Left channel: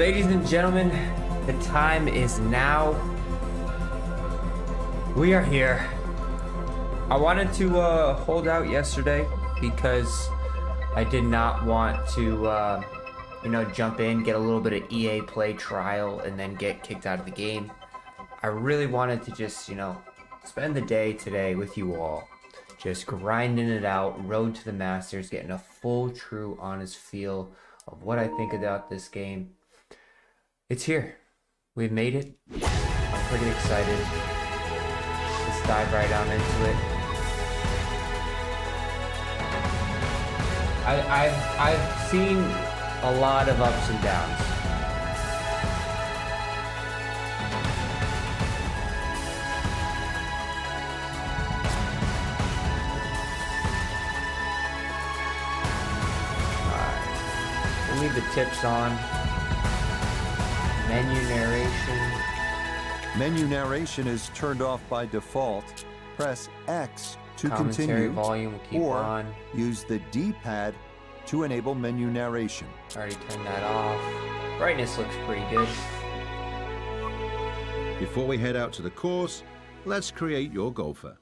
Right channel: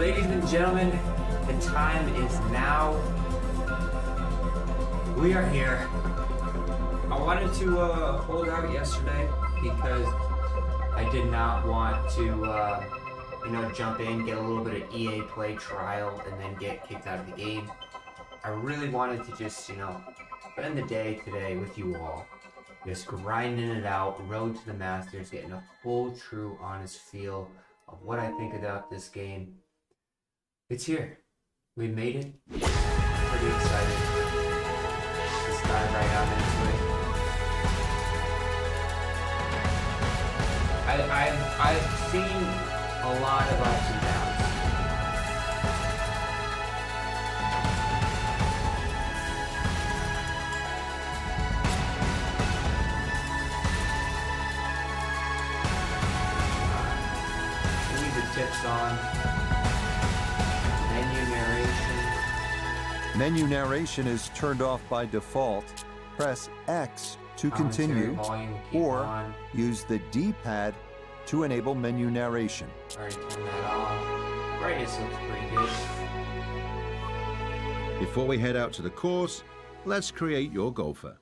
Ladies and gentlemen, the time is now. We are here. I wanted to hold out yesterday because I did not want to, jump in, get a little bit of EA Play trial, and then get kicked out of the game. I really wanted to just, spend the day today with you all, just grinding it out, road to the Masters, getting a full, true, honest feel of what I think about this game. It's here. We've made it. I'm pretty excited. Let's dive right on into it. I've seen a lot of ups and downs. We'll leave the tips on. Menu narration. Menu narration is turned off by default. Press X to continue, or use the D-pad to enable menu narration. Already turned that off. Brightness looks pretty good. Before we head out to the course, let's create your golfer.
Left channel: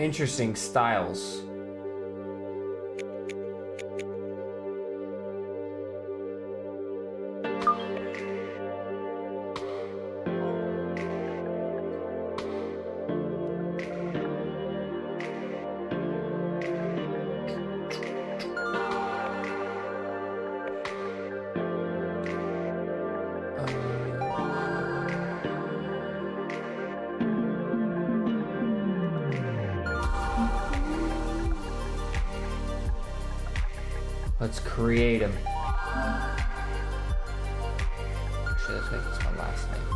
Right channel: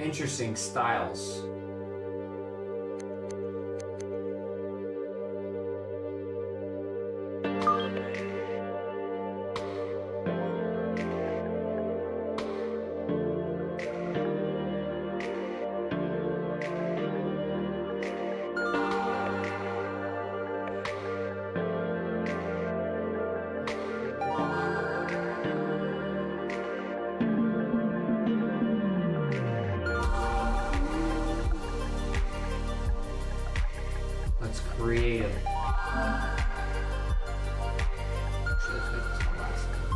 Interesting styles. Let's create them. Actually, let's make this my last name.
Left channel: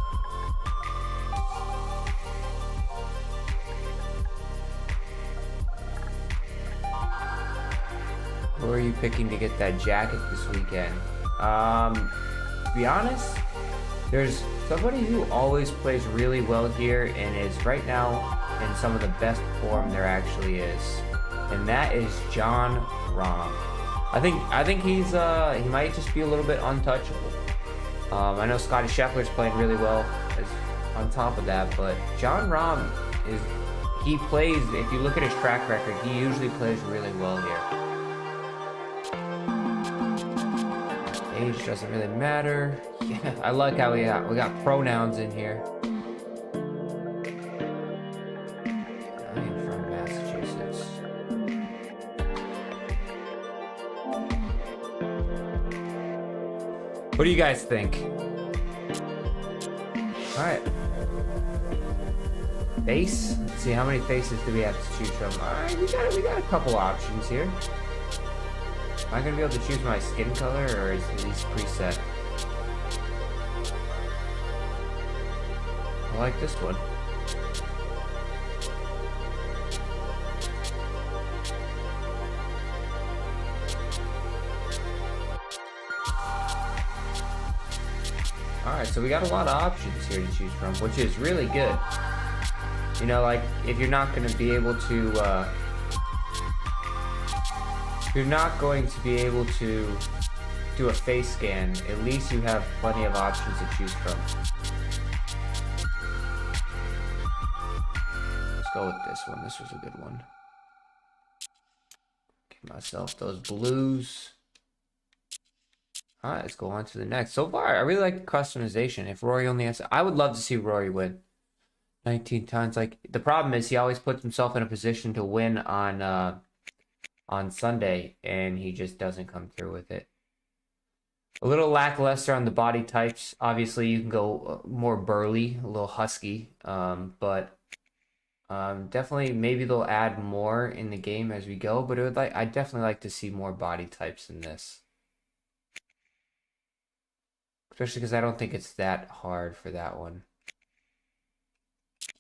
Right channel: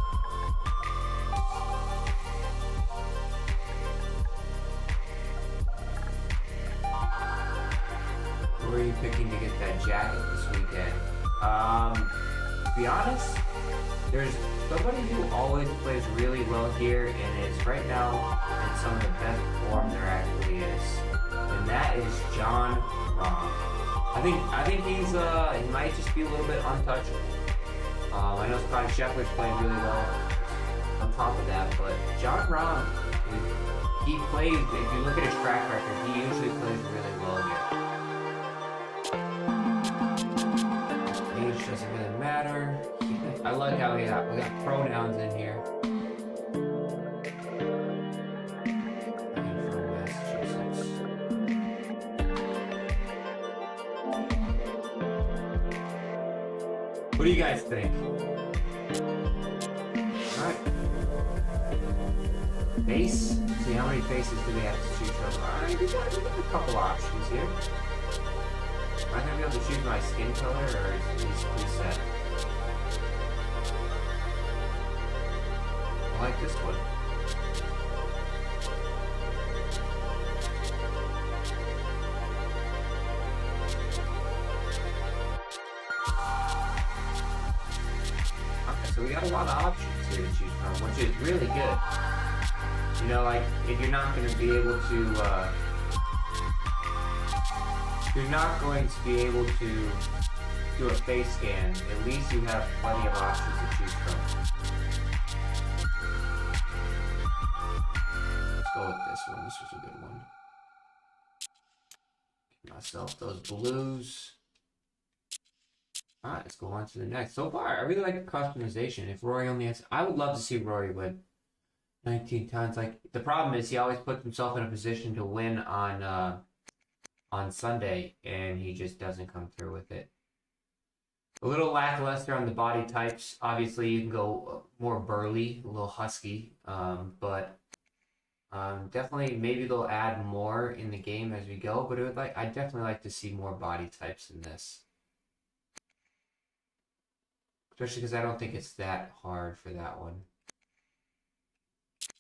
Who are you picking to get that jacket this weekend? To be honest, there's somebody who always plays really well here and is right now in some of the best form there actually is. And that is John Rahm. I think he's he might just be a little bit untouchable. I know Scotty Scheffler's playing really well on top of that, but John Rahm he plays. If you look at his track record, he usually plays really well here. Age doesn't really matter. Yeah, I like how we got pronouns in here. I am from Massachusetts. What do you guys think? Alright. Face? Let's see, how many faces do we have to choose from? Alright, we got a couple options here. Am I going to be able to choose my skin color, or is it preset? I like this one. So we got a lot of options here to choose from, which is really good. You know, like, if you're not going to be able to, if you're not going to be able to do a face scan, at least you have plenty of options to choose from. Let's go with this one. This was a good one. Give myself those blues. Alright, let's go on to the next. So far, I really like the customization. If Rory only has... I would love to see Rory win 19 times. Like, the problem is he always puts himself in a position to win on Sunday, and he just doesn't come through with it. A little lackluster on the body types. Obviously, you can go more burly, a little husky, but definitely maybe they'll add more in the game as we go, but I'd definitely like to see more body types in this. Especially because I don't think it's that hard for that one.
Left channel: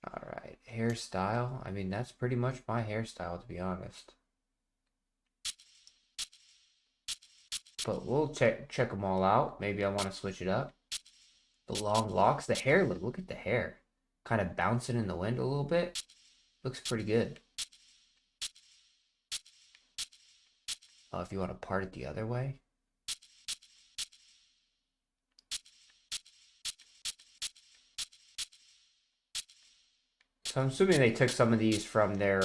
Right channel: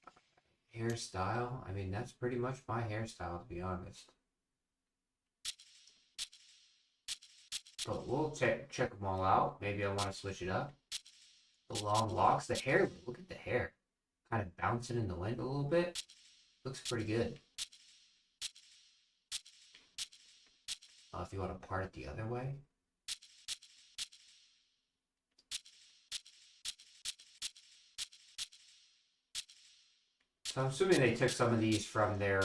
Alright, hairstyle. I mean, that's pretty much my hairstyle, to be honest. But we'll check them all out. Maybe I want to switch it up. The long locks. The hair, look at the hair. Kind of bouncing in the wind a little bit. Looks pretty good. if you want to part it the other way. So I'm assuming they took some of these from their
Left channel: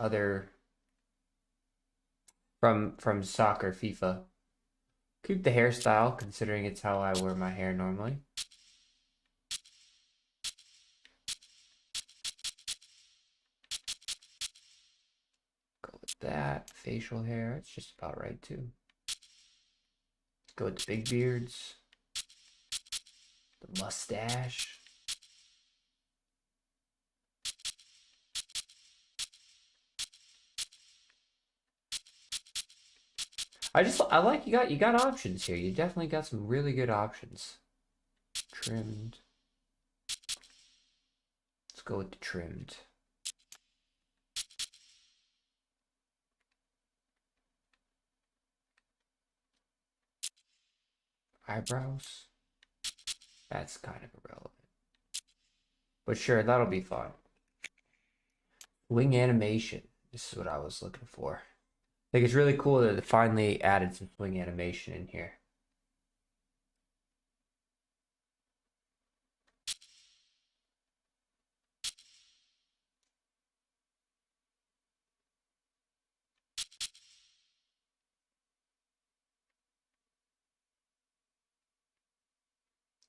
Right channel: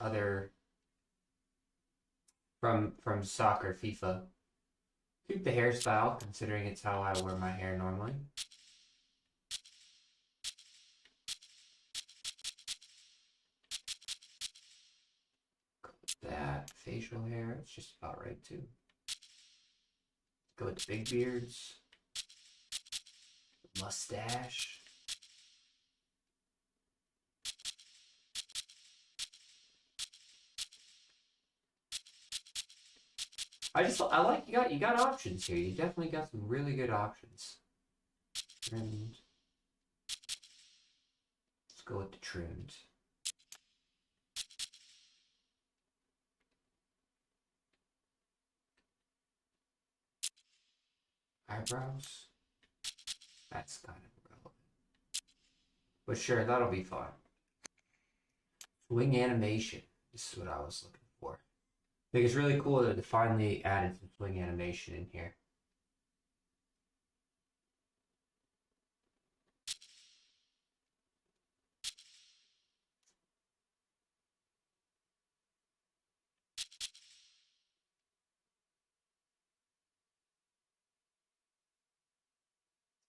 other from soccer FIFA. Keep the hairstyle considering it's how I wear my hair normally. Go with that. Facial hair, it's just about right too. Go with the big beards. The mustache. I like you got options here. You definitely got some really good options. Trimmed. Let's go with the trimmed. Eyebrows. That's kind of irrelevant. But sure, that'll be fun. Swing animation. This is what I was looking for. I think it's really cool that they finally added some swing animation in here.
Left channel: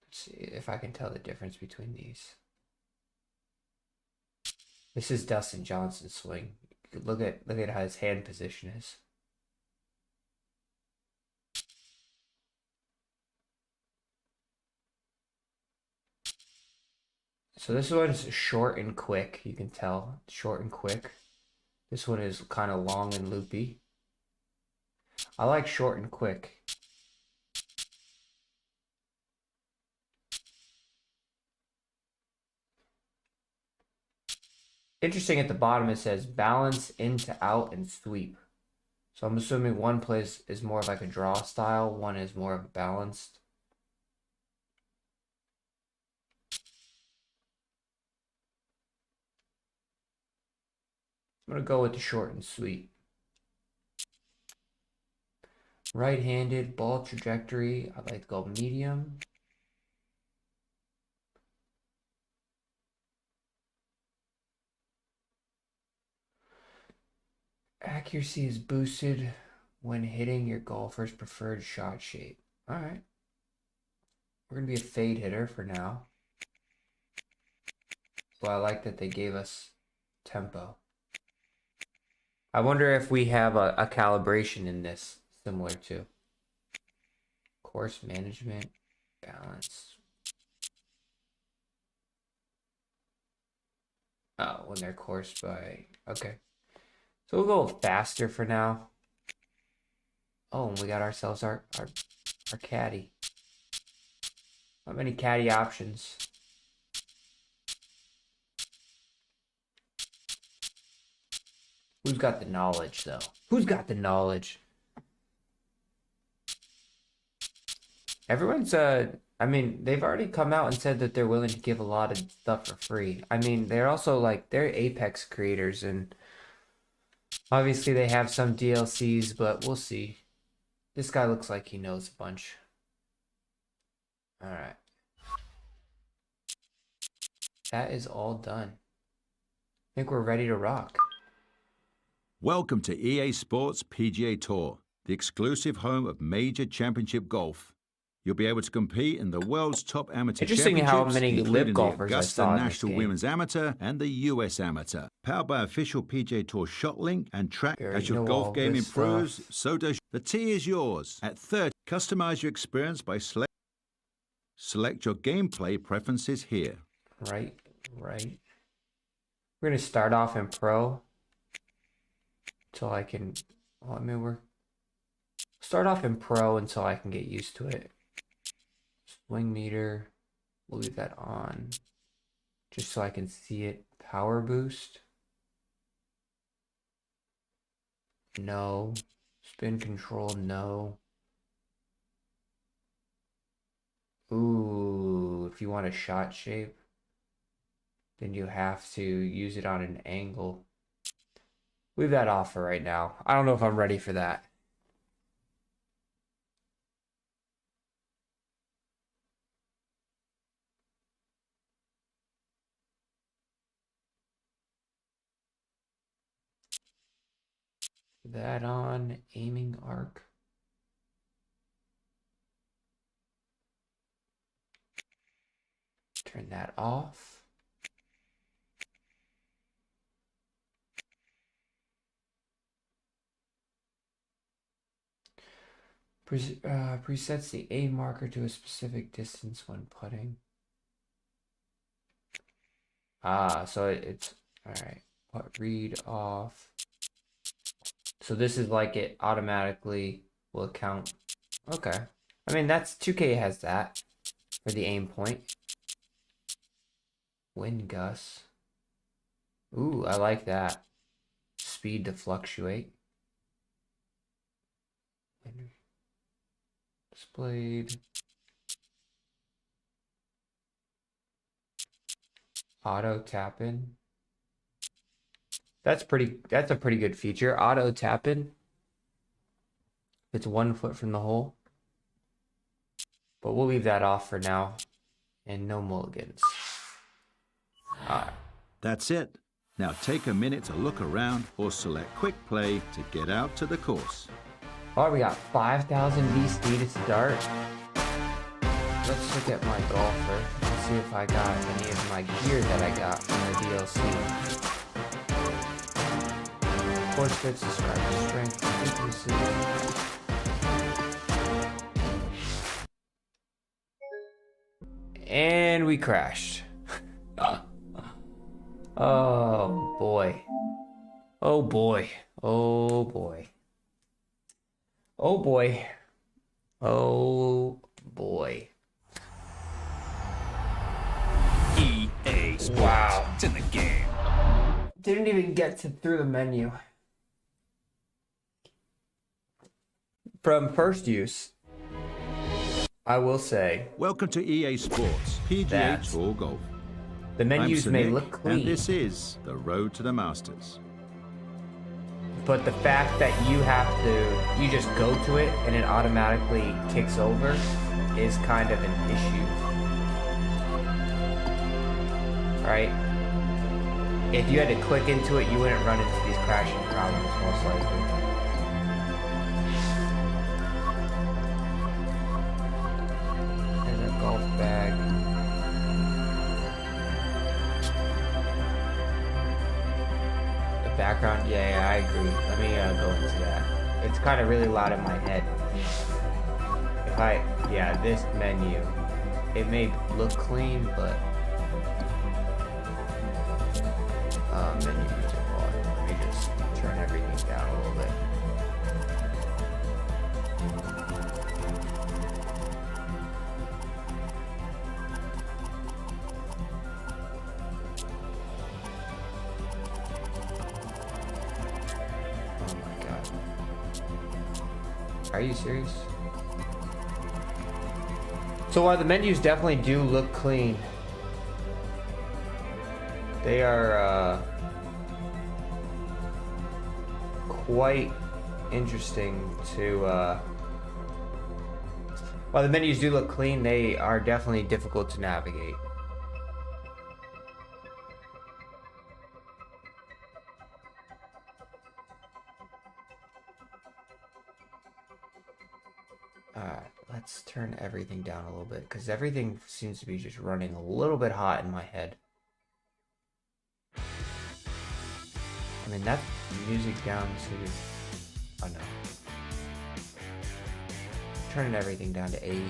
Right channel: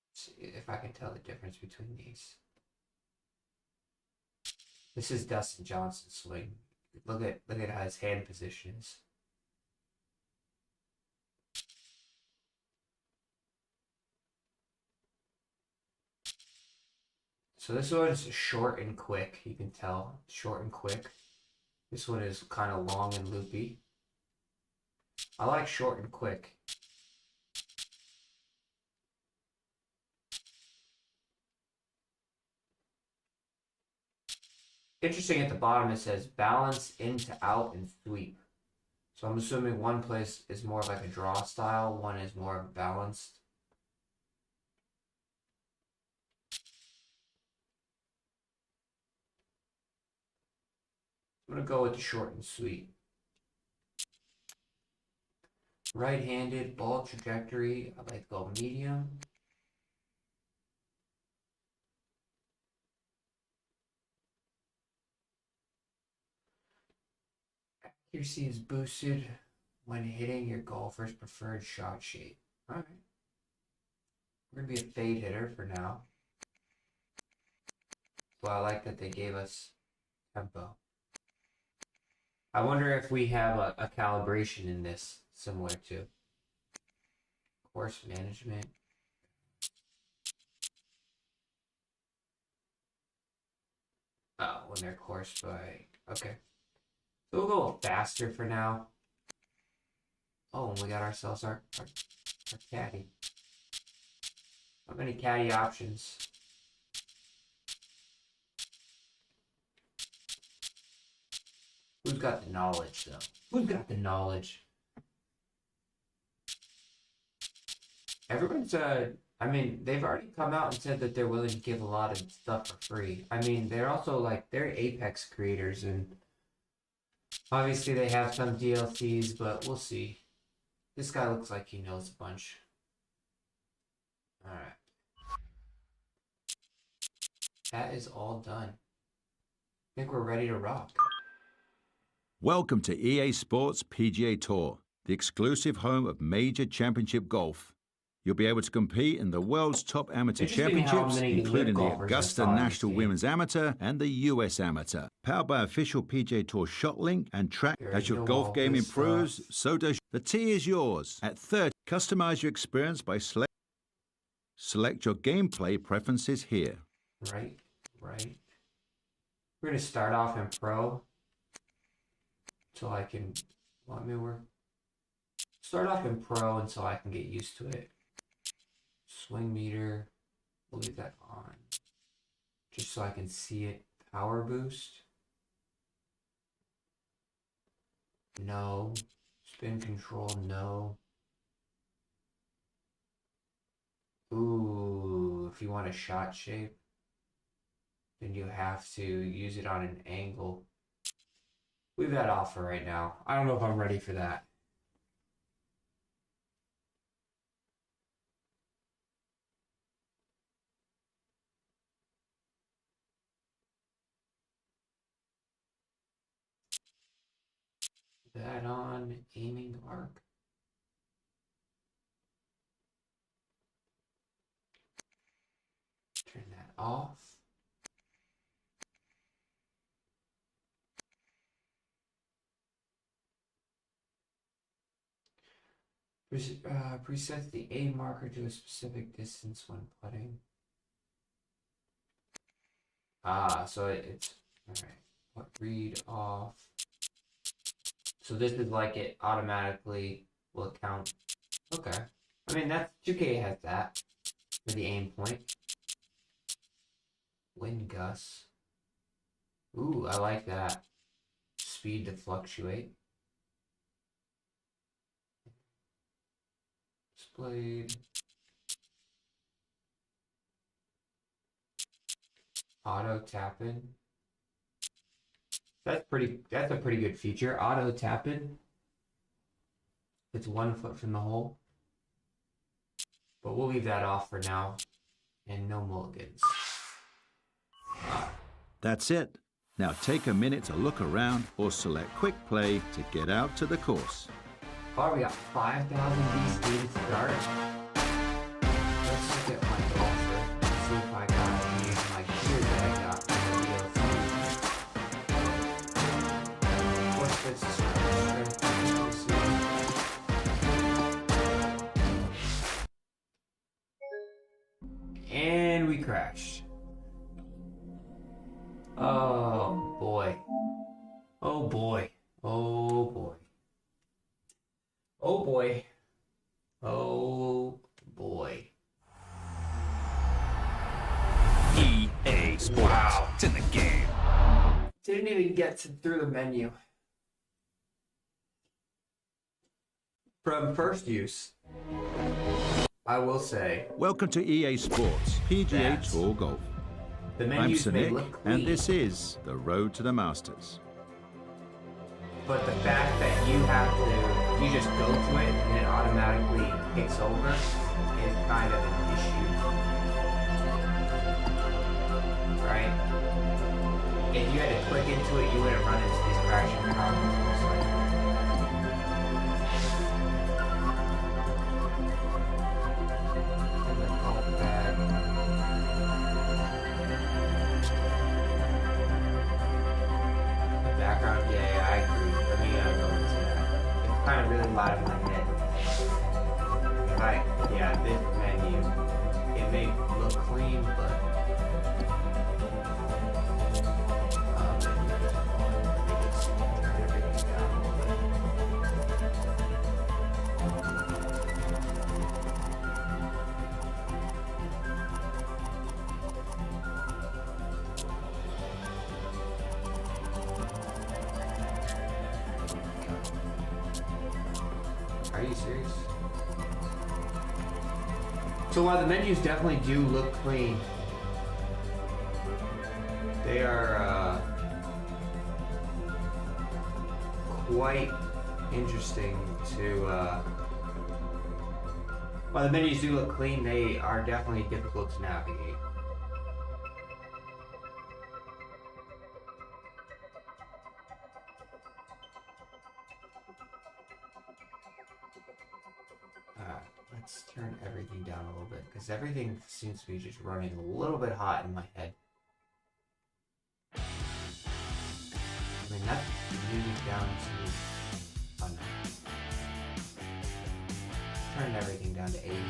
Let's see if I can tell the difference between these. This is Dustin Johnson's swing. Look at how his hand position is. So this one is short and quick. You can tell, short and quick. This one is kind of long and loopy. I like short and quick. Interesting, at the bottom it says balance, into, out, and sweep. So I'm assuming one place is more like a draw style, one is more balanced. I'm going to go with the short and sweet. Right-handed, ball trajectory, I like to go medium. Accuracy is boosted when hitting your golfer's preferred shot shape. Alright. We're going to be a fade hitter for now. Well, I like that they gave us tempo. I wonder if we have a calibration in this, similar to course management, balance. Oh, when they're coursed by... Okay. So we'll go faster for now. Oh, and we got ourselves our caddy. Not many caddy options. Who's got the knowledge, though? Who's got the knowledge? Everyone's, I mean, they've already come out and said that they're willing to give a lot of stuff for free. I mean, they're also, like, they're Apex creators, and obviously they have some DLCs, but we'll see. This guy looks like he knows a bunch. Alright. That is all done. I think we're ready to rock. Welcome to EA Sports PGA Tour, the exclusive home of major championship golf. You'll be able to compete in the world's top amateur championships, including the Augusta National Women's Amateur and the US Amateur. Powered by official PGA Tour ShotLink and track. As your golf game improves, so does the tee is yours. At 30, customize your experience by select your gameplay preferences here. Right. We're going to start off in pro. Until I can, well, I mean, we're start off in pro until I can get used to it. Swing meter, we'll leave that on just so I can see it. Power boost, no. Spin control, no. Ooh, if you want a shot shape, then you have to use it on an angle. Leave that off for right now. I don't know if I'm ready for that. That on aiming arc. Turn that off. Presets the aim marker to a specific distance when putting. So it's all right. Put read off. So this is like it automatically will count. Okay. I mean, that's 2K has that for the aim point. Wind gusts. Ooh, I like that. Speed to fluctuate. Displayed. Auto tap in. That's a pretty good feature. Auto tap in. It's 1 foot from the hole. But we'll leave that off for now. And no mulligans. That's it. Now take a minute to look around or select quick play to get out to the course. Oh, we got 5,000 VC to start. Let's look at my golfer and see if I got any of my gear that I got from the DLC. Course fits the strength. And we crashed. Oh boy. Oh boy. Oh boy. Oh boy. Oh boy. EA Sports. Wow. It's in the game. Didn't even get through the menu. From first use, I will say. Welcome to EA Sports PGA Tour Golf. The menus may look clean, and this is the road to the Masters. But the fact that you just go to it and it automatically kicks over is kind of an issue. Right? If you had to click into it, you wouldn't run into these crashing problems, most likely. There's a golf bag. The background, yeah, I agree. Let me go into that. It's kind of really loud in my head. This menu, it may look clean, but menu is all. Let me just turn everything down a little bit. Oh my god. Are you serious? So while the menus definitely do look clean, they are quite interesting to, while the menus do look clean, they are definitely difficult to navigate. Let's turn everything down a little bit, because everything seems to be just running a little bit hot in my head. I mean, that music down to... oh no. Turned everything down to 80.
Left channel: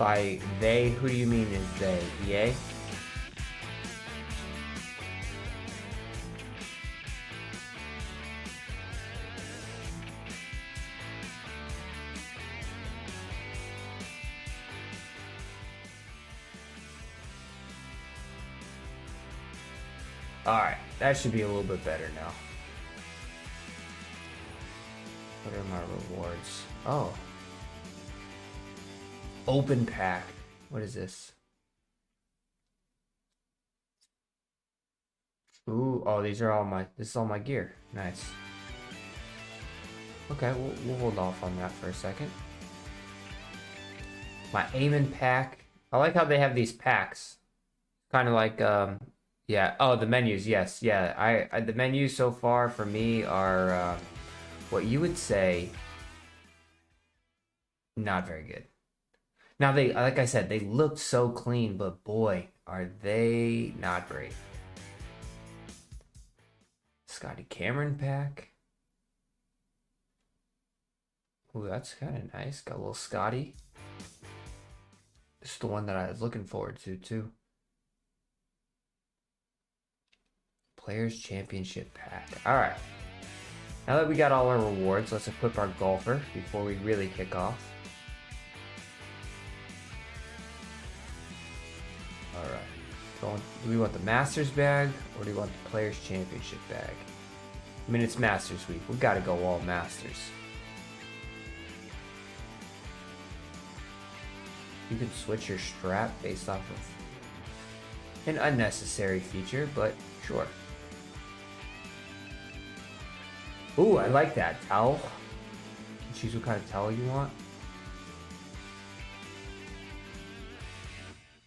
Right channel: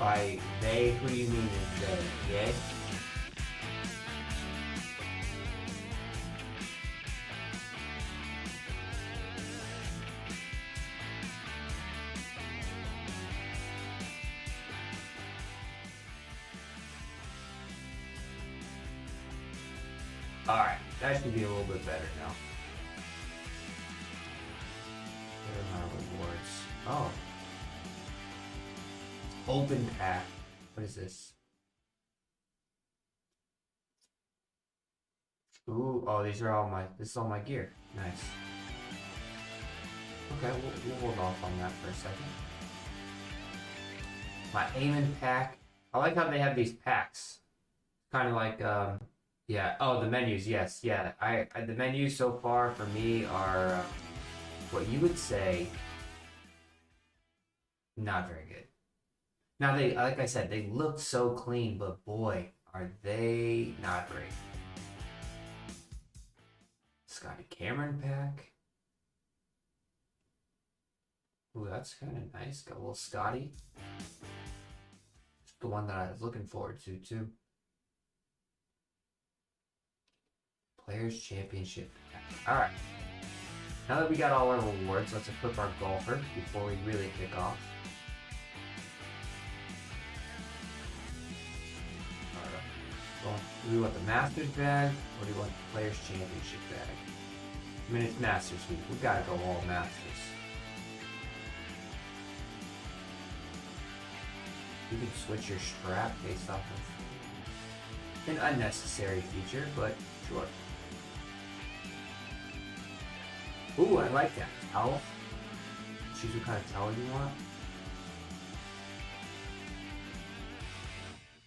By they, who do you mean is they? EA? Alright, that should be a little bit better now. What are my rewards? Oh. Open pack. What is this? Ooh, oh, these are all my, this is all my gear. Nice. Okay, we'll hold off on that for a second. My Aiming pack. I like how they have these packs. Kind of like, yeah. Oh, the menus, yes. Yeah, the menus so far for me are, what you would say, not very good. Now, they, like I said, they looked so clean, but boy, are they not great. Scotty Cameron pack. Ooh, that's kind of nice. Got a little Scotty. This is the one that I was looking forward to, too. Players Championship pack. Alright. Now that we got all our rewards, let's equip our golfer before we really kick off. Alright. So, do we want the Masters bag, or do we want the Players Championship bag? I mean, it's Masters week. We gotta go all Masters. You can switch your strap based off of an unnecessary feature, but sure. Ooh, I like that. Towel. Choose what kind of towel you want.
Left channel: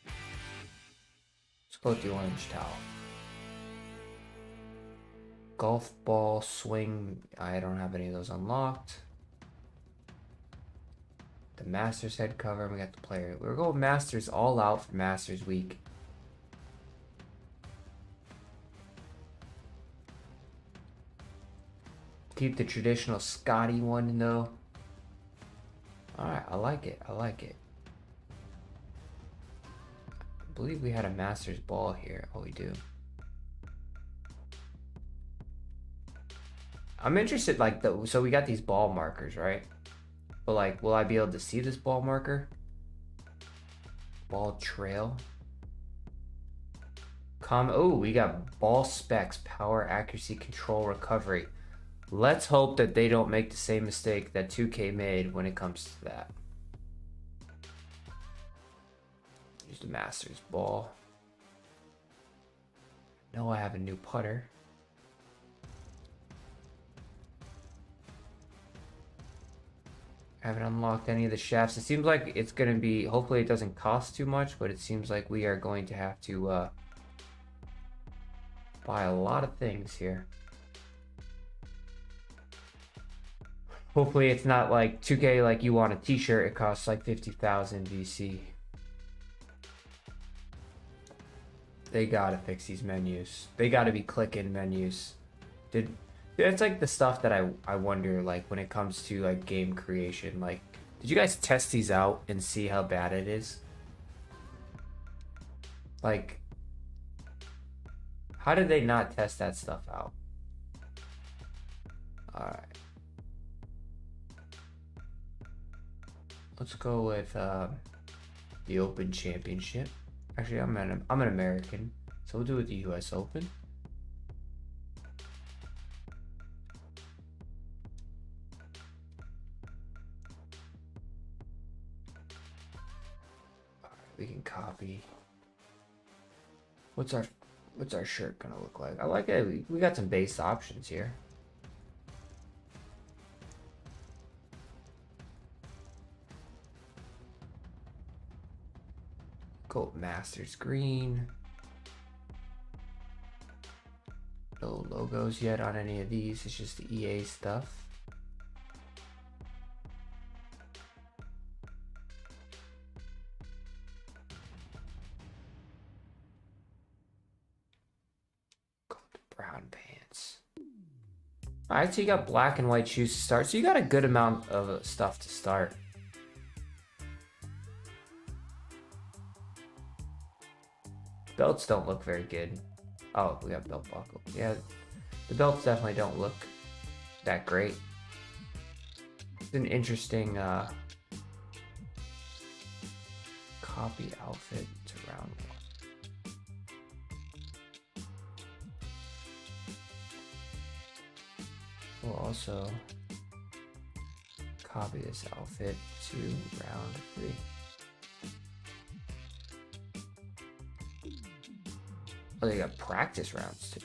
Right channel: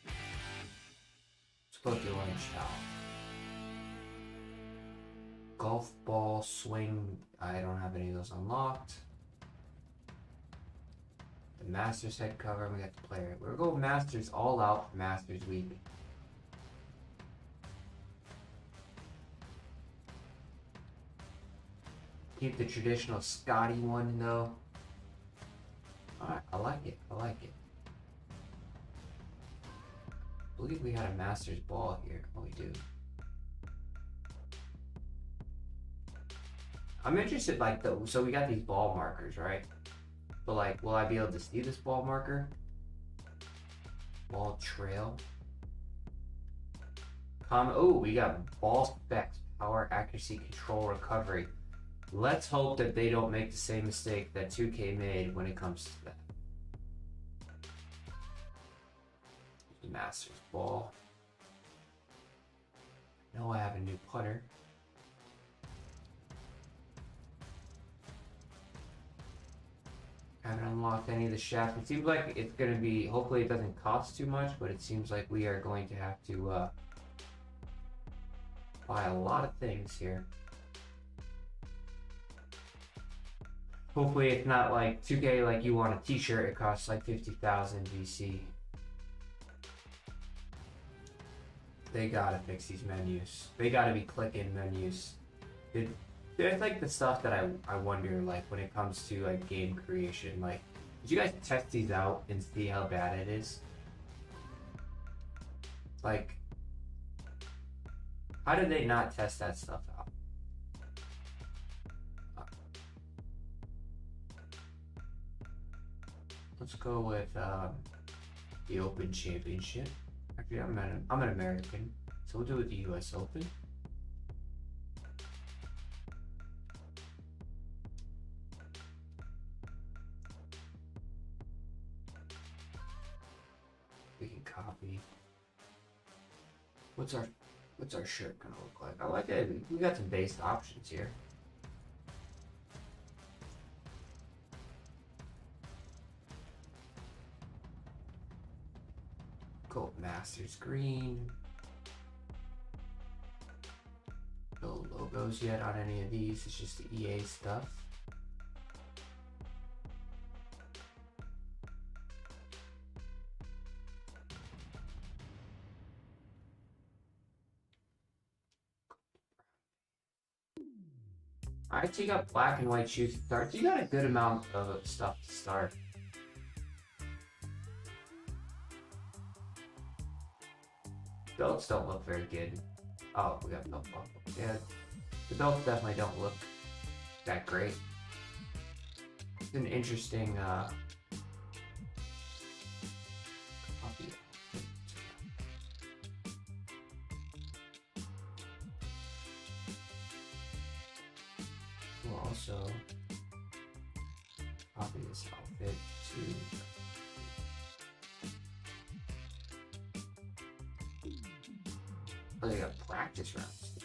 Let's go with the orange towel. Golf ball swing. I don't have any of those unlocked. The Masters head cover. We got the player. We're going Masters all out for Masters week. Keep the traditional Scotty one though. Alright, I like it. I like it. I believe we had a Masters ball here. Oh, we do. I'm interested, like, so we got these ball markers, right? But, like, will I be able to see this ball marker? Ball trail. Oh, we got ball specs, power, accuracy, control, recovery. Let's hope that they don't make the same mistake that 2K made when it comes to that. Use the Masters ball. No, I have a new putter. I haven't unlocked any of the shafts. It seems like it's going to be, hopefully it doesn't cost too much, but it seems like we are going to have to buy a lot of things here. Hopefully it's not like 2K, like you want a t-shirt, it costs like 50,000 VC. They gotta fix these menus. They gotta be clicking menus. That's like the stuff that I wonder, like when it comes to like game creation. Like, did you guys test these out and see how bad it is? Like, how did they not test that stuff out? Alright. Let's go with the Open Championship. Actually, I'm an American, so we'll do it with the US Open. We can copy. What's our shirt gonna look like? I like it. We got some base options here. Go Masters green. No logos yet on any of these. It's just the EA stuff. Go with the brown pants. Alright, so you got black and white shoes to start. So you got a good amount of stuff to start. Belts don't look very good. Oh, we got belt buckle. Yeah, the belts definitely don't look that great. It's an interesting copy outfit to round one. We'll also copy this outfit to round 3. Oh, they got practice rounds too.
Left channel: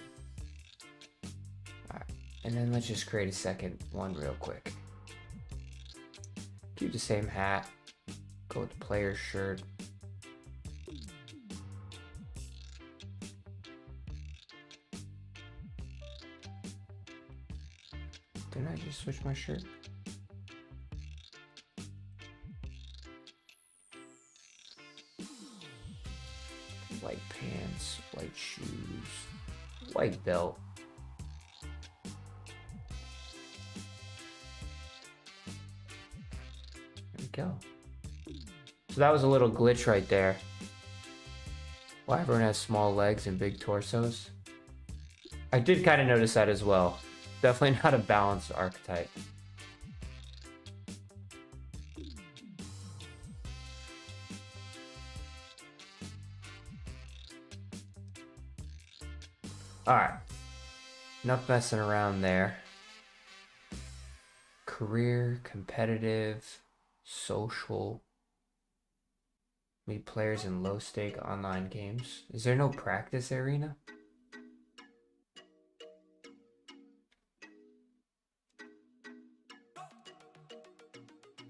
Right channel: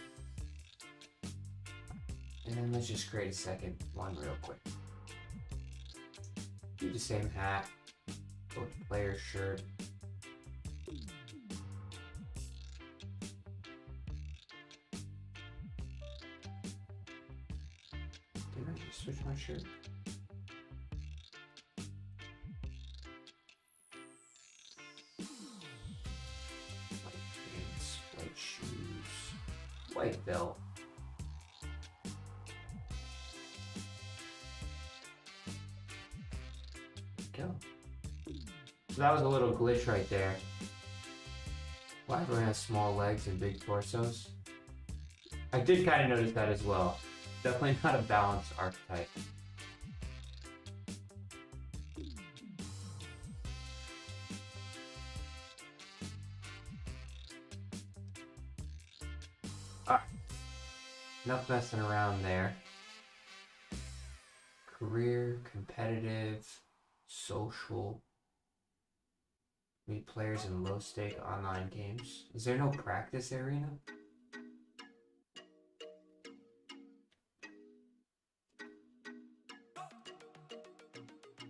Alright. And then let's just create a second one real quick. Keep the same hat. Go with the player's shirt. Didn't I just switch my shirt? White pants, white shoes, white belt. There we go. So that was a little glitch right there. Why everyone has small legs and big torsos. I did kind of notice that as well. Definitely not a balanced archetype. Alright. Enough messing around there. Career, competitive, social. Meet players in low-stake online games. Is there no practice arena?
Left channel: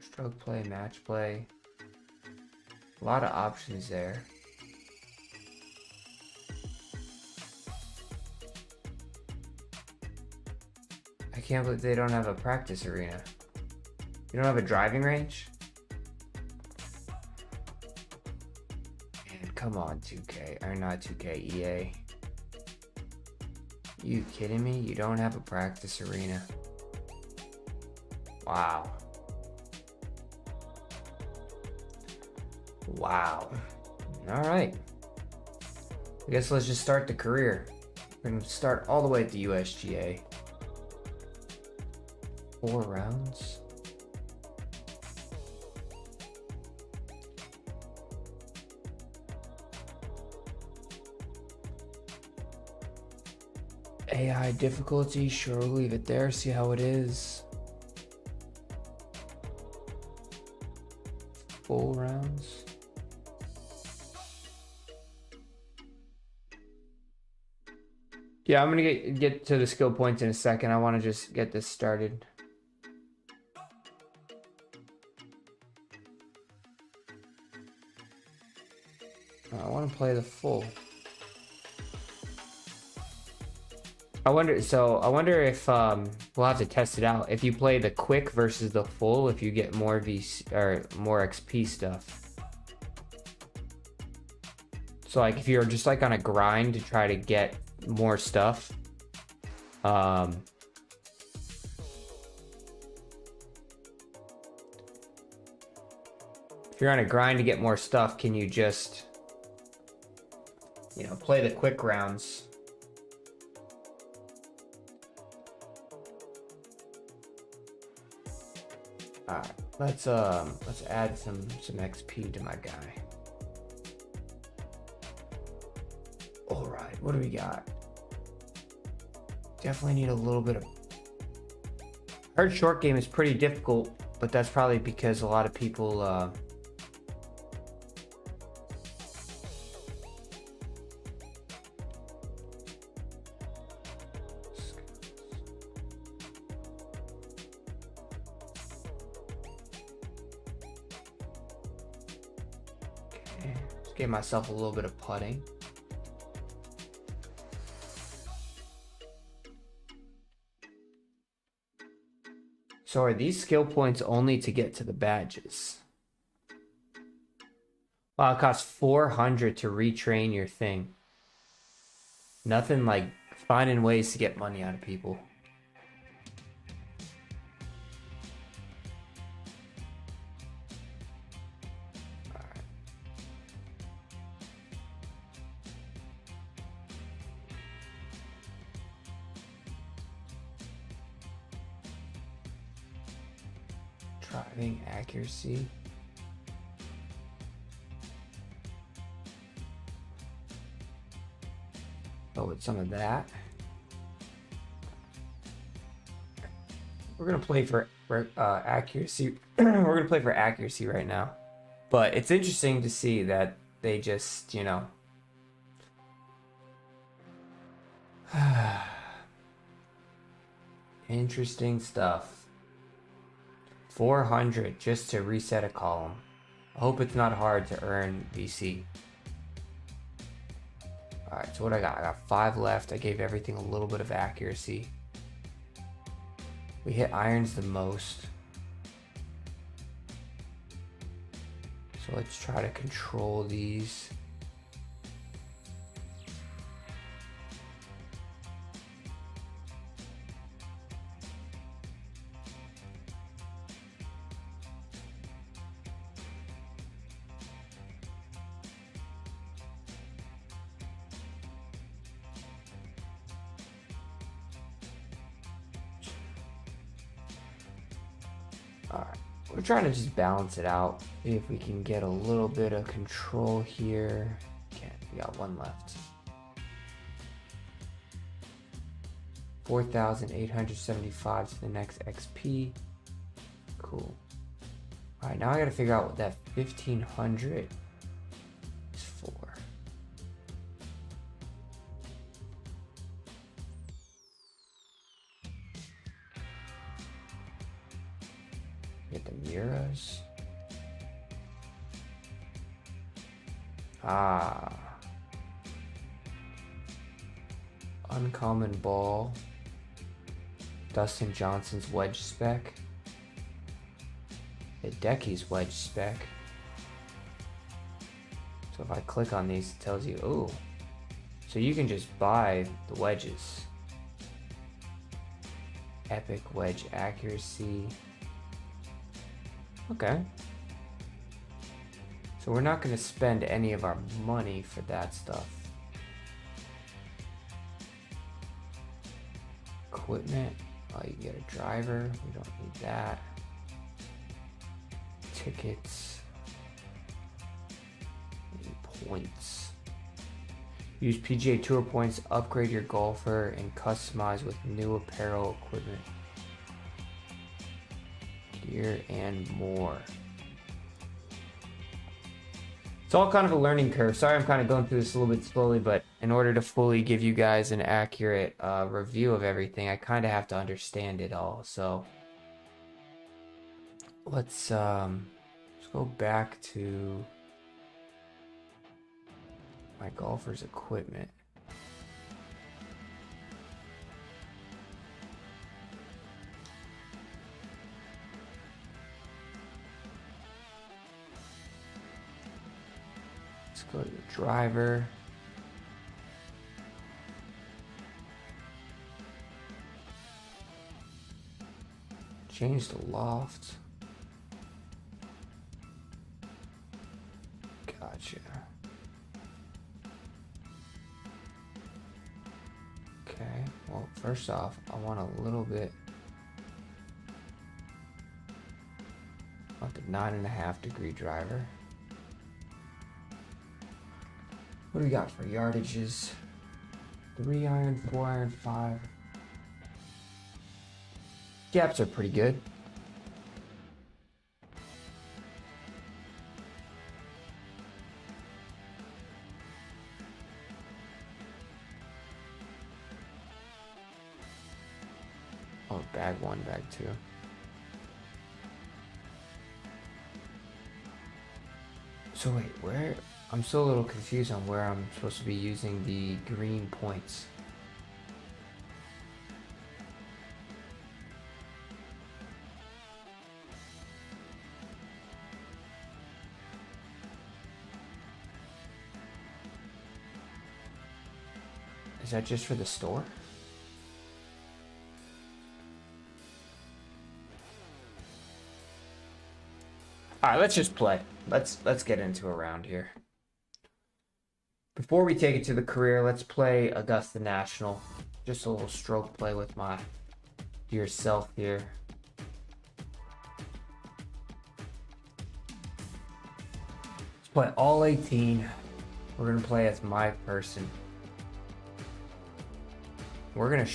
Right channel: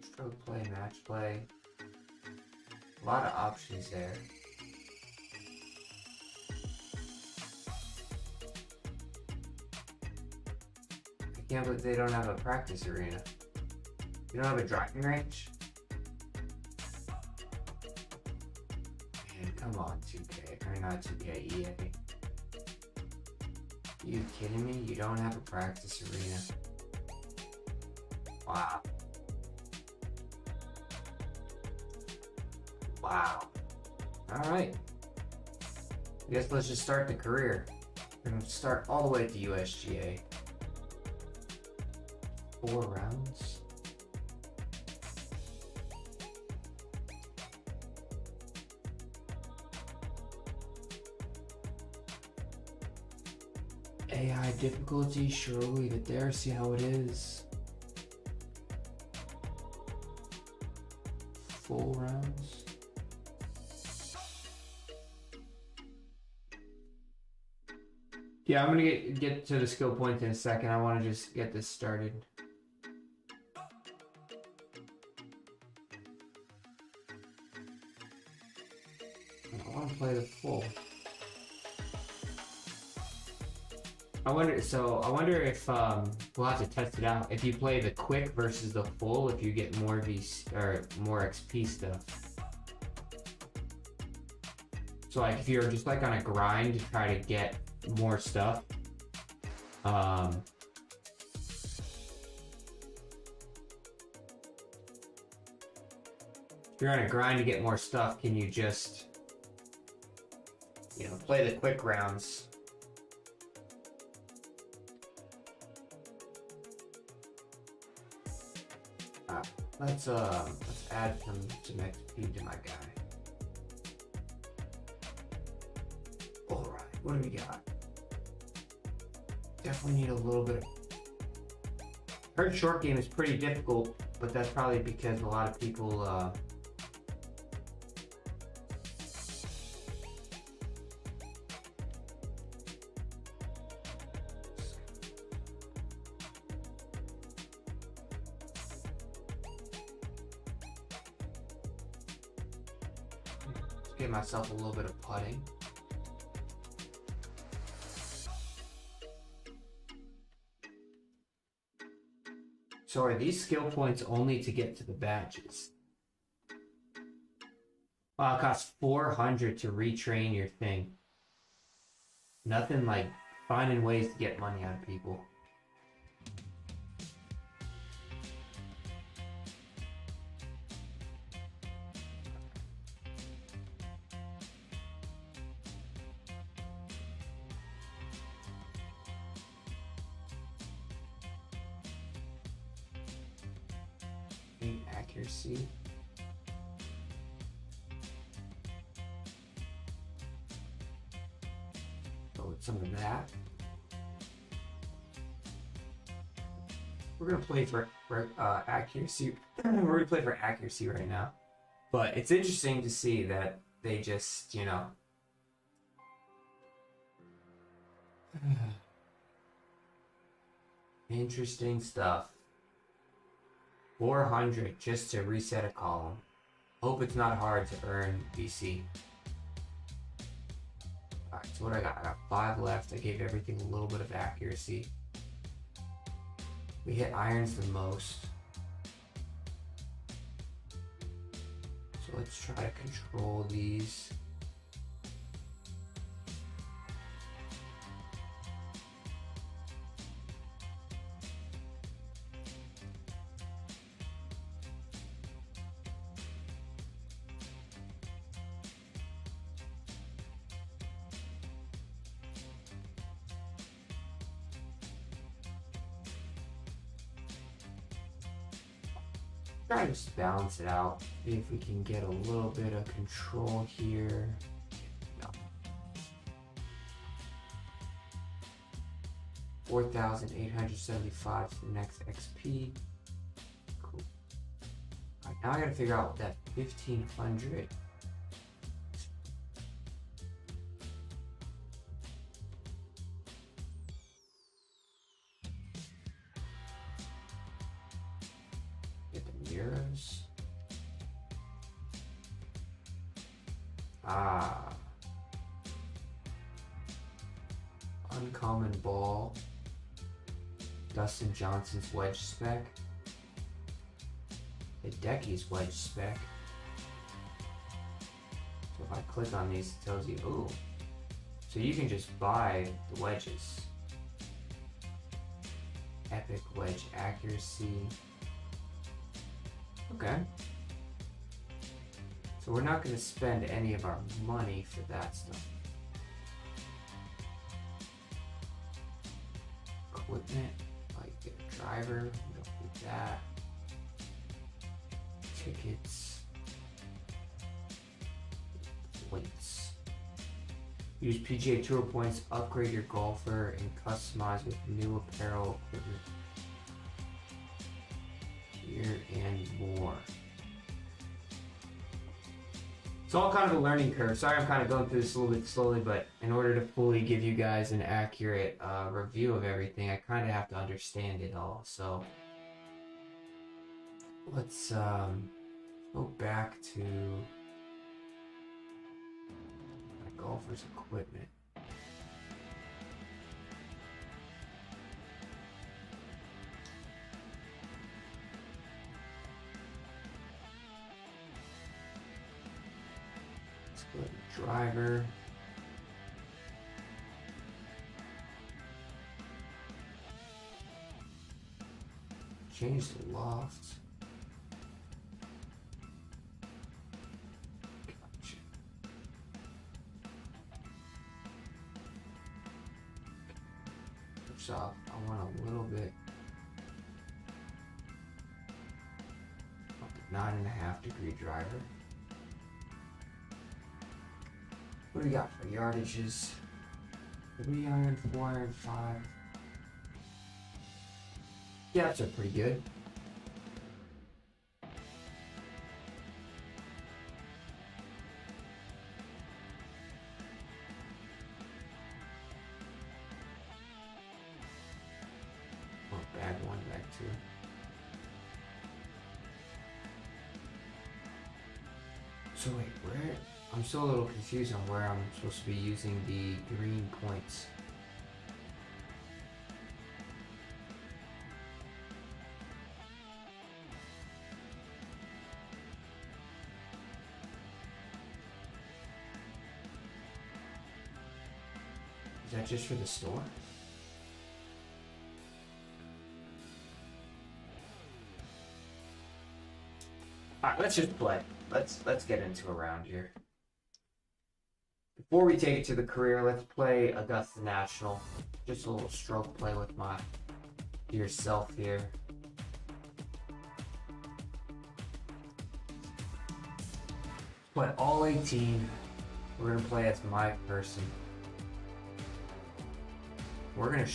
Stroke play, match play. A lot of options there. I can't believe they don't have a practice arena. You don't have a driving range? Man, come on, 2K. Or not 2K, EA. You kidding me? You don't have a practice arena. Wow. Wow. Alright. I guess let's just start the career. We're going to start all the way at the USGA. 4 rounds. AI difficulty, sure, we'll leave it there, see how it is. Full rounds. Yeah, I'm gonna get to the skill points in a second. I want to just get this started. I want to play the full. I wonder if we'll have to test it out. If you play the quick versus the full, if you get more VC or more XP stuff. So like if you're just like on a grind to try to get more stuff, if you're on a grind to get more stuff, can you just, you know, play the quick rounds? Alright, let's add some XP to my guy. Alright, what do we got? Definitely need a little bit of... Hard short game is pretty difficult, but that's probably because a lot of people give myself a little bit of putting. So are these skill points only to get to the badges? Wow, it costs 400 to retrain your thing. Nothing like finding ways to get money out of people. Accuracy. Go with some of that. We're gonna play for accuracy. We're gonna play for accuracy right now. But it's interesting to see that they just, you know, Interesting stuff. 400 just to reset a column. I hope it's not hard to earn BC. Alright, so what I got? I got 5 left. I gave everything a little bit of accuracy. We hit irons the most. So let's try to control these. We're trying to just balance it out. See if we can get a little bit of control here. Okay, we got 1 left. 4,875 to the next XP. Cool. Alright, now I gotta figure out what that 1,500 is for. Get the mirrors. Ah. Uncommon ball. Dustin Johnson's wedge spec. Hideki's wedge spec. So if I click on these, it tells you, oh. So you can just buy the wedges. Epic wedge accuracy. Okay. So we're not going to spend any of our money for that stuff. Equipment. Oh, you get a driver. We don't need that. Tickets. Points. Use PGA Tour points, upgrade your golfer, and customize with new apparel, equipment, gear, and more. It's all kind of a learning curve. Sorry I'm kind of going through this a little bit slowly, but in order to fully give you guys an accurate review of everything, I kind of have to understand it all. So let's go back to my golfer's equipment. Let's go to the driver. Change the loft. Gotcha. Okay, well, first off, I want a little bit. I want the 9.5 degree driver. What do we got for yardages? 3 iron, 4 iron, 5. Gaps are pretty good. Oh, bag 1, bag 2. So wait, where? I'm still a little confused on where I'm supposed to be using the green points. Is that just for the store? Alright, let's just play. Let's get into a round here. Before we take it to the career, let's play Augusta National. Just a little stroke play with my dear self here. Let's play all 18. We're gonna play as my person. We're gonna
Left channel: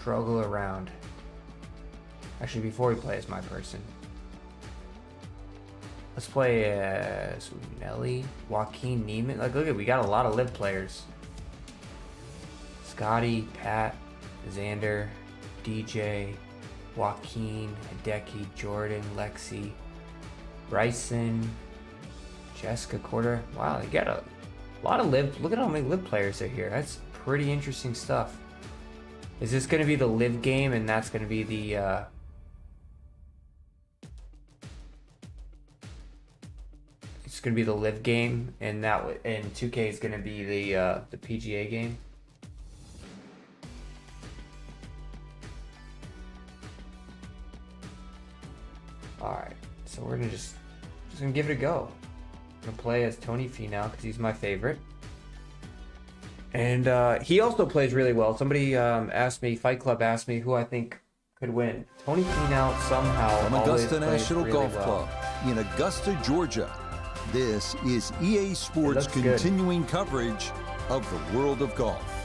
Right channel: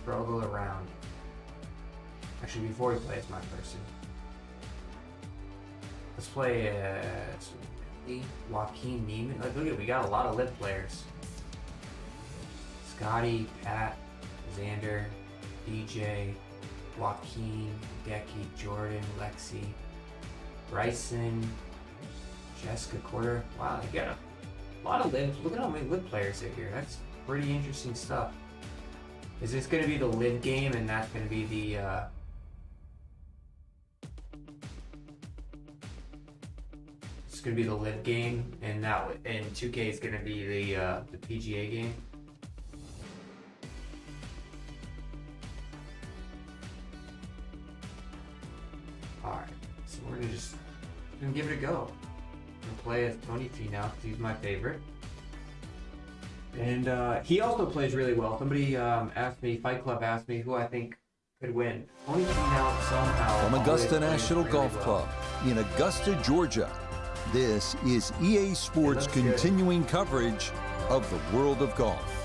struggle around. Actually, before we play as my person, let's play Nelly, Joaquin Neiman. Like, look at, we got a lot of live players. This Scotty, Pat, Xander, DJ, Joaquin, Hideki, Jordan, Lexi, Bryson, Jessica Corder. Wow, they got a lot of live. Look at how many live players are here. That's pretty interesting stuff. Is this going to be the live game, and that's going to be the it's going to be the live game, and 2K is going to be the PGA game? Alright, so we're gonna just gonna give it a go. I'm gonna play as Tony Finau because he's my favorite. And he also plays really well. Somebody asked me, Fight Club asked me who I think could win. Tony Finau somehow. From Augusta National Golf Club in Augusta, Georgia, this is EA Sports continuing coverage of the world of golf.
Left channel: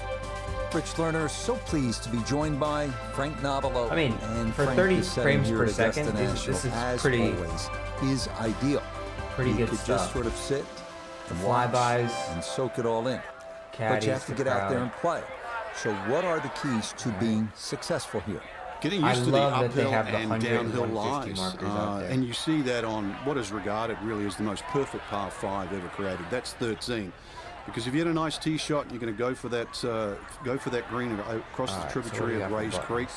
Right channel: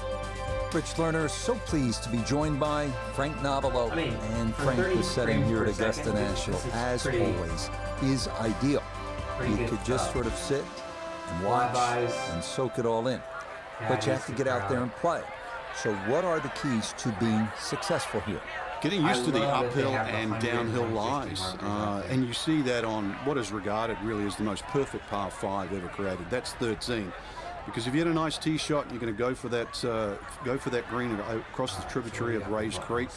Rich Lerner, so pleased to be joined by Frank Nobilo. And Frank, the setting here at Augusta National, as always, is ideal. You could just sort of sit and watch and soak it all in. But you have to get out there and play. So what are the keys to being successful here? Getting used to the uphill and downhill lies. And you see that on what is regarded really as the most perfect par 5 ever created. That's 13. Because if you hit a nice tee shot and you're going to go for that green across the tributary of Rays Creek,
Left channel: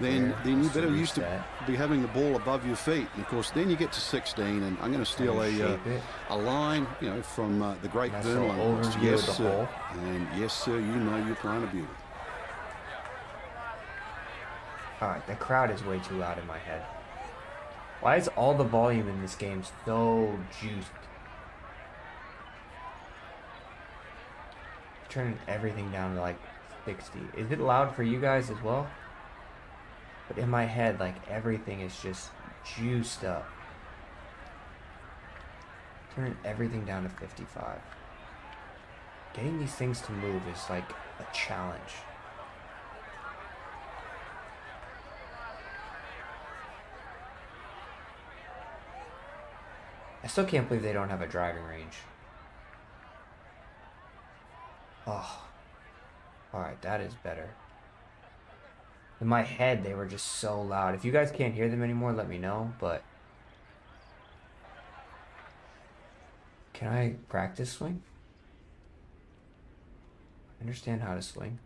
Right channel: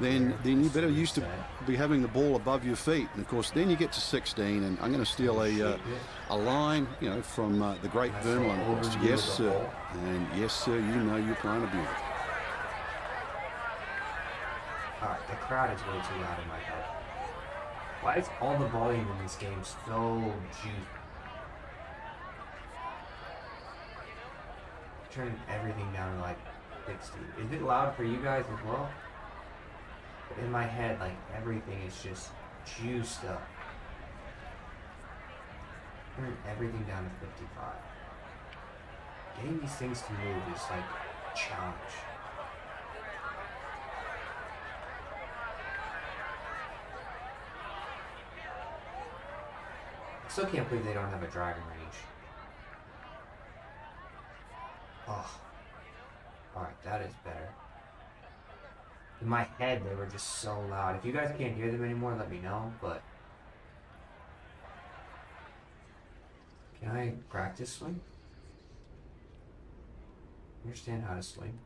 then you better used to be having the ball above your feet. And of course, then you get to 16, and I'm going to steal a line, from the great Vernal Lundquist. Yes, sir, and yes, sir, you know you're playing a beauty. All right, the crowd is way too loud in my head. Why is all the volume in this game so juiced? Turn everything down to like 60. Is it loud for you guys as well? But in my head, like everything is just juiced up. Turn everything down to 55. Getting these things to move is like a challenge. I still can't believe they don't have a driving range. Oh, alright, that is better. In my head, they were just so loud. If you guys can't hear them anymore, let me know, but... Can I practice swing? Understand how to swing.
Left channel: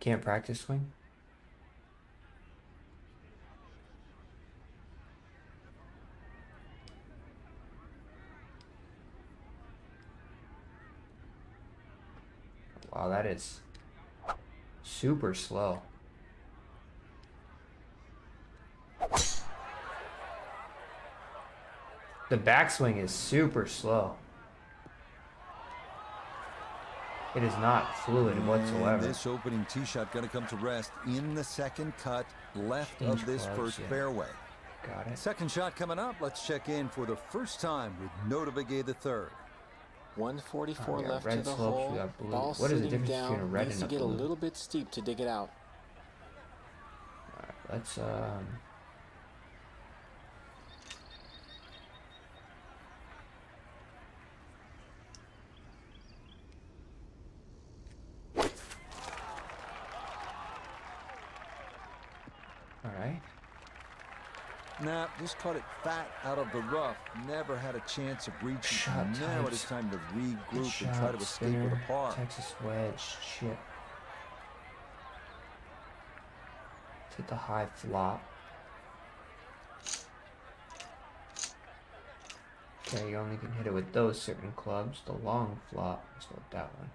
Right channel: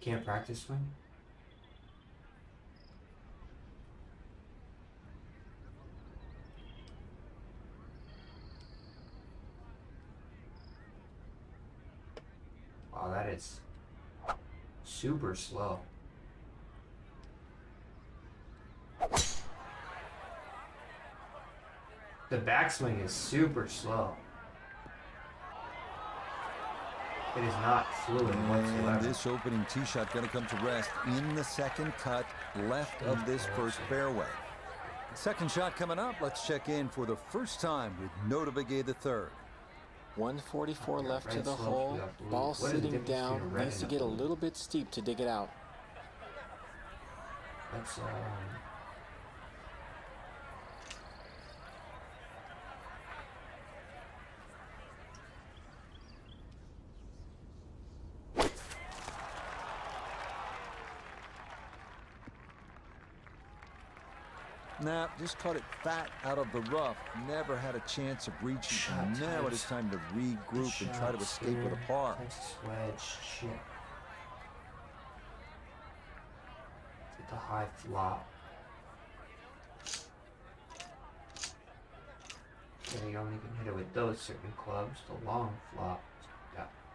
Can't practice swing? Wow, that is super slow. The backswing is super slow. It is not fluid whatsoever. And this opening tee shot going to come to rest in the second cut left of this first fairway. Second shot coming up. Let's check in for the first time with Nota Begay III. 144 left to the hole. Ball sitting down. Needs to get a little bit steep to dig it out. Let's Nah, just caught it fat out of the rough. Never had a chance of reaching. Now it is time to regroup and try to escape with a par. Texas wedge, shit. Let's hit the high flop. Okay, you only can hit it with those certain clubs. The long flop. Let's go with that one.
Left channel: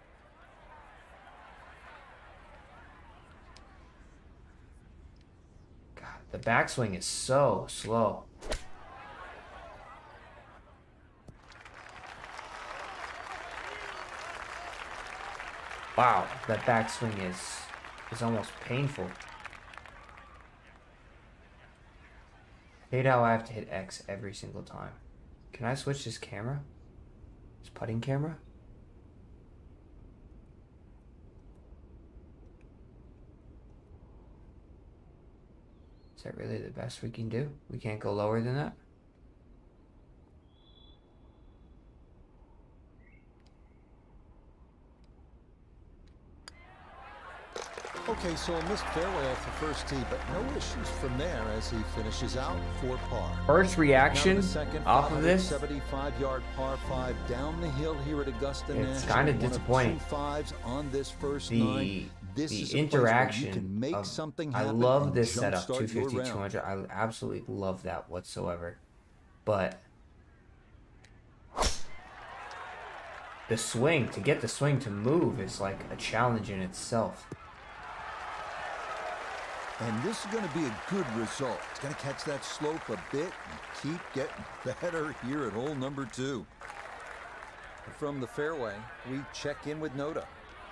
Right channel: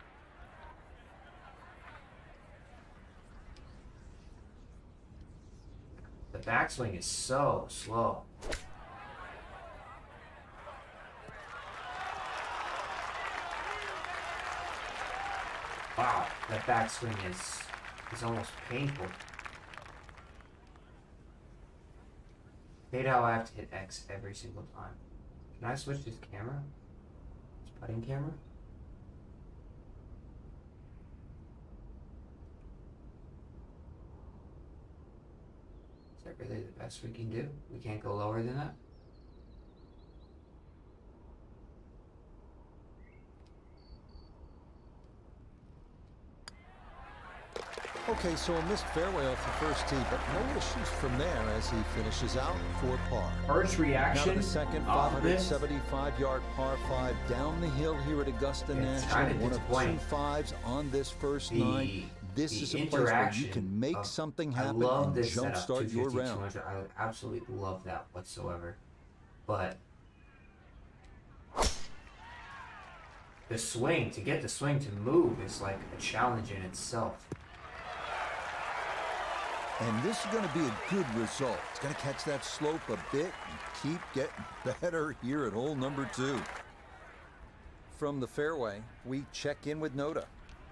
The backswing is so slow. Wow, that backswing is almost painful. Hate how I have to hit X every single time. Can I switch this camera? This putting camera? Is that really the best we can do? We can't go lower than that? Okay, so a missed fairway off the first tee, but no issues from there as he finishes out for par. First reaction now to the second 575-yard par 5 down the hill here at Augusta National. One of 2 5s on this first 9. This is a place where you can make something happen and jumpstart your round. I absolutely love that whatsoever. But the swing, to get the swing to move is like a challenge in itself. And this is going to be a good result. It's going to catch that slope a bit and keep getting better here at hole number 2. From the fairway, we check in with Noda.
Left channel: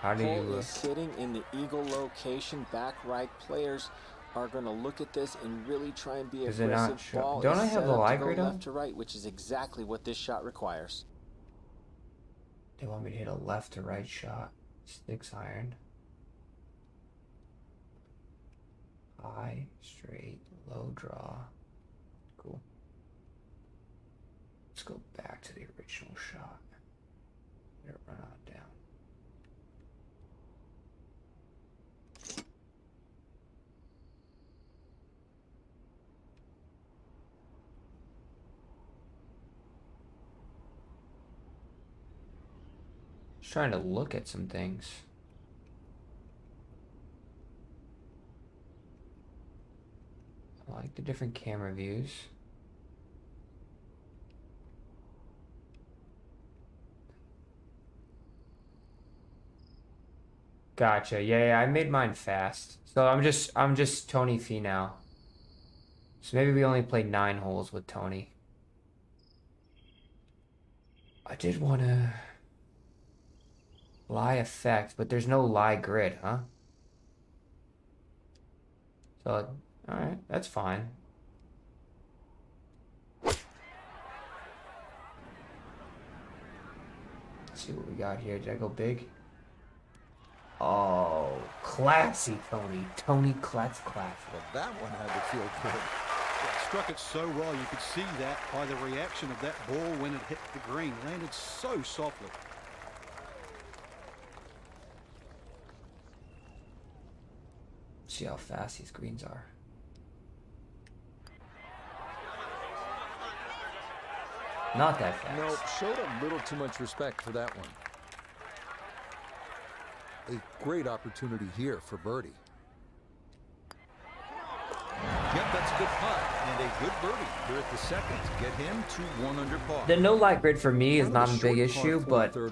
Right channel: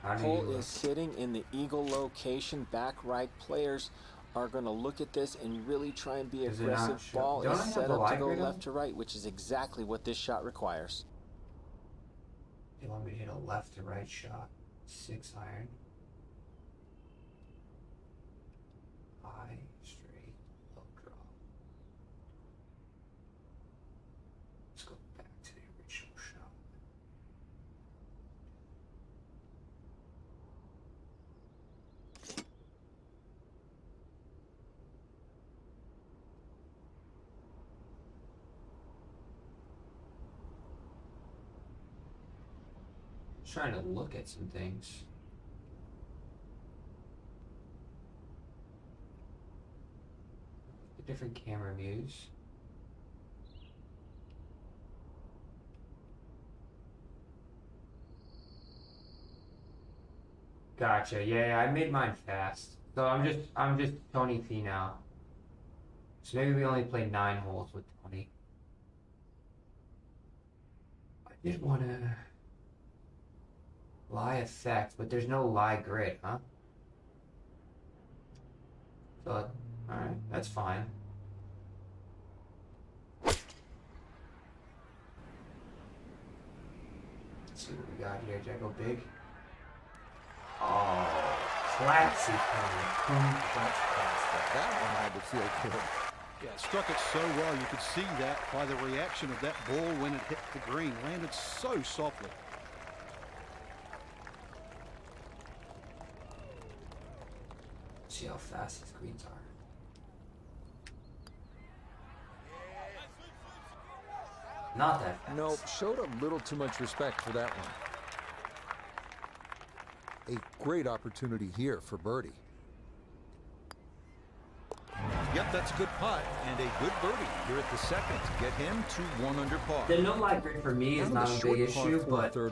Hole is sitting in the eagle location. Back right players are going to look at this and really try and be aggressive. Ball is set up to go left to right, which is exactly what this shot requires. They want me to hit a left to right shot. 6 iron. High, straight, low draw. Cool. Let's go back to the original shot. Let it run on down. Just trying to look at some things. I like the different camera views. Gotcha. Yeah, I made mine fast. So I'm just Tony Fee now. So maybe we only played 9 holes with Tony. I did want to lie effect, but there's no lie grid, huh? So alright, that's fine. Let's see what we got here. Did I go big? Oh, classy Tony classy. That one had to feel good. Yeah, struck it so well. You could see that by the reaction of that ball when it hit the green. Landed so softly. See how fast these greens are. Not that fast. Nope, showed a little too much respect for that one. A great opportunity here for birdie. Yep, that's a good putt and a good birdie here at the second to get him to 1 under par. The no light grid for me is not a big issue, but it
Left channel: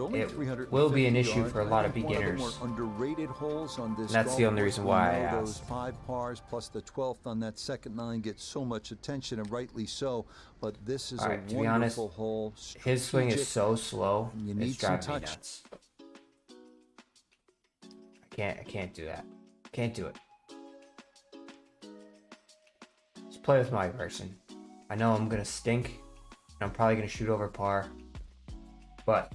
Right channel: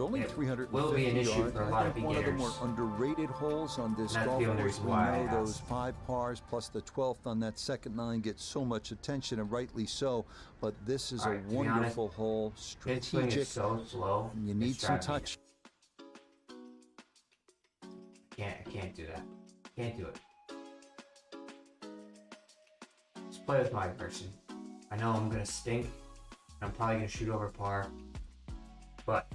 will be an issue for a lot of beginners. One of the more underrated holes on this golf course. That's the only reason why I asked. Those 5 pars plus the 12th on that second 9 get so much attention, and rightly so. But this is a wonderful hole. His swing is so slow. You need some touch. I can't do that. Can't do it. Let's play with my person. I know I'm gonna stink. I'm probably gonna shoot over par. But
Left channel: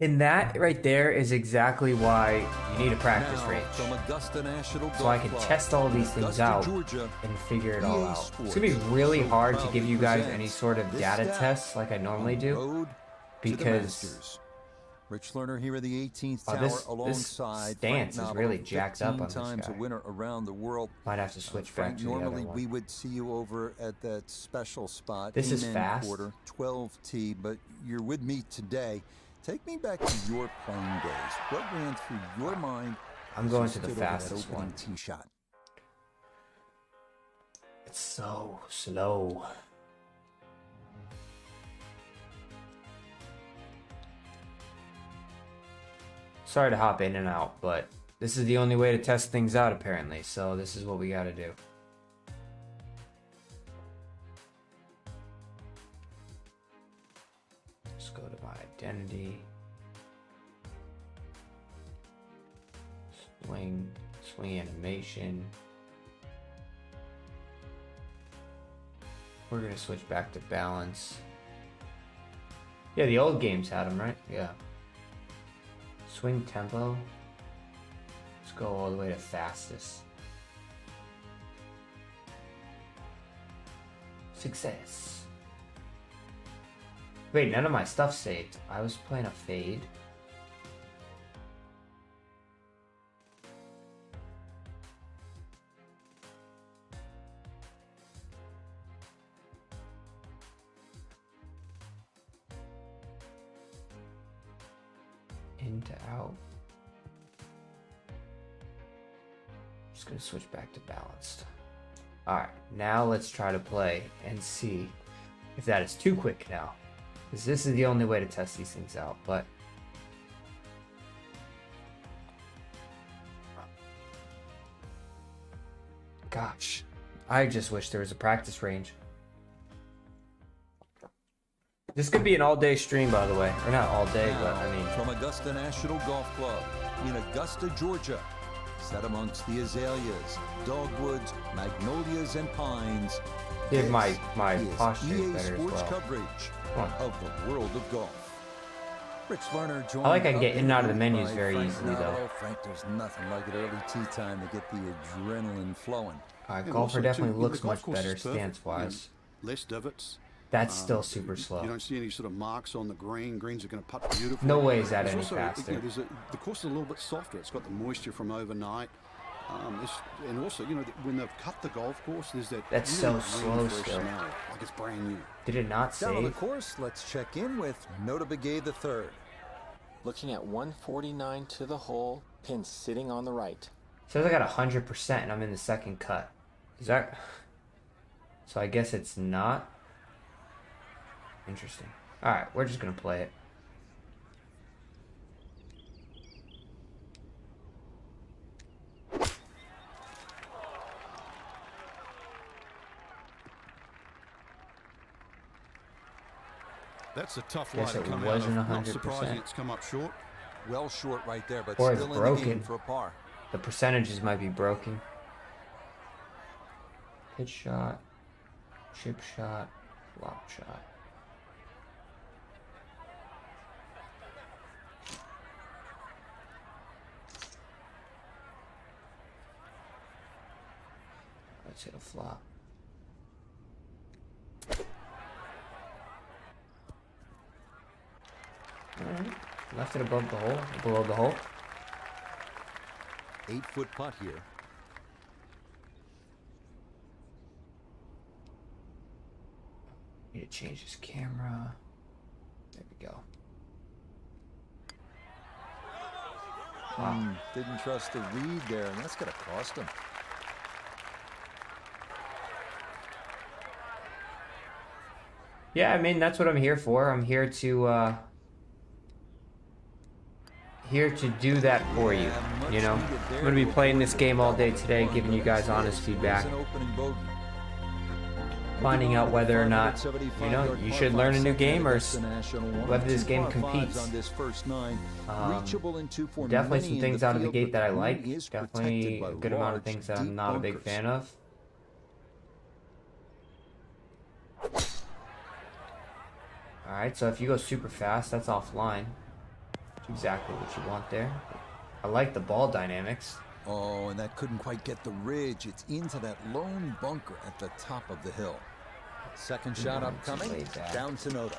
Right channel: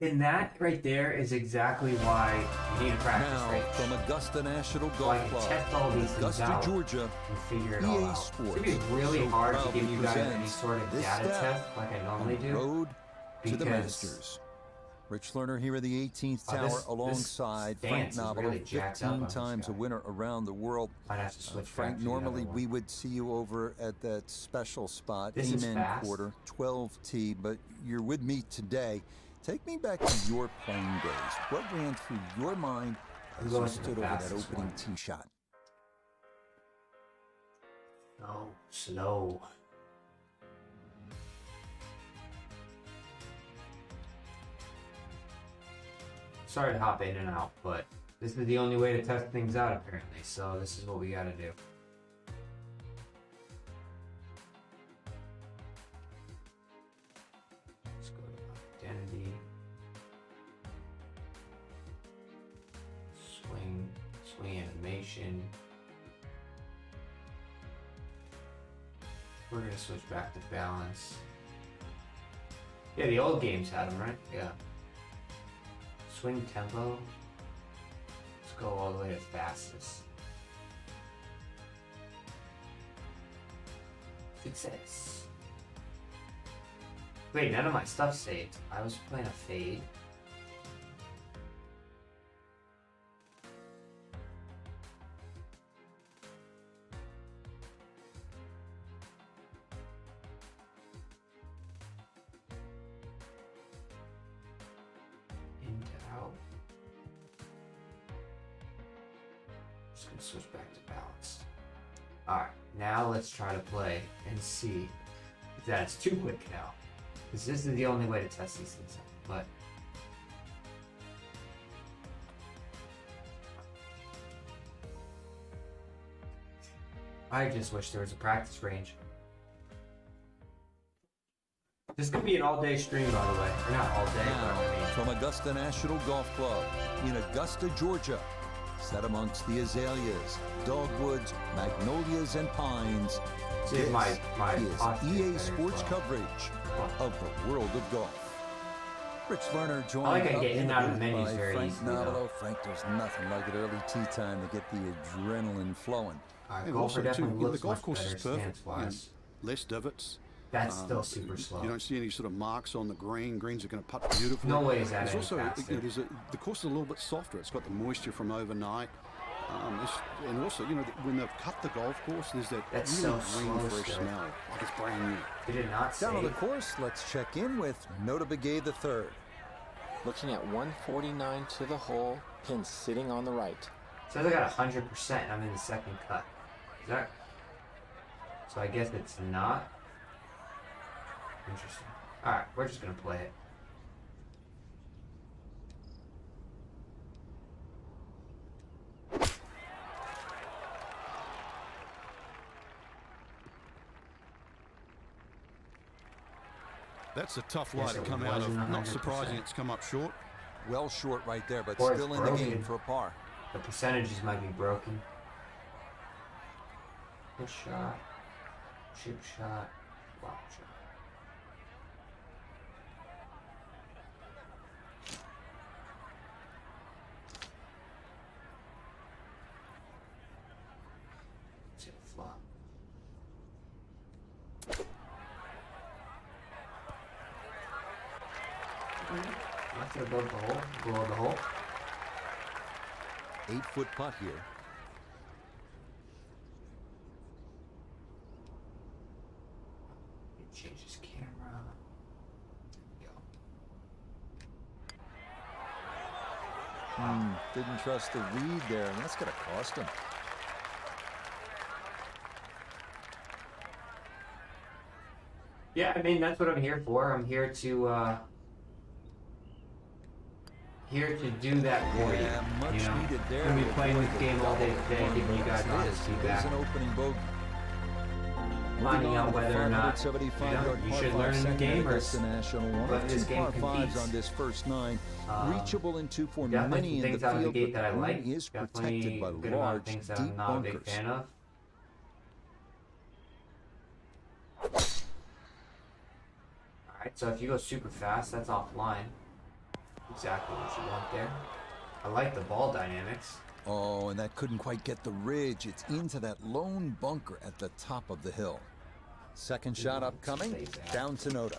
and that right there is exactly why you need a practice range. From Augusta National Golf Club, so I can test all these things out, Georgia, and figure it all out. It's gonna be really hard to give you guys any sort of data test like I normally do. Road to the Masters. Rich Lerner here at the 18th Tower alongside Frank Nobile, really 15 times a winner around the world. Might have to switch Frank, normally we would see you over at that special spot, Amen Quarter, 12T, but you're with me today. Take me back to your playing days. What ran through your mind as you stood over that opening tee shot? It's so slow. Sorry to hop in and out, but this is the only way to test things out apparently, so this is what we gotta do. Let's go to my identity. Swing animation. We're gonna switch back to balance. Yeah, the old games had them, right? Yeah. Swing tempo. Let's go all the way to fastest. Success. Wait, none of my stuff saved. I was playing a fade. just gonna switch back to balanced. Alright, now let's try to play and see if that is too quick now. Because this is the only way to test these things out, but gosh, I just wish there was a practice range. This could be an all-day stream, by the way. Or not all day, but I mean. From Augusta National Golf Club in Augusta, Georgia, set amongst the azaleas, dogwoods, magnolias, and pines, See, this my is EA Sports coverage of the world of golf. Rich Lerner joined I get in and out of the menus by very Frank easily, Novello. though. Frank, there's nothing like it early tea time to get the adrenaline flowing. Golfer also, definitely too, looks the golf much course better is perfect. stance-wise. Less divots. That's still super slow. You don't see any sort of marks on the green. Greens are going to putt beautifully. No way is that There's any also, faster. The course is a little bit softer. It's got the moisture from overnight. And also, when they've cut the golf course, there's that That's really so green, slow fresh still. smell, like it's brand new. Did it not Down on the save? course, let's check in with Nota Begay III. Looking at 149 to the hole, pin sitting on the right. Says I got 100% and I'm in the second cut. Is that? So I guess it's not. Interesting. Alright, we're just gonna play it. That's a tough lie Yes, to it come out of. wasn't Not surprising 100%. it's come up short. Well short right there, but Or it's still in the game broken. for a par. The percentages might be broken. Good shot. Chip shot. Flop shot. Let's hit a flop. Alright. Left it above the hole, below the hole. 8-foot putt here. Need to change his camera. There we go. Didn't trust the read there, and that's going to cost him. Yeah, I mean, that's what I'm here for. I'm here to do that for you. Much You know, needed there I'm gonna be to playing avoid this the game all day double today, one, giving you but guys as it honest is, feedback, there's an opening bogey. finding out whether or not you 575-yard you par should five learn a new second game or Augusta National. One whether of this two game par fives competes. on this first nine, reachable in two for Definitely many some in things the out of the field, gate but that I the like. green is Definitely protected by a good amount of large, things that deep I'm not a big bunkers. fan of. Alright, so if you go super fast, that's offline. Exactly what you want there. I like the ball dynamics. Oh, and that couldn't quite get the ridge. It's into that lone bunker at the top of the hill. Second shot upcoming, down to Nota.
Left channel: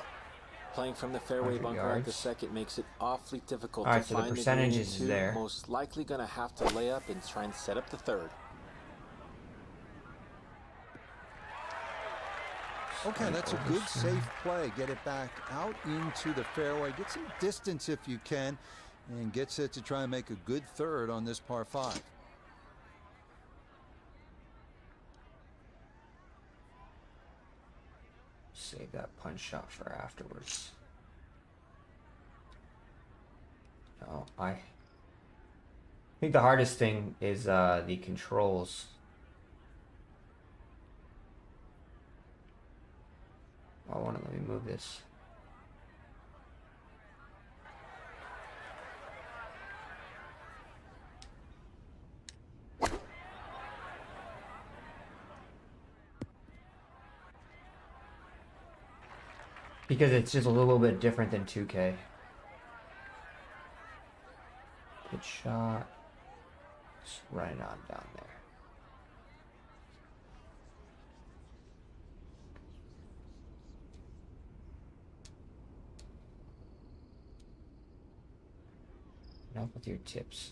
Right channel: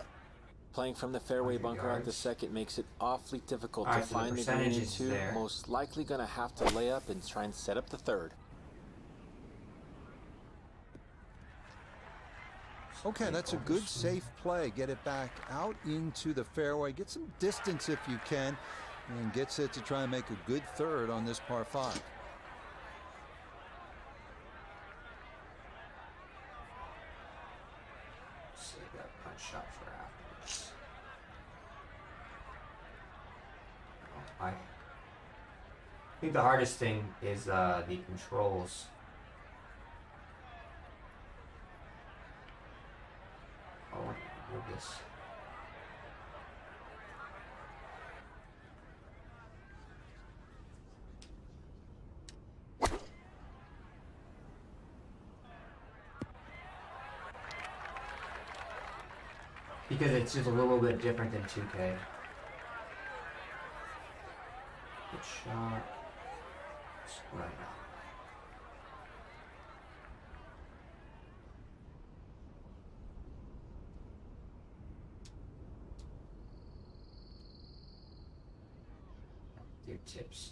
Playing from the fairway 100 bunker at the yards. second makes it awfully difficult Alright, to so the find the green percentage in is two. there. Most likely going to have to lay up and try and set up the third. Okay, that's a good, safe play. Get it back out into the fairway. Get some distance if you can, and get set to try and make a good third on this par 5. Save that punch shot for afterwards. No, I think the hardest thing is the controls. I want to remove this. Because it's just a little bit different than 2K. Good shot. Just right on that one. Enough with your tips.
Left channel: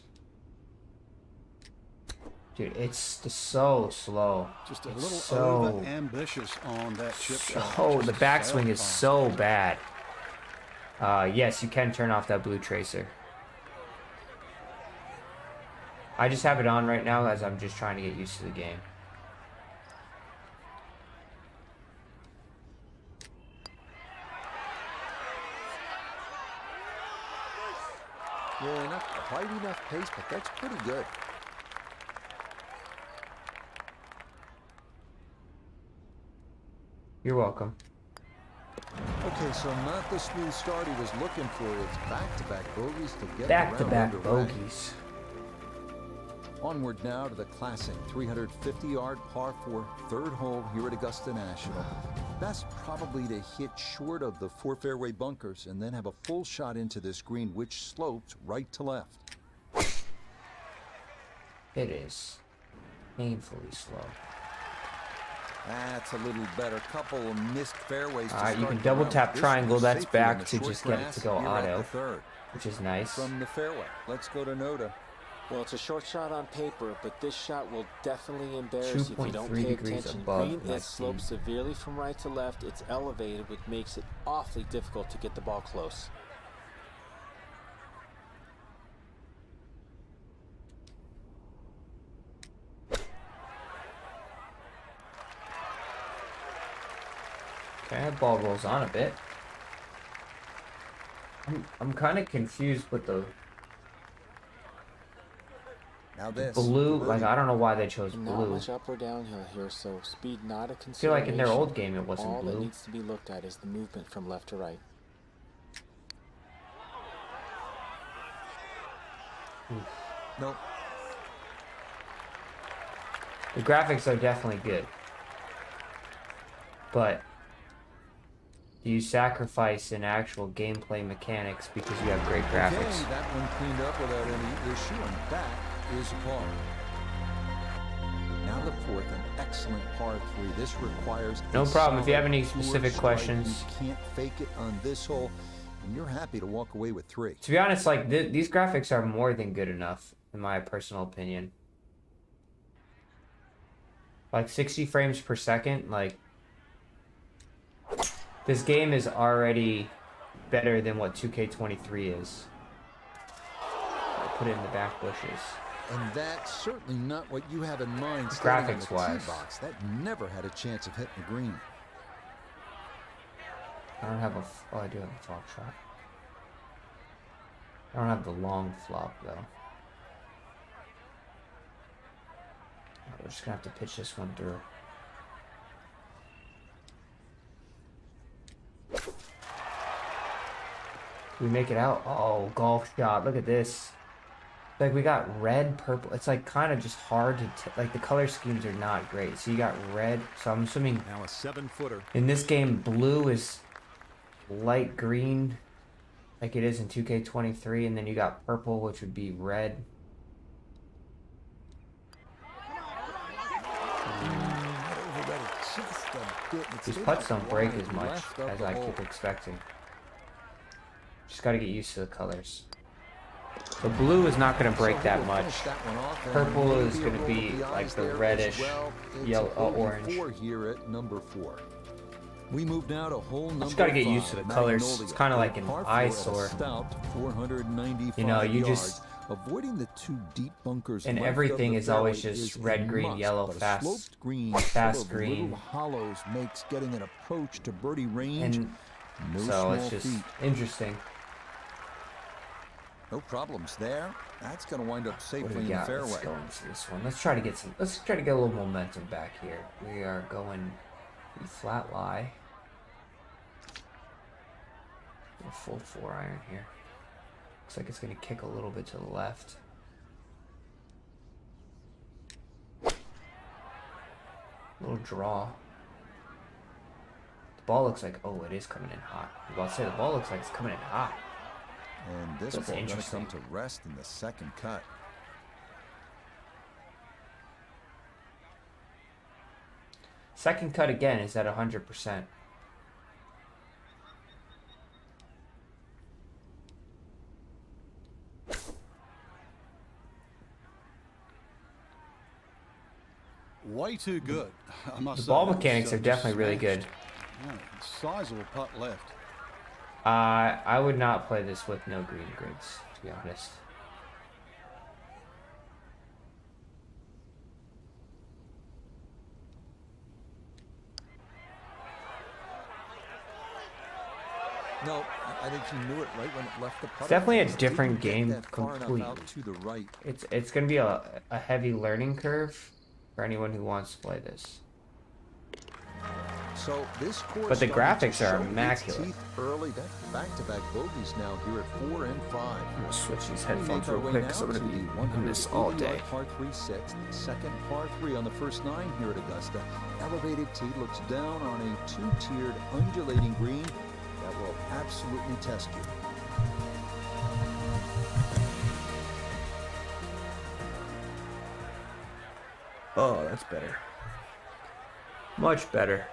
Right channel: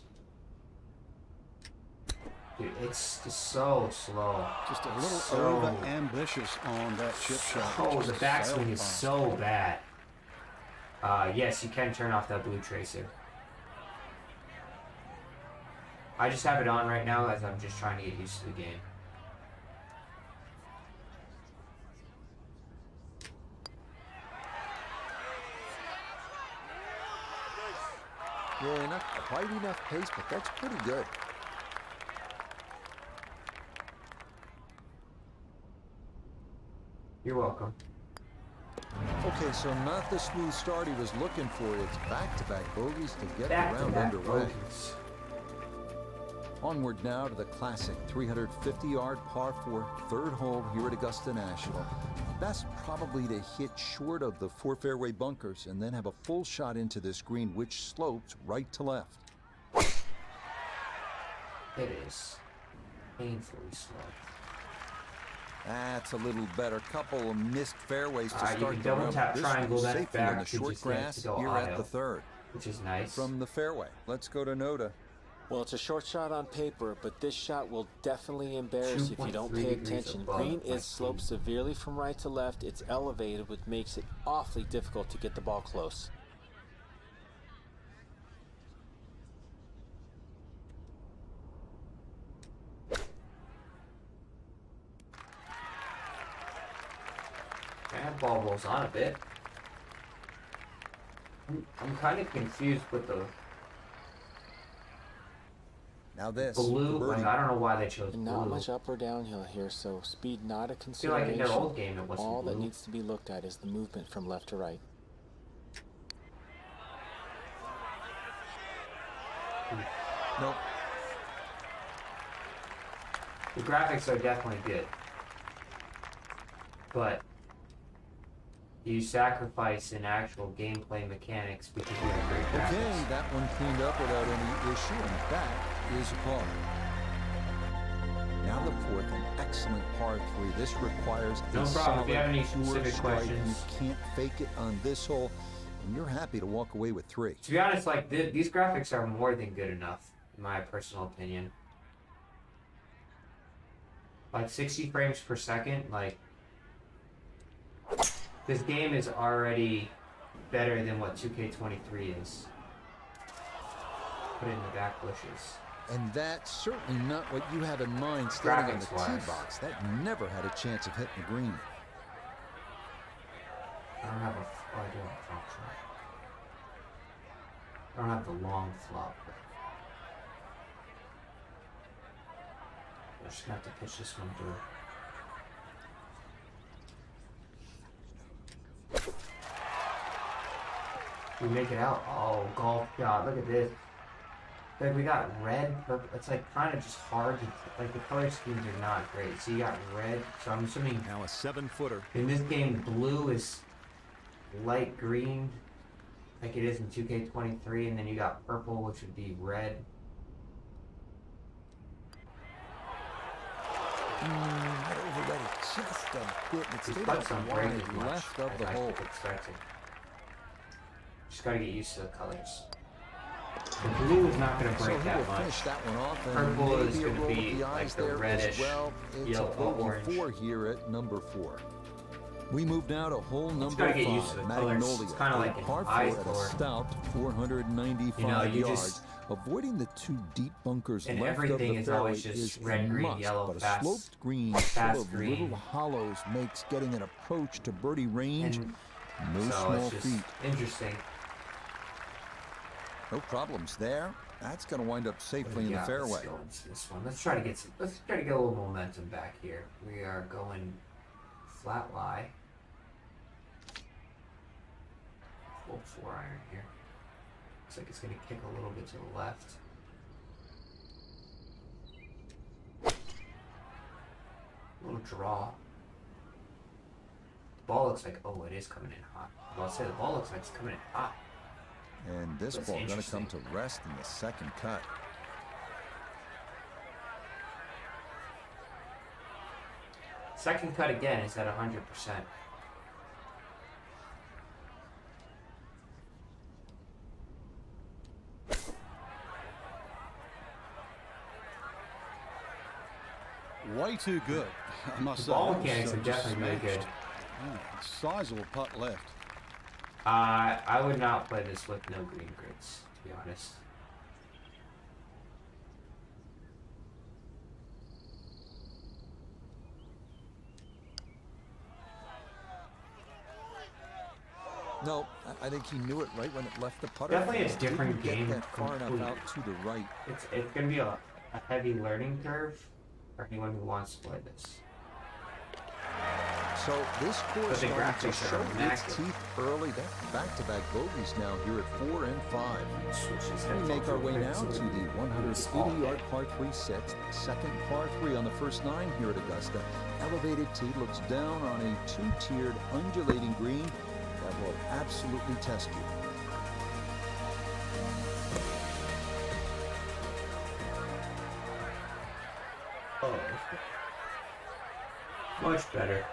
Dude, it's just so slow. Just a It's little so over ambitious on that chip shot. Oh, Just the backswing sailed is past. so bad. Yes, you can turn off that blue tracer. I just have it on right now as I'm just trying to get used to the game. Yeah, not quite enough pace, but that's pretty good. You're welcome. Okay, so not the smooth start he was looking for. It's back-to-back bogeys to get the round underway. Bogeys. Onward now to the classic 350-yard par 4 third hole here at Augusta National. Best probably to hit short of the 4 fairway bunkers and then have a full shot into this green, which slopes right to left. It is painfully slow. That's a little better. Couple of missed fairways to start. You can double tap triangle. That's back to just get to go here auto, at the third, which is nice. From the fairway, let's go to Noda. Well, it's a short shot on paper, but this shot will definitely embarrass you if you don't pay attention. Green is sloped severely from right to left. It's elevated, which makes it awfully difficult to get the ball close. That ball rolls on a bit. I'm kind of confused with the blue. Like, I don't know why they chose blue. Not much up or downhill here, so speed not a consideration. I feel like in their old game it wasn't All blue. that needs to be looked at is the movement from left to right. Nope. The graphics are definitely good, but do you sacrifice in actual gameplay mechanics because you have great graphics? Okay, that one cleaned up without any issue, and that is a par. Now the fourth, an excellent par 3. This requires no problem. If you have any specific questions, you can't fake it on this hole, and you're happy to walk away with 3. To be honest, like these graphics are more than good enough, in my personal opinion. Like 60 frames per second, like. This game is already better than what 2K23 is. Put it in the back bushes. And that's certainly not what you have in mind standing on the tee box. That never had a chance of hitting the green. I don't have a... Oh, I do have a flop shot. I don't have the long flop, though. We're just going to have to pitch this one through. We make it out. Oh, golf shot. Look at this. Like, we got red, purple. It's like kind of just hard to like, the color schemes are not great. So you got red. So I'm assuming now a 7-footer. In this game, blue is light green, like it is in 2K23, and then you got purple, which would be red. Not overready just a bit. It's these putts don't break as much left of as the I hole. keep expecting. Just got to get used to the colors. The blue is not going to break that much. Finish that one off, and purple is maybe a going to roll be of the eyes like the there reddish, as well. It's yellow, a bogey orange. 4 here at number 4. We move now to hole number 5. Just gotta get used to the colors. It's kind of like an eyesore. Stout 495 yards. Avoiding the 2 deep bunkers and left everything of the is fairway always just red, green, must, yellow, but fast, a sloped green fast full of green. little hollows makes getting an approach to birdie range no so small it's just feat. interesting. No problems there. That's going to wind up safely in the fairway. Let's go into this one. Let's try to get some. Let's try to get a little momentum back here. We are going flat lie. A full 4-iron here. Looks like it's going to kick a little bit to the left. A little draw. The ball looks like, oh, it is coming in hot. I was about to say, the ball looks like it's coming in hot. And this ball going to come to rest in the second cut. Second cut again is at 100%. Way too good, I must say. The ball mechanics are definitely really good. Yeah, sizable putt left. I would not play this with no green greens, to be honest. No, I think he knew it right when it left the putter. It's definitely a different game. Get that far enough out to the right. It's going to be a heavy learning curve for anyone who wants to play this. So this course, but the graphics are its teeth early. That's back-to-back bogeys now here at 4 and 5. We make our way now to the 180-yard par 3 set. The second par 3 on the first 9 here at Augusta. Elevated tee looks down on a 2-tiered undulating green that will absolutely test you. Oh, that's better. Much better.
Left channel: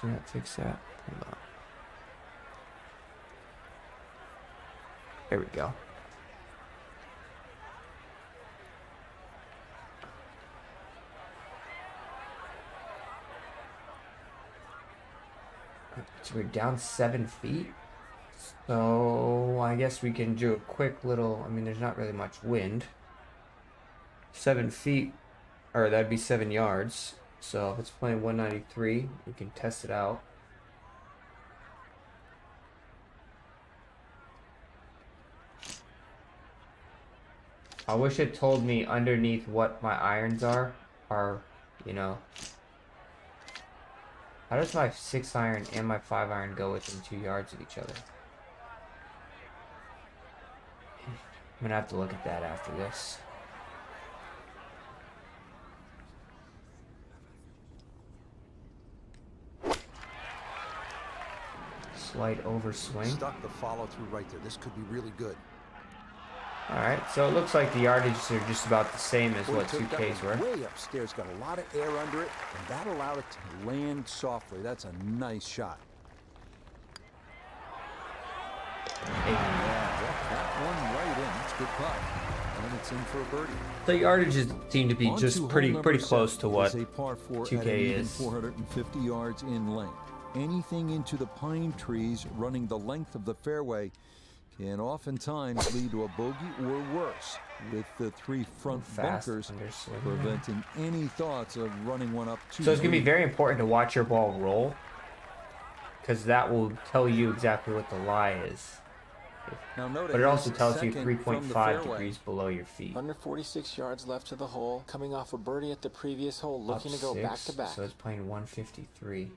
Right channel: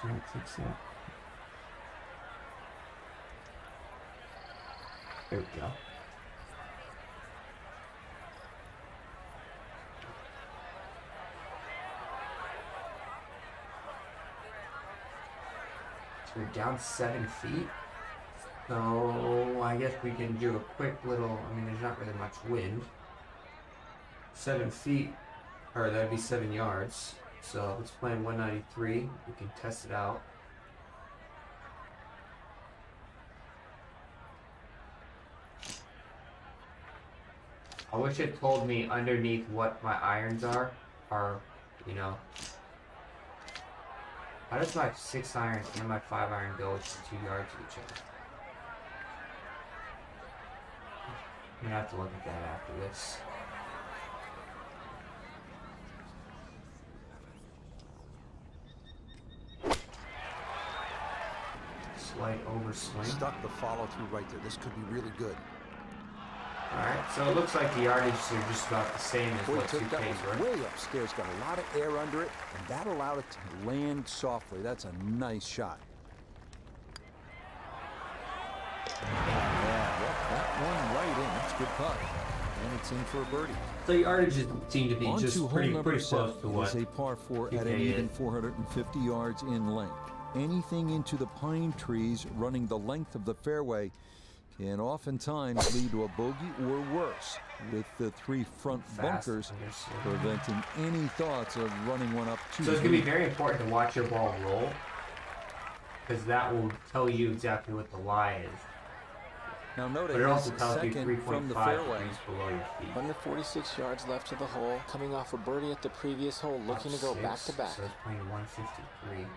So that takes that. There we go. So we're down 7 feet. So I guess we can do a quick little, I mean, there's not really much wind. 7 feet, or that'd be 7 yards. So let's play in 193. We can test it out. I wish it told me underneath what my irons are, you know. How does my 6 iron and my 5 iron go within 2 yards of each other? I'm gonna have to look at that after this. Slight overswing. Stuck the follow through right there. This could be really good. Alright, so it looks like the yardage are just about the same as what 2Ks were. Way upstairs, got a lot of air under it, and that allowed it to land softly. That's a nice shot. Yeah, that one right in. That's a good putt. And it's in for a birdie. The yardages seem to be just pretty close to what it is a par 4 2K at an even is. 450 yards in length. Anything into the pine trees running the length of the fairway can oftentimes lead to a bogey or worse, with the 3 front bunkers preventing any thoughts of running one up to So it's going to be very important to watch your ball roll, because that will tell you exactly what the lie is. Now notice, but it also tells you from the 3.5 fairway degrees below your feet. Under 46 yards left to the hole, coming off a birdie at the previous hole, looking to go back to back. So it's playing 153.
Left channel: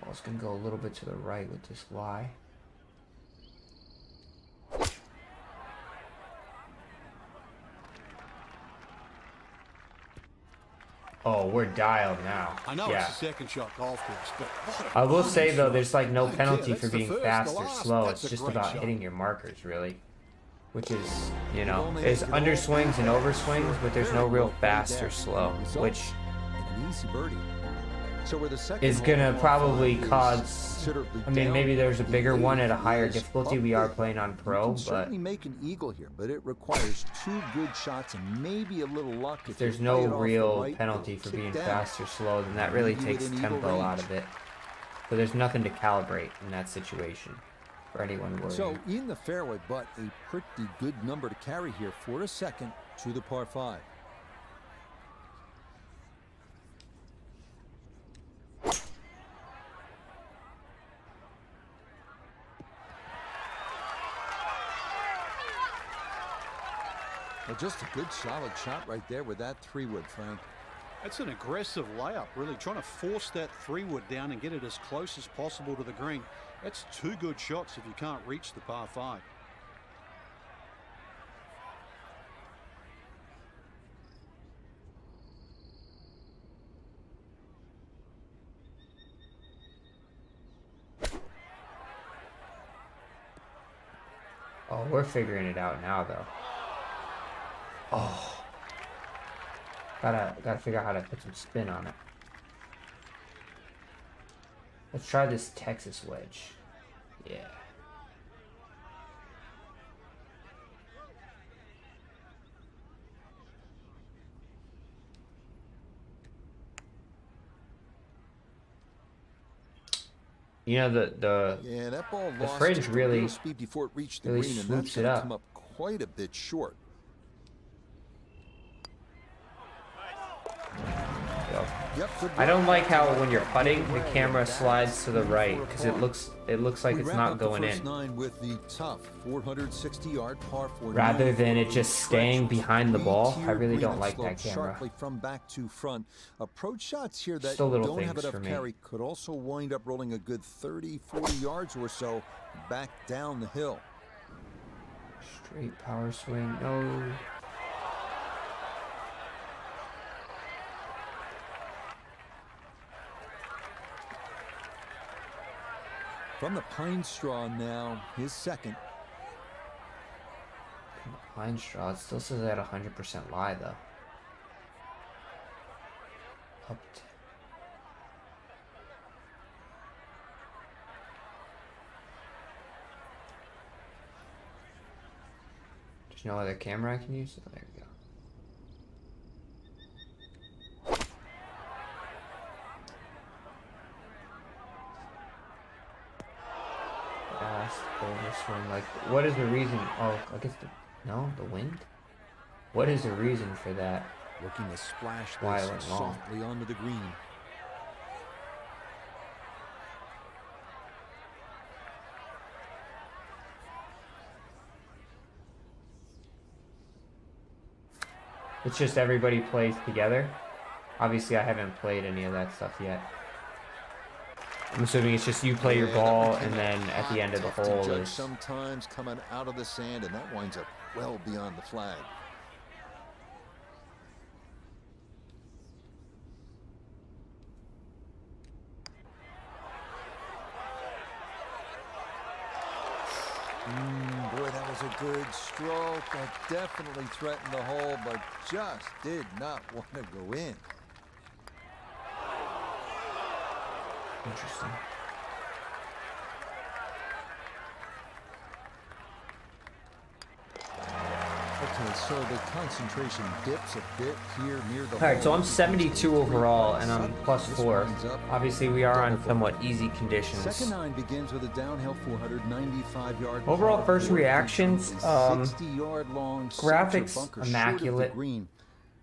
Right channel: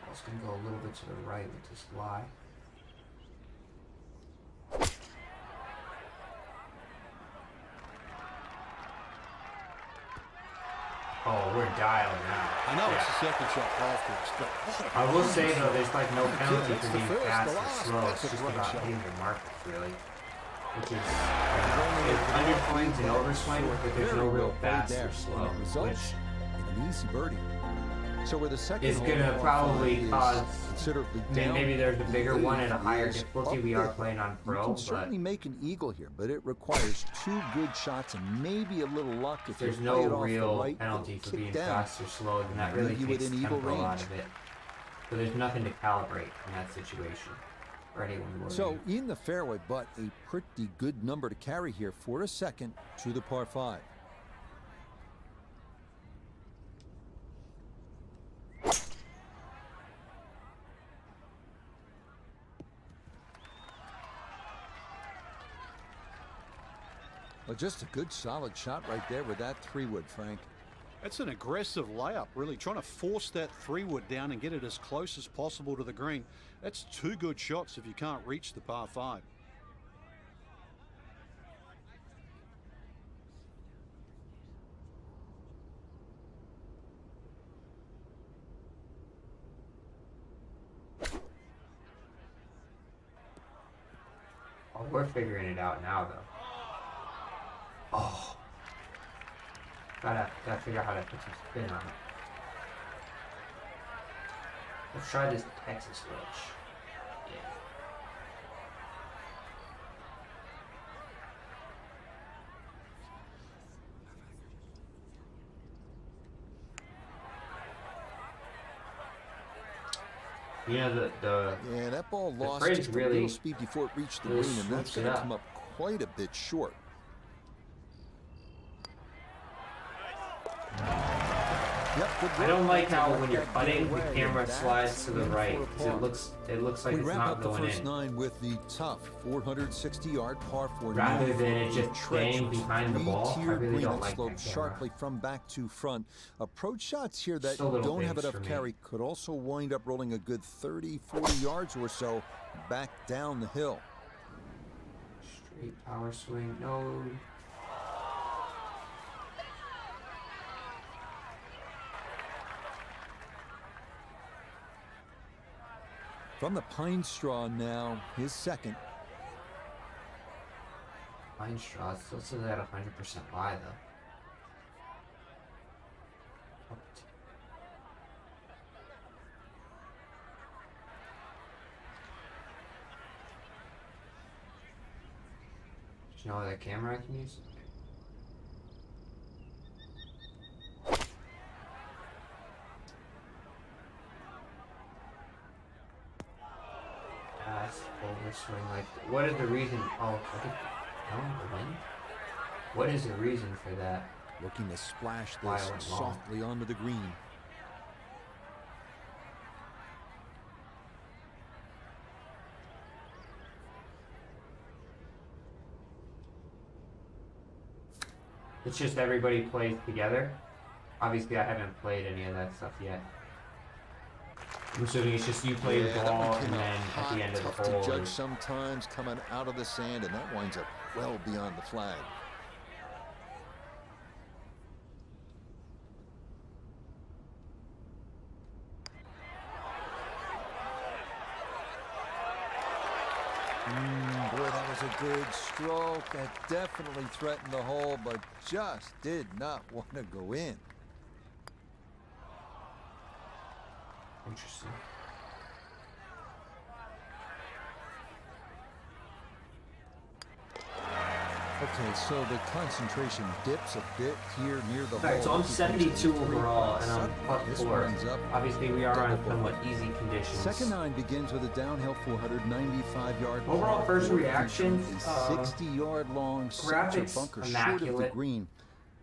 Ball's gonna go a little bit to the right with this lie. Oh, we're dialed now. I know it's the second shot golf course, but I will say though, there's like no penalty for being fast or slow. It's just about hitting your markers, really. Which is, you know, there's underswings and overswings, but there's no real fast or slow, which in an easy birdie. So where the second is gonna probably cause considerably I mean, maybe there's a bigger one at a higher difficulty. We are playing on pro, you can but certainly make an eagle here, but it requires 2 good shots and maybe a little luck. If there's you no play it off real the right, penalty for being down. fast or slow, then that really takes tempo out of it. So there's nothing to calibrate in that situation for anyone worried. So in the fairway, but a pretty good number to carry here for a second to the par 5. Well, just a good solid shot right there with that 3-wood, Frank. That's an aggressive layup, really trying to force that 3-wood down and get it as close as possible to the green. That's 2 good shots if you can't reach the par 5. Oh, we're figuring it out now, though. Oh, gotta figure out how to put some spin on it. Let's try this Texas wedge. Yeah. You know, yeah, that ball lost just a little speed before it reached the green, and that's going to come up quite a bit short. Yep, good work. I don't like how when you're putting, the camera slides to the right because it looks like it's not going in. We wrap up the first 9 with the tough 460-yard par 4. Rather than it just staying behind the ball. I really don't like that camera. Sharply from back to front. Approach shots here that don't have enough carry could also wind up rolling a good 30, 40 yards or so back down the hill. Straight power swing, no. From the pine straw now, his second. Pine straw, it still says at 100% lie though. Hooked. There's no other camera I can use? Oh, there we go. Swing. Like, what is the reason? Oh, I guess the wind. What is the reason for that? Looking to splash this softly onto the green. It's just everybody plays together. Obviously, I haven't played any of that stuff yet. I'm assuming it's just you play your ball, and then at the end of the hole. Tough to judge sometimes coming out of the sand, and that winds up well beyond the flag. Boy, that was a good stroke. That definitely threatened the hole, but just did not want to go in. Interesting. Okay, so the concentration dips a bit here near the hole. All right, so I'm 72 overall, and I'm +4. Obviously, we are on somewhat easy conditions. Second 9 begins with a downhill 495-yard. Overall, first reactions, 60-yard long graphics bunker immaculate. Short of the green.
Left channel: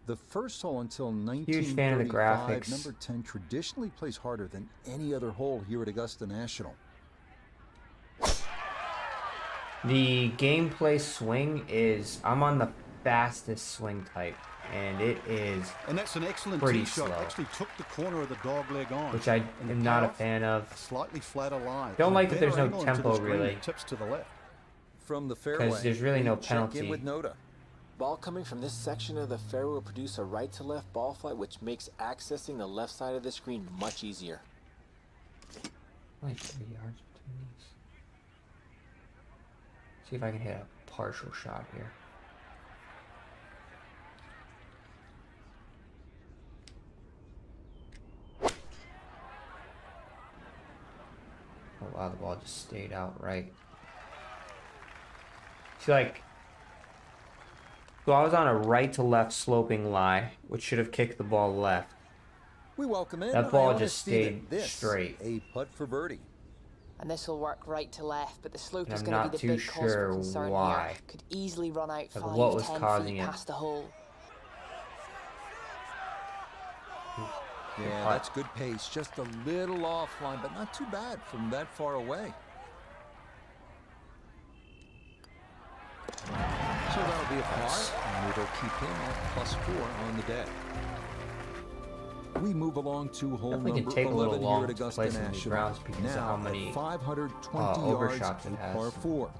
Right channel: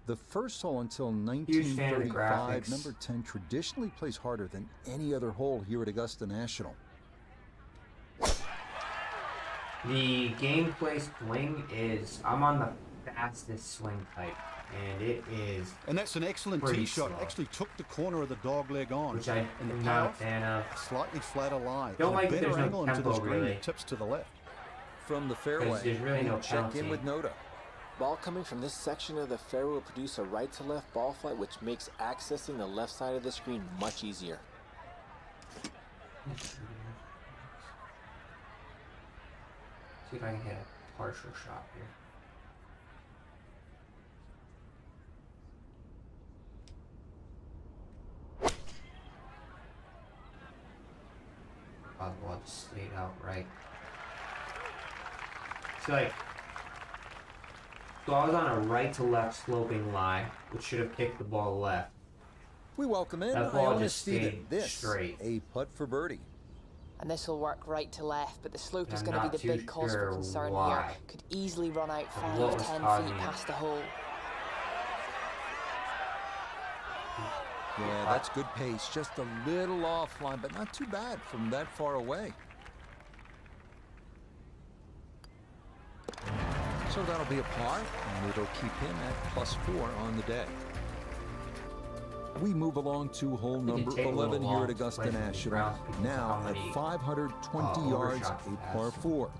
The first hole until 1935, number 10, traditionally plays harder than any other hole here at Augusta National. The gameplay swing is, I'm on the fastest swing type, and it is. And that's an excellent tee shot. Actually took the corner of the dog leg on, which I am not a fan of. A slightly flatter lie. Don't like that there's no tempo really. Tips to the left. From the fairway, there's really no penalty. Check in with Noda. Ball coming from this section of the fairway will produce a right to left ball flight, which makes accessing the left side of the screen much easier. See if I can hit a partial shot here. Oh wow, the ball just stayed out right. See, like, so I was on a right to left sloping lie, which should have kicked the ball left. We welcome in that ball just stayed this straight. A putt for birdie. And this will work right to left, but the slope is going to be the big cause for concern here. Could easily run out 5-10 feet past the hole. Yeah, that's good pace. Just a little offline, but not too bad from that far away. So that'll be a par, and it'll keep him at +4 on the day. We move along to hole number 11 here at Augusta National. Now at 520 yards, a par 4.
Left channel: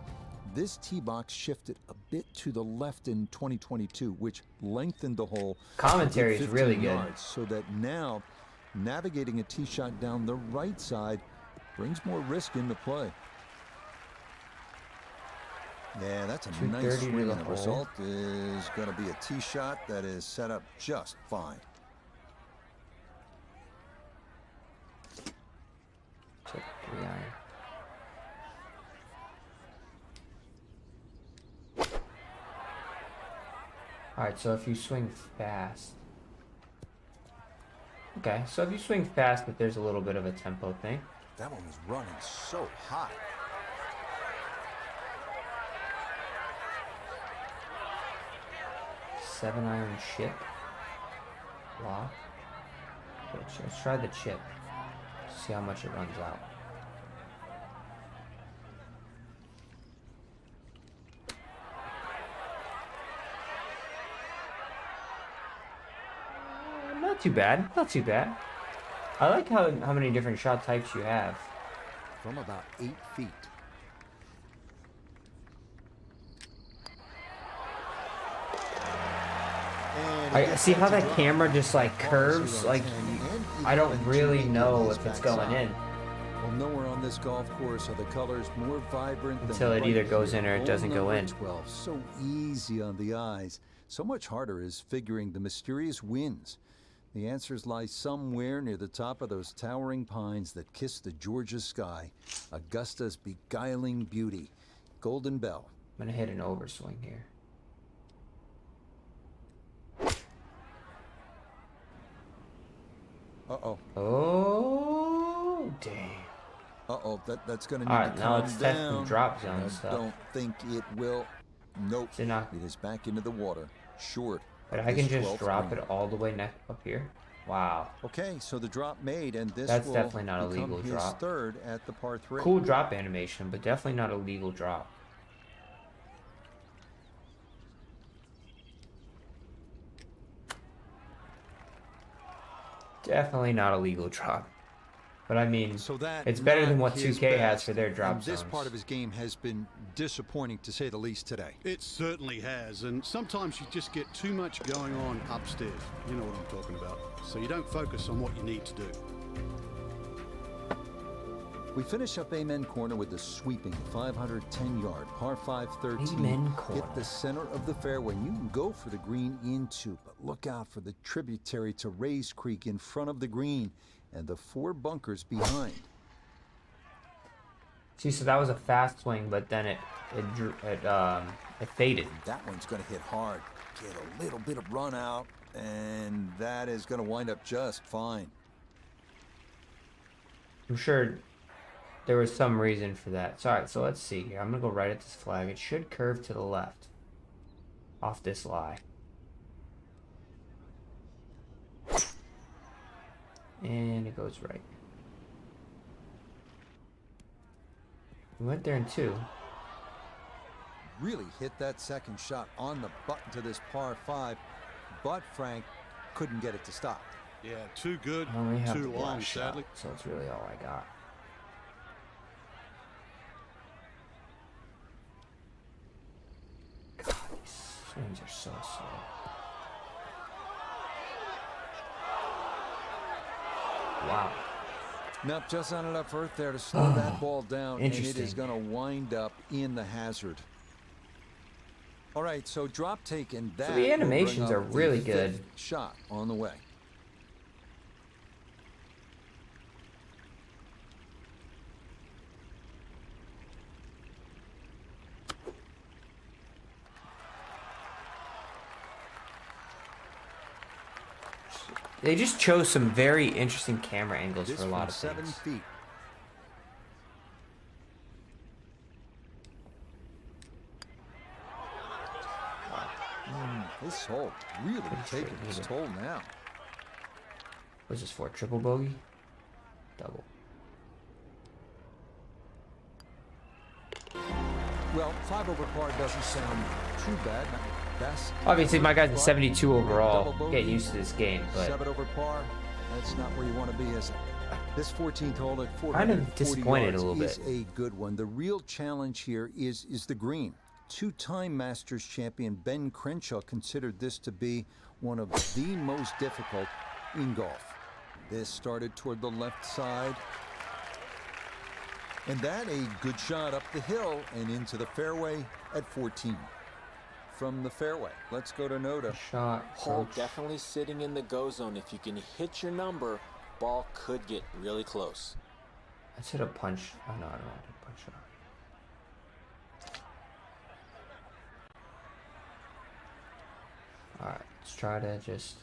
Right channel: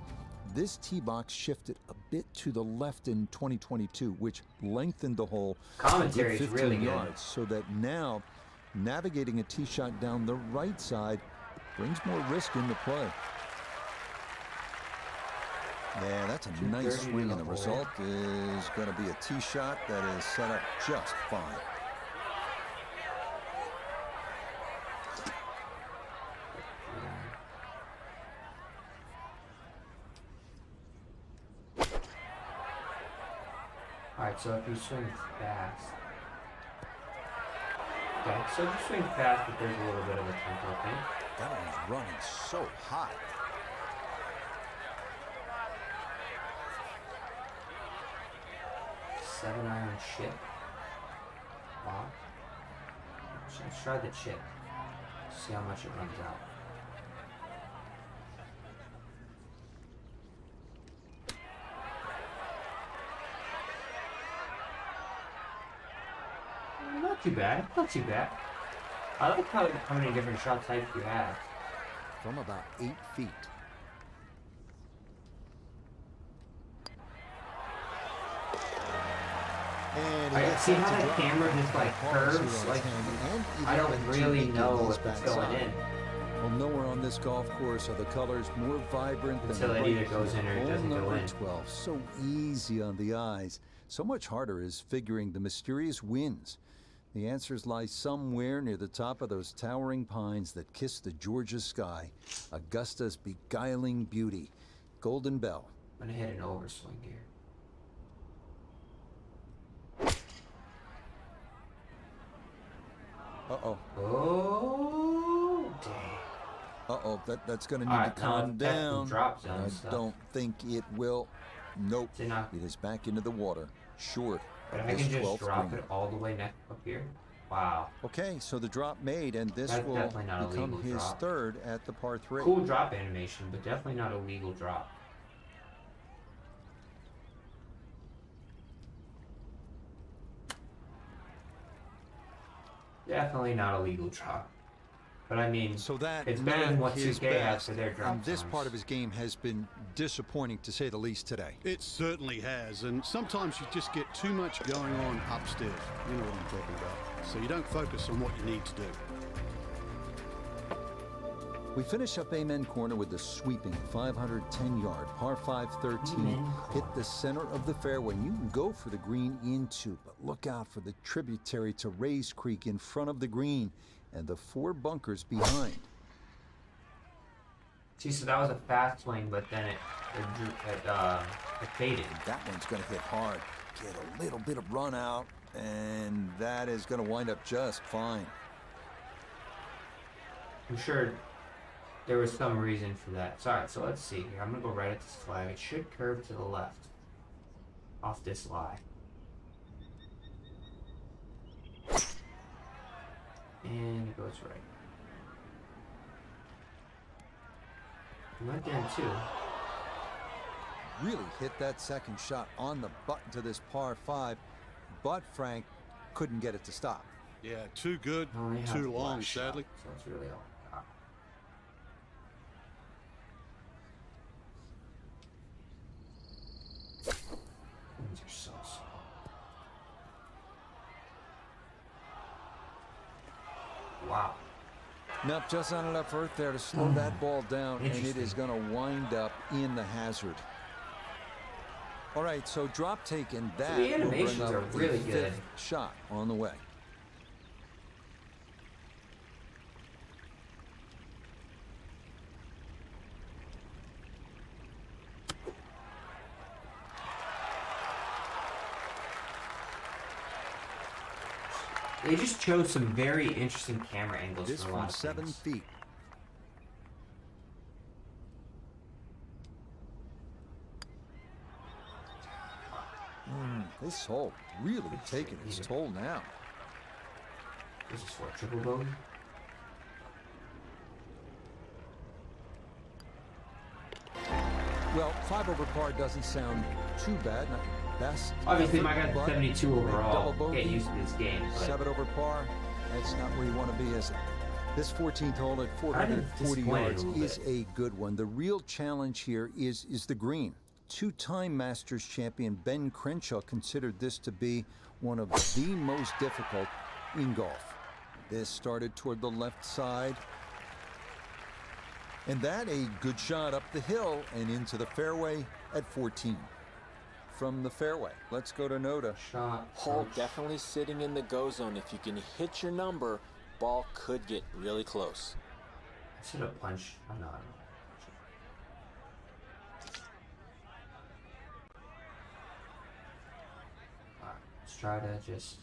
This tee box shifted a bit to the left in 2022, which lengthened the hole a good 15 yards, so that now navigating a tee shot down the right side brings more risk into play. Yeah, that's a nice swing, and the result is going to be a tee shot that is set up just fine. Alright, so if you swing fast. Okay, so if you swing fast, but there's a little bit of a tempo thing. That one was running so hot. Seven-iron chip. Wow. Let's try the chip. See how much it runs out. Not too bad. Not too bad. I like how many different shot types you have. From about 8 feet. I see how that camera just like curves. Like I don't really know if it's going in. Well, nowhere on this golf course are the colors more vibrant until than it either goes in or it doesn't go in. 12, so easy on the eyes. So much harder is figuring the mysterious winds. The answers lie somewhere near the top of those towering pines that kiss the Georgia sky. Augusta's beguiling beauty. Golden Bell. I'm gonna hit an overswing here. Uh-oh. Oh, dang. Uh-oh, that's going to need to calm down. Drop zone I don't think it will. Nope. It is back into the water. Short of this 12th green. I can just drop green. it all the way up here. Wow. Okay, so the drop made, and this That's will definitely not become a legal his drop. third at the par 3. Cool drop animation, but definitely not a legal drop. Definitely not a legal drop. But I mean, so that it's better than what 2K has for their drop and this zones. part of his game has been disappointing, to say the least, today. It certainly has, and sometimes you just get too much going on upstairs. You know what I'm talking about. So you don't focus on what you need to do. We finish up Amen Corner with the sweeping 510-yard par 5 13. Hit the center of the fairway, and you can go for the green in 2, but look out for the tributary to Rays Creek in front of the green and the 4 bunkers behind. See, so that was a fast swing, but then it faded. That one's going to hit hard. Get a little bit of run out, and that is going to wind up just fine. I'm sure there was some reason for that. So, alright, so let's see here. I'm going to go right at this flag. It should curve to the left off this lie. And it goes right. We went there in 2. Really hit that second shot on the button to this par 5, but Frank couldn't get it to stop. Yeah, too good, too long, sadly. So that's really all I got. Swings are so slow. Wow. Not just on enough earth there to slow that ball down, and it is going to wind up in the hazard. All right, so drop taken. That so the animations are really good. Shot on the way. They just chose some very interesting camera angles this for a lot of 7 things. feet. This hole really taking its toll now. What's this for? Triple bogey? Double. Well, 5 over par doesn't sound too bad. Not the best. Obviously, my guy's a 72 overall. Get used to this game. But 7 over par. That's not where you want to be, is it? This 14th hole at 440 yards is a good one. The real challenge here is the green. 2-time Masters champion Ben Crenshaw considered this to be one of the most difficult in golf. This started toward the left side. And that a good shot up the hill and into the fairway at 14. From the fairway, let's go to Noda. Hole definitely sitting in the go zone. If you can hit your number, ball could get really close. I should have punched. Oh, no, I don't know. Alright, let's try to just...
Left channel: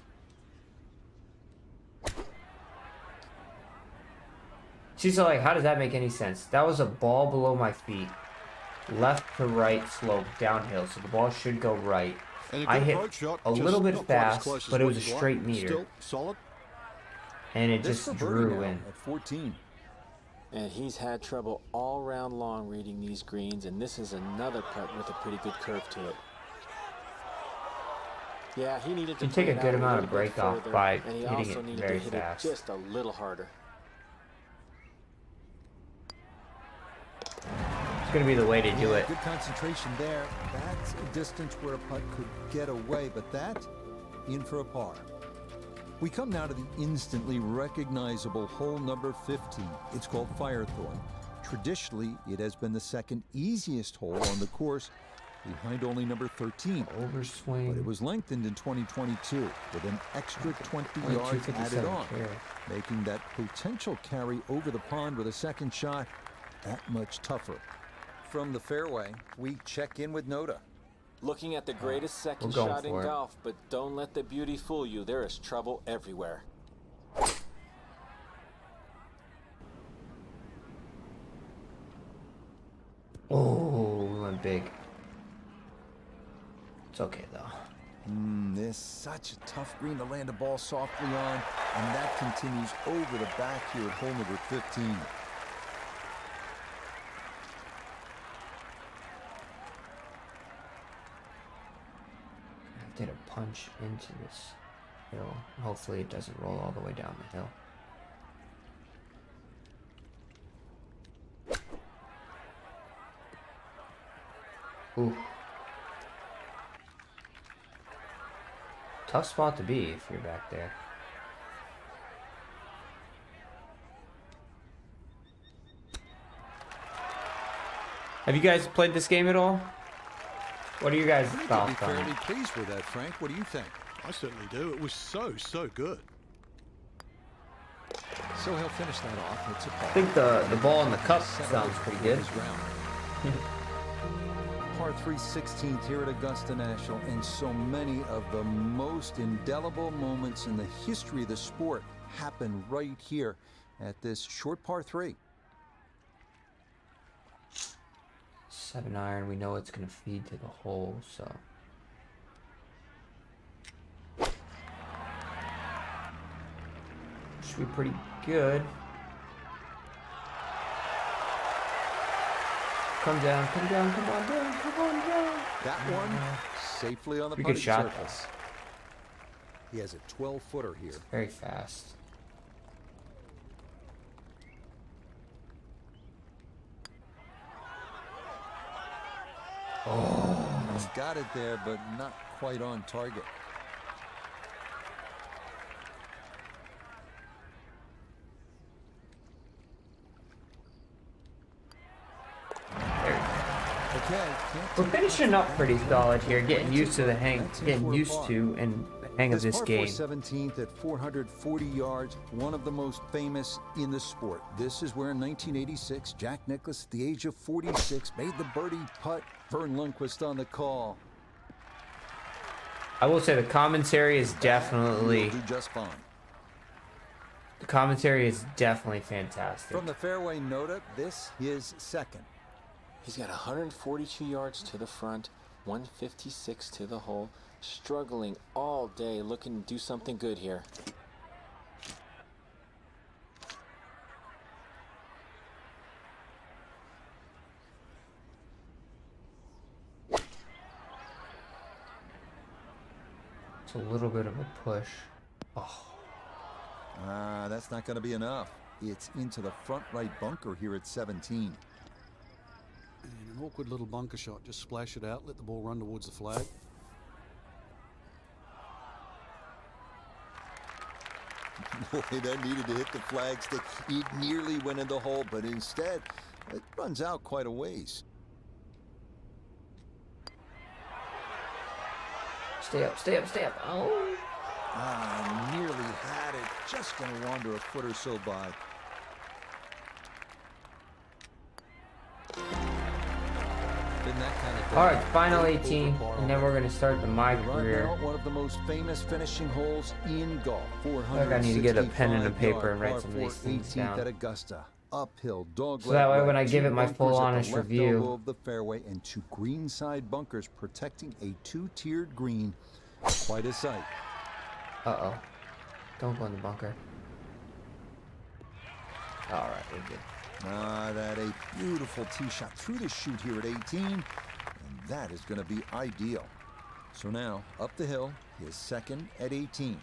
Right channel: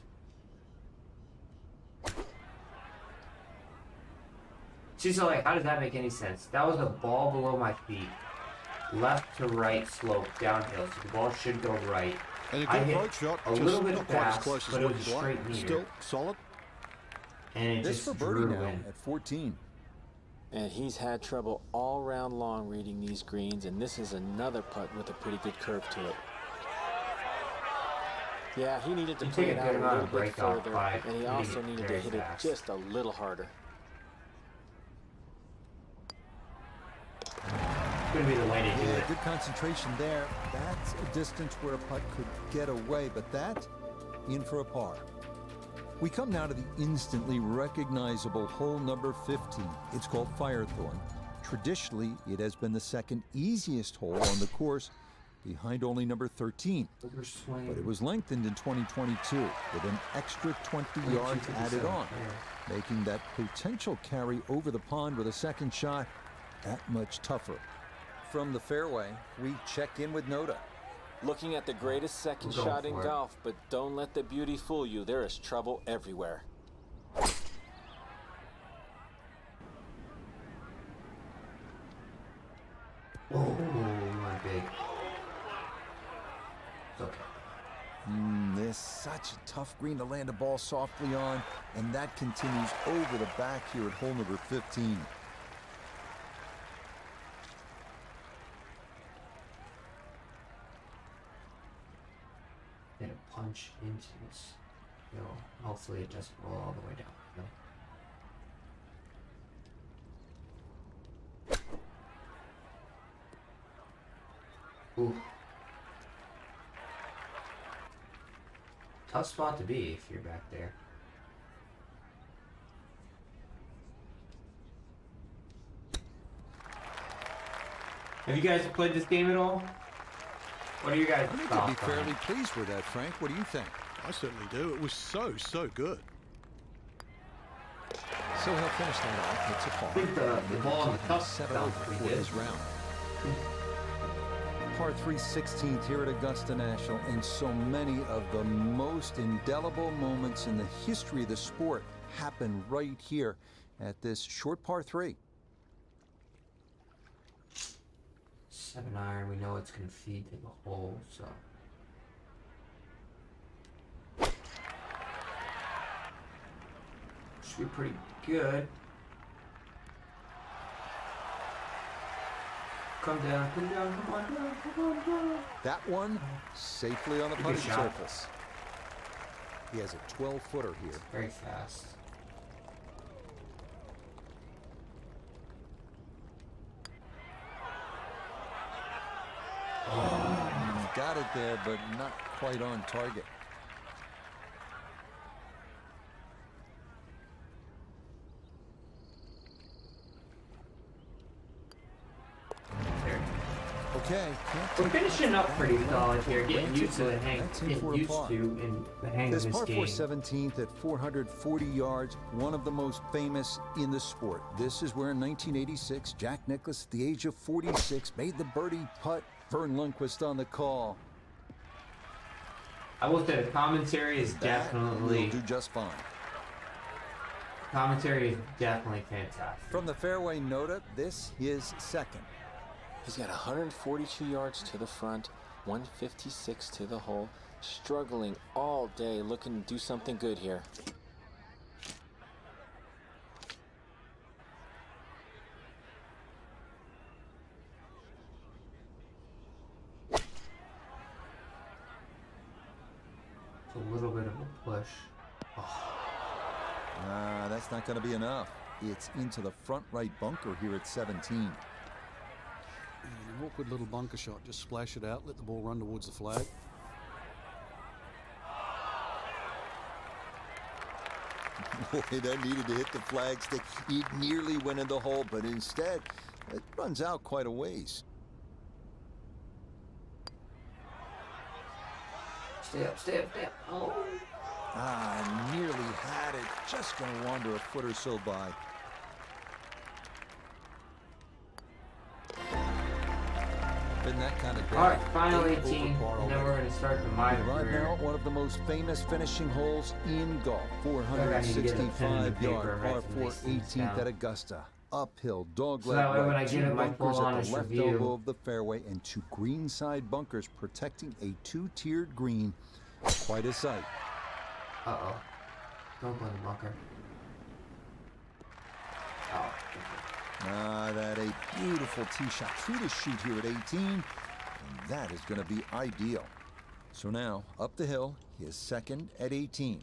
See, so like, how does that make any sense? That was a ball below my feet, left to right slope downhill, so the ball should go right. And a good approach shot, a little bit fast, but it was a straight meter. Still solid. And it this just for birdie drew now in. at 14. And he's had trouble all round long reading these greens, and this is another putt with a pretty good curve to it. Yeah, he needed to play it out a little bit further, and he also needed to hit it just a little harder. It's going to be the way to do it. Good concentration there. That's a distance where a putt could get away, but that in for a par. We come now to the instantly recognizable hole number 15. It's called Firethorn. Traditionally, it has been the second easiest hole on the course, behind only number 13. Overswing. But it was lengthened in 2022 with an extra 20 yards added on, making that potential carry over the pond with a second shot that much tougher. From the fairway, we check in with Noda. Looking at the greatest second shot in golf, but don't let the beauty fool you. There is trouble everywhere. Oh, went big. It's okay though. This such a tough green to land a ball softly on, and that continues over the back here at hole number 15. Did a punch into this hill. Hopefully it doesn't roll all the way down the hill. Ooh. Tough spot to be if you're back there. Have you guys played this game at all? What are you guys' I think you'd be fairly pleased with that, Frank. What do you think? I certainly do. It was so good. So he'll finish that off. It's a par. I think the ball on the cup sounds pretty good. His round. Par 3 16th here at Augusta National, and so many of the most indelible moments in the history of the sport happen right here at this short par 3. 7-iron, we know it's going to feed to the hole, so. Should be pretty good. Come down, come down, come on down, come on down. That one safely on the putting surface. He has a 12-footer here. Very fast. Oh, he's got it there, but not quite on target. Okay, we're finishing up pretty solid here, getting used to the hang of this par game. 4 17th at 440 yards, one of the most famous in the sport. This is where in 1986, Jack Nicklaus, at the age of 46, made the birdie putt. Vern Lundquist on the call. I will say the commentary is definitely... He'll do just fine. The commentary is definitely fantastic. From the fairway, Noda, this is second. He's got 142 yards to the front, 156 to the hole, struggling all day, looking to do something good here. It's a little bit of a push. Oh. That's not going to be enough. It's into the front right bunker here at 17. And an awkward little bunker shot. Just splash it out, let the ball run towards the flag. Boy, that needed to hit the flagstick. It nearly went in the hole, but instead, it runs out quite a ways. Stay up, stay up, stay up. Oh. Nearly had it. Just going to wander a foot or so by. Been that kind of day. All right, final 18, and then we're going to start the my right career. now, one of the most famous finishing holes in golf. 465 yard par 4 18th at Augusta. uphill dogleg. So that way when I give it my full honest review, at the left elbow of the fairway and 2 greenside bunkers protecting a 2-tiered green. Quite a sight. Uh-oh. Don't go in the bunker. All right, we're good. That a beautiful tee shot. 3 to shoot here at 18, and that is going to be ideal. So now, up the hill, his second at 18.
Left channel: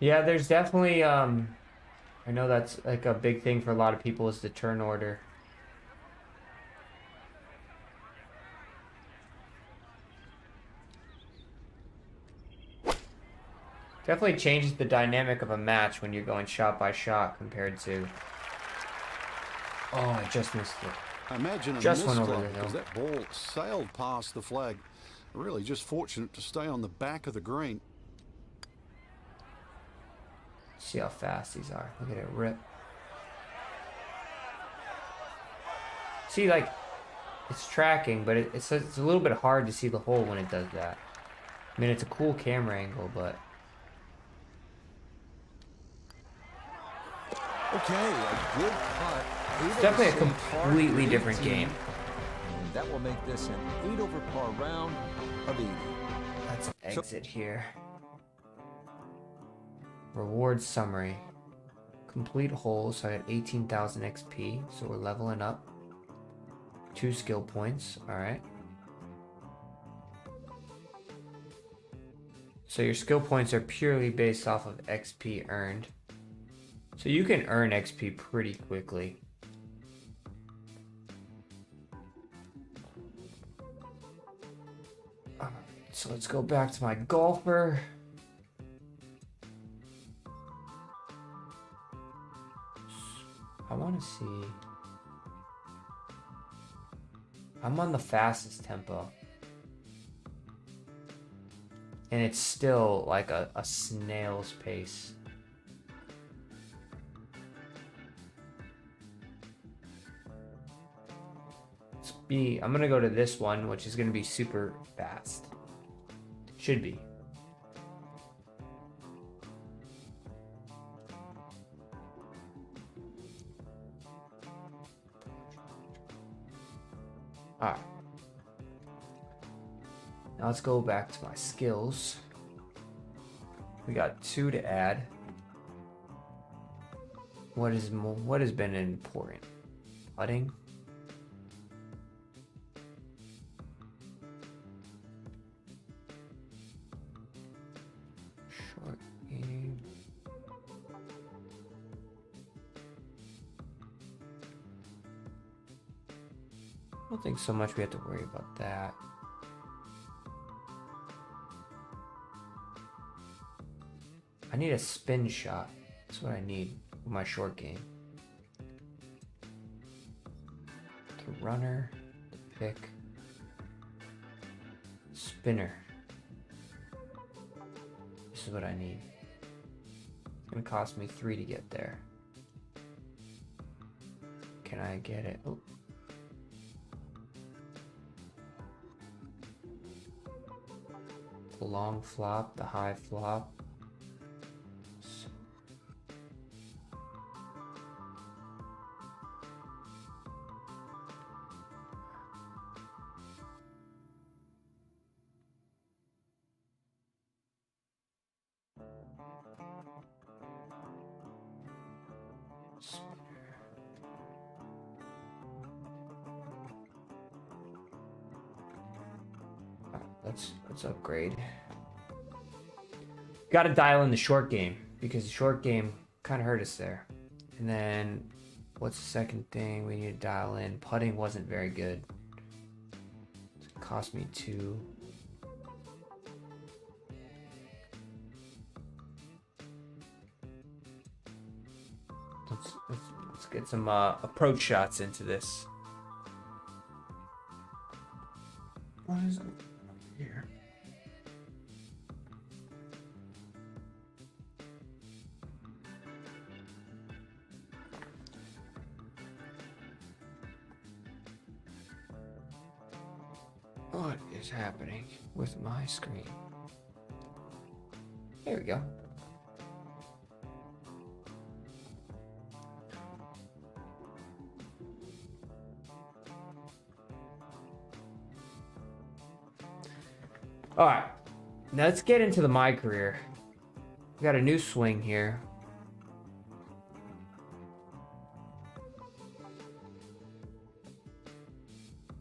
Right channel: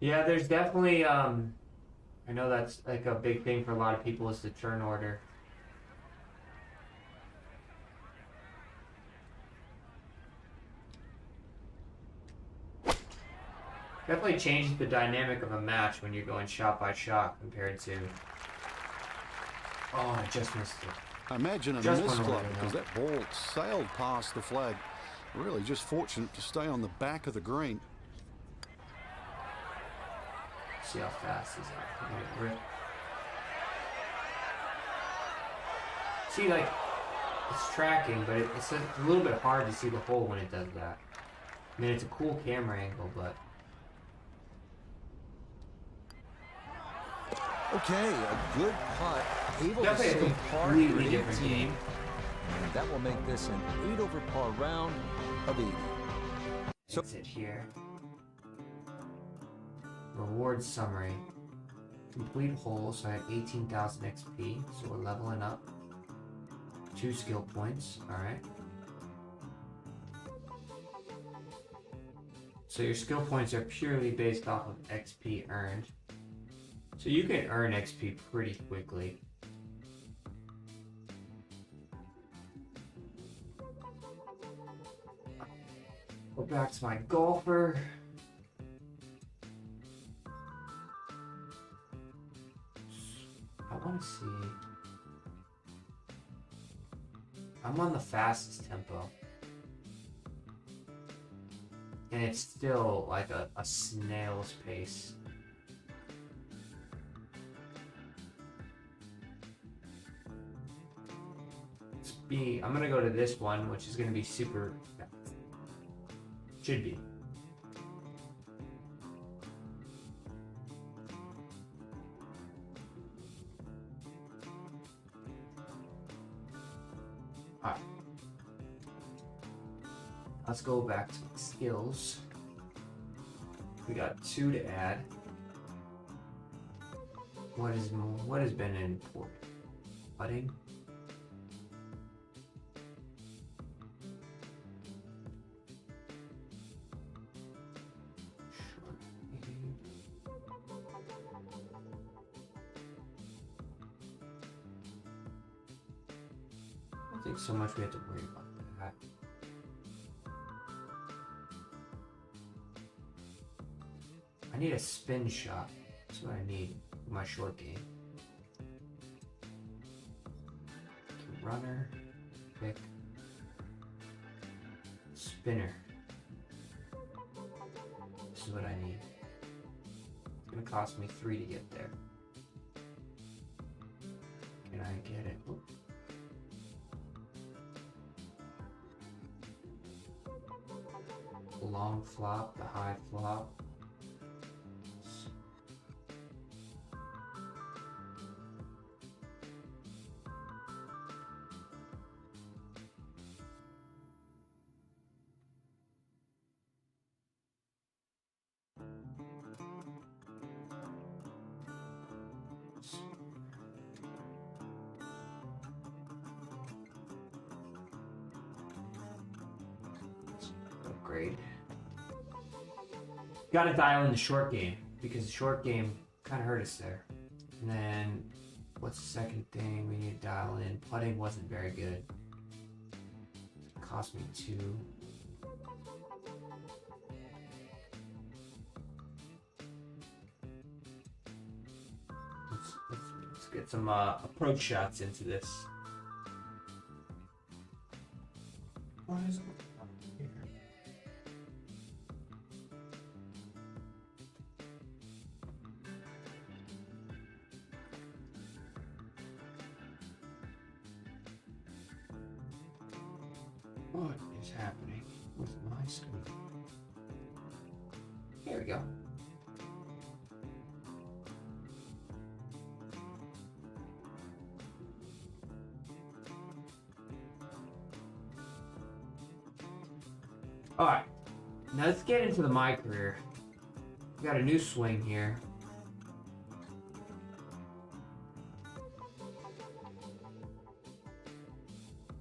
Yeah, there's definitely, I know that's like a big thing for a lot of people is the turn order. Definitely changes the dynamic of a match when you're going shot by shot compared to... Oh, I just missed it. Imagine a miss club because that ball sailed past the flag. Really just fortunate to stay on the back of the green. See how fast these are. Look at it rip. See, like, it's tracking, but it's a little bit hard to see the hole when it does that. I mean, it's a cool camera angle, but... Okay, a good putt. Able Definitely to a completely different game. And that will make this an 8 over par round of 80. Let's exit here. Reward summary. Complete hole, so I had 18,000 XP, so we're leveling up. 2 skill points, alright. So your skill points are purely based off of XP earned. So you can earn XP pretty quickly. So let's go back to my golfer. I want to see. I'm on the fastest tempo. And it's still like a snail's pace. I'm gonna go to this one, which is gonna be super fast. Should be. Alright. Now let's go back to my skills. We got 2 to add. What has been important? Putting. I don't think so much we have to worry about that. I need a spin shot. That's what I need for my short game. The runner, pick, spinner. This is what I need. It's gonna cost me 3 to get there. Can I get it? Oh. Long flop, the high flop. Let's upgrade. Got to dial in the short game because the short game kind of hurt us there. And then what's the second thing we need to dial in? Putting wasn't very good. It cost me 2. Let's get some approach shots into this. What is it? Here. What is happening with my screen? There we go. Alright, now let's get into my career. We got a new swing here.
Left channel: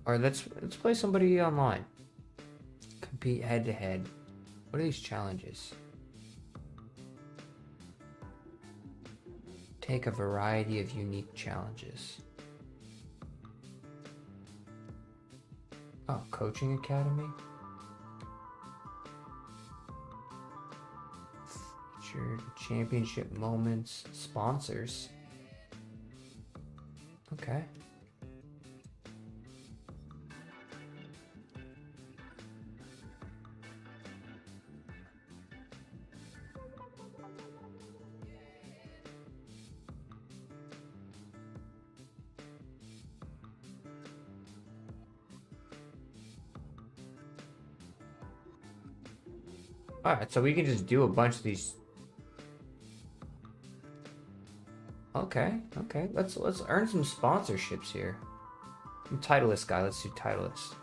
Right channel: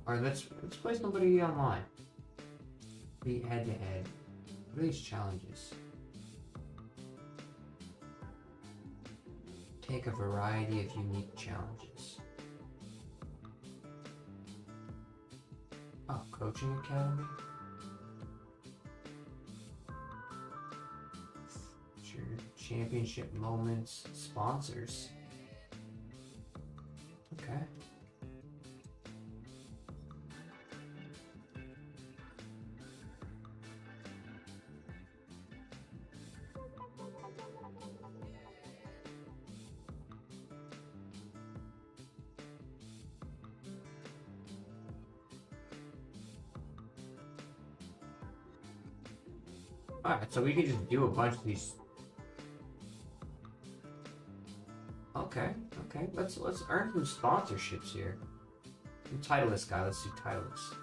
Alright, let's play somebody online. Compete head to head. What are these challenges? Take a variety of unique challenges. Oh, coaching academy? Featured championship moments, sponsors. Okay. Alright, so we can just do a bunch of these. Okay. Let's earn some sponsorships here. Titleist guy, let's do Titleist.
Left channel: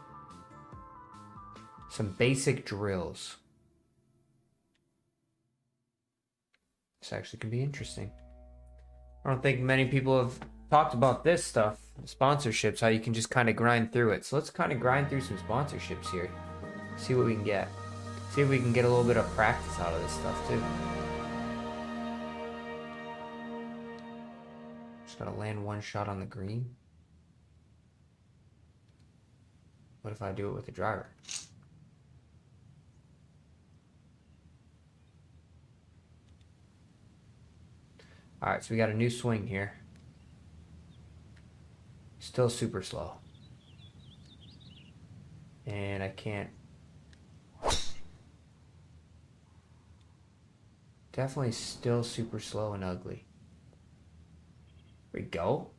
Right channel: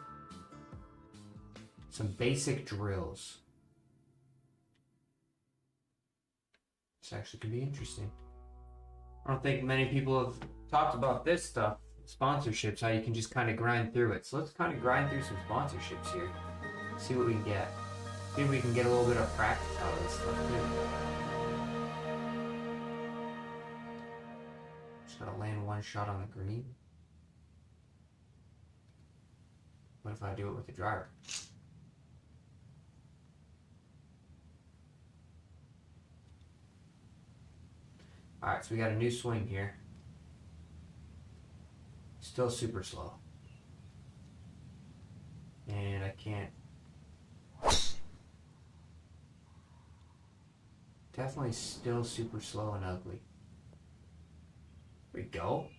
Some basic drills. This actually could be interesting. I don't think many people have talked about this stuff. Sponsorships, how you can just kind of grind through it. So let's kind of grind through some sponsorships here. See what we can get. See if we can get a little bit of practice out of this stuff too. Just gotta land one shot on the green. What if I do it with the driver? Alright, so we got a new swing here. Still super slow. And I can't. Definitely still super slow and ugly. There we go.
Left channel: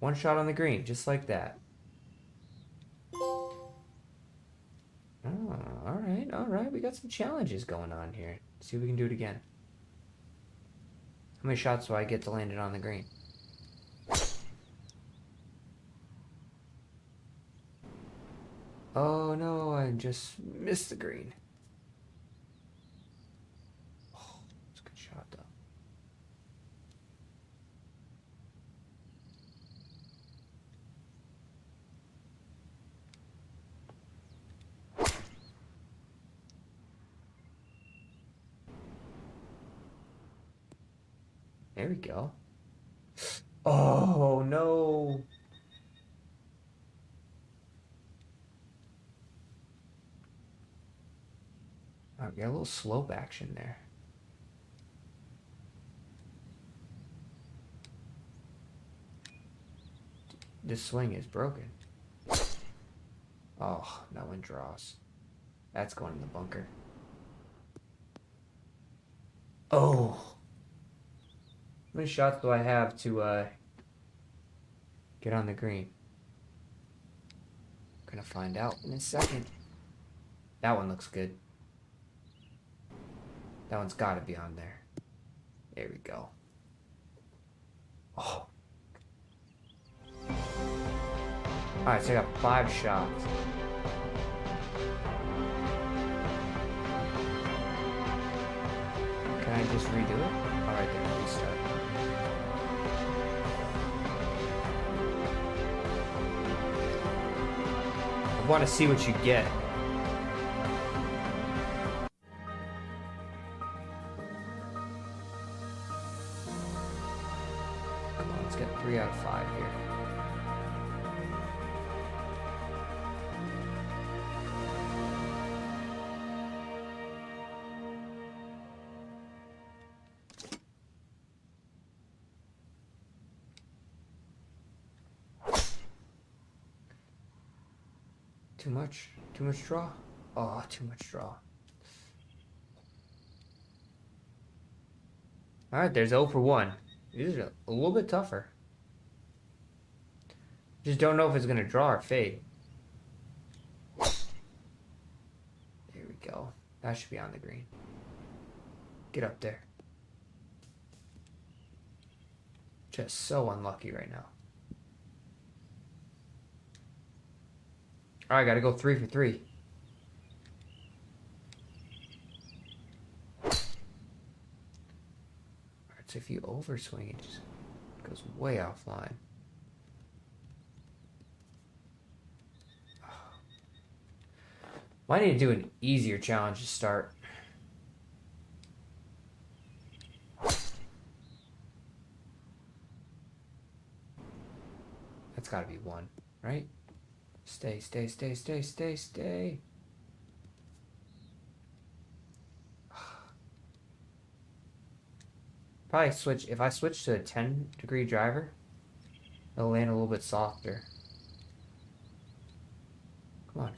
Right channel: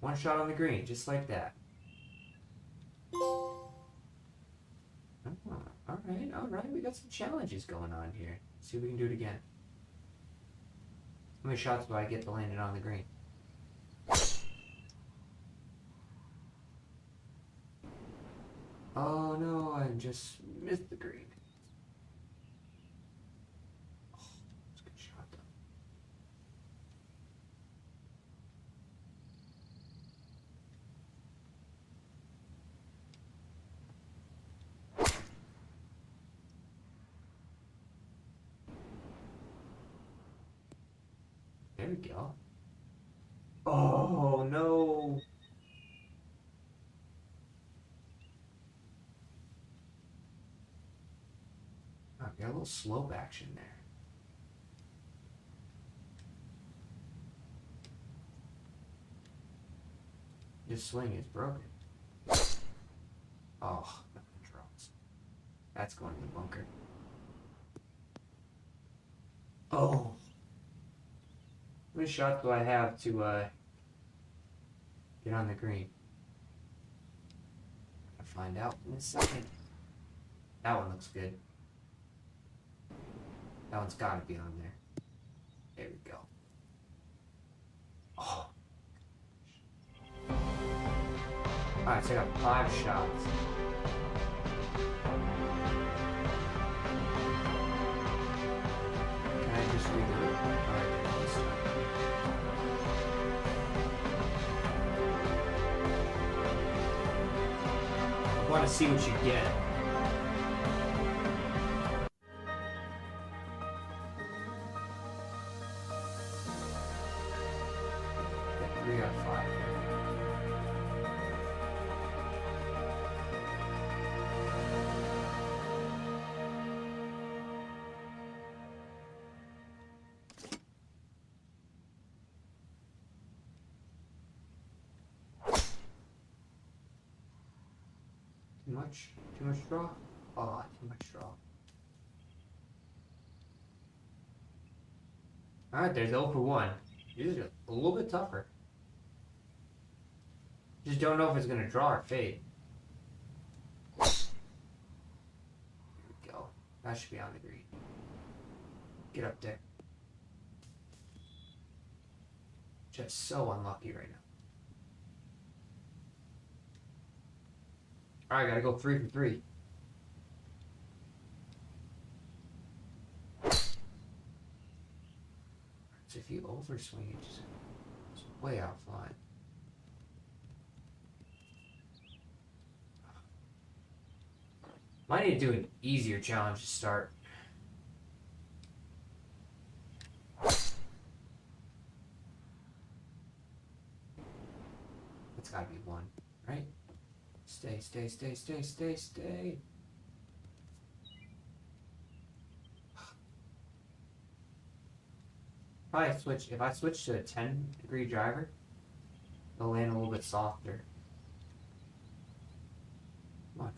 One shot on the green, just like that. Oh, alright. We got some challenges going on here. Let's see if we can do it again. How many shots do I get to land it on the green? Oh no, I just missed the green. There we go. Oh no. Oh, we got a little slope action there. This swing is broken. Oh, that one draws. That's going in the bunker. Oh. How many shots do I have to get on the green? I'm gonna find out in a second. That one looks good. That one's gotta be on there. There we go. Oh. Alright, so I got 5 shots. Can I just redo it? Alright, there, let's start. I want to see what you get. Let's get 3 out of 5 here. Too much draw? Oh, too much draw. Alright, there's 0 for 1. These are a little bit tougher. Just don't know if it's going to draw or fade. That should be on the green. Get up there. Just so unlucky right now. Alright, gotta go 3 for 3. Alright, so if you overswing, it just goes way offline. Might need to do an easier challenge to start. That's gotta be 1, right? Stay, stay, stay, stay, stay, stay. Probably switch, if I switch to a 10-degree driver, it'll land a little bit softer. Come on.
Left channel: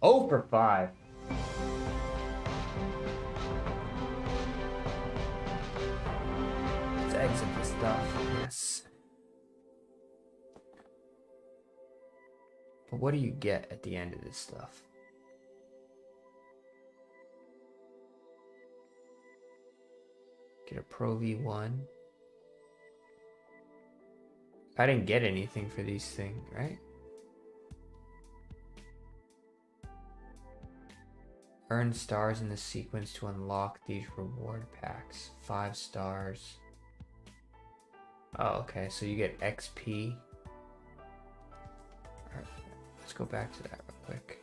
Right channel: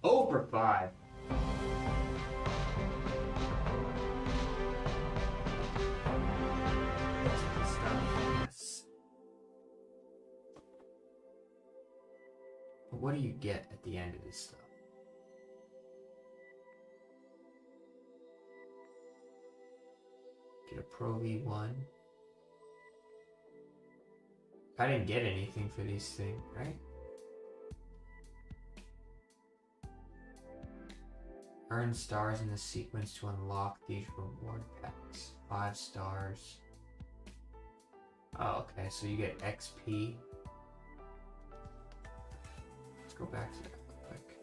Oh for 5. Let's exit this stuff. Yes. But what do you get at the end of this stuff? Get a Pro V1. I didn't get anything for these things, right? Earn stars in the sequence to unlock these reward packs. 5 stars. Oh, okay, so you get XP. Alright, let's go back to that real quick.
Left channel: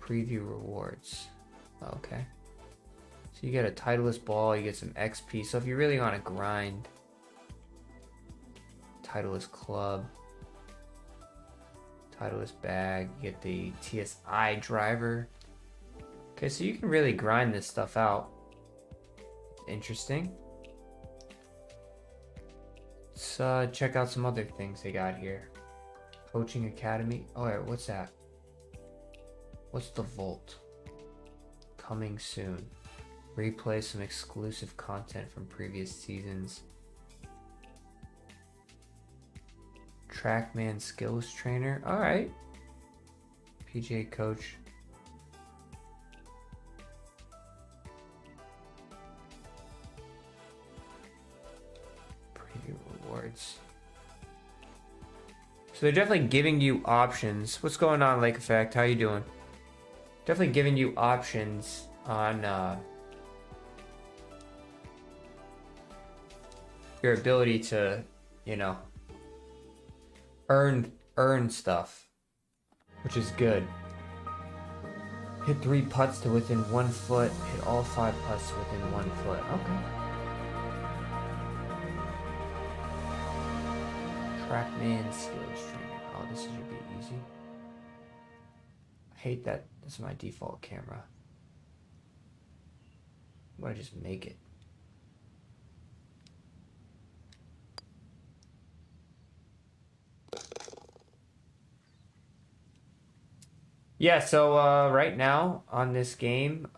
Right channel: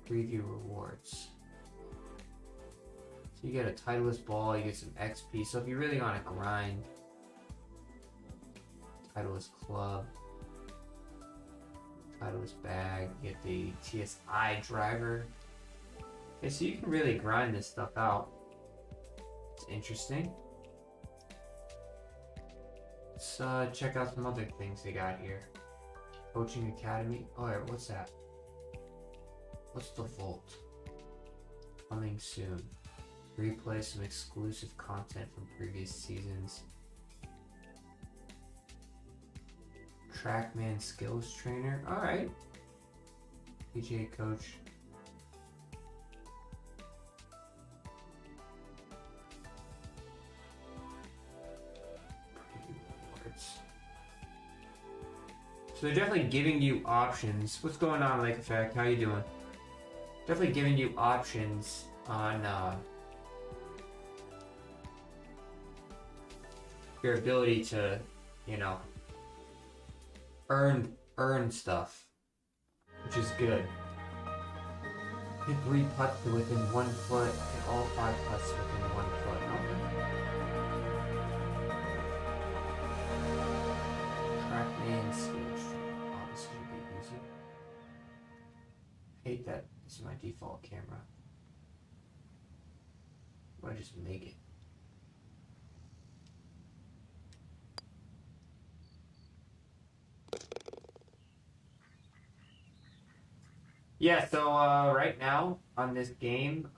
Preview rewards. Okay. So you get a Titleist ball, you get some XP. So if you really want to grind, Titleist club, Titleist bag, you get the TSI driver. Okay, so you can really grind this stuff out. It's interesting. Let's check out some other things they got here. Coaching Academy. Oh, wait, what's that? What's the Vault? Coming soon. Replay some exclusive content from previous seasons. Trackman Skills Trainer. Alright. PGA Coach. Preview rewards. So they're definitely giving you options. What's going on, Lake Effect? How you doing? Definitely giving you options on your ability to, you know, earn stuff, which is good. Hit 3 putts to within 1 foot. Hit all 5 putts within 1 foot. Okay. Trackman Skills Training. Oh, this should be easy. I hate that this is my default camera. Why just make it? Yeah, so right now on this game,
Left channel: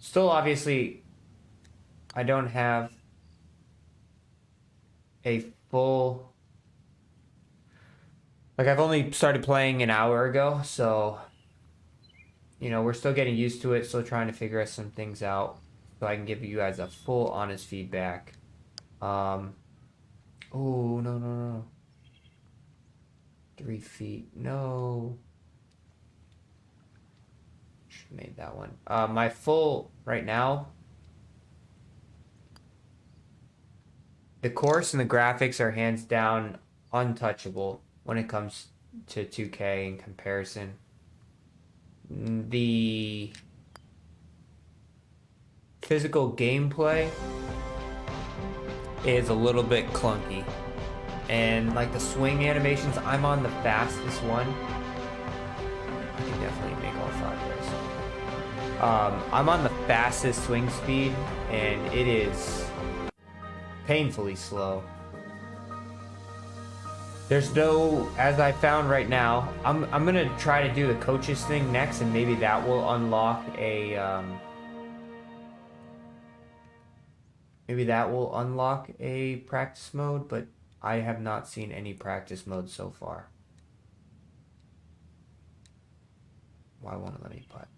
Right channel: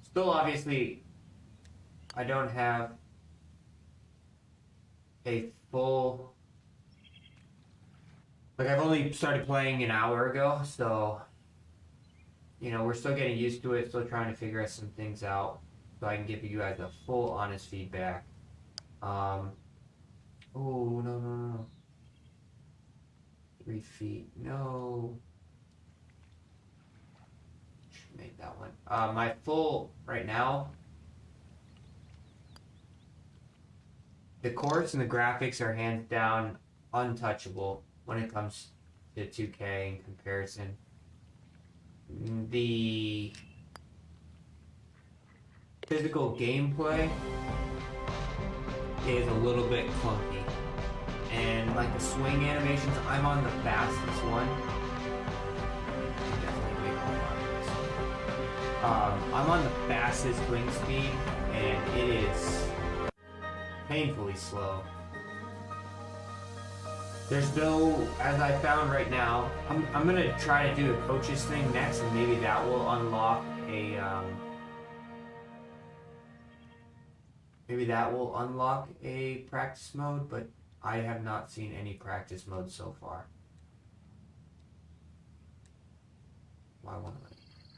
still obviously I don't have a full, like I've only started playing an hour ago, so you know, we're still getting used to it, still trying to figure some things out so I can give you guys a full honest feedback. Oh, no. 3 feet. No. Should have made that one. My full, right now, the course and the graphics are hands down untouchable when it comes to 2K in comparison. The physical gameplay is a little bit clunky. And like the swing animations, I'm on the fastest one. Definitely make all 5 of those. I'm on the fastest swing speed, and it is painfully slow. There's no, as I found right now, I'm gonna try to do the coaches thing next, and maybe that will unlock a Maybe that will unlock a practice mode, but I have not seen any practice mode so far. Why won't it let me putt?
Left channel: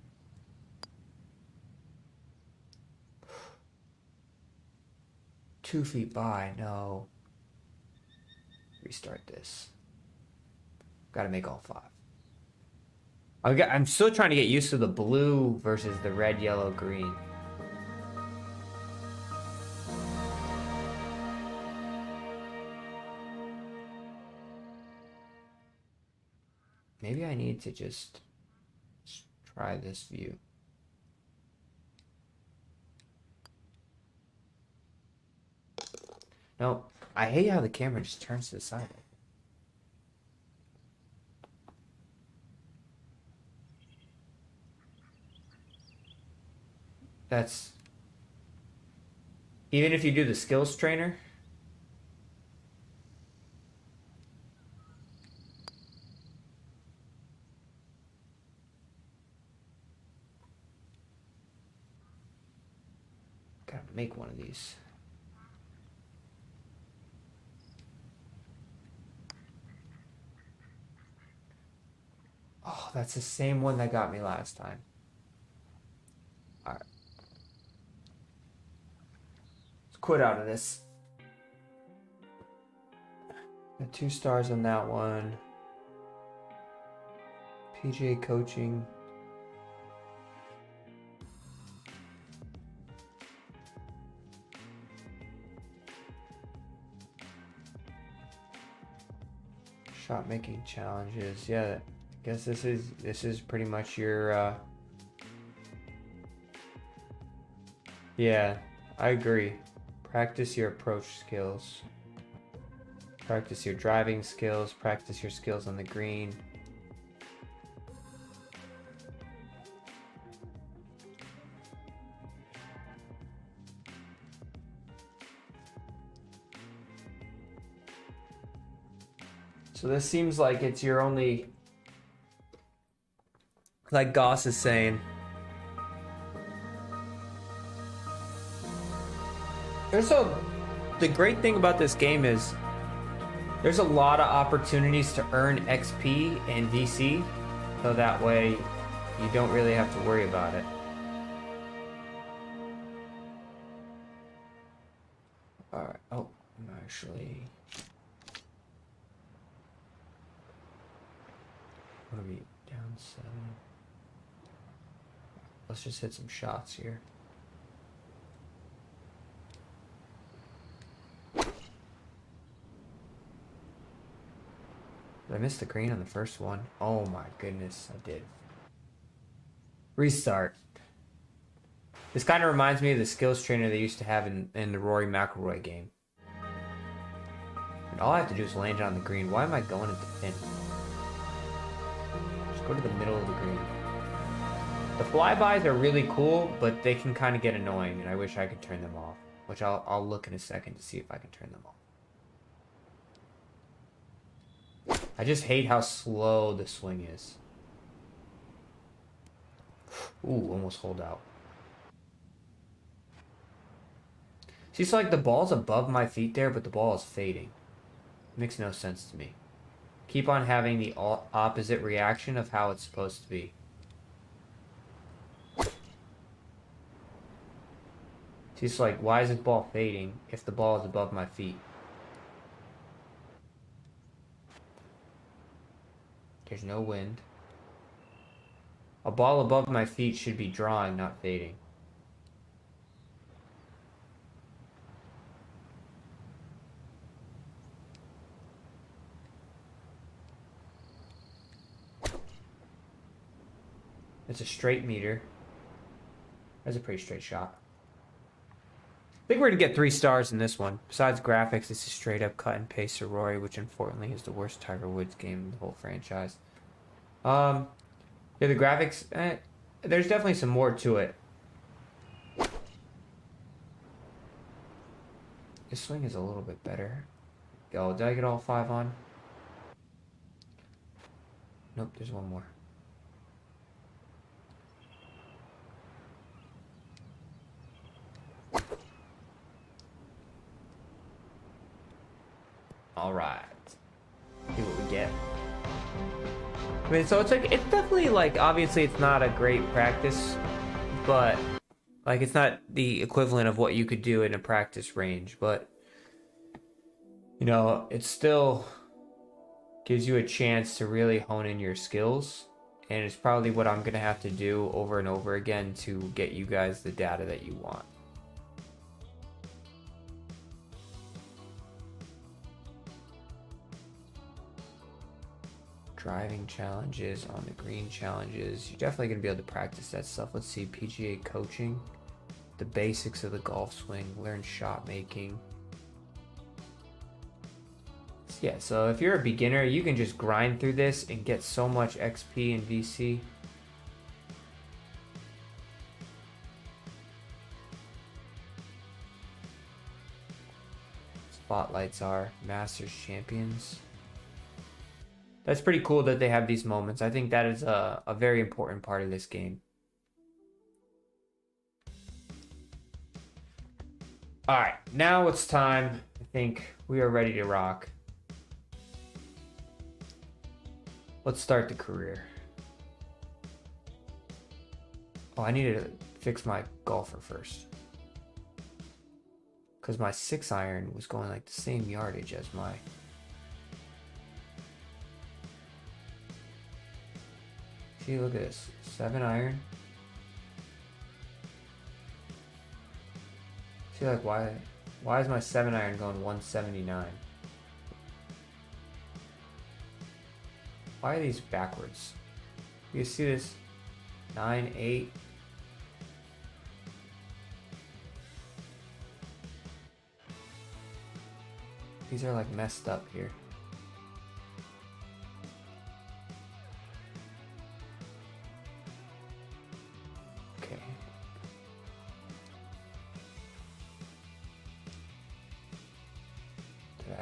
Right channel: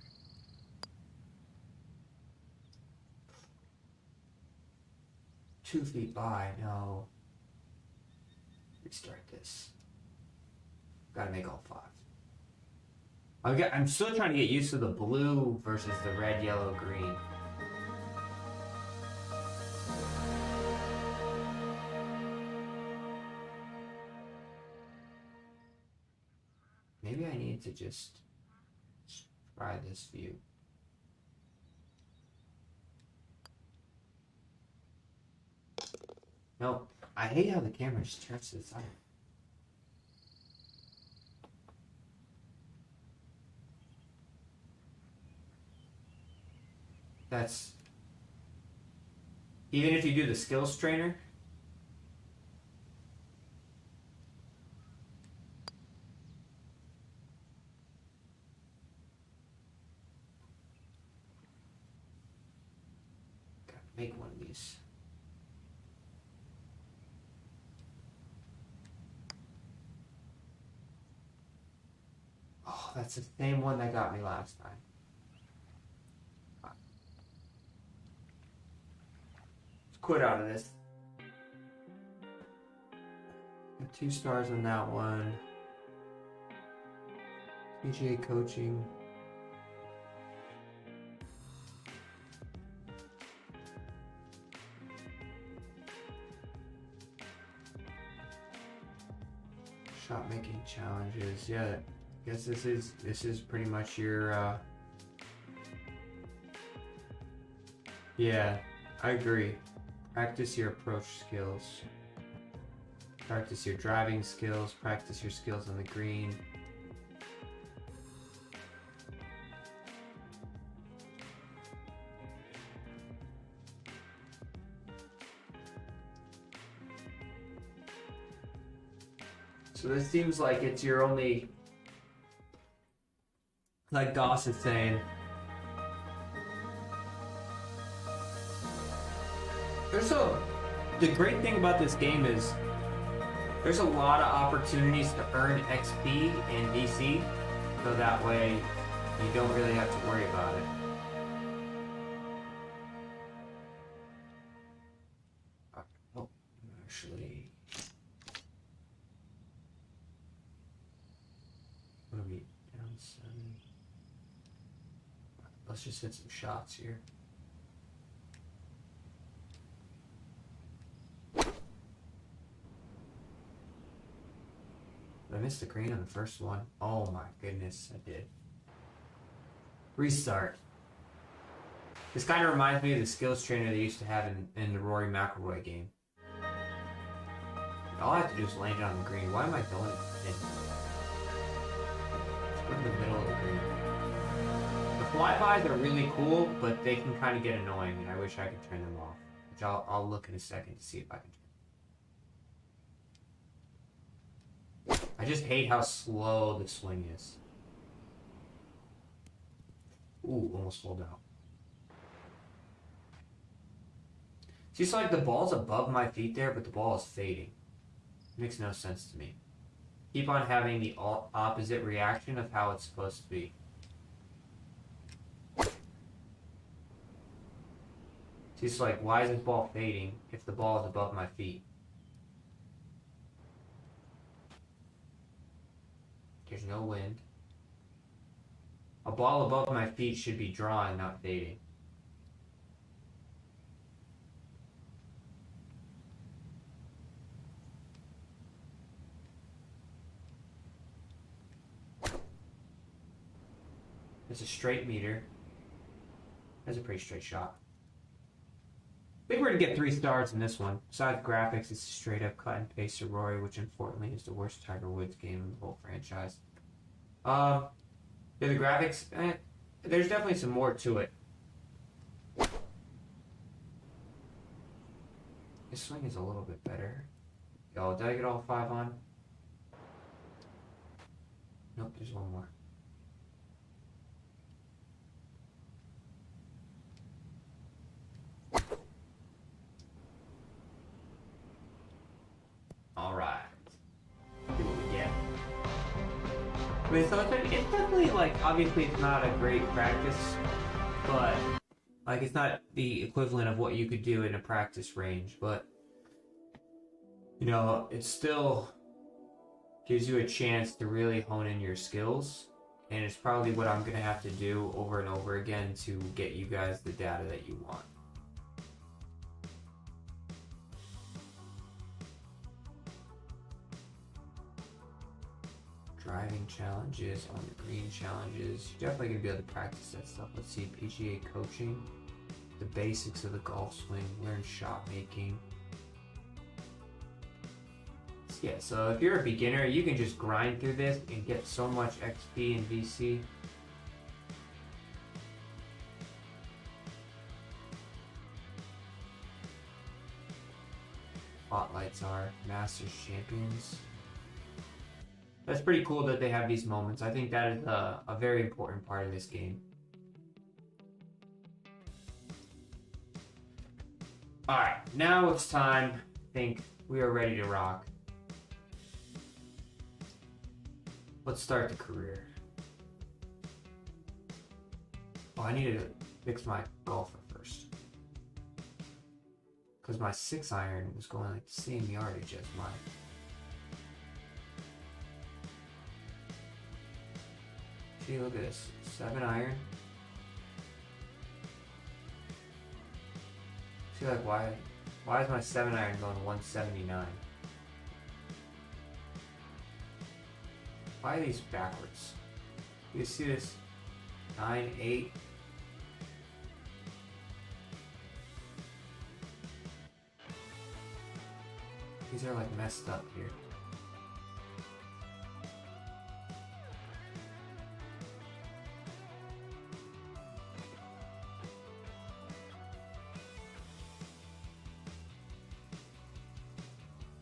Two feet by, no. Restart this. Gotta make all 5. I'm still trying to get used to the blue versus the red, yellow, green. Maybe I need to just try this view. No, I hate how the camera just turns to the side. That's... Even if you do the skills trainer... Gotta make one of these. Oh, that's the same one that got me last time. Alright. Let's quit out of this. Got 2 stars on that one. PGA coaching. Shot making challenges. Yeah, I guess this is pretty much your yeah, I agree. Practice your approach skills. Practice your driving skills, practice your skills on the green. So this seems like it's your only, like Goss is saying, the great thing about this game is there's a lot of opportunities to earn XP and VC, so that way you don't really have to worry about it. Alright, oh, I'm actually... What are we, down 7? Let's just hit some shots here. Did I miss the green on the first one? Oh my goodness, I did. Restart. This kind of reminds me of the skills trainer they used to have in the Rory McIlroy game. And all I have to do is land it on the green. Why am I going at the pin? Just go to the middle of the green. The flybys are really cool, but they can kind of get annoying, and I wish I could turn them off. Which I'll look in a second to see if I can turn them off. I just hate how slow the swing is. Ooh, almost hold out. See, it's like the ball's above my feet there, but the ball is fading. It makes no sense to me. Keep on having the opposite reaction of how it's supposed to be. See, it's like, why is this ball fading if the ball is above my feet? There's no wind. A ball above my feet should be drawing, not fading. It's a straight meter. That's a pretty straight shot. I think we're going to get 3 stars in this one. Besides graphics, it's a straight up cut and paste to Rory, which unfortunately is the worst Tiger Woods game in the whole franchise. Yeah, the graphics, there's definitely some more to it. This swing is a little bit better. Oh, did I get all 5 on? Nope, there's one more. I mean, so it's like, it's definitely like, obviously it's not a great practice, but like it's not the equivalent of what you could do in a practice range, but you know, it still gives you a chance to really hone in your skills, and it's probably what I'm gonna have to do over and over again to get you guys the data that you want. Driving challenges, on the green challenges. You're definitely going to be able to practice that stuff. Let's see, PGA coaching, the basics of the golf swing, learn shot making. Yeah, so if you're a beginner, you can just grind through this and get so much XP and VC. Spotlights are Masters champions. That's pretty cool that they have these moments. I think that is a very important part of this game. Alright, now it's time. I think we are ready to rock. Let's start the career. Oh, I need to fix my golfer first. Because my 6-iron was going like the same yardage as my... See, look at this. 7-iron. See, like, why is my 7-iron going 179? Why are these backwards? You see this? 9, 8. These are like messed up here.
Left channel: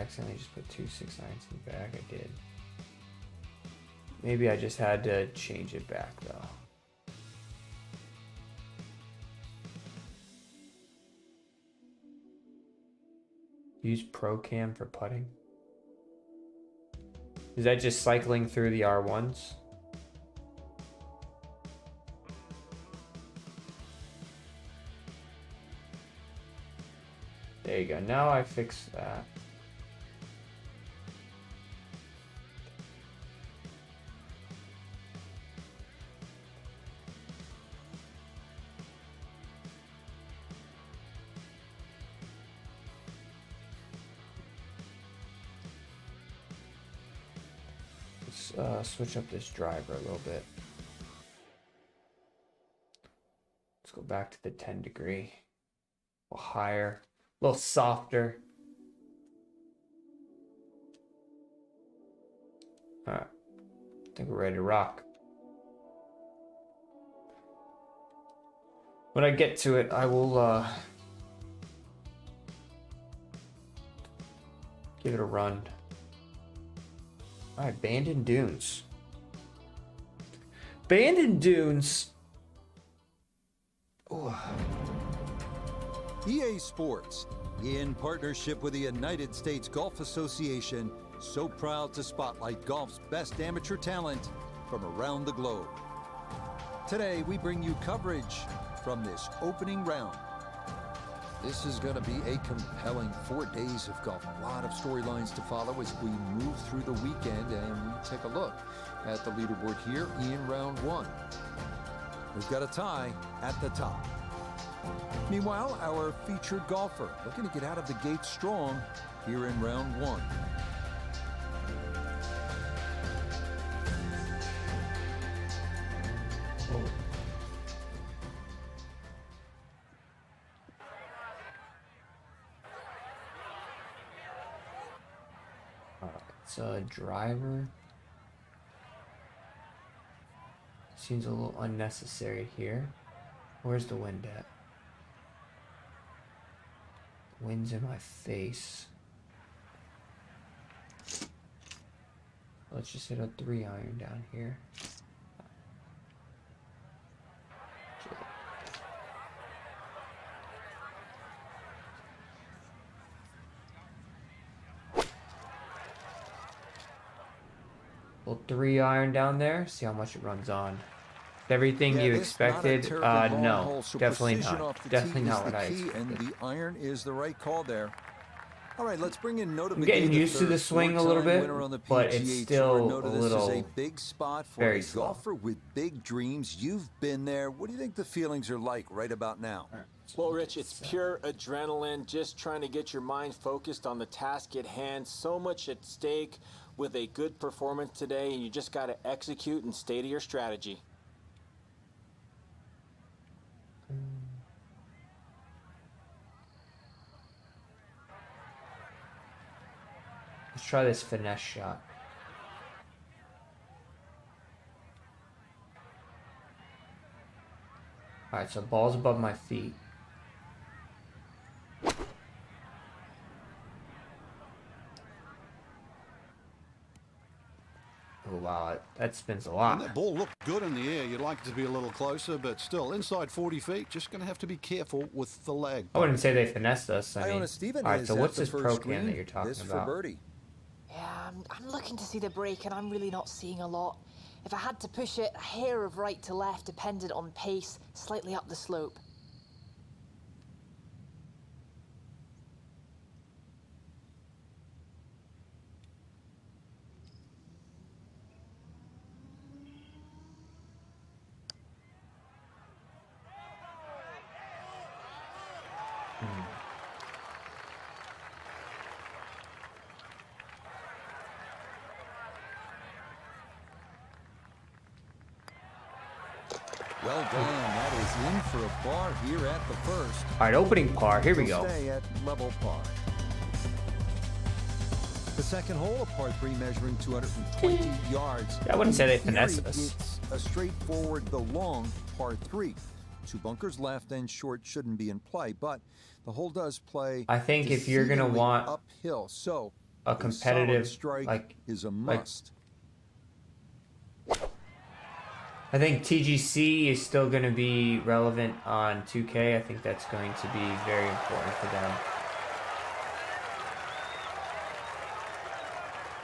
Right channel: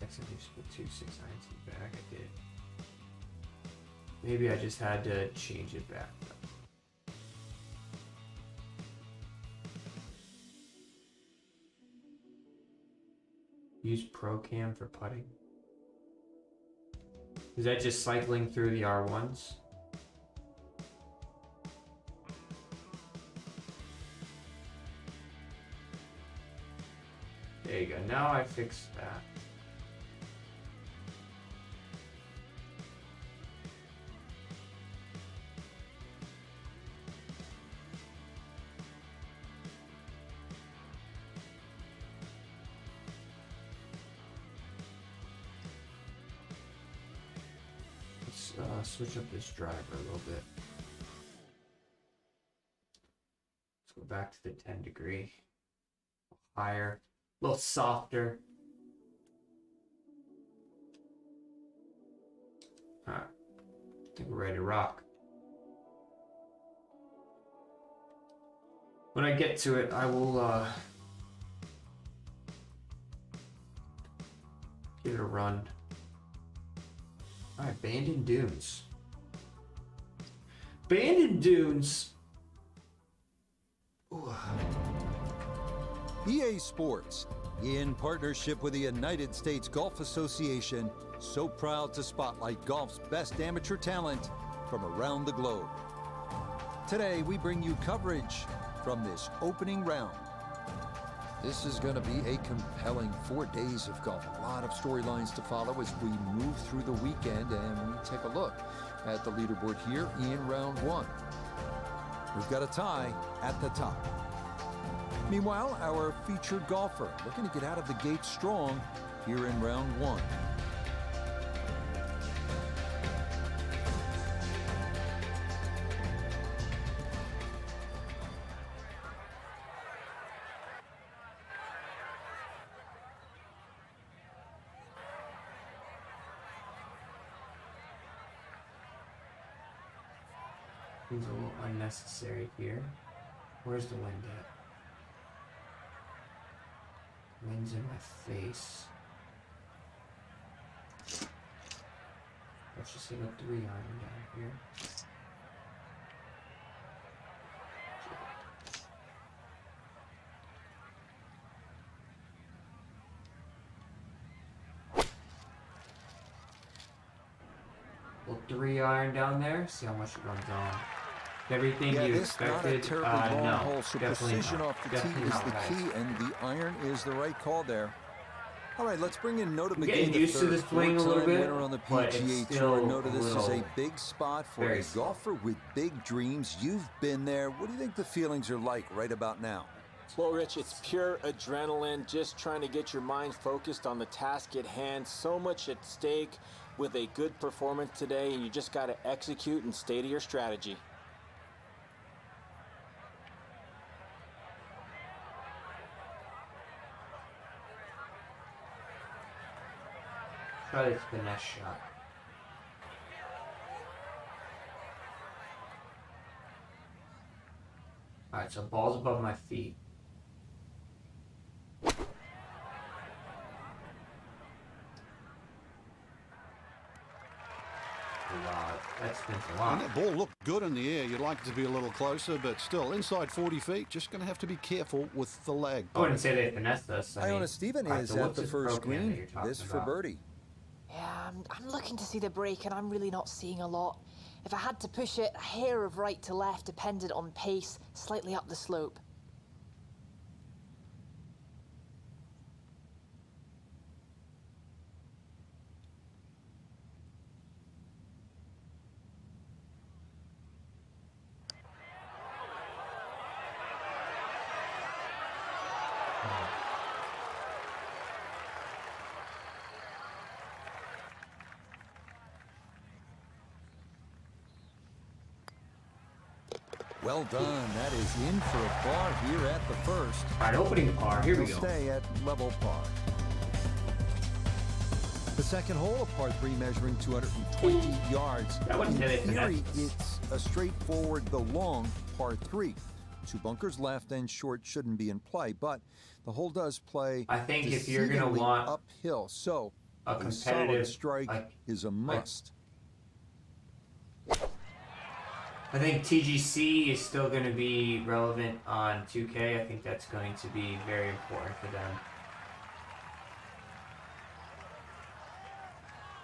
Accidentally just put 2 6-irons in the bag. I did. Maybe I just had to change it back though. Use Pro Cam for putting. Is that just cycling through the R1s? There you go. Now I fixed that. Switch up this driver a little bit. Let's go back to the 10 degree. A little higher, a little softer. Alright, I think we're ready to rock. When I get to it, I will give it a run. Alright, Abandoned Dunes. Abandoned Dunes. Ooh. EA Sports, in partnership with the United States Golf Association, so proud to spotlight golf's best amateur talent from around the globe. Today, we bring you coverage from this opening round. This is going to be a compelling 4 days of golf. A lot of storylines to follow as we move through the weekend, and we take a look at the leaderboard here in round 1. We've got a tie at the top. Meanwhile, our featured golfer looking to get out of the gate strong here in round 1. Driver. Seems a little unnecessary here. Where's the wind at? Wind's in my face. Let's just hit a 3-iron down here. Little 3-iron down there. See how much it runs on. Everything you expected. Not a terribly long hole, so precision not. off the tee is the key, and the iron is the right call there. All right, let's bring in Nota Begay, the third four-time winner on the PGA Tour. Nota, this is a big spot for a golfer with big dreams. You've been there. What do you think the feelings are like right about now? Well, Rich, it's pure adrenaline, just trying to get your mind focused on the task at hand. So much at stake with a good performance today, and you just got to execute and stay to your strategy. Let's try this finesse shot. Alright, so ball's above my feet. Wow, that spins a lot. And that ball looked good in the air. You'd like it to be a little closer, but still, inside 40 feet, just going to have to be careful with the lag. I wouldn't say they finessed us. Iona Stephen is at the first green. This for birdie. Yeah, I'm looking to see the break, and I'm really not seeing a lot. If I had to push it, a hair of right to left depended on pace, slightly up the slope. Well done. That is in for a par here at the first. All right, opening par. Here we go. Stay at level par. The second hole, a par 3 measuring 220 yards. I wouldn't say they finessed us. It's a straightforward, the long par 3. 2 bunkers left and short shouldn't be in play, but the hole does play. I think if you're going to want uphill, so a competitive strike is a must. I think TGC is still going to be relevant on 2K. I think that's going to be very important for them.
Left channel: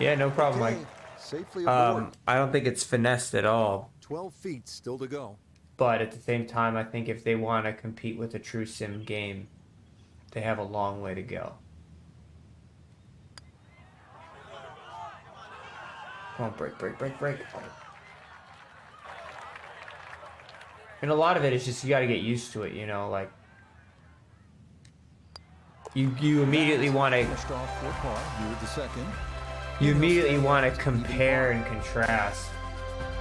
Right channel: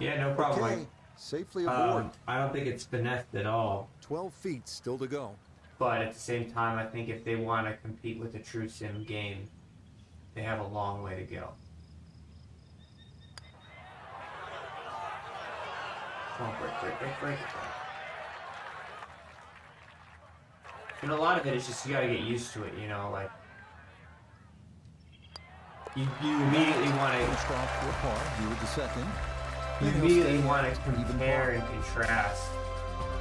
Yeah, no problem. Okay, safely aboard. I don't think it's finessed at all. 12 feet still to go. But at the same time, I think if they want to compete with a true sim game, they have a long way to go. Come on, break. And a lot of it is just you got to get used to it, you know, like you immediately want to finished off for par here with the second. You immediately want to compare and contrast.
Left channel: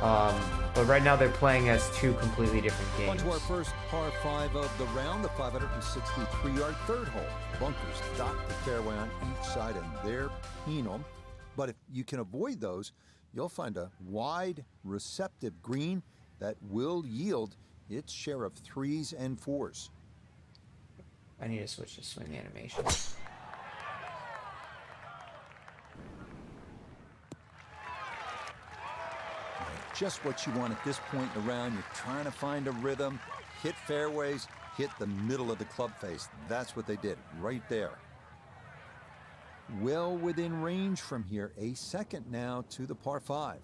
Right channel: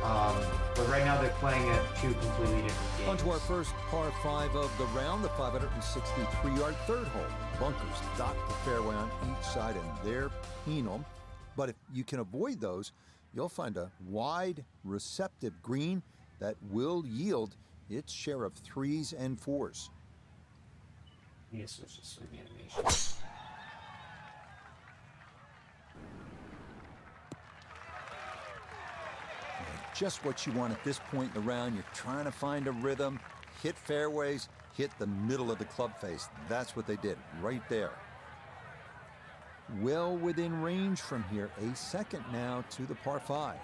But right now they're playing as two completely different games. On to our first par 5 of the round, the 563-yard third hole. Bunkers dot the fairway on each side, and they're penal. But if you can avoid those, you'll find a wide, receptive green that will yield its share of 3s and 4s. I need to switch to swing animation. Just what you want at this point in the round. You're trying to find a rhythm, hit fairways, hit the middle of the club face. That's what they did right there. Well within range from here. A second now to the par 5.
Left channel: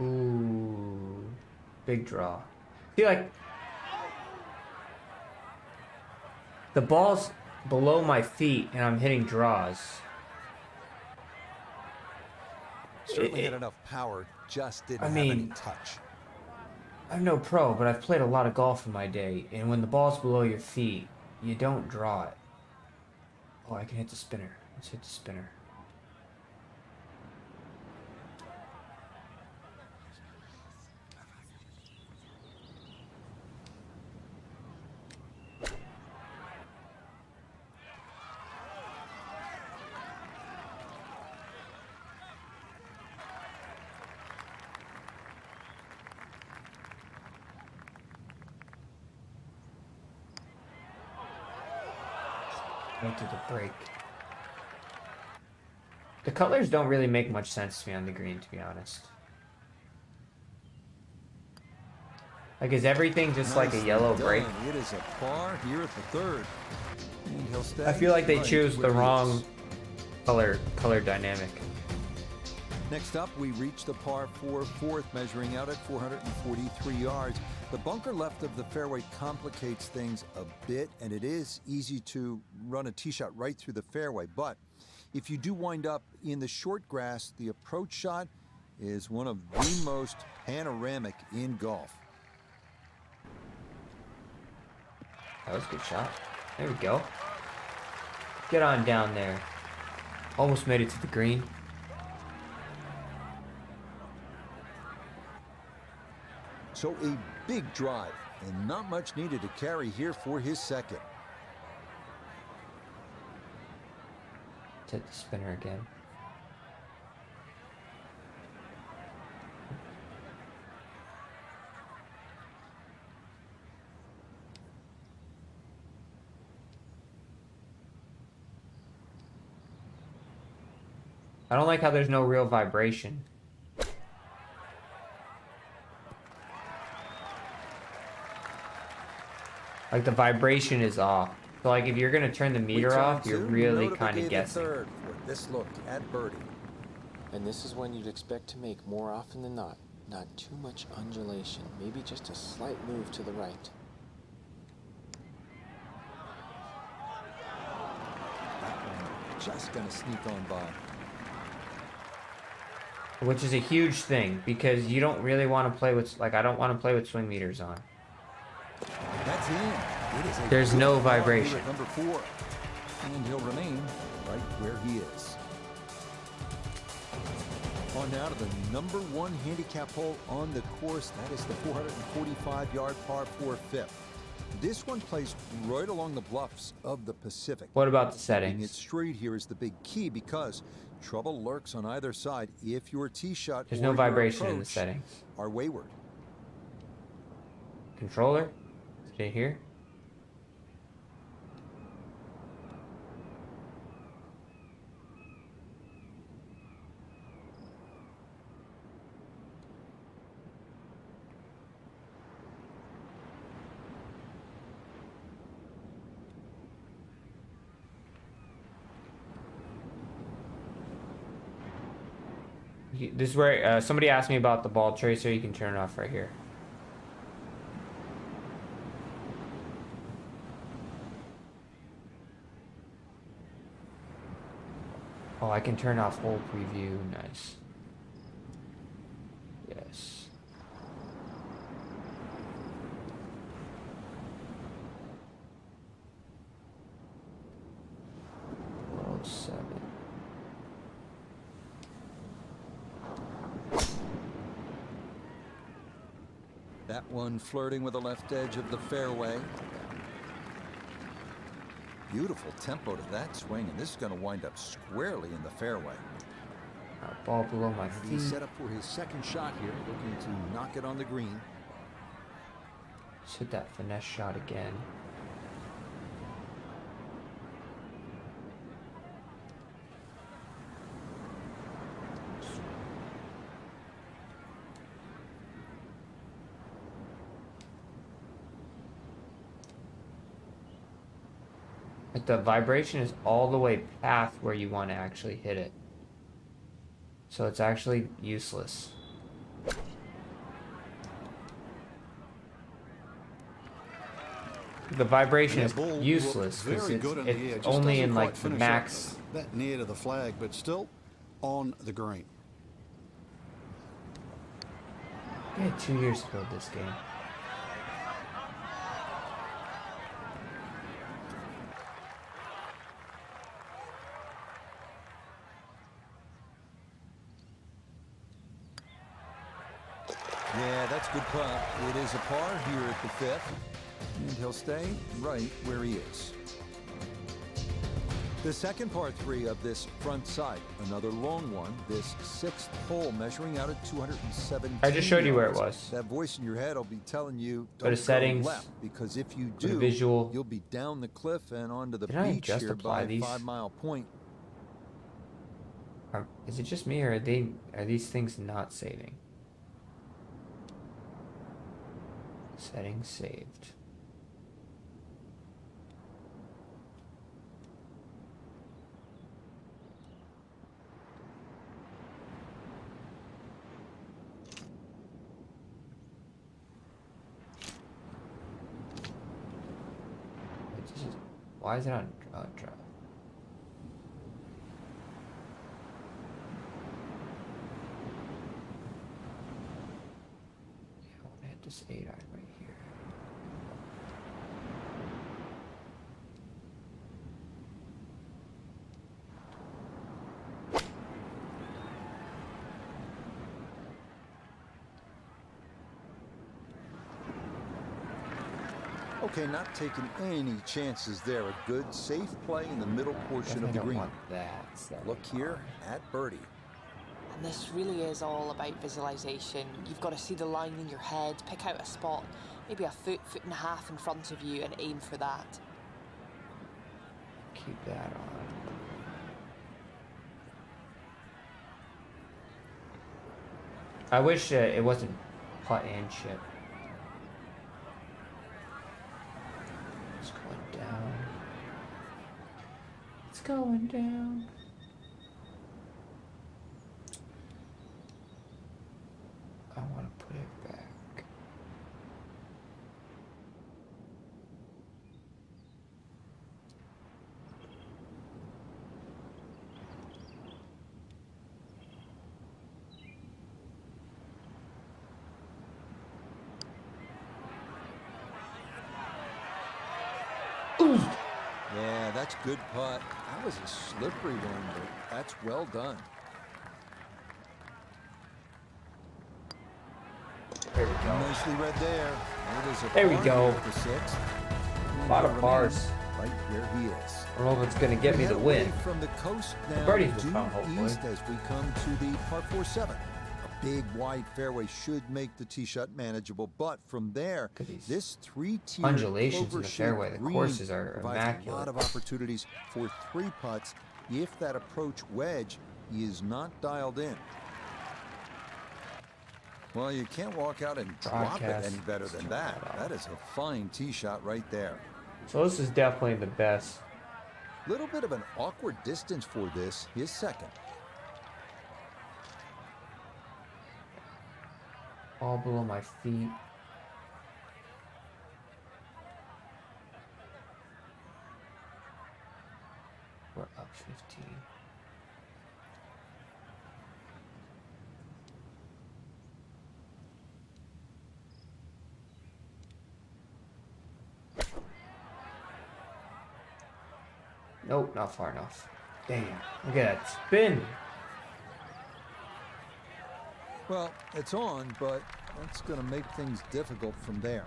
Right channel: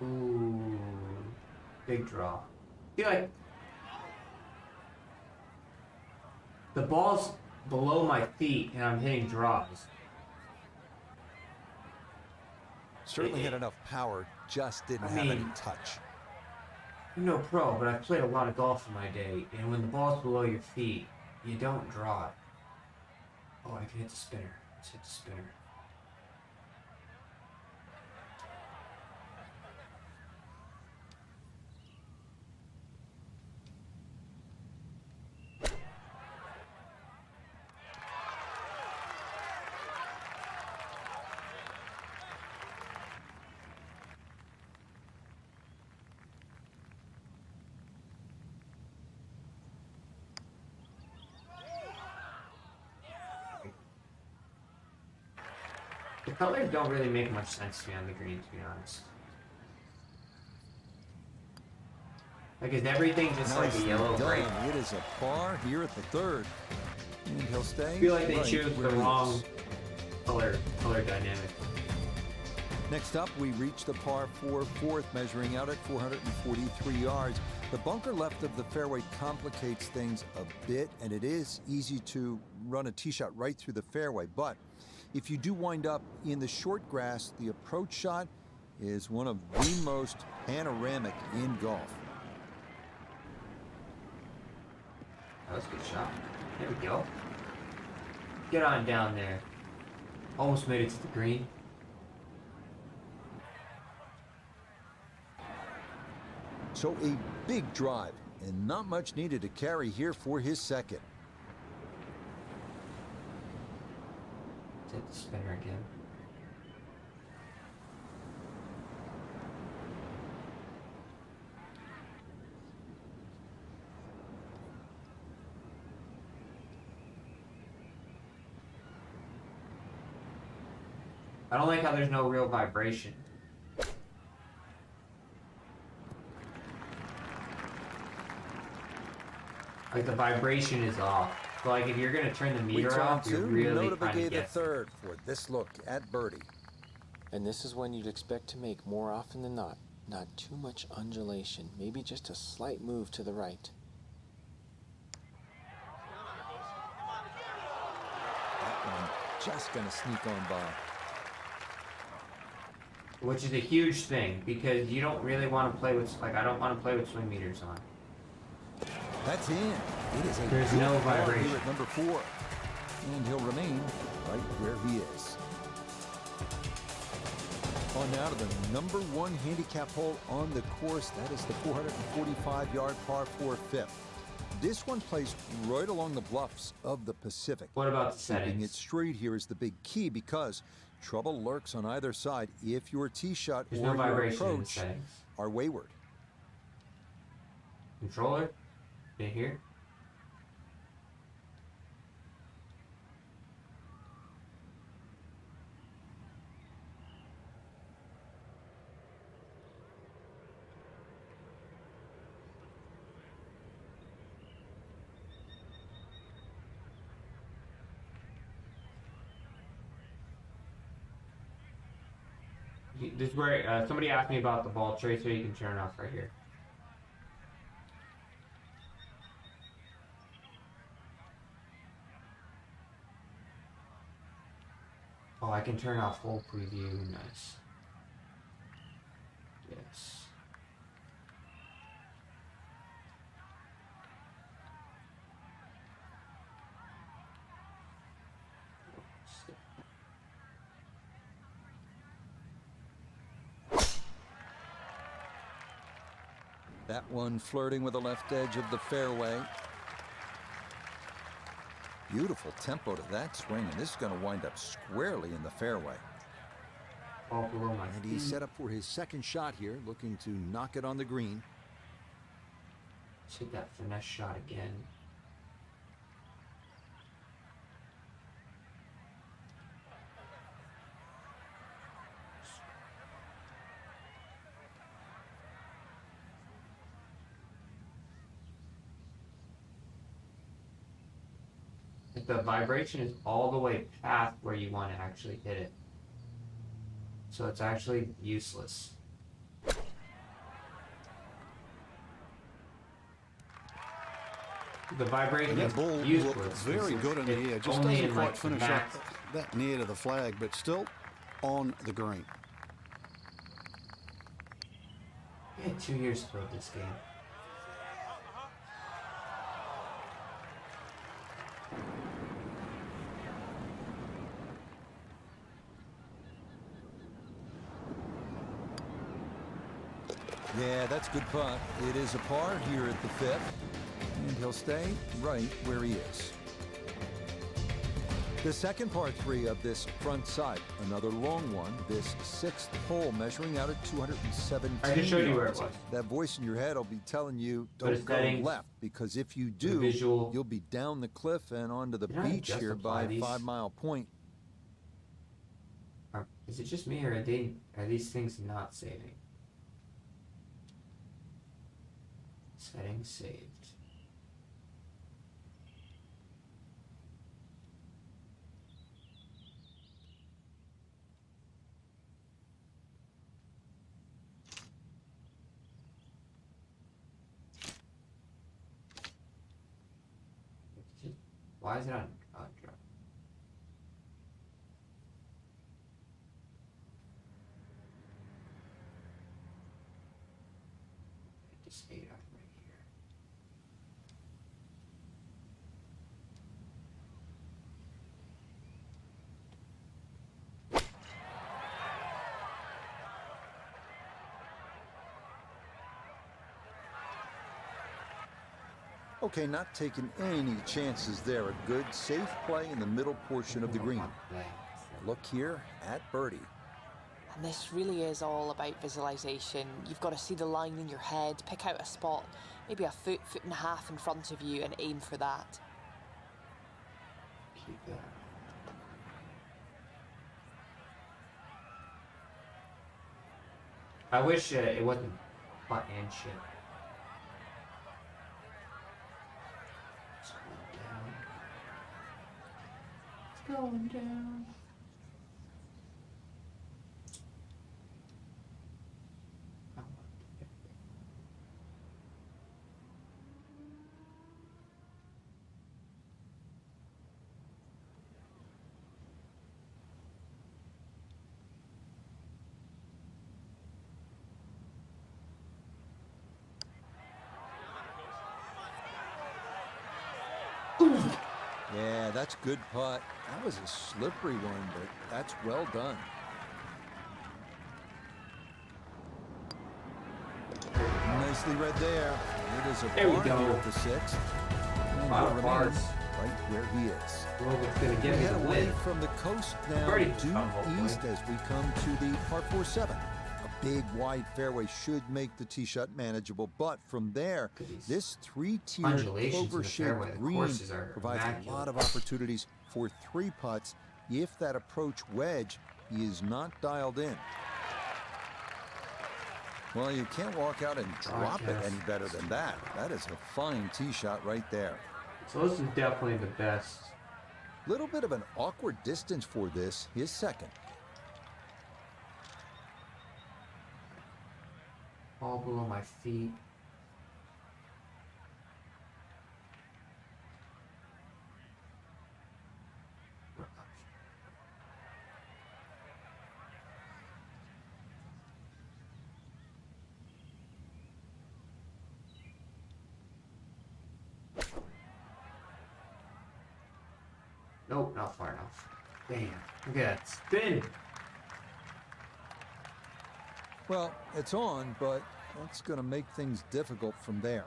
Ooh, big draw. I feel like the ball's below my feet and I'm hitting draws. Certainly had enough power, just didn't have any touch. I'm no pro, but I've played a lot of golf in my day, and when the ball's below your feet, you don't draw it. Oh, I can hit the spinner. Let's hit the spinner. Into the break. The colors don't really make much sense to me on the green, to be honest. Like, is everything just like a yellow break? It is a par here at the third. And he'll stay. I feel like they right choose the wrong color dynamic. Next up, we reach the par 4 fourth, measuring out at 443 yards. The bunker left of the fairway complicates things a bit, and it is easy to run a tee shot right through the fairway. But if you do wind up in the short grass, the approach shot is one of the most panoramic in golf. That was a good shot. There we go. Get on down there. Almost made it to the green. So a big drive, and not much needed to carry here for his second. Hit the spinner again. I don't like how there's no real vibration. Like, the vibration is off. So, like, if you're going to turn the meter off, you're really kind of guessing. Third for this look at birdie. And this is when you'd expect to make more often than not. Not too much undulation. Maybe just a slight move to the right. That one just going to sneak on by. Which is a huge thing, because you don't really want to play with, like, I don't want to play with swing meters on. That's in. It is a There's no vibration. Here at number 4. And he'll remain right where he is. On now to the number 1 handicap hole on the course. That is the 445-yard par 4 fifth. This one plays right along the bluffs of the Pacific. What about the settings? Keeping it straight here is the big key, because trouble lurks on either side if your tee shot or your approach are wayward. Controller, stay here. This is where somebody asked me about the ball tracer. You can turn it off right here. Oh, I can turn off hole preview. Nice. Yes. Oh, 7. That one flirting with the left edge of the fairway. Beautiful tempo to that swing, and this is going to wind up squarely in the fairway. Ball below my feet. And he's set up for his second shot here, looking to knock it on the green. Hit that finesse shot again. The vibration is all the way past where you want to actually hit it. So it's actually useless. The vibration is useless. Very good in the air. Just doesn't quite finish up that near to the flag, but still on the green. We had 2 years to build this game. Yeah, that's good putt. It is a par here at the 5th, and he'll stay right where he is. The second par 3 of this front side, another long one, this 6th hole measuring out at 217 I just showed you where it yards. was. That voice in your head will be telling you don't go left, because if you do, you'll be down the cliff and onto the beach here by 5 Mile Point. Is it just me, or are these things not saving? Settings saved. Why is it on drop? I want to hit this 8 iron right here. Okay, not taking any chances there. A good, safe play in the middle portion of the green. Look here at birdie. And this really is all about visualization. You've got to see the line in your head, pick out a spot, maybe a foot, foot and a half in front of you, and aim for that. Keep that on. I wish it wasn't putt and chip. Going down. I want to put it back. Ooh. Yeah, that's good putt. That was a slippery one, but that's well done. Nicely read there. It is a par here at the 6th. And he'll remain right where he is. Roland's going to get me the win. We head away from the coast now due east as we come to the par 4-7. A big wide fairway should make the tee shot manageable, but from there, this 3-tiered clover-shaped green provides a lot of opportunities for 3 putts if that approach wedge is not dialed in. Well, you can't walk out and drop it any better than that. That is a fine tee shot right there. So this is definitely the best. Little bit of an awkward distance for this, his second. All below my feet. We're up 15. Nope, not far enough. Damn, look at that spin. Well, it's on, but that's going to make things difficult from there.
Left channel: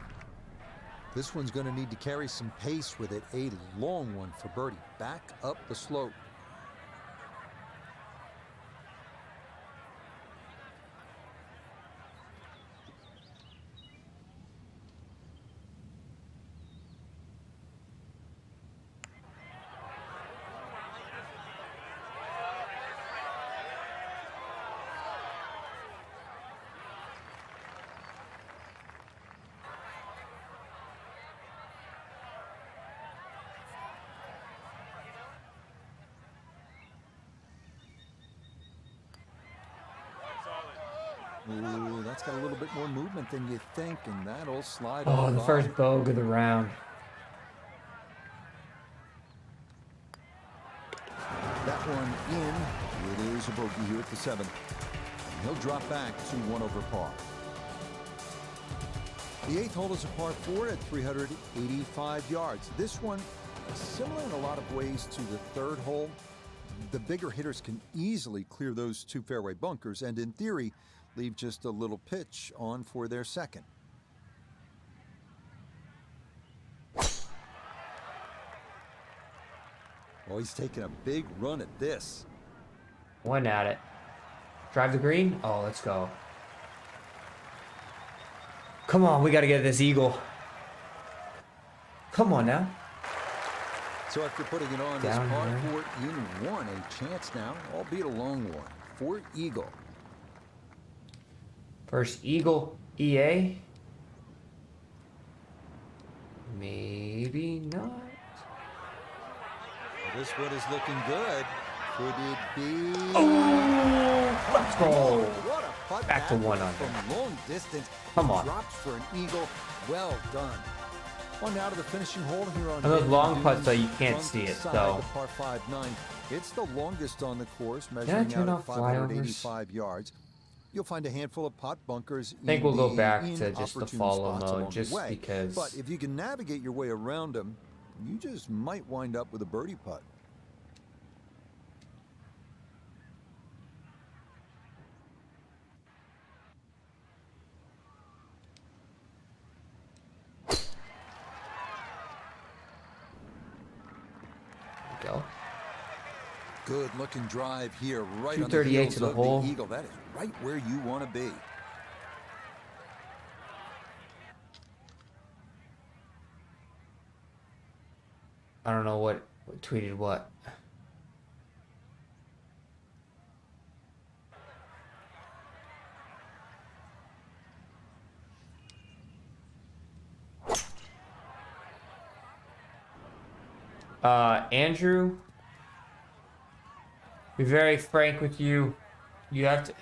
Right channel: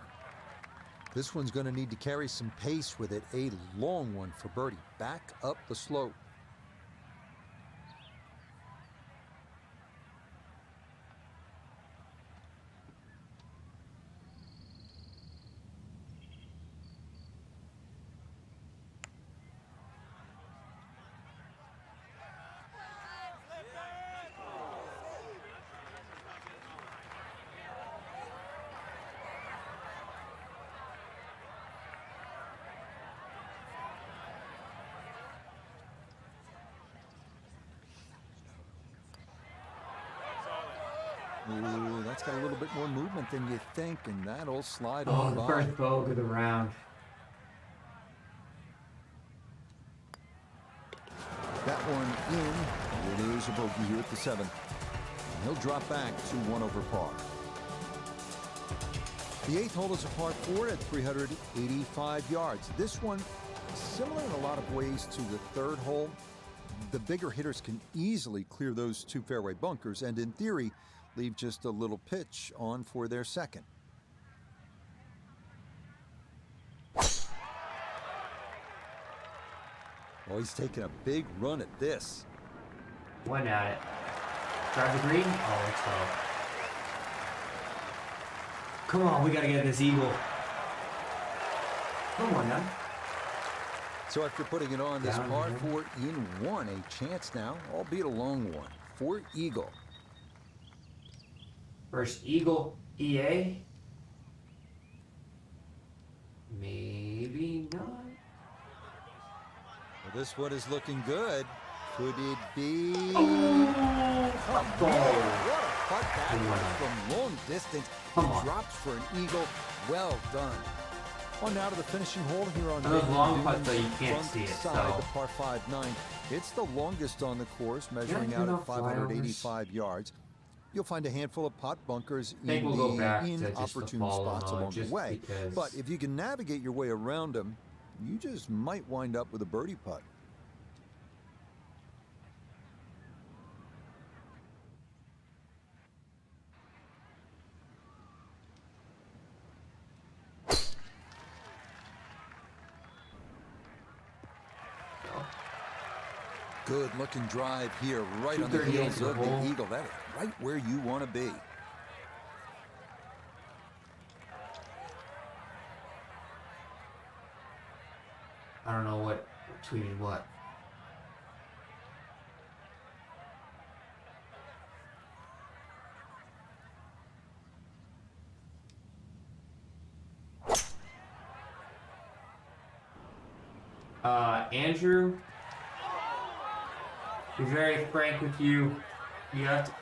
This one's going to need to carry some pace with it. A long one for birdie. Back up the slope. Ooh, that's got a little bit more movement than you think, and that'll slide on the by. First bogey of the round. That one in. It is a bogey here at the 7th. And he'll drop back to 1 over par. The 8th hole is a par 4 at 385 yards. This one, similar in a lot of ways to the 3rd hole. The bigger hitters can easily clear those 2 fairway bunkers, and in theory, leave just a little pitch on for their 2nd. Oh, he's taking a big run at this. One at it. Drive the green. Oh, let's go. Come on, we got to get this eagle. Come on now. So after putting it on this par 4 in 1, a chance now, albeit a long one, for eagle. First eagle, EA. not. Well, this one is looking good. Could it be? Oh, let's go. What a putt Back that to was 1 from long distance. Come on. Drops for an eagle. Well done. On now to the finishing hole here on those long putts, Dunes, though, you can't front see it, side, so. the par 5-9. It's the longest on the course, measuring out at 585 yards. You'll find a handful of pot bunkers in we'll go back the to just the inopportune follow spots mode, along the way. because... But if you can navigate your way around them, you just might wind up with a birdie putt. Go. Good looking drive here, right on the 238 heels to the of the hole. eagle. That is right where you want to be. I don't know what tweeted what. Andrew, be very frank with you. You have to.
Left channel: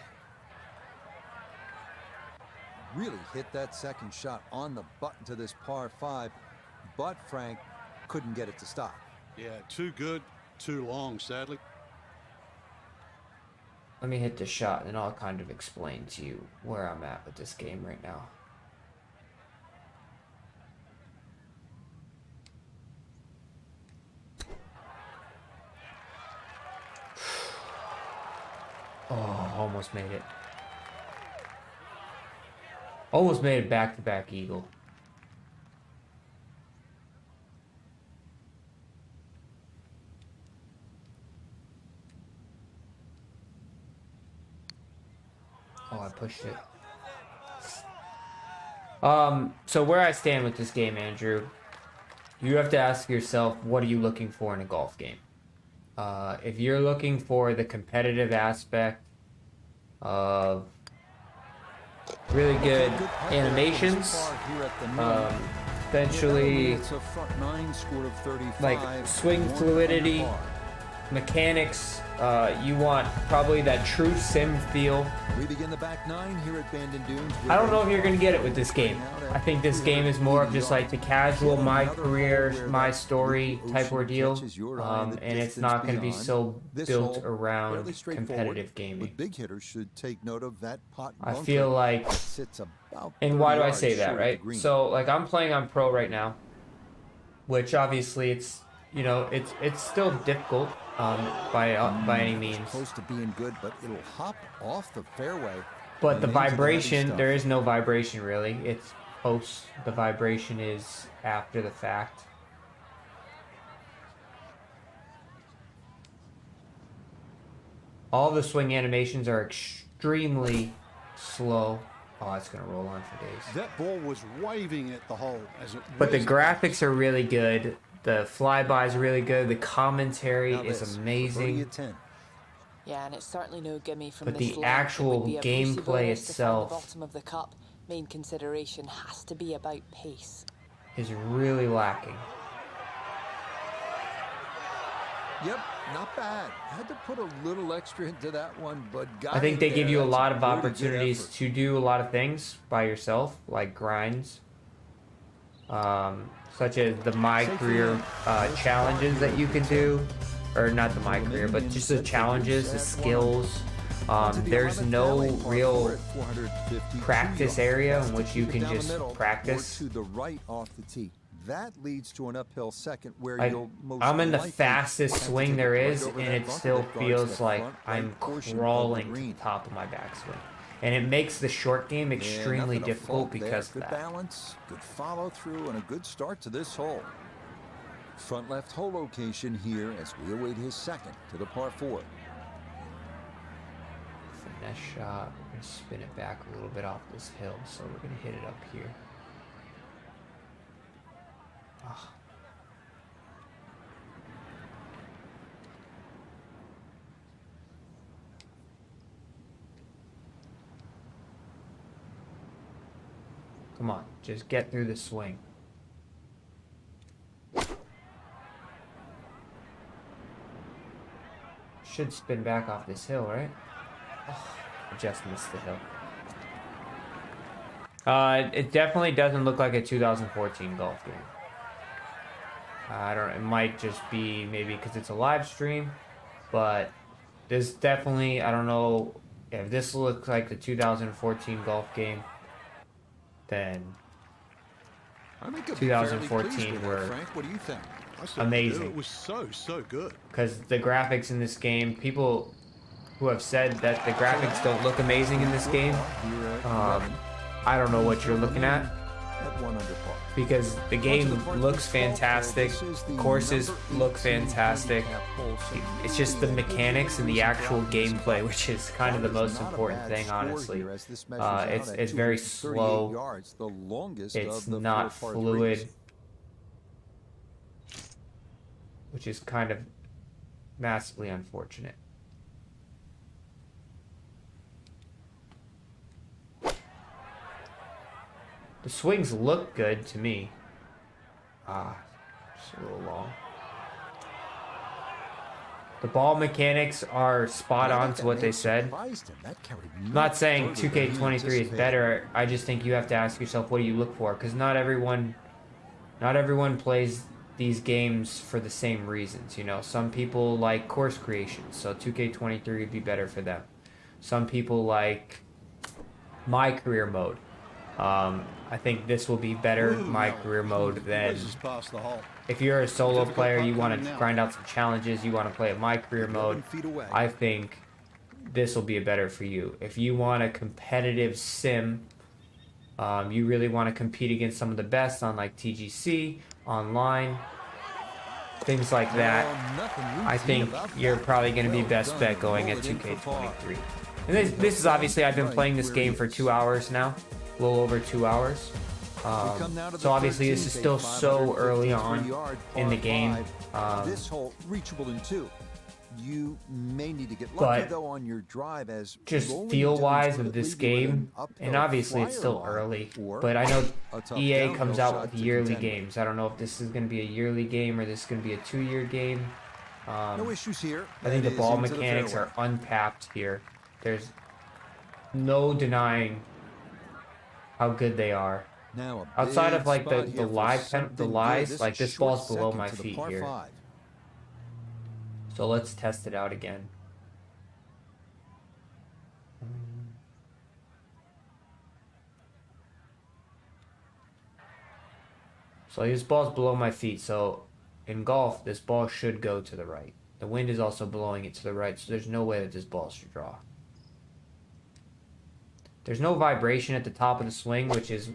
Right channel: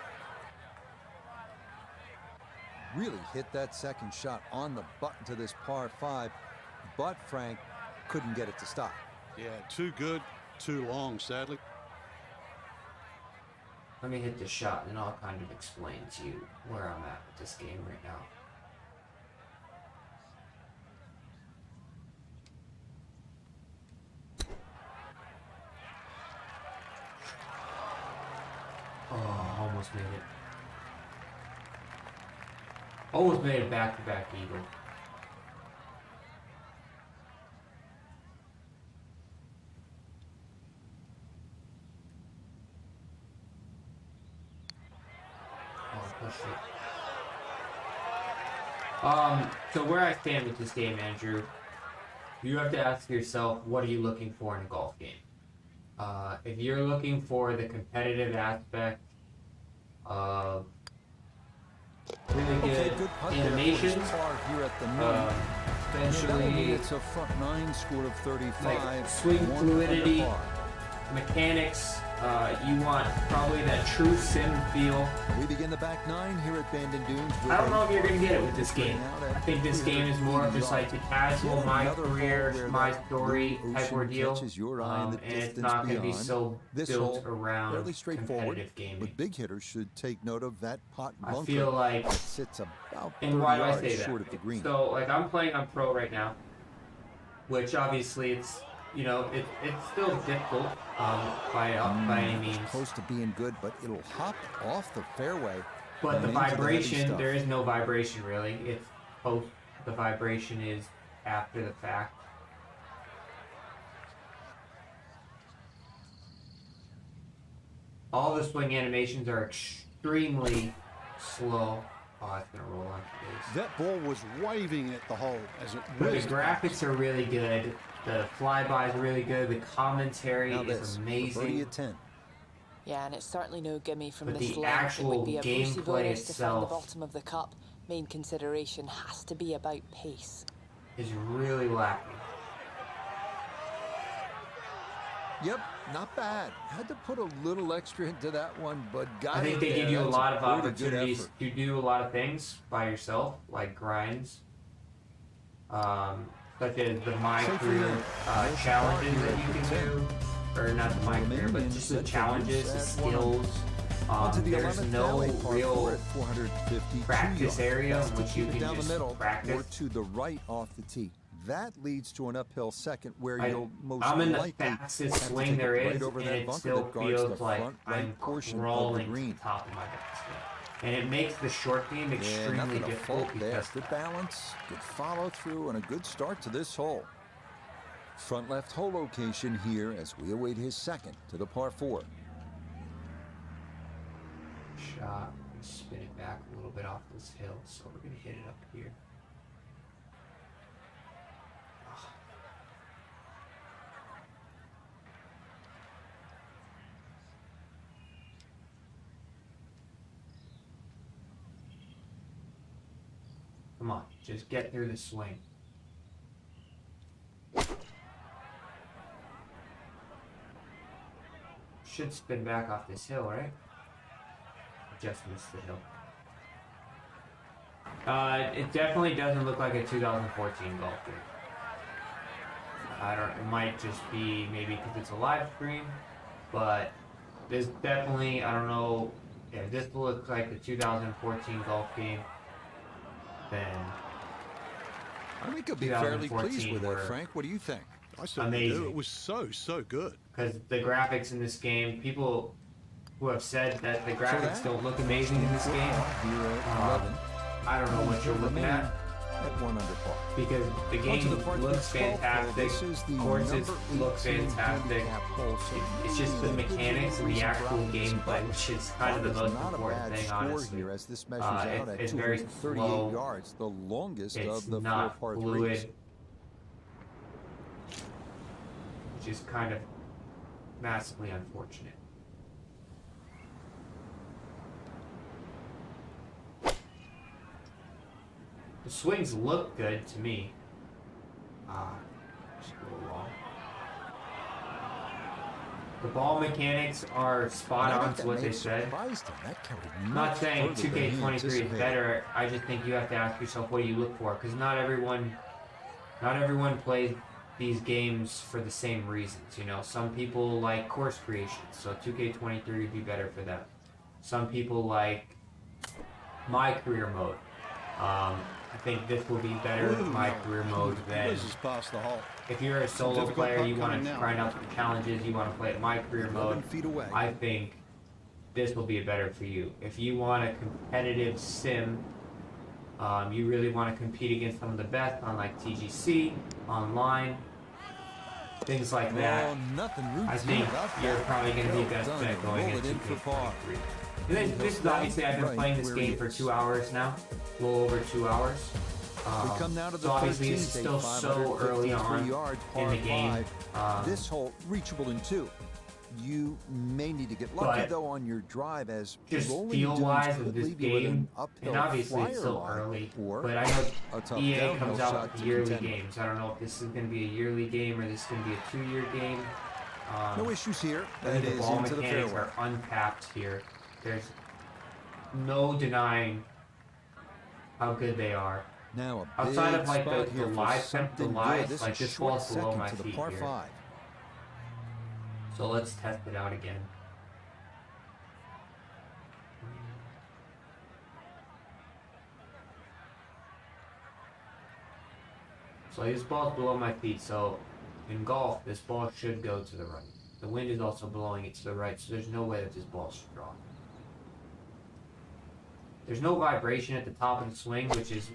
Really hit that second shot on the button to this par 5, but Frank couldn't get it to stop. Yeah, too good, too long, sadly. Let me hit the shot and I'll kind of explain to you where I'm at with this game right now. Oh, almost made it. Almost made it back-to-back eagle. Oh, I pushed it. So where I stand with this game, Andrew, you have to ask yourself, what are you looking for in a golf game? If you're looking for the competitive aspect of really good animations, essentially it's a front 9 score of 35, like swing fluidity, mechanics, you want probably that true sim feel. We begin the back 9 here at Bandon Dunes. I don't know if you're going to get it with this game. I think this game is more of just like the casual, my career, my story type ordeal, and it's not going to be so built around competitive gaming. But big hitters should take note of that pot bunker. I feel like, sits about and why do I say that, right? So like I'm playing on pro right now, which obviously it's, you know, it's still difficult by any means. It's close to being good, but it'll hop off the fairway. But the vibration, there is no vibration really. It's post. The vibration is after the fact. All the swing animations are extremely slow. Oh, it's gonna roll on for days. That ball was waving at the hole as it. But the graphics are really good. The flyby is really good. The commentary is amazing. Yeah, and it's certainly no gimme from but this the length. actual It would be a Brucey gameplay bonus to find the itself bottom of the cup. Main consideration has to be about pace. Is really lacking. Yep, not bad. Had to put a little extra into that one, but got it. I think they give you a lot of opportunities to do a lot of things by yourself, like grinds. Such as the My Career challenges that you can do, or not the My Career, but just the challenges, the skills. There's no real practice area in which you can just practice. Or to the right off the tee. That leads to an uphill second where you'll most I'm in the likely fastest swing there is, and it still feels like I'm crawling to the top of my backswing. And it makes the short game extremely difficult because good balance, good follow through, and a good start to this hole. Front left hole location here as we await his second to the par 4. Finesse shot, we're going to spin it back a little bit off this hill, so we're going to hit it up here. Come on, just get through the swing. should spin back off this hill, right? Oh, I just missed the hill. It definitely doesn't look like a 2014 golf game. I don't know, it might just be maybe because it's a live stream, but this definitely, I don't know if this looks like the 2014 golf game, then I think I'll be fairly pleased with it, Frank. What do you think? I certainly do. It was so good. Because the graphics in this game, people who have said that the graphics don't look amazing in this game, I don't know what you're looking at. At 1 under par. Because the game looks fantastic, courses look fantastic. It's just the mechanics and the actual gameplay, which is kind of the most important thing, honestly. It's very slow. It's not fluid, which is kind of massively unfortunate. The swings look good to me. Just a little long. The ball mechanics are spot on to what they said. I'm not saying 2K23 is better. I just think you have to ask yourself, what do you look for? Because not everyone plays these games for the same reasons. You know, some people like course creation, so 2K23 would be better for them. Some people like my career mode. I think this will be better, my career mode, than if you're a solo player, you want to grind out some challenges, you want to play at my career mode, I think this will be better for you. If you want a competitive sim, you really want to compete against some of the best on like TGC, online, things like that, I think you're probably going to be best bet going at 2K23. And this is obviously, I've been playing this game for 2 hours now. A little over 2 hours. So obviously this is still so early on in the game. This hole reachable in 2. You may need to get lucky though on your drive, as just feel-wise with this game, and obviously it's still early, but I know EA comes out with yearly games. I don't know if this is going to be a yearly game or this is going to be a 2-year game. No issues here. I think the ball mechanics are untapped here. There's no denying how good they are. Now outside of like the lies, like this ball's below my feet here. 5. So let's test it out again. So this ball's below my feet, so in golf this ball should go to the right. The wind is also blowing it to the right, so there's no way that this ball should draw. There's no vibration at the top of the swing, which is...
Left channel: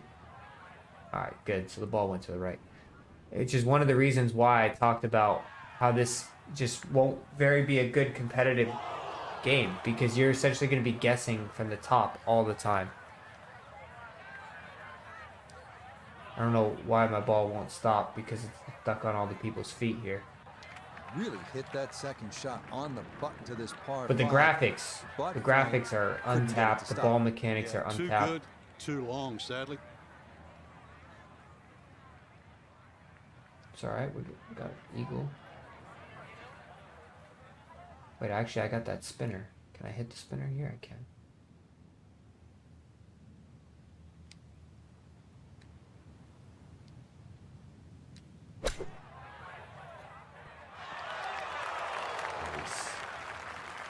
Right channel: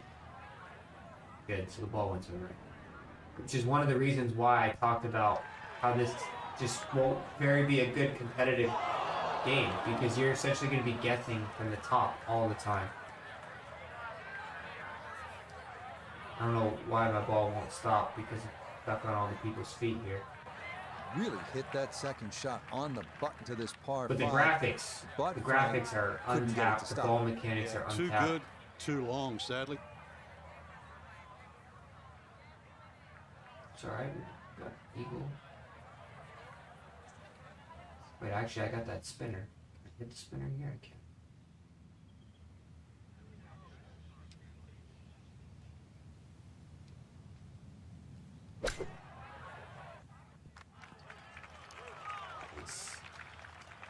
Alright, good. So the ball went to the right. Which is one of the reasons why I talked about how this just won't be a good competitive game, because you're essentially going to be guessing from the top all the time. I don't know why my ball won't stop, because it's stuck on all the people's feet here. Really hit that second shot on the button to this par. But the graphics are untapped. The ball mechanics are untapped. Too good, too long, sadly. It's alright, we got eagle. Wait, actually I got that spinner. Can I hit the spinner here? I can.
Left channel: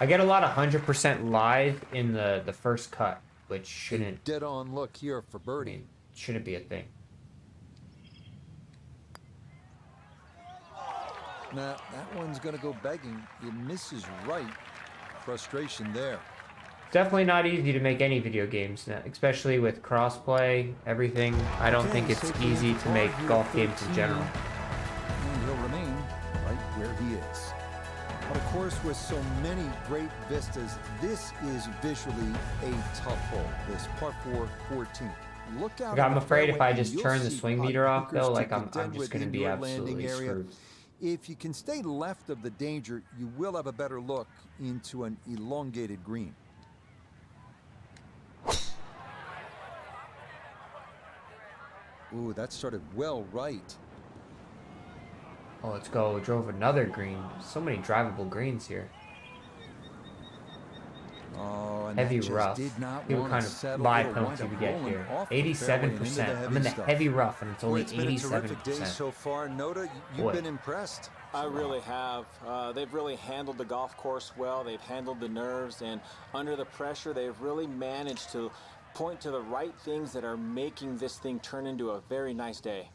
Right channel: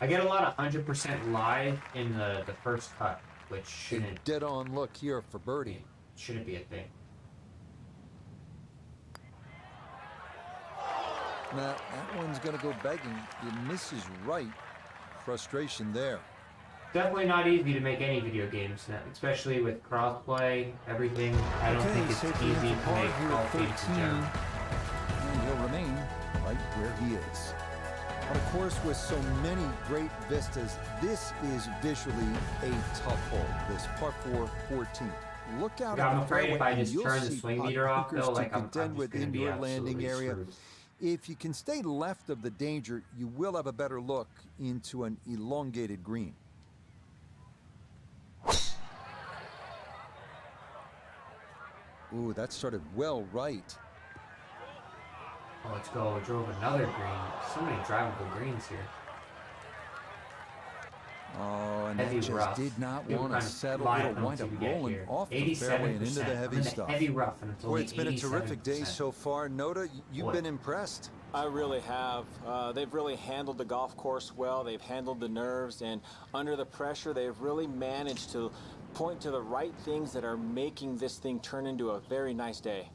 I get a lot of 100% live in the first cut, which shouldn't... Dead on look here for birdie. Shouldn't be a thing. Now, that one's going to go begging. It misses right. Frustration there. Definitely not easy to make any video games now, especially with crossplay, everything. I don't think it's easy to make golf games in general. And he'll remain right where he is. But of course, with so many great vistas, this is visually a tough hole. This par 4, 14. Look out! I'm afraid if I just turn the swing meter off, though, like I'm just going to be your landing area. Screwed. If you can stay left of the danger, you will have a better look into an elongated green. Ooh, that started well right. Oh, let's go. We drove another green. So many drivable greens here. Oh, and heavy that just rough. did not want to settle. It'll wind up rolling off the fairway and into the heavy stuff. Heavy rough, and it's Boy, only it's been a terrific day 87%. so far. Nota, you've been impressed. I really have. They've really handled the golf course well. They've handled the nerves, and under the pressure, they've really managed to point to the right things that are making this thing turn into a very nice day.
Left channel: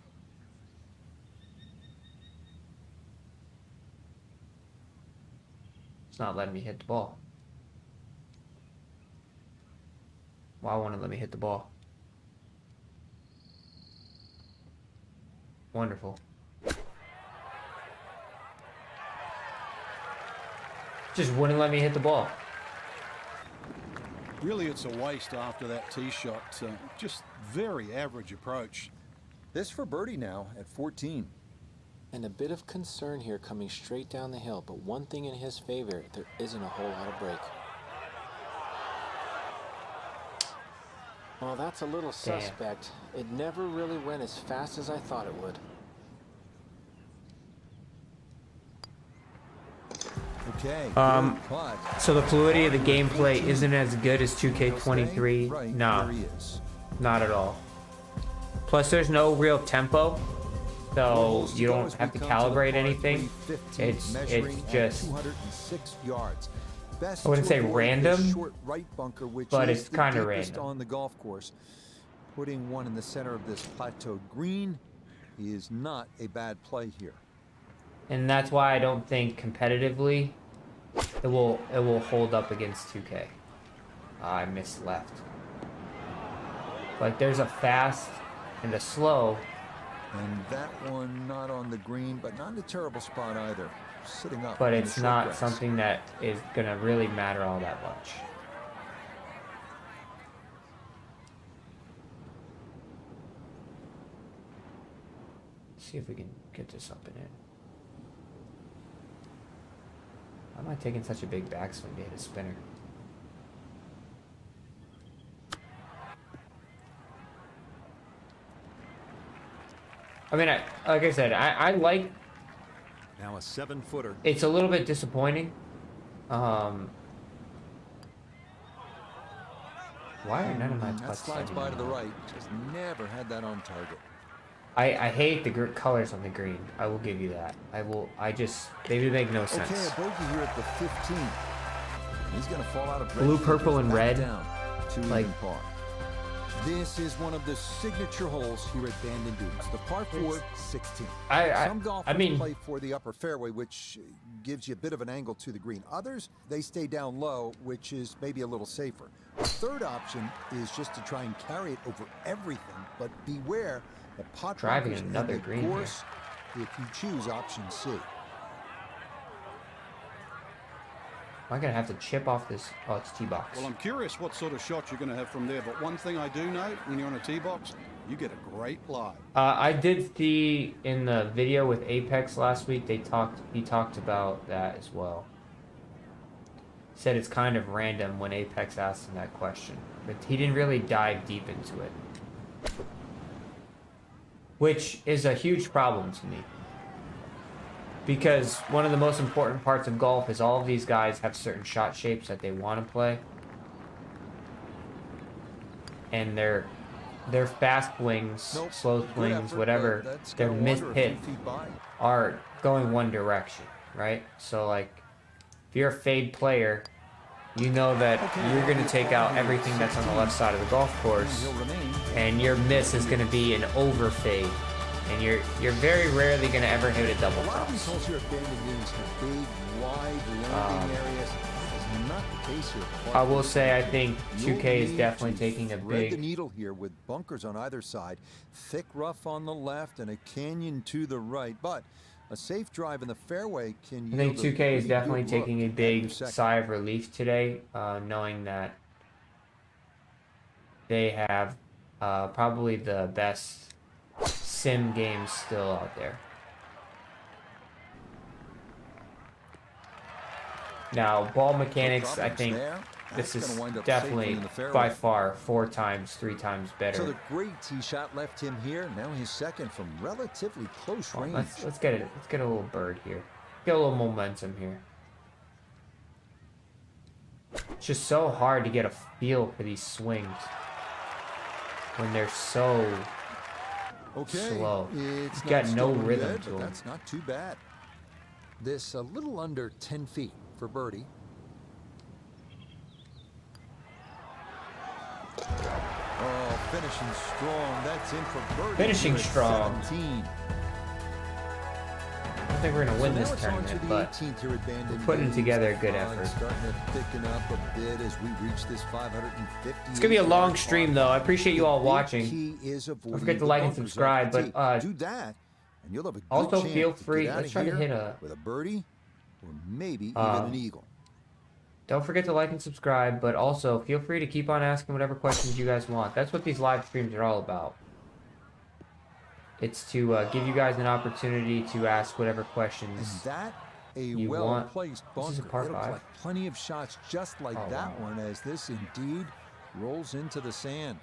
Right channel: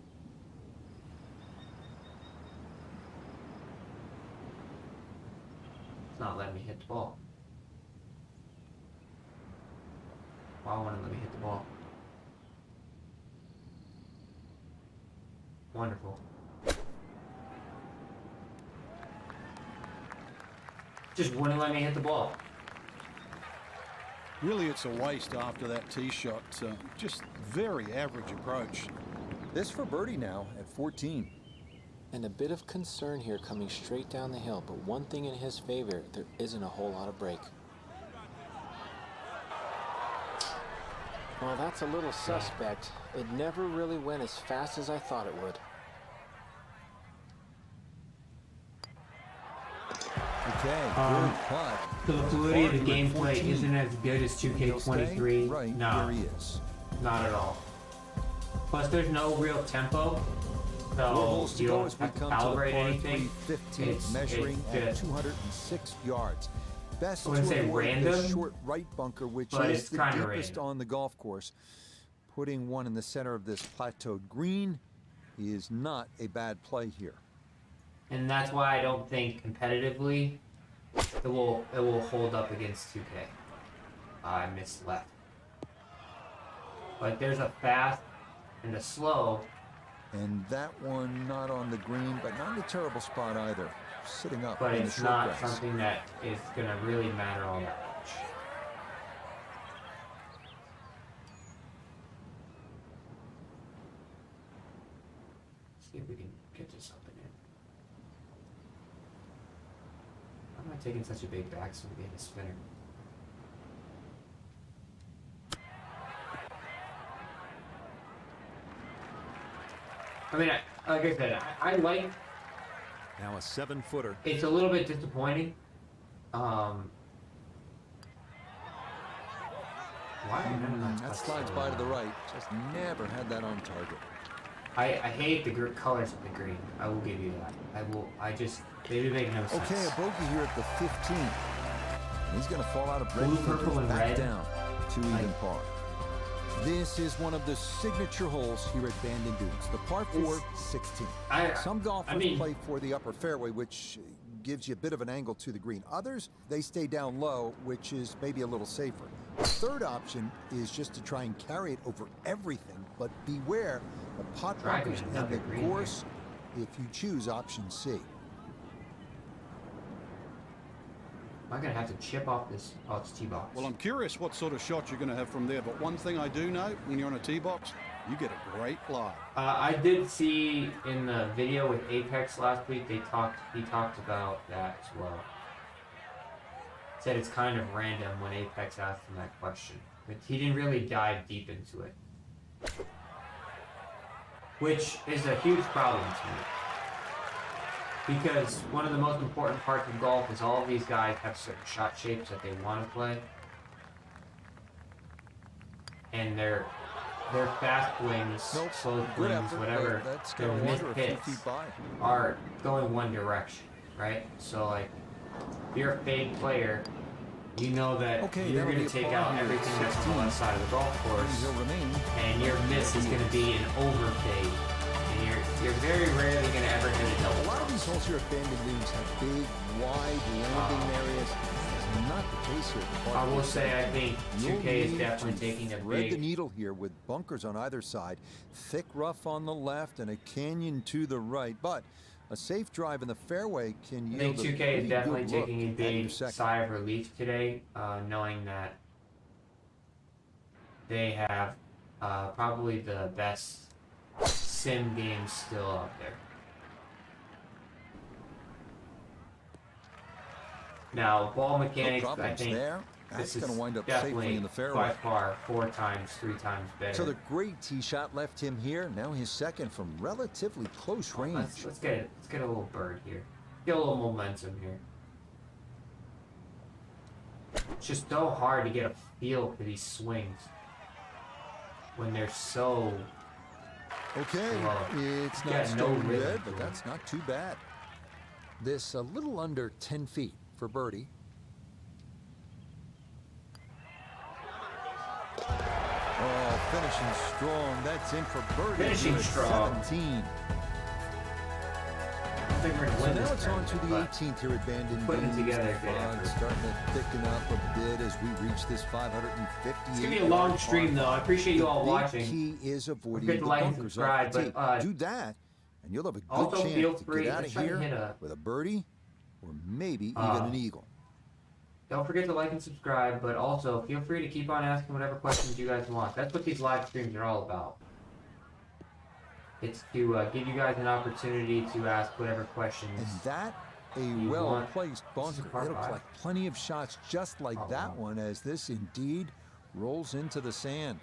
It's not letting me hit the ball. Why won't it let me hit the ball? Wonderful. Just wouldn't let me hit the ball. Really, it's a waste after that tee shot. Just very average approach. This for birdie now at 14. And a bit of concern here coming straight down the hill, but one thing in his favor, there isn't a whole lot of break. Well, that's a little suspect. It never really went as fast as I thought it would. Okay, good putt. So the fluidity of the gameplay isn't as good as 2K23. Right No, where he is. not at all. Plus, there's no real tempo, so you don't have to calibrate anything. It's measuring just, at 206 yards. Best I wouldn't to say avoid random, this short right bunker, which but is it's the kinda deepest random. on the golf course. Putting one in the center of this plateaued green is not a bad play here. and that's why I don't think competitively it will hold up against 2K. I missed left, but there's a fast and a slow. And that one not on the green, but not in a terrible spot either. Sitting up But in the it's short not grass. something that is going to really matter all that much. See if we can get this up and in. Why am I taking such a big backswing to hit a spinner? I mean, like I said, I like. Now a 7-footer. It's a little bit disappointing. Why are none of my That putts slides so by to low? the right. Just never had that on target. I hate the colors of the green. I will give you that. They do make no sense. Okay, a bogey here at the 15. He's going to fall out of Blue, purple, and back red. down to even par. This is one of the signature holes here at Bandon Dunes, the par 4 16. Some golfers play for the upper fairway, which gives you a bit of an angle to the green. Others, they stay down low, which is maybe a little safer. The third option is just to try and carry it over everything, but beware the pot bunkers and the course if you choose option C. Am I going to have to chip off this? Oh, it's tee box. Well, I'm curious what sort of shot you're going to have from there, but one thing I do know, when you're on a tee box, you get a great lie. I did see in the video with Apex last week, he talked about that as well. Said it's kind of random when Apex asked him that question, but he didn't really dive deep into it, which is a huge problem to me. Because one of the most important parts of golf is all of these guys have certain shot shapes that they want to play. And their fast swings, slow swings, effort, whatever, their missed hits by. are going one direction, right? So, like, if you're a fade player, you know that you're going to take out everything that's on the left side of the golf course, and your miss is going to be an over fade. And you're very rarely going to ever hit a double. A lot of these holes here at Bandon Dunes have big, wide landing areas. That is not the case here at the I will say I think 2K is definitely taking a thread the big needle here with bunkers on either side, thick rough on the left, and a canyon to the right. But a safe drive in the fairway can yield. I think 2K is definitely good look taking a at big your second. sigh of relief today, knowing that they have probably the best sim games still out there. Now, ball mechanics, I think this is wind up definitely safely in the fairway. by far 4 times, 3 times better. So the great tee shot left him here. Now his second from relatively close range. Let's get a little bird here. Get a little momentum here. It's just so hard to get a feel for these swings when they're so slow. It's not stone dead, but that's not too bad. This a little under 10 feet for birdie. Oh, finishing strong. That's in for birdie. Finishing strong. 17. I think we're gonna win so now this it's on to the 18th here at Bandon. Putting together a good effort. Starting to thicken up a bit as we reach this 550. It's gonna be a long stream, though. I appreciate you all watching. The key is avoiding forget to like and subscribe, but do that, and you'll have a good also chance feel to free get out of here with a birdie or maybe even an eagle. Don't forget to like and subscribe, but also feel free to keep on asking whatever questions you guys want. That's what these live streams are all about. It's to give you guys an opportunity to ask whatever questions. And that a well-placed bunker. It'll collect plenty of shots just like that one as this indeed rolls into the sand.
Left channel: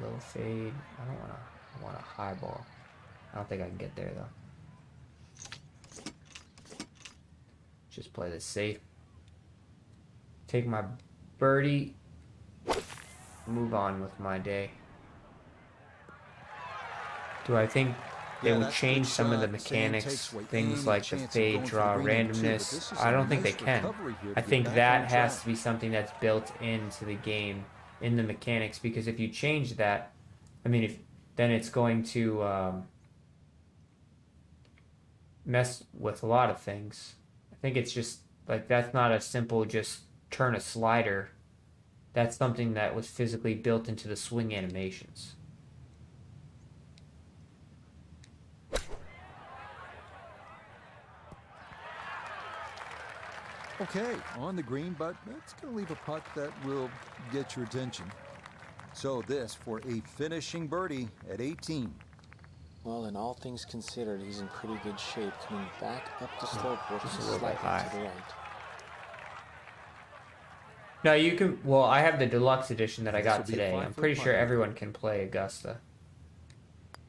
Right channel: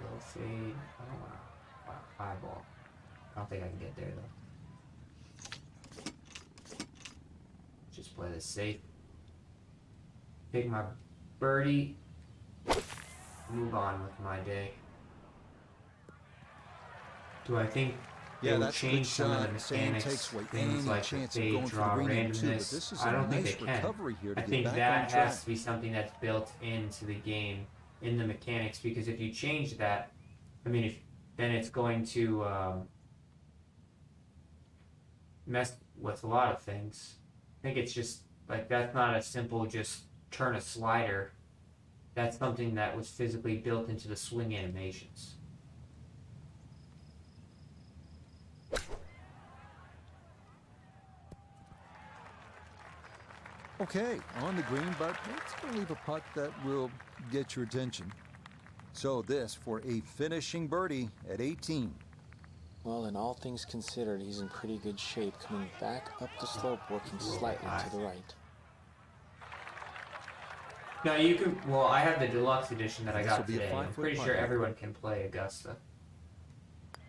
Low fade. I want a high ball. I don't think I can get there though. Just play this safe. Take my birdie. Move on with my day. Do I think they will change some of the mechanics, things like the fade, draw, randomness? I don't think they can. I think that has to be something that's built into the game, in the mechanics, because if you change that, I mean, then it's going to mess with a lot of things. I think it's just, like, that's not a simple just turn a slider. That's something that was physically built into the swing animations. Okay, on the green, but it's going to leave a putt that will get your attention. So this for a finishing birdie at 18. Well, in all things considered, he's in pretty good shape, coming back up the slope, working slightly to the right. No, you can. Well, I have the deluxe edition that I got today. I'm pretty sure everyone can play Augusta.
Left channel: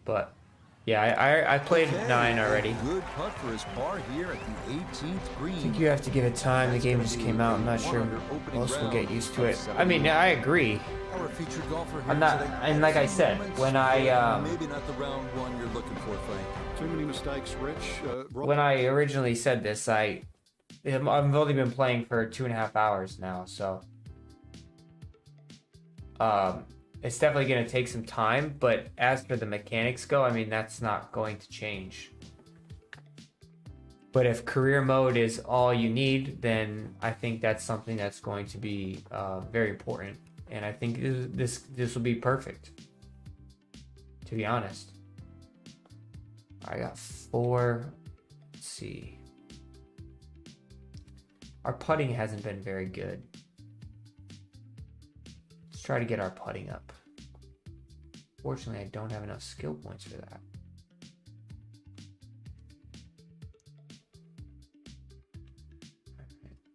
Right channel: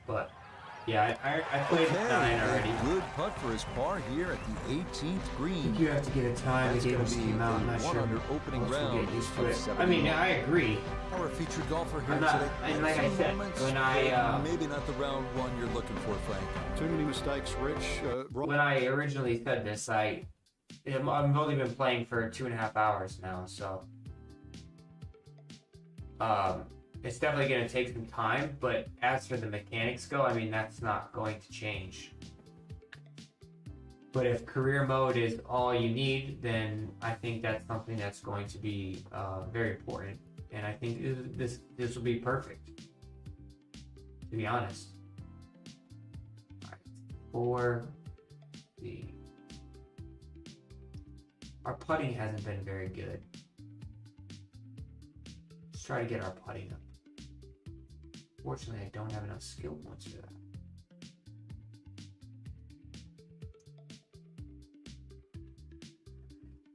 But yeah, I played with 9 already. A good putt for his par here at the 18th green. You have to give it time. The game just came out. I'm not sure. Opening round get used to it. I mean, I agree. Our featured golfer here today. And like I said, when I maybe not the round one you're looking for, Frank. Too many mistakes, Rich. When I originally said this, I've only been playing for 2.5 hours now, so it's definitely going to take some time, but as for the mechanics go, I mean, that's not going to change. But if career mode is all you need, then I think that's something that's going to be very important. And I think this will be perfect, to be honest. I got 4. Let's see. Our putting hasn't been very good. Let's try to get our putting up. Fortunately, I don't have enough skill points for that.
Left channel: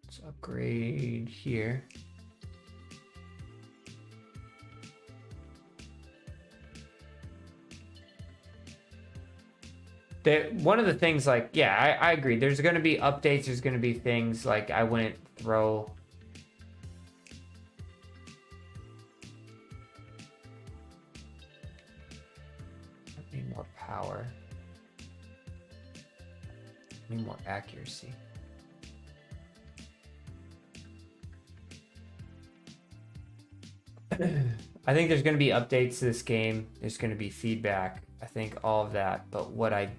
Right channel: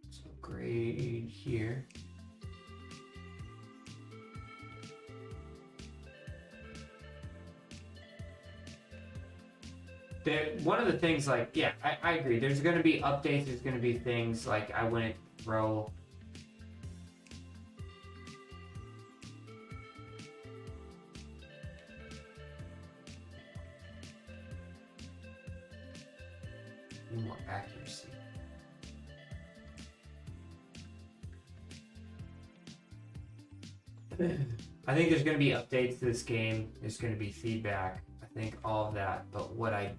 Let's upgrade here. One of the things, like, yeah, I agree. There's going to be updates. There's going to be things like I wouldn't throw. I need more power. I need more accuracy. I think there's going to be updates to this game. There's going to be feedback. I think all of that. But what I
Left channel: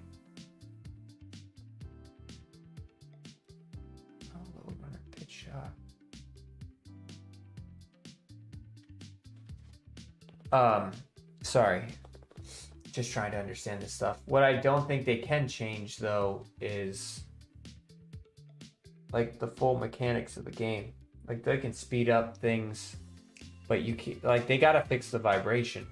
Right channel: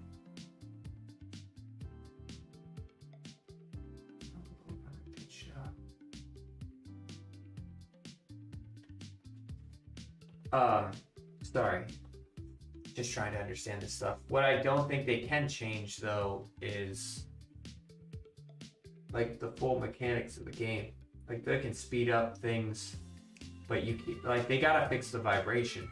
sorry, just trying to understand this stuff. What I don't think they can change, though, is like the full mechanics of the game. Like, they can speed up things, but you can, like, they gotta fix the vibration.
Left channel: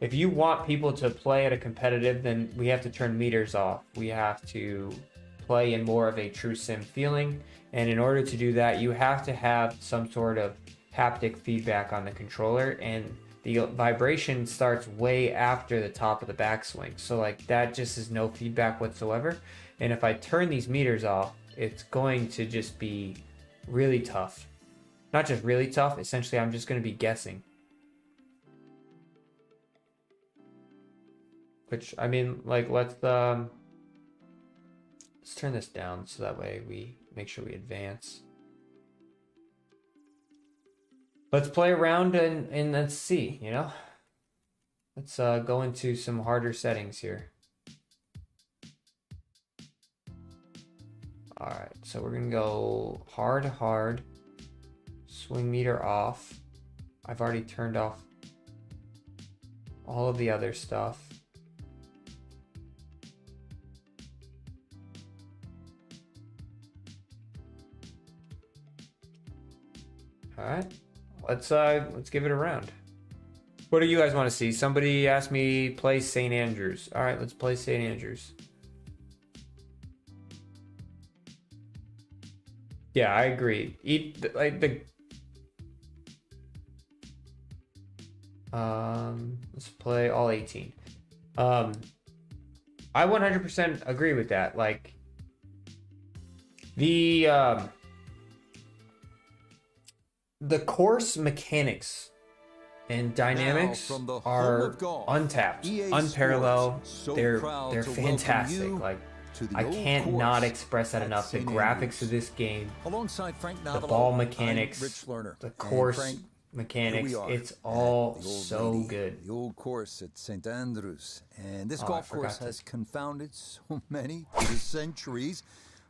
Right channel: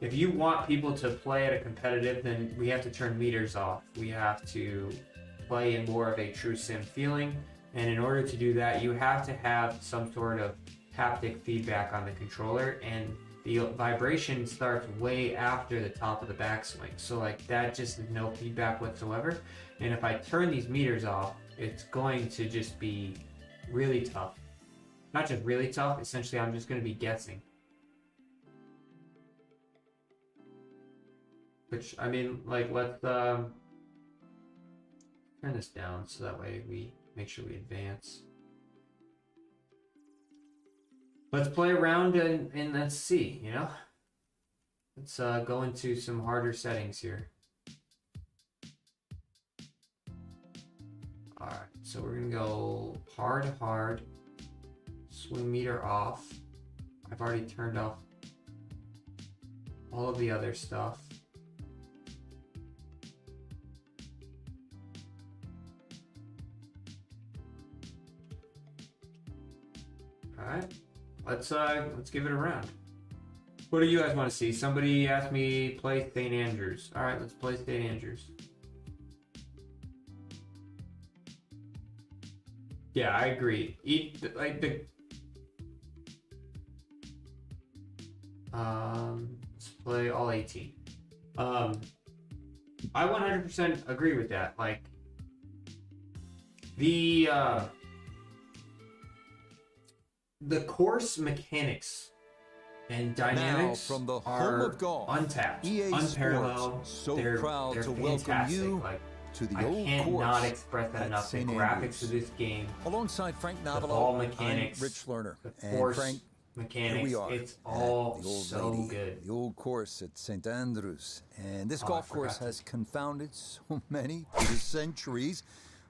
If you want people to play at a competitive, then we have to turn meters off. We have to play in more of a true sim feeling, and in order to do that, you have to have some sort of haptic feedback on the controller, and the vibration starts way after the top of the backswing. So, like, that just is no feedback whatsoever. And if I turn these meters off, it's going to just be really tough. Not just really tough, essentially I'm just going to be guessing. Which, I mean, like, let's turn this down so that way we make sure we advance. Let's play around and let's see, you know? Let's go into some harder settings here. Alright, so we're going to go hard, swing meter off. I've already turned off all of the other stuff. Alright, let's give it a round. What do you guys want to see? Somebody asked me play St. Andrews. Alright, let's play St. Andrews. Yeah, I agree. Let's play all 18. I 100% agree with that. Like, the course mechanics and dynamics now, from the are home of golf, untapped, EA unparalleled. Sports, so they're proud to fantastic. welcome you Like, to the I old can't course not express that at enough. The St. graphics Andrews. of this game, Alongside Frank the Novello, ball mechanics, I'm Rich Lerner. the course and Frank, mechanics, here we are it's at all the old so lady, good. The old course at St. Andrews. And this Oh, golf I course forgot has confounded so many for the centuries.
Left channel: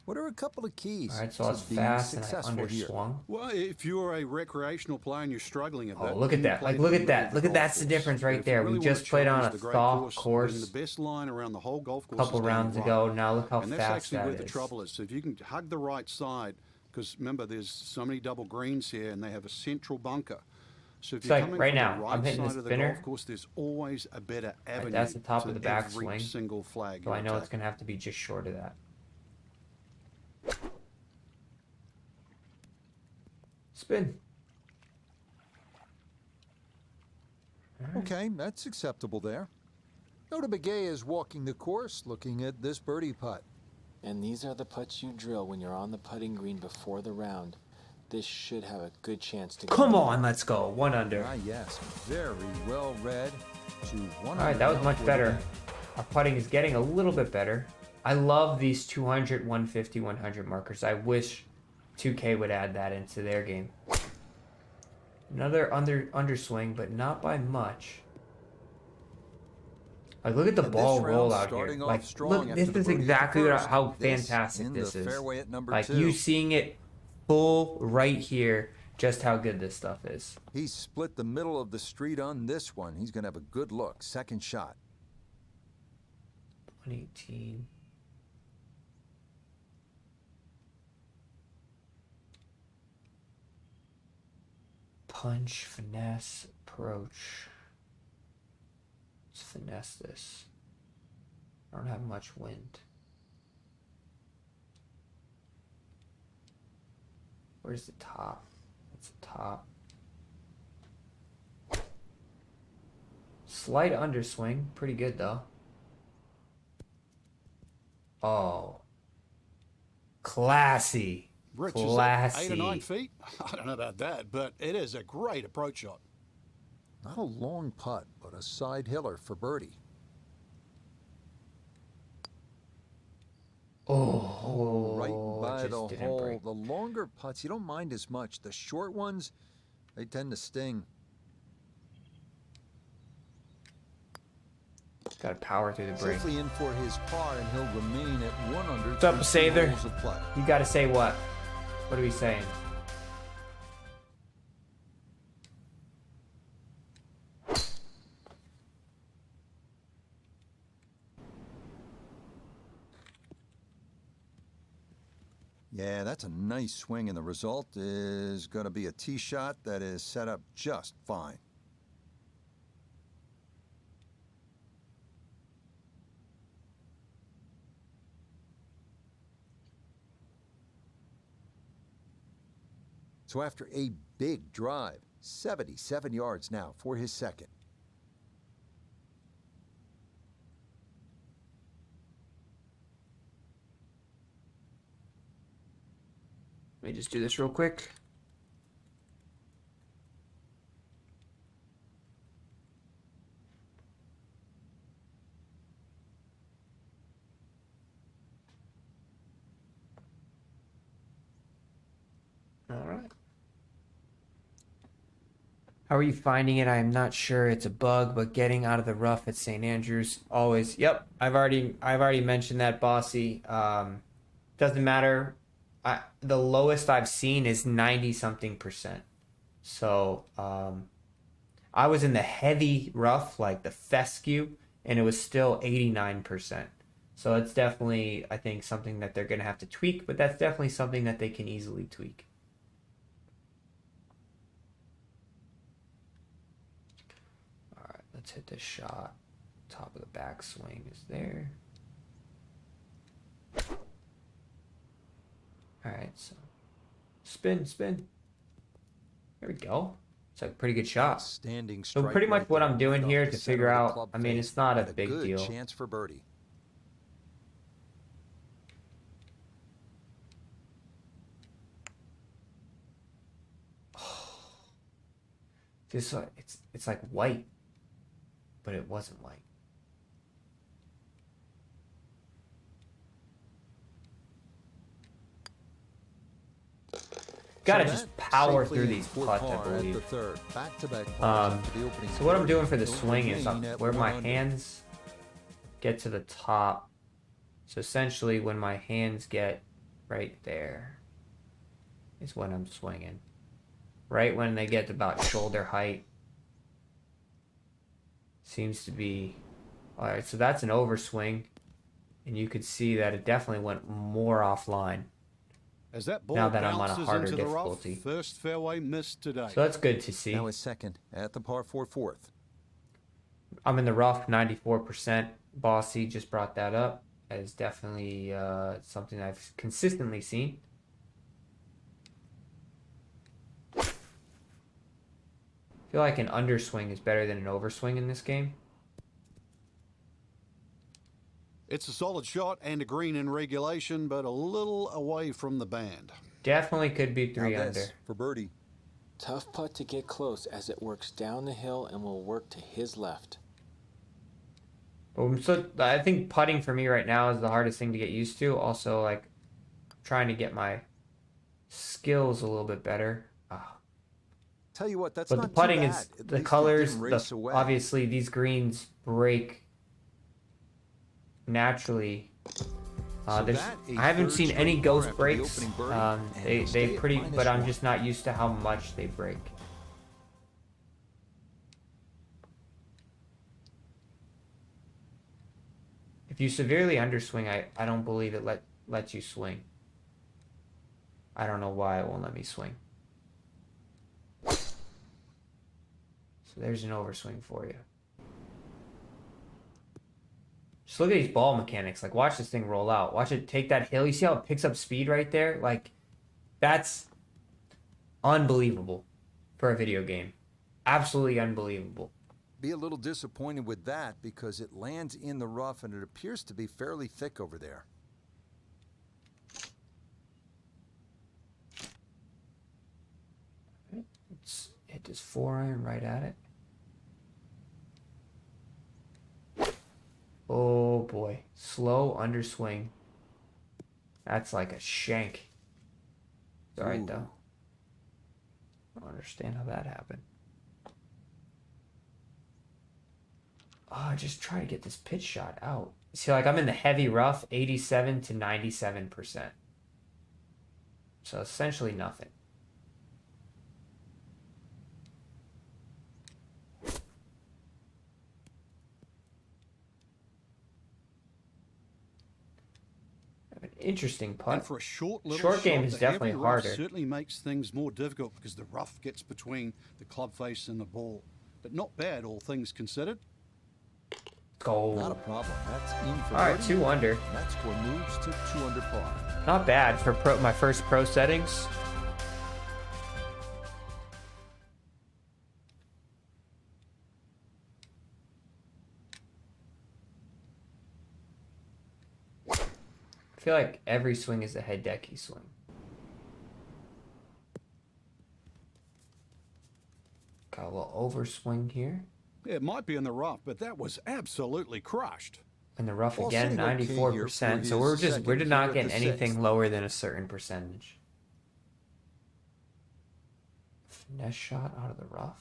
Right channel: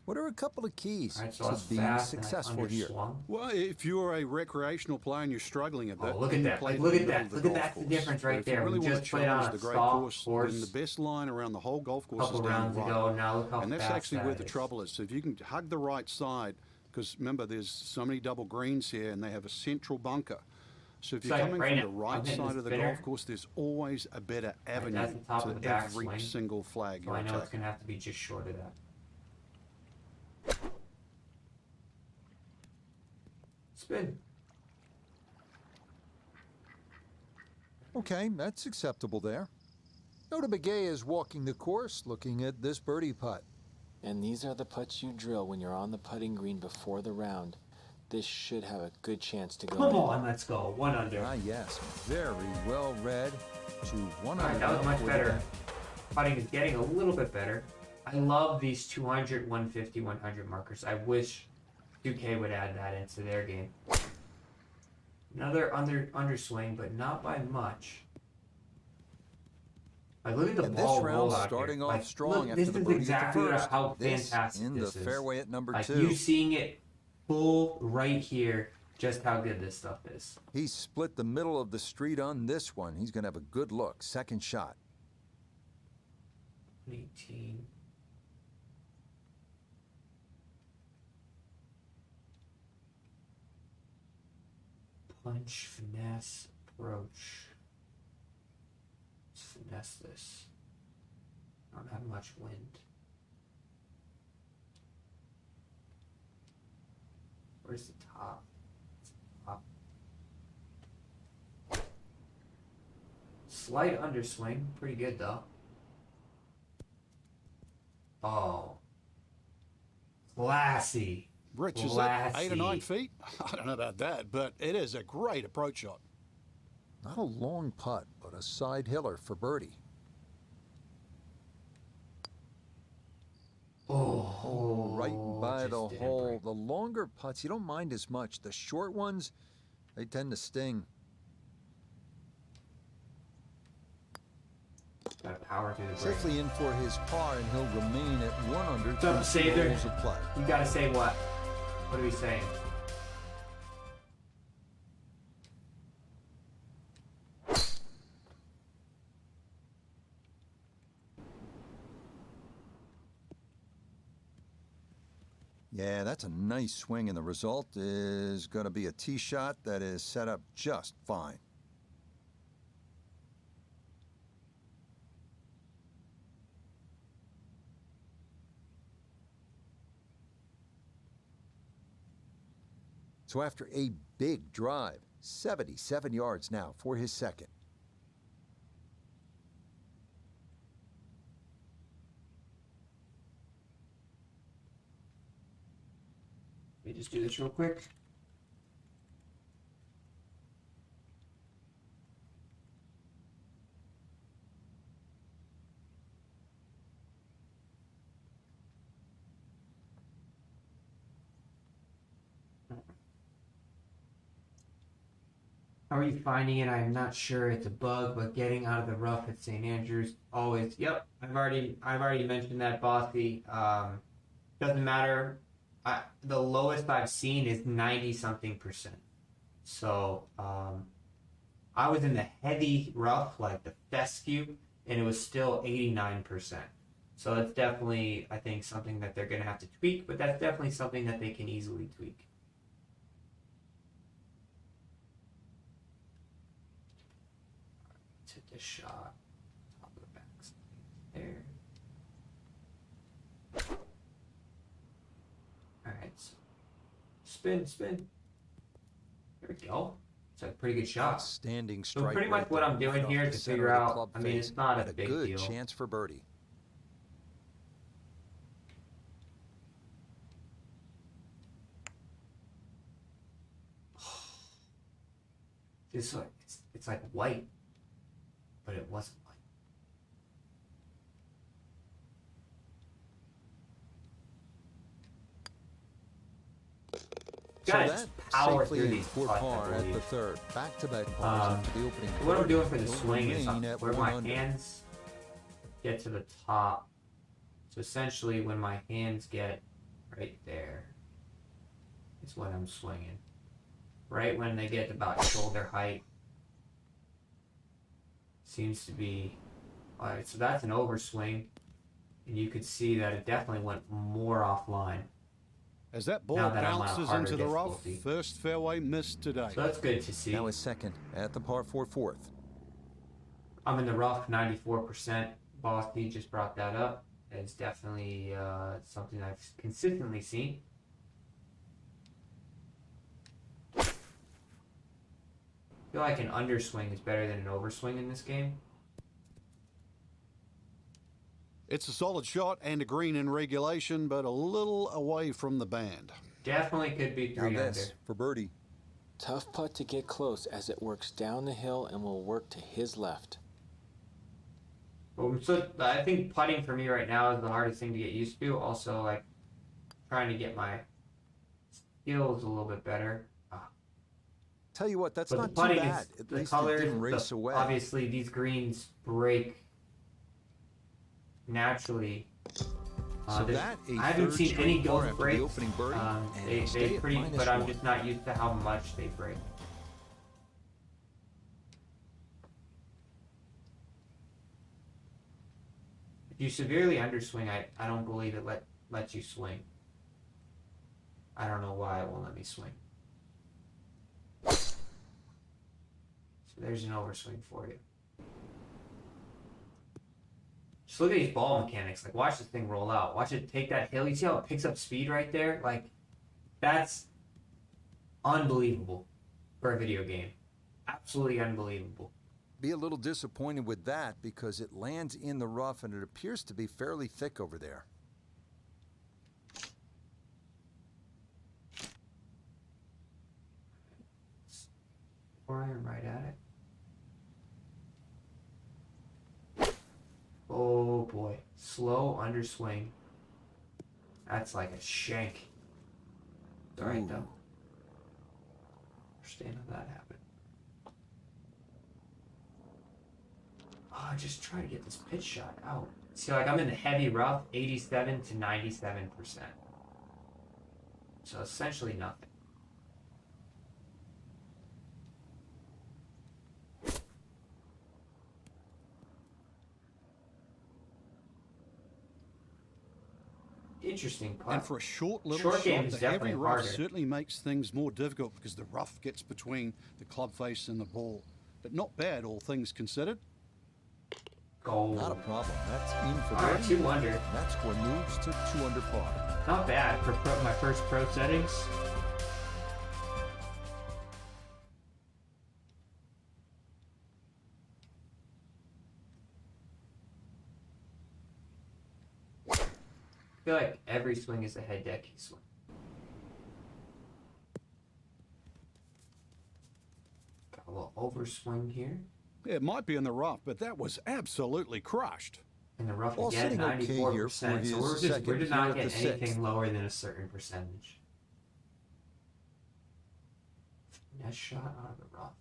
What are a couple of keys All right, so to being successful here? Well, if you're a recreational player and you're struggling at that, look at that! Like, look at that! Look at that's the difference right there. Really We just played on a the great soft course, then the best line around the whole golf course couple is down rounds the right. ago. Now look how And that's fast actually that where the is. trouble is. So if you can hug the right side, because remember, there's so many double greens here, and they have a central bunker. So if you're like coming right from now, the right hitting side this of the spinner. golf course, there's always a better avenue that's the top of the to every backswing. single flag So you're I know it's attacking. gonna have to be just short of that. Spin. Okay, that's acceptable there. Nota Begay is walking the course, looking at this birdie putt. And these are the putts you drill when you're on the putting green before the round. This should have a good chance to go. Come on, let's go. 1 under. Ah, yes, very well read. To 1 All right, under. that was now much for the better. day. Our putting is getting a little bit better. I love these 200, 150, 100 markers. I wish 2K would add that into their game. Another underswing, but not by much. Like, look at the And ball this round roll out starting here. off Like, strong look, after this the is birdie at the exactly first. how This fantastic in this the is. fairway at number like, 2. you seeing it full right here, just how good this stuff is. He split the middle of the street on this one. He's going to have a good look. Second shot. 118. Punch, finesse, approach. Let's finesse this. I don't have much wind. Where's the top? It's the top. Slight underswing. Pretty good though. Oh. Classy. Rich, is that 8 or 9 feet? I don't know about that, but it is a great approach shot. Not a long putt, but a side hiller for birdie. Right by the hole. The longer putts, you don't mind as much. The short ones, they tend to sting. Got power through the break. Safely in for his par, and he'll remain at 1 under What's up, through 2 Sather? holes of play. You gotta say what? What are we saying? Yeah, that's a nice swing, and the result is going to be a tee shot that is set up just fine. So after a big drive, 77 yards now for his second. Let me just do this real quick. All right. How are you finding it? I'm not sure it's a bug, but getting out of the rough at St. Andrews always. Yep, I've already mentioned that, Bossy. Doesn't matter. The lowest I've seen is 90-something%. So I was in the heavy rough, like the fescue, and it was still 89%. So it's definitely, I think, something that they're going to have to tweak, but that's definitely something that they can easily tweak. All right, let's hit this shot. Top of the backswing is there. All right, so spin. There we go. It's a pretty good shot. Standing strike. So pretty much right what I'm doing right here to figure out, I mean, it's not a big deal. Good chance for birdie. It's like white, but it wasn't white. Gotta just power through these putts, par at the third. Back-to-back pars after the opening. So what I'm doing for the swing is where my hands get to the top. So essentially, when my hands get right there, is when I'm swinging. Right when they get about shoulder height, seems to be. All right, so that's an overswing, and you could see that it definitely went more offline. As that ball bounces into the rough, first fairway missed today. So that's good to see. Now his second at the par 4 fourth. I'm in the rough 94%. Bossy just brought that up. That is definitely something I've consistently seen. I feel like an underswing is better than an overswing in this game. It's a solid shot and a green in regulation, but a little away from the band. Definitely could be 3 under. For birdie. Tough putt to get close as it works down the hill and will work to his left. So I think putting for me right now is the hardest thing to get used to. Also, like, trying to get my skills a little bit better. Tell you what, that's but not the putting too bad. is the colors. Obviously, these greens break naturally. So I haven't seen any ghost breaks. They pretty, but I'm just not used to how much they break. If you severely underswing, I don't believe it lets you swing. I don't know why it won't let me swing. So there's an overswing for you. Just look at these ball mechanics. Like, watch this thing roll out. Watch it take that hill. You see how it picks up speed right there? Like, that's unbelievable for a video game. Absolutely unbelievable. Be a little disappointed with that because it lands in the rough and it appears to be fairly thick over there. Let's hit this 4-iron right at it. Oh boy, slow underswing. That's like a shank. All right, though. I don't understand how that happened. Oh, just try to get this pitch shot out. See, like, I'm in the heavy rough, 87 to 97%. So essentially nothing. Interesting putt. And for a short little shot, the heavy rough certainly makes things more difficult because the rough gets between the club face and the ball. But not bad, all things considered. Goal. Not a problem. That's in for all right, 2 under. That score moves to 2 under par. Not bad for my first pro settings. I feel like every swing is a head decky swing. Got a little overswing here. It might be in the rough, but that was absolutely crushed. In the rough Ball again, sitting okay here 94%. for So his we're not second getting here at the anything sixth. lower than a certain percentage. Finesse shot out of the rough.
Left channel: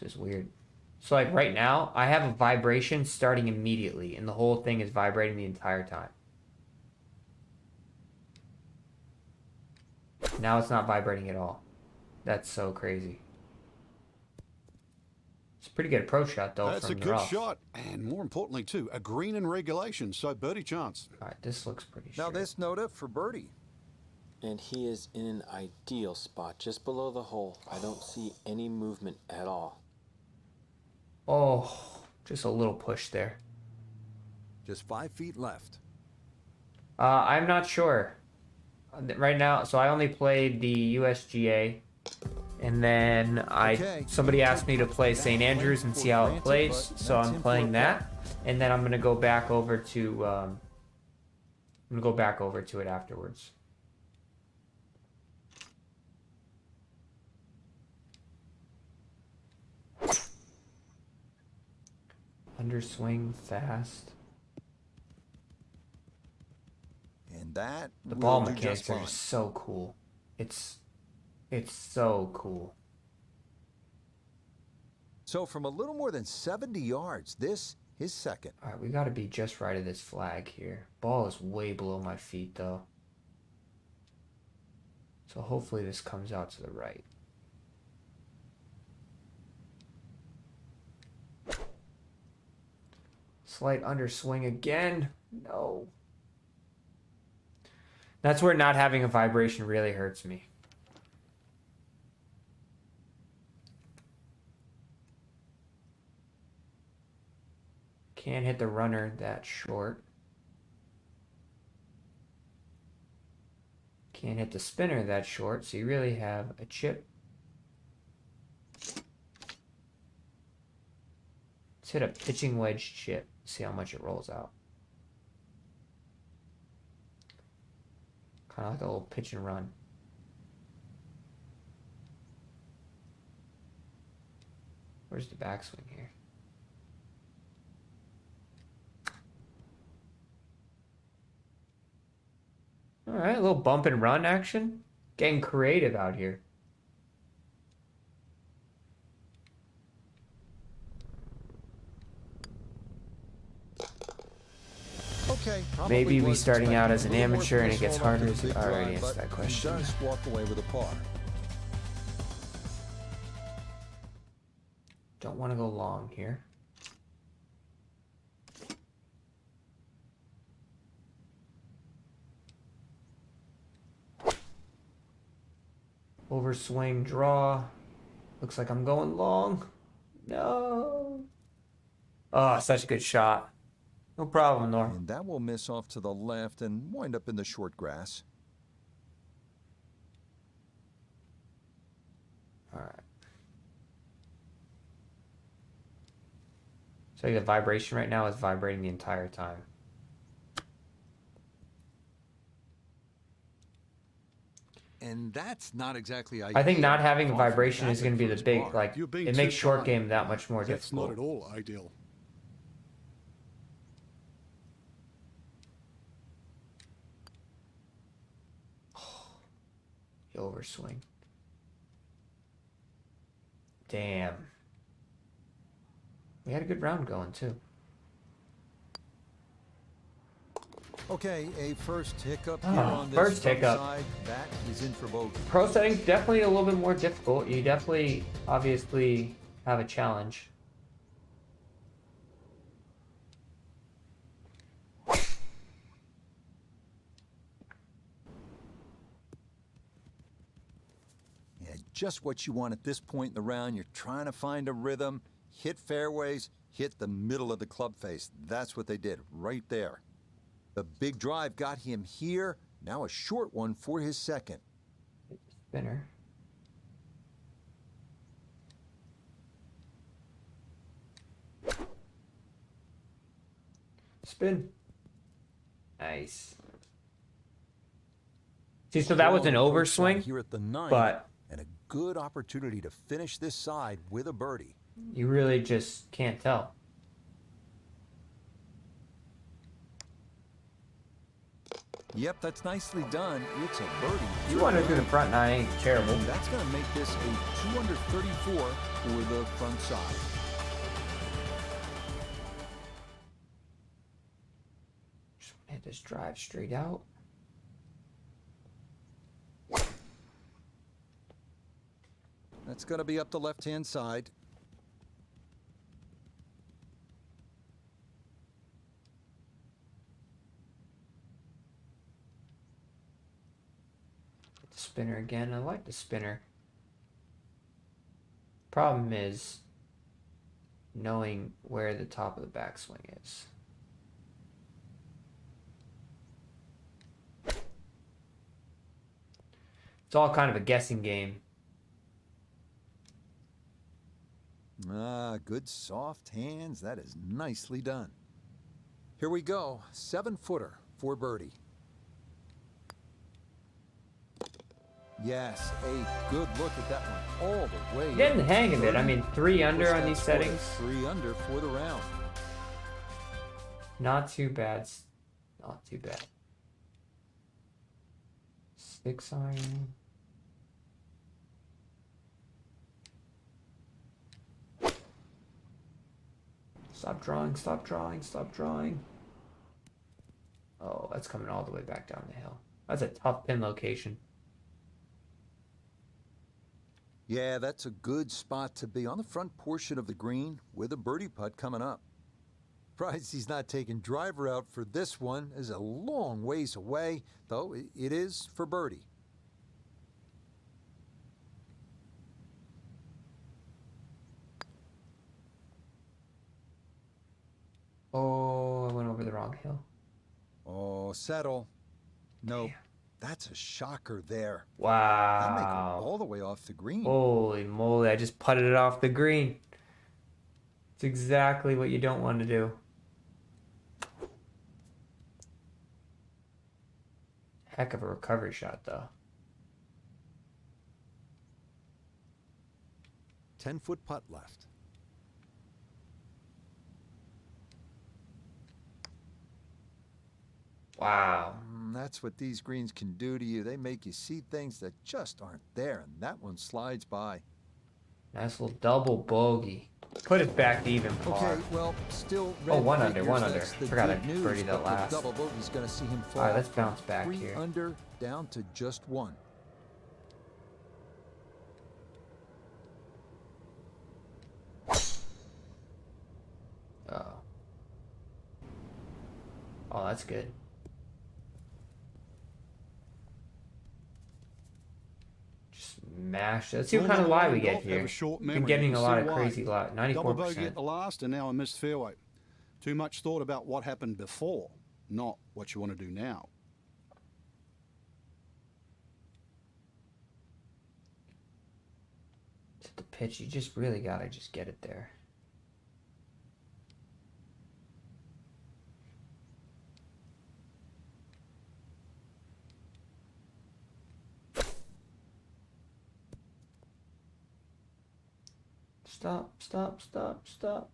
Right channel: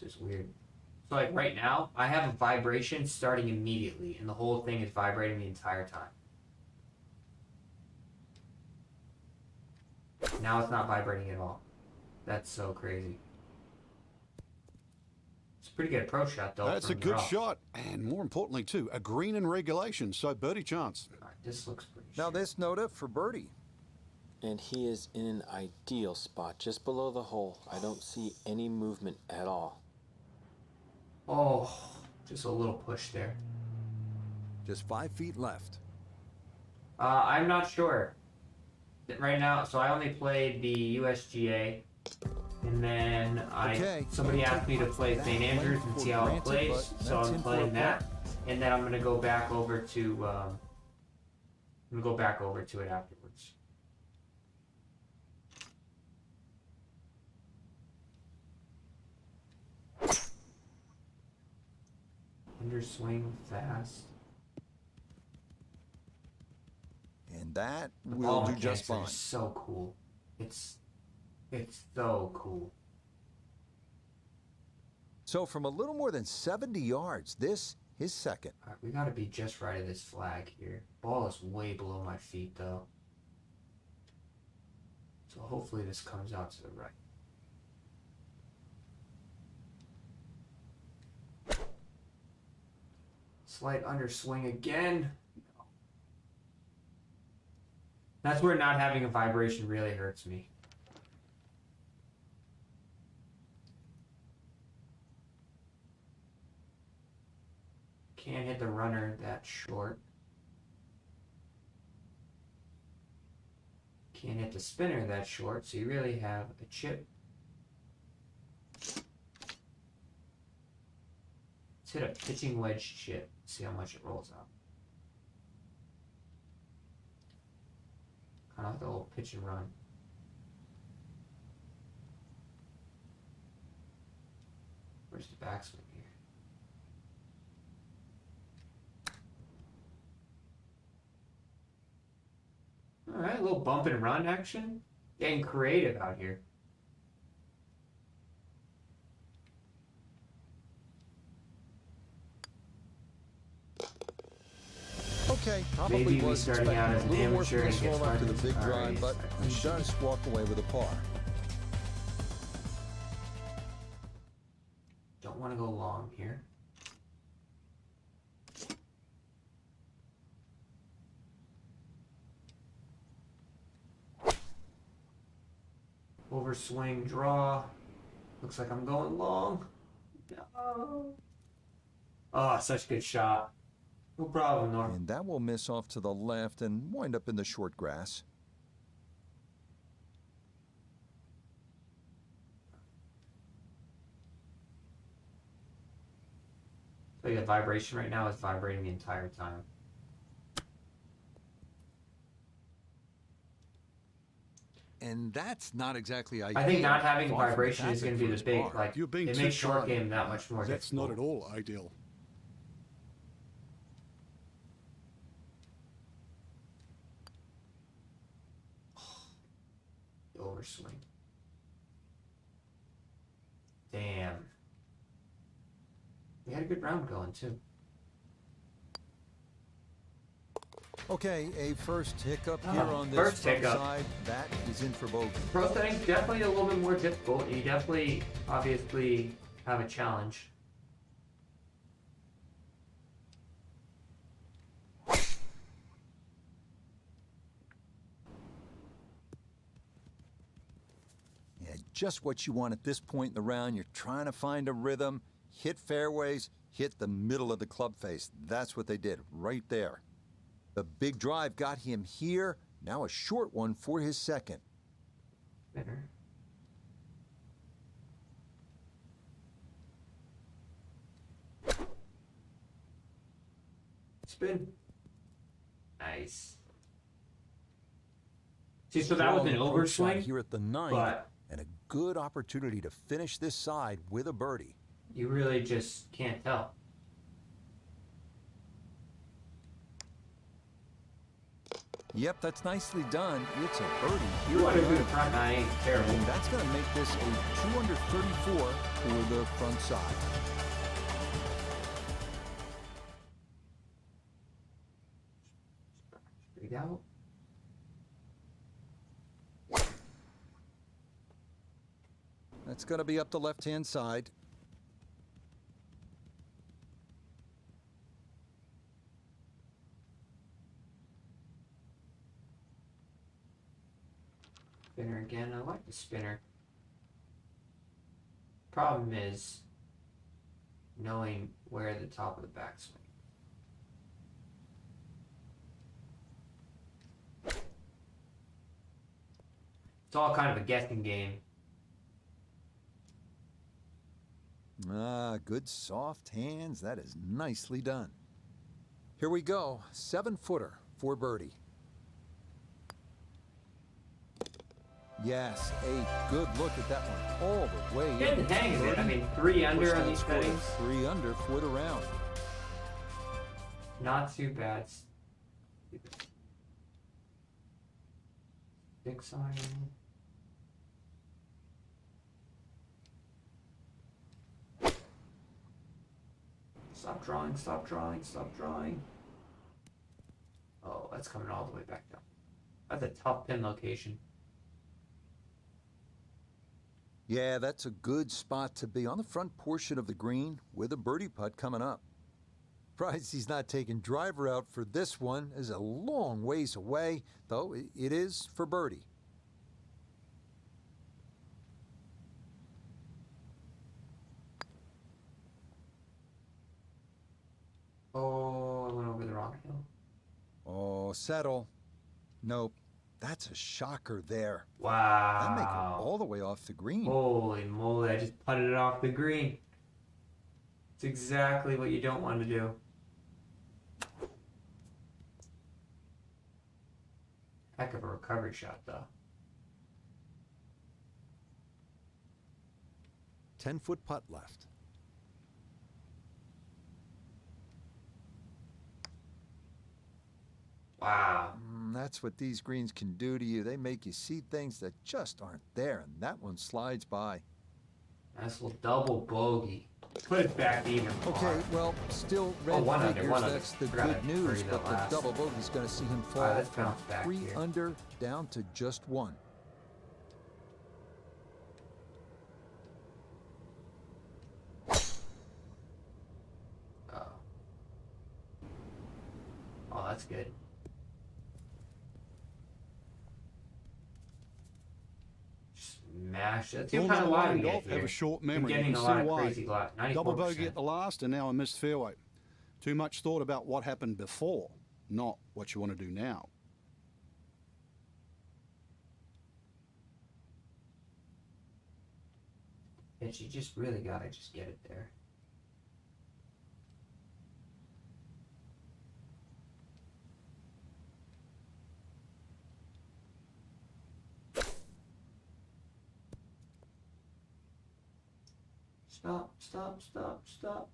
This is weird. So like right now, I have a vibration starting immediately, and the whole thing is vibrating the entire time. Now it's not vibrating at all. That's so crazy. It's a pretty good approach shot, though. That's a good shot, and more importantly, too, a green in regulation, so birdie chance. All right, this looks pretty Now straight. this Nota for birdie. And he is in an ideal spot, just below the hole. I don't see any movement at all. Oh, just a little push there. Just 5 feet left. I'm not sure. Right now, so I only played the USGA, and then somebody asked me to play St. Andrews and see how it plays, so I'm playing that, and then I'm gonna go back over to it afterwards. Underswing fast. And that The will ball do mechanics just fine. are so cool. It's so cool. So from a little more than 70 yards, this is second. All right, we got to be just right of this flag here. Ball is way below my feet, though. So hopefully this comes out to the right. Slight underswing again. No. That's where not having a vibration really hurts me. Can't hit the runner that short. Can't hit the spinner that short, so you really have a chip. Let's hit a pitching wedge chip, see how much it rolls out. Kind of like a little pitch and run. Where's the backswing here? All right, a little bump and run action. Getting creative out here. Okay, probably Maybe was starting out as an expecting a little amateur more and it gets control after harder the big to drive, answer but that he question. does walk away with a par. Don't want to go long here. Overswing draw. Looks like I'm going long. No. Oh, such a good shot. No problem, Norm. And that will miss off to the left and wind up in the short grass. All right. So the vibration right now is vibrating the entire time. And that's not exactly ideal. I think not having a vibration is going to be the big, like, You're being it too makes short kind. game that much more That's difficult. not at all ideal. The overswing. Damn. We had a good round going, too. Okay, a first hiccup here on this first front hiccup. side. That is in for bogey. Pro setting's definitely a little bit more difficult. You definitely, obviously, have a challenge. Yeah, just what you want at this point in the round. You're trying to find a rhythm, hit fairways, hit the middle of the club face. That's what they did right there. The big drive got him here. Now a short one for his second. Spinner. Spin. Nice. See, so that was an overswing here at the 9th, but and a good opportunity to finish this side with a birdie. You really just can't tell. Yep, that's nicely done. It's a birdie here. 2 under to the front nine ain't terrible. And that's going to make this a 2 under 34 for the front side. Just hit this drive straight out. That's going to be up the left-hand side. Spinner again. I like the spinner. Problem is knowing where the top of the backswing is. It's all kind of a guessing game. Ah, good soft hands. That is nicely done. Here we go. 7-footer for birdie. Yes, a good look at that one all the way. Getting the hang of it. I mean, 3 under on these settings. 3 under for the round. Not too bad. Not too bad. 6 iron. Stop drawing, stop drawing, stop drawing. Oh, that's coming all the way back down the hill. That's a tough pin location. Yeah, that's a good spot to be on the front portion of the green with a birdie putt coming up. Surprised he's not taking driver out for this one. Is a long ways away, though it is for birdie. Oh, I went over the wrong hill. Oh, settle. Nope. That's a shocker there. Wow. That may go all the way off the green. Holy moly, I just putted it off the green. It's exactly what you don't want to do. Heck of a recovery shot, though. 10-foot putt left. Wow. That's what these greens can do to you. They make you see things that just aren't there, and that one slides by. Nice little double bogey. Put it back even. Okay, well, still red figures. One That's under. the good news, but the double bogey's going to see him fall let's from bounce back 3 here. under down to just 1. Oh, that's good. Just mash. Let's see what kind of lie we get here. Have a short memory. Getting a lot of why. crazy lie. 94%. Double bogey at the last, and now a missed fairway. Too much thought about what happened before, not what you want to do now. It's the pitch. You just really gotta just get it there. Stop, stop, stop, stop.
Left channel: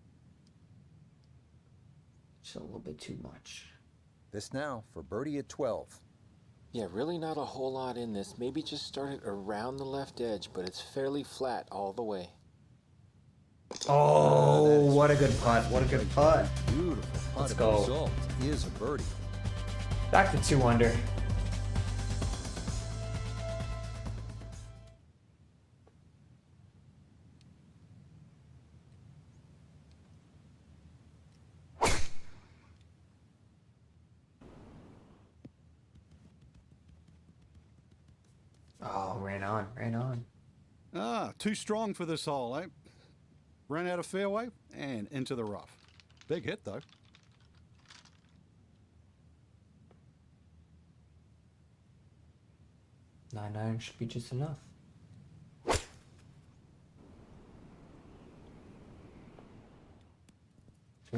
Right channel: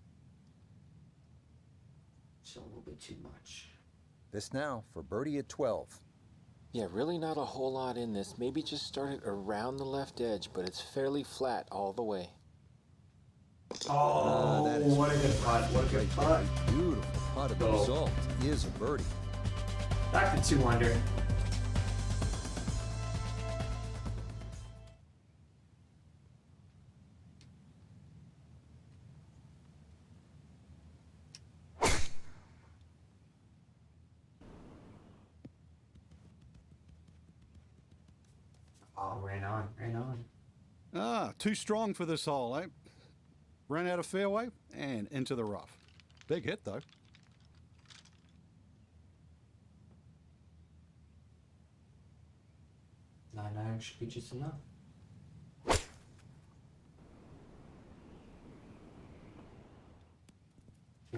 Just a little bit too much. This now for birdie at 12. Yeah, really not a whole lot in this. Maybe just start it around the left edge, but it's fairly flat all the way. Oh, what a good putt. What a good putt. Beautiful putt. The result is a birdie. Back to 2 under. Ran on. Ah, too strong for this hole, eh? Ran out of fairway and into the rough. Big hit, though. Nine iron should be just enough.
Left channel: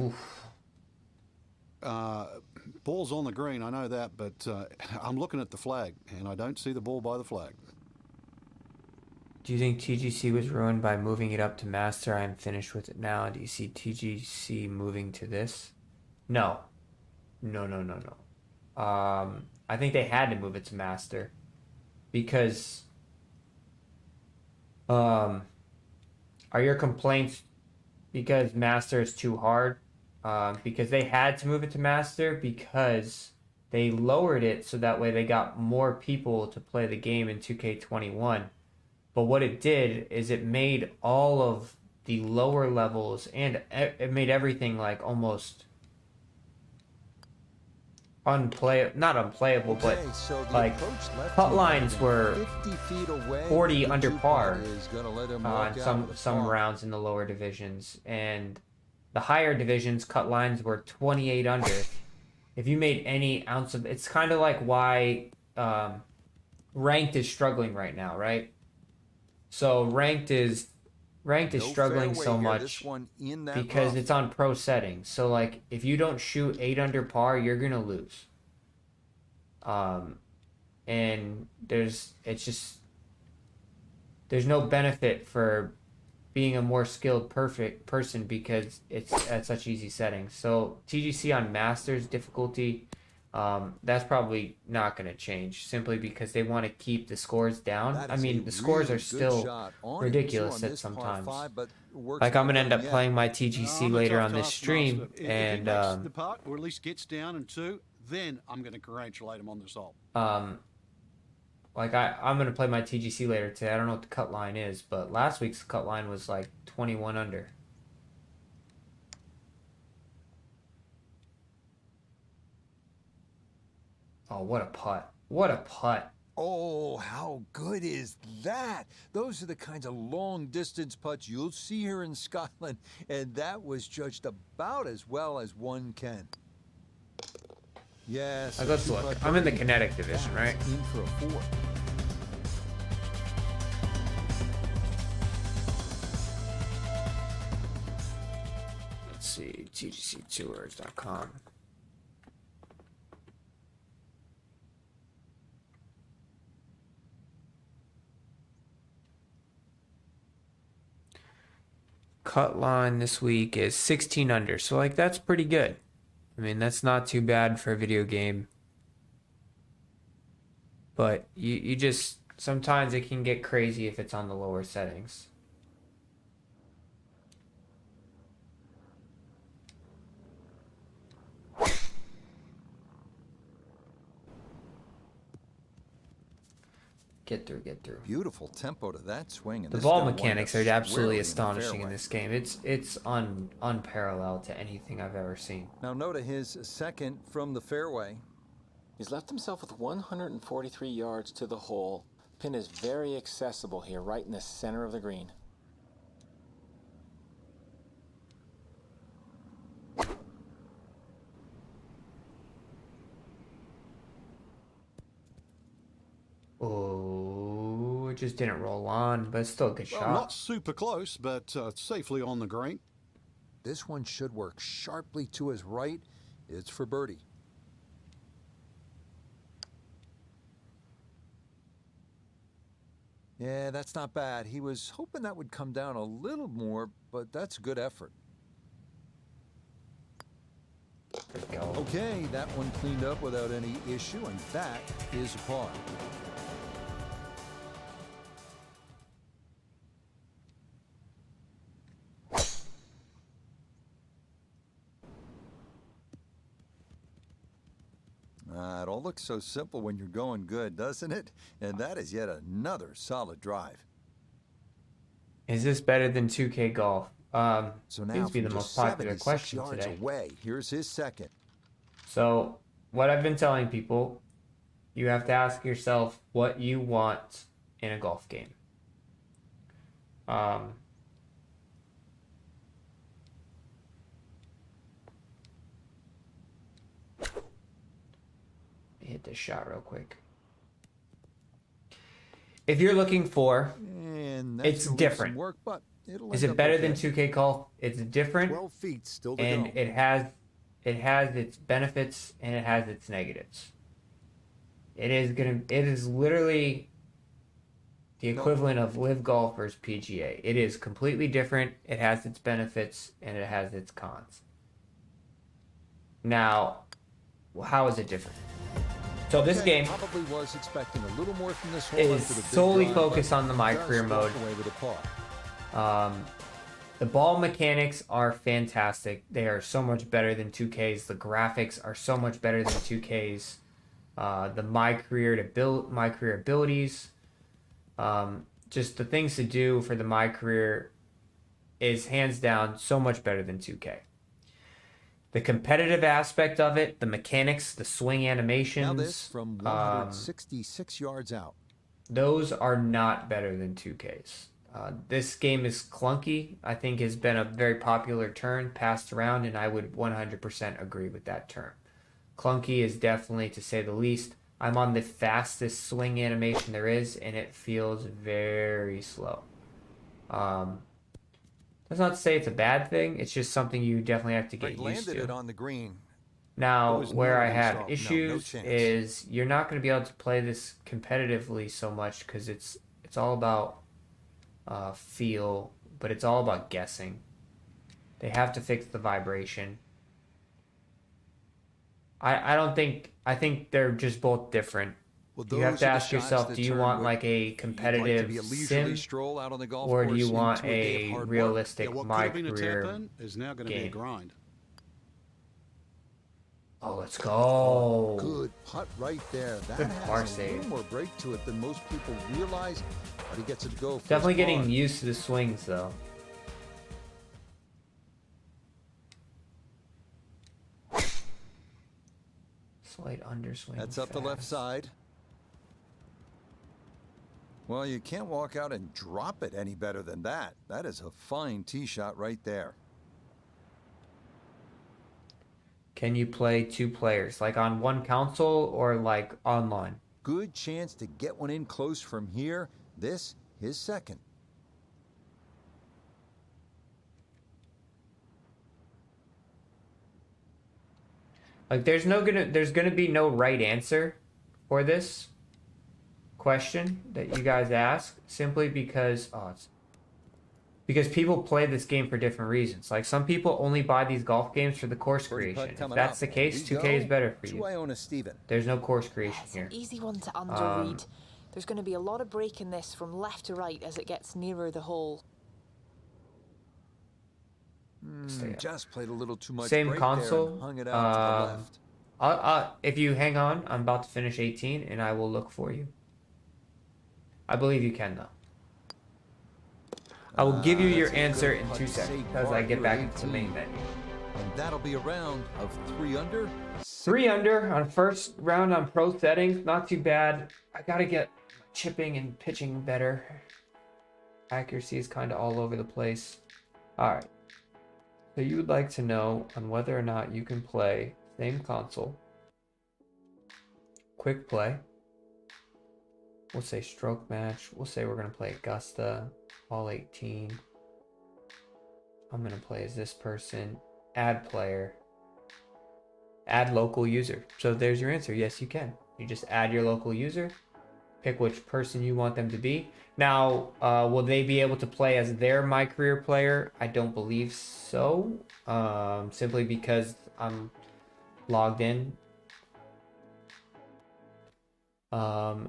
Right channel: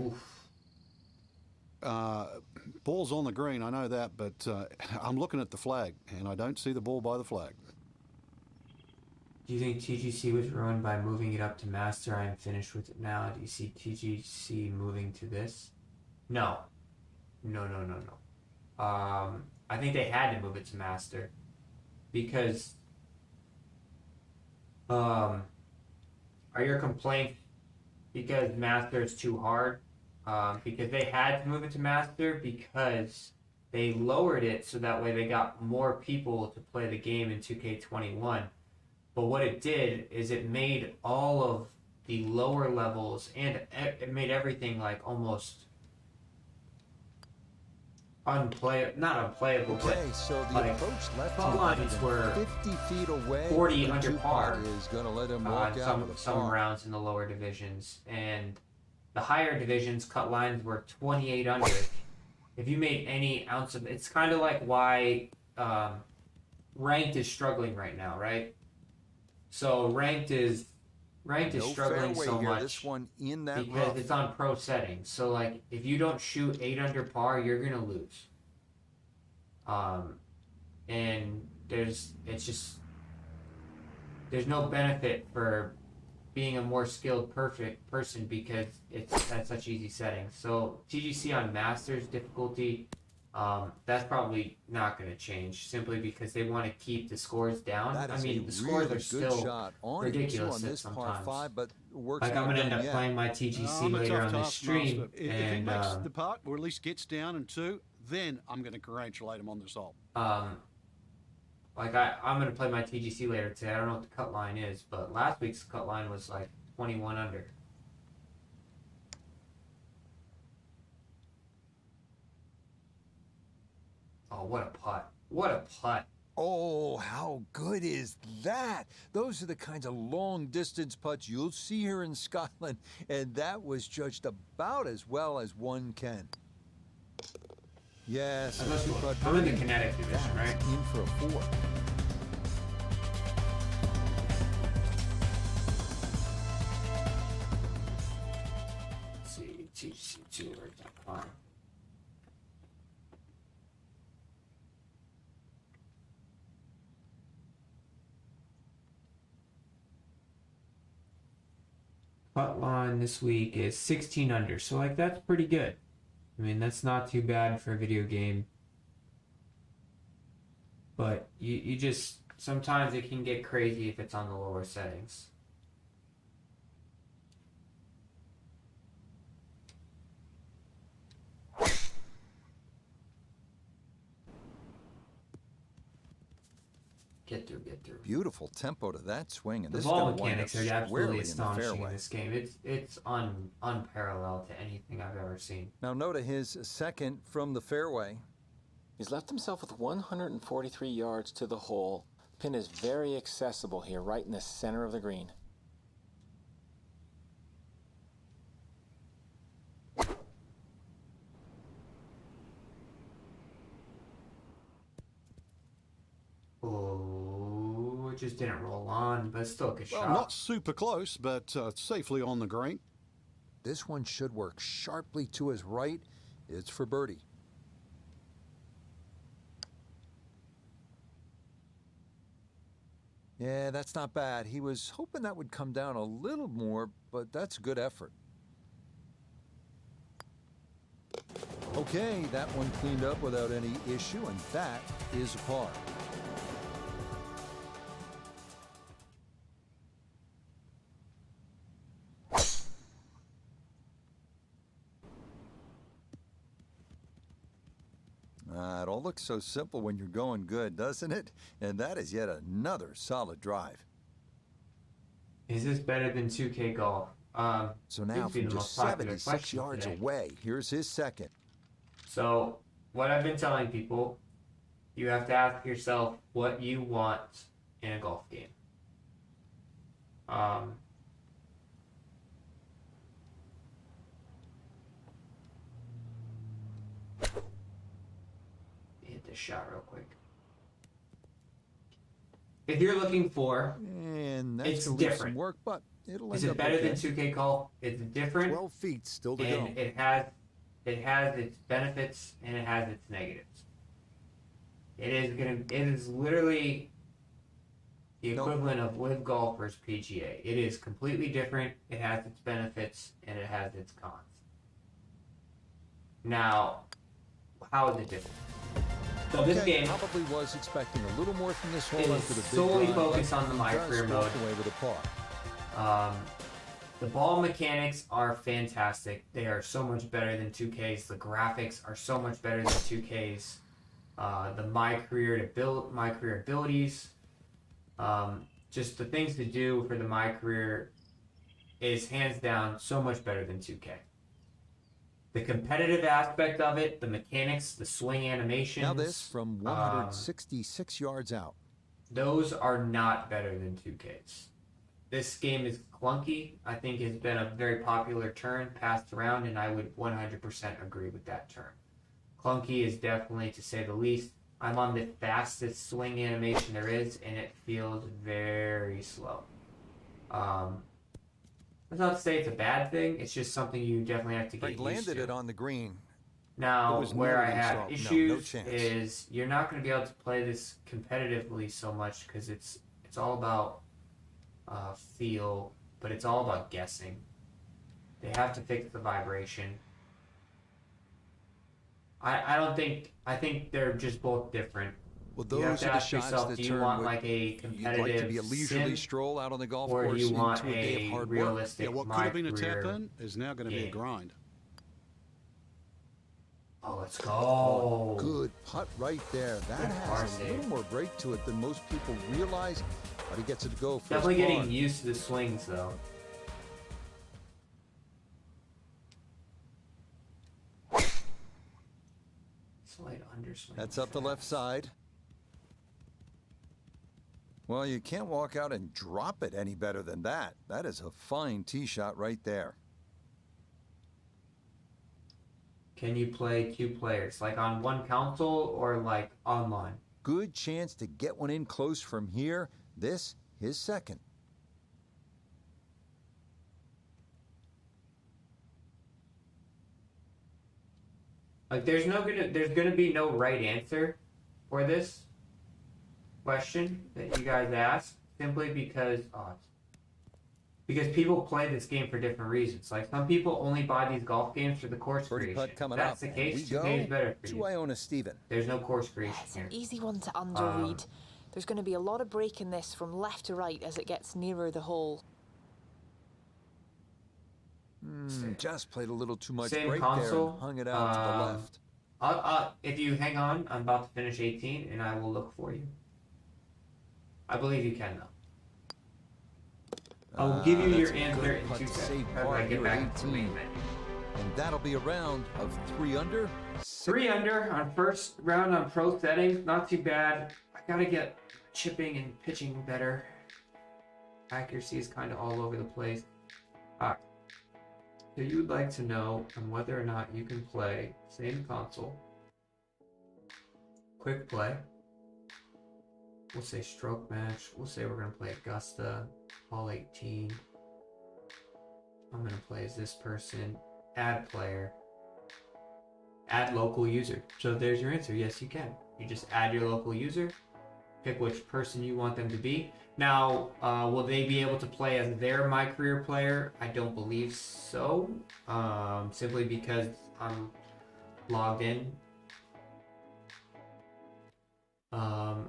Oof. Ball's on the green, I know that, but I'm looking at the flag, and I don't see the ball by the flag. Do you think TGC was ruined by moving it up to Master? I'm finished with it now. Do you see TGC moving to this? No. No. I think they had to move it to Master because are your complaints because Master is too hard? Because they had to move it to Master because they lowered it so that way they got more people to play the game in 2K21. But what it did is it made all of the lower levels and it made everything like almost not unplayable, okay, but so the like approach left cut lines were 50 feet away. 40 under par is going to let him walk out with some rounds in the lower divisions, and the higher divisions cut lines were 28 under. If you made any ounce of, it's kind of like why ranked is struggling right now, right? So ranked is struggling so much this one in that because rough. it's on pro settings. So like if you don't shoot 8 under par, you're gonna lose. And there's no benefit for being a more skilled perfect person because it's at such easy settings. So TGC on Masters difficulty, that's probably not going to change simply because they want to keep the scores down. I mean, the scores are still ridiculous at sometimes. Like I'm going to end up playing my TGC later on this stream. If he makes the putt or at least gets down in 2, then I'm going to congratulate him on this hole. Like I'm going to play my TGC later today. I don't know what the cut line is, but last week's cut line was like 21 under. Oh, what a putt. What a putt. Oh, how good is that? Those are the kinds of long-distance putts you'll see here in Scotland, and that was judged about as well as one can. Yes, I'm in the kinetic division, right? In for a 4. Let's see, tgctours.com. Cut line this week is 16 under, so like that's pretty good. I mean, that's not too bad for a video game. But you just, sometimes it can get crazy if it's on the lower settings. Get through. Beautiful tempo to that swing. And the ball mechanics are absolutely astonishing in this game. It's unparalleled to anything I've ever seen. Now note his second from the fairway. He's left himself with 143 yards to the hole. Pin is very accessible here, right in the center of the green. Oh, it just didn't roll on, but it's still a good shot. Not super close, but safely on the green. This one should work sharply to his right. It's for birdie. Yeah, that's not bad. He was hoping that would come down a little more, but that's a good effort. Okay, that one cleaned up without any issue, and that is a par. It all looks so simple when you're going good, doesn't it? And that is yet another solid drive. Is this better than 2K Golf? So now from just 76 yards away, here's his second. So what I've been telling people, you have to ask yourself what you want in a golf game. Hit this shot real quick. If you're looking for, and it's different. Work, but it'll is it better than 2K Golf? It's different. 12 feet still to go. And it has its benefits and it has its negatives. It is literally the equivalent of Live Golf versus PGA. It is completely different. It has its benefits and it has its cons. Now, how is it different? So this game probably was expecting a little more from this hole after the big solely drive, focused on the My Career mode. Away with a par. The ball mechanics are fantastic. They are so much better than 2K's. The graphics are so much better than 2K's. The My Career abilities, just the things to do for the My Career is hands down so much better than 2K. The competitive aspect of it, the mechanics, the swing animations. Now this from 166 yards out. Those are not better than 2K's. This game is clunky. I think has been a very popular term passed around, and I would 100% agree with that term. Clunky is definitely, to say the least. I'm on the fastest swing animation there is, and it feels very slow. That's not to say it's a bad thing. It's just something you definitely have to get used to. Landed it on the green. Now, where I have issues is you're not going to be able to play this competitively so much because it's all about feel, but it's all about guessing. They have to fix the vibration. I think they're just both different. Well, those you have to are the ask shots yourself, that do you want like a competitive like to be a leisurely sim, stroll out on the golf or course do you want into a day of hard realistic what could have been a tap-in is now going to be a grind. Oh, let's go. Oh, good putt right there. That has a little more break to it than most people realize, but he gets it to go. Definitely getting used to the swings, though. Slight underswing. That's up the left side. Well, you can't walk out and drop it any better than that. That is a fine tee shot right there. Can you play two players, like on one console or like online? Good chance to get one in close from here. This, his second. Like there's gonna be no right answer for this question that you guys ask, simply because people play this game for different reasons. Like some people only buy these golf games for the course creation. If that's the case, 2K is better for you. Iona Steven. There's no course creation it's here. An easy one to underread. There's going to be a lot of break in this from left to right as it gets nearer the hole. Just played a little too much Same break console, there and hung it out to the left. If you hang on, I'm about to finish 18 and I will look for you. I believe you can, though. I will give you your answer in 2 seconds as I get back to the main menu. And that'll be a round of 3 under. 3 under on first round on pro settings. Not too bad. I gotta get chipping and pitching better. Accuracy is kind of all over the place. Alright. So you would like to know on whether or not you can play same console. Quick play. We'll say stroke match. We'll say we're going to play Augusta, all 18. I'm going to play as this person. Add player. Add local user. So there's your answer. Yes, you can. You just add your local user. Pick which person you want them to be. Now, will they be able to play as their My Career player? I don't believe so. Simply because I'm logged in.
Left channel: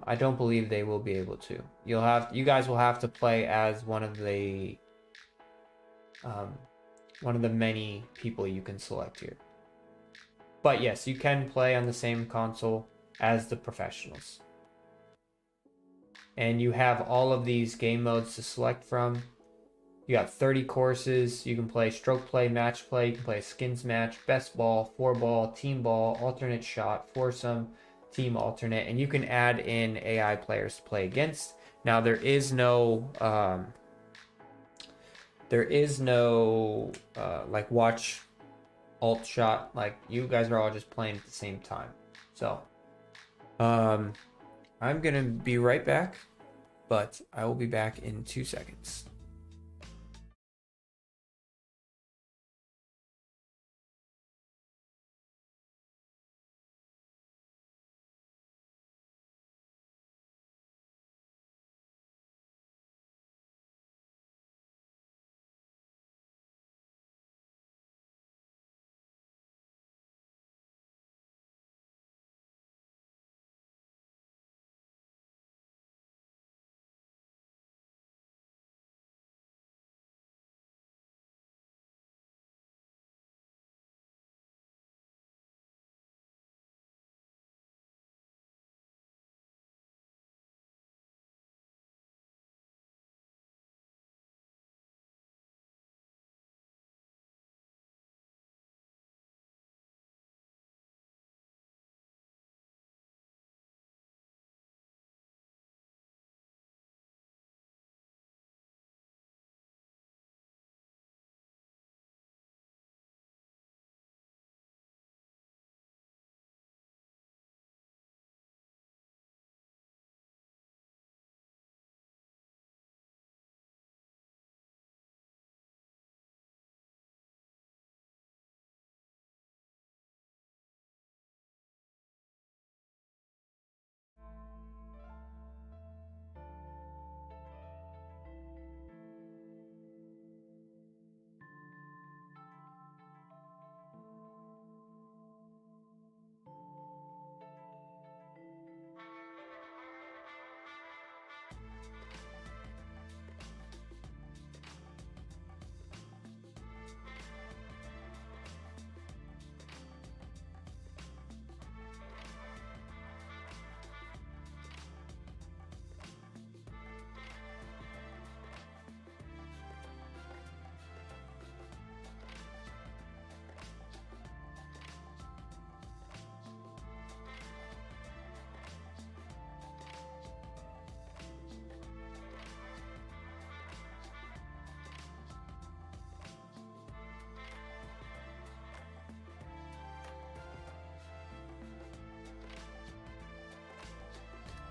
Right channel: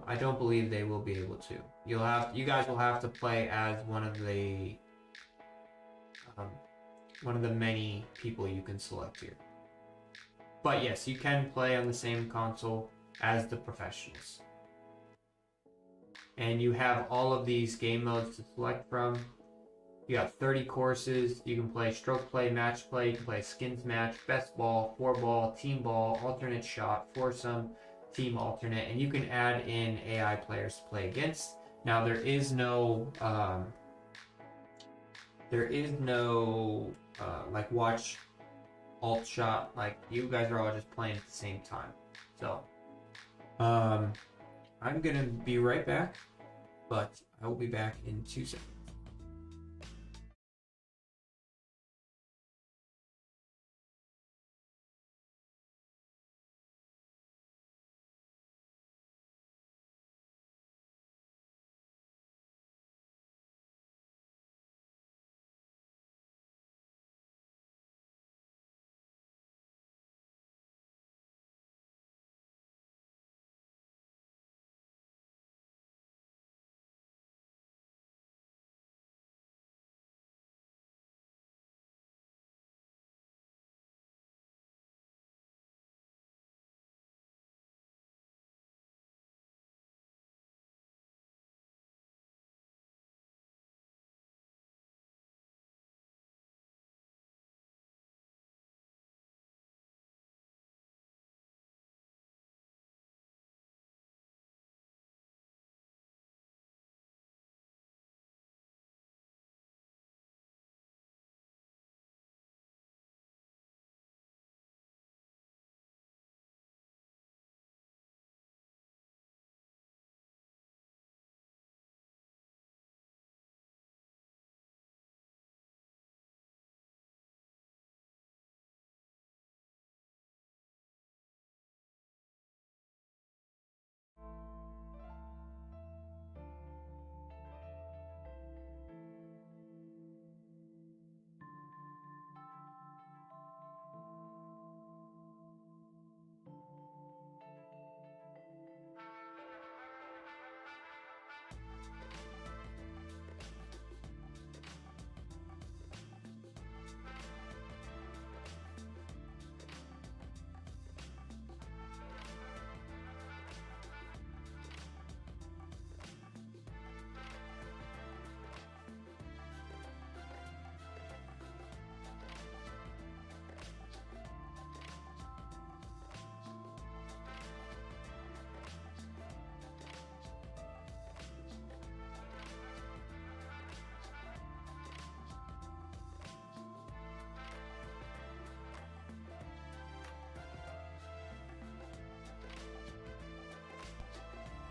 I don't believe they will be able to. You guys will have to play as one of the many people you can select here. But yes, you can play on the same console as the professionals. And you have all of these game modes to select from. You got 30 courses. You can play stroke play, match play. You can play skins match, best ball, 4-ball, team ball, alternate shot, foursome, team alternate, and you can add in AI players to play against. Now there is no like watch alt shot. Like you guys are all just playing at the same time. So I'm gonna be right back, but I will be back in 2 seconds.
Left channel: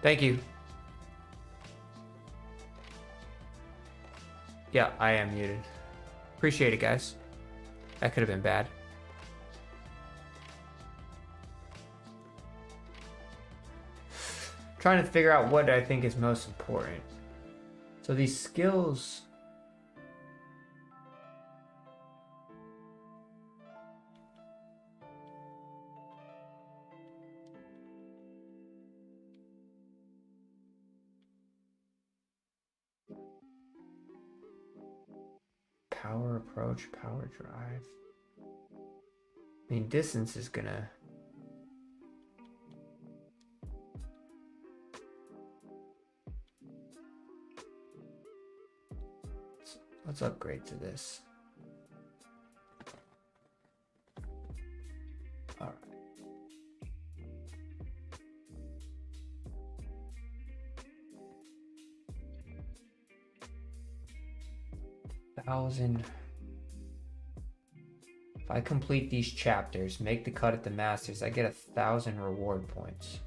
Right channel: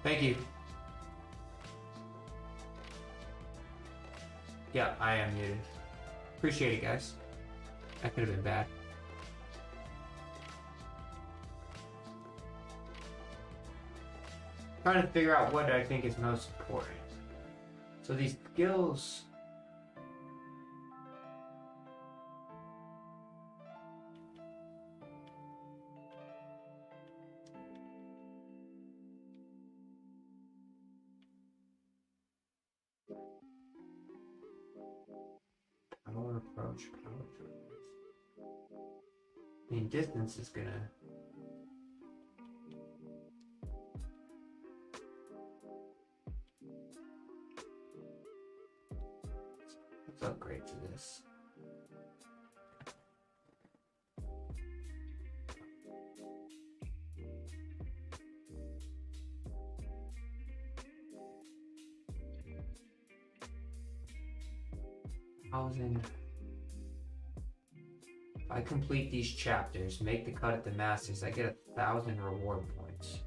Thank you. Yeah, I am muted. Appreciate it, guys. That could have been bad. Trying to figure out what I think is most important. So these skills... Power approach, power drive. I mean, distance is gonna... Let's upgrade to this. All right. 1,000. If I complete these chapters, make the cut at the Masters, I get 1,000 reward points.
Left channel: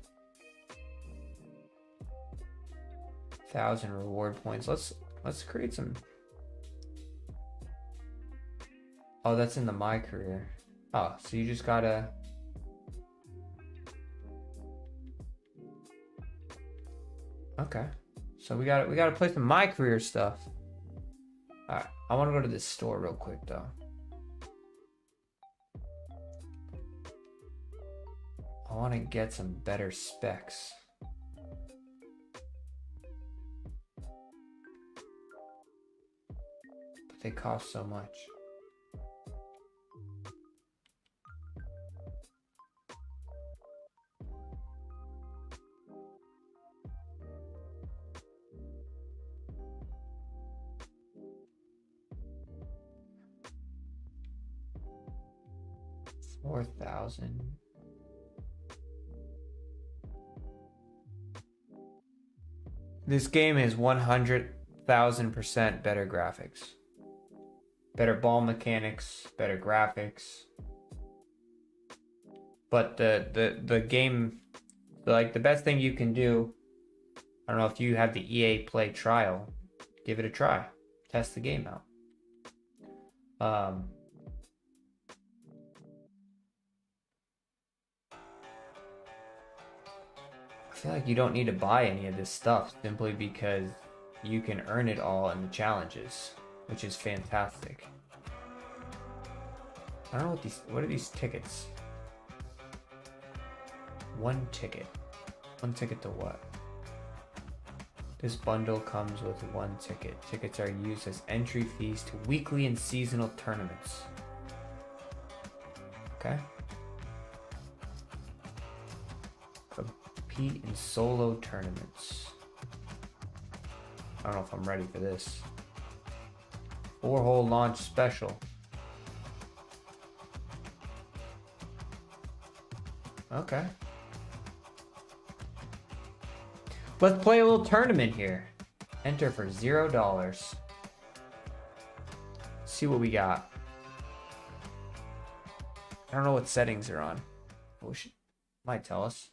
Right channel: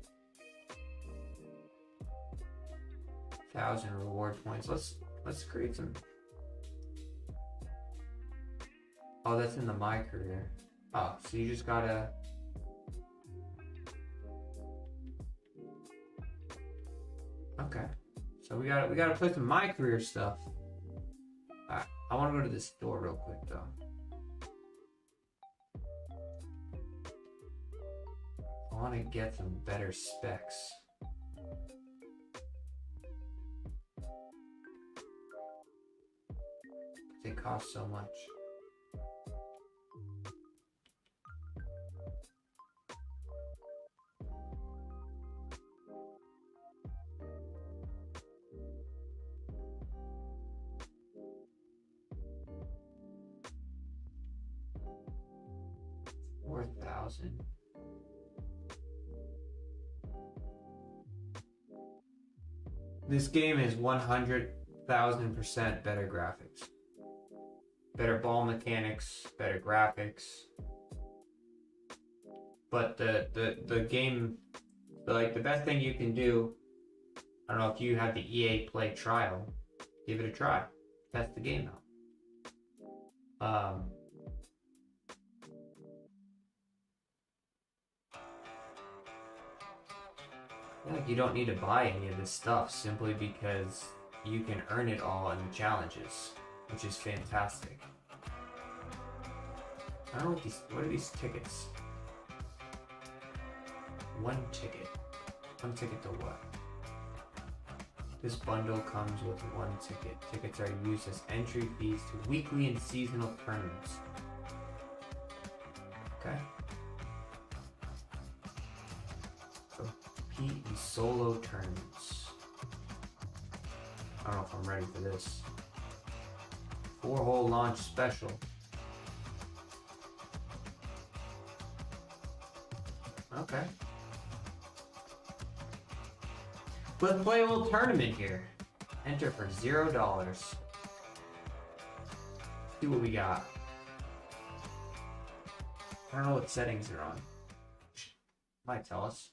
1,000 reward points. Let's create some. Oh, that's in the My Career. Oh, so you just gotta. Okay, so we gotta play some My Career stuff. All right, I want to go to this store real quick though. I want to get some better specs. But they cost so much. $4,000. This game is 100,000% better graphics. Better ball mechanics, better graphics. But the game, like the best thing you can do, I don't know if you have the EA Play trial, give it a try. Test the game out. I feel like you don't need to buy any of this stuff simply because you can earn it all in the challenges, which is fantastic. I don't know what are these tickets? One ticket. One ticket to what? This bundle comes with one ticket. Tickets are used as entry fees to weekly and seasonal tournaments. Okay. Compete in solo tournaments. I don't know if I'm ready for this. 4-hole launch special. Okay. Let's play a little tournament here. Enter for $0. See what we got. I don't know what settings are on. Might tell us.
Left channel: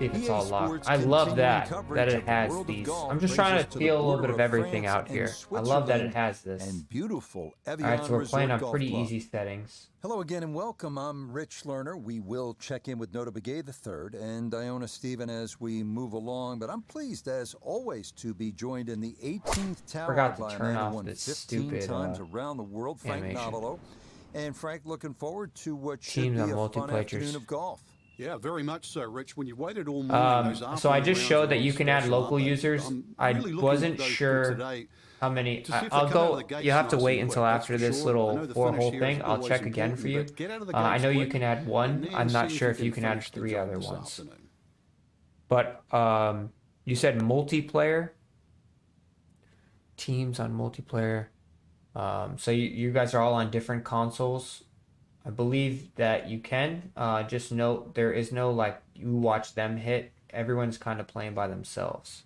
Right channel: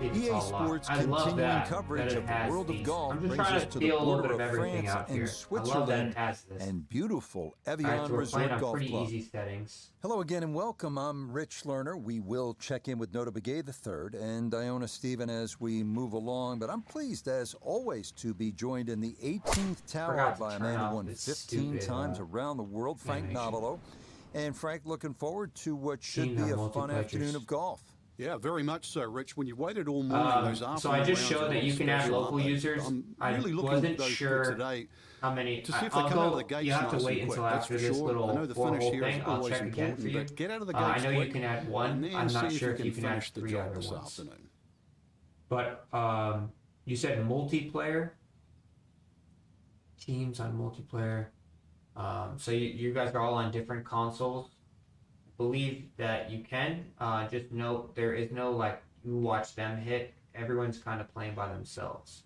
EA Sports I love that coverage it of the has world these. of golf. I'm just brings trying us to the feel a little border bit of of everything France out here. and I Switzerland love that it has this. And beautiful Evian All right, so we're Resort playing on Golf pretty Club. easy settings. Hello again and welcome. I'm Rich Lerner. We will check in with Nota Begay III and Iona Stephen as we move along, but I'm pleased as always to be joined in the 18th tower by a man who won 15 times around the world, Frank Navalo. And Frank, looking forward to what should be a fun afternoon of golf. Yeah, very much so, Rich. When you waited all morning, those afternoon so I just rounds showed are that you can special, add local aren't they? users. I'm I really looking wasn't at those sure today how many. to see if I'll they come out go. of the gates You have to nice wait and until quick, after that's for this sure. little I know the 4-hole finish here is thing. I'll always check again for important, you. but get out of the gates I know quick you can add one. and then I'm not see sure if you can add finish the 3 job other this ones. afternoon. But you said multiplayer. Teams on multiplayer. So you guys are all on different consoles. I believe that you can. Just note there is no like you watch them hit. Everyone's kind of playing by themselves.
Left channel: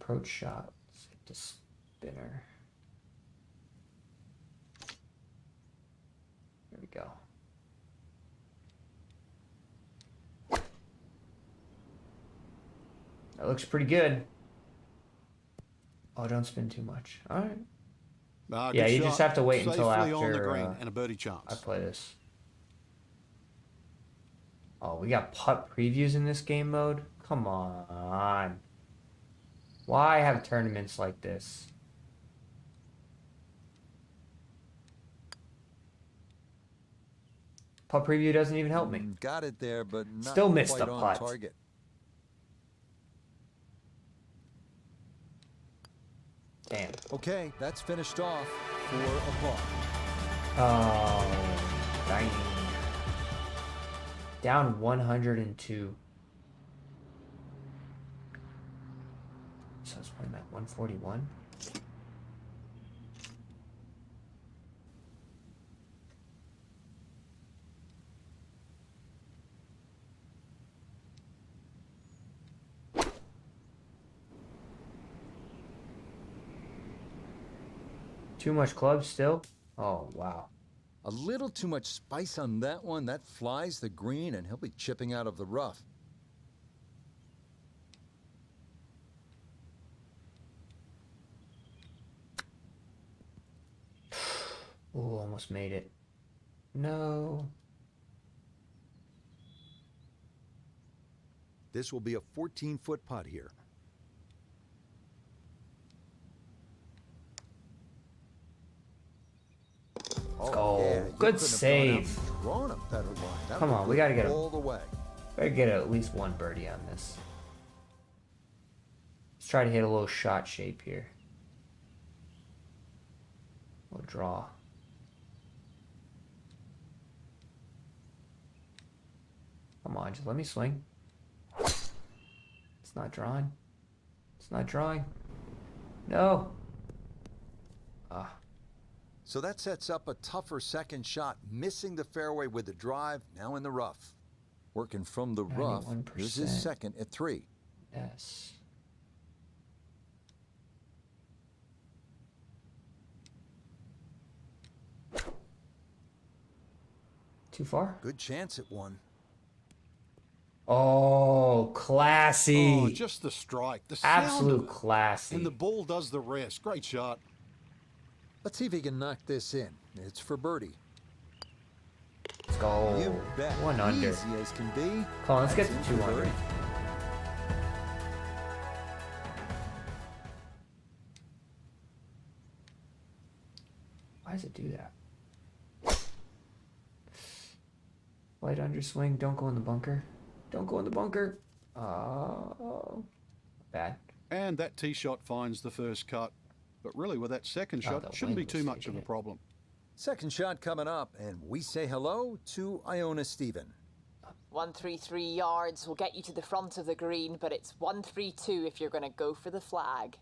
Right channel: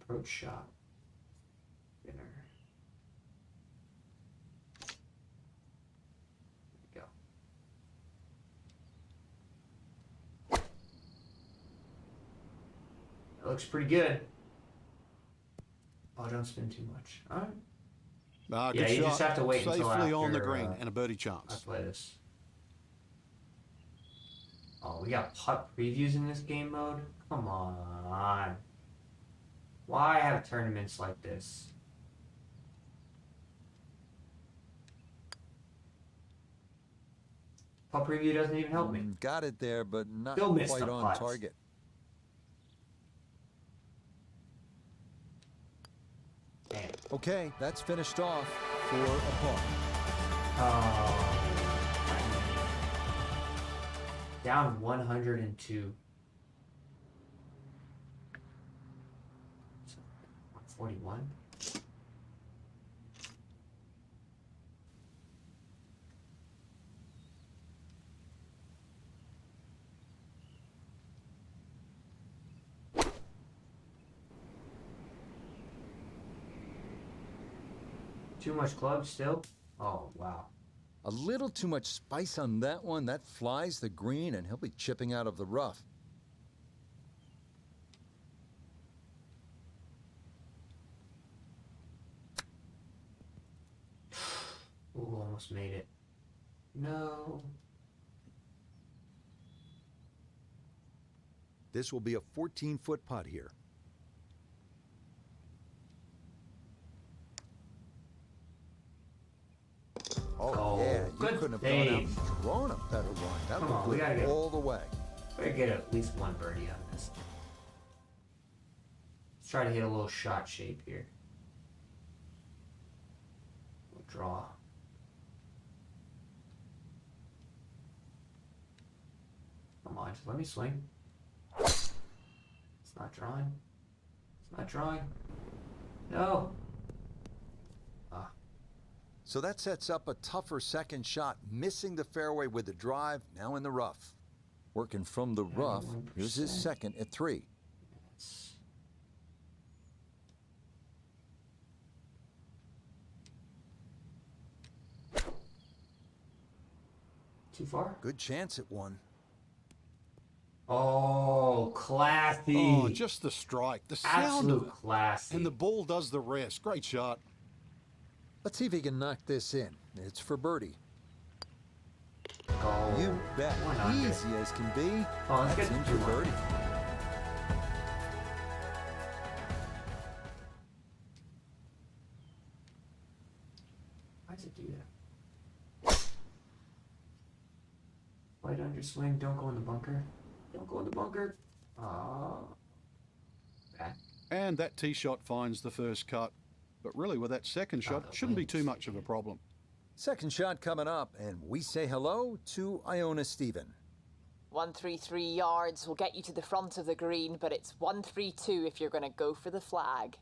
Approach shot. Hit the spinner. There we go. looks pretty good. Oh, don't spin too much. All right. Yeah, you just have to wait until after, safely on the green and a birdie chance. I play this. Oh, we got putt previews in this game mode? Come on. Why have tournaments like this? Putt preview doesn't even help me. Got it there, but not Still missed quite the on putts. target. Damn. Okay, that's finished off for a par. Oh, dang. Down 102. So it's probably at 141. Too much clubs still? Oh, wow. A little too much spice on that one. That flies the green, and he'll be chipping out of the rough. Ooh, almost made it. No. This will be a 14-foot putt here. Oh, yeah, you good couldn't save. have drawn a better line. That Come would on, we gotta get all the way. Gotta get at least one birdie on this. Let's try to hit a little shot shape here. We'll draw. Come on, just let me swing. It's not drawing. It's not drawing. No. So that sets up a tougher second shot, missing the fairway with the drive, now in the rough. Working from the rough, 91%. here's his second at 3. Yes. Too far? Good chance at one. Oh, classy. Oh, just the strike. The sound Absolute of it. classy. And the ball does the rest. Great shot. Let's see if he can knock this in. It's for birdie. Oh, You bet. 100. Easy as can be. Come on, let's That's get in to for 200. birdie. Why does it do that? Light underswing. Don't go in the bunker. Don't go in the bunker. Oh, bad. And that tee shot finds the first cut. But really, with that second shot, it shouldn't be too much of a problem. Second shot coming up, and we say hello to Iona Stephen. 133 yards will get you to the front of the green, but it's 132 if you're going to go for the flag.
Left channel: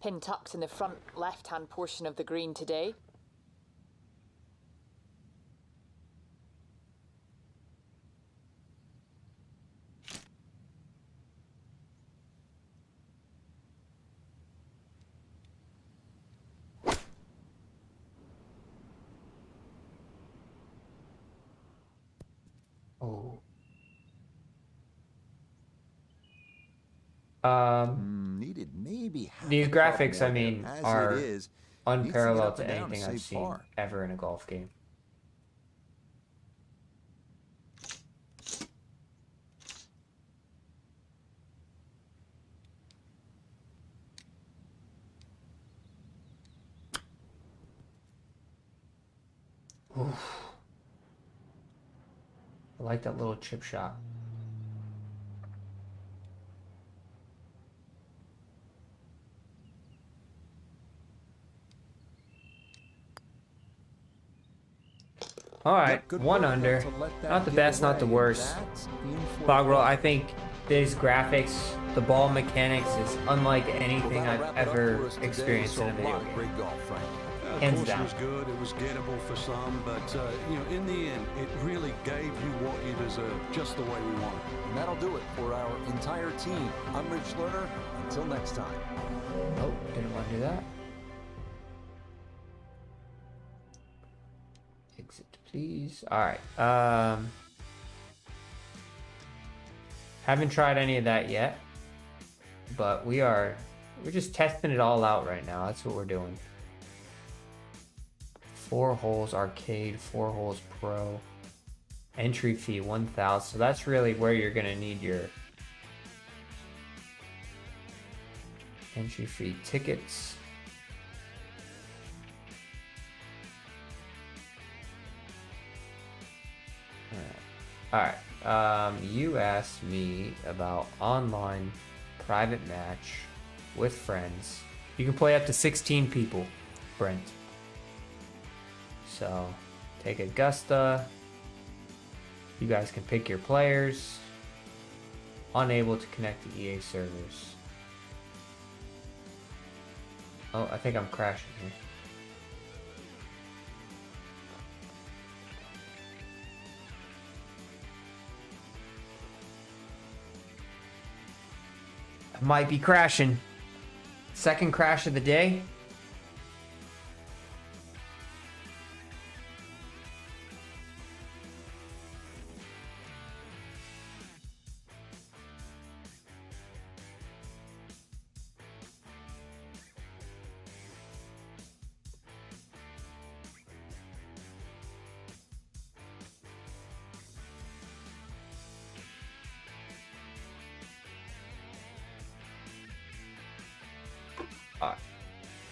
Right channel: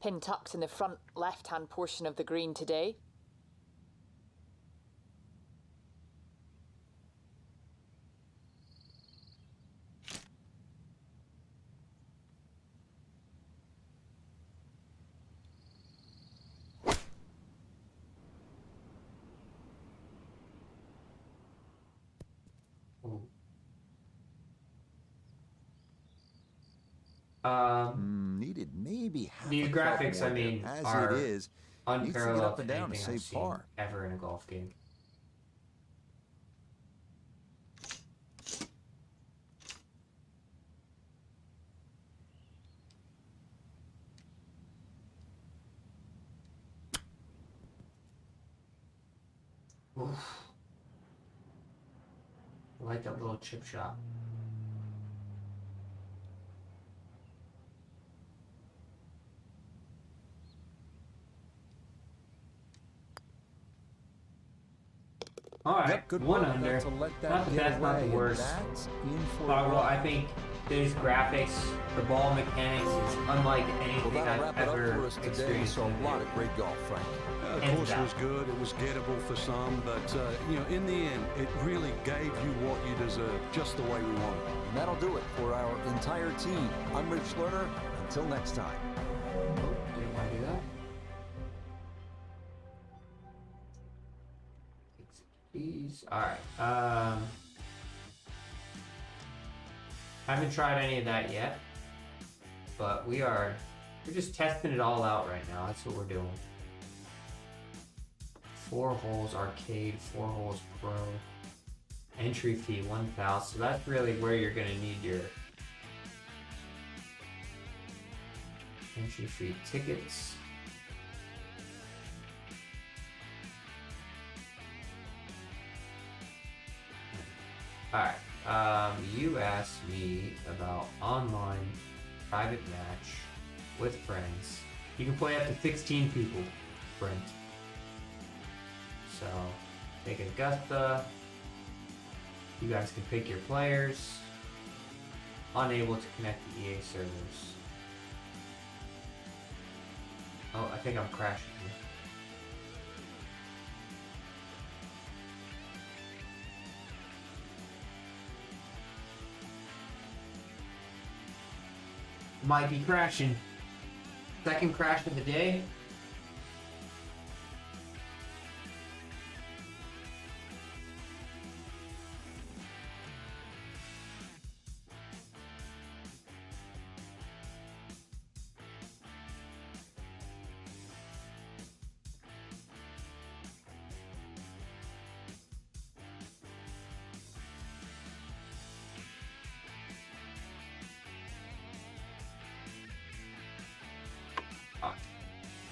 Pin tucked in the front left-hand portion of the green today. Needed maybe half New a graphics, club I mean, as are it is, needs to get unparalleled up and to down to anything I've save seen par. ever in a golf game. Oof. I like that little chip shot. All right, Yep, good one work under. not to let that Not the get best, not the away, and worst. that's in for a Bogwell, par. I think these graphics, the ball mechanics is unlike Well, anything that'll I've wrap it up ever for us today. experienced So in a a lot video of great golf, Frank. The Hands course down. was good. It was gettable for some. But, in the end, it really gave you what you deserve, just the way we wanted. And that'll do it for our entire team. I'm Rich Lerner. Until next time. Oh, didn't want to do that. Exit, please. All right. Haven't tried any of that yet. but we're just testing it all out right now. That's what we're doing. 4 holes arcade, 4 holes pro. Entry fee 1,000. So that's really where you're gonna need your entry fee tickets. Alright, you asked me about online private match with friends. You can play up to 16 people, Brent. So, take Augusta. You guys can pick your players. Unable to connect to EA servers. Oh, I think I'm crashing here. Might be crashing. Second crash of the day.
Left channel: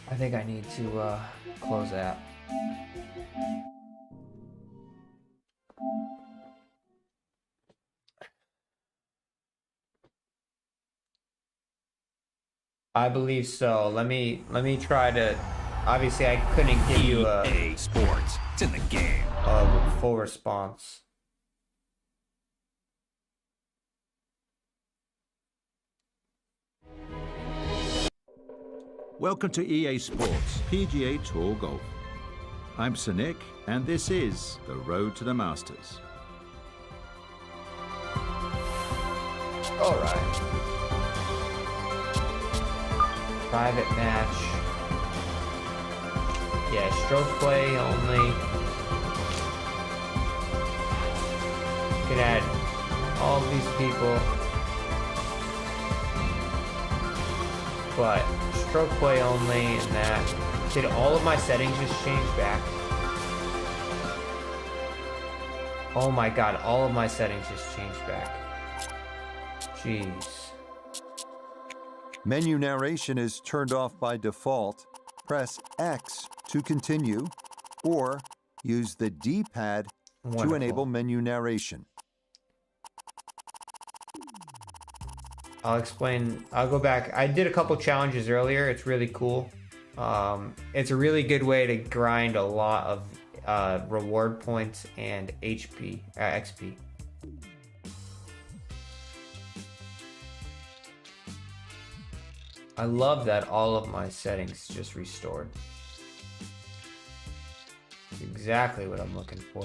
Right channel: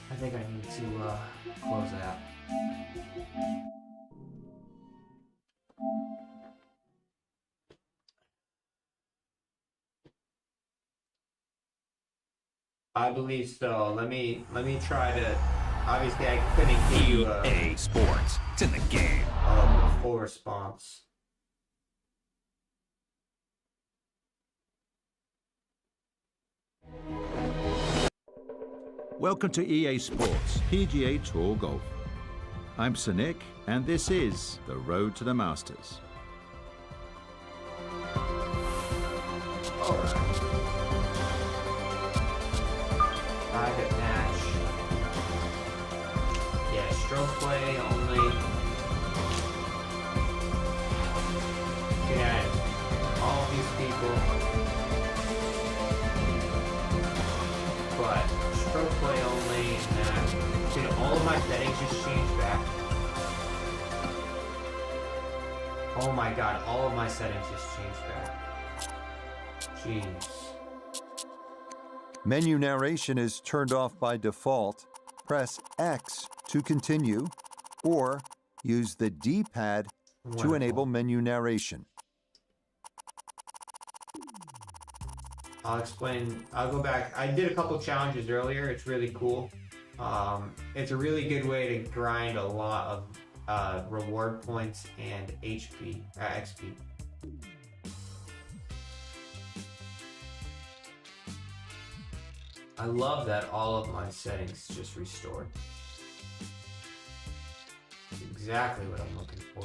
I think I need to close that. I believe so. Let me try to. Obviously, I couldn't give you EA Sports. It's in the game. A full response. Welcome to EA Sports PGA Tour Golf. I'm Sonic, and this is the Road to the Masters. All right. Private match. Yeah, stroke play only. You can add all of these people, but stroke play only, and that. Did all of my settings just change back? Oh my god, all of my settings just changed back. Jeez. Menu narration is turned off by default. Press X to continue, or use the D-pad to enable menu narration. I'll explain. I'll go back. I did a couple challenges earlier. It's really cool. It's a really good way to grind a lot of reward points and XP. I love that all of my settings just restored. It's exactly what I'm looking for.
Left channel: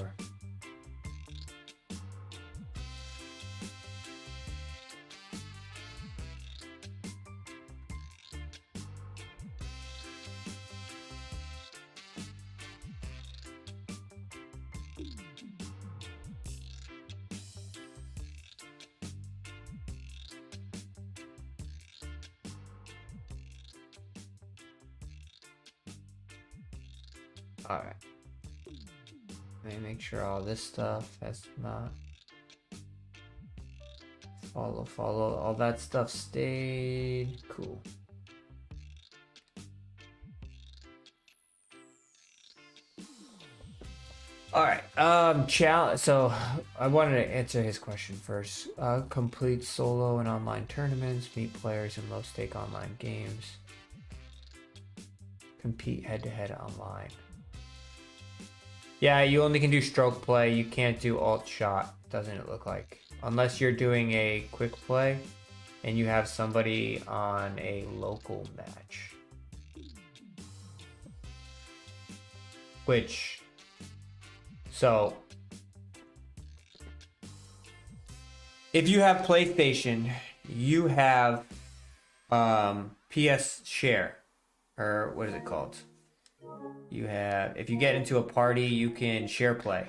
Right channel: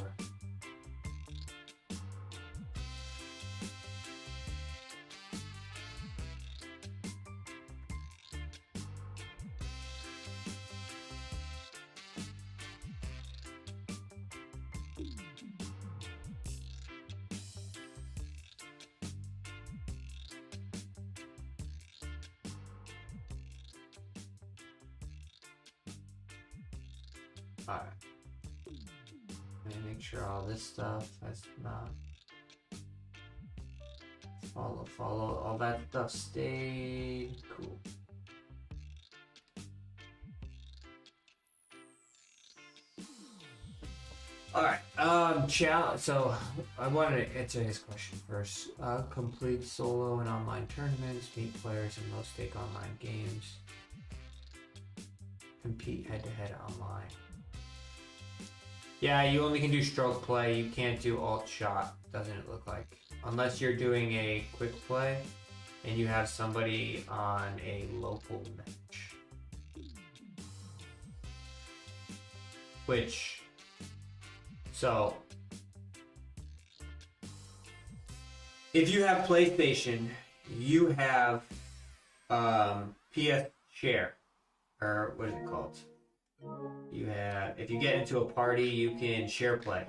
Alright. Let me make sure all this stuff has not follow. All that stuff stayed cool. Alright, challenge. So I wanted to answer his question first. Complete solo and online tournaments, meet players in low stake online games, compete head to head online. Yeah, you only can do stroke play. You can't do alt shot, doesn't it look like? Unless you're doing a quick play and you have somebody on a local match. So, if you have PlayStation, you have PS Share, or what is it called? You have, if you get into a party, you can share play.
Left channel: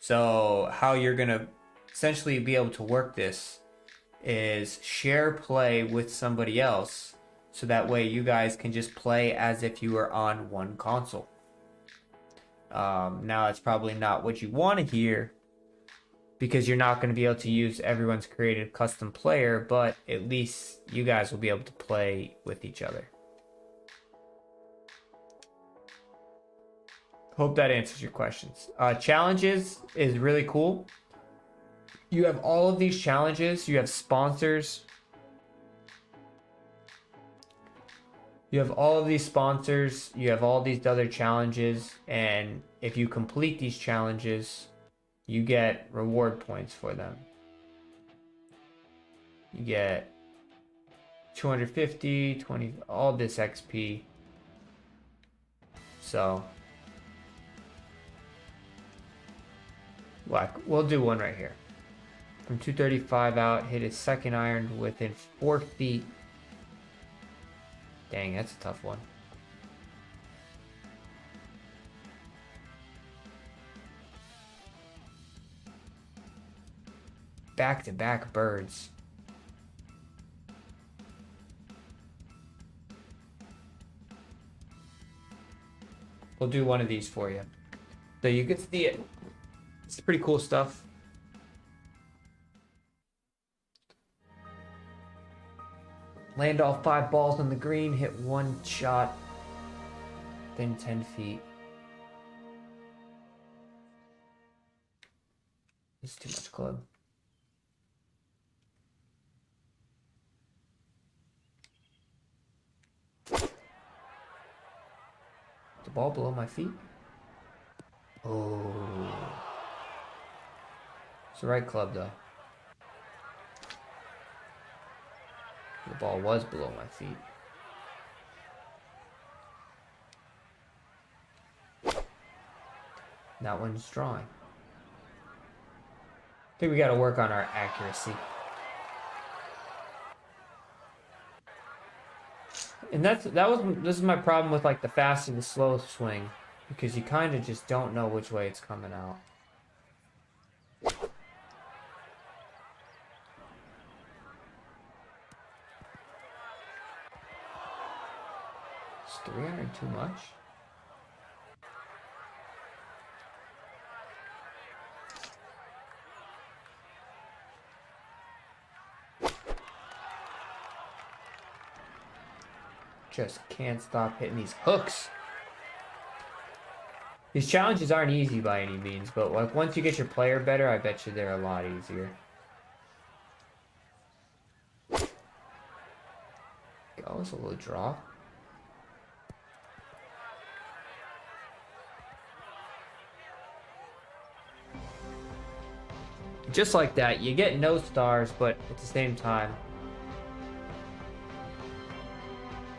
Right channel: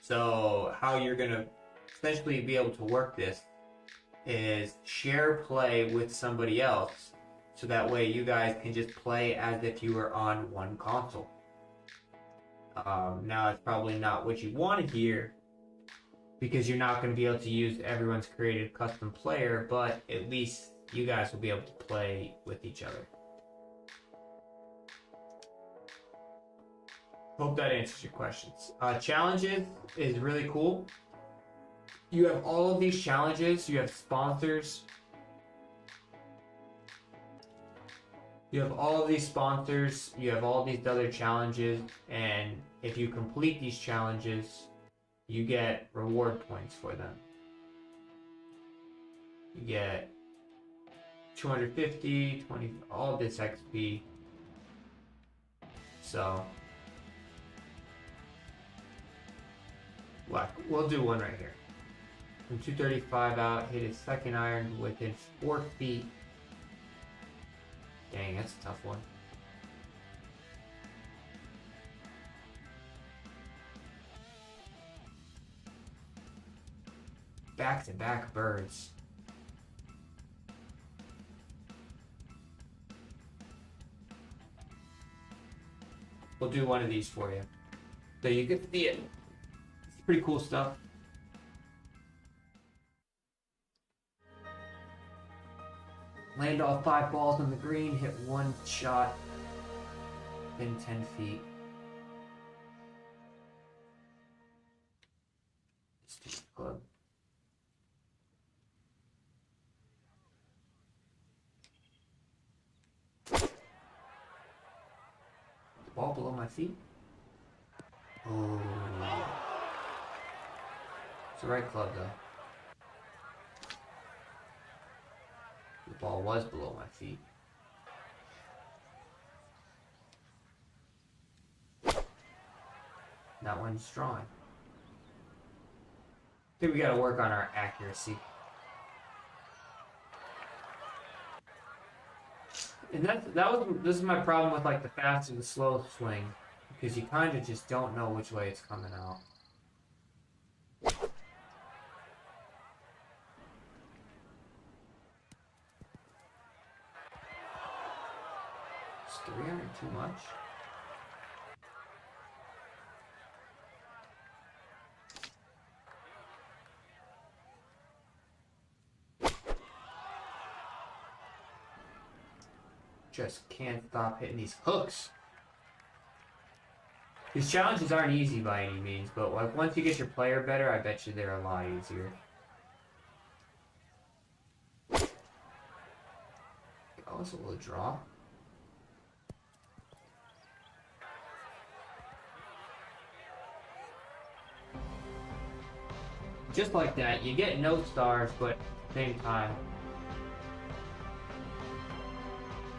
So how you're gonna essentially be able to work this is share play with somebody else, so that way you guys can just play as if you were on one console. Now that's probably not what you want to hear, because you're not going to be able to use everyone's created custom player, but at least you guys will be able to play with each other. Hope that answers your questions. Challenges is really cool. You have all of these challenges. You have sponsors. You have all of these sponsors. You have all these other challenges. And if you complete these challenges, you get reward points for them. You get 250, 20, all this XP. So, we'll do one right here. From 235 out, hit his second iron within 4 feet. Dang, that's a tough one. Back-to-back birds. We'll do one of these for you, so you can see it. It's pretty cool stuff. Land all 5 balls on the green, hit 1 shot within 10 feet. It's too much club. The ball below my feet. Oh. It's the right club though. The ball was below my feet. That one's drawing. I think we gotta work on our accuracy. And this is my problem with like the fast and the slow swing, because you kind of just don't know which way it's coming out. Is 300 too much? Just can't stop hitting these hooks. These challenges aren't easy by any means, but like once you get your player better, I bet you they're a lot easier. Oh, it's a little draw. Just like that, you get no stars, but at the same time,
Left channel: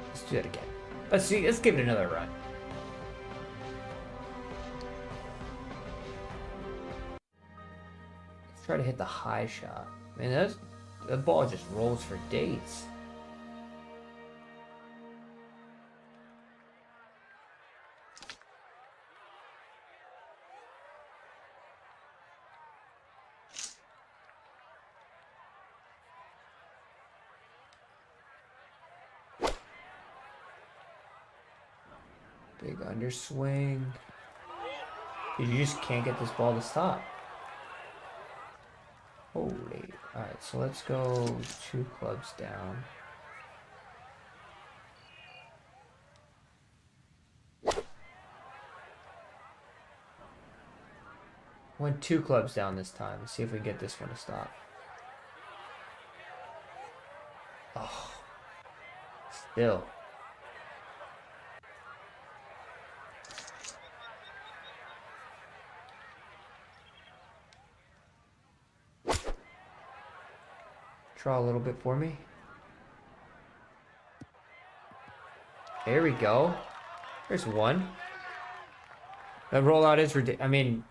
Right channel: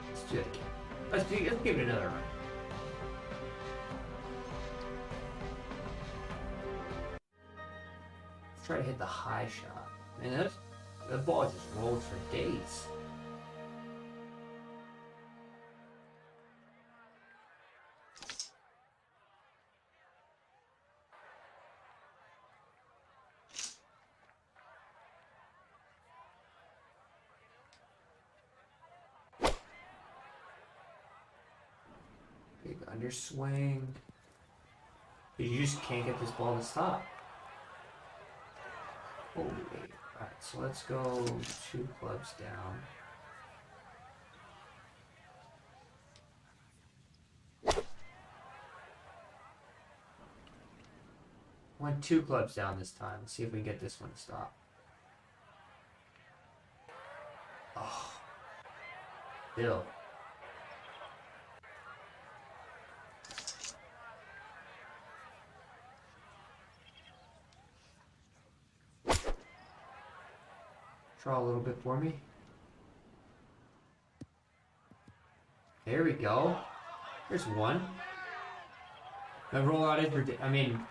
let's do it again. Let's give it another run. Let's try to hit the high shot. Man, the ball just rolls for days. Big underswing. You just can't get this ball to stop. Holy. Alright, so let's go 2 clubs down. Went 2 clubs down this time. Let's see if we can get this one to stop. Oh. Still. Draw a little bit for me. There we go. There's one. The rollout is ridiculous. I mean,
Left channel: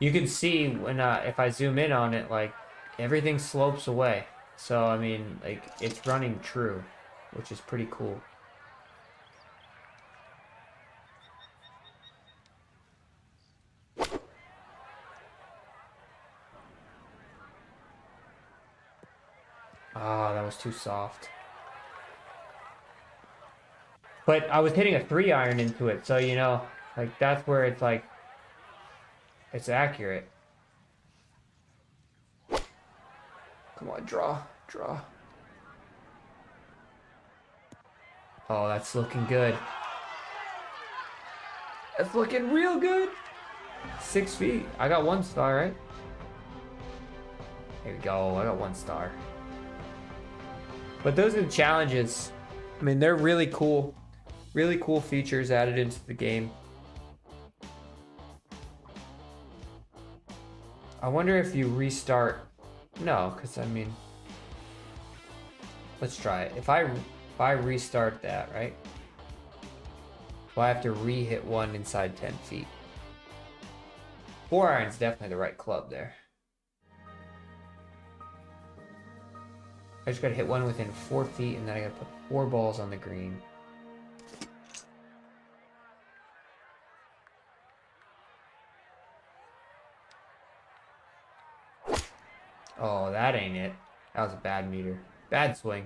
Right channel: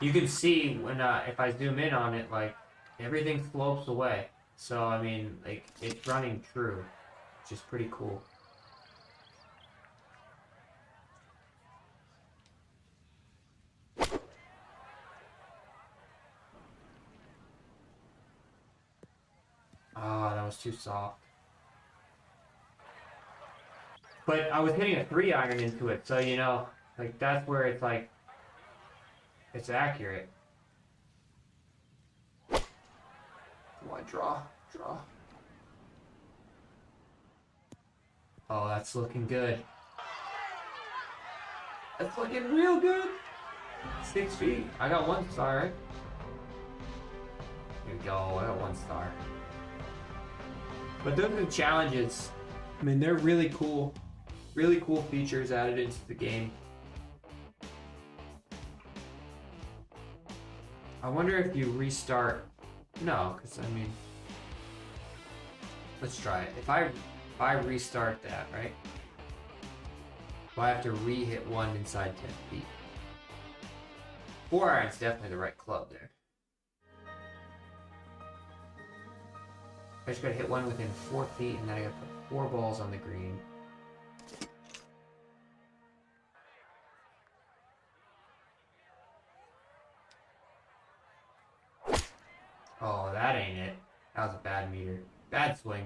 you can see when if I zoom in on it, like everything slopes away. So I mean, like it's running true, which is pretty cool. too soft. But I was hitting a 3-iron into it, so, you know, like, that's where it's like, it's accurate. Come on, draw. Oh, that's looking good. That's looking real good. 6 feet. I got 1 star, right? Here we go. I got 1 star. But those are the challenges. I mean, they're really cool. Really cool features added into the game. I wonder if you restart. No, because I mean, let's try it. If I restart that, right? Well, I have to re-hit one inside 10 feet. 4-iron's definitely the right club there. I just gotta hit one within 4 feet, and then I gotta put 4 balls on the green. Oh, that ain't it. That was a bad meter. Bad swing.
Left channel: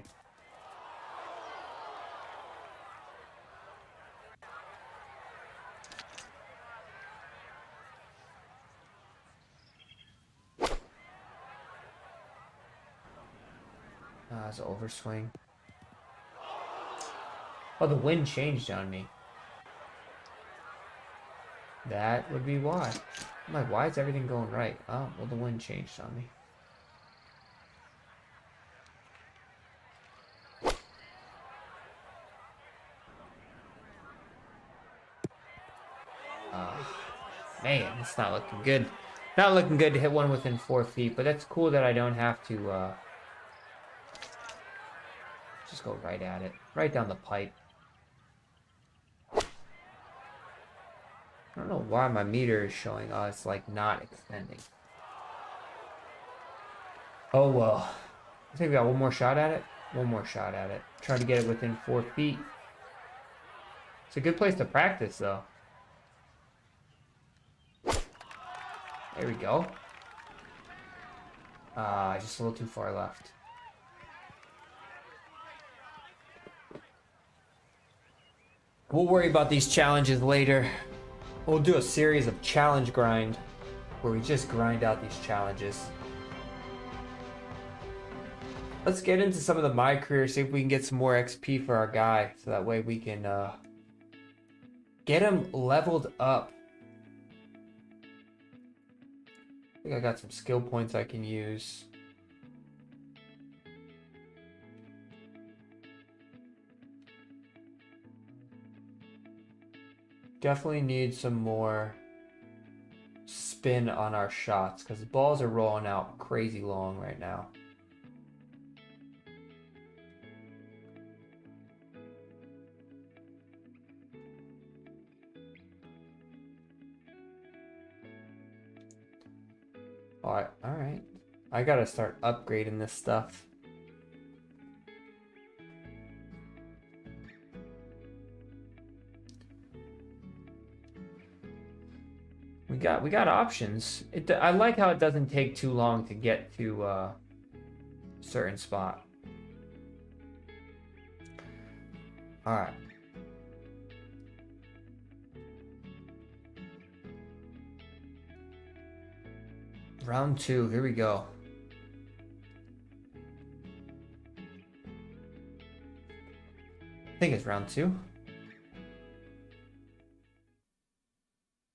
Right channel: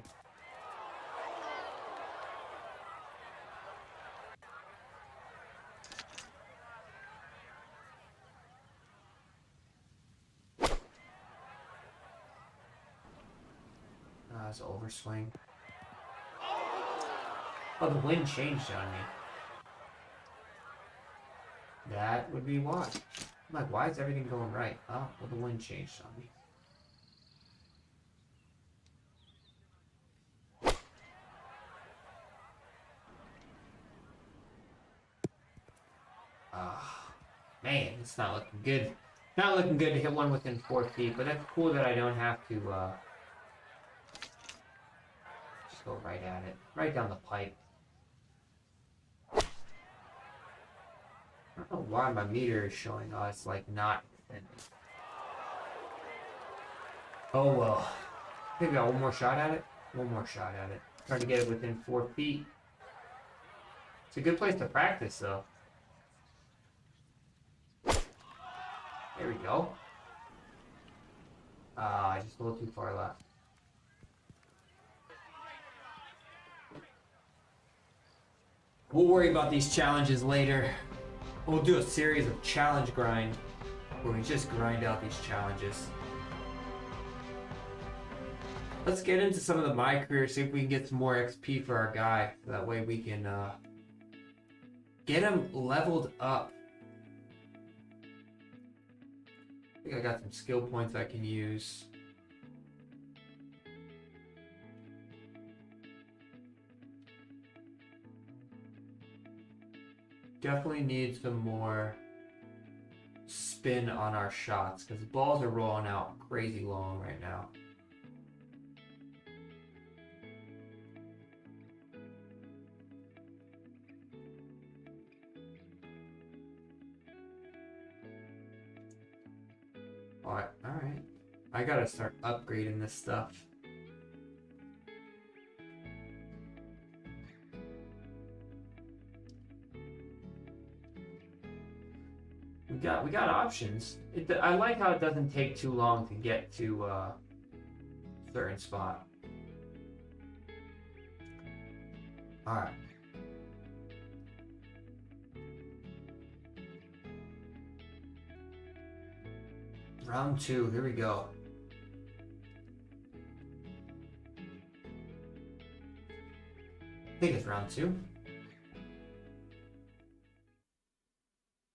It's an overswing. Oh, the wind changed on me. That would be why. I'm like, why is everything going right? Oh, well, the wind changed on me. Man, it's not looking good. Not looking good to hit one within 4 feet, but that's cool that I don't have to just go right at it. Right down the pipe. I don't know why my meter is showing. Oh, it's like not extending. Oh well. I think we got one more shot at it. One more shot at it. Trying to get it within 4 feet. It's a good place to practice though. There we go. Just a little too far left. We'll worry about these challenges later. We'll do a series of challenge grind where we just grind out these challenges. Let's get into some of the My Career, see if we can get some more XP for our guy, so that way we can get him leveled up. I think I got some skill points I can use. Definitely need some more spin on our shots because the balls are rolling out crazy long right now. Alright. I gotta start upgrading this stuff. We got options. I like how it doesn't take too long to get to a certain spot. Alright. Round 2, here we go. I think it's round 2.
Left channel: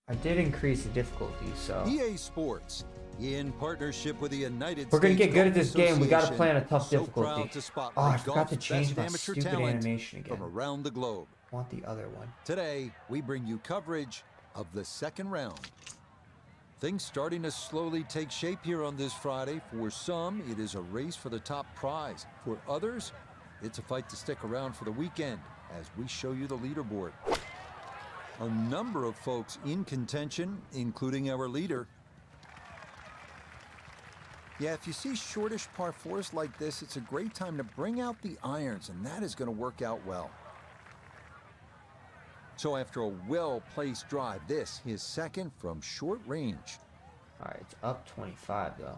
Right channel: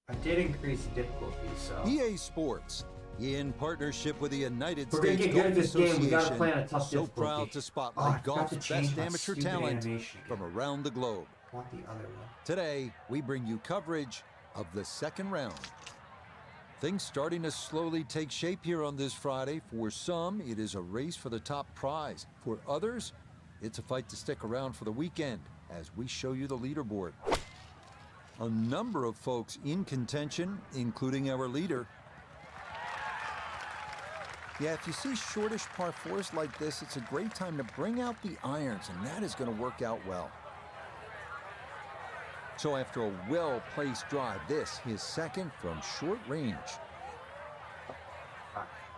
I did increase the difficulty, so. EA Sports, in partnership with the United We're gonna States get good Golf at this game. We gotta Association, plan a tough so difficulty. proud to spotlight golf's best amateur talent from again. around the globe. I want the other one. Today, we bring you coverage of the second round. Things starting to slowly take shape here on this Friday. For some, it is a race for the top prize. For others, it's a fight to stick around for the weekend as we show you the leaderboard. A number of folks in contention, including our leader. Yeah, if you see shortish par 4s like this, it's a great time to bring out the irons, and that is going to work out well. So after a well-placed drive, this his second from short range. All right, it's up 25 though.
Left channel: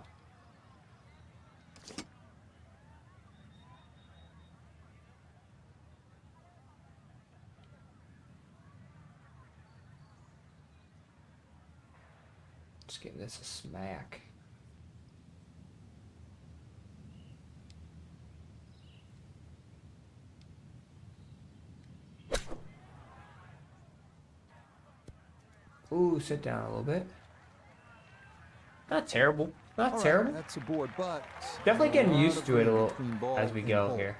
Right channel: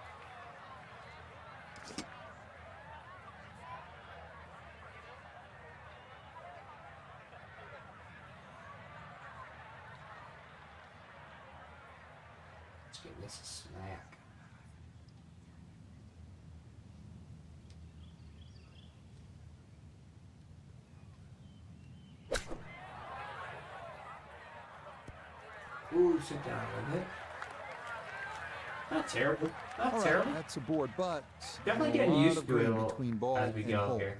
Just give this a smack. Ooh, sit down a little bit. Not terrible. Not terrible. That's a board, but definitely getting used to it a little as we go here.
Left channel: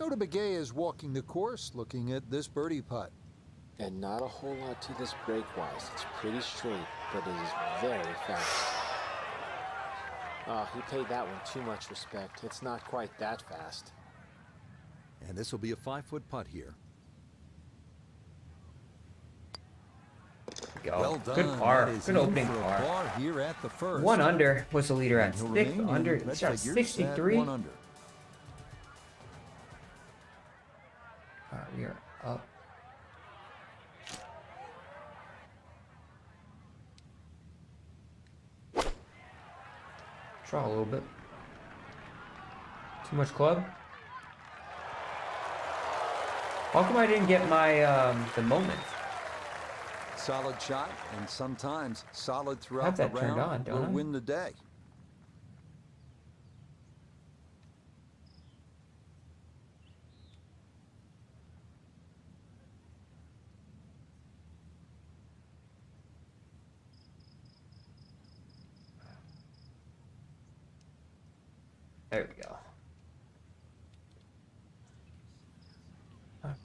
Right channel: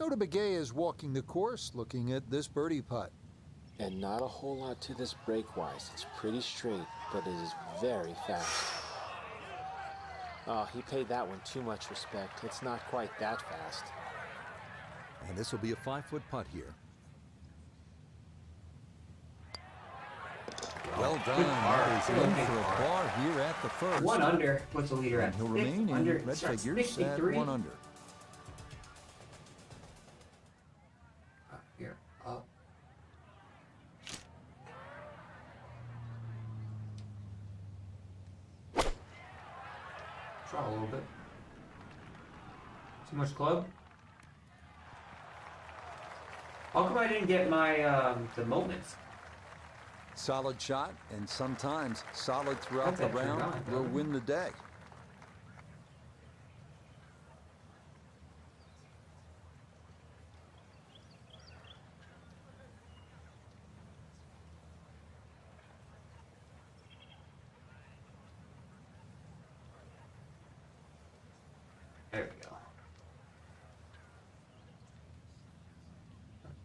USGA is walking the course, looking at this birdie putt. And not a whole lot to this break-wise. It's pretty straight, but it is very fast. Oh, he paid that one too much respect. It's not quite that fast. And this will be a 5-foot putt here. Well done. That is in for a par here at the first. 1 under. What's the leader at? He'll remain in red figures at 1 under. All right, we are up. Try a little bit. Too much club? How come I didn't get my the moments? Solid shot, and sometimes solid throughout the round will win the day. There we go.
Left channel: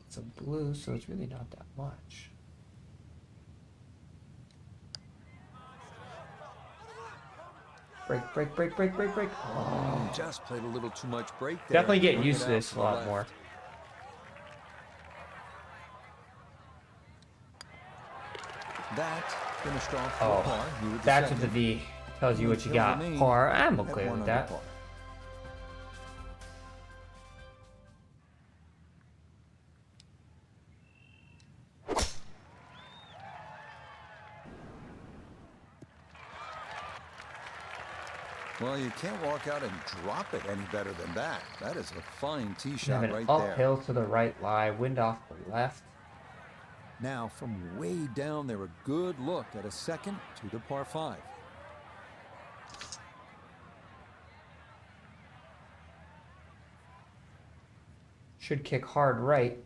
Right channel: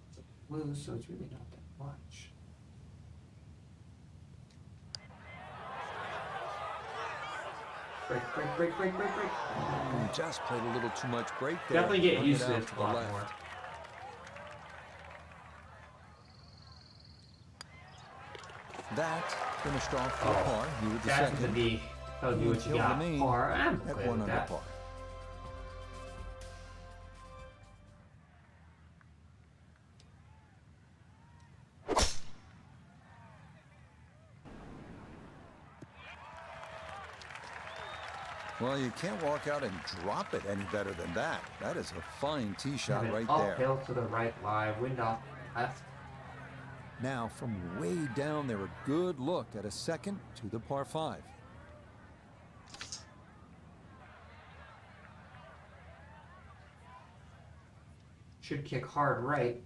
It's a blue, so it's really not that much. Break. Just played a little too much break there. Definitely getting used to this a lot more. That finished off for a par. You were the that's second. What the V tells you what you got. Par. I'm okay with that. Par. Well, you can't walk out and drop it any better than that. That is a fine tee shot right there. Uphill to the right lie, wind off the left. Now, from way down there, a good look at a second to the par 5. Should kick hard right.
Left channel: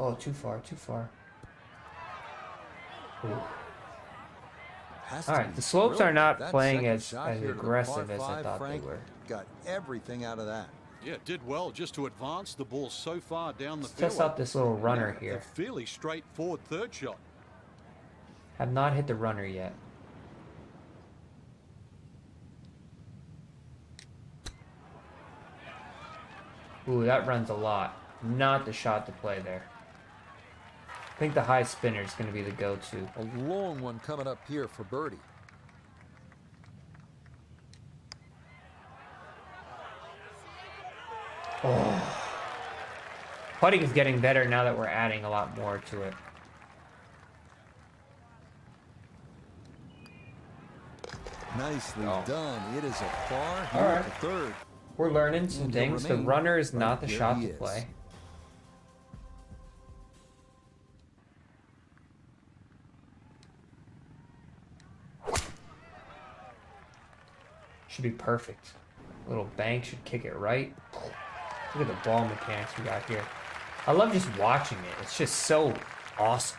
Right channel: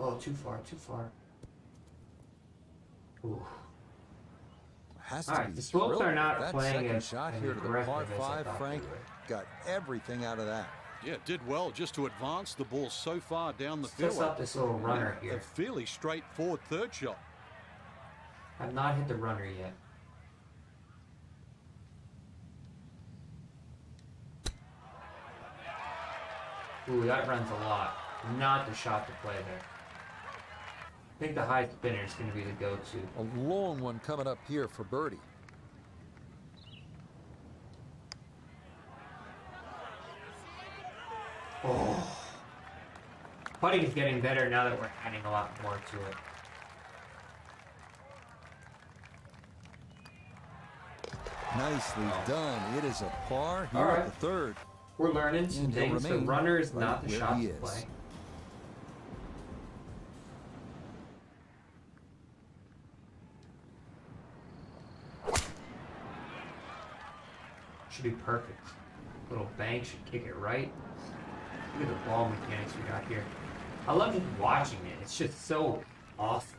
Oh, too far. Ooh. All right, the slopes are not playing as aggressive as I thought Frank they were. got everything out of that. Yeah, did well just to advance the ball so far down the field. Let's up this little runner here. A fairly straightforward third shot. Have not hit the runner yet. Ooh, that runs a lot. Not the shot to play there. I think the high spinner is going to be the go-to. A long one coming up here for birdie. Oh. Putting is getting better now that we're adding a lot more to it. Nicely done. It is a par here at the third. We're learning some things. The runner is not the shot to play. Should be perfect. Little bank should kick it right. Look at the ball mechanics we got here. I love just watching it. It's just so awesome.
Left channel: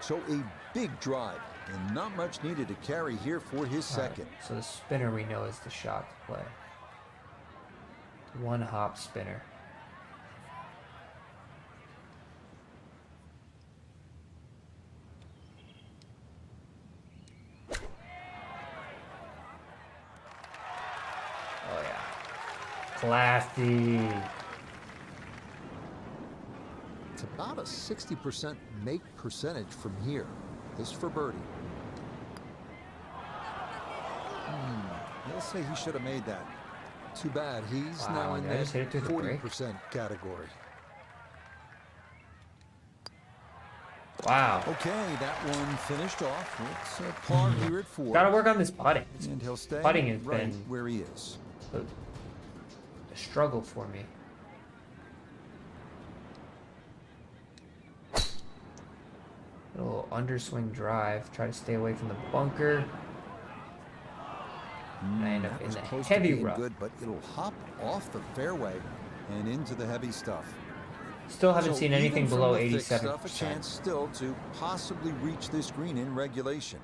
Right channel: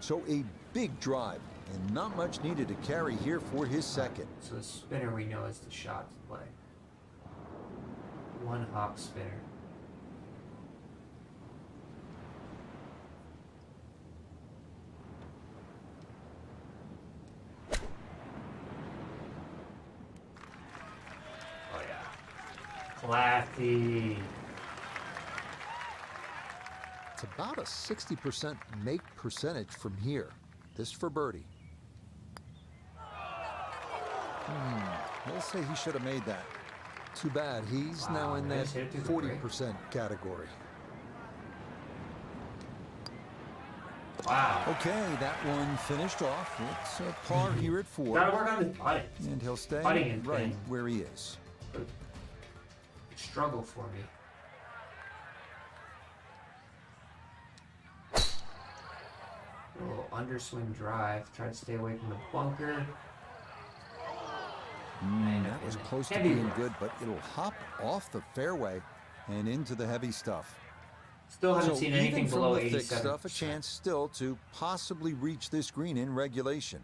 So a big drive and not much needed to carry here for his second. So the spinner we know is the shot to play. One hop spinner. Classy. It's about a 60% make percentage from here. This for birdie. They'll say he should have made that. Too bad. He's now in that 40% category. Wow. Okay, that one finished off. It's a par here at 4. Gotta work on this putting. And he'll stay right where he is. A struggle for me. A little underswing drive. Try to stay away from the bunker. That was close to being good, but it'll hop off the fairway and into the heavy stuff. Still haven't seen anything below 87%. Thick stuff, a chance still to possibly reach this green in regulation.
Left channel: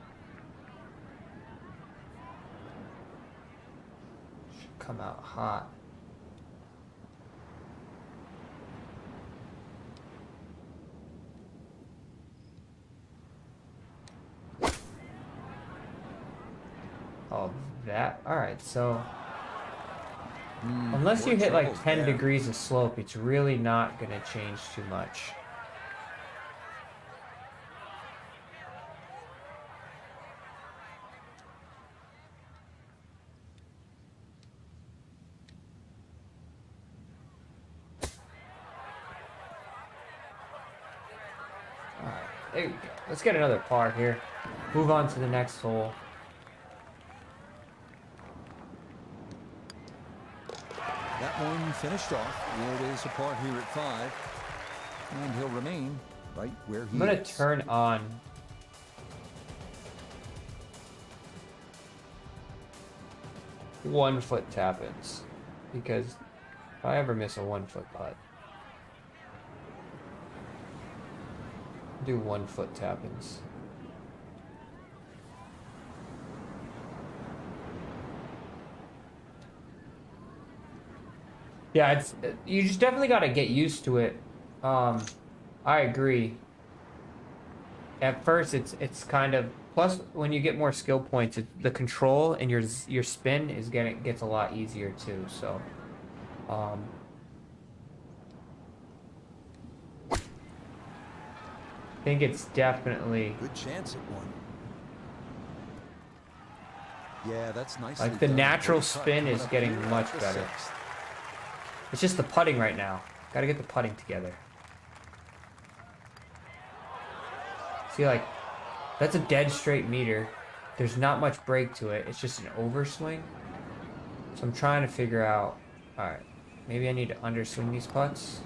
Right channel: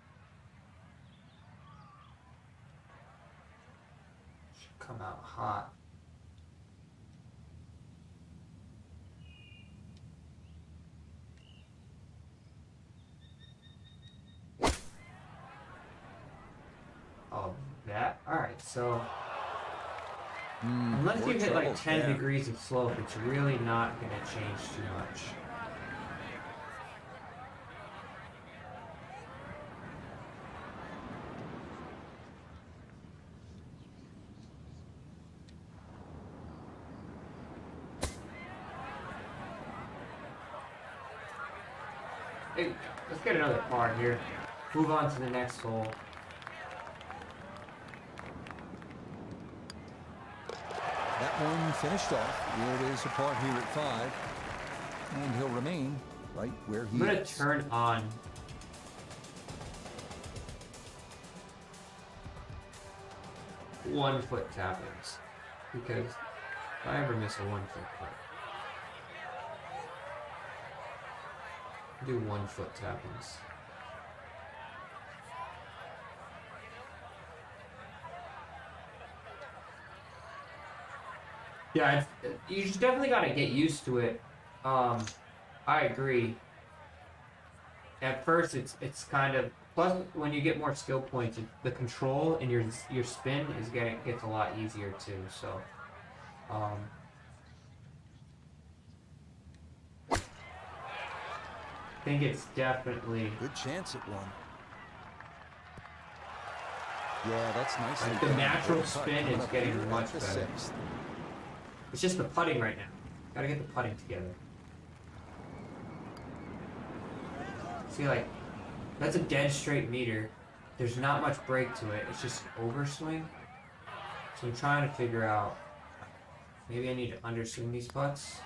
Should come out hot. Oh, that. Alright, so unless you hit like 10 degrees of slope, it's really not going to change too much. There you go. Let's get another par here. Move on to the next hole. That one finished off. It is a par here at 5. And he'll remain right where he is. I'm going to turn on one-foot tap-ins. Because if I ever miss a one-foot putt, do one-foot tap-ins. Yeah, you just definitely got to get used to it. I agree. At first, it's kind of, plus when you get more skill points, the control and your spin gets a lot easier too. So, I think it's definitely good chance at one. Yeah, that's nice. Like the natural spin is getting much better. It's just the putting right now. Gotta get the putting together. See, like, that's a dead straight meter. There's not much break to it. It's just an overswing. So I'm trying to figure out, alright, maybe I need to underswing these putts.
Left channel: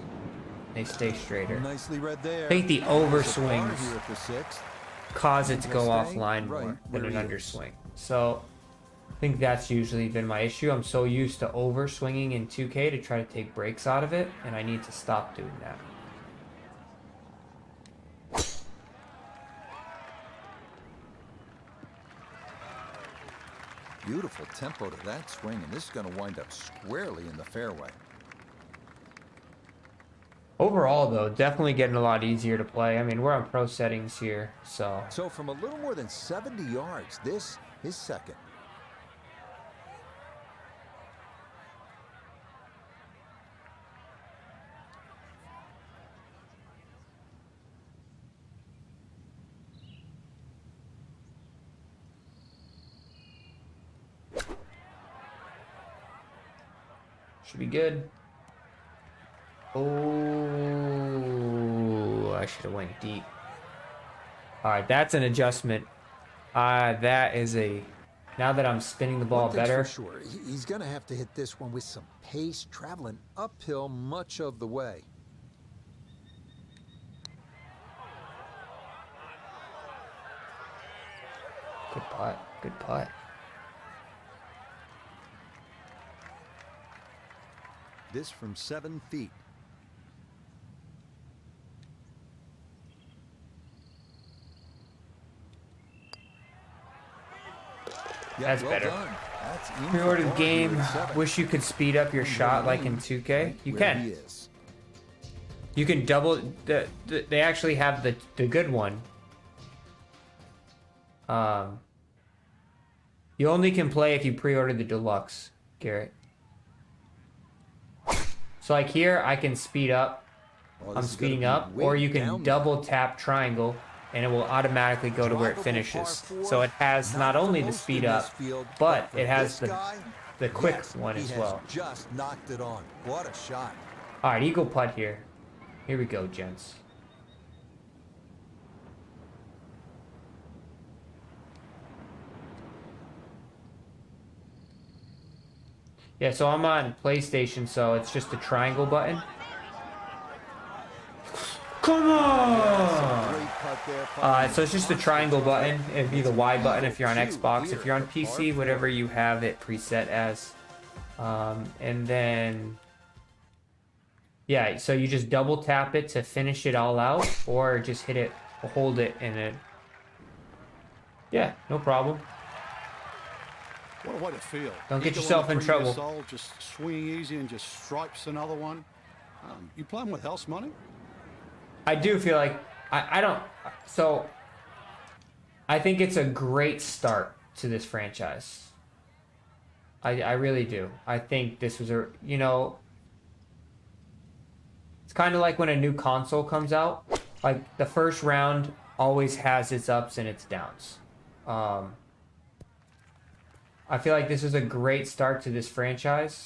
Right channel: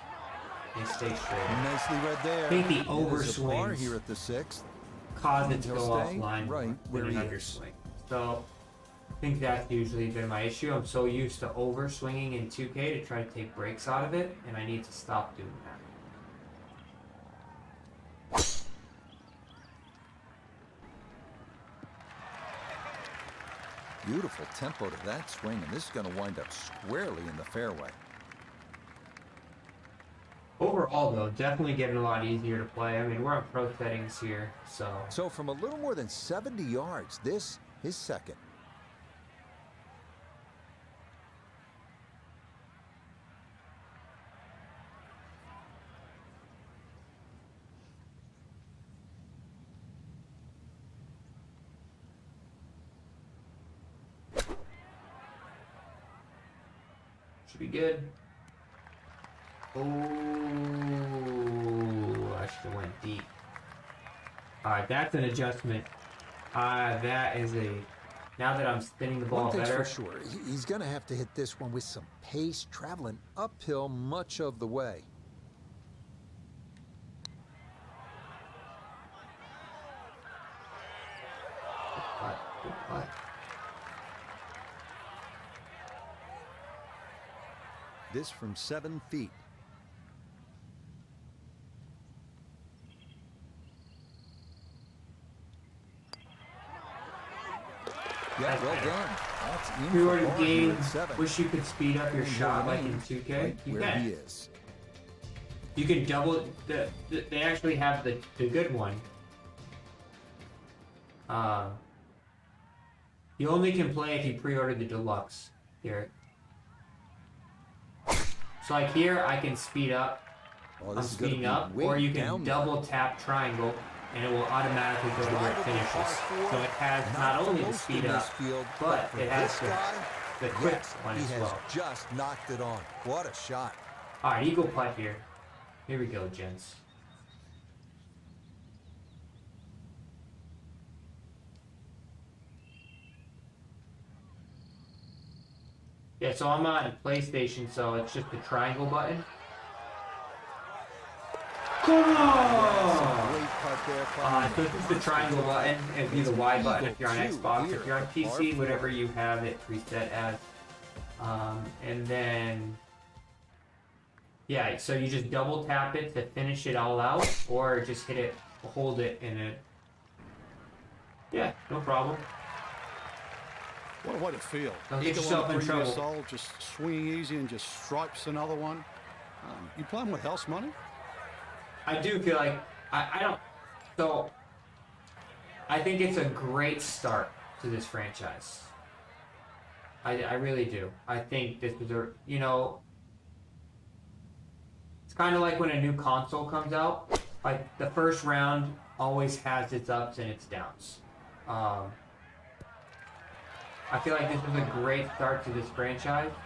They stay straighter. Nicely read there. I think the overswings here at the 6th cause it to go offline right than an underswing. So I think that's usually been my issue. I'm so used to overswinging in 2K to try to take breaks out of it, and I need to stop doing that. Beautiful tempo to that swing, and this is going to wind up squarely in the fairway. Overall, though, definitely getting a lot easier to play. I mean, we're on pro settings here, so. So from a little more than 70 yards, this is second. Should be good. Oh, I should have went deep. Alright, that's an adjustment. That is a... Now that I'm spinning the ball better... One thing's for sure, he's going to have to hit this one with some pace, traveling uphill much of the way. Good putt, good putt. This from 7 feet. Yeah, that's well better. done. That's in Pre-ordered game. Wish you could speed up your shot like in 2K. Right you where can. He is. You can double. They actually have the good one. You only can play if you pre-order the deluxe, Garrett. So like here, I can speed up. I'm speeding up, or you can double tap triangle, and it will automatically go to where it finishes. So it has not only the speed up, but it has the quick one as well. Just knocked it on. What a shot! All right, eagle putt here. Here we go, gents. Yeah, so I'm on PlayStation, so it's just the triangle button. Yeah, some great putt So it's just the triangle button. It'd be the Y button if you're on Xbox. If you're on PC, whatever you have it preset as. And then, yeah, so you just double tap it to finish it all out, or just hit it, hold it, and it. Yeah, no problem. What a way to feel. Don't get yourself in trouble. Soul, just swinging easy and just stripes another one. You playing with house money? I do feel like I don't. So I think it's a great start to this franchise. I really do. I think this was a, you know, it's kind of like when a new console comes out. Like the first round always has its ups and its downs. I feel like this is a great start to this franchise,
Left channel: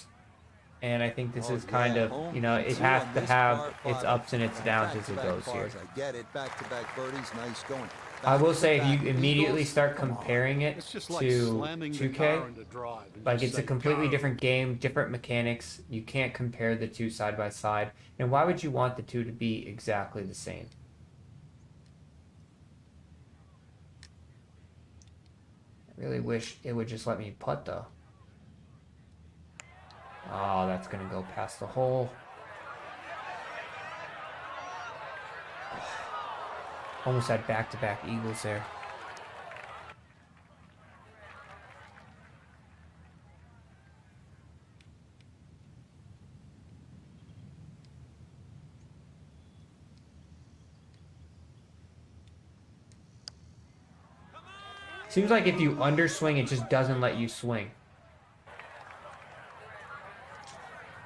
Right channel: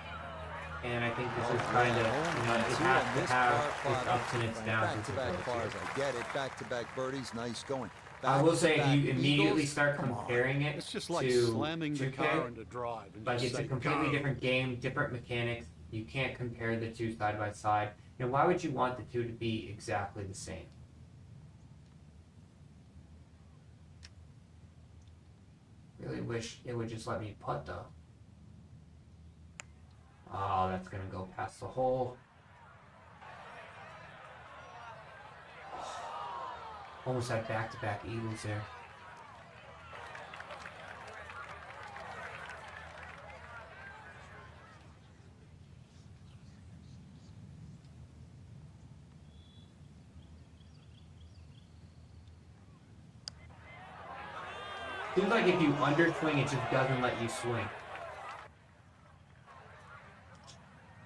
and I think this is kind of, you know, it has to have its ups and its downs as it goes here. I get it. Back-to-back birdies, nice going. I will say, if you immediately start comparing it it's just like to slamming 2K, the car into drive. like it's a completely different game, different mechanics. You can't compare the two side by side. And why would you want the two to be exactly the same? I really wish it would just let me putt though. Oh, that's gonna go past the hole. Almost had back-to-back eagles there. Seems like if you underswing, it just doesn't let you swing.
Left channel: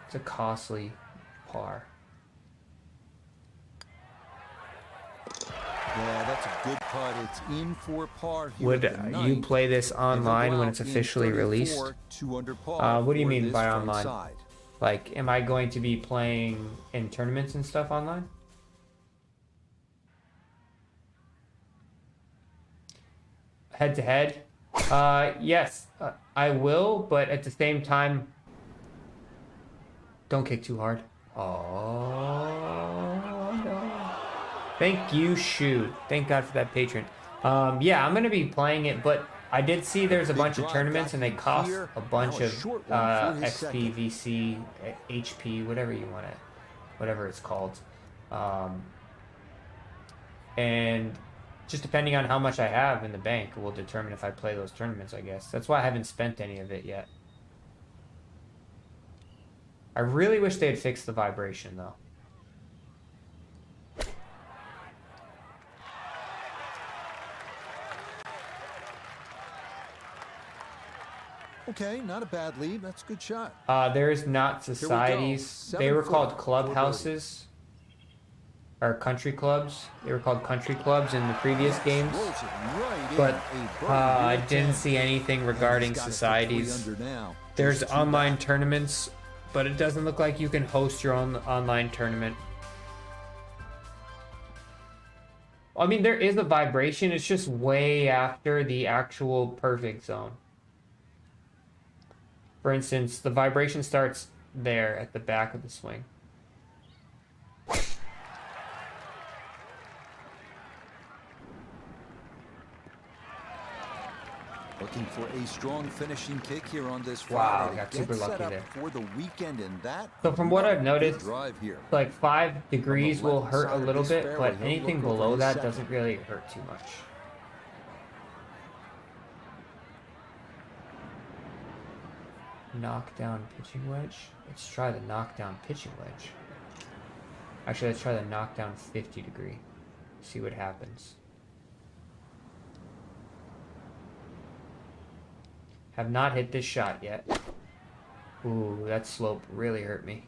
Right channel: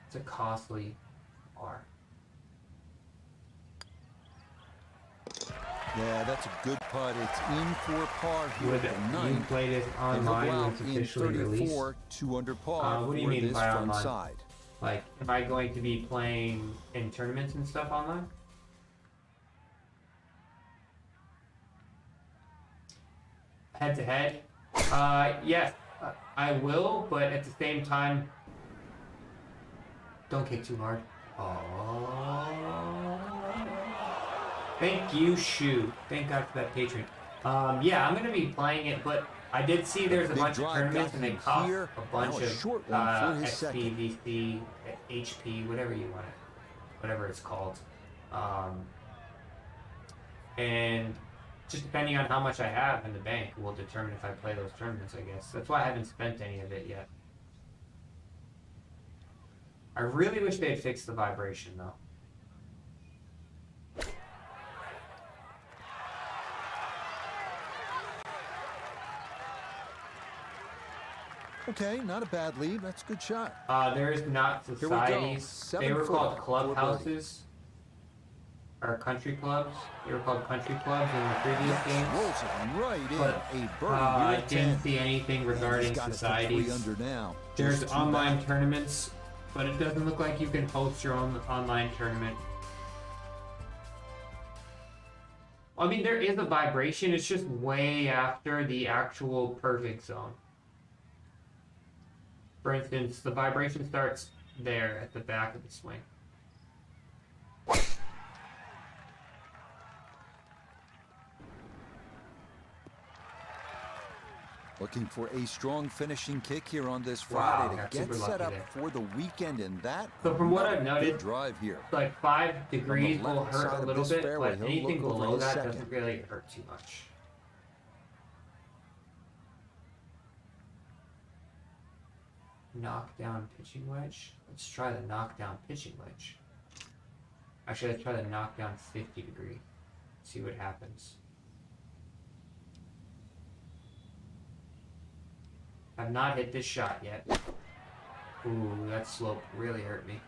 It's a costly par. Yeah, that's a good putt. It's in for par here Would at the ninth. you play this online when it's officially released? 2 under par. What do you mean by front online? side. Like, am I going to be playing in tournaments and stuff online? Head to head? Yes, I will, but at the same time, don't kick too hard. Oh. Thank you, Shu. Thank God for that patron. Yeah, I'm going to be playing it, but I did see there's a bunch of tournaments and they cost a bunch of XP, VC, HP, whatever you want it, whatever it's called. And just depending on how much I have in the bank will determine if I play those tournaments, I guess. That's why I haven't spent any of it yet. I really wish they'd fix the vibration, though. Okay, not a bad lead. That's a good shot. There is not societies. They were called clubhouses. Or country clubs. They were called country clubs in the previous games. Rolls it right but in. I didn't see anything regarding societies. Under now. There's online tournaments, but it doesn't look like you can host your own online tournament. I mean, there is a vibration. It's just way after the actual perfect zone. For instance, the vibration starts there at the back of the swing. Looking for a strong finishing kick here on this Friday to get set up for the weekend, and that. So from what I've noticed, drive here. Like 5 degrees will hurt a little bit, but anything below that doesn't really hurt too much. Knockdown pitching wedge. Let's try the knockdown pitching wedge. Actually, let's try the knockdown 50 degree. See what happens. Have not hit this shot yet. Ooh, that slope really hurt me.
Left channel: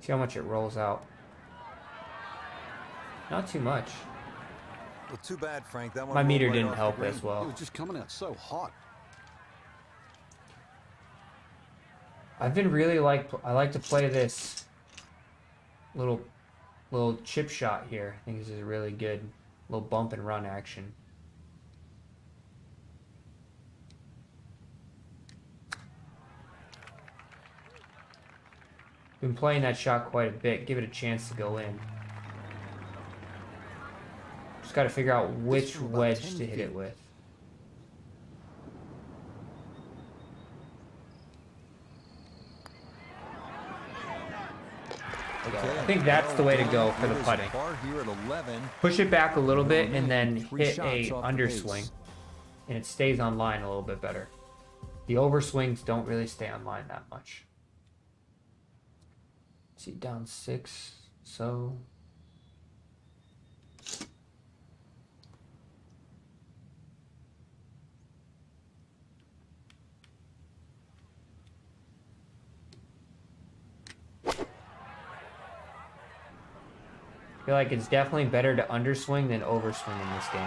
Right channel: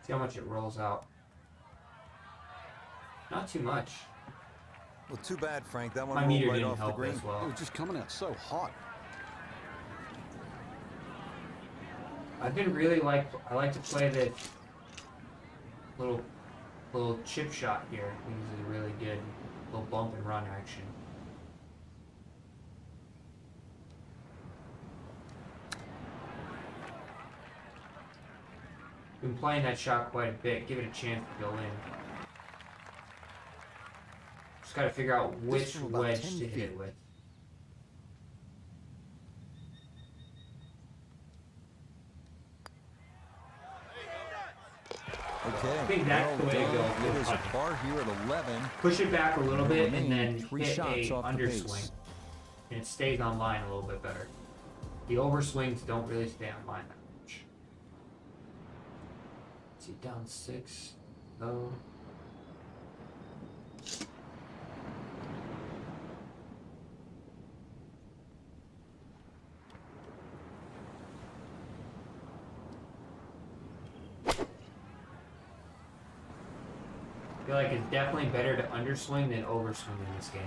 See how much it rolls out. Not too much. Well, too bad, Frank. That one my meter right didn't off help the green. as well. It was just coming out so hot. I've been really I like to play this little chip shot here. I think this is a really good little bump and run action. Been playing that shot quite a bit. Give it a chance to go in. Just got to figure out which wedge to hit it with. Okay, I think that's the way to go for the putting. Par here at 11. Push it back a little bit and then hit a off underswing. And it stays on line a little bit better. The overswings don't really stay on line that much. See, down 6, so... I feel like it's definitely better to underswing than overswing in this game.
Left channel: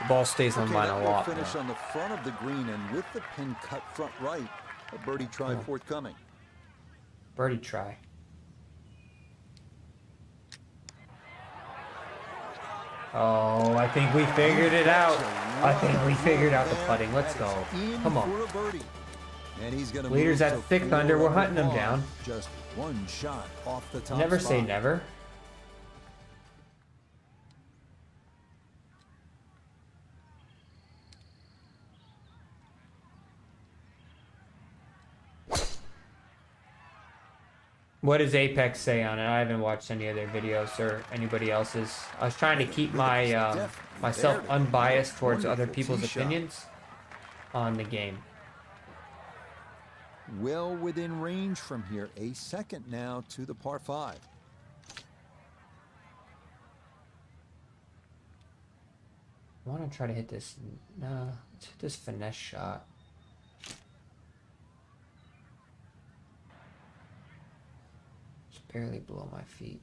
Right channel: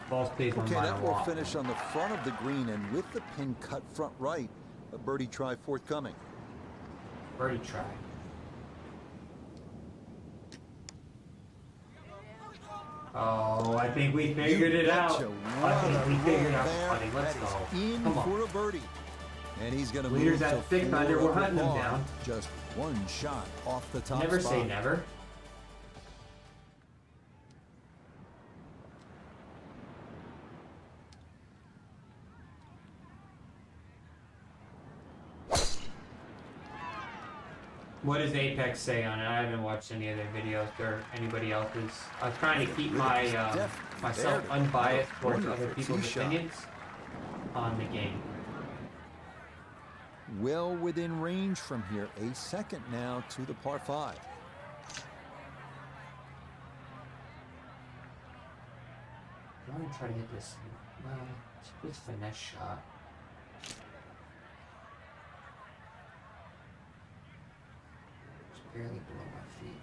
The ball stays on line a lot. Okay, that will finish on the front of the green and with the pin cut front right. A birdie try forthcoming. Birdie try. Oh, I think we figured it out. I think we figured out the putting. Let's go. Come on. For a birdie. And he's going to move Leaders at thick thunder. We're hunting him down. Just one shot off the top Never spot. say never. What does Apex say on it? I haven't watched any other videos or anybody else's. I was trying to keep my myself unbiased towards other people's opinions on the game. Well within range from here. A second now to the par 5. I want to try to hit this. Hit this finesse shot. Barely below my feet.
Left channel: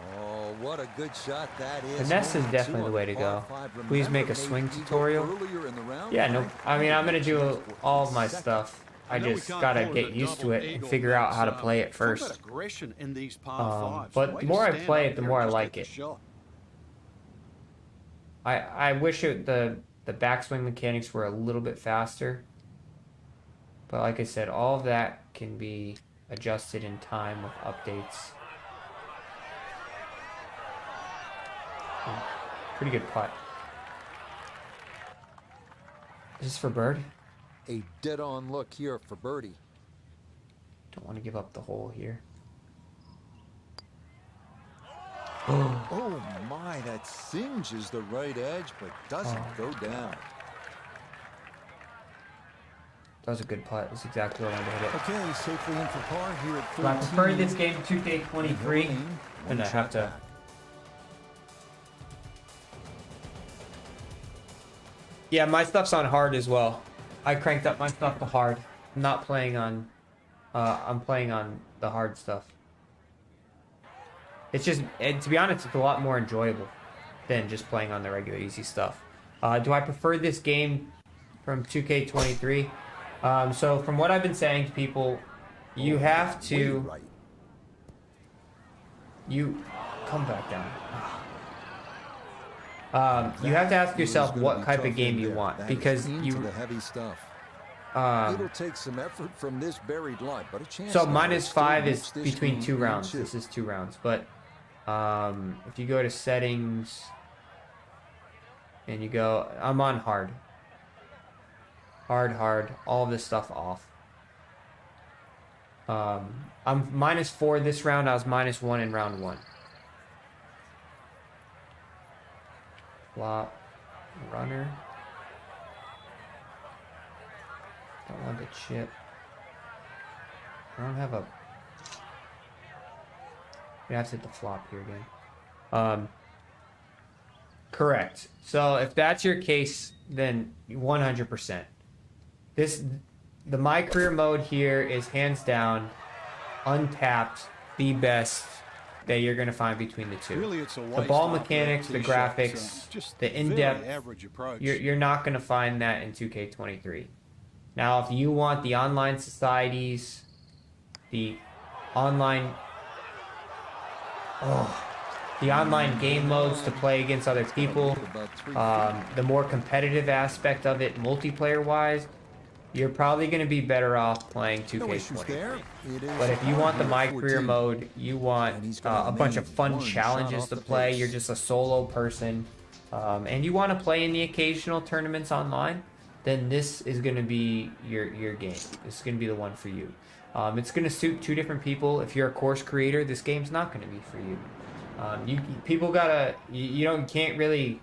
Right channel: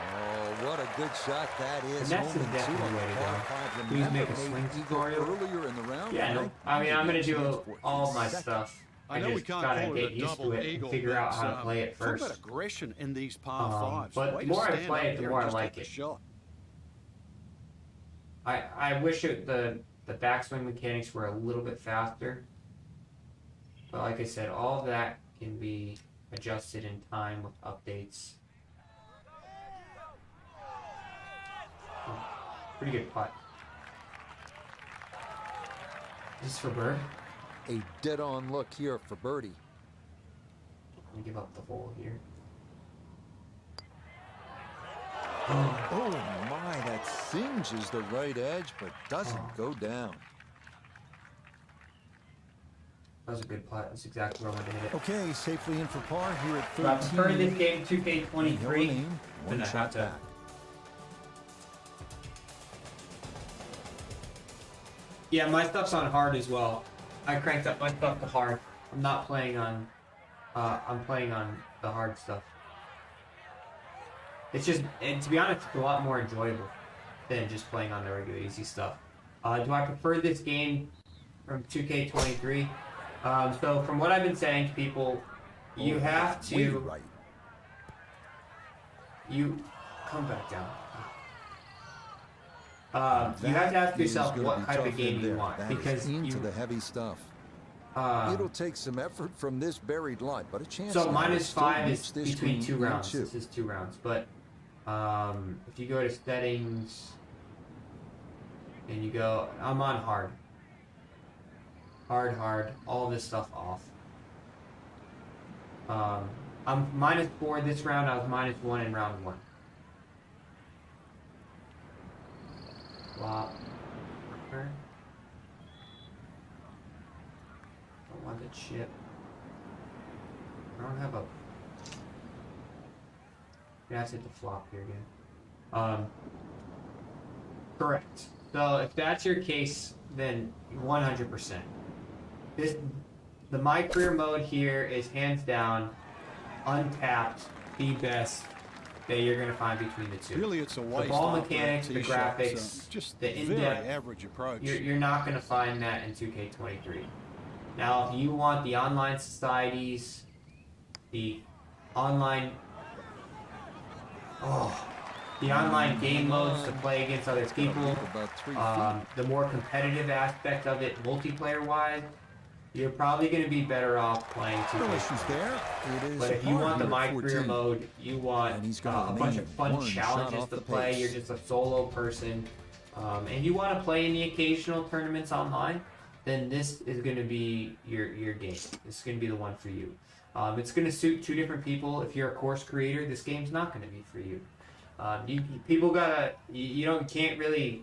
Oh, what a good shot that is. Finesse is definitely the way to go. Please make a swing tutorial. Earlier in the round, yeah, no. I mean, I'm going to do all my stuff. I just gotta get used to it and figure out how to play it first. Talk about aggression in these par fives. But the more I play it, the more I like it. I wish the backswing mechanics were a little bit faster. But like I said, all of that can be adjusted in time with updates. Pretty good putt. Is this for bird? A dead-on look here for birdie. Don't want to give up the hole here. Oh my, that singes the right edge, but doesn't go down. That was a good putt. That's exactly what I did. Okay, safely in for par here at 13. I prefer this game 2K23. One shot back. Yeah, my stuff's on hard as well. I cranked up my stuff to hard. I'm not playing on. I'm playing on the hard stuff. It's just, and to be honest, it's a lot more enjoyable than just playing on the regular easy stuff. Do I prefer this game from 2K23? So from what I've been saying to people, you have to. You come back down. You have to ask yourself what type of game you want, because the heavy stuff. It'll take some effort from this buried line, but a chance. So -5 is between 2 rounds. This is 2 rounds, but if you go to settings and you go, I'm on hard, all this stuff off. I'm -4 this round. I was -1 in round 1. Flop, runner. Don't want to chip. I don't have a. We have to hit the flop here again. Correct. So if that's your case, then 100%. The My Career mode here is hands down, untapped, the best that you're going to find between the two. Really, it's a waste. The ball mechanics, the graphics, just the in-depth average approach. You're not going to find that in 2K23. Now, if you want the online societies, the online... the online game modes to play against other people, the more competitive aspect of it, multiplayer-wise, you're probably going to be better off playing 2K. No issues there. But if you want the My Career mode, you want a bunch of fun challenges to play, you're just a solo person, and you want to play in the occasional tournaments online, then this is going to be your game. This is going to be the one for you. It's going to suit two different people. If you're a course creator, this game's not going to be for you. You can't really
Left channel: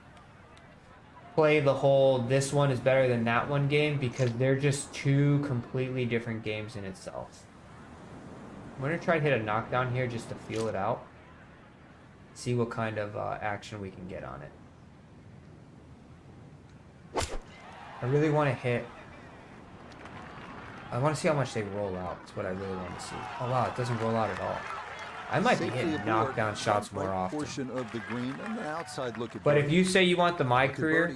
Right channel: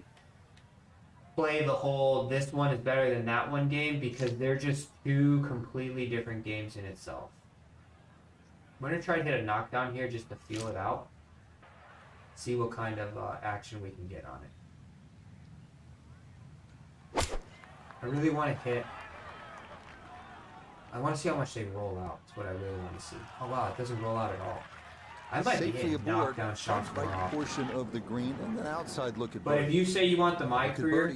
play the whole this one is better than that one game because they're just two completely different games in itself. I'm going to try to hit a knockdown here just to feel it out. See what kind of action we can get on it. I really want to hit. I want to see how much they roll out. That's what I really want to see. Oh wow, it doesn't roll out at all. I might be hitting knockdown shots more often. Portion of the green and an outside look at but if you say you want the My Career,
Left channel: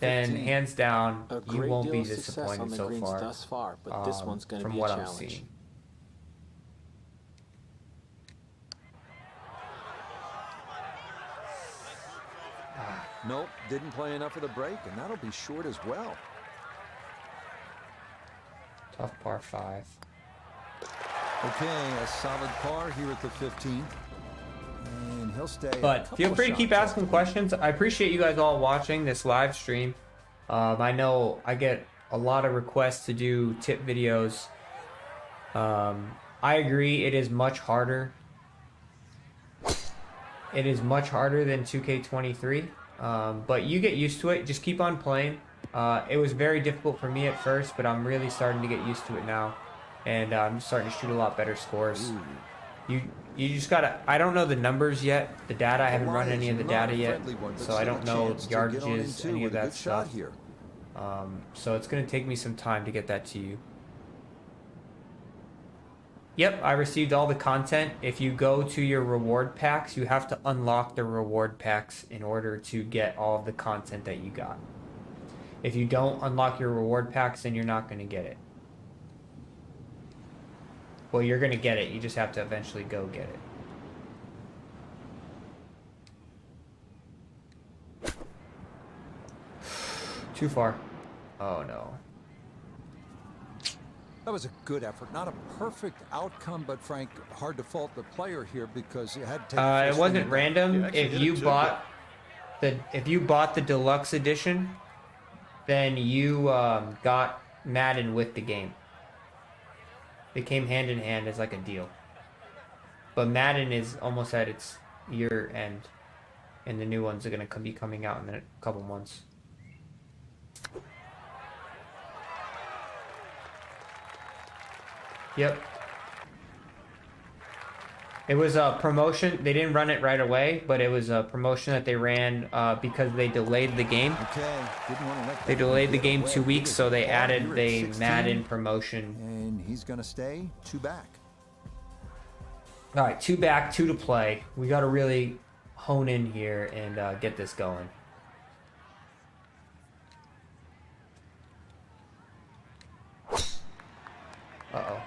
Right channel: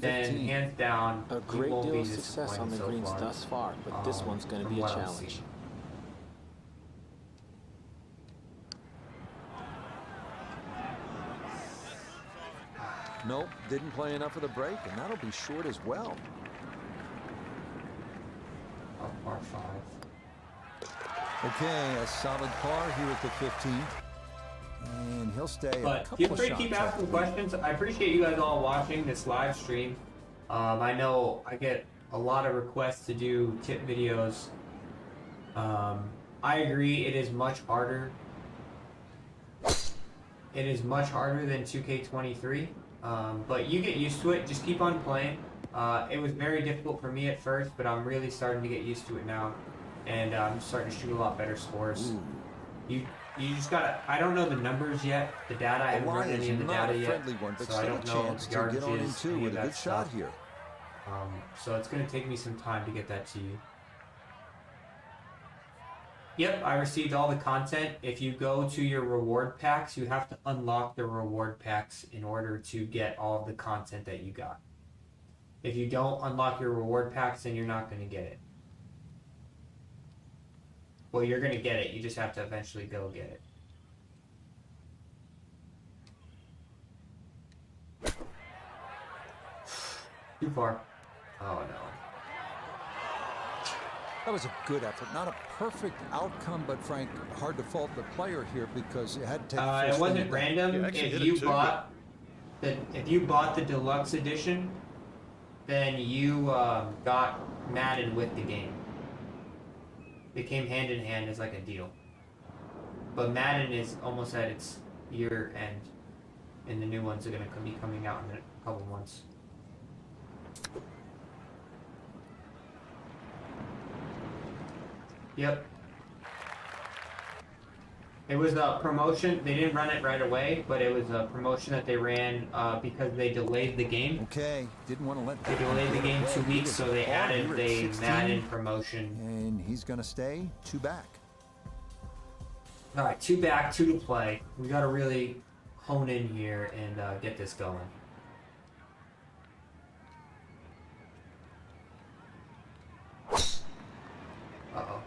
then hands down, a great deal of success on the greens thus far, but this one's going to be a challenge. Nope, didn't play enough of the break, and that'll be short as well. Tough par 5. Okay, a solid par here at the 15th. And he'll stay. But feel free to keep asking questions. I appreciate you guys all watching this live stream. I know I get a lot of requests to do tip videos. I agree, it is much harder. It is much harder than 2K23. But you get used to it. Just keep on playing. It was very difficult for me at first, but I'm really starting to get used to it now. And I'm starting to shoot a lot better scores. You just gotta. I don't know the numbers yet. The data, I haven't run any of the data yet, so I don't know the yardages, any of that stuff. Here. So it's gonna take me some time to get that to you. Yep, I received all the content. If you go to your reward packs, you have to unlock the reward packs in order to get all of the content that you got. If you don't unlock your reward packs, then you're not gonna get it. Well, you're going to get it. You just have to eventually go get it. Too far. Oh, no. That was a good effort. Not a perfect outcome, but Frank, hard to fault the player here because you had to take it wasn't random. If you bought the deluxe edition, then you got Madden with the game. They came hand in hand as like a deal. But Madden is almost at its year end, and the new ones are going to be coming out in a couple months. Yep. It was a promotion. They didn't run it right away, but it was a promotion that they ran because they delayed the game. Okay, didn't want to let they delayed the game 2 weeks, so they added the Madden promotion. And he's going to stay 2 back. All right, 2 back, 2 to play. We got to really hone in here and get this going. Uh-oh.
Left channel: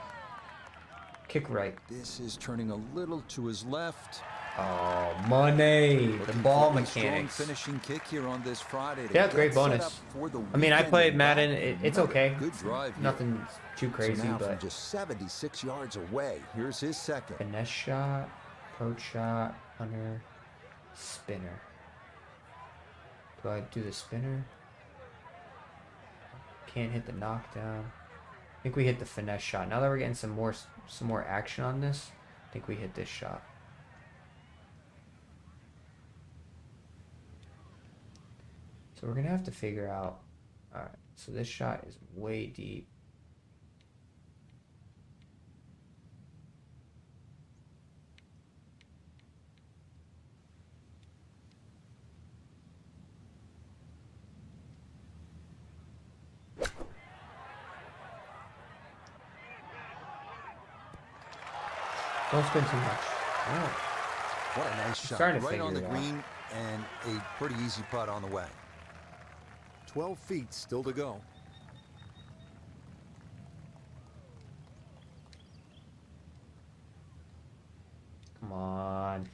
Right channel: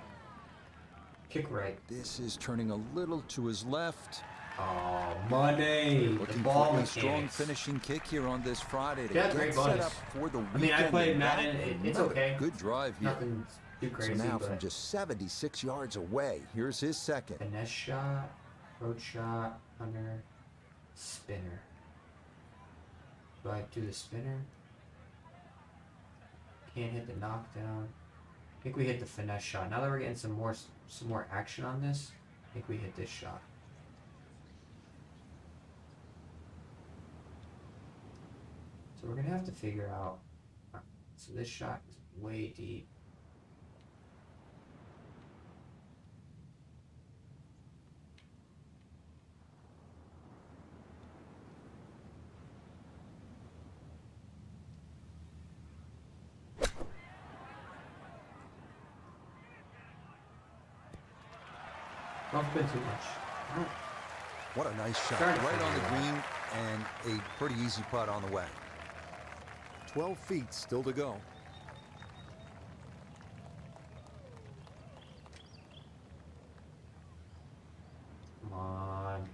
Kick right. This is turning a little to his left. Oh, money! Looking the ball for a mechanics. Strong finishing kick here on this Friday to yeah, get great set bonus. up for the I mean, I played Madden. It's okay. Good drive here. Nothing too crazy. So now but from just 76 yards away, here's his second. Finesse shot, approach shot, under, spinner. Do I do the spinner? Can't hit the knockdown. I think we hit the finesse shot. Now that we're getting some more action on this, I think we hit this shot. So we're gonna have to figure out. All right, so this shot is way deep. Don't spend too much. Oh. What a nice shot. Right on the green and a pretty easy putt on the way. 12 feet still to go. Come on.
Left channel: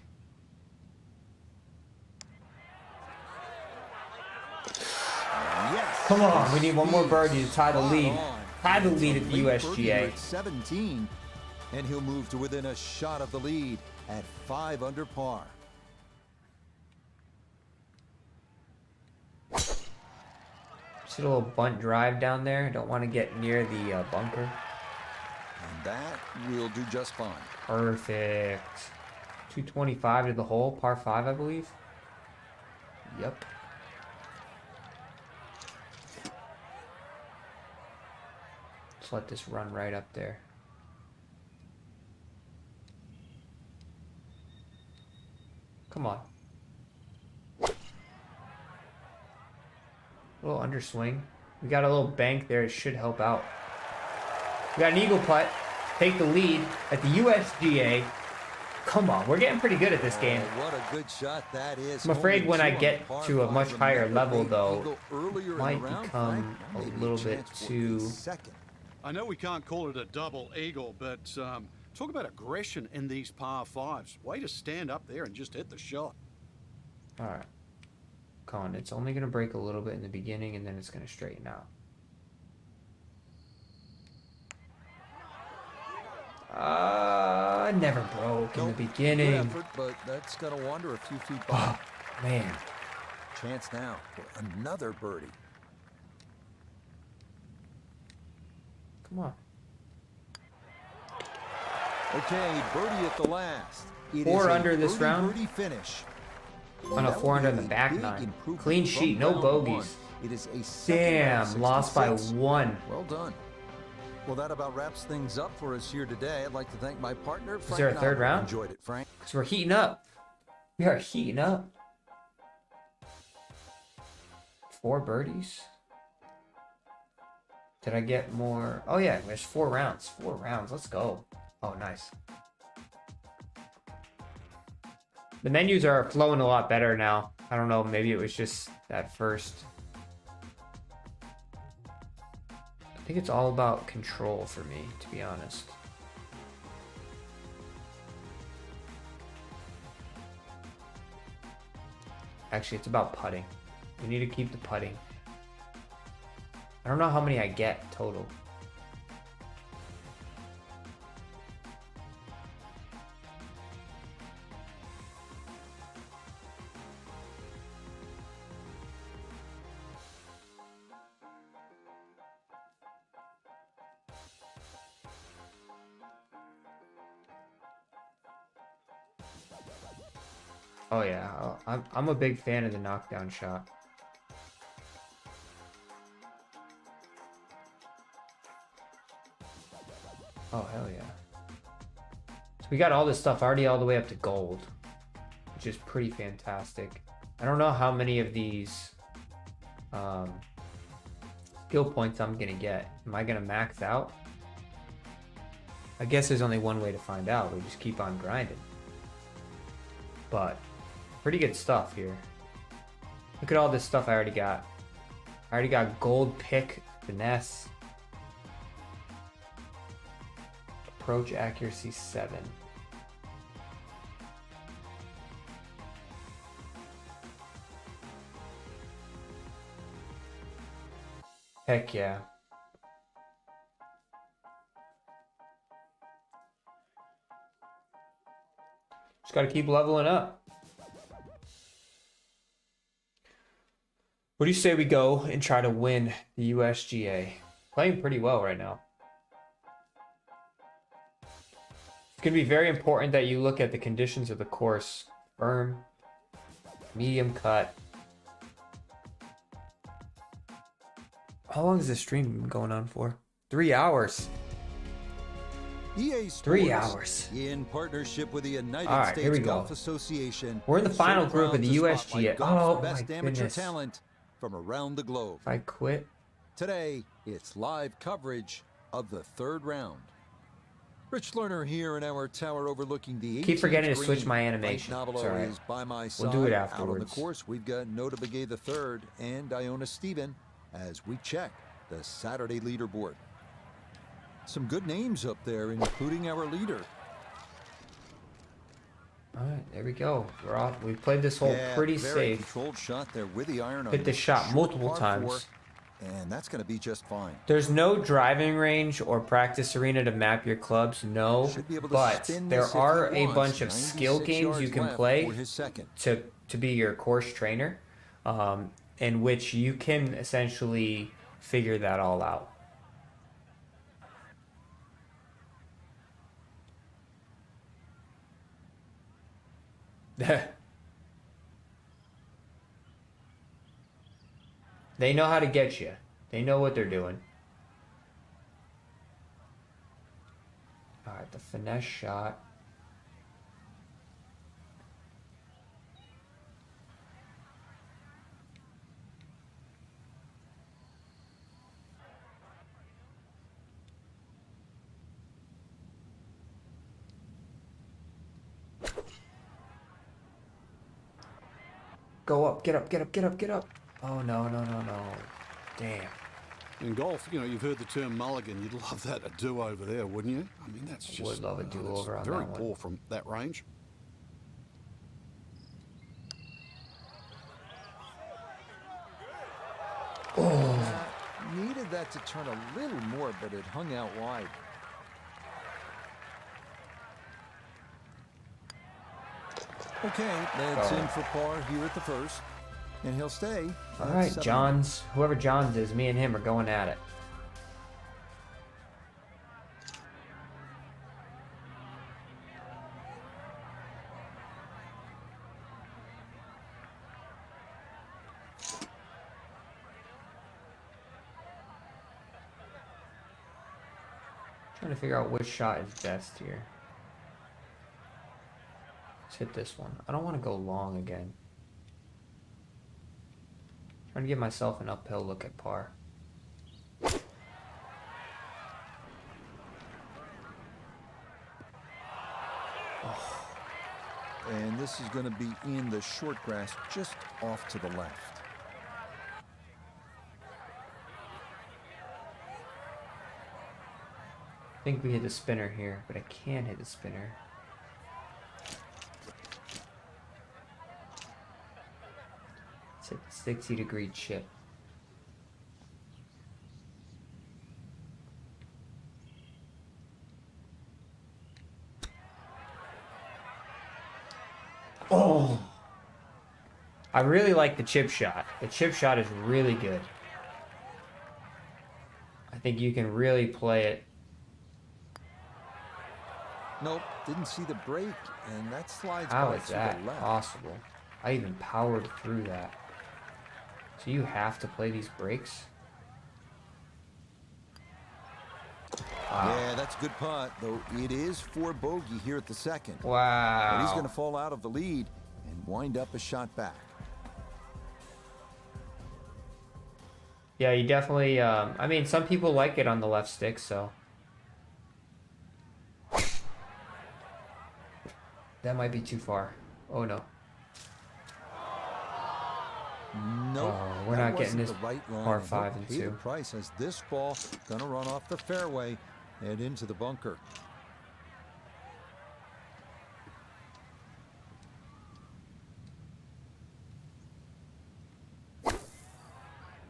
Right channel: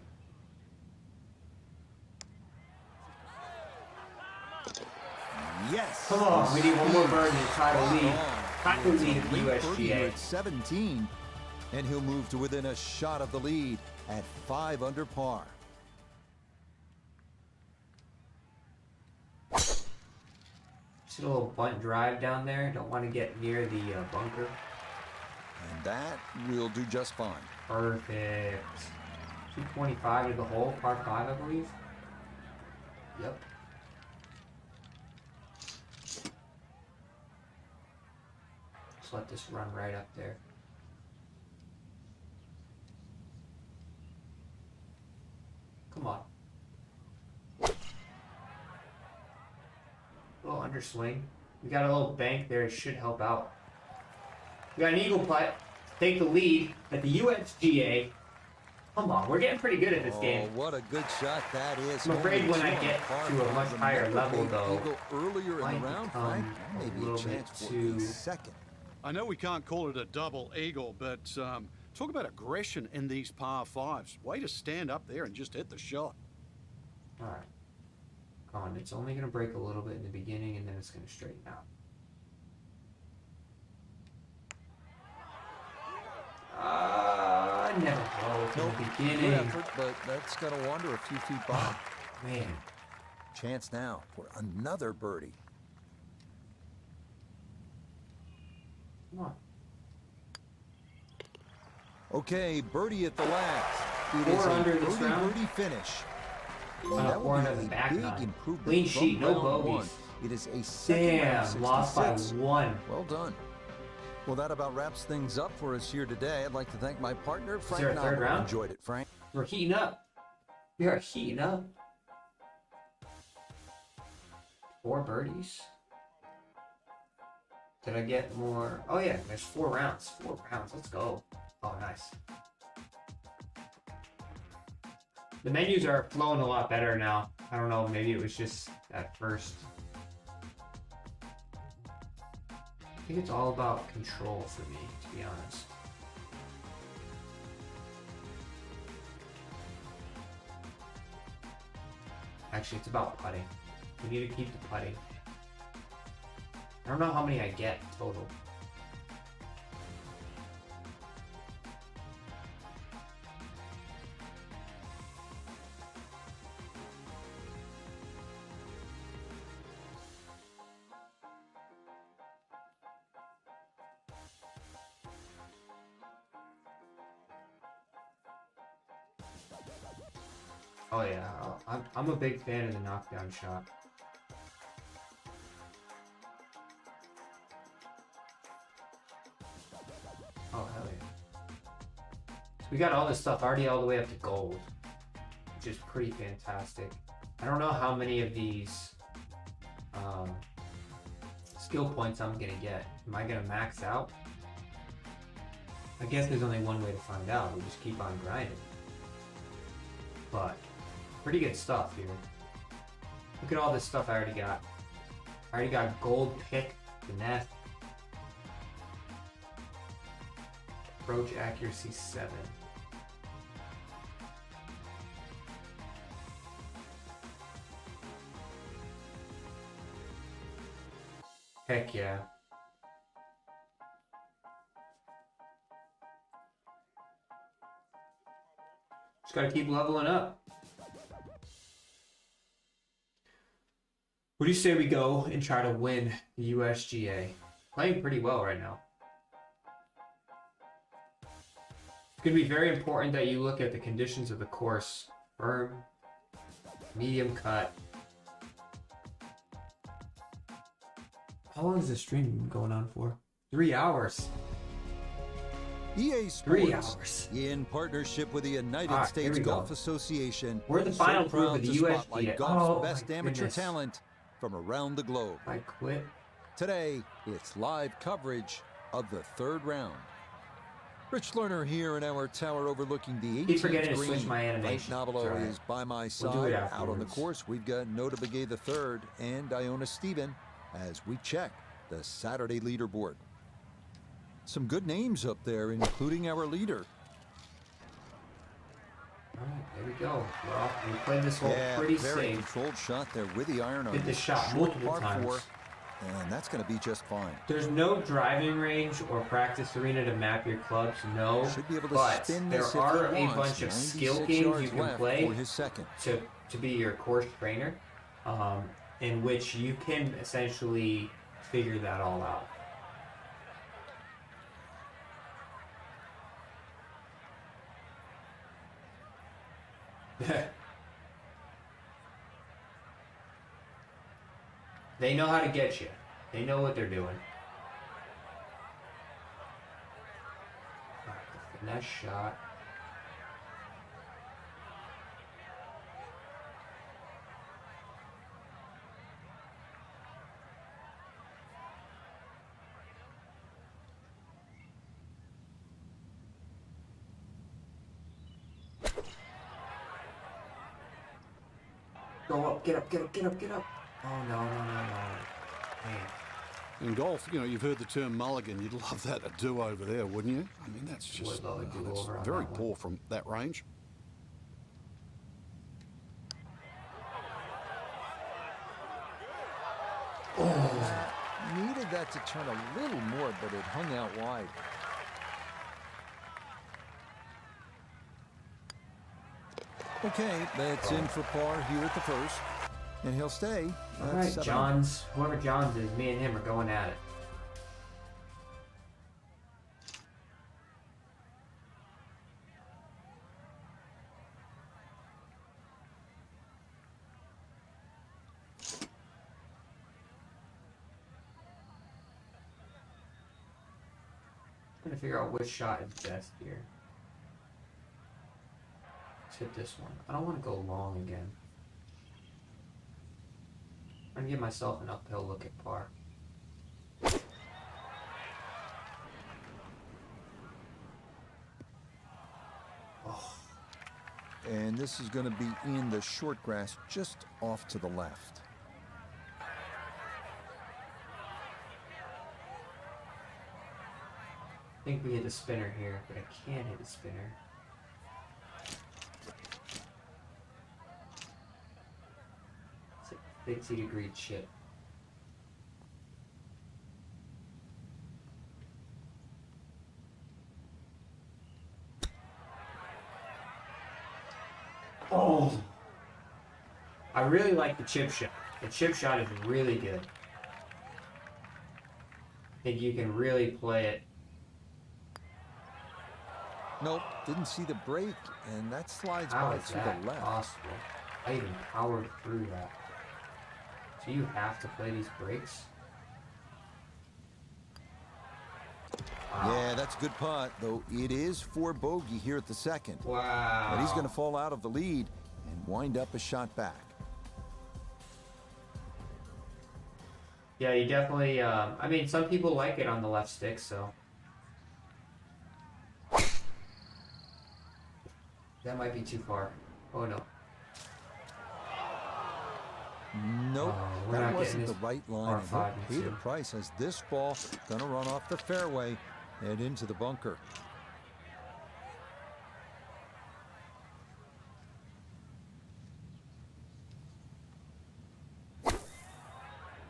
Come on, we need one more birdie to tie the lead. Tie the lead at the USGA. At 17, and he'll move to within a shot of the lead at 5 under par. Just a little bunt drive down there. Don't want to get near the bunker. And that will do just fine. Perfect. 225 to the hole, par 5, I believe. Yep. Just let this run right up there. Come on. A little underswing. We got a little bank there. It should help out. We got an eagle putt. Take the lead at the USGA. Come on, we're getting pretty good at this game. What a good shot that is. I'm afraid when I get to a much higher level, though, earlier in the round, Frank, a little bit too second. I know we can't call it a double eagle, but talk about aggression in these par 5s. Way to stand up there and just hit the shot. All right. Come on, it's only going to break a little bit in the beginning, and then it's going to straighten out. Never broke in the beginning. Good effort, but that's going to wander a few feet by. Oh, man. Chance now for another birdie. Come on. Okay, birdie at the last. It is 4 a under this round. birdie finish. On a 4 under the back big nine. Improvement Clean from sheet, no round bogeys. one. It is a second round 66. Lost by 1. Well done. Well, that about wraps things up for us here today. I'd like to thank my partner, Frank. Is there a third round? Enjoyed it, Frank. So we're heating up. We are heating up. 4 birdies. Did I get more? Oh yeah, there's 4 rounds. 4 rounds. Let's go. Oh, nice. The menus are flowing a lot better now. I don't know, maybe it was just at first. I think it's all about control for me, to be honest. Actually, it's about putting. We need to keep the putting. I don't know how many I get total. Oh yeah, I'm a big fan of the knockdown shot. Oh hell yeah. So we got all this stuff already all the way up to gold, which is pretty fantastic. I don't know how many of these skill points I'm gonna get. Am I gonna max out? I guess there's only one way to find out. We just keep on grinding. But pretty good stuff here. Look at all this stuff I already got. I already got gold pick, finesse, approach accuracy 7. Heck yeah. Just gotta keep leveling up. What do you say we go and try to win the USGA? Playing pretty well right now. It's gonna be very important that you look at the conditions of the course. Firm, medium cut. How long has this stream been going on for? 3 hours. EA Sports, 3 hours. in partnership with the United States Golf Association. We're in the final group of the USGA. Golf's best amateur talent from around the globe. If I quit. Today, it's live coverage of the 3rd round. Rich Lerner here in our tower overlooking the 18th Keep forgetting to green. switch my animation. Mike Nobilo is by my side. Out on the course, we've got Nota Begay III and Iona Stephen as we check the Saturday leaderboard. Some good names up there, including our leader. All right, there we go. We're off. We played this hole pretty very safe. controlled shot there with the iron on Hit the shot multiple times. and that's going to be just fine. There's no driving range or practice arena to map your clubs, no. Should be able to but spin there this if are he a wants. bunch of skill 96 games yards you can left play for his second. to be your course trainer, in which you can essentially figure that all out. They know how to get you. They know what they're doing. Alright, the finesse shot. Go up, get up, get up, get up, get up. Oh, no. Damn. In golf, you know, you've heard the term mulligan. You'd love that, a do-over there, wouldn't you? I mean, that's just that's very poor from that range. Needed that to turn a little more, but it hung out wide. Okay, that's in for par here at the first. And he'll stay. All right, Johns. Whoever Johns is, me and him are going at it. Trying to figure out which shot is best here. Let's hit this one. I don't want to go long again. I'm going to give myself an uphill look at par. And this is going to be in the short grass just off to the left. I think we hit a spinner here, but I can't hit a spinner. It's 60-degree chip. Oh! I really like the chip shot. The chip shot is really good. I think you can really play it. Nope, didn't see the break, and that slides How by is to that the left. possible? I even powered through that. So you have to play these breaks? Wow. Yeah, that's a good putt, though it is for bogey here at the second. Wow. And he's going to fall out of the lead and wind up a shot back. Yeah, you definitely, I mean, some people like it on the left stick, so. That might be too far. Oh, no. Nope, Oh, that wasn't the right line. And he'll pay the 2. price as this ball gonna run off the fairway and into the bunker.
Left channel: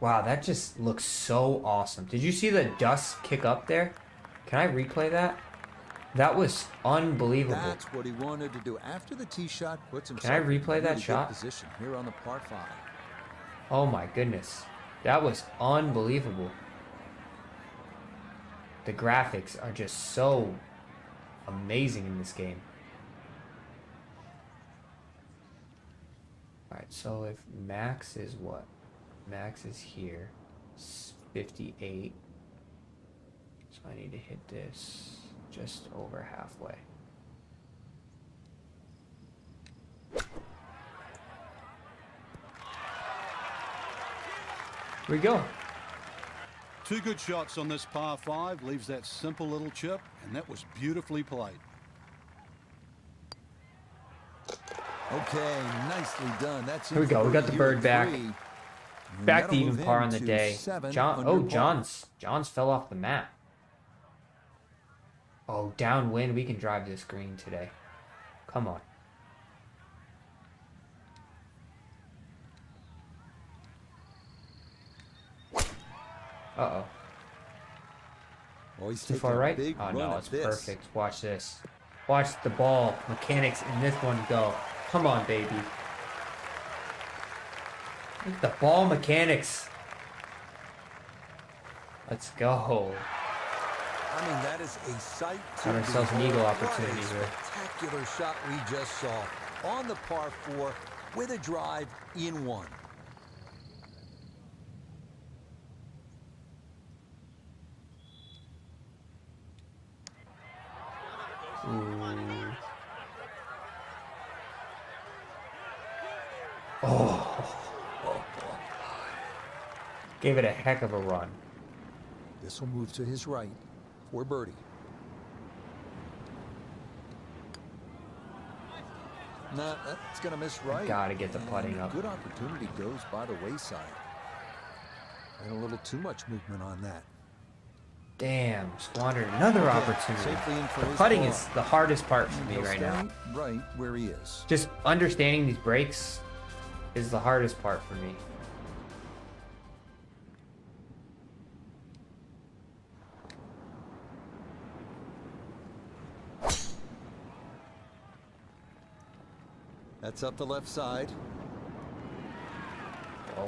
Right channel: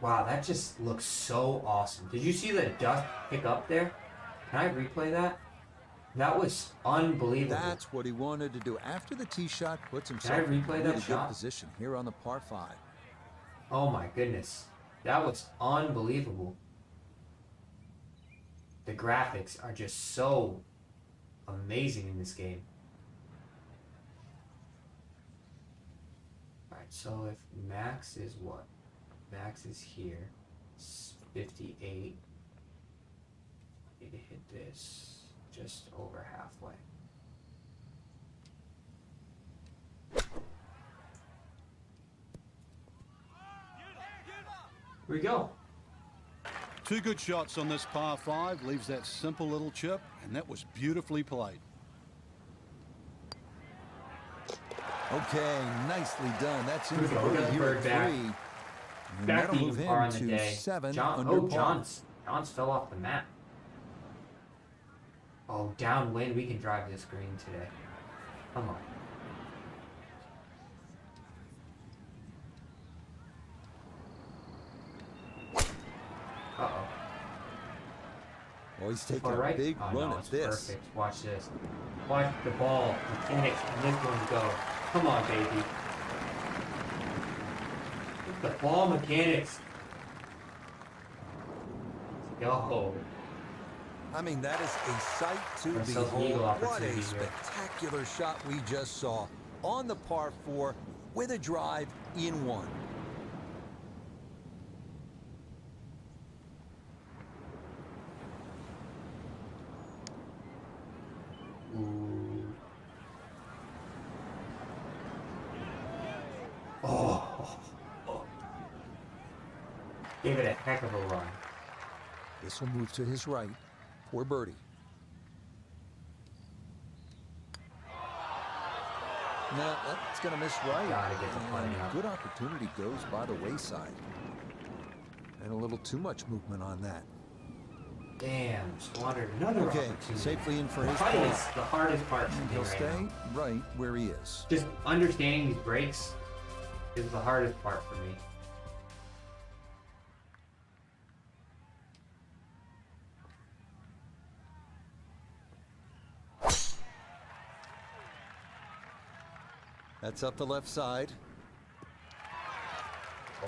Wow, that just looks so awesome. Did you see the dust kick up there? Can I replay that? That was unbelievable. That's what he wanted to do. After the tee shot, puts himself in a replay that really good shot? position here on the par 5. Oh my goodness. That was unbelievable. The graphics are just so amazing in this game. Alright, so if max is what? Max is here. It's 58. So I need to hit this just over halfway. Where you going? Two good shots on this par 5, leaves that simple little chip, and that was beautifully played. Okay, nicely done. That's in Here we for go. We got birdie the here bird at back. 3. And Back that'll to move even par him on the to day. 7 John, under par. Johns fell off the map. Oh, downwind, we can drive this green today. Come on. Oh, he's taking a big run at this. Perfect. Watch this. Watch the ball mechanics in this one go. Come on, baby. The ball mechanics. Let's go. I mean, that is a sight to behold. What a spectacular shot we just saw on the par 4 with a drive in 1. Gave it a heck of a run. This will move to his right for birdie. No, that's going to miss right. Gotta get the putting up. Good opportunity goes by the wayside. And a little too much movement on that. Damn, squandered another opportunity. Safely in for his putting is the hardest part for me right now. He'll stay right where he is. Just understanding these breaks is the hardest part for me. That's up the left side. Oh,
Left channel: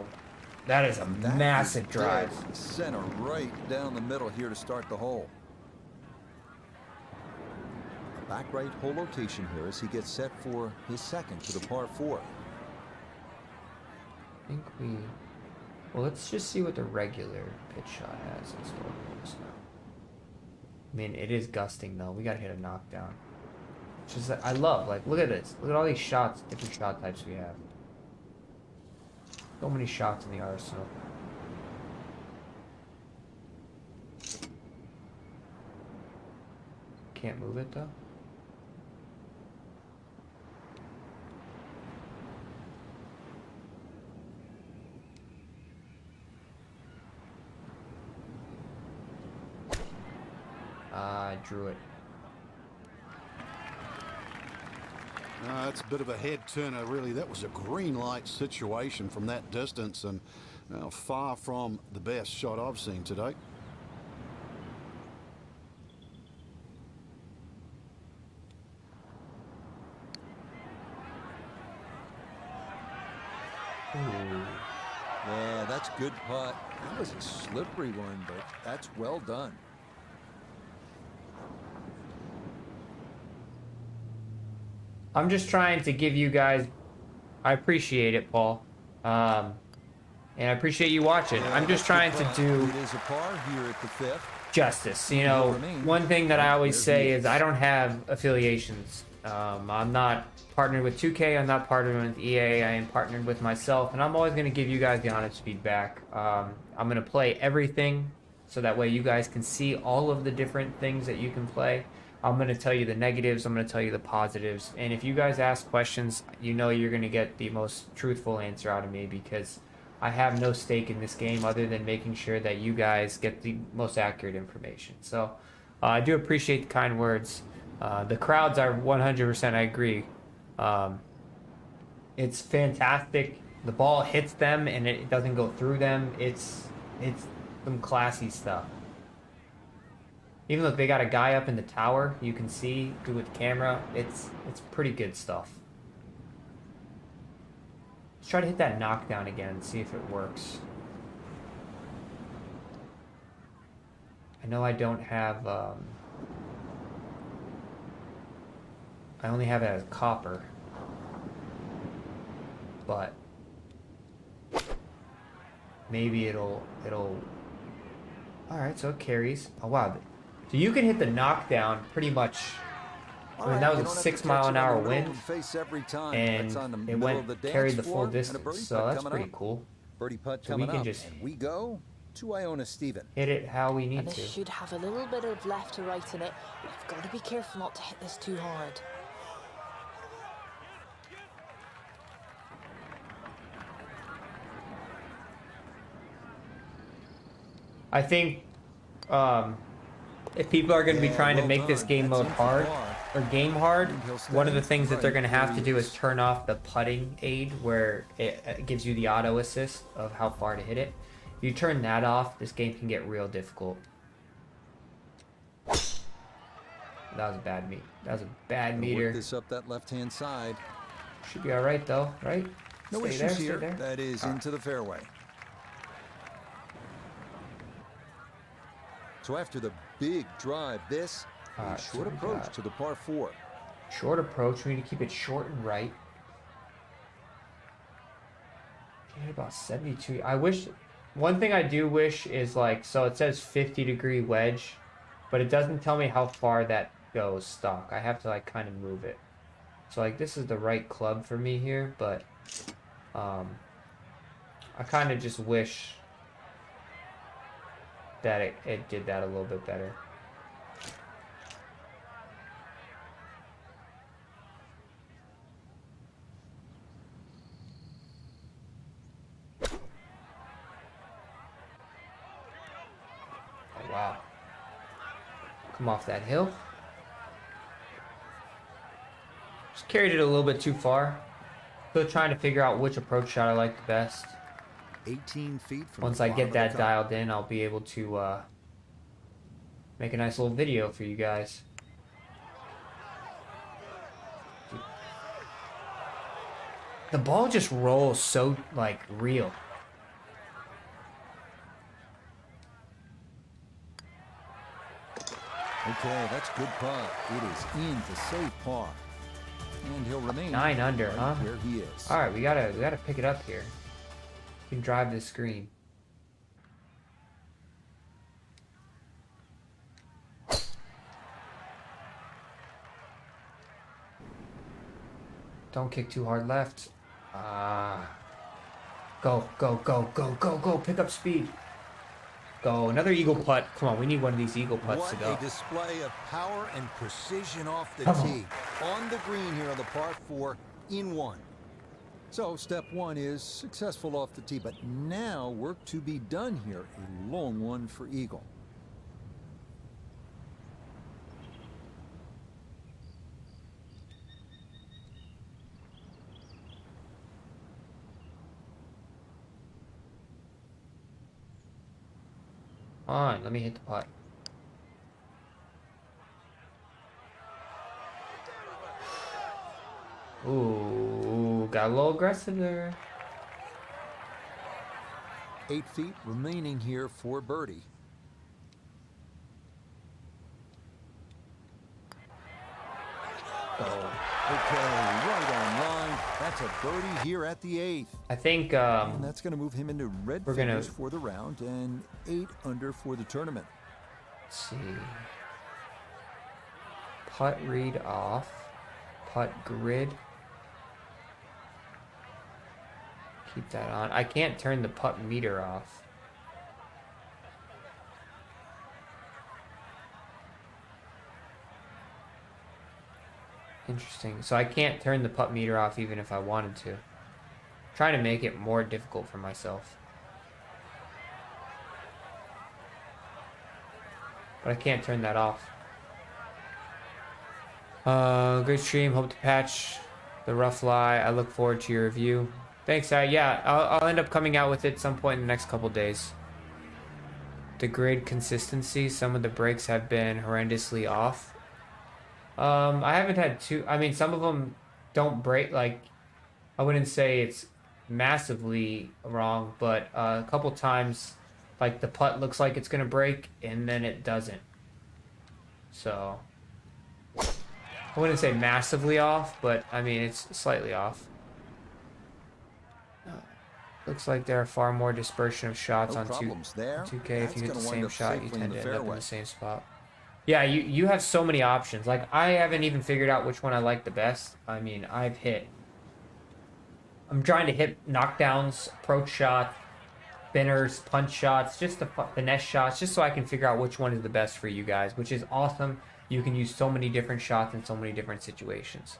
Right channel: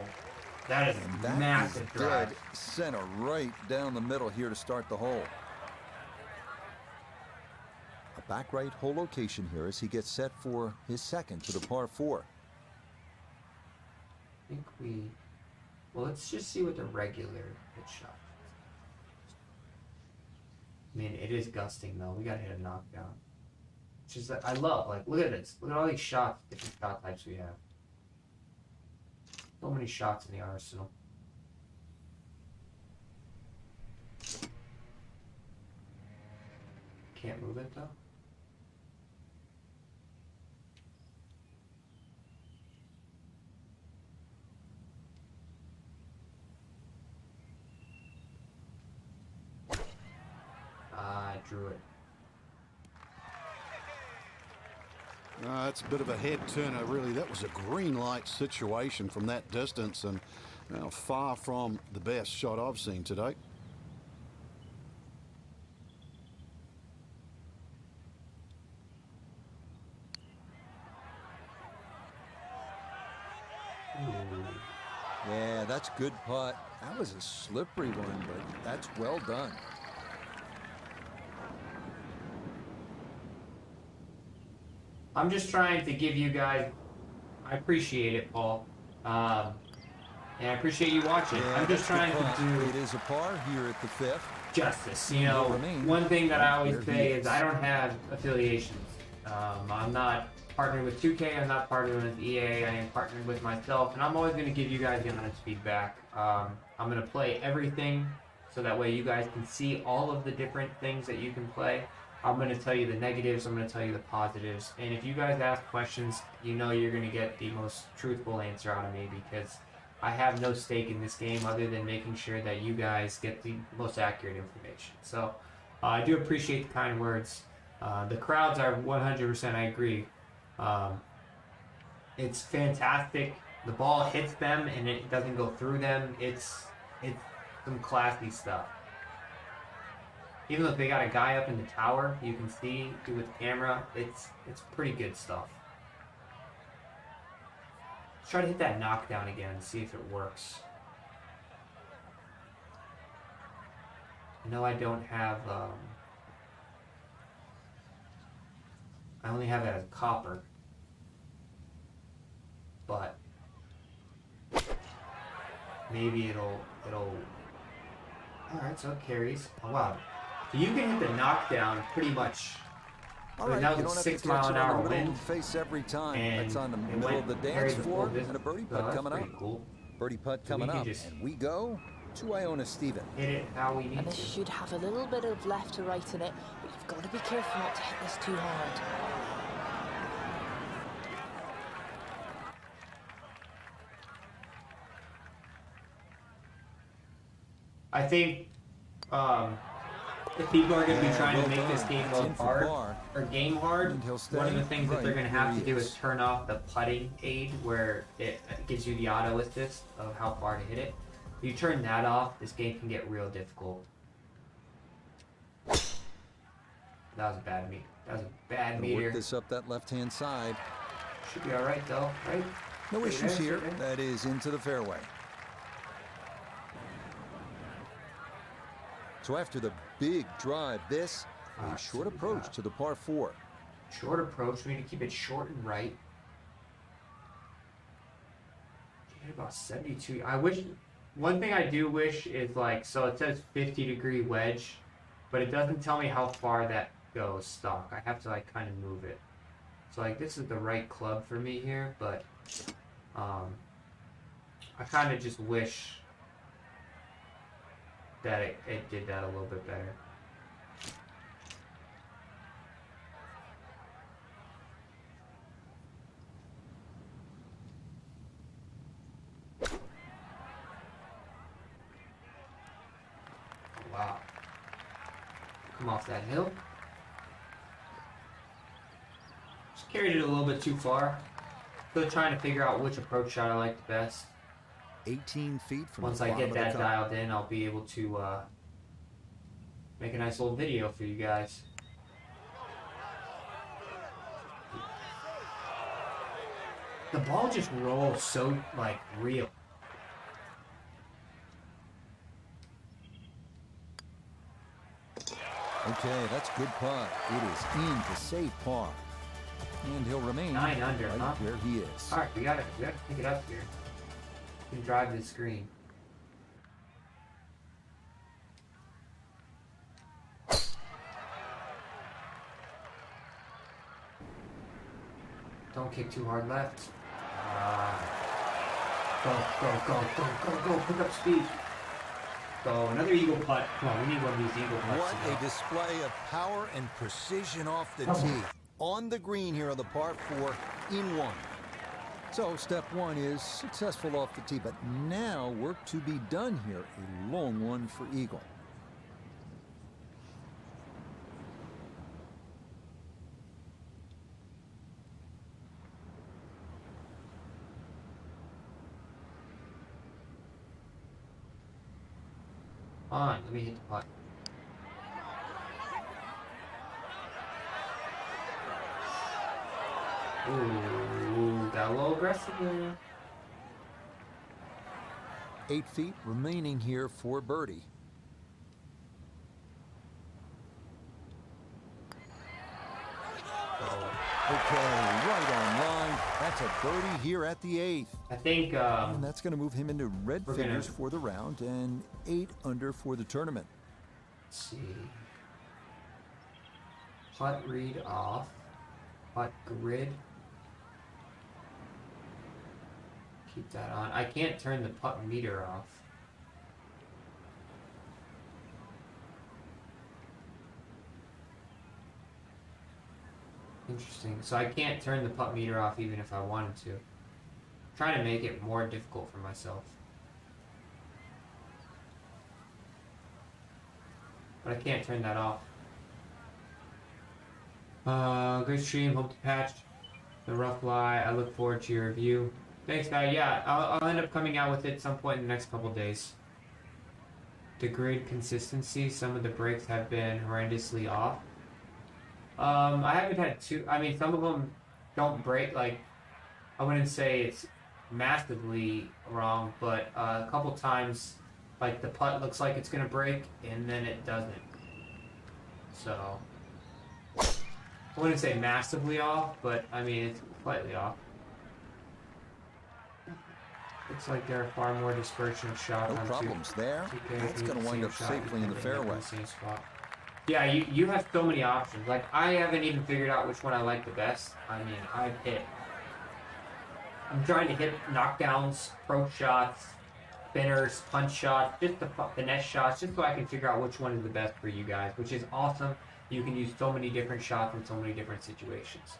that is a massive drive. Dead center right down the middle here to start the hole. A back right hole location here as he gets set for his second to the par 4. I think well, let's just see what the regular pitch shot has in store for us now. I mean, it is gusting though. We gotta hit a knockdown. Which is, I love, like, look at this. Look at all these shots, different shot types we have. So many shots in the arsenal. Can't move it, though. I drew it. That's a bit of a head turner, really. That was a green light situation from that distance, and far from the best shot I've seen today. Yeah, that's good putt. That was a slippery one, but that's well done. I'm just trying to give you guys, I appreciate it, Paul, and I appreciate you watching. Yeah, I'm just trying to do it is a par here at the 5th. Justice. You know, one thing that I always say is I don't have affiliations. I'm not partnered with 2K, I'm not partnered with EA, I am partnered with myself, and I'm always going to give you guys the honest feedback. I'm going to play everything so that way you guys can see all of the different things that you can play. I'm going to tell you the negatives, I'm going to tell you the positives, and if you guys ask questions, you know you're going to get the most truthful answer out of me, because I have no stake in this game other than making sure that you guys get the most accurate information. So I do appreciate the kind words. The crowds are 100%, I agree. It's fantastic. The ball hits them and it doesn't go through them. It's some classy stuff. Even though they got a guy up in the tower, you can see through with the camera, it's pretty good stuff. Let's try to hit that knockdown again and see if it works. I know I don't have, I only have it as copper, but maybe it'll, alright, so it carries. Oh wow. So you can hit the knockdown pretty much. All right, that was a 6 mile an hour wind. Face every time. And that's on the middle of the dance floor, and a birdie putt coming up. Cool. Birdie putt coming up, and we go to Iona Stephen. Hit it how we need and this to. should have a little bit of left to right in it, but you've got to be careful not to hit this too hard. I think if people are going to be trying to make this game mode hard, or game hard, one of the things that they're going to have to do is turn off the putting aid where it gives you the auto assist of how far to hit it. If you turn that off, this game can get real difficult. That was a bad meet. That was a bad meter. Work this up that left-hand side. Should be all right, though, right? No issues here. That is into the fairway. So after the big drive, this a short approach to the par 4. Short approach. We need to keep it short and right. About 72. I wish. One thing I do wish is like, so it says 50-degree wedge, but it doesn't tell me how far that goes stock. I have to like kind of move it. So like this is the right club for me here, but I kind of just wish that it did that a little bit better. Wow. Come off that hill. Just carried it a little bit too far. Still trying to figure out which approach shot I like the best. 18 feet from Once the I bottom get that of the cup. dialed in, I'll be able to make a nice little video for you guys. The ball just rolls so, like, real. Okay, that's good putt. It is in to save par. And he'll remain 9 under, right huh? where he is. All right, we gotta pick it up here. We can drive this green. Don't kick too hard left. Go, go, go, go, go, go. Pick up speed. Go. Another eagle putt. Come on, we need one of these eagle putts. What a display of power and precision off the tee. On the green here on the par 4 in 1. So step 1 is successful off the tee, but now work to be done here. A long one for eagle. Fine, let me hit the putt. Ooh, got a little aggressive there. 8 feet remaining here for birdie. Okay, right on line. That's a birdie here at the 8th. I think And that's going to move him into red figures for the round and 8 under for the tournament. Let's see. Putt read off. Putt grid. Keep that on. I can't turn the putt meter off. Interesting. So I can't turn the putt meter off even if I wanted to. I'm trying to make it more difficult for myself. But I can't turn that off. Great stream. Hope to patch the rough lie. I look forward to your review. Thanks, yeah, I'll end up coming out with it at some point in the next couple days. The grid consistency, some of the breaks have been horrendously off. I haven't had I mean, some of them don't break, like, I wouldn't say it's massively wrong, but a couple times, like, the putt looks like it's going to break, and then it doesn't. So, I wouldn't say massively off, but, I mean, it's slightly off. Looks like there are far more dispersion of shots No on problems there. 2K. That's going to wind up safely in the fairway. Same spot. Yeah, you have so many options. Like, I haven't even figured out which one I like the best. I mean, I'm trying to hit knockdowns, approach shots, spinners, punch shots, just the finesse shots, just so I can figure out which one is the best for you guys, which is awesome. You can use so many different shots in so many different situations.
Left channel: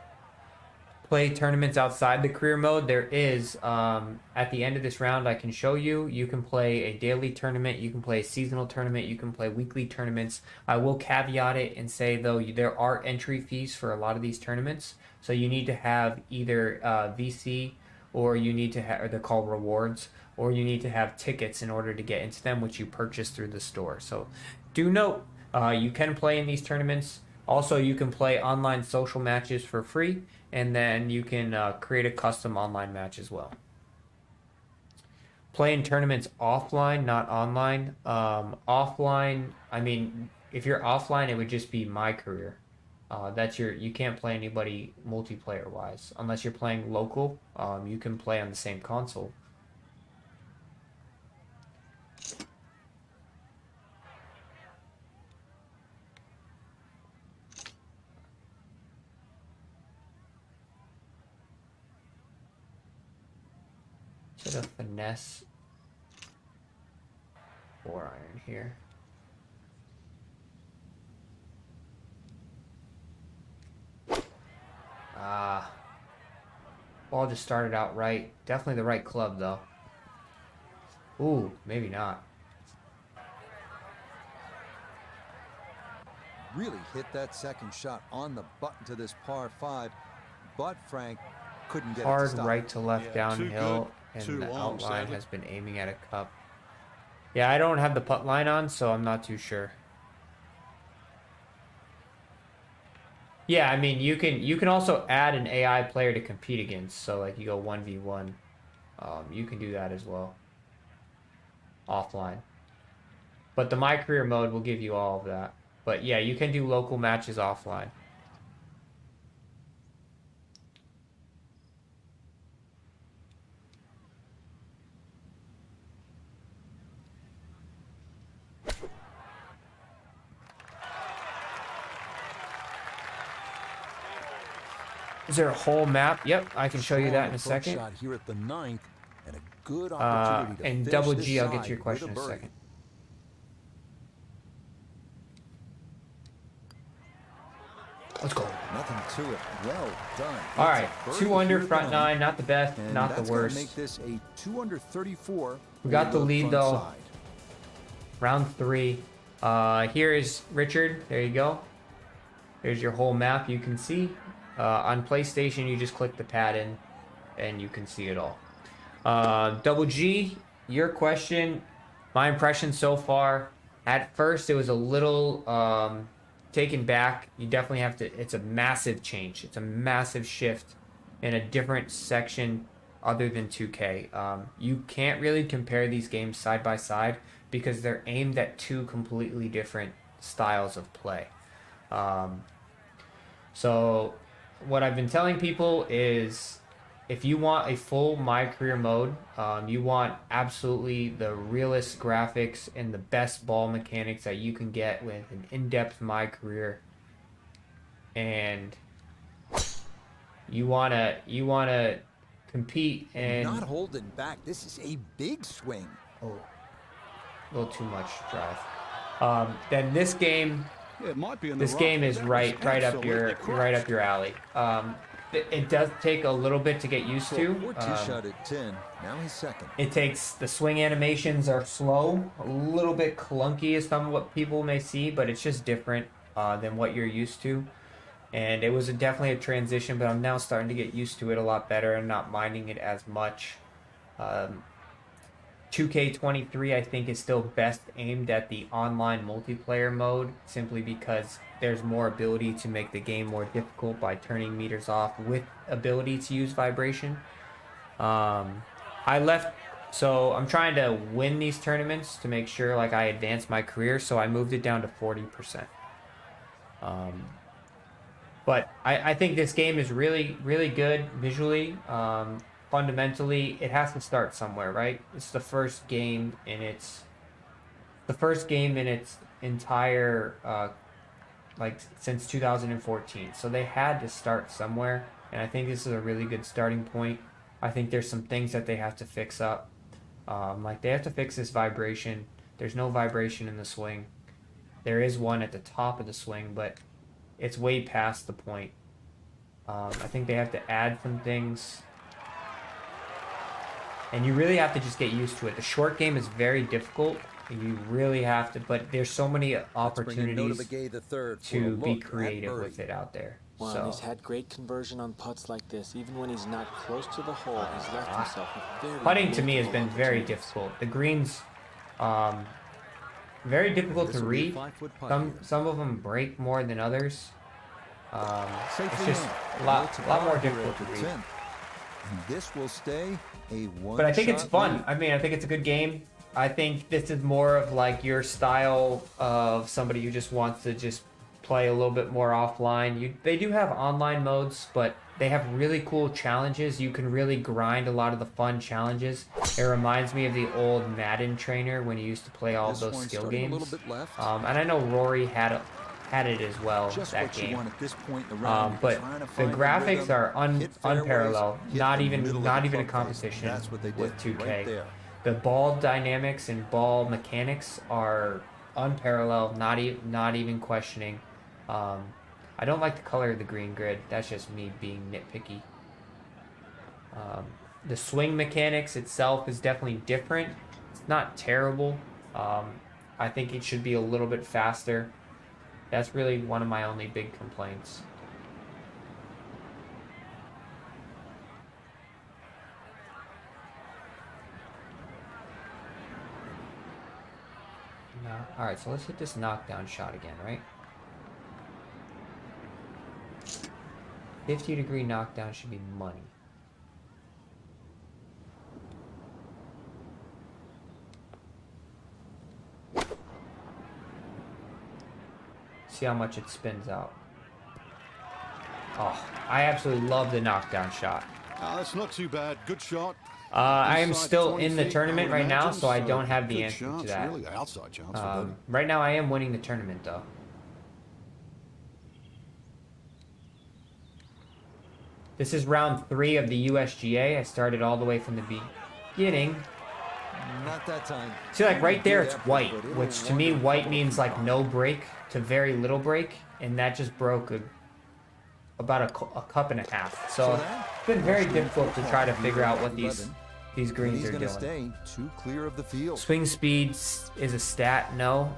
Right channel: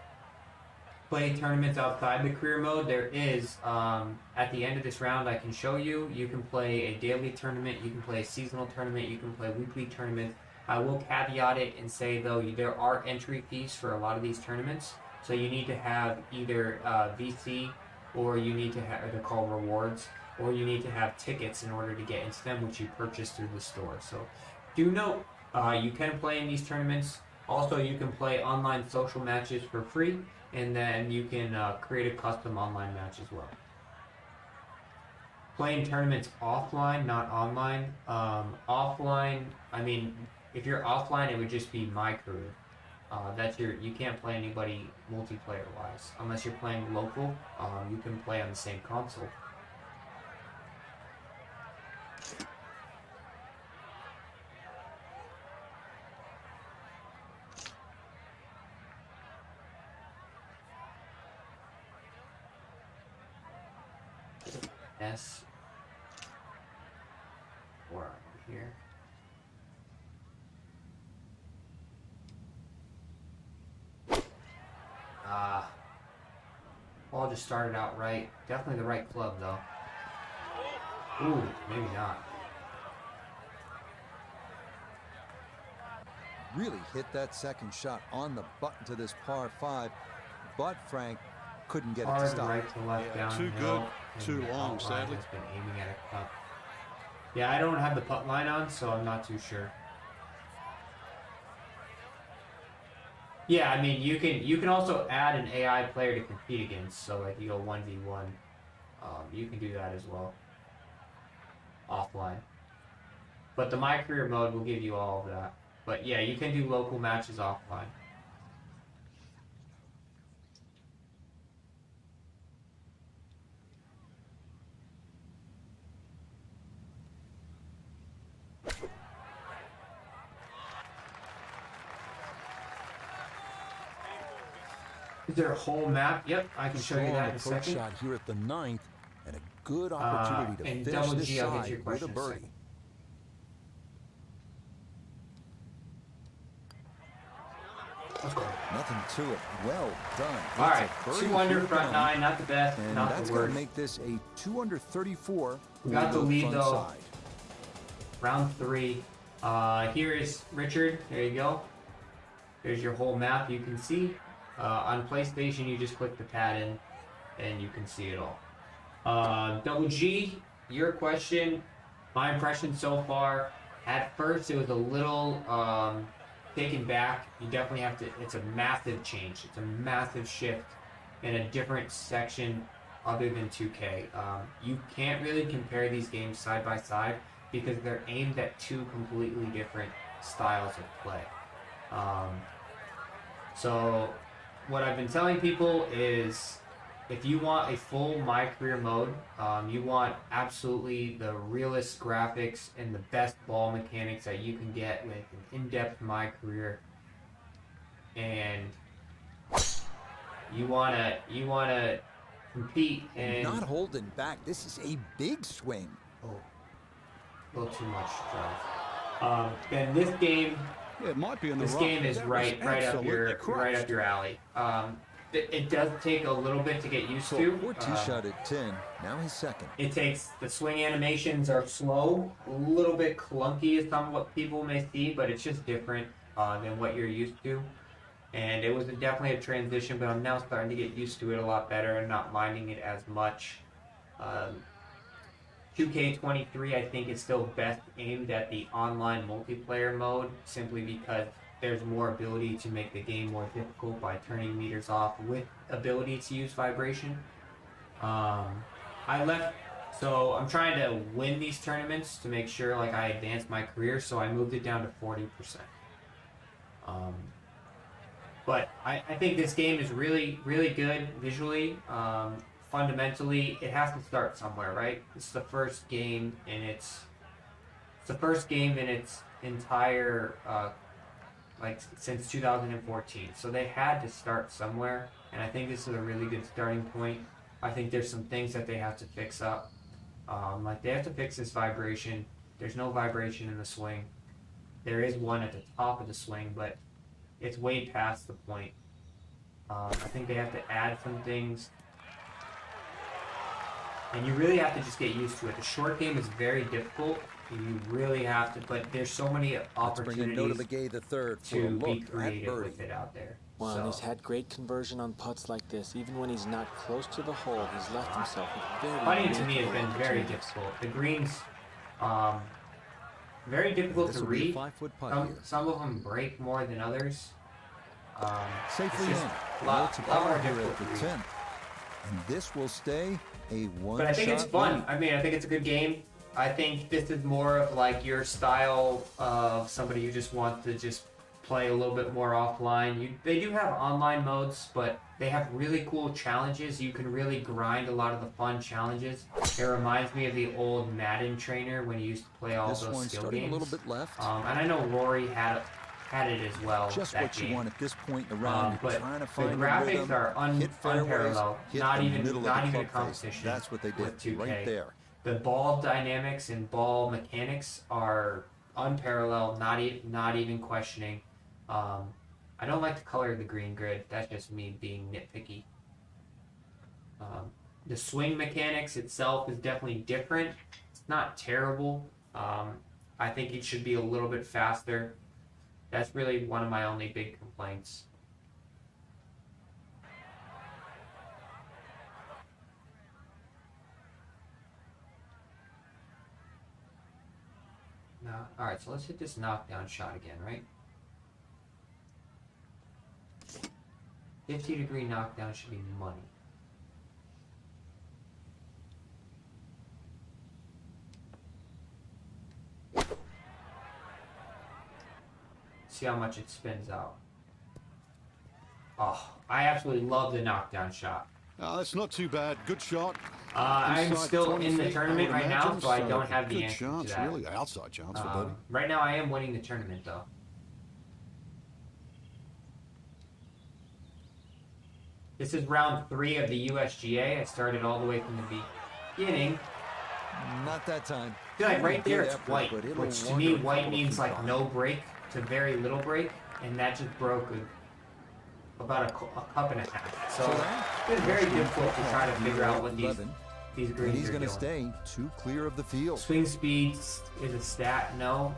Play tournaments outside the career mode. There is, at the end of this round, I can show you. You can play a daily tournament. You can play a seasonal tournament. You can play weekly tournaments. I will caveat it and say, though, there are entry fees for a lot of these tournaments. So you need to have either VC, or you need to have, or they're called rewards, or you need to have tickets in order to get into them, which you purchase through the store. So do note, you can play in these tournaments. Also, you can play online social matches for free, and then you can create a custom online match as well. Playing tournaments offline, not online. Offline, I mean, if you're offline, it would just be my career. You can't play anybody multiplayer wise unless you're playing local. You can play on the same console. Bit of finesse 4-iron here. Ball just started out right. Definitely the right club though. Ooh, maybe not. Really hit that second shot on the button to this par 5, but Frank couldn't get it to stop. Hard right to left downhill. Too good, too long, sadly. Has been aiming at a cup. Yeah, I don't have the putt line on, so I'm not too sure. Yeah, I mean, you can also add an AI player to compete against. So like you go 1v1. You can do that as well. Offline. But the My Career mode will give you all of that. But yeah, you can do local matches offline. Is there a whole map? Yep, I can show you that in a second. Shot here at the 9th, and a good opportunity to and finish double this G, I'll get side your question with a in a birdie. second. Let's go. Nothing to it. Well done. All right, It's a birdie 2 under, here at the front 9, not the best, and not that's the going worst. to make this a 2 under 34. We got the lead front though. side. Round 3. Here is Richard. There you go. There's your whole map. You can see. On PlayStation, you just click the pad in, and you can see it all. Double G, your question. My impression so far. At first, it was a little taken back. You definitely have to. It's a massive change. It's a massive shift in a different section other than 2K. You can't really compare these games side by side because they're aimed at 2 completely different styles of play. So what I've been telling people is if you want a full My Career mode, you want absolutely the realest graphics and the best ball mechanics that you can get with an in-depth My Career, and you wanna compete and not holding back. This is a big swing. Oh, a little too much drive. Then this game. Yeah, it might be in the This game is right up your alley. It does take a little bit to get used to. Tee shot at 10. Now he's second. It takes, the swing animations are slow, a little bit clunky as some of what people may see, but it's just different than what you're used to. And it was definitely a transition, but I'm now starting to get used to it a lot better and not minding it as much. 2K23 I think is still best aimed at the online multiplayer mode, simply because there's more ability to make the game more difficult by turning meters off with ability to use vibration. So I'm trying to win these tournaments to make sure like I advance my career, so I moved it down to 40%. But I think this game is really, really good visually. Fundamentally, it has to start somewhere, right? It's the first game in its entire since 2014. So they had to start somewhere, and I think this is a really good starting point. I think there's some things that they have to fix up. Like they have to fix this vibration. There's no vibration in the swing. There is one at the top of the swing, but it's way past the point. I think they have to add some things. And you really have to just get used to it. The short game is very difficult. You really have to, but there's so many opportunities to be creative with it out there. Well, and he's had great conversion on putts like this. Even when he's not close to the hole, he's left himself with very putting to me has been very difficult. The greens, very difficult to read. Some of them break more than others. Safely in. It's a par here at the 10th. And this will stay a one-shot But I think it's fun. lead. I mean, I think it's a good game. I think this is more of like your style of somebody who just wants to just play a little bit more offline. They do have online modes, but they have really cool challenges. You can really grind a lot of the fun challenges. It reminds me of the old Madden trainer when you used to play all those skill games. A little bit left. And I know Rory had it as well. Just what game. you want at this point in the round. But trying to the find graphics are unparalleled. Not even a a competition. That's what they did with 2K. right there. The ball dynamics and ball mechanics are unparalleled. Not even questioning. I don't like the color of the green grid. That's just me being nitpicky. The swing mechanics itself is definitely different. It's not terrible. I think it should be a little bit faster. That's really one of my only big complaints. Alright, so let's hit this knockdown shot again, right? 50-degree knockdown should be money. See how much it spins out. Oh, I absolutely love the knockdown shot. That's not too bad. Good shot. I am still in the tournament right now, so I don't have the good answer chance, to that. really outside chance for birdie. Right now, I am winning the tournament, though. This is round 3 of the USGA. I started all the way from the beginning. Not that time. See, like right there, it's white, which to me, white means like no break to very little break, and that just broke about a cup and a half. So it's been very difficult to try to figure out what these greens he's are going to doing. stay too clear of the field. Swing speeds is a stat, no.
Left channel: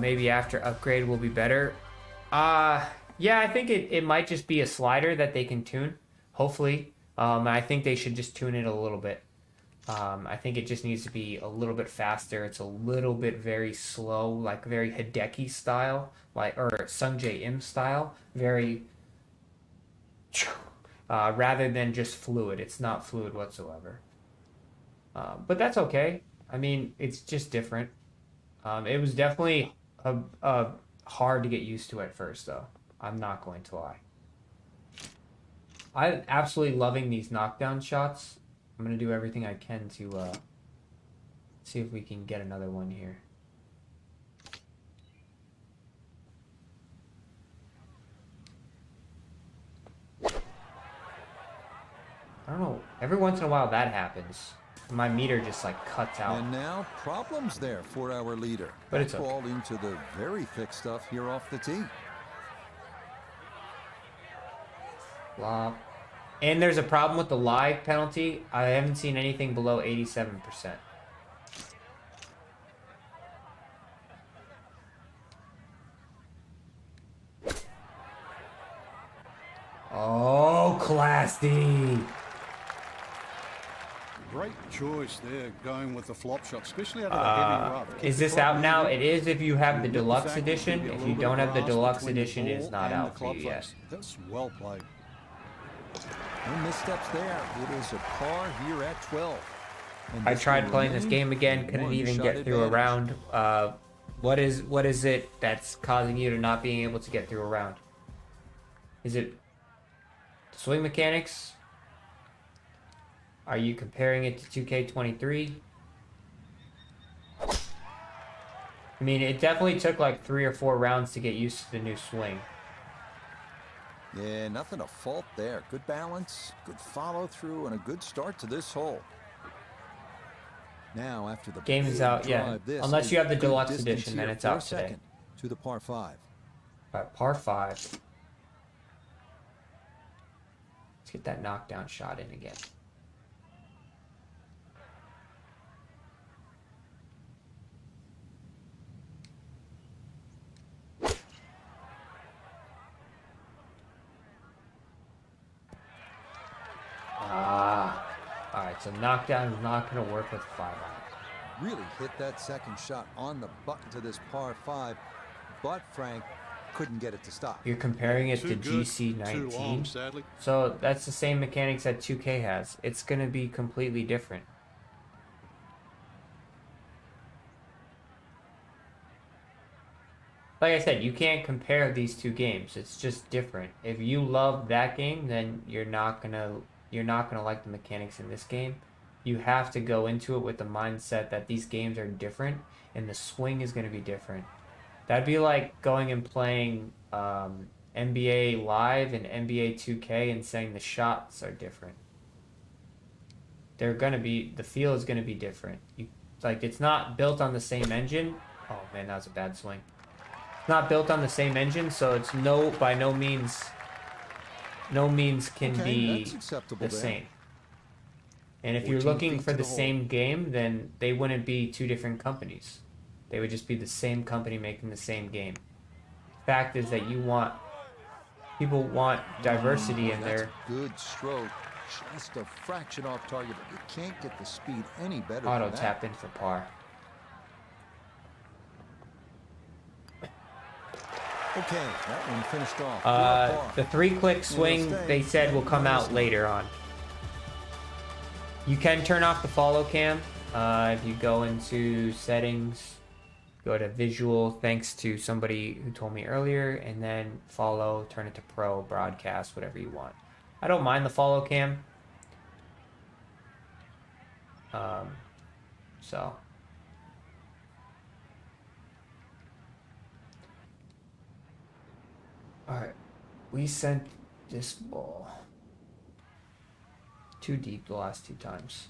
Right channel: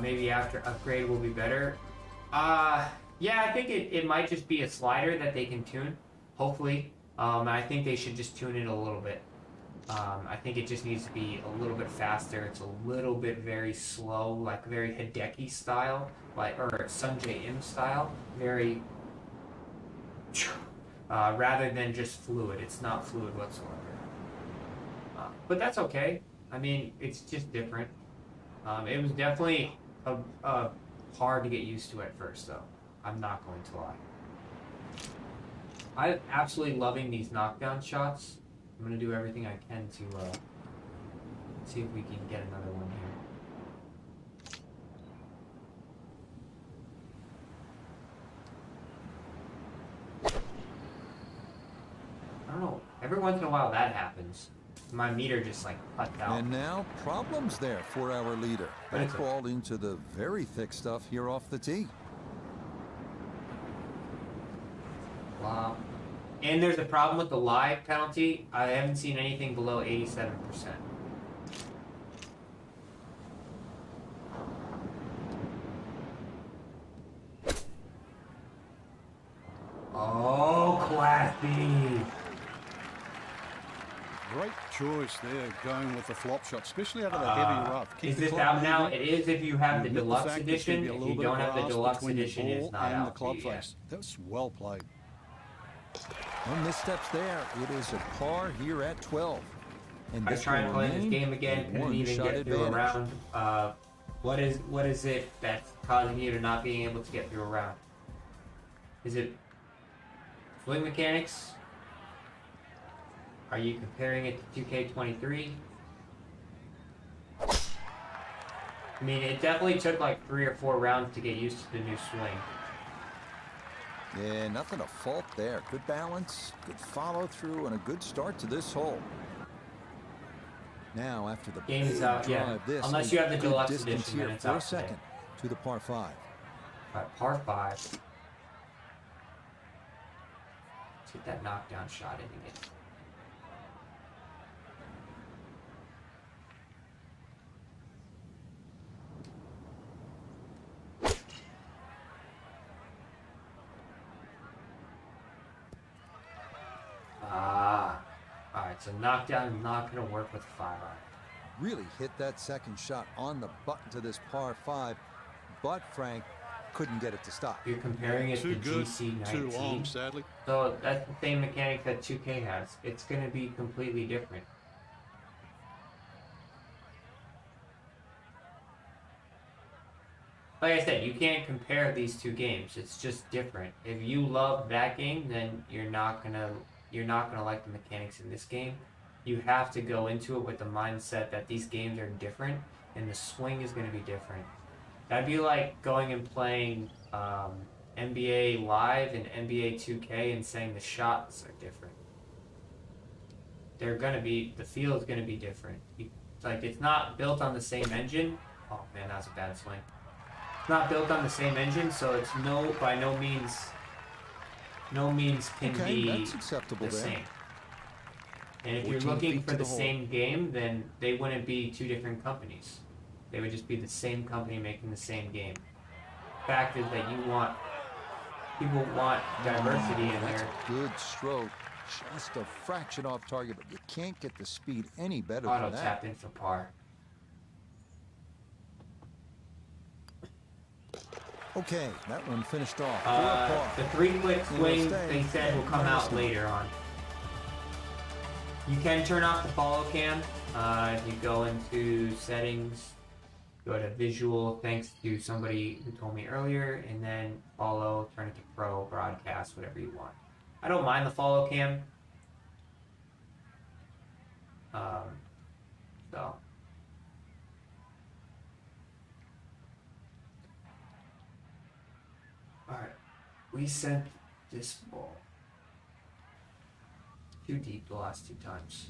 Maybe after upgrade will be better. Yeah, I think it might just be a slider that they can tune, hopefully. I think they should just tune it a little bit. I think it just needs to be a little bit faster. It's a little bit very slow, like very Hideki style, or Sungjae Im style, very rather than just fluid. It's not fluid whatsoever. But that's okay. I mean, it's just different. It was definitely hard to get used to at first, though. I'm not going to lie. I'm absolutely loving these knockdown shots. I'm going to do everything I can to see if we can get another one here. I don't know. Every once in a while that happens. My meter just like cuts out. And now problems there for our leader. But it's ball into the very thick stuff here off the tee. Wow. And there's a problem with the live penalty. I haven't seen anything below 87%. Oh, Class D. Great choice there, going with the flop shot, especially out of the heavy rough. Is this out now? It is if you have the deluxe edition. If you don't have the deluxe edition, it's not out for you yet. That's well played. No missteps there. It is a par here at 12. And I tried playing this game again, couldn't even get through a round. What is it that's causing you to not being able to get through a round? Is it swing mechanics? Are you comparing it to 2K23? I mean, it definitely took like 3 or 4 rounds to get used to the new swing. Yeah, nothing to fault there. Good balance, good follow through, and a good start to this hole. Now, after the game is out, yeah. Unless you have the deluxe edition, then it's out second to the par 5. Right, par 5. Let's get that knockdown shot in again. So knockdown is not going to work with 5. Really hit that second shot on the button to this par 5. But, Frank, couldn't get it to stop. You're comparing it to GC19. Too long, sadly. So that's the same mechanics that 2K has. It's going to be completely different. Like I said, you can't compare these two games. It's just different. If you love that game, then you're not gonna like the mechanics in this game. You have to go into it with the mindset that these games are different and the swing is going to be different. That'd be like going and playing NBA Live and NBA 2K and saying the shots are different. The feel is going to be different. It's not built on the same engine. Oh man, that was a bad swing. It's not built on the same engine, so it's by no means can be that's acceptable the there. same. And if you're looking for the same game, then they wouldn't be two different companies. They would just be the same company making the same game. Fact is that people want diversity in That's there. a good stroke. Just a fraction off target, but you can't get the speed any better Auto than that. tap in for par. Okay, that one finished off. For a par. The 3-click swing, they said, will come out later on. You can turn off the follow cam if you go into settings, go to visual, thanks to somebody who told me earlier, and then follow, turn it to pro, broadcast, whatever you want. I don't mind the follow cam. So. Alright, we sent this ball too deep the last 2 times.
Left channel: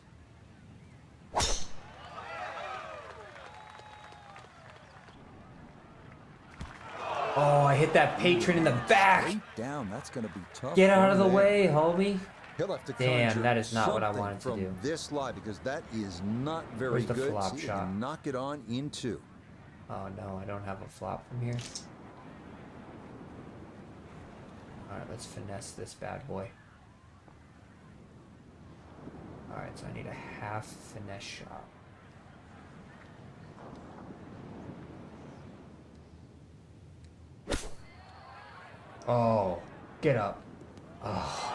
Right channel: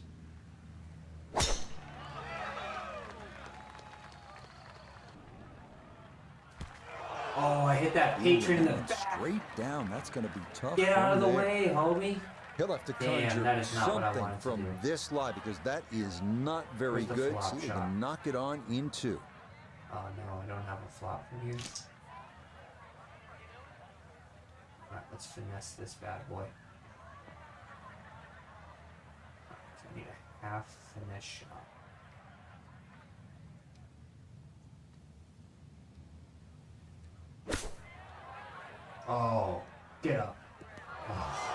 Oh, I hit that patron in the back. Straight down, that's going to be tough. Get out of the there. way, homie. He'll have to Damn, conjure that is not what I something wanted to from do. this lie because that is not very Where's the good. flop See, they shot? can knock it on in 2. Oh no, I don't have a flop from here. Alright, let's finesse this bad boy. Alright, so I need a half finesse shot. Oh, get up. Oh.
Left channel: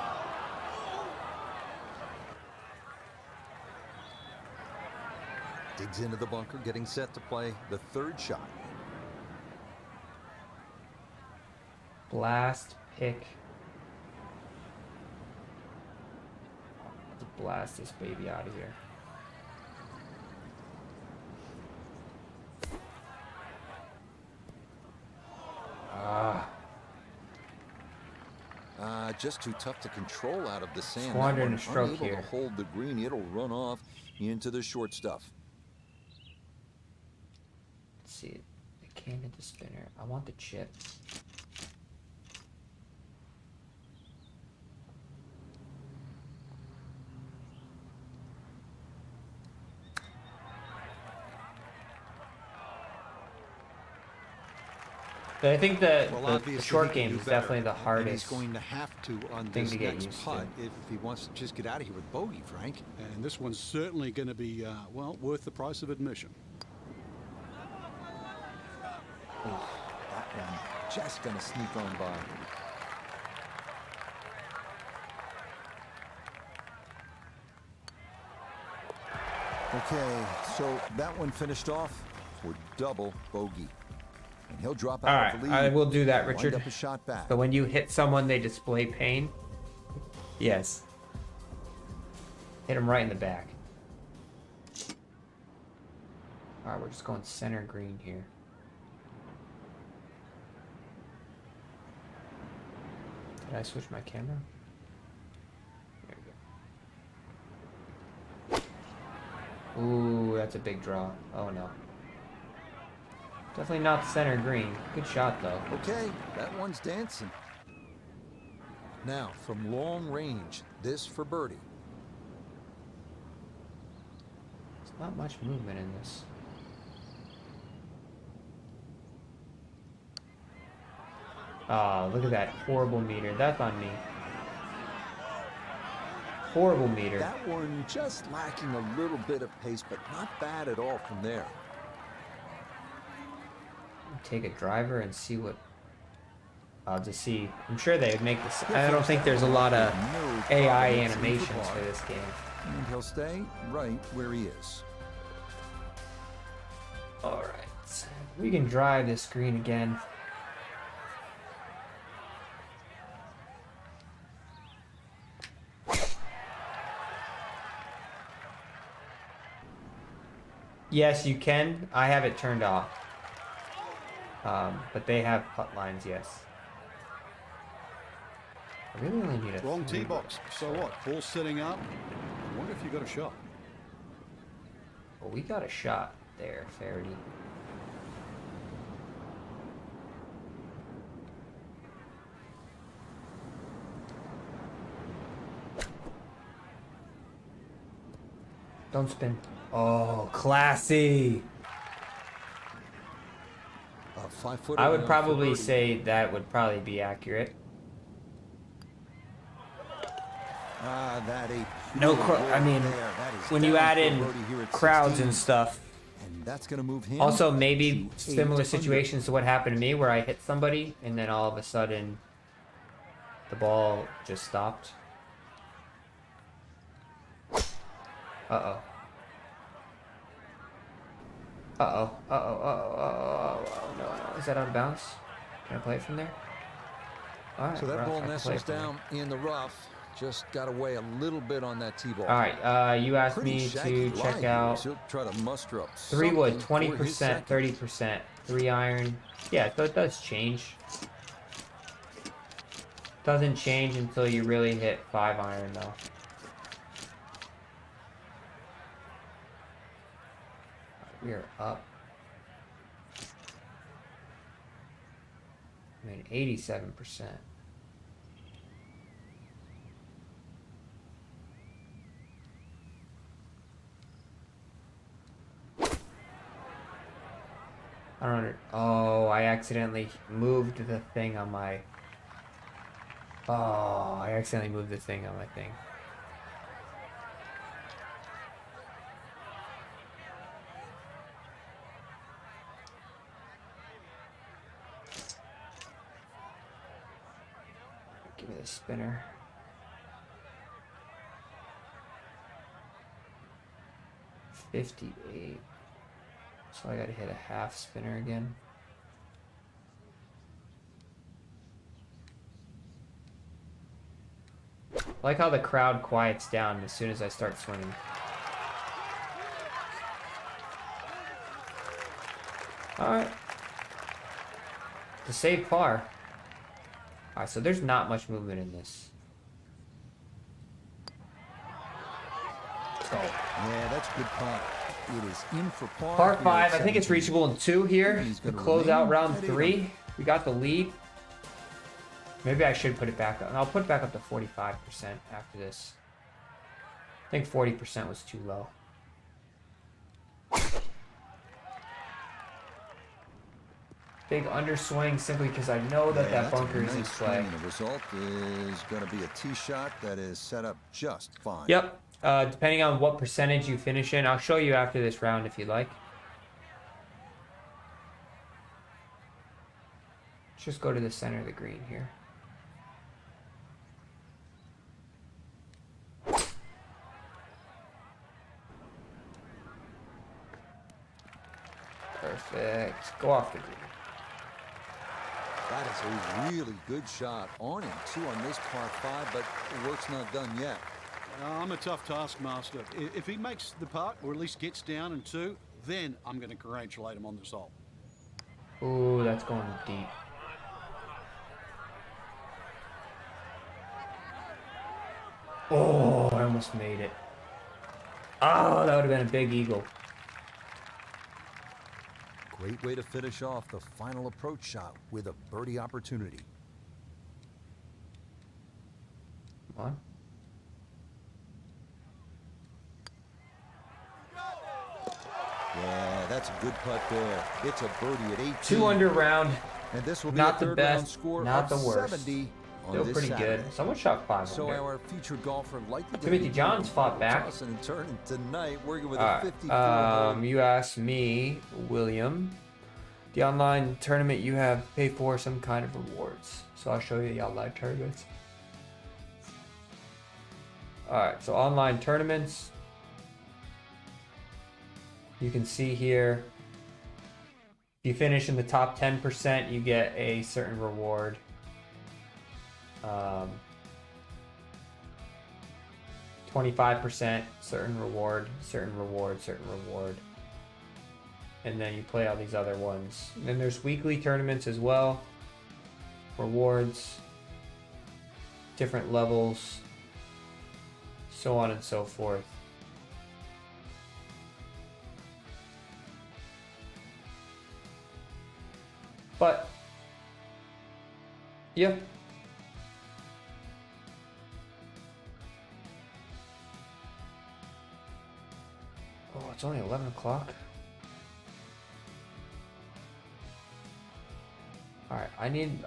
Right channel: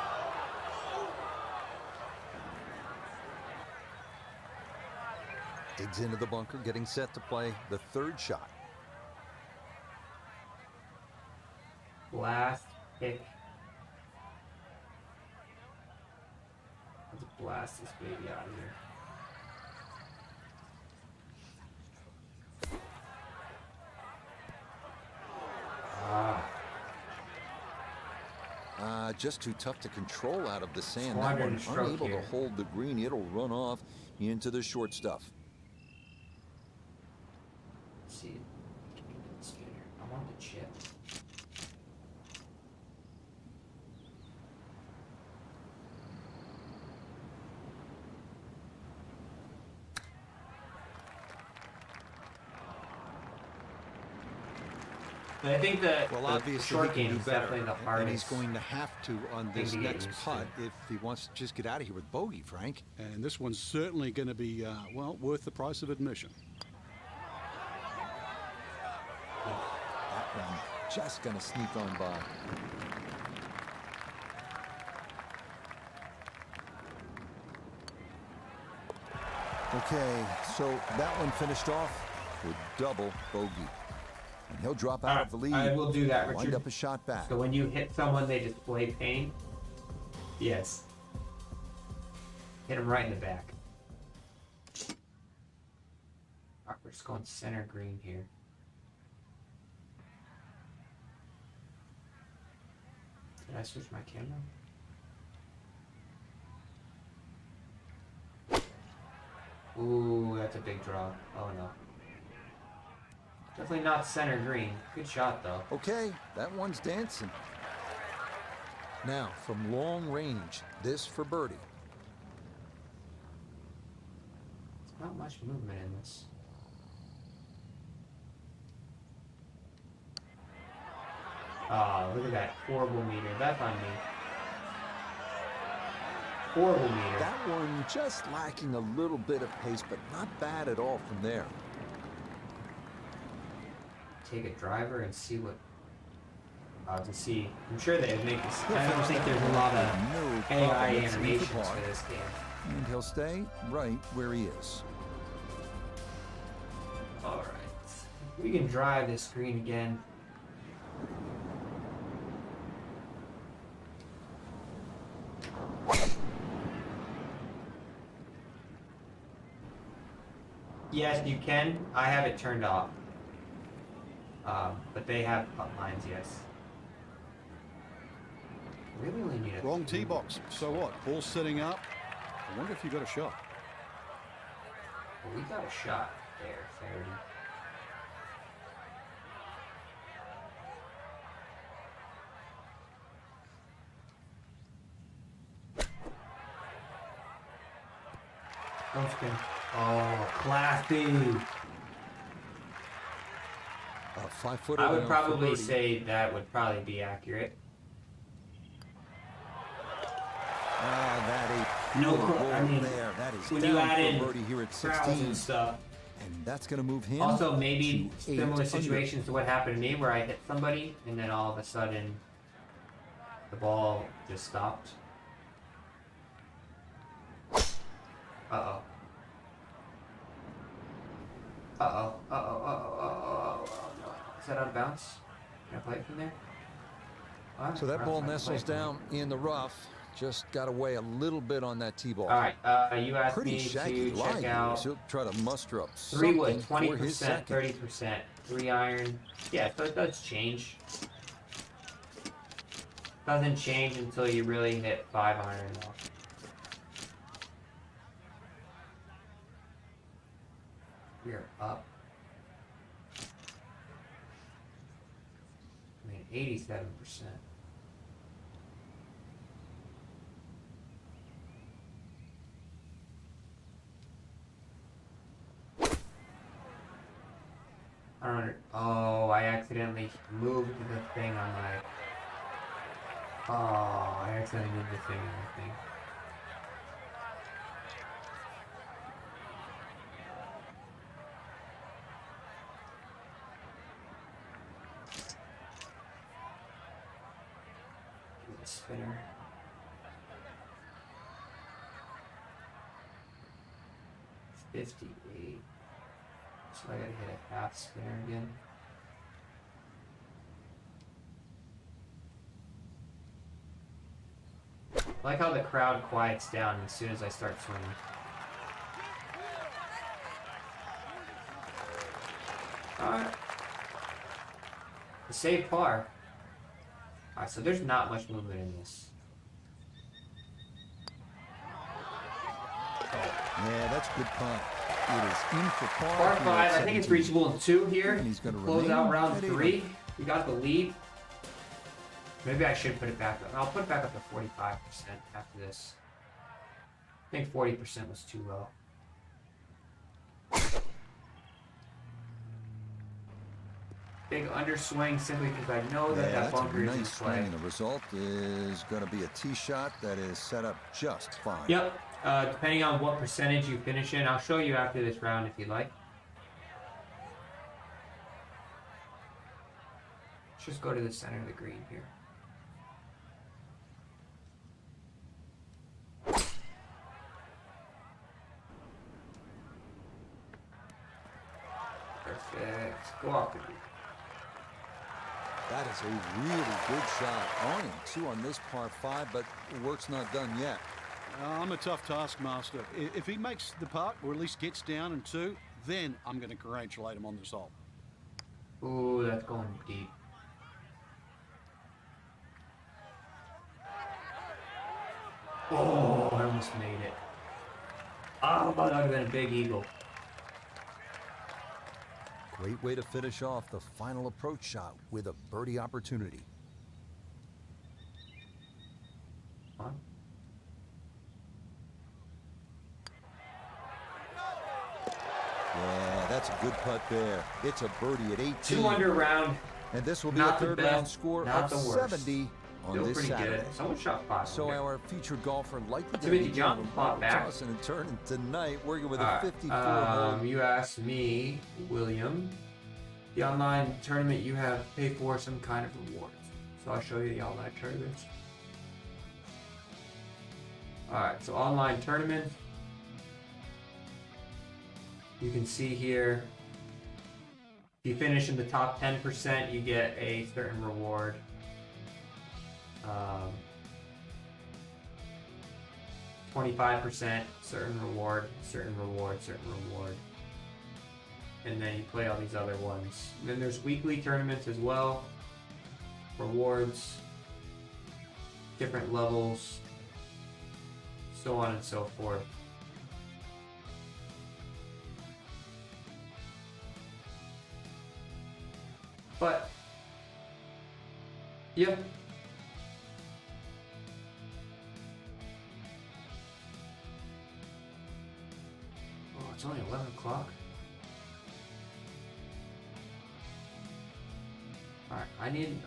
Digs into the bunker, getting set to play the 3rd shot. Blast, pick. Let's blast this baby out of here. Just too tough to control out of the sand. That Squandered one stroke unable here. to hold the green. It'll run off into the short stuff. Let's see, I came to the spinner. I want the chip. But I think the short game is definitely the hardest. And he's going to have to on this next putt if he wants to just get out of here with bogey, Frank. And this one's certainly going to be, well, worth the price of admission. That one just going to sneak on by. Okay, so that one finished off with double bogey. And he'll drop out of the lead. I will do that, Wind Richard. up a shot back. So when you hit someone, they display pain. Yes. Hit him right in the back. All right, we're just going center green here. Did I switch my camera? There we go. Ooh, that's a big draw. Oh no. Definitely not center green. Good shot though. Okay, that one's dancing. Now, from long range, this for birdie. There's not much movement in this. Oh, look at that horrible meter. That's on me. Horrible meter. That one just lacking a little bit of pace, but not bad at all from there. Take a driver and see what I'll just see. I'm sure they would make this. I don't think there's a lot of AI animations for this game. And he'll stay right where he is. All right. We can drive this green again. Yes, you can. I have it turned off. But they have putt lines, yes. I really only need a wrong tee box. So what? Ball setting up. I wonder if you got a shot. Well, we got a shot there, Faraday. Don't spin. Oh, classy. A 5-footer. I would probably say that would probably be accurate. That a no, I mean, there. That is when you add in crowds 16, and stuff, and that's going to move him. Also, maybe similar situations to what happened to me, where I hit somebody and then all of a sudden the ball just stopped. Uh-oh. Uh-oh. Uh-oh. Uh-oh. No. Is that on bounce? Can I play it from there? All right, so that ball nestles down in the rough. Just got away a little bit on that tee ball. All right, you asked me to check out. He'll try to muster up 3 wood, 20%, 30%, 3 iron. Yeah, so it does change. Doesn't change until you really hit 5 iron, though. We're up. I mean, 87%. I don't know. Oh, I accidentally moved the thing on my... Oh, I accidentally moved the thing on my thing. Give it a spinner. $58. So I gotta hit a half spinner again. I like how the crowd quiets down as soon as I start swinging. Alright. To save par. Alright, so there's not much movement in this. Yeah, that's a good punt. It is in for par. Par 5, I think it's reachable in 2 here. And he's going to close out round 3. We got the lead. Maybe I should put it back up. I'll put it back up to 45% after this. I think 40% was too low. Big underswing simply because I know that that bunker is in play. And the result is going to be a tee shot that is set up just fine. Yep. Depending on what percentage you finish in, I'll show you after this round if you like. Let's just go to the center of the green here. Perfect. Go off the green. That is a really good shot. Only 2 on this par 5, but the work's not done yet. I'm a tough taskmaster. If he makes the putt, or at least gets down in 2, then I'm going to congratulate him on this hole. Ooh, that's going deep. Oh, I almost made it. Oh, that would have been a big eagle. Great way to finish off the final approach shot with a birdie opportunity. One. Yeah, that's a good putt there. It's a birdie at 18. 2 under round. And this will be a third round score of 70 on this Saturday. Good. Someone shot 5. So our featured golfer likely to be John's fought back. Tossing and turning tonight, working with a 54 hole. You asked me, William. The online tournament you have pay for some kind of rewards. So I'll show you the online tournaments. Alright, so online tournaments. You can see here, if you finish in the top 10%, you get a certain reward. 25%, certain reward, certain reward, certain reward. And then you play all these other ones. And then there's weekly tournaments as well. Rewards, different levels, so on and so forth. But, yeah. Oh, it's only 11 o'clock. Alright,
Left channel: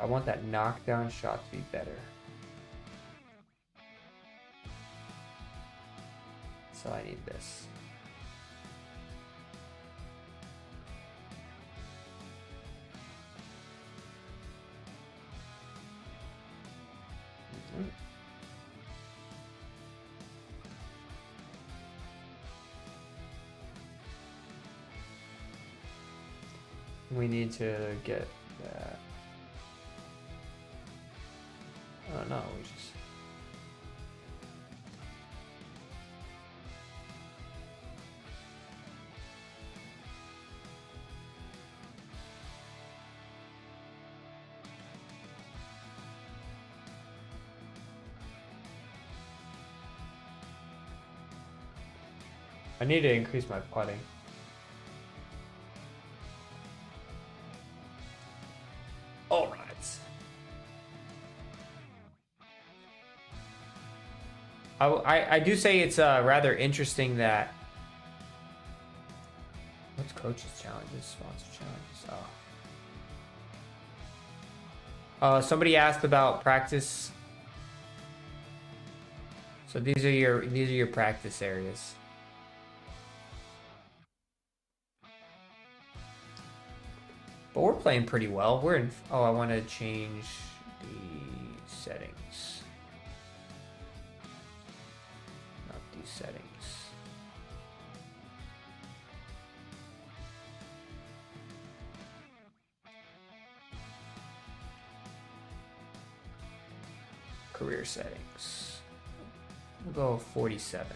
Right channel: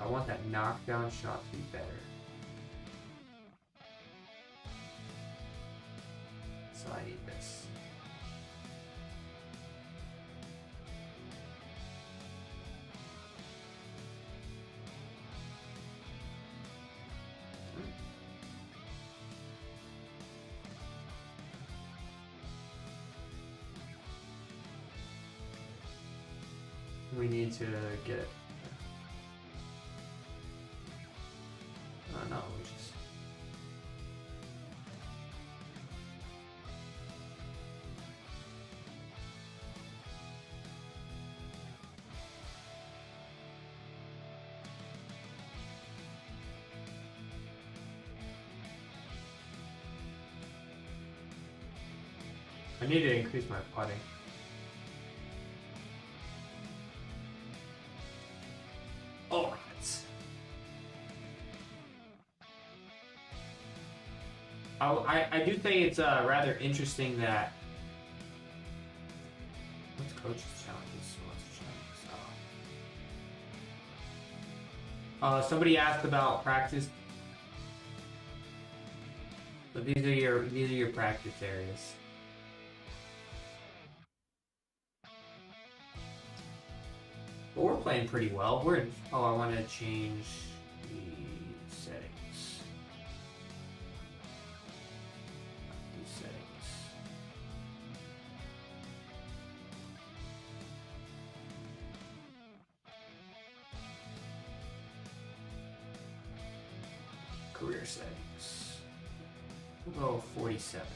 I want that knockdown shot to be better. So I need this. We need to get that. Oh no, we just... I need to increase my putting. Alright. I do say it's rather interesting that... What's coach's challenges? Sponsor challenges. Somebody asked about practice. So these are your practice areas. But we're playing pretty well. We're in... Oh, I want to change the settings. Not these settings. Career settings. We'll go 47.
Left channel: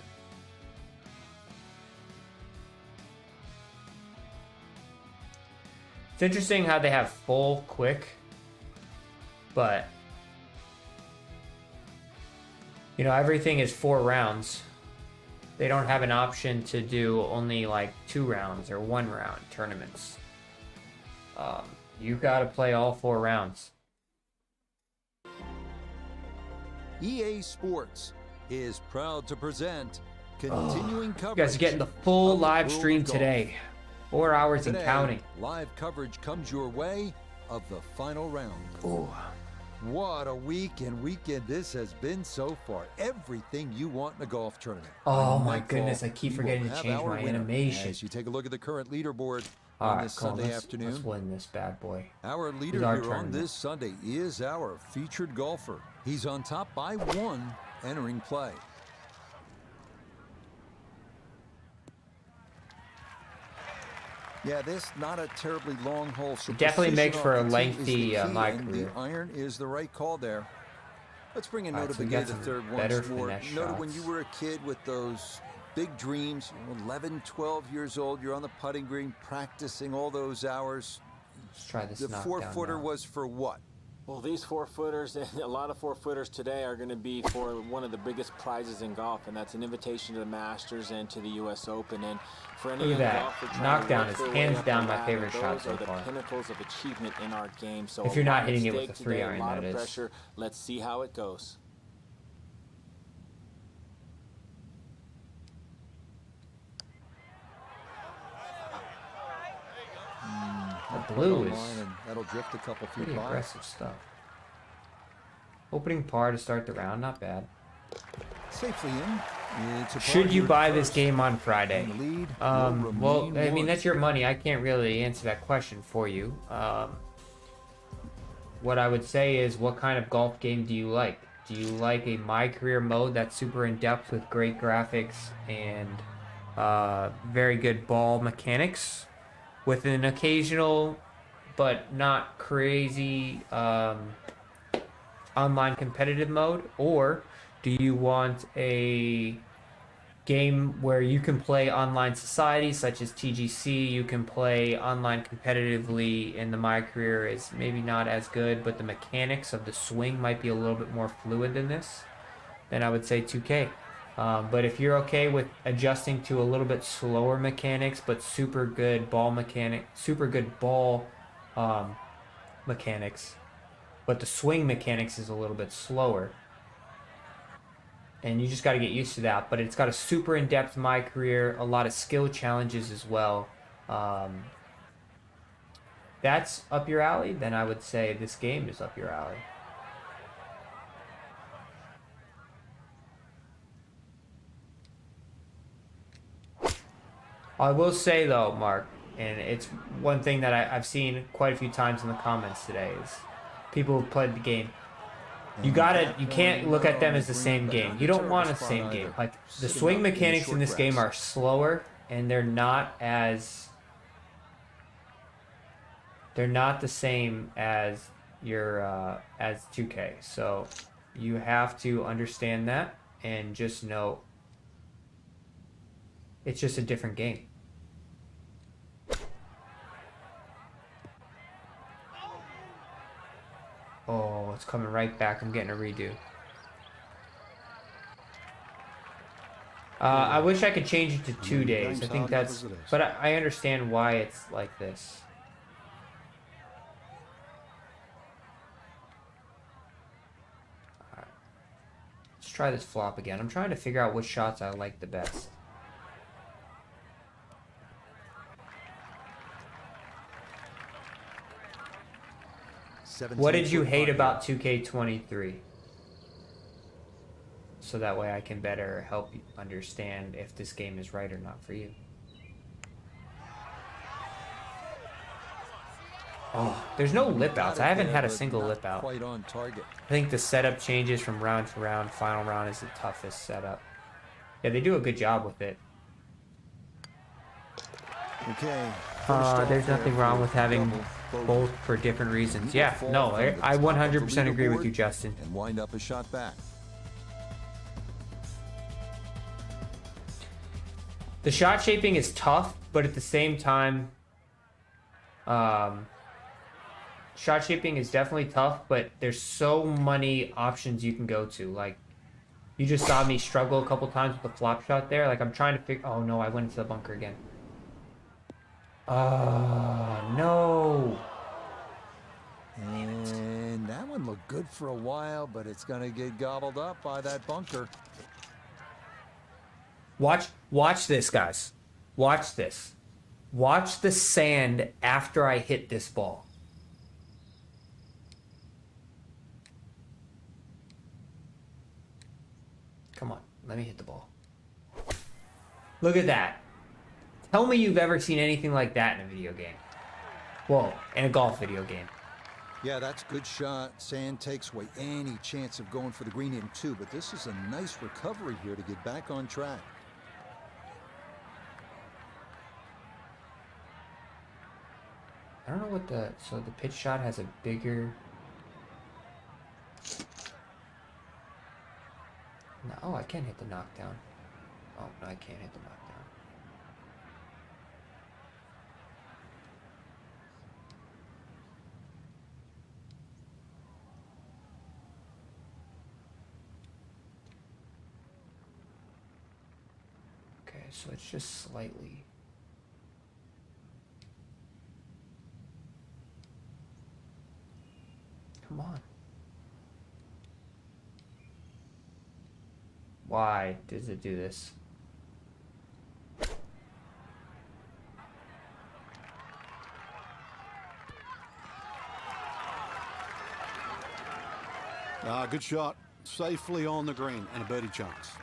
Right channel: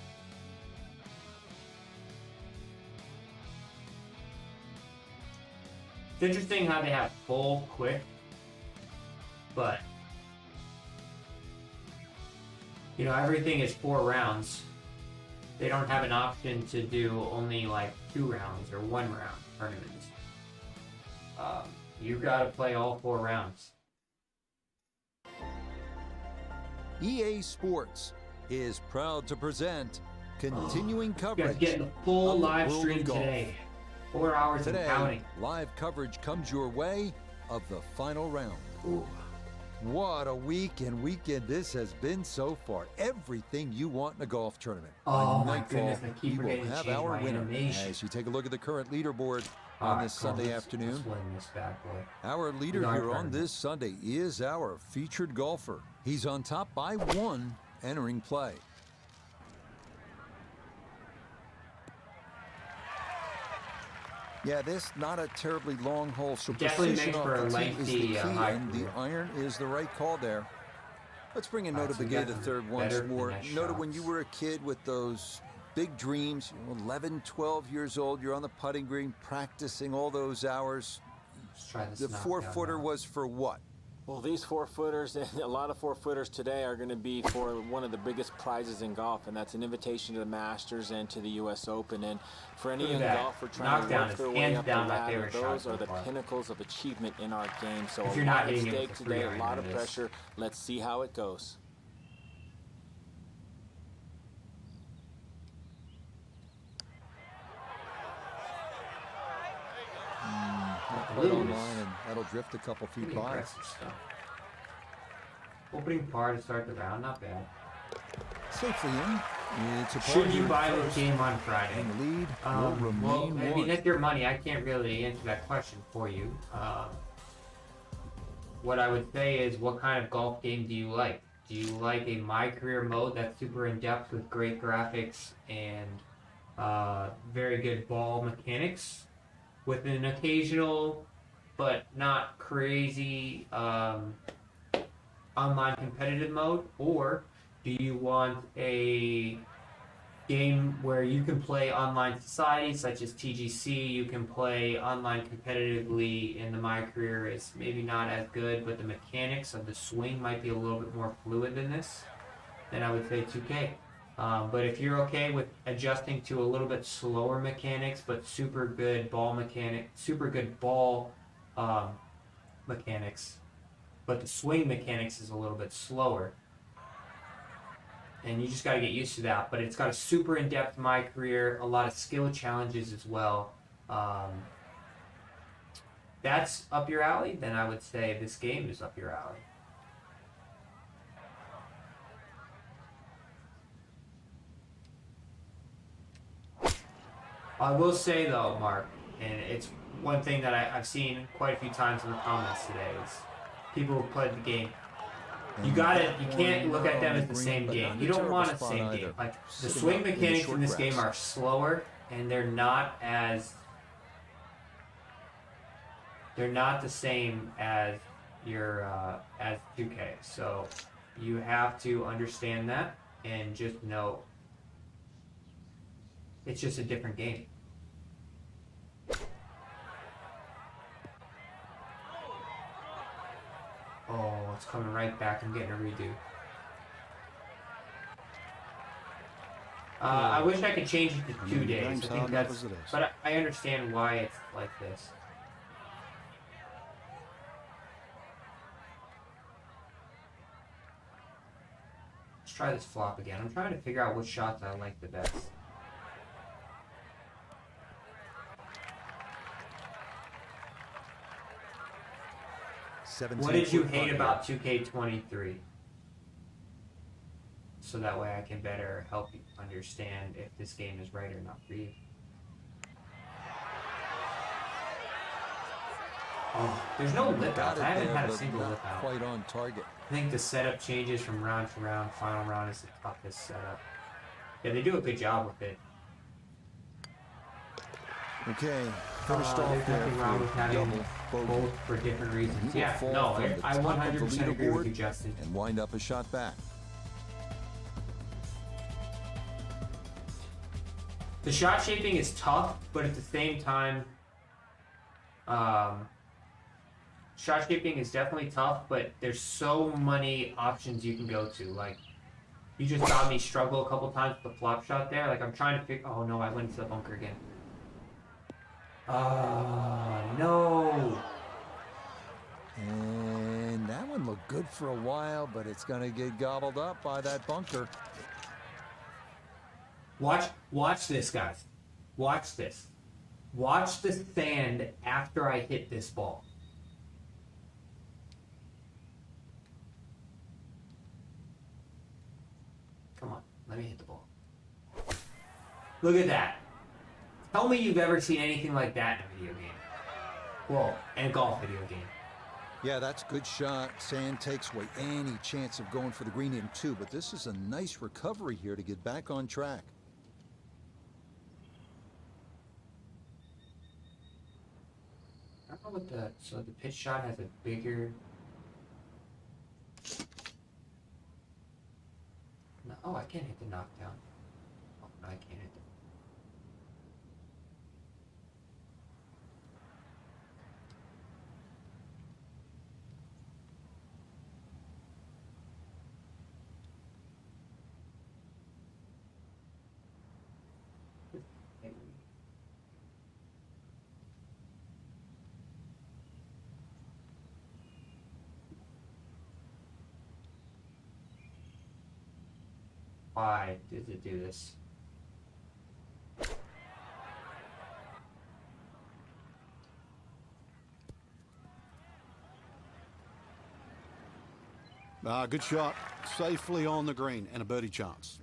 It's interesting how they have full quick, but you know, everything is 4 rounds. They don't have an option to do only like 2 rounds or 1 round tournaments. You gotta play all 4 rounds. EA Sports is proud to present continuing coverage. You guys get the full live stream today. 4 hours and counting. Live coverage comes your way of the final round. Ooh. What a week and weekend this has been so far. Everything you want in a golf tournament. Oh my goodness, I keep forgetting to change my animation. As you take a look at the current leaderboard on this Sunday afternoon. Let's win this bad boy. Our leader here on this Sunday is our featured golfer. He's on top by 1 entering play. Yeah, this not a terribly long hole, so definitely makes for a lengthy and the iron is the right call there. Let's bring in Nota Begay the third once more. Nota, when you were a kid with those big dreams, 11, 12 years old, you're on the putting green practicing all those hours. Let's try this. The 4-footer was for what? Well, these 4-footers and a lot of 4-footers today are going to be for one of the biggest prizes in golf, and that's an invitation to the Masters and to the U.S. Open. And for any young golfer trying to work their way up the ladder, those are the pinnacles of achievement in our game. So if you're not hitting it with a today, a lot of pressure. Let's see how it goes. Right on line, and that'll drift a couple feet by. Impressive stuff. Opening par to start the round, not bad. Safely in, Should you buy this game on Friday? And the lead will remain well, I mean, one. that's your money. I can't really answer that question for you. What I would say is, what kind of golf game do you like? Do you like a My Career mode that's super in-depth with great graphics and very good ball mechanics with an occasional but not crazy online competitive mode? Or do you want a game where you can play online society such as TGC, you can play online competitively, and the My Career is maybe not as good, but the mechanics of the swing might be a little bit more fluid than this? Then I would say 2K. But if you're okay with adjusting to a little bit slower mechanics, but super good ball mechanics, but the swing mechanics is a little bit slower, and you just got to get used to that. But it's got a super in-depth My Career, a lot of skill challenges as well. That's up your alley, then I would say this game is up your alley. I will say though, Mark, and it's one thing that I've seen quite a few times in the comments today, is people who played the game. You can't look at them as the same game. You don't want the same game. Like, the swing mechanics in this game are slower, and they're not the same as your as 2K. So you have to understand that and just know it's just a different game. Oh, it's coming right back. I'm getting a redo. I wish I could change it to 2 days. I think that's... But I understand why it's like this. Let's try this flop again. I'm trying to figure out which shots I like the best. What did you hate about 2K23? So that way I can better help you understand if this game is right or not for you. Oh, there's no lip outs. I haven't had a single lip out. Quite on target. I think the setup changes from round to round. Final round is the toughest setup. Yeah, they do a good job with it. Okay. There's nothing wrong with having both for different reasons. Yeah, no, I 100% agree with you, Justin. And wind up a shot back. The shot shaping is tough, but at the same time, shot shaping is definitely tough, but there's so many options you can go to. Like, you just saw me struggle a couple times with the flop shot there. Like, I'm trying to figure... Oh, no, I went into the bunker again. No. And that one looked good for a while, but it's going to get gobbled up by that bunker. Watch this, guys. Watch this. Watch the sand after I hit this ball. Come on, let me hit the ball. Look at that. Tell me you've ever seen anything like that in a video game. Whoa, in a golf video game. Yeah, that's a good shot. Sand takes away any chance of going for the green in two, but this is a nice recovery here to get back on track. I don't know what so the pitch shot has a bigger... No, oh, I can't hit the knockdown. Oh, no, I can't hit the knockdown. Okay, so it's just slightly... Come on. Why does it do this? Good shot. Safely on the green and a birdie chance.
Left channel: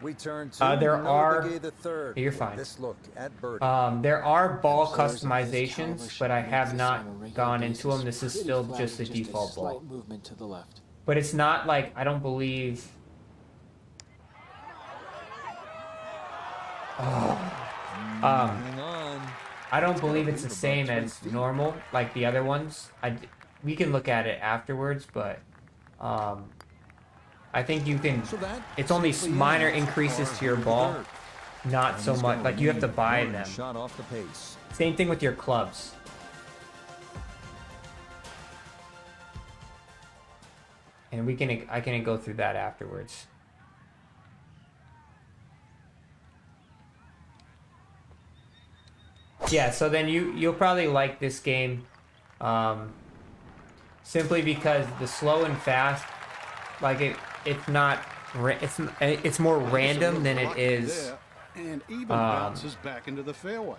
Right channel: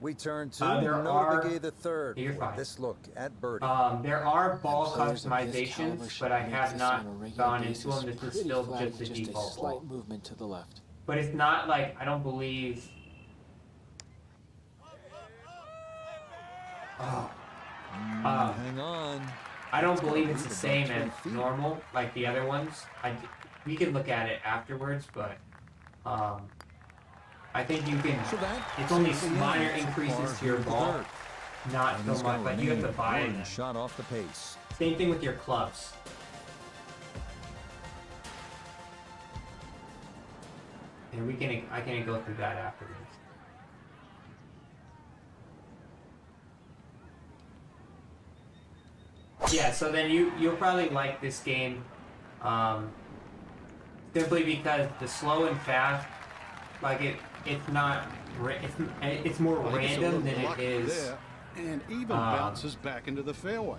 We turn to Nobigay the third. You're fine. This look at birdie. There are ball customizations, but I have not gone into them. This is still just the default slight ball. movement to the left. But it's not like, I don't believe... Hang on. I don't believe it's the same as normal, like the other ones. We can look at it afterwards, but I think you can. It's only minor increases to your ball, not so much. Like you have to buy them. Shot off the pace. Same thing with your clubs. And I can go through that afterwards. Yeah, so then you'll probably like this game, simply because the slow and fast, like it's more random than it is. There, and even bounces back into the fairway.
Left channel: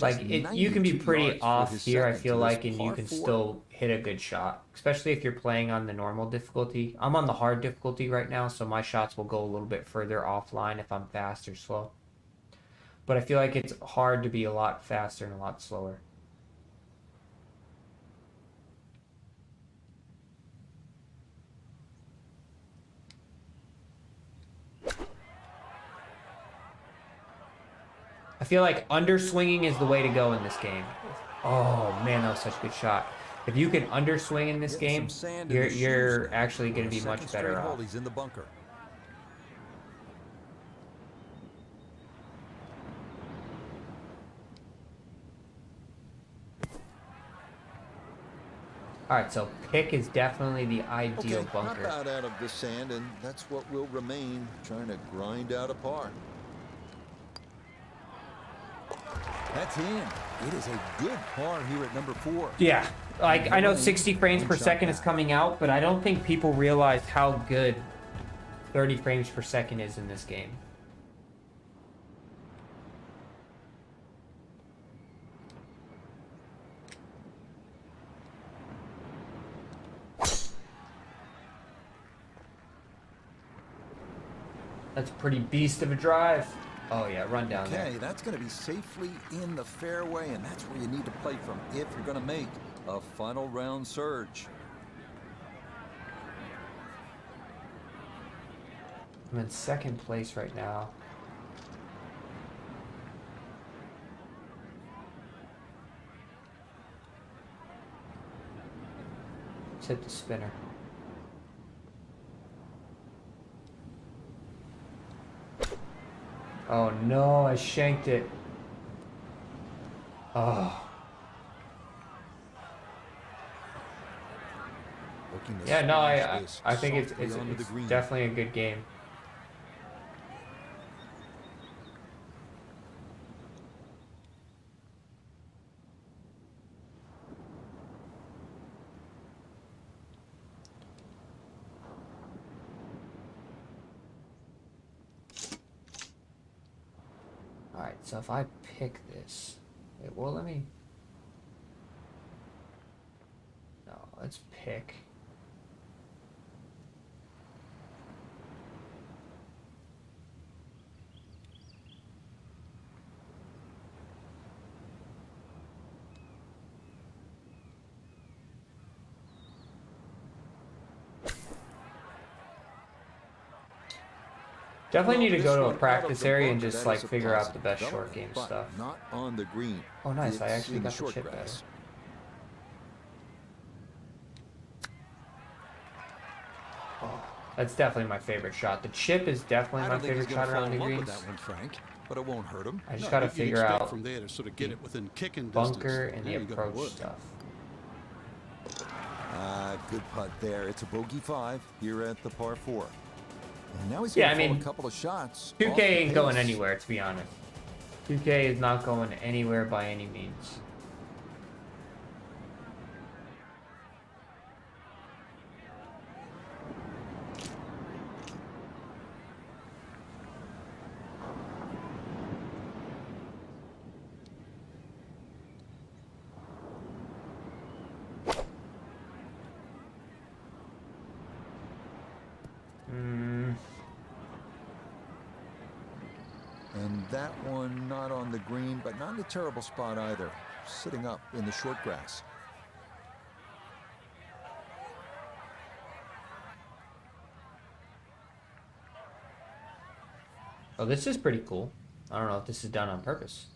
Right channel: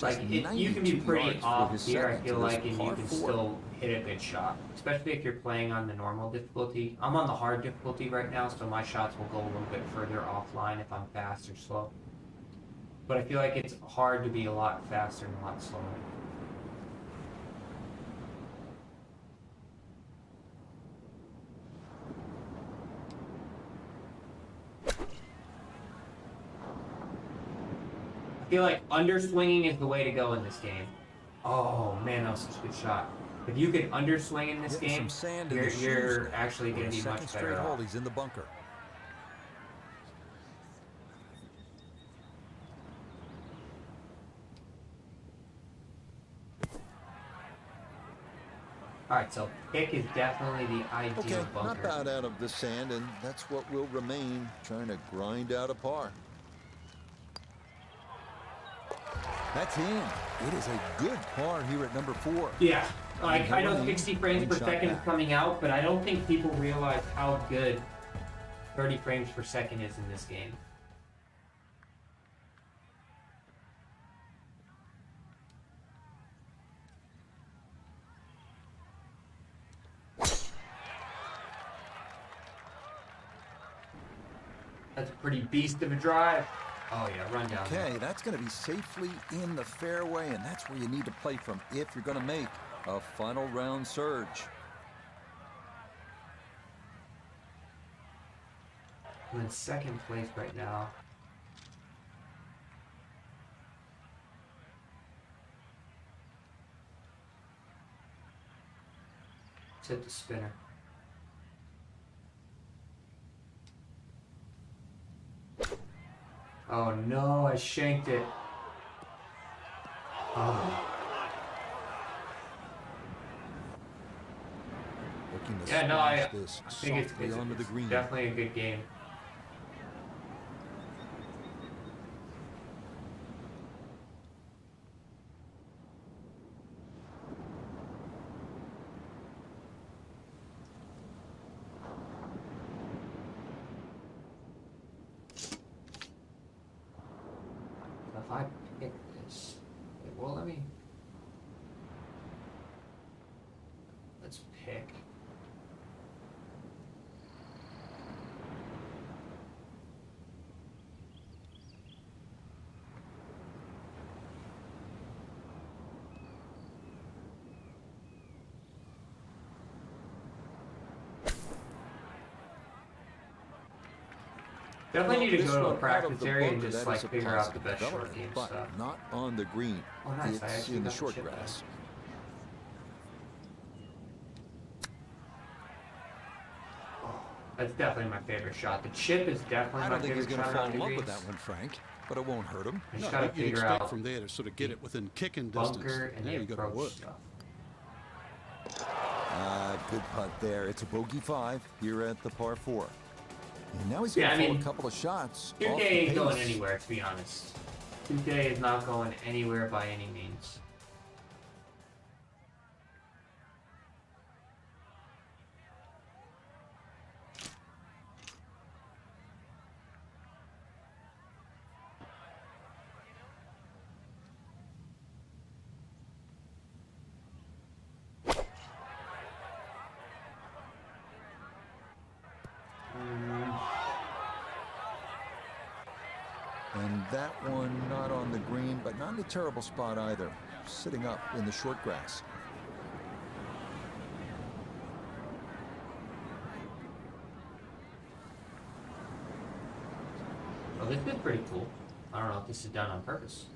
Like you can be pretty off here, I feel like, and you can still hit a good shot, especially if you're playing on the normal difficulty. I'm on the hard difficulty right now, so my shots will go a little bit further offline if I'm fast or slow. But I feel like it's hard to be a lot faster and a lot slower. I feel like underswinging is the way to go in this game. Oh man, that was such a good shot. If you can underswing in this game, you're actually going to be much better off. He's in the bunker. Alright, so pick is definitely the ideal bunker. Not bad out of the sand, and that's what will remain, trying to grind out a par. That's in. It is a good par here at number 4. Yeah, like I know 60 frames per second is coming out, but I don't think people realize how good 30 frames per second is in this game. That's a pretty beast of a drive. Oh yeah, run down. Okay, that's going to be safely in the fairway, and that's where you need to play from if you're going to make a final round surge. I'm in second place right now. Let's hit the spinner. Oh no, I shanked it. Oh. Yeah, no, I think it's definitely a good game. So if I pick this, it won't let me. No, let's pick. Definitely need to go to a practice area and just like figure out the best short game stuff. Not on the green. Oh nice, I it's actually in the got short the chip grass. Oh, that's definitely my favorite shot. The chip is definitely my favorite shot. I don't think he's going to fall in love greens. with that one, Frank, but it won't hurt him. I just got to figure out from there to sort of get it within kicking distance. Bunker and there the you got to work. stuff. Good putt there. It's a bogey 5 here at the par 4. And now he's going to pull a couple of shots. 2K ain't going anywhere, to be honest. 2K is not going anywhere by any means. And that one not on the green, but not in a terrible spot either. Sitting up in the short grass. Oh, this is pretty cool. I don't know if this is done on purpose.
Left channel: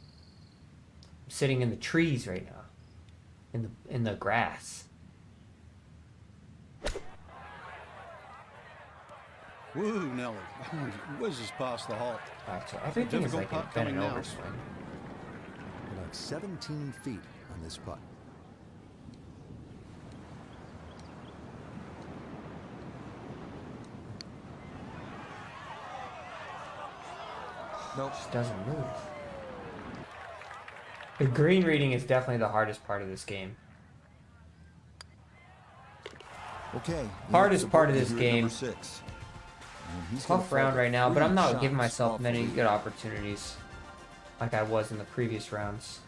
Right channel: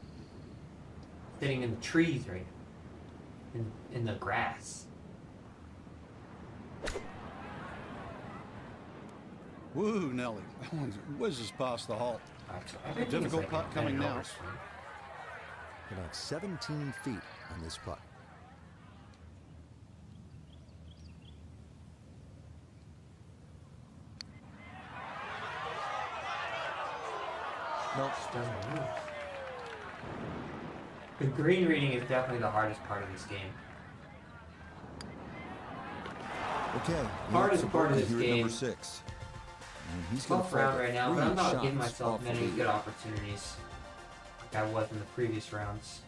I'm sitting in the trees right now. In the grass. Woo, Nelly. Whizzes past the hole. A difficult putt coming now. About 17 feet on this putt. Nope, just doesn't move. The green reading is definitely the hardest part of this game. Okay. Hardest part of this game. Number 6. And he's tough round right now, but I'm not giving myself many good good opportunities like I was in the previous rounds.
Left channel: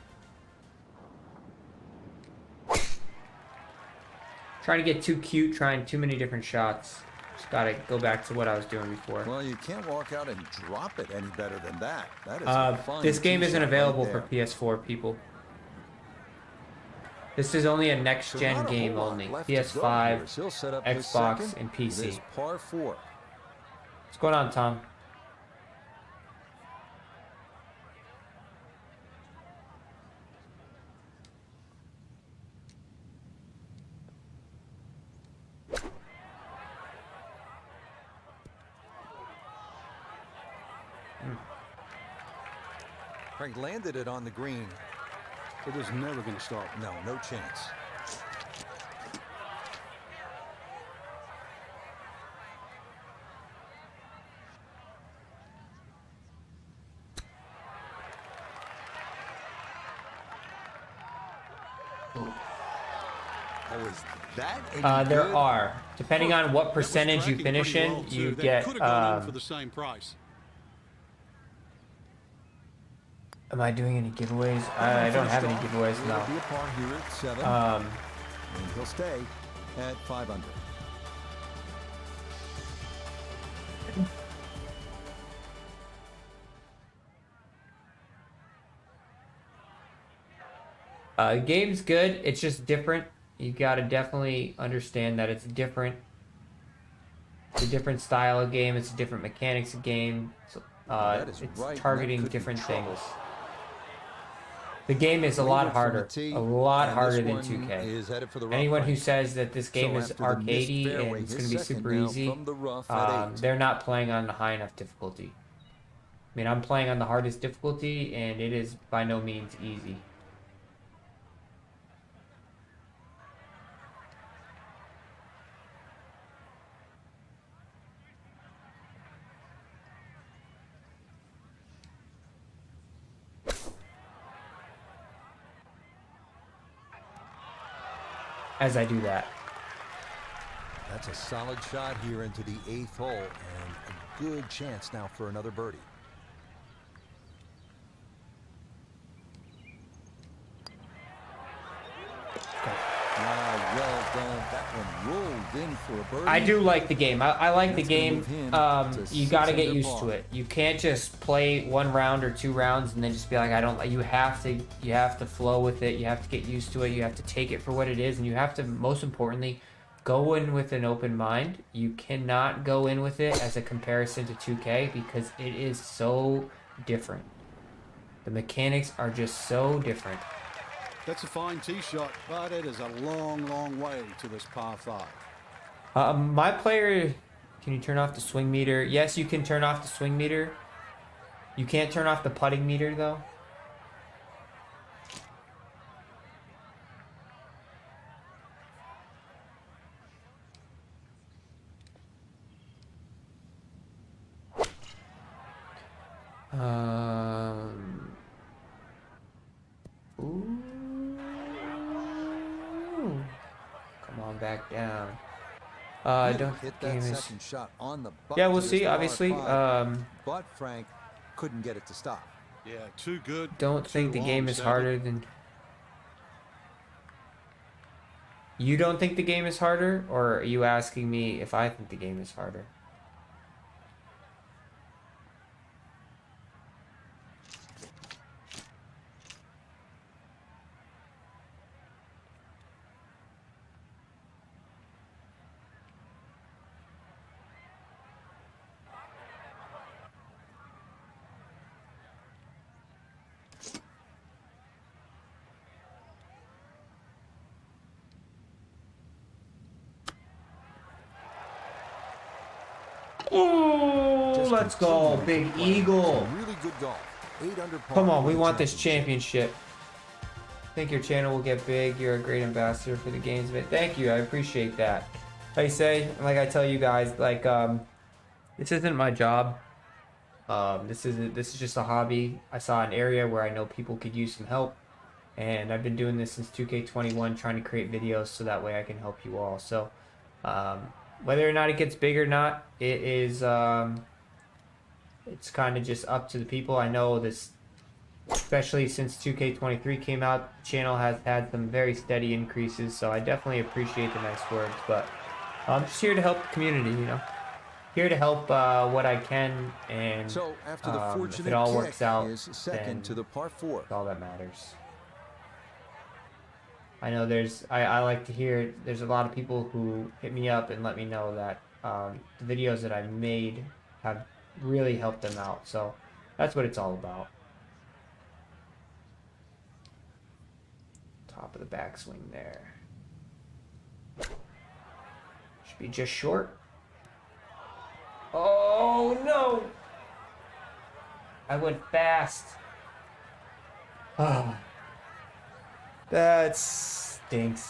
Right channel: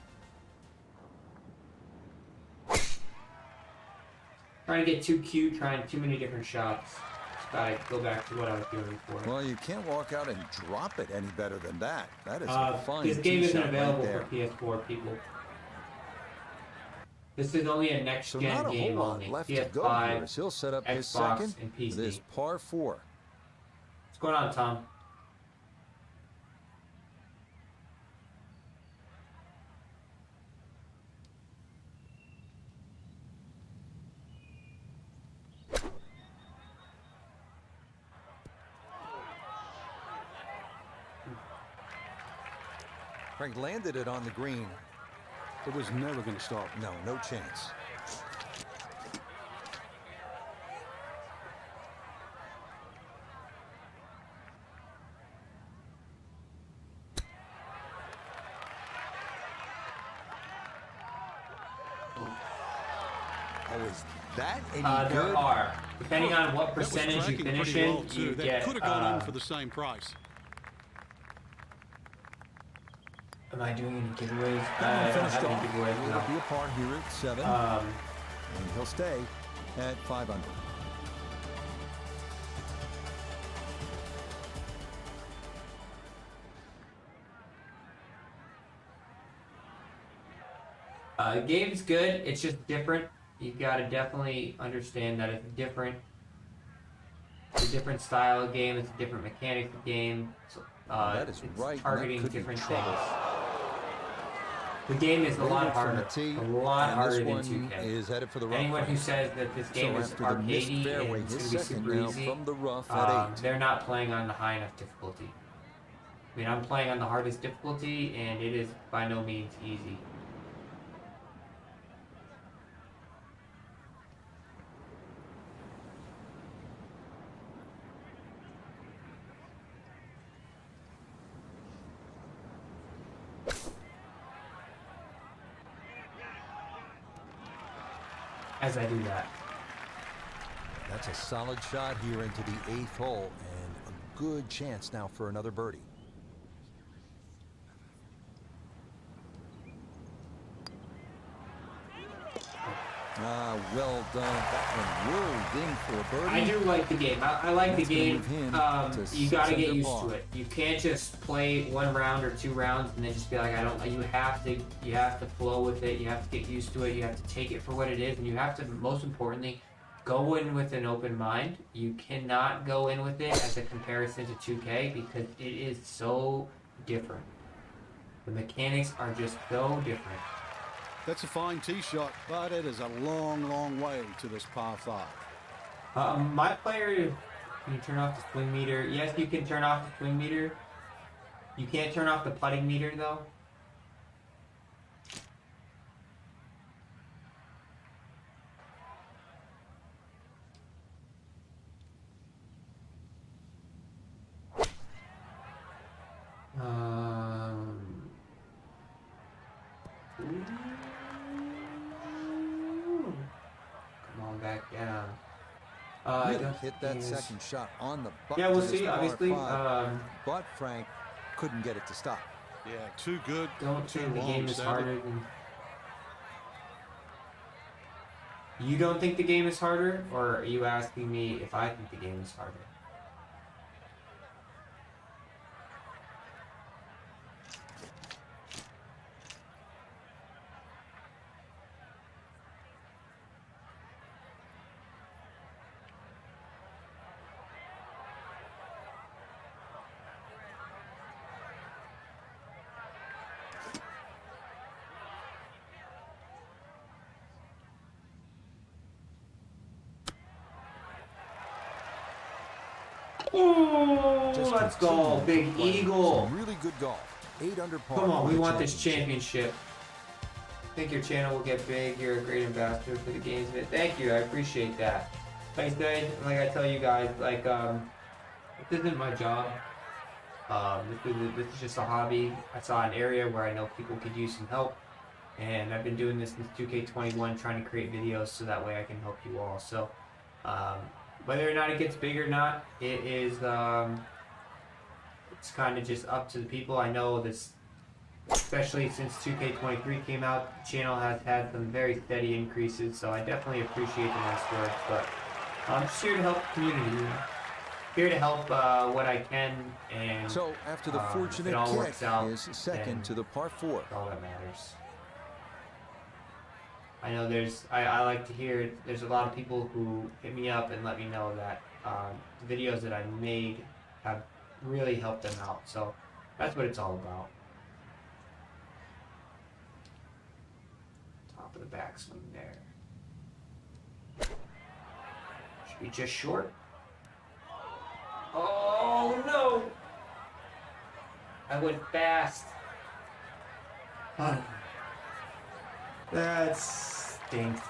Trying to get too cute, trying too many different shots. Just gotta go back to what I was doing before. Well, you can't walk out and drop it any better than that. That is a fine this game isn't available right for PS4 people. This is only a next-gen game only. PS5, He'll set up his Xbox, second and PC. This par 4. What's going on, Tom? Frank landed it on the green. It was never going to stop. No, no chance. Oh, is that any good? There are. Depending on what percentage you finish in, well you that get... could have gone in for the same price. Am I doing any giveaways? I don't have any giveaways now. It'll be a par here at 7. And he'll stay at 5 under. The game's good. It's just different. You gotta definitely understand that it's different. It's a different style of game. It's a different mechanics of game. So, that is it's right. targeting That different trouble. things. The game is a lot harder. A lot harder than 2K. Is headed for the rough. Anyone who says that this game is arcadey and it's going to be super easy, from the rough at 8. They're not playing on the high enough difficulty. I mean, I'm playing on the hardest difficulty, and it is by no means easy. As I do that. That's a solid shot here into the 8th hole, and a good chance now for another birdie. Well done. That one rolled in for a birdie. I do like the game. I like the game. You gotta get used to it. You can't just play 1 round or 2 rounds and then just be like, I don't like. You have to flow with it. You have to get used to it. You have to take it for what it is, and you have to, most importantly, go in with an open mind. You cannot go in with it as a comparison to 2K because it is so different. The mechanics are just so different. That's a fine tee shot, but it is a long, long way to this par 5. My player, can you turn off the swing meter? Yes, you can turn off the swing meter. You can't turn off the putting meter, though. Come on back down. I don't hit that second shot on the button. Yeah, we'll see. Obviously, but Frank couldn't get it to stop. Yeah, too good. Don't think the game is harder than. You don't think the game is harder, or are you asking me if I think the game is harder? Oh, let's go, Big Eagle. Some really good golf. 8 under par. Come on, we want this championship. I think your channel will get big. You're a great ambassador for the games. Thank you. I appreciate that. Like I say, like I tell you guys, like this isn't my job. This is just a hobby. I saw an area where I know people could use some help, and I've been doing this since 2K21, trying to create videos so that way I can help you all. So whether or not it gets big or not, it is it's kind of just up to the people. I know this, especially since 2K23 came out, the channel has had some very steady increases, so I definitely appreciate the nice words. But I'm just here to help the community, you know. Here to help what I can, and so after the fortunate kick is second to the par 4. All that matters. I know I like to hear there's a lot of people who hit me up and let me know that the videos that I made have really helped them out. So that's what it's all about. Top of the backswing there. Should be just short. Oh no! I went fast. That stinks.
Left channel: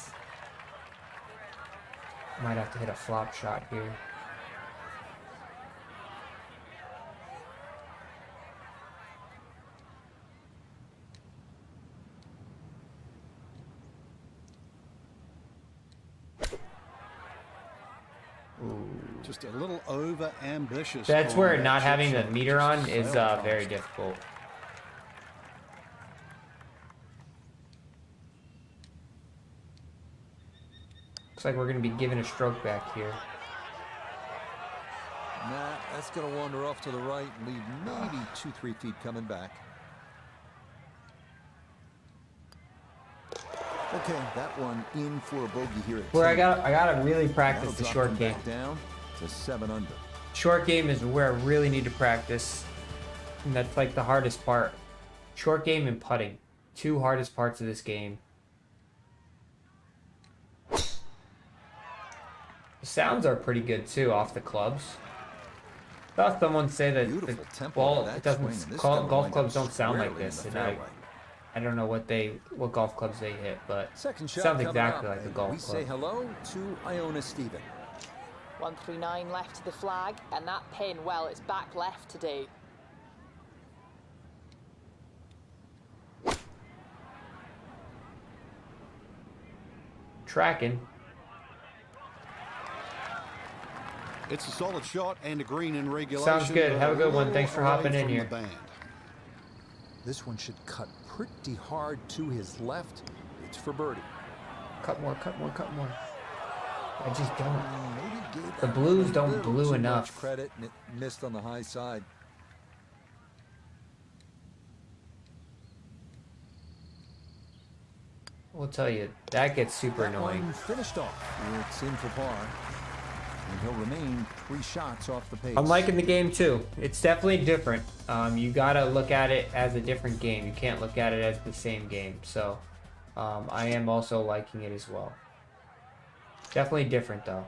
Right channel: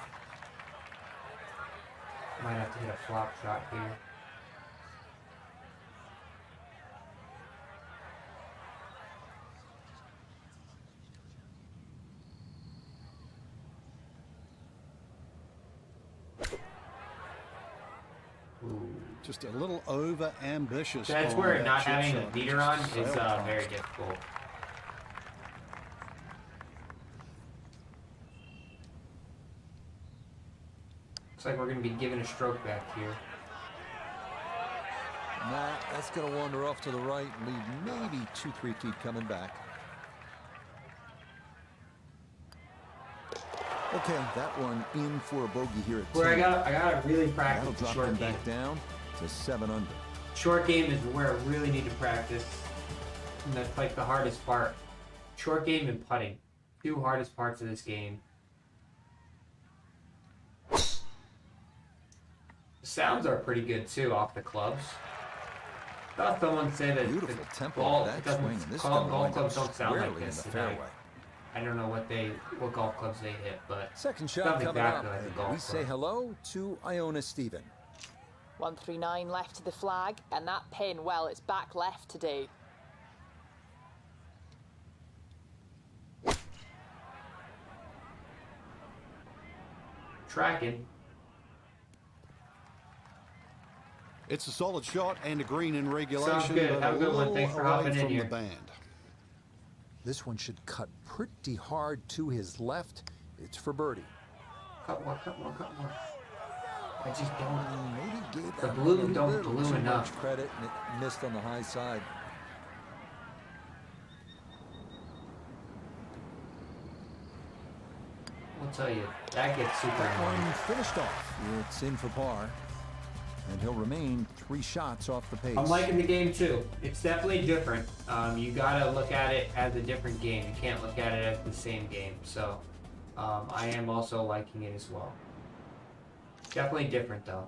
Might have to hit a flop shot here. Just a little over ambitious. That's where not having a meter on is very difficult. Looks like we're going to be giving a stroke back here. Nah, that's going to wander off to the right and leave maybe 2-3 feet coming back. Okay, that one in for a bogey here at 10. Where I gotta really practice the short game. Back down to 7 under. Short game is where I really need to practice. And that's like the hardest part. Short game and putting. 2 hardest parts of this game. The sounds are pretty good too off the clubs. I thought someone say that beautiful the tempo ball that doesn't swing, and this golf clubs don't sound like this. In the fairway. I don't know what golf clubs they hit, but second shot sounds coming exactly up. like a golf We club. say hello to Iona Stephen. 139 left to the flag, and that pin, well, it's back left today. Tracking. It's a solid shot and a green in regulation. Sounds good. But Have a good one. Thanks for hopping in from here. the band. This one should cut pretty hard to his left. It's for birdie. Cut more, cut more, cut more. I just don't. Maybe gave The that blues one a don't little blue too enough. much credit, and it missed on the high side. We'll tell you, that gets super That annoying. one finished off. It's in for par. And he'll remain 3 shots off the pace. I'm liking the game too. It's definitely different. You gotta look at it as a different game. You can't look at it as the same game. So I am also liking it as well. Definitely different though.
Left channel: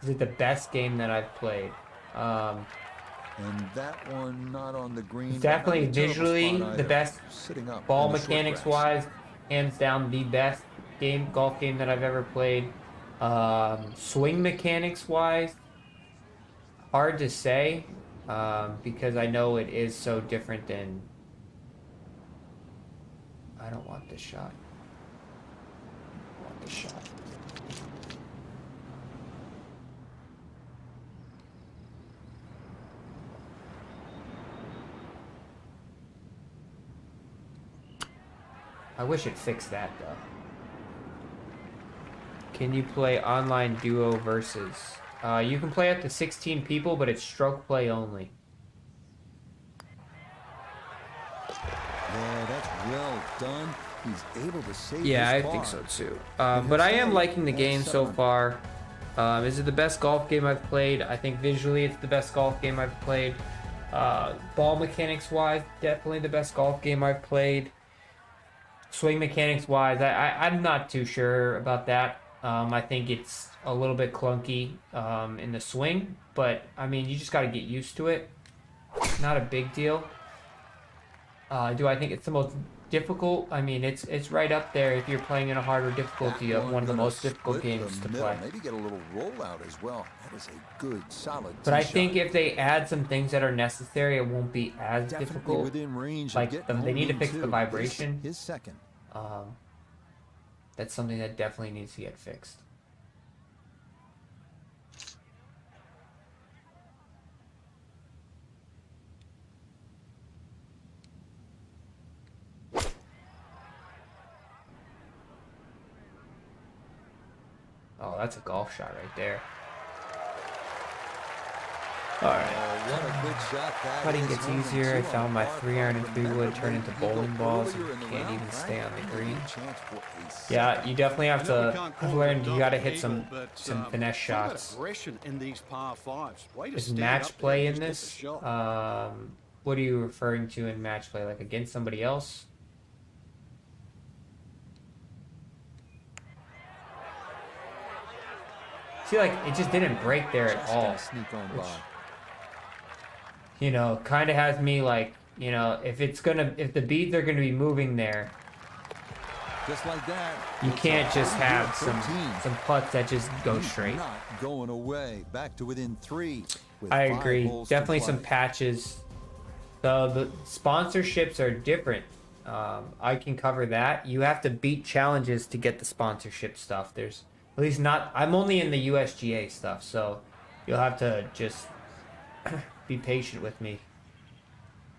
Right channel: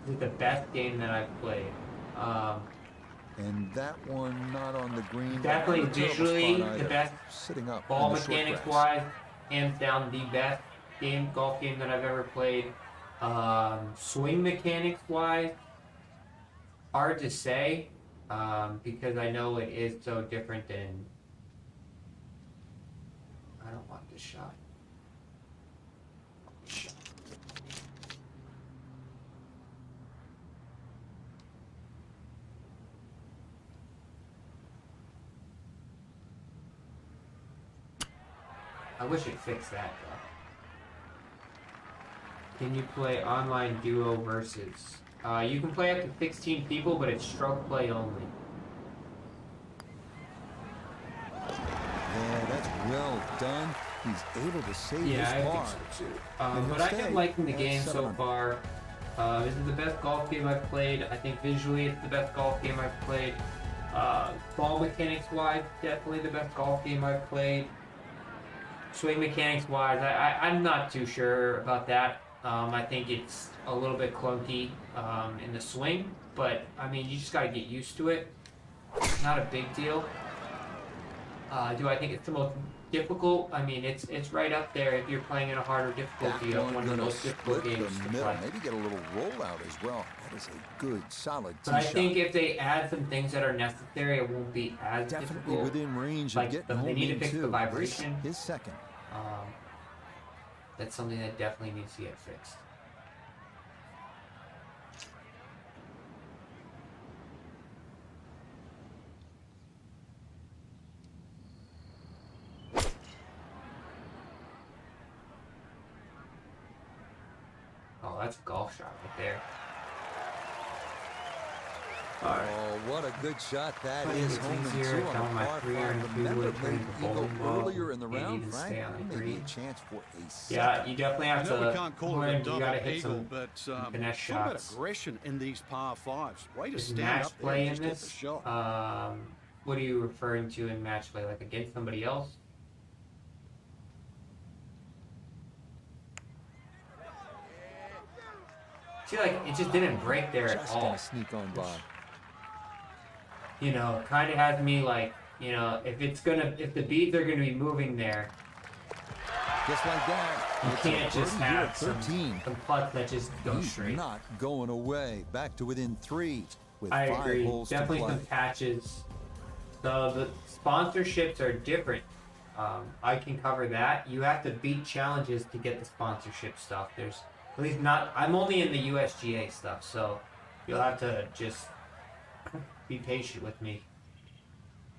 This is the best game that I've played. And that one not on the green. Definitely Not a terrible visually spot the either. best. Sitting up Ball in the short mechanics grass. wise, hands down the best golf game that I've ever played. Swing mechanics wise, hard to say because I know it is so different than. I don't want this shot. I want this shot. I wish it fixed that though. Can you play online duo versus? You can play up to 16 people, but it's stroke play only. Yeah, that's well done. He's able to save Yeah, his I par. think so too. But I am liking the game so far. Is it the best golf game I've played? I think visually it's the best golf game I've played. Ball mechanics wise, definitely the best golf game I've played. Swing mechanics wise, I'm not too sure about that. I think it's a little bit clunky in the swing, but I mean, you just got to get used to it. Not a big deal. Do I think it's the most difficult? I mean, it's right up there. If you're playing in a harder difficulty, one of the most difficult games to play. Maybe get a little rollout as well. That is a good, solid tee But I shot. think if they add some things that are necessary, it won't be as Definitely difficult. within range Like, of getting they home need to in fix the two. vibration. His second. That's something that definitely needs to get fixed. Oh, that's a golf shot right there. Oh, what a good shot that is. Home in two I found my 3-iron three-wood turn into bowling balls. Earlier in the Can't round, even stay on the green. Chance for a second. Yeah, you definitely have to learn. You got to hit some finesse Talk about shots. aggression in these par fives. Way to Is stand match up there play and in just hit the this? shot. What are you referring to in match play? Like against somebody else? See, like it just didn't break there at Just all. gonna sneak on by. You know, kind of has me like, you know, if the beads are gonna be moving there, Just like that. you it's can't a just birdie here have at some 13. putts that just go He's straight. not going away. Back to within 3 with I 5 agree. holes Definitely to play. some patches. So the sponsorships are different. I can cover that. You have to beat challenges to get the sponsorship stuff. There's at least not. I'm only in the USGA stuff, so you'll have to just be patient with me.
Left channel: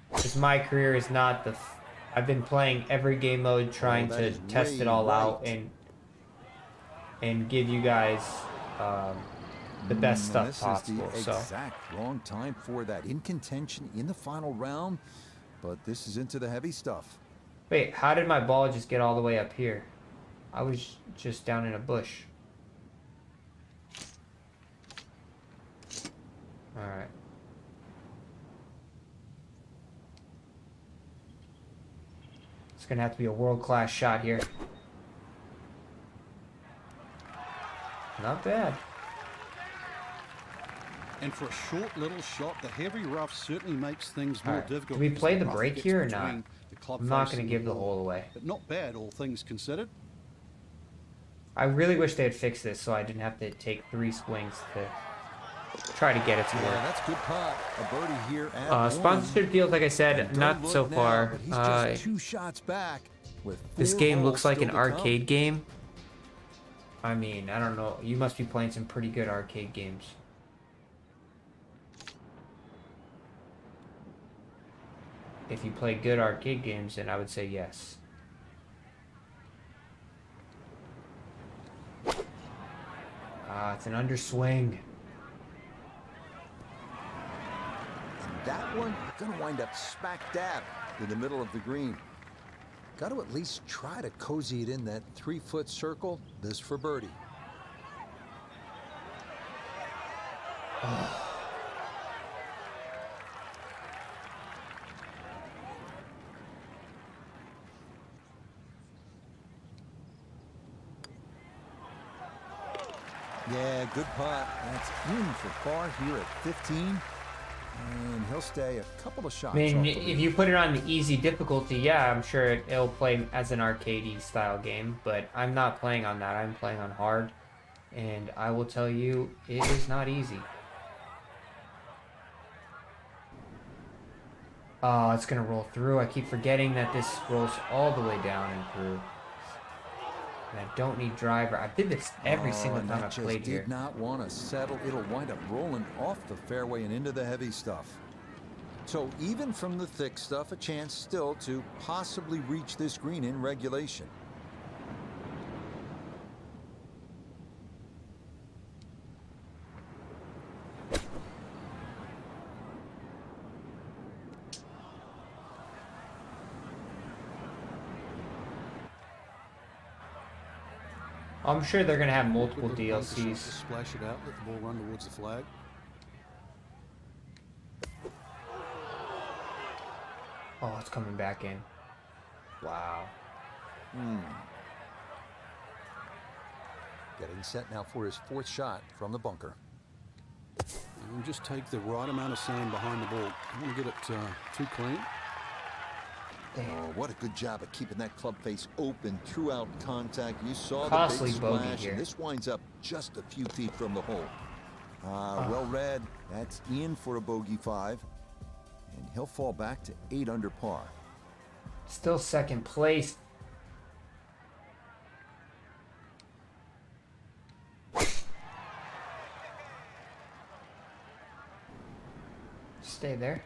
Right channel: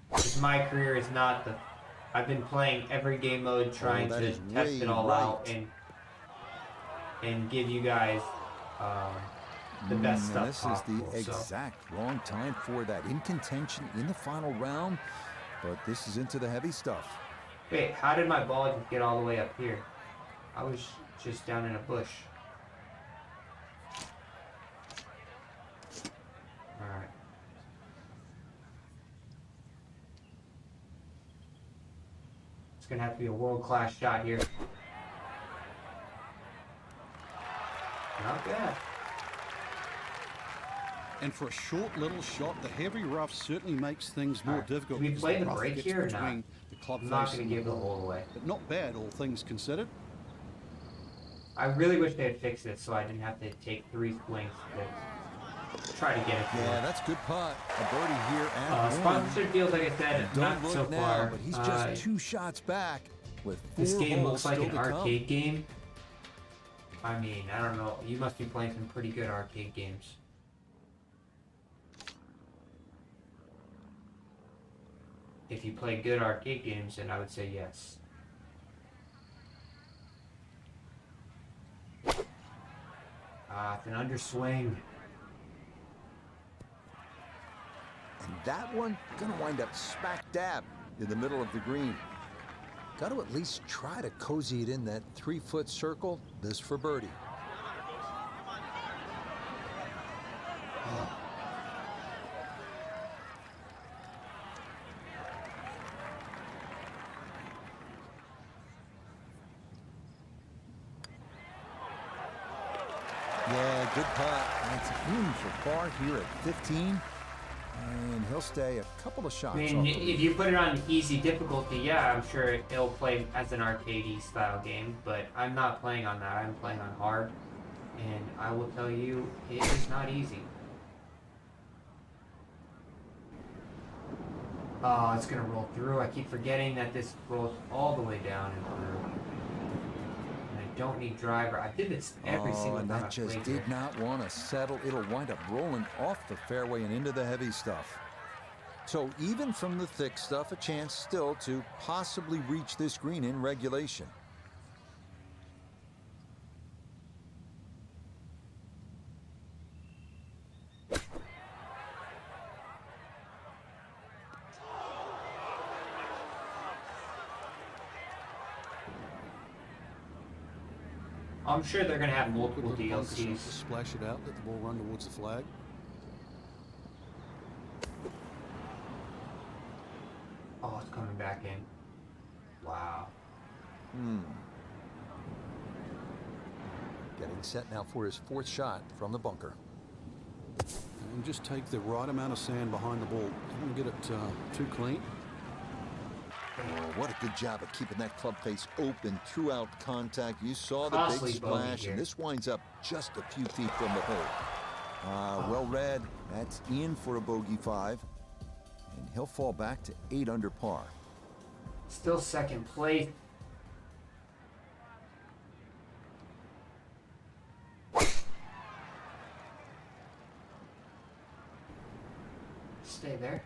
Because my career is not the. I've been playing every game mode, trying that to is test way it all out right. and give you guys the best stuff This possible. is the exact wrong time for that. In contention in the final round, but this is into the heavy stuff. Wait, how did my ball just get all the way up here? I was just down in a bush. Alright. It's gonna have to be a world-class shot here. Not bad. And for a short little shot, the heavy rough certainly makes things more Alright, difficult. do we because play the rough break gets here or not? between the club I'm not face gonna and give the ball. hole away. But not bad, all things considered. I really wish they had fixed this so I didn't have to take 3 swings to try to get it to Yeah, work. that's good putt. A birdie here at 1. Sponsorship deals, like I said, And not don't look so now, far. but he's just 2 shots back with 4 This game holes looks like still an to come. arcade game. I mean, I don't know. You must be playing some pretty good arcade games. If you play good arcade games, then I would say yes. It's an underswing. And that one gonna wind up smack dab in the middle of the green. Got to at least try to cozy it in that 3-foot circle. This for birdie. Yeah, good putt. That's in for par here at 15. And he'll stay a couple of shots I mean, off the if lead. you put it on the easy difficulty, yeah, I'm sure it'll play as an arcadey style game, but I'm not playing on that. I'm playing on hard, and I will tell you, it is not easy. Oh, it's gonna roll through. I keep forgetting that this rolls all the way down and through. And I don't need driver. I did this every single and time I that just played did here. not want to settle. It'll wind up rolling off the fairway and into the heavy stuff. So even from the thick stuff, a chance still to possibly reach this green in regulation. I'm sure they're gonna have multiple Good little bunker shot DLCs. to splash it out, let the ball run towards the flag. Oh, it's coming back in. Wow. Getting set now for his 4th shot from the bunker. And just take the right amount of sand behind the ball. Don't want to get it too clean. Oh, what a good job of keeping that club face open throughout contact. You saw the Costly big bogey splash, here. and this winds up just a few feet from the hole. Well read. That's in for a bogey 5, and he'll fall back to 8 under par. Still second place. Stay there.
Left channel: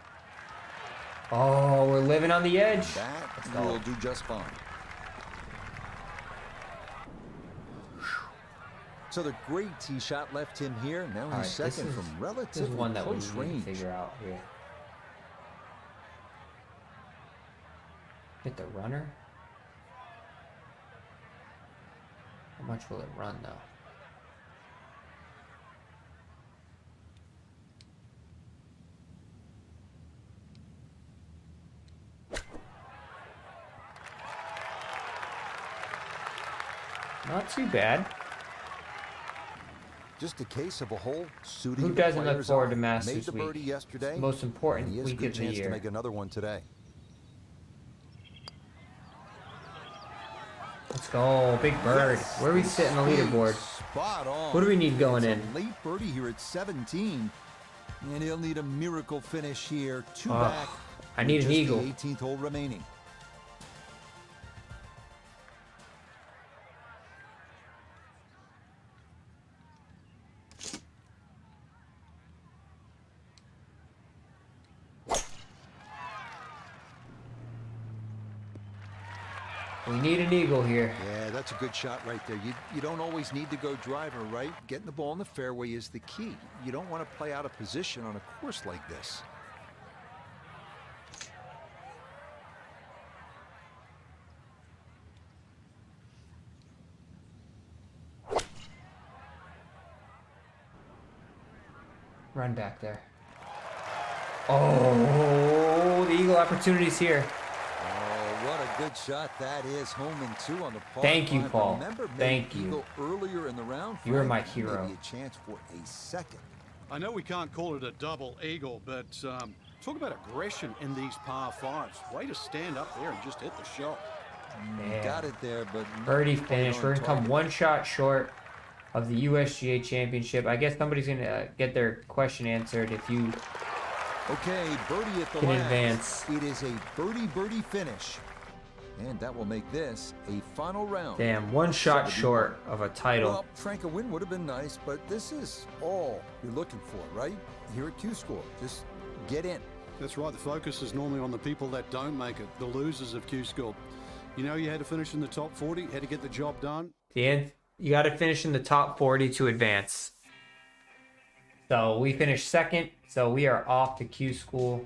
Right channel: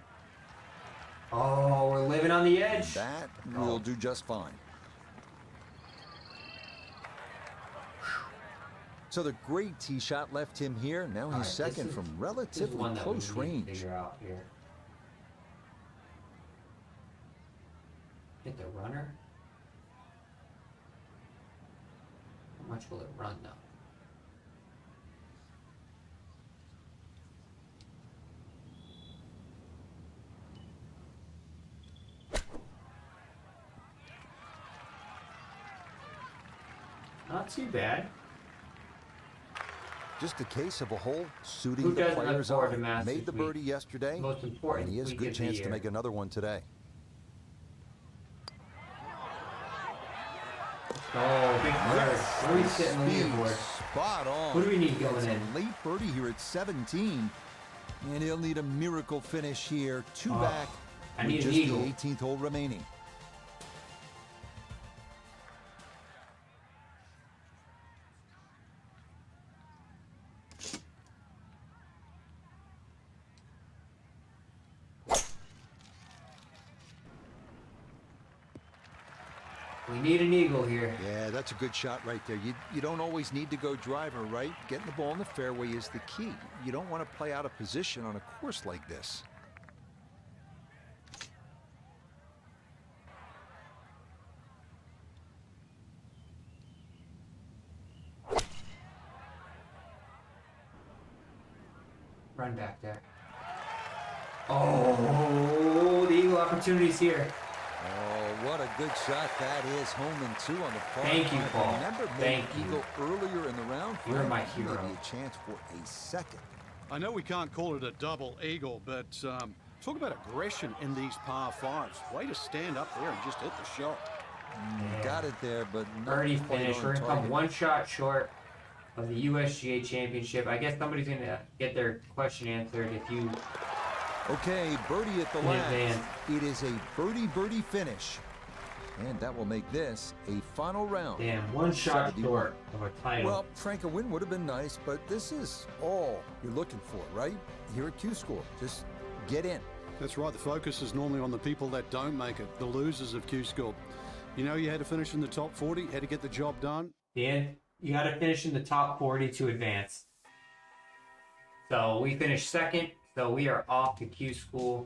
Oh, we're living on the edge. That will do just fine. So the great tee shot left him here. Now he's second from relatively close range. Figure out here. Hit the runner. How much will it run though? Not too bad. Just a case of a hole suiting Who the doesn't look players forward to on. Masters Made the birdie week? yesterday, Most important and he has a week good of the chance to year. make another one today. Let's go, big bird. Where are we sitting on the leaderboard? Spot on. What do we need going It's in? a late birdie here at 17, and he'll need a miracle finish here. 2 back. I need with an just eagle. the 18th hole remaining. We need an eagle here. Yeah, that's a good shot right there. You don't always need to go driver, right? Getting the ball in the fairway is the key. You don't want to play out of position on a course like this. Run back there. Oh, the eagle opportunity's here. Oh, what a good shot that is. Home and 2 on the par. Thank you, 5. Paul. Remember, Thank made you. eagle earlier in the round. You're Frank? my hero. Maybe a chance for a second. I know we can't call it a double eagle, but talk about aggression in these par 5s. Way to stand up there and just hit the shot. Yeah. Got it there, but not Birdie quite finish. on We're gonna come target. 1 shot short of the USGA championship. I guess somebody's gonna get their question answered if you. Okay, birdie at the In last. advance. It is a birdie finish. And that will make this a final round. Damn, 1 shot 71. short of a title. Well, Frank, a win would have been nice, but this is all you're looking for, right? Here at Q-School. Just get in. That's right. The focus is normally on the people that don't make it, the losers of Q-School. You know you had to finish in the top 40, had to get the job done. The end. You got to finish in the top 40 to advance. So we finished second. So we are off to Q School.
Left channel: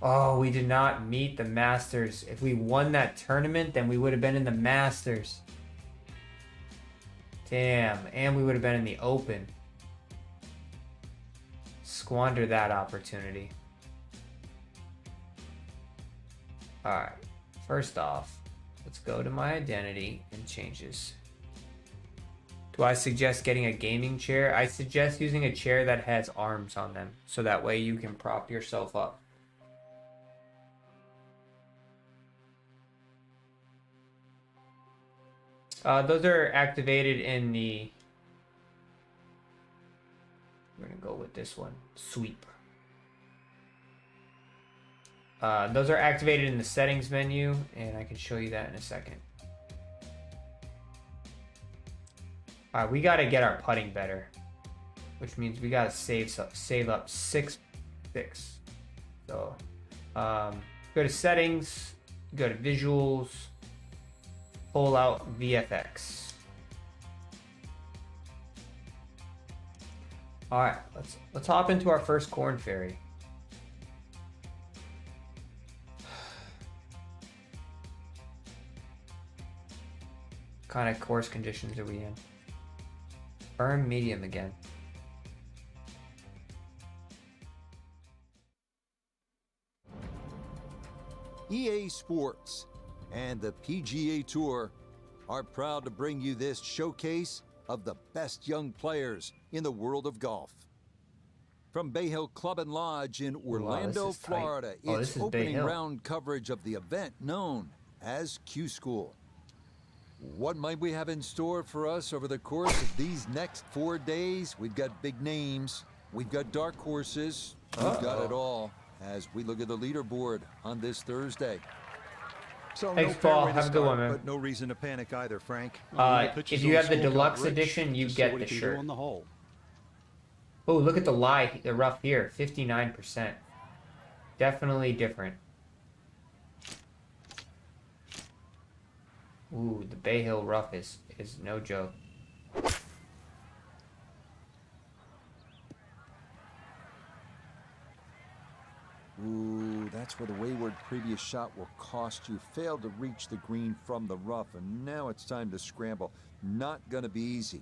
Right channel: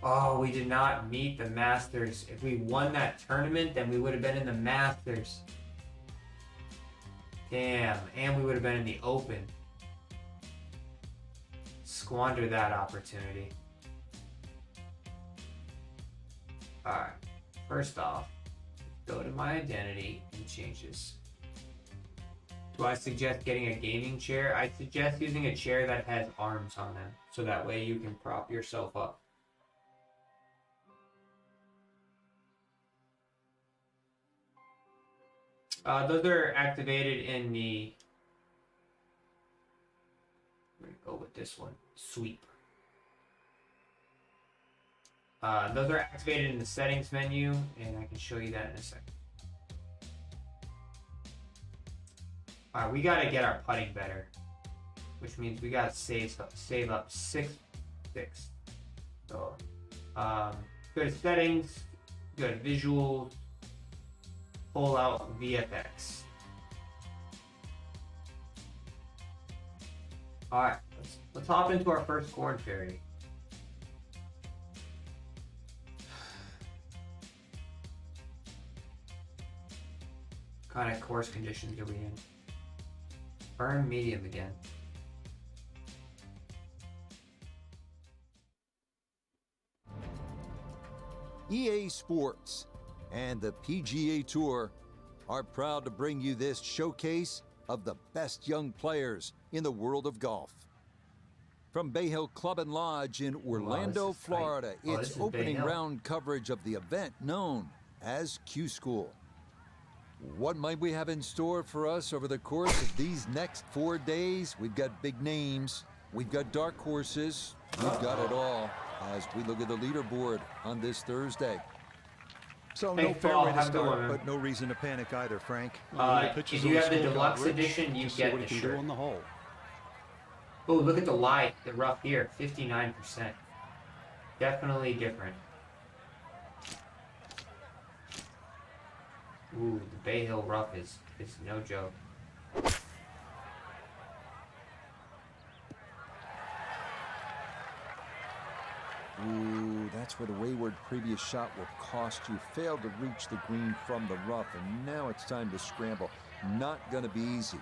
Oh, we did not meet the Masters. If we won that tournament, then we would have been in the Masters. Damn, and we would have been in the Open. Squander that opportunity. Alright, first off, let's go to my identity and changes. Do I suggest getting a gaming chair? I suggest using a chair that has arms on them, so that way you can prop yourself up. Those are activated in the... We're going to go with this one. Sweep. Those are activated in the settings menu, and I can show you that in a second. Alright, we got to get our putting better, which means we got to save up 6 picks. So, go to settings, go to visuals, pull out VFX. Alright, let's hop into our first Corn Fairy. kind of course conditions are we in? Burn medium again. EA Sports and the PGA Tour are proud to bring you this showcase of the best young players in the world of golf. From Bay Hill Club and Lodge in Orlando, Florida, it's opening round coverage of the event known as Q School. What might we have in store for us over the course of these next 4 days? We've got big names, we've got dark horses, we've got it all as we look at the leaderboard on this Thursday. So no fair way to start, but no reason to panic either, Frank. If you have the deluxe edition, you get the shirt. On the hole. Oh, look at the lie, the rough here, 59%. Definitely different. Ooh, the Bay Hill rough is no joke. Ooh, that's where the wayward previous shot will cost you. Failed to reach the green from the rough, and now it's time to scramble. Not gonna be easy.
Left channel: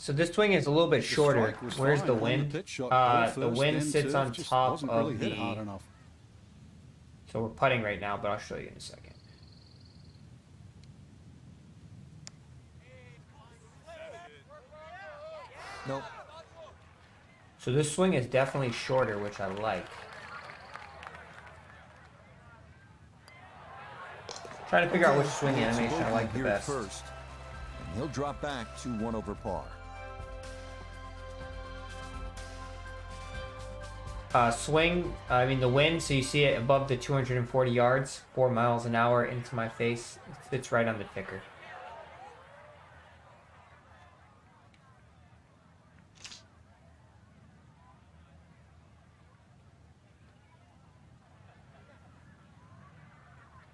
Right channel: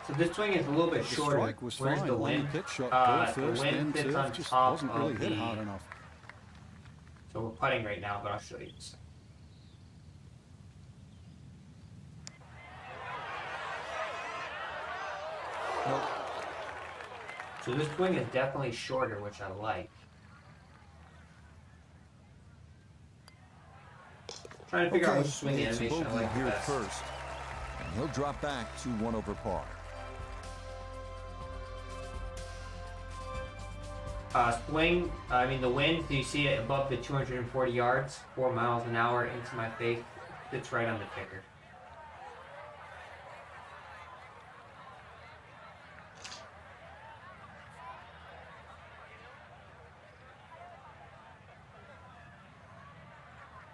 So this swing is a little bit shorter. Where's the wind? The wind sits on top wasn't really hit hard enough. So we're putting right now, but I'll show you in a second. Nope. So this swing is definitely shorter, which I like. Trying to figure out which swing animation I like the best. First, and he'll drop back to 1 over par. Swing, I mean the wind, so you see it above the 240 yards, 4 miles an hour into my face. It fits right on the ticker.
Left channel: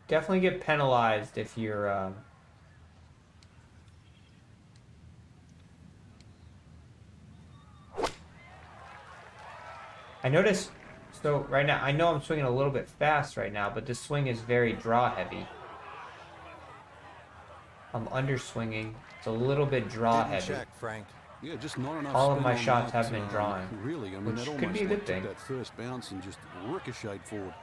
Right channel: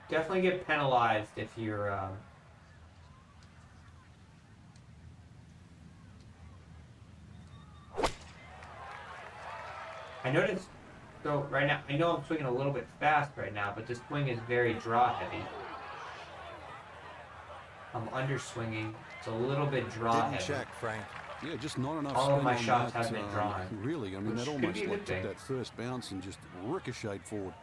Definitely get penalized if you're I noticed, so right now, I know I'm swinging a little bit fast right now, but this swing is very draw heavy. I'm underswinging. It's a little bit draw heavy. Check, Frank. Yeah, just not enough All spin of my on shots that, have been drawn. Really, I mean, that could almost be a good took thing. that first bounce and just ricocheted forward.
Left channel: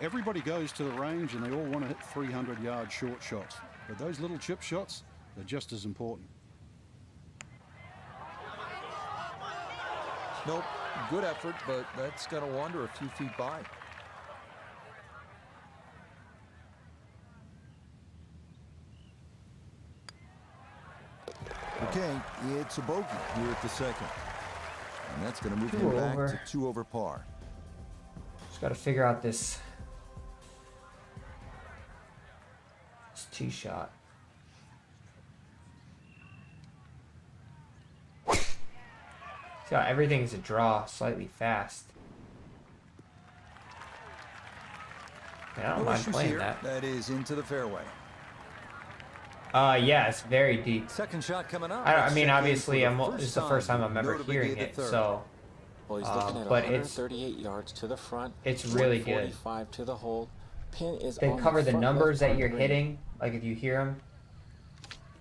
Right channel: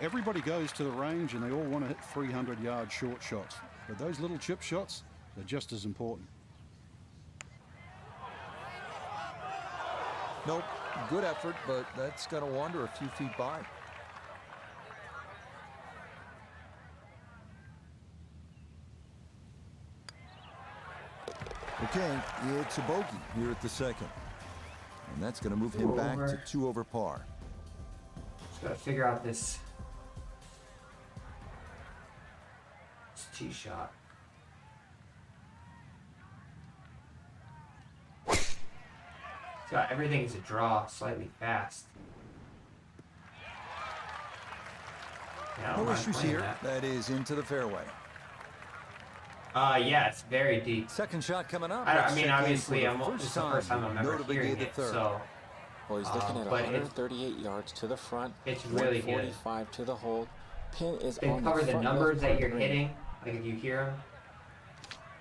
Everybody goes to the range and they all want to hit 300-yard short shots. But those little chip shots, they're just as important. Nope, good effort, but that's going to wander a few feet by. Okay, it's a bogey here at the second. And that's going to move him back to 2 over par. Just got to figure out this tee shot. So everything's a draw, slightly fast. Yeah, no issues here. That is into the fairway. Yeah, it's very deep. Second shot coming up. I mean, obviously, this is the first time I'm ever hearing it, so. Well, he's looking at 138 yards to the front. It's really good. 145 to the hole. Pin is they on cover the the front numbers that you're green. hitting. Like if you hear them,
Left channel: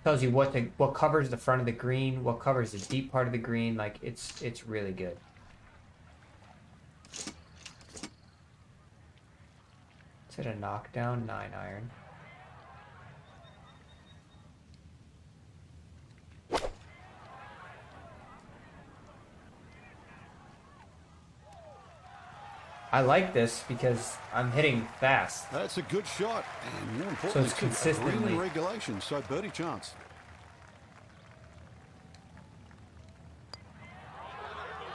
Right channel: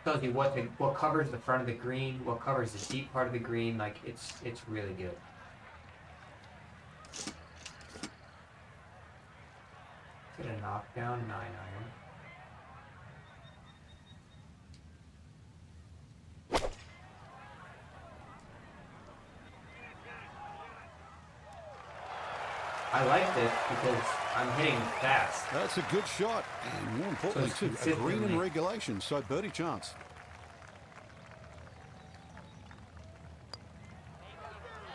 tells you what covers the front of the green, what covers the deep part of the green. Like it's really good. Is it a knockdown 9-iron? I like this because I'm hitting fast. That's a good shot, and more importantly, so a green in regulation, so birdie chance.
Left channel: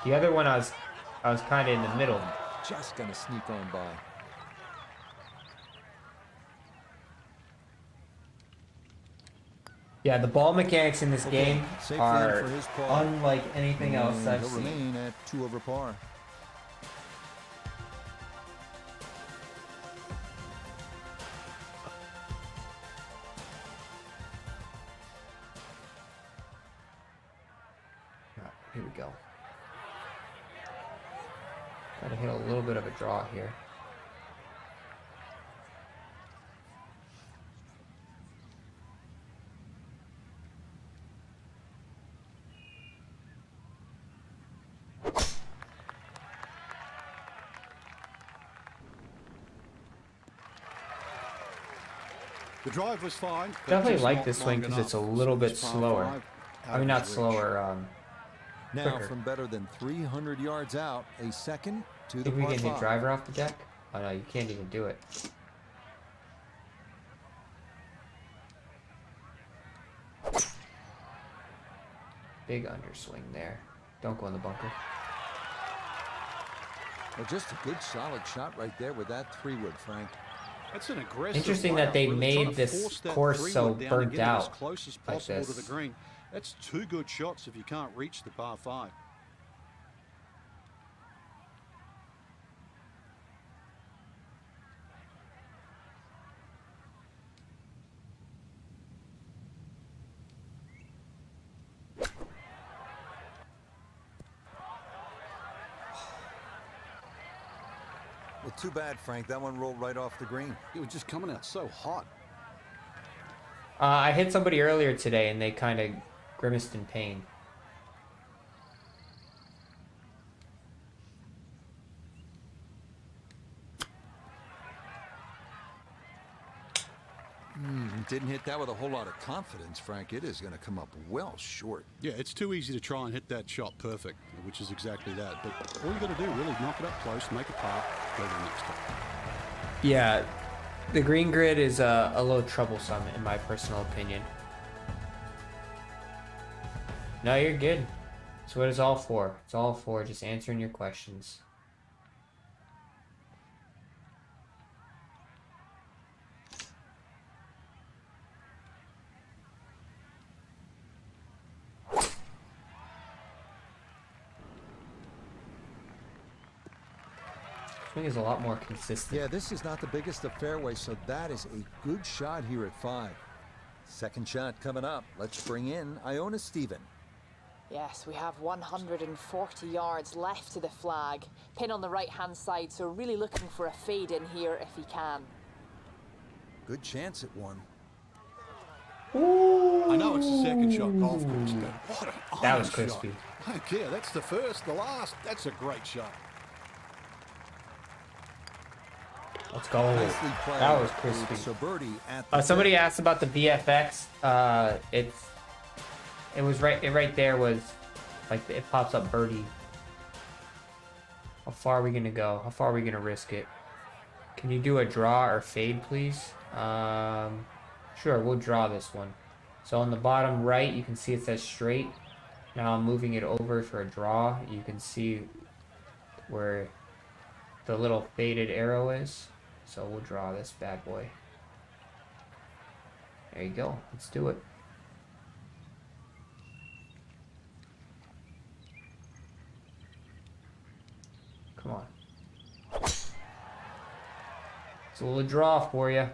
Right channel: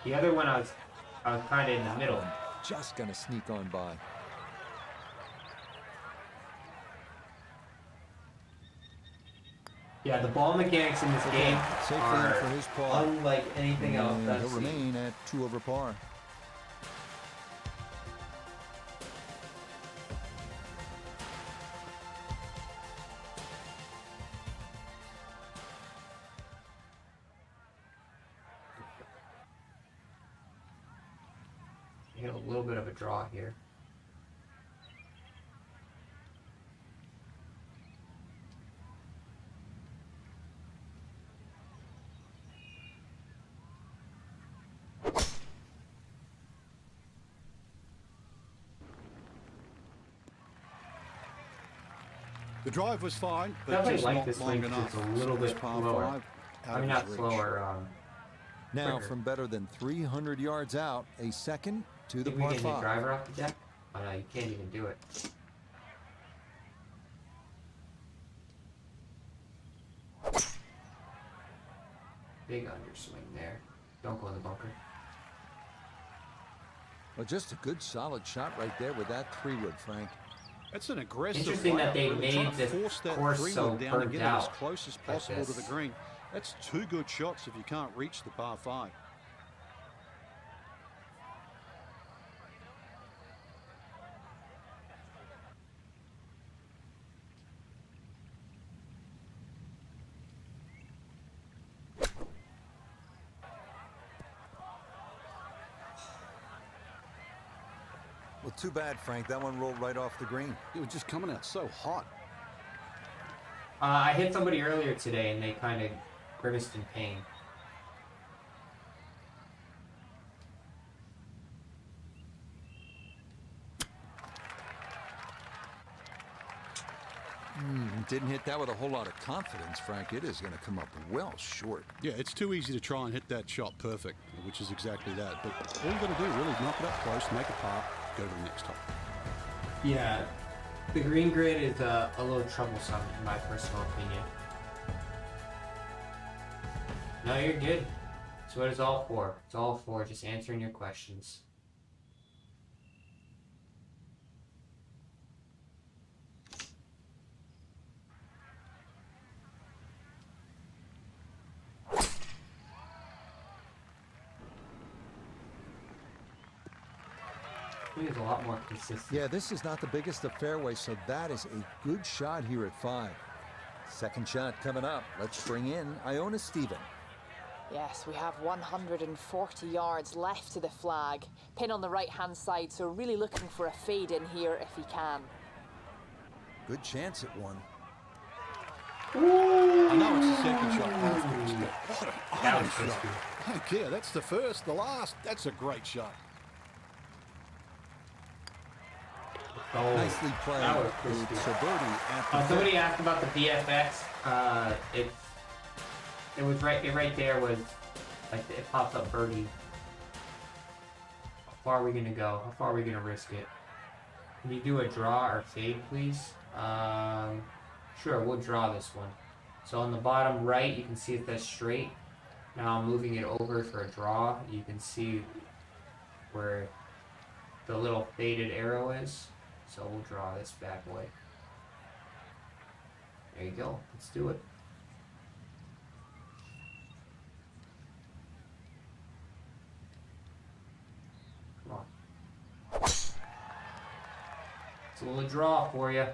The other one, I was kind of in the middle. Just gonna sneak on by. Yeah, the ball mechanics in this game are for his par. unlike anything else I've He'll seen. remain at 2 over par. Here we go. Gotta hit a little bit of a draw here. The drive was fine. Definitely like this swing because it's a little bit slower. I mean, not slower. Now, from better than 300 yards out, a second to the par 5. Can we get the driver off the deck? Oh no, you can't even do it. Big underswing there. Don't go in the bunker. Well, just a good solid shot right there with that 3-wood, Frank. That's an aggressive. Interesting that they really made this course so down and burnt get it out as close as possible to the green. That's 2 good shots if you can't reach the par 5. Well, too bad, Frank. That one rolled right off the green. It was just coming out so hot. I hit somebody earlier today and they kind of grimaced in pain. Didn't hit that with a whole lot of confidence, Frank. It is going to come up well short. Yeah, it's too easy to try and hit that shot perfect, which is exactly that. But all you got to do, really knock it up close, make a par, go to the next hole. Yeah, the green grid is a little troublesome in my personal opinion. No, you're good. That's what it's all for. It's all for just answering your questions. Is a lot more consistent. Yeah, this is not the biggest of fairways, so that is a good shot here at 5. Second shot coming up. Let's bring in Iona Stephen. Yes, we have 140 yards left to the flag. Pin on the right-hand side, so really looking for a fade in here if he can. Good chance at one. I know it's the second shot golf course, but what an iron shot. I don't care. That's the first, the last. That's a great shot. Let's go. Nicely played. That was crispy. So birdie at the somebody asked about the BFX. It was right there was like it pops up birdie. How far are we gonna go? How far are we gonna risk it? Can you do a draw or fade, please? Sure, we'll draw this one. So on the bottom right, you can see it says straight. Now I'm moving it over for a draw. You can see where the little faded arrow is. So we'll draw this bad boy. There you go. Let's do it. Come on. It's a little draw for you.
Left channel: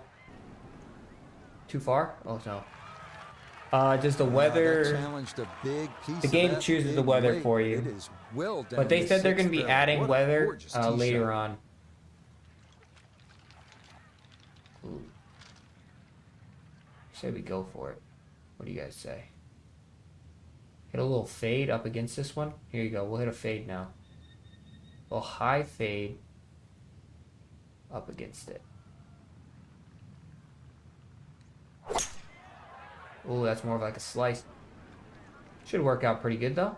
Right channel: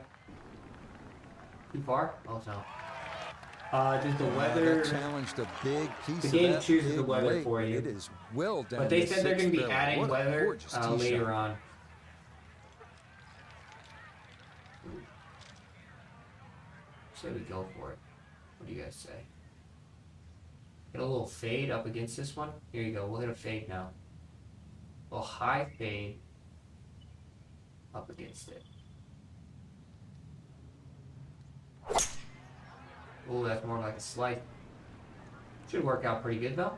Too far? Oh no. Just the weather. That challenged a big piece. The game chooses the weather for you. It is well down. But they said they're going to be adding weather later on. Say we go for it. What do you guys say? Hit a little fade up against this one. Here you go. We'll hit a fade now. A little high fade up against it. Ooh, that's more of like a slice. Should work out pretty good though.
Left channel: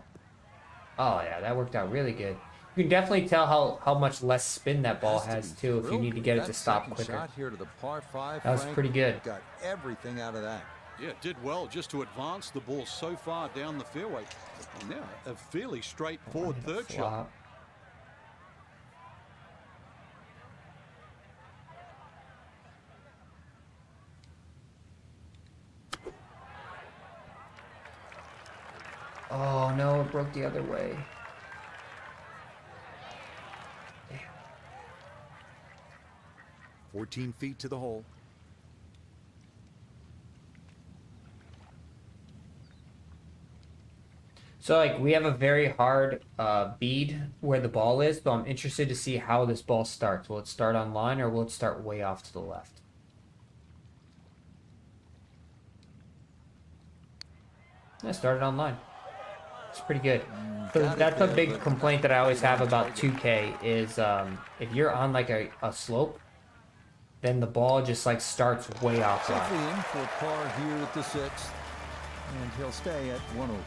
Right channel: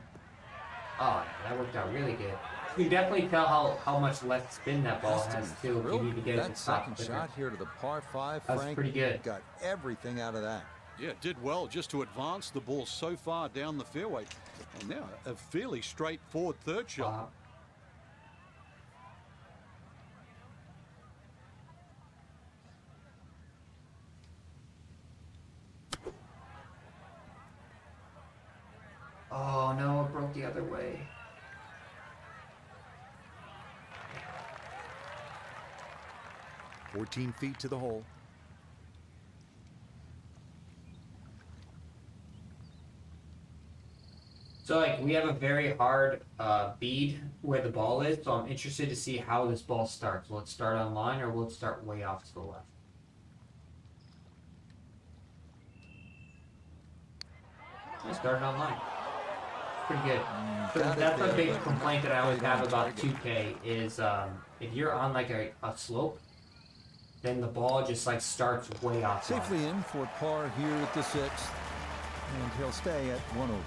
Oh yeah, that worked out really good. You can definitely tell how much less spin that ball has too if you need to get it to stop quicker. Shot here to the par 5, that was Frank, pretty good. Got everything out of that. Yeah, it did well just to advance the ball so far down the fairway. And now a fairly straightforward third shot. Oh no, it broke the other way. 14 feet to the hole. So like we have a very hard bead where the ball is, so I'm interested to see how this ball starts. Will it start on line or will it start way off to the left? I started on line. It's pretty good. That's a big complaint that I always have about 2K is if you're on like a slope, then the ball just like starts way off. Safely in for par here at the 6th, and he'll stay at 1 over.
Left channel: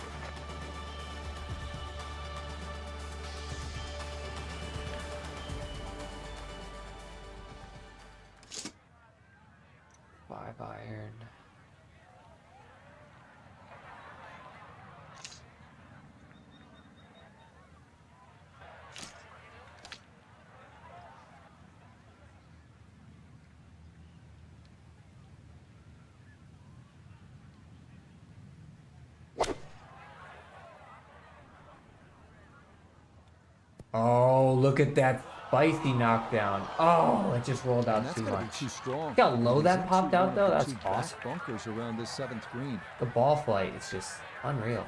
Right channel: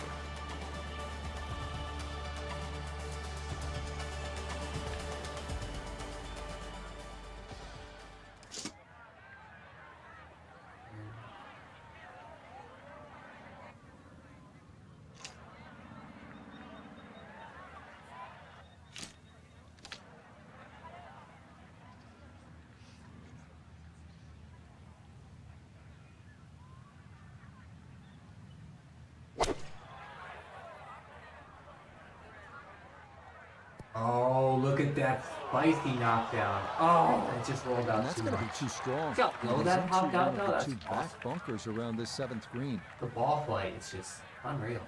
Oh, look at that spicy knockdown. Oh, it just rolled out. And that's going to be too strong. Look how low that popped out, though. That's awesome. awesome. Bunkers around this 7th green. The ball flight is just unreal.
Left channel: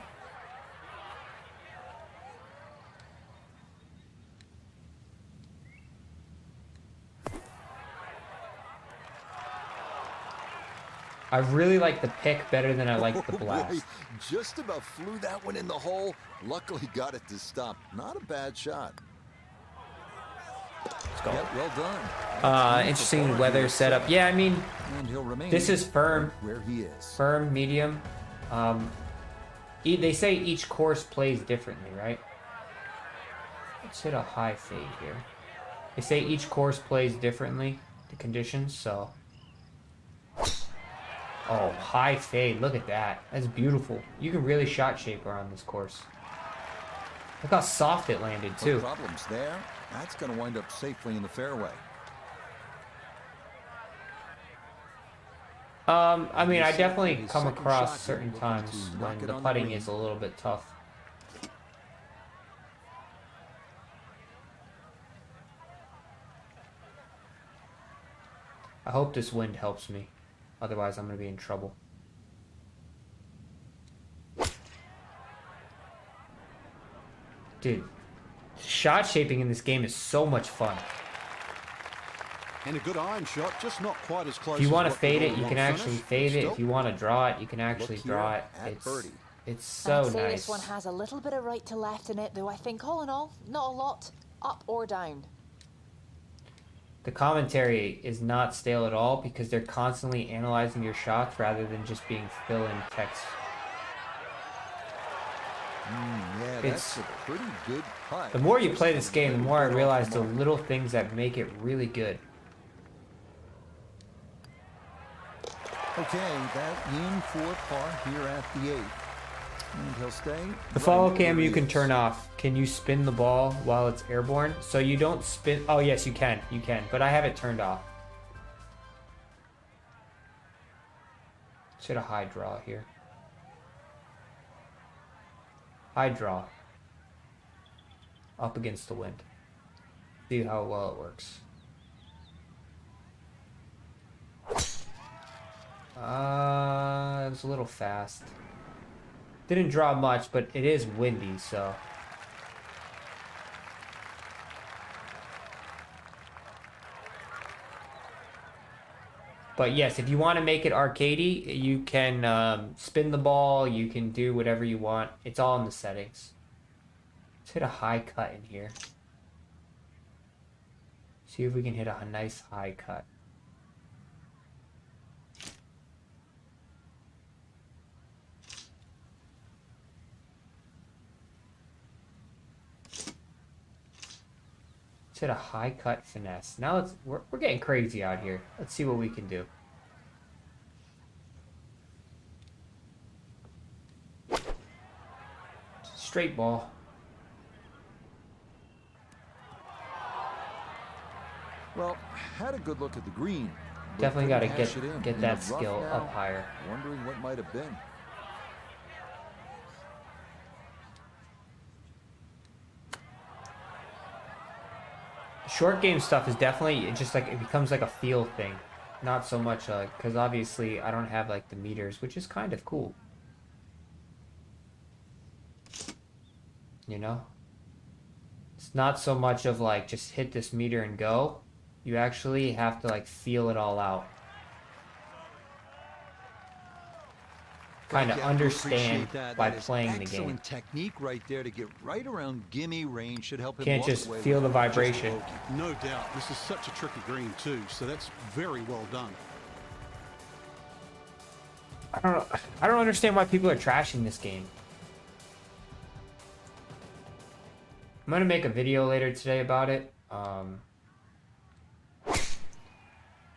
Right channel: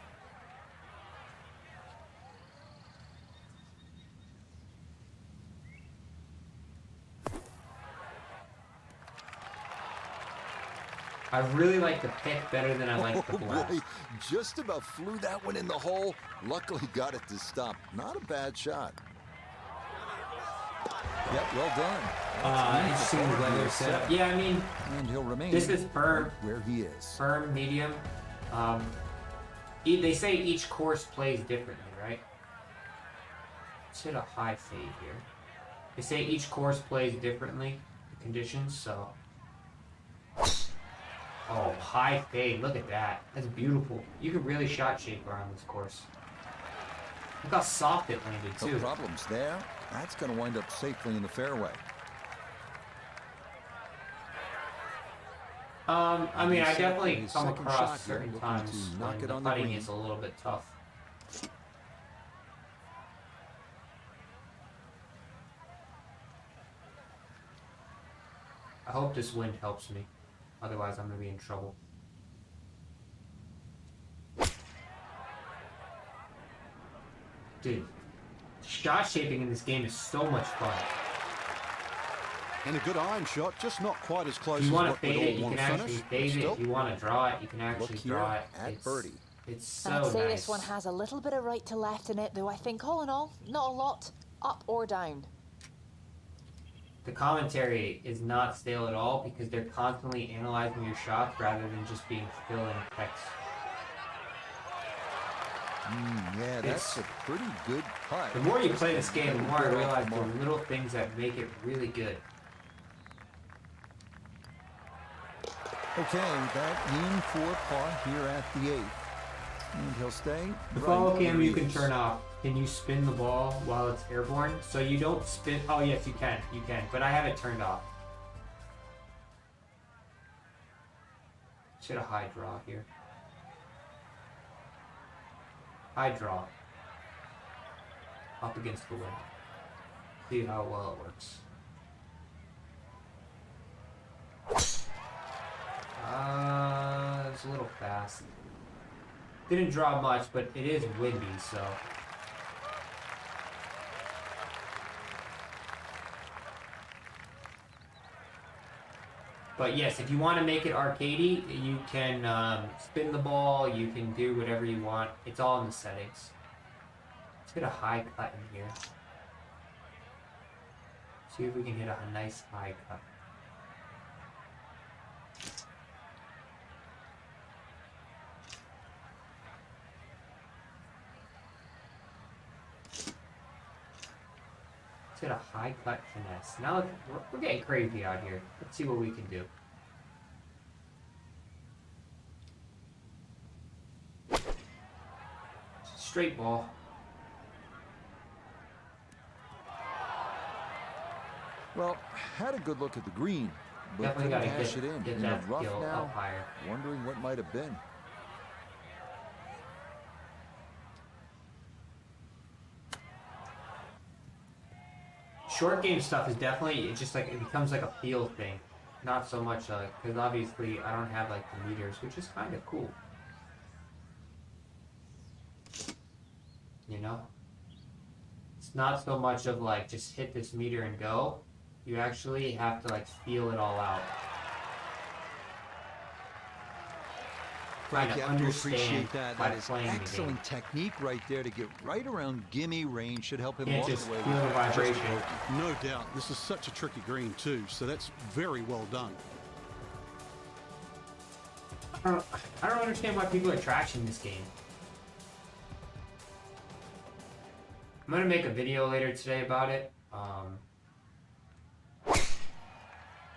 I really like the pick better than I like the blast. Boy, just about flew that one in the hole. Luckily got it to stop. Not a bad shot. Yep, well done. Interesting weather setup. Yeah, I mean, and he'll remain. This is firm. Right where he is. Firm, medium. They say each course plays differently, right? Let's hit a high fade here. They say each course plays differently, the conditions, so. Oh, high fade. Look at that. That's beautiful. You can really shot shape around this course. Look how soft it landed, too. No problems there. That's going to wind up safely in the fairway. I mean, I definitely come across certain times when the putting is a little bit tough. I hope this wind helps me. Otherwise, I'm going to be in trouble. Dude, shot shaping in this game is so much fun. And a good iron shot, just not quite as close as if you want to what fade it, we'd you all can want to actually finish. fade it. Still, If you want to draw it, you can actually draw it. At birdie. It's so I'd say nice. this one has a little bit of right to left in it, though I think all in all, not a lot, up or down. The commentary is not stale at all because they're constantly analyzing your shots rather than just being fill-in text. Yeah, that's a pretty good putt. The more you play this game, the more I realize the little things that make it really good. Okay, that in for par here at the 8th. And he'll stay. The follow cam you can turn off. Can you spin the ball while it's airborne? So you don't spin. Oh, yes, you can. You can. But I have it turned off. Should a high draw here. High draw. Up against the wind. See how well it works. It's a little fast. Didn't draw much, but it is windy, so. But yes, if you want to make it arcadey, you can spin the ball, you can do whatever you want. It's all in the settings. Let's hit a high cut in here. See if we can hit a nice high cut. Hit a high cut finesse. Now we're getting crazy out here. Let's see what we can do. Straight ball. Well, had a good look at the green. Definitely got to get that the rough skill now, up higher. Wondering what might have been. short game stuff is definitely, it just like, it becomes like a feel thing. Not so much because obviously I don't have like the meters, which is kind of cool. You know? It's not so much of like, just hit this meter and go. You actually have to like feel it all out. Kind of understand that. by That is playing excellent the game. technique right there to get right around gimme range. Should help him Can't walk just away feel with the vibration. No doubt. This is such a tricky green too, so that's very well done. I don't understand why people are trashing this game. I'm gonna make a video later today about it.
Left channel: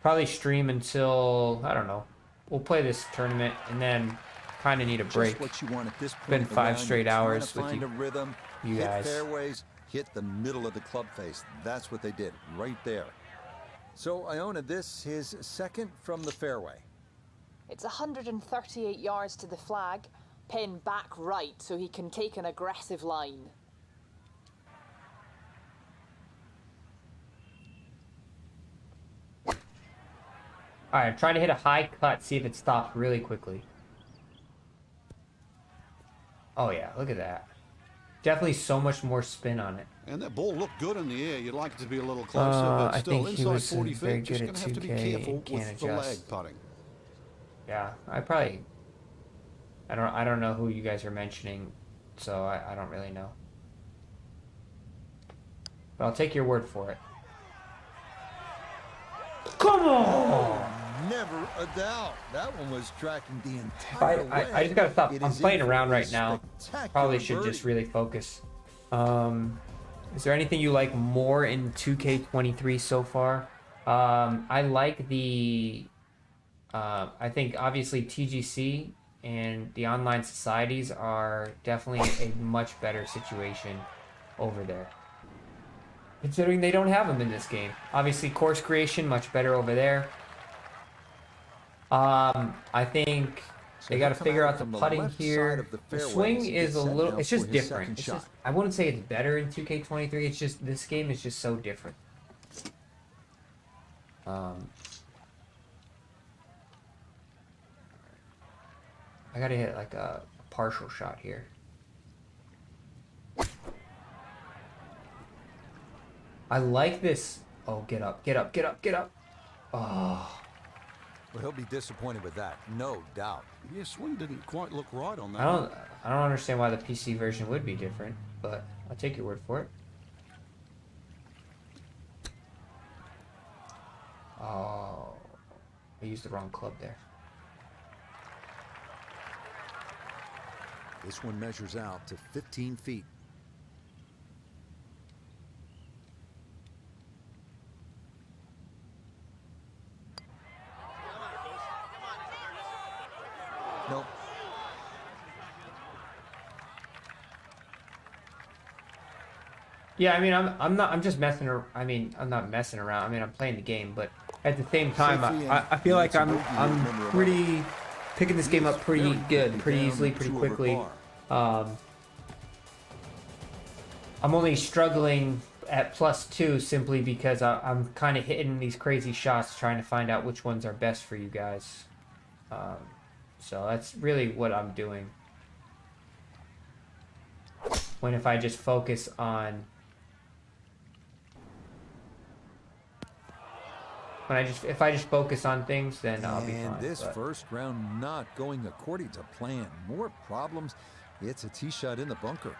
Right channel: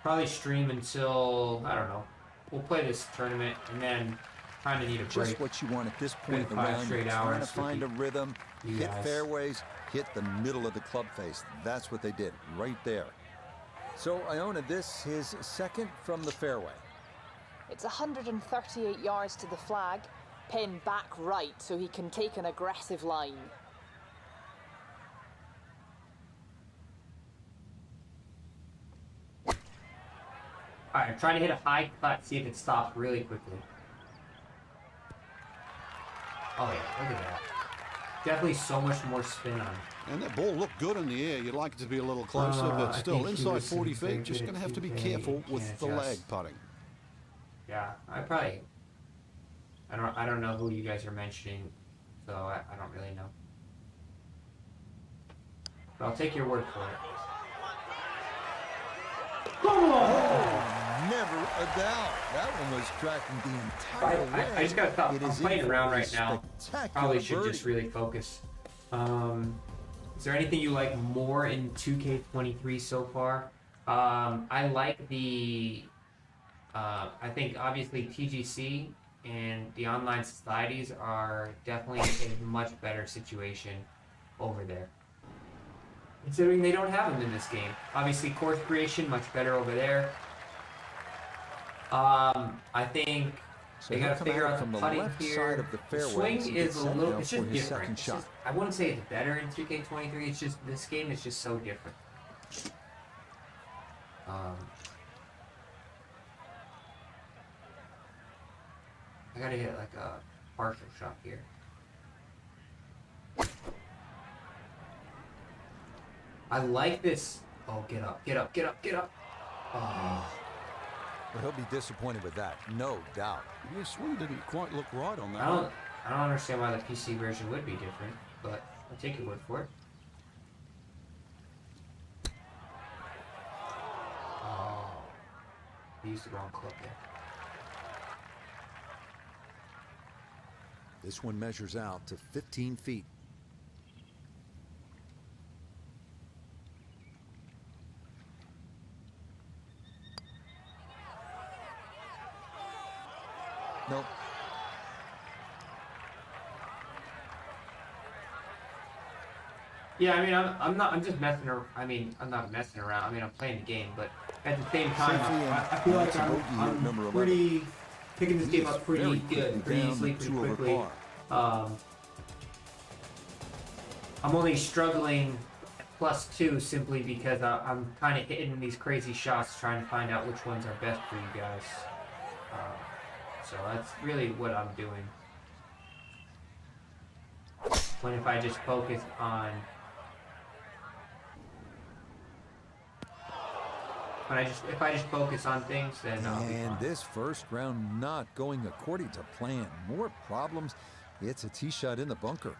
Probably stream until, I don't know. We'll play this tournament and then kind of need a break. Just what you want at this point in the Been 5 round. straight You're hours trying to find a rhythm, hit guys. fairways, hit the middle of the club face. That's what they did right there. So Iona, this his second from the fairway. It's 138 yards to the flag, pin back right so he can take an aggressive line. Alright, try to hit a high cut, see if it stops really quickly. Oh yeah, look at that. Definitely so much more spin on it. And that ball looked good in the air. You'd like it to be a little closer, but still inside 40 feet. Just going to have to be careful with the lag putting. Yeah, I don't know who you guys are mentioning, so I don't really know. But I'll take your word for it. Come on! Oh, never a doubt. That one was tracking the entire way. I just gotta stop. I'm playing around right now. Probably should birdie. just really focus. Is there anything you like more in 2K23 so far? I like the... I think obviously TGC and the online societies are definitely a much better situation over there. Considering they don't have them in this game. Obviously course creation, much better over there. I think they got to figure out the putting here. The swing is a little, it's just different. It's just, I wouldn't say it's better in 2K23, it's just, this game is just so different. I gotta hit like a partial shot here. I like this. Oh, get up, get up, get up, get up. Oh. Well, he'll be disappointed with that, no doubt. Yeah, swing didn't quite look right on that. I don't understand why the PC version would be different, but I'll take your word for it. Oh, I used the wrong club there. This one measures out to 15 feet. Nope. Yeah, I mean, I'm just messing around. I mean, I'm not messing around. I mean, I'm playing the game, but at the same time, I feel like I'm pretty picking this game up pretty good, pretty easily, pretty quickly. I'm only struggling at +2 simply because I'm kind of hitting these crazy shots, trying to find out which ones are best for you guys. So that's really what I'm doing. When if I just focus on... if I just focus on things, then I'll be fine, this first round not going according to plan. More problems. It's a tee shot in the bunker.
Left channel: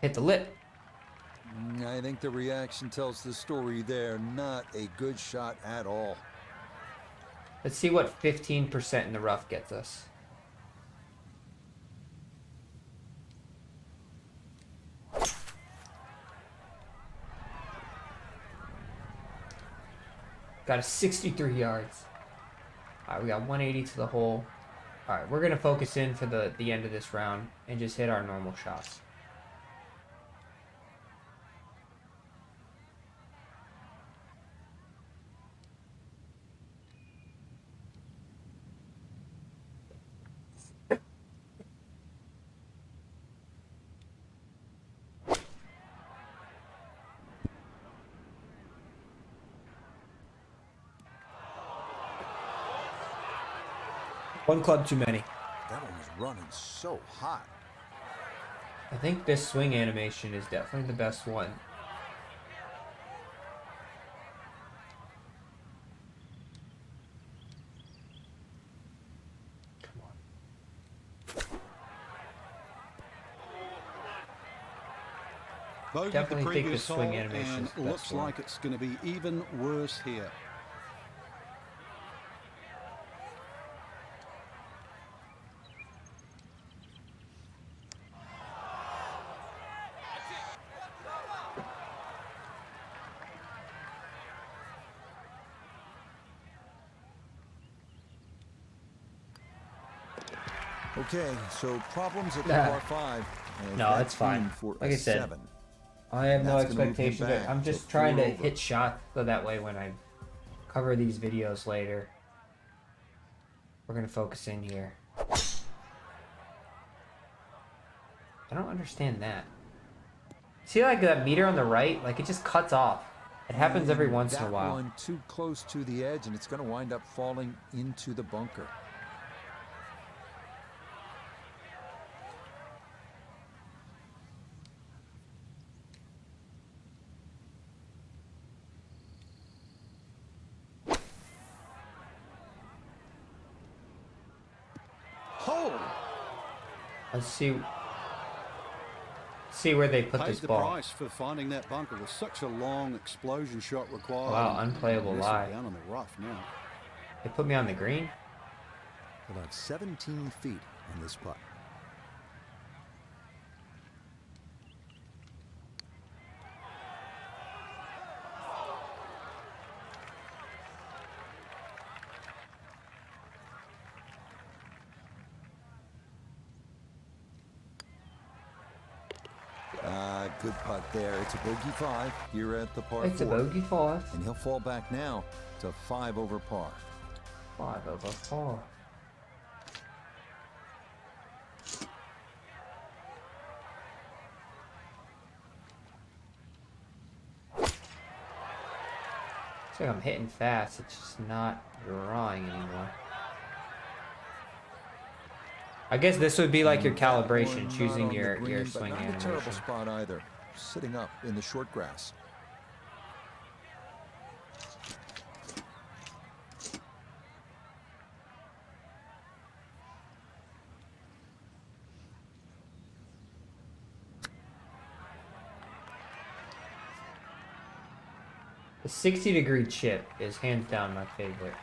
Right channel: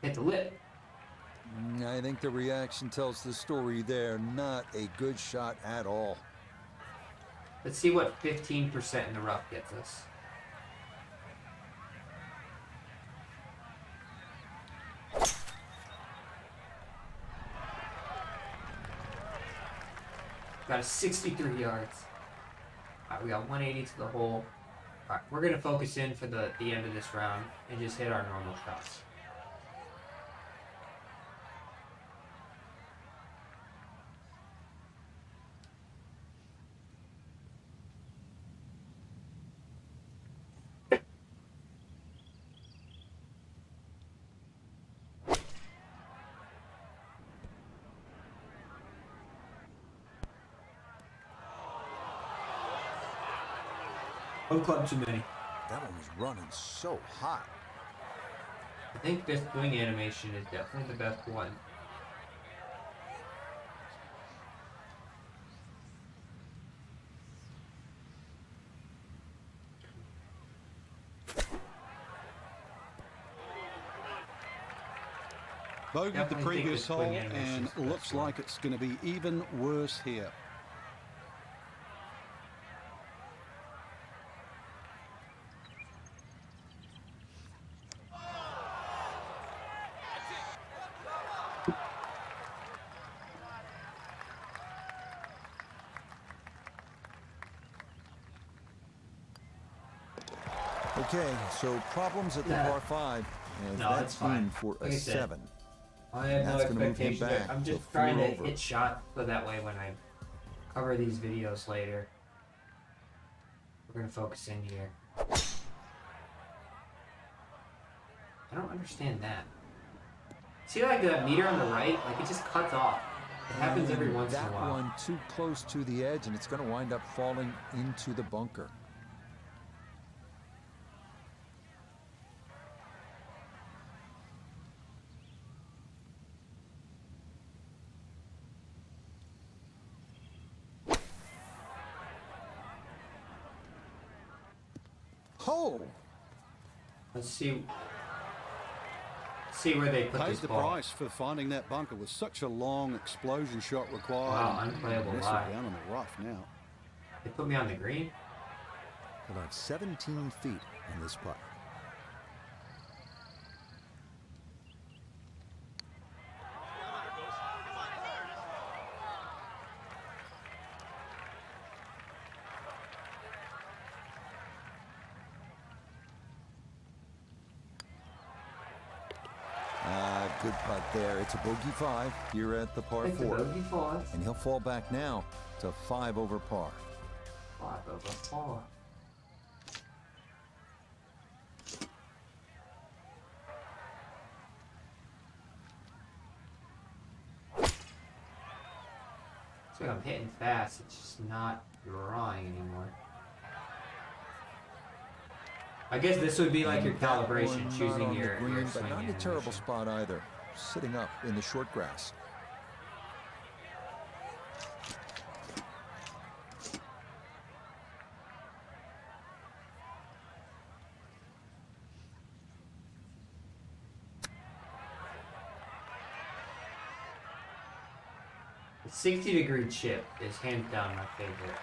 Hit the lip. I think the reaction tells the story there. Not a good shot at all. Let's see what 15% in the rough gets us. Got a 63 yards. Alright, we got 180 to the hole. Alright, we're going to focus in for the end of this round and just hit our normal shots. One club too many. That one was running so hot. I think this swing animation is definitely the best one. Bogeyed the previous hole and looks like it's going to be even worse here. Okay, so problems at the par 5, and no, that's fine. For like a 7. I have no expectations. I'm just trying to hit shot, so that way when I cover these videos later, we're gonna focus in here. I don't understand that. See, like that meter on the right, like it just cuts off. It happens every once in a while. That one too close to the edge, and it's going to wind up falling into the bunker. Oh! Let's see where they put Paid this the ball. price for finding that bunker with such a long explosion shot required. Wow, unplayable lie. Down on the rough now. They put me on the green. About 17 feet on this putt. Good putt there. It's a bogey 5 here at the par 4. It's a bogey 5. And he'll fall back now to 5 over par. 5 over par. So I'm hitting fast, it's just not drawing anymore. I guess this would be like your calibration, choosing your green, swing but not animation. a terrible spot either. Sitting up in the short grass. The 60-degree chip is hands down my favorite.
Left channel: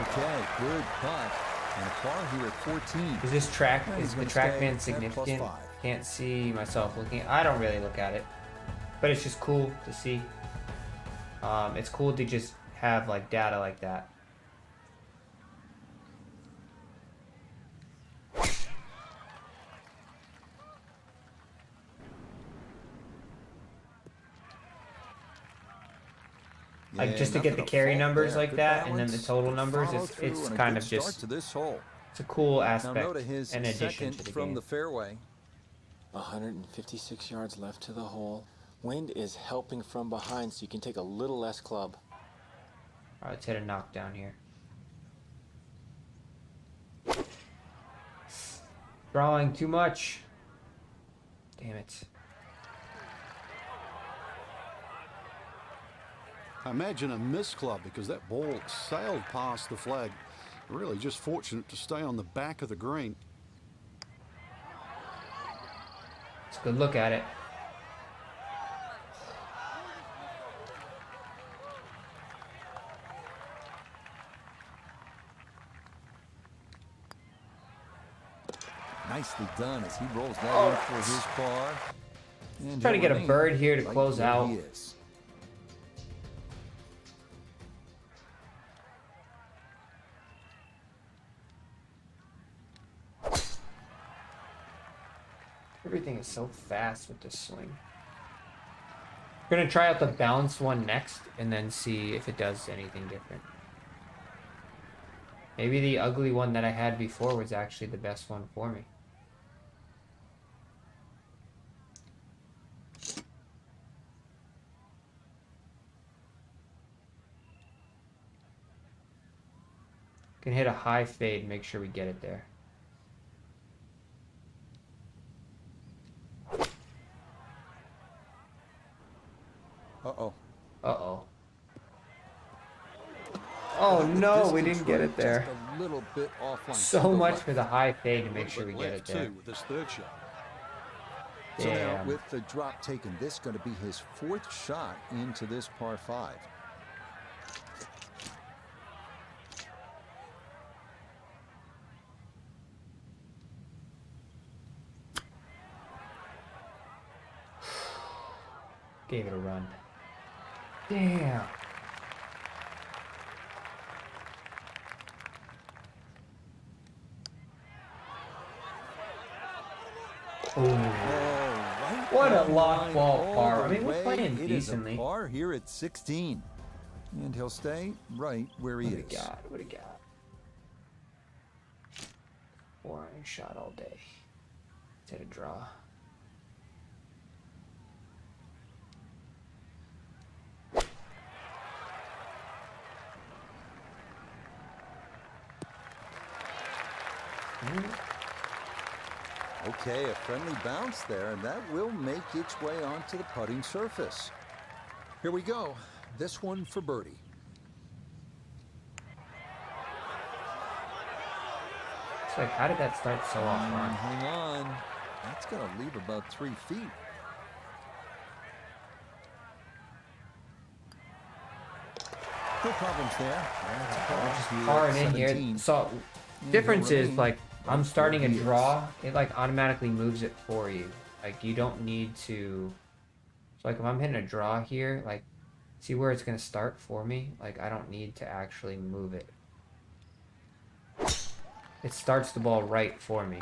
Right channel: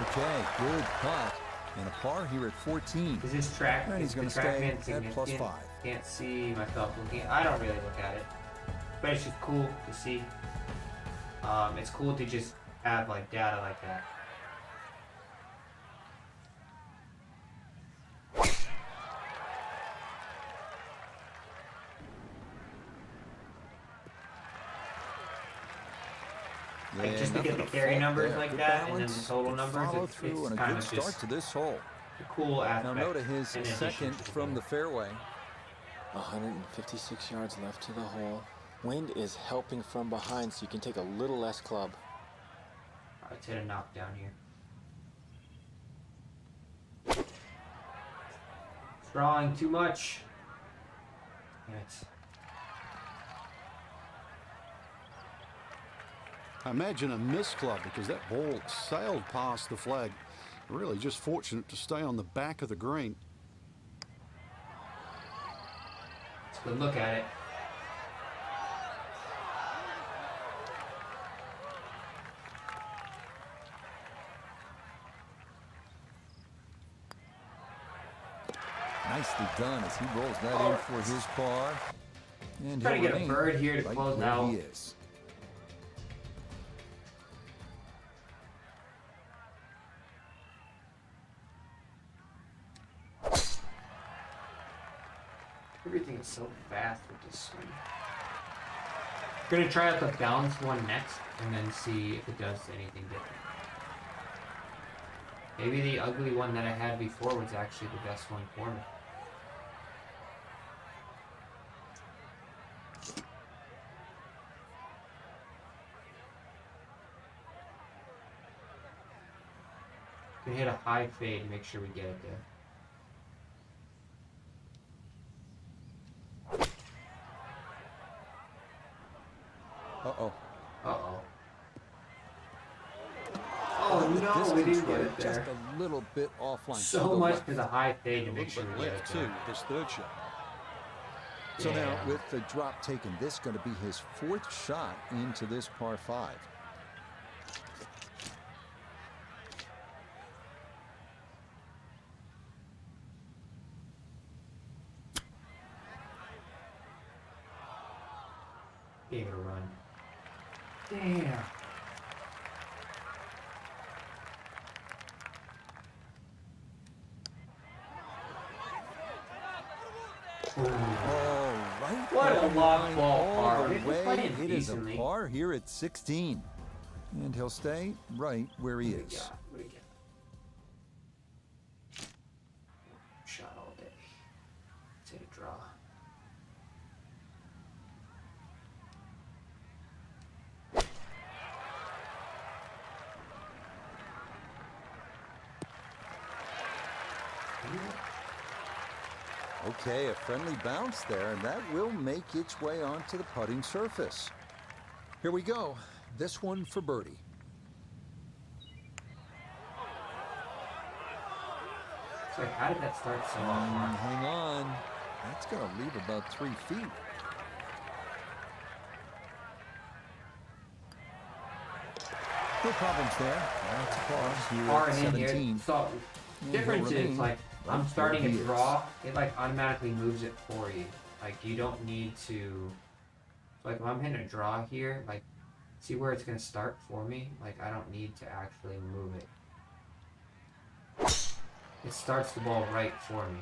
Okay, good putt. And a par here at 14. Is this track? And he's Is going the to track stay band at significant? +5. Can't see myself looking. I don't really look at it, but it's just cool to see. It's cool to just have like data like that. Like just to get the carry numbers like that, and then the total numbers, it's kind of start just to this hole. It's a cool aspect. Now note his second from the fairway. 156 yards left to the hole. Wind is helping from behind, so you can take a little less club. All right, let's hit a knockdown here. Drawing too much. Damn it. I imagine a miss club because that ball sailed past the flag. Really just fortunate to stay on the back of the green. Let's go look at it. Nicely done as he rolls that in for his par. And trying to get a bird here to right close out. He is. Everything is so fast with this swing. I'm gonna try out the balanced one next and then see if it does anything different. Maybe the ugly one that I had before was actually the best one for me. can hit a high fade, make sure we get it there. Uh-oh. Uh-oh. Oh no, we didn't get it there. Just a little bit offline. So much for the high fade to make sure we get it there. Too, this third shot. So now, with the drop taken, this is going to be his 4th shot into this par 5. Gave it a run. Damn. Oh, right. What a lob ball par. All the way. It is a par here at 16. And he'll stay right where he is. What do you got? Boring shot all day. Let's hit a draw. Okay, a friendly bounce there, and that will make its way onto the putting surface. Here we go. This one for birdie. It's like, how did that start so off? Hang on. That's going to leave about 3 feet. No problems there. That's a par here at 17. So, difference is, like, I'm starting a draw, it like automatically moves it for you. Like you don't need to, so like if I'm hitting a draw here, like see where it's gonna start for me? Like I don't need to actually move it. It starts the ball right for me.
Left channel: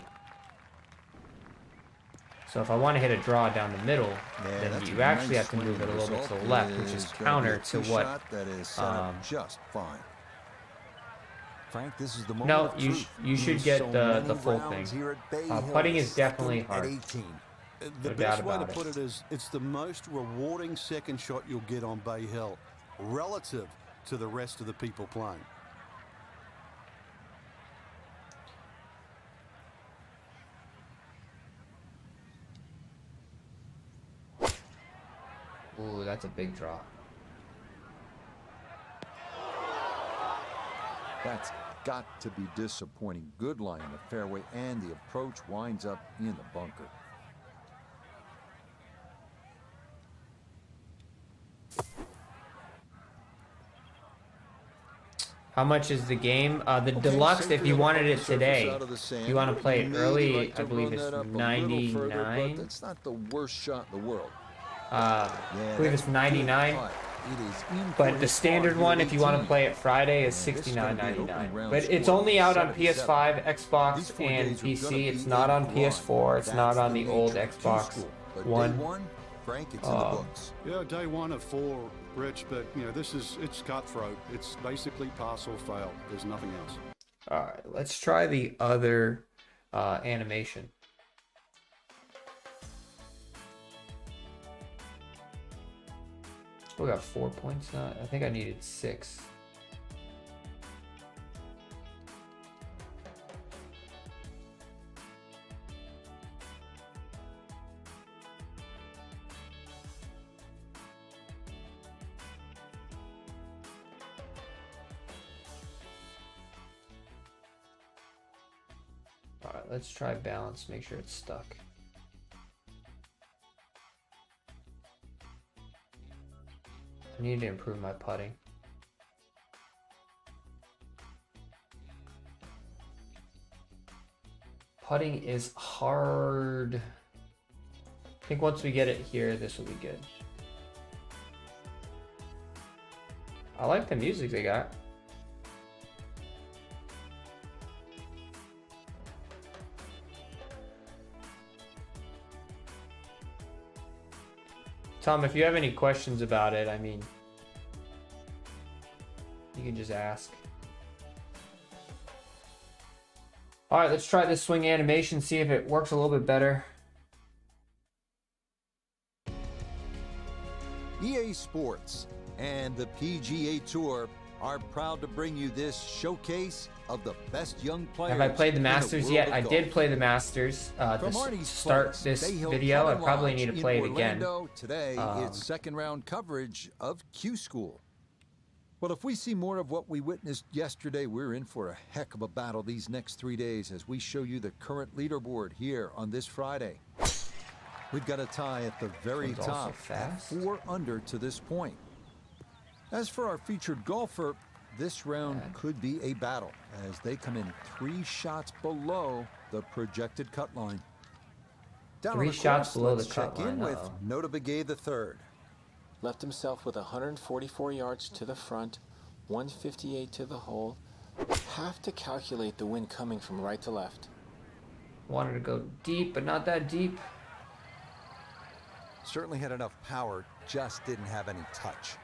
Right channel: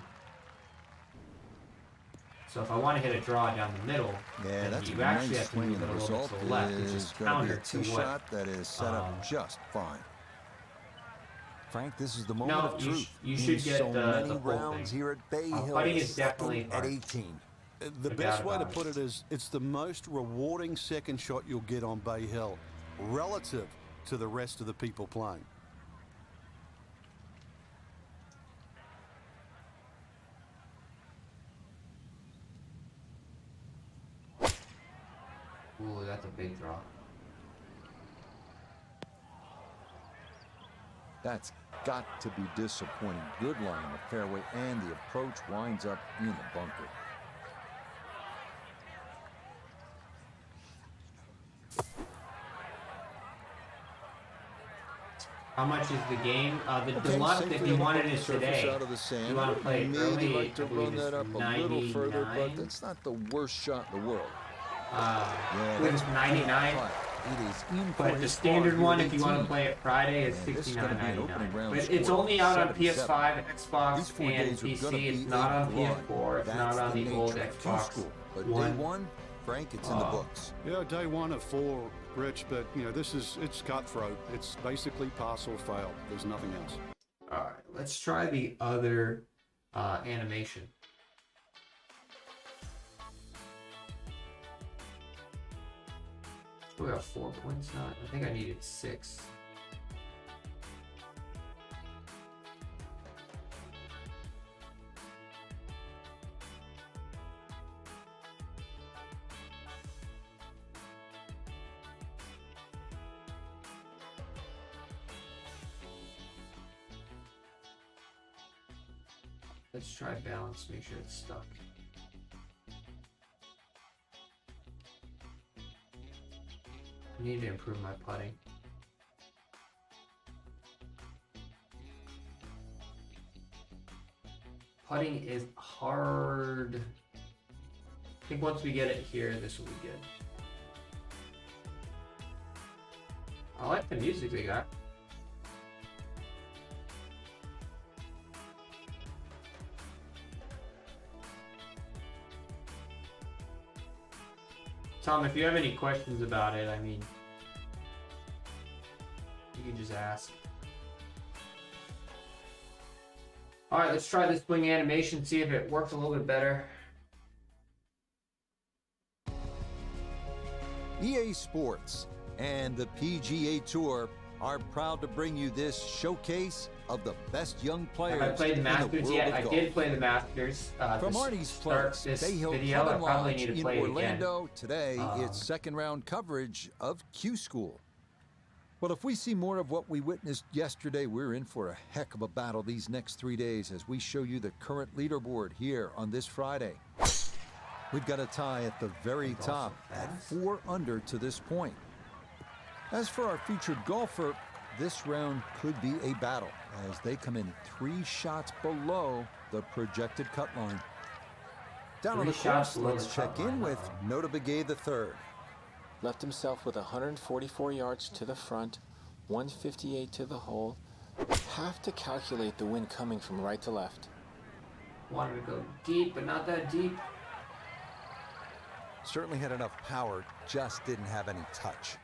So if I want to hit a draw down the middle, yeah, that's you actually have to move it a little bit to the left, which is counter to what shot that is set up just fine. Frank, this is the moment of truth. You should get the full rounds thing. Here at Bay Hill, putting is definitely hard. At 18. The best way to put it is it's the most rewarding second shot you'll get on Bay Hill relative to the rest of the people playing. Ooh, that's a big draw. That's got to be disappointing. Good line in the fairway, and the approach winds up in the bunker. How much is the game? The deluxe, if you wanted it today, out of the sand. You want to play it early, like to run that up a little further, but that's not the worst shot in the world. Yeah, it's 99. It is in but the standard one, if you want to play it Friday, is $69.99. But it's only out on PS5, Xbox, and PC. It's not on PS4. It's not on the old Xbox. But day one, Frank, it's in the books. Yeah, day 1 of 4, Rich. But you know, it's cutthroat. It's basically pass or fail. There's nothing else. All right, let's try the other animation. We got 4 points. I think I needed 6. All right, let's try balance. Make sure it's stuck. I need to improve my putting. Putting is hard. I think once we get it here, this will be good. I like the music they got. Tom, if you have any questions about it, I mean, you can just ask. All right, let's try this swing animation, see if it works a little bit better. EA Sports and the PGA Tour are proud to bring you this showcase of the best young players. Have I played the Masters in the world yet? of I golf. did play the Masters. From to Artie's start place, this Bay Hill video, I Club and probably Lodge need to in play it Orlando. again. Today, it's second round coverage of Q School. Well, if we see more of what we witnessed yesterday, we're in for a heck of a battle these next 3 days as we show you the current leaderboard here on this Friday. We've got a tie at the very top at 4 under to this point. As for our featured golfer, this round could be a battle as they come in 3 shots below the projected cut line. Down on the course, let's check in with Nota Begay III. Left himself with 144 yards to the front, 158 to the hole. Have to calculate the wind coming from right to left. Wanted to go deep, but not that deep. Certainly had enough power, just didn't have any touch.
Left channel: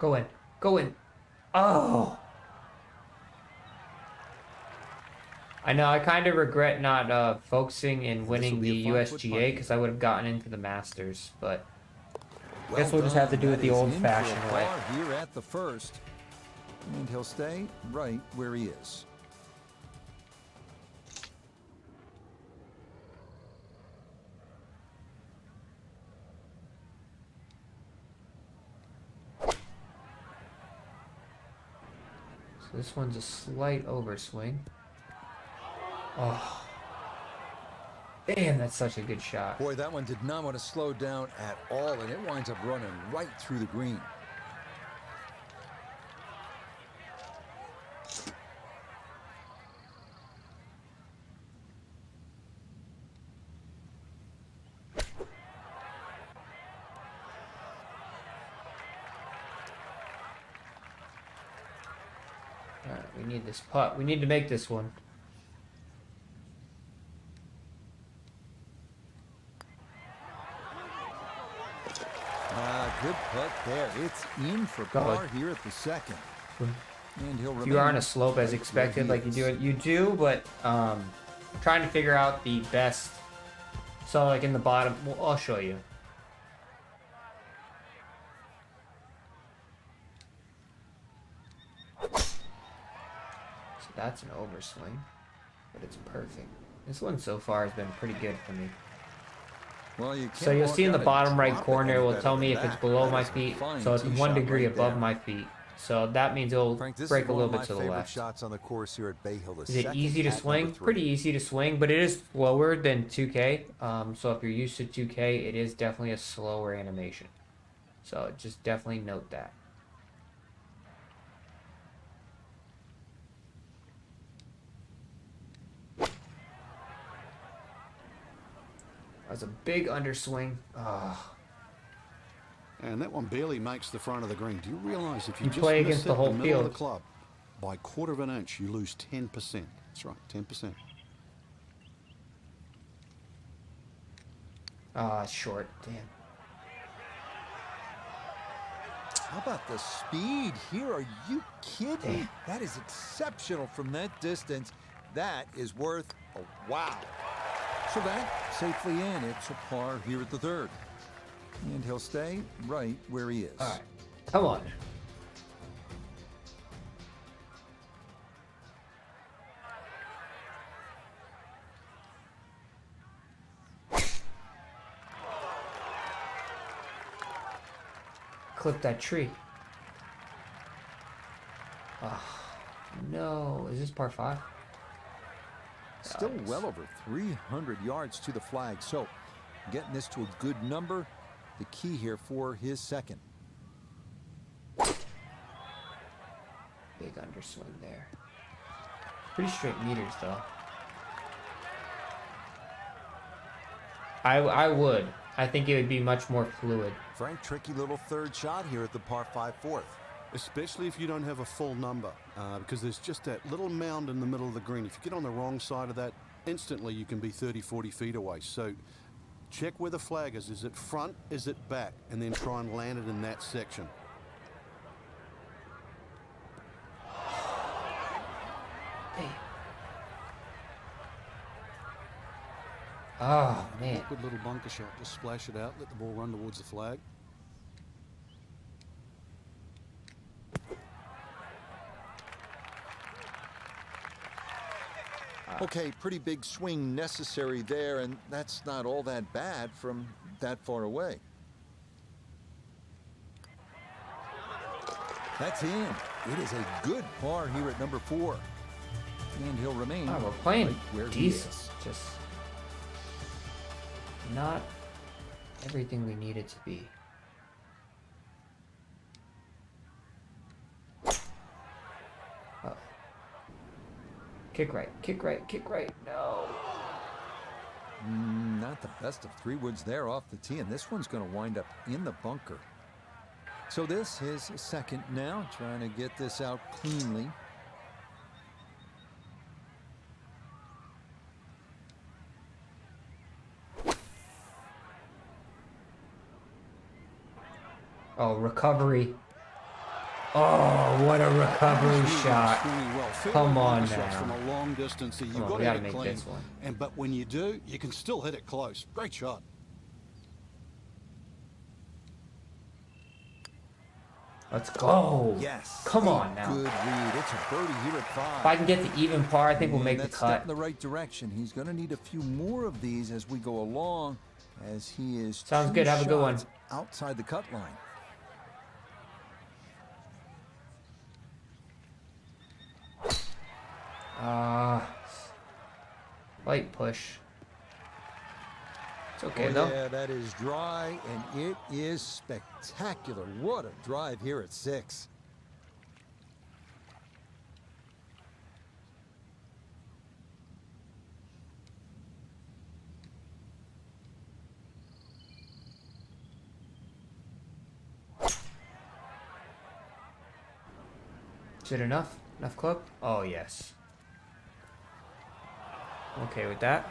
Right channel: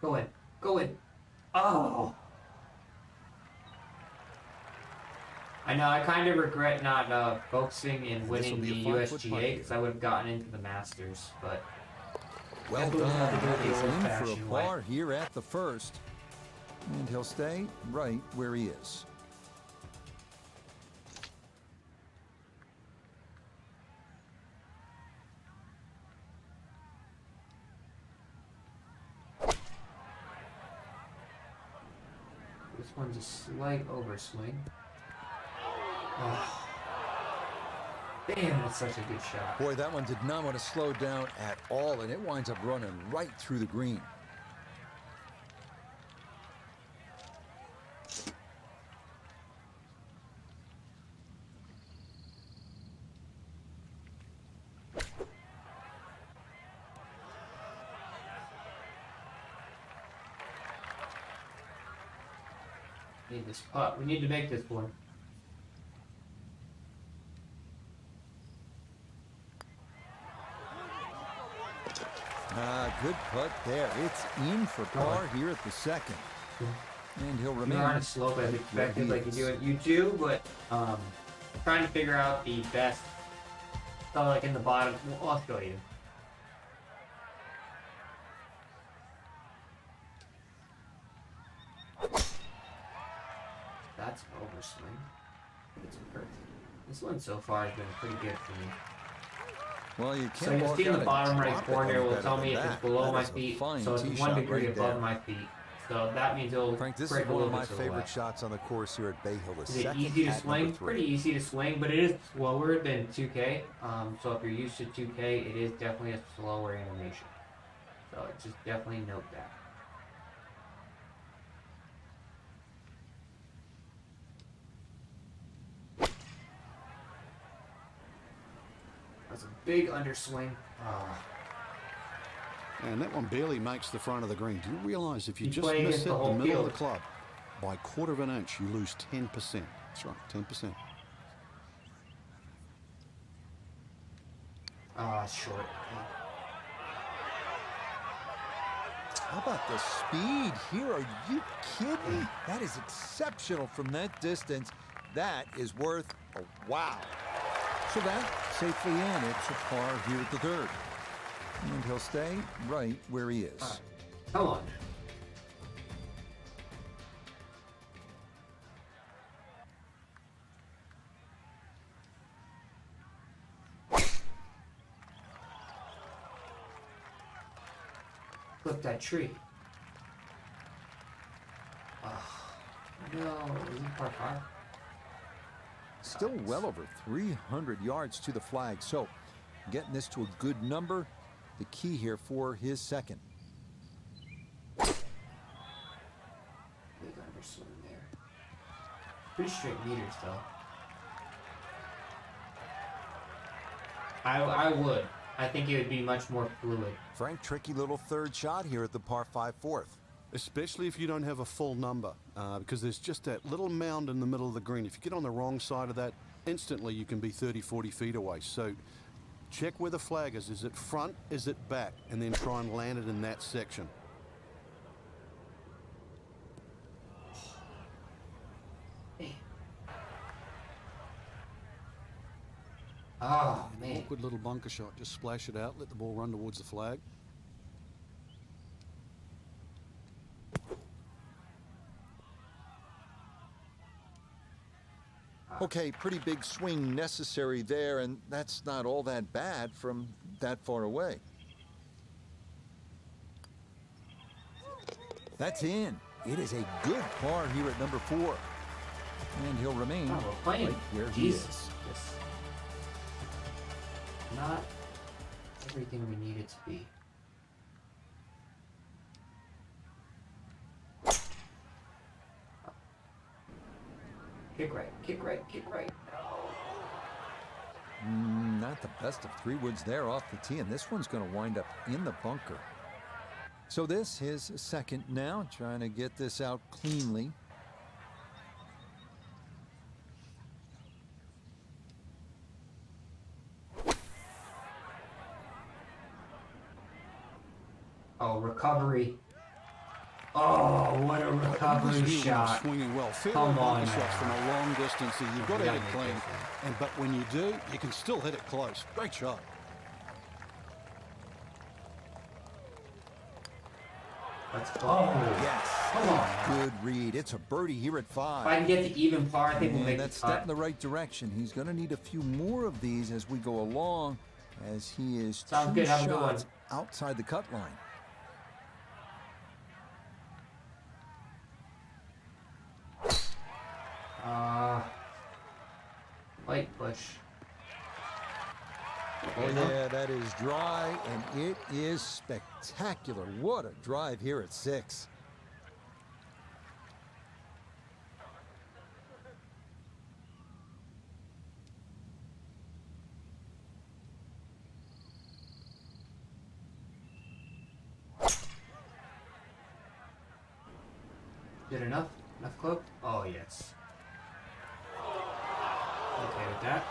Go in. Go in. Oh. I know, I kind of regret not focusing and winning the USGA because I would have gotten into the Masters, but I guess we'll just have to do it the old-fashioned way. Par here at the first, and he'll stay right where he is. This one's a slight overswing. Oh. Man, that's such a good shot. Boy, that one did not want to slow down at all, and it winds up running right through the green. We need this putt. We need to make this one. Good putt there. It's in for par here at the second. And he'll remain. You're on a slope as expected, like you do, but trying to figure out the best. So like in the bottom, well, I'll show you. That's an overswing, but it's perfect. This one so far has been pretty good for me. Well, you can't. So you'll see in the bottom right corner, it will tell me if it's below my feet. So it's 1 degree above my feet. So that means it'll Frank, this break is a one little of bit my to the favorite left. shots on the course here at Bay Hill. Is it easy to swing? Pretty easy to swing, but it is slower than 2K. So if you're used to 2K, it is definitely a slower animation. So just definitely note that. That's a big underswing. Oh. And that one barely makes the front of the green. Do you realize if you just miss it the the middle field of the club by 1/4 of an inch, you lose 10%. That's right, 10%. Short. How about the speed here? Are you kidding me? That is exceptional from that distance. That is worth a wow. So that safely in. It's a par here at the third. And he'll stay right where he is. All right. Come on. Clip that tree. Oh, no. Is this par 5? Still well over 300 yards to the flag. So getting this to a good number, the key here for his second. Big underswing there. Pretty straight meters, though. I would. I think it would be much more fluid. Frank, tricky little third shot here at the par 5 fourth. Especially if you don't have a full number, because there's just that little mound in the middle of the green. If you get on the wrong side of that, instantly you can be 30, 40 feet away. So check where the flag is. Is it front? Is it back? And then try and land it in that section. Oh, man. Awkward little bunker shot. Just splash it out. Let the ball run towards the flag. Okay, pretty big swing necessary there, and that's not all that bad from that far away. That's in. It is a good par here at number 4. And he'll remain right where he is. Just not everything we need it to be. Oh. Kick right, kick right, kick right. No. Not the best of 3 woods there off the tee, and this one's going to wind up in the bunker. So this is second now, trying to get this out cleanly. Oh, recovery. Oh, what a recovery shot. Swinging well. Come on, shots from a long distance. So you've got to hit it clean. But when you do, you can still hit it close. Great shot. Let's go. Yes. Come on now. Good read. It's a birdie here at 5. If I can get the even par, I think we'll make the cut. That's step in the right direction. He's going to need a few more of these as we go along, as he is 2 shots outside the cut line. Light push. Okay, yeah, that is dry, and it is spectacular. What a drive here at 6. Is it enough? Enough club? Oh, yes. Okay with that.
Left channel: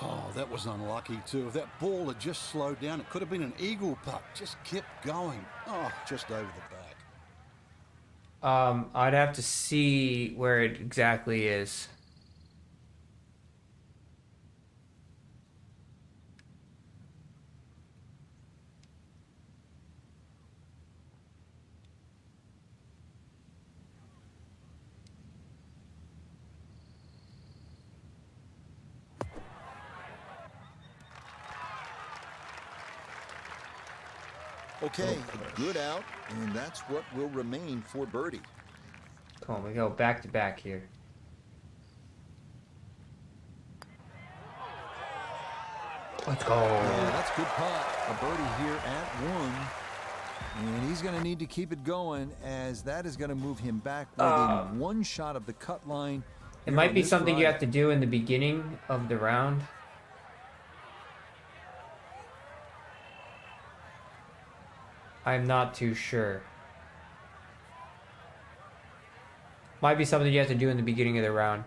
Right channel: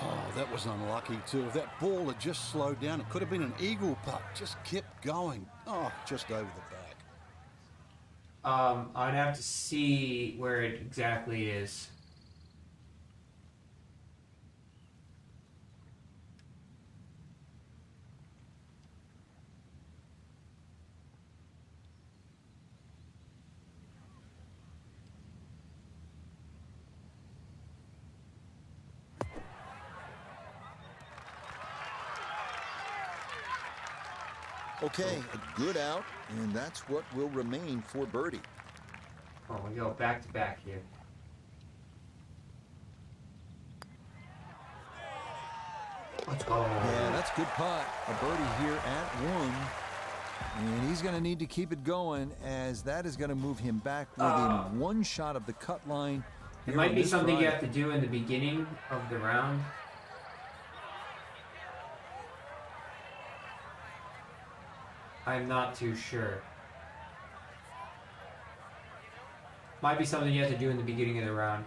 Oh, that was unlucky too. If that ball had just slowed down, it could have been an eagle putt. Just kept going. Oh, just over the back. I'd have to see where it exactly is. Okay, a good out, and that's what will remain for birdie. Come on, we go back to back here. Let's go. Yeah, that's good putt. A birdie here at 1. And he's going to need to keep it going, as that is going to move him back within 1 shot of the cut line. It might be something you have to do in the beginning of the round. I'm not too sure. Might be something you have to do in the beginning of the round.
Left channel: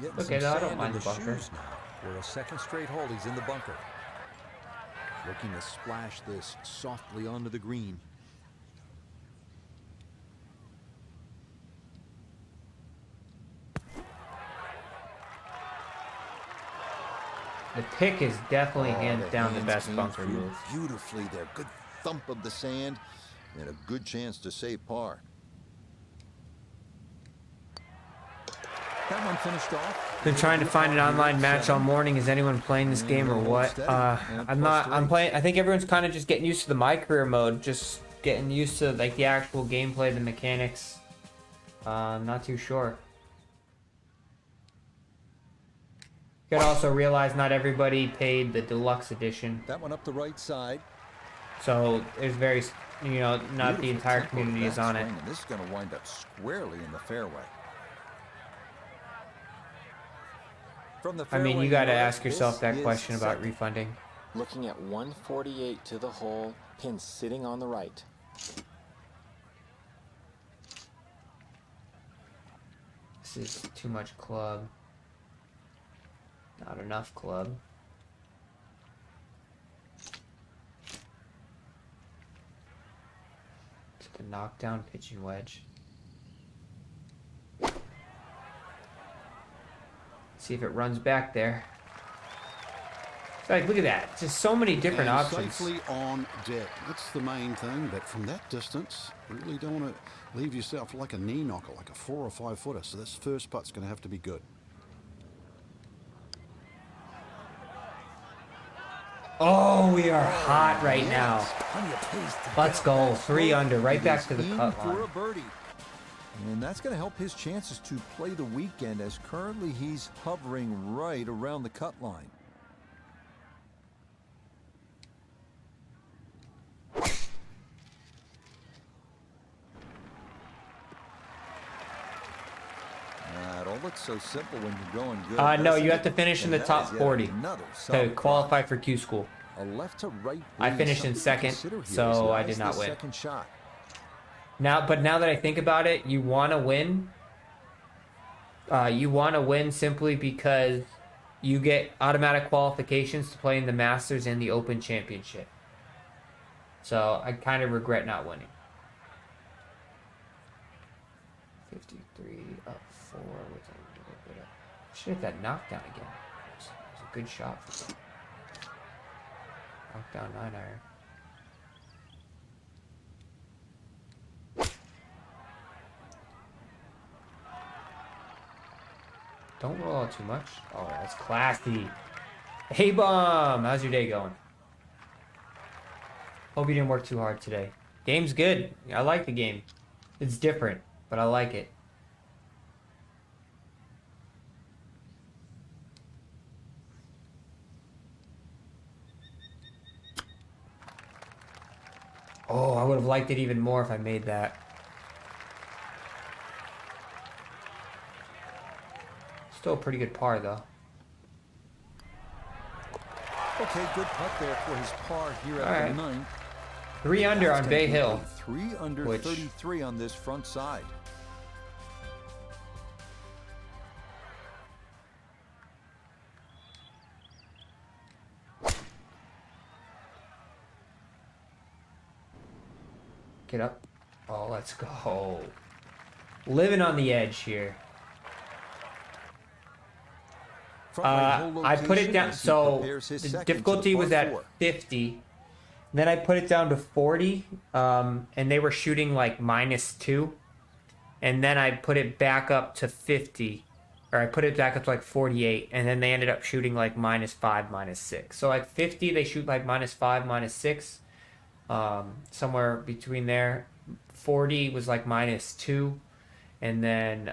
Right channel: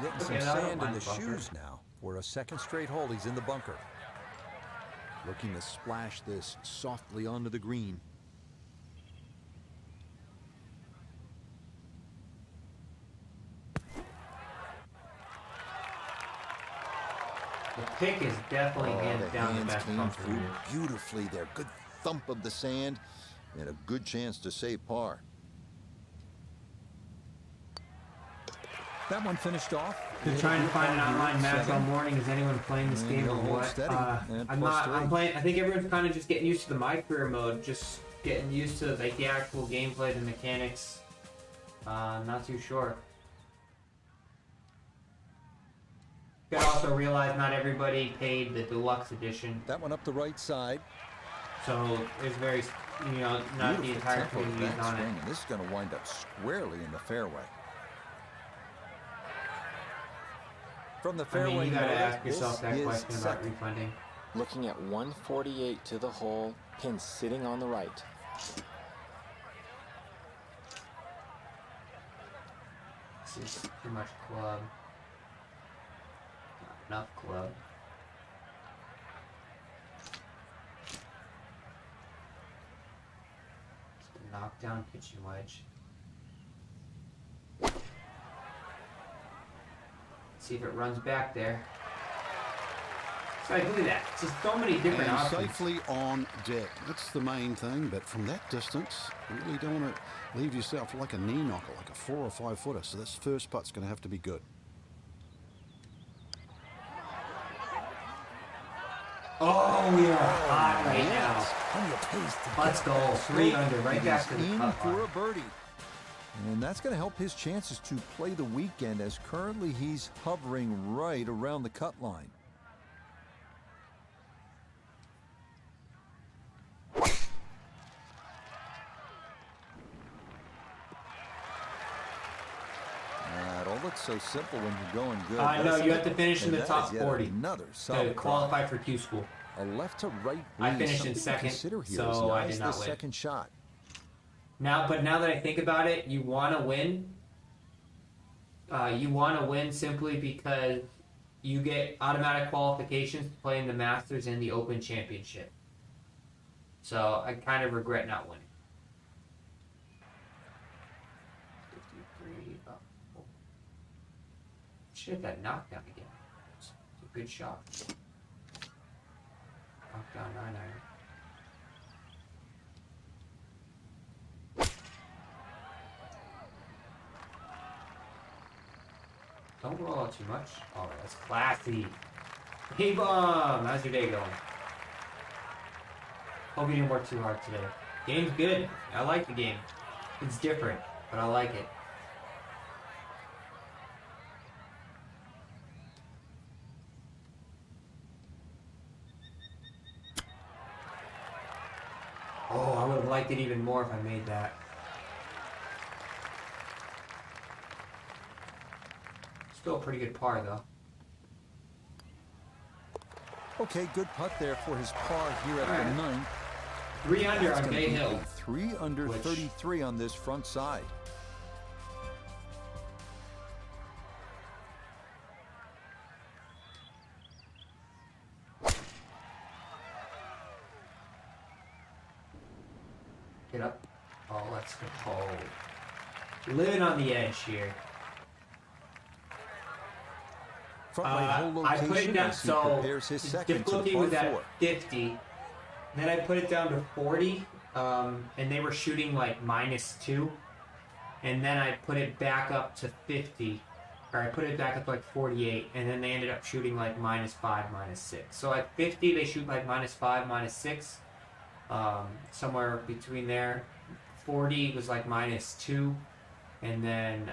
Getting some sand in the shoes now. For a second straight hole, he's in the bunker. Looking to splash this softly onto the green. The pick is definitely hands down the best came bunker through move. Beautifully there. Good thump of the sand and a good chance to save par. That one finished off. Been trying to find an online match all morning. Is anyone playing this game or what? I'm not. I'm playing. I think everyone's kind of just getting used to the my career mode. Just getting used to like the actual gameplay, the mechanics. Not too sure. You gotta also realize not everybody paid the deluxe edition. That one up the right side. So it's very, you know, not the entire community is on it. And this is going to wind up squarely in the fairway. From the fairway, I mean, you got to ask yourself that question about refunding. Looking at 148 to the hole, pin sitting on the right. Max is too much club. Not enough club. It's the knockdown pitching wedge. See if it runs back there. So look at that. Just so many different options. Safely on deck. That's the main thing. But from that distance, you really don't want to leave yourself like a knee knocker, like a 4 or 5 footer. So this first putt's going to have to be good. Oh, we are hot right now. Let's go. 3 under. Right back to the in for a birdie. And that's going to help his chances to play the weekend, as currently he's hovering right around the cut line. It all looks so simple when you're going good. No, you have to finish in the top 40 to qualify for Q School. A left to right. I finished in second, so I did not win. Second shot. But now that I think about it, you want to win. You want to win simply because you get automatic qualifications to play in the Masters and the Open Championship. So I kind of regret not winning. 53 up 4 with a little bit of. Should hit that knockdown again. It's a good shot. Knockdown 9-iron. Don't roll out too much. Oh, that's classy. Hey, Bum! How's your day going? Hope you didn't work too hard today. Game's good. I like the game. It's different, but I like it. Oh, I would have liked it even more if I made that. Still a pretty good par, though. Okay, good putt there for his par here at the 9th. 3 under on Bay Hill. 3 under 33 on this front side. Get up. Oh, let's go. Living on the edge here. I put it down, so the difficulty was at 50. Then I put it down to 40, and they were shooting like -2. And then I put it back up to 50, or I put it back up to like 48, and then they ended up shooting like -5, -6. So at 50, they shoot like -5, -6, somewhere between there. 40 was like -2, and then,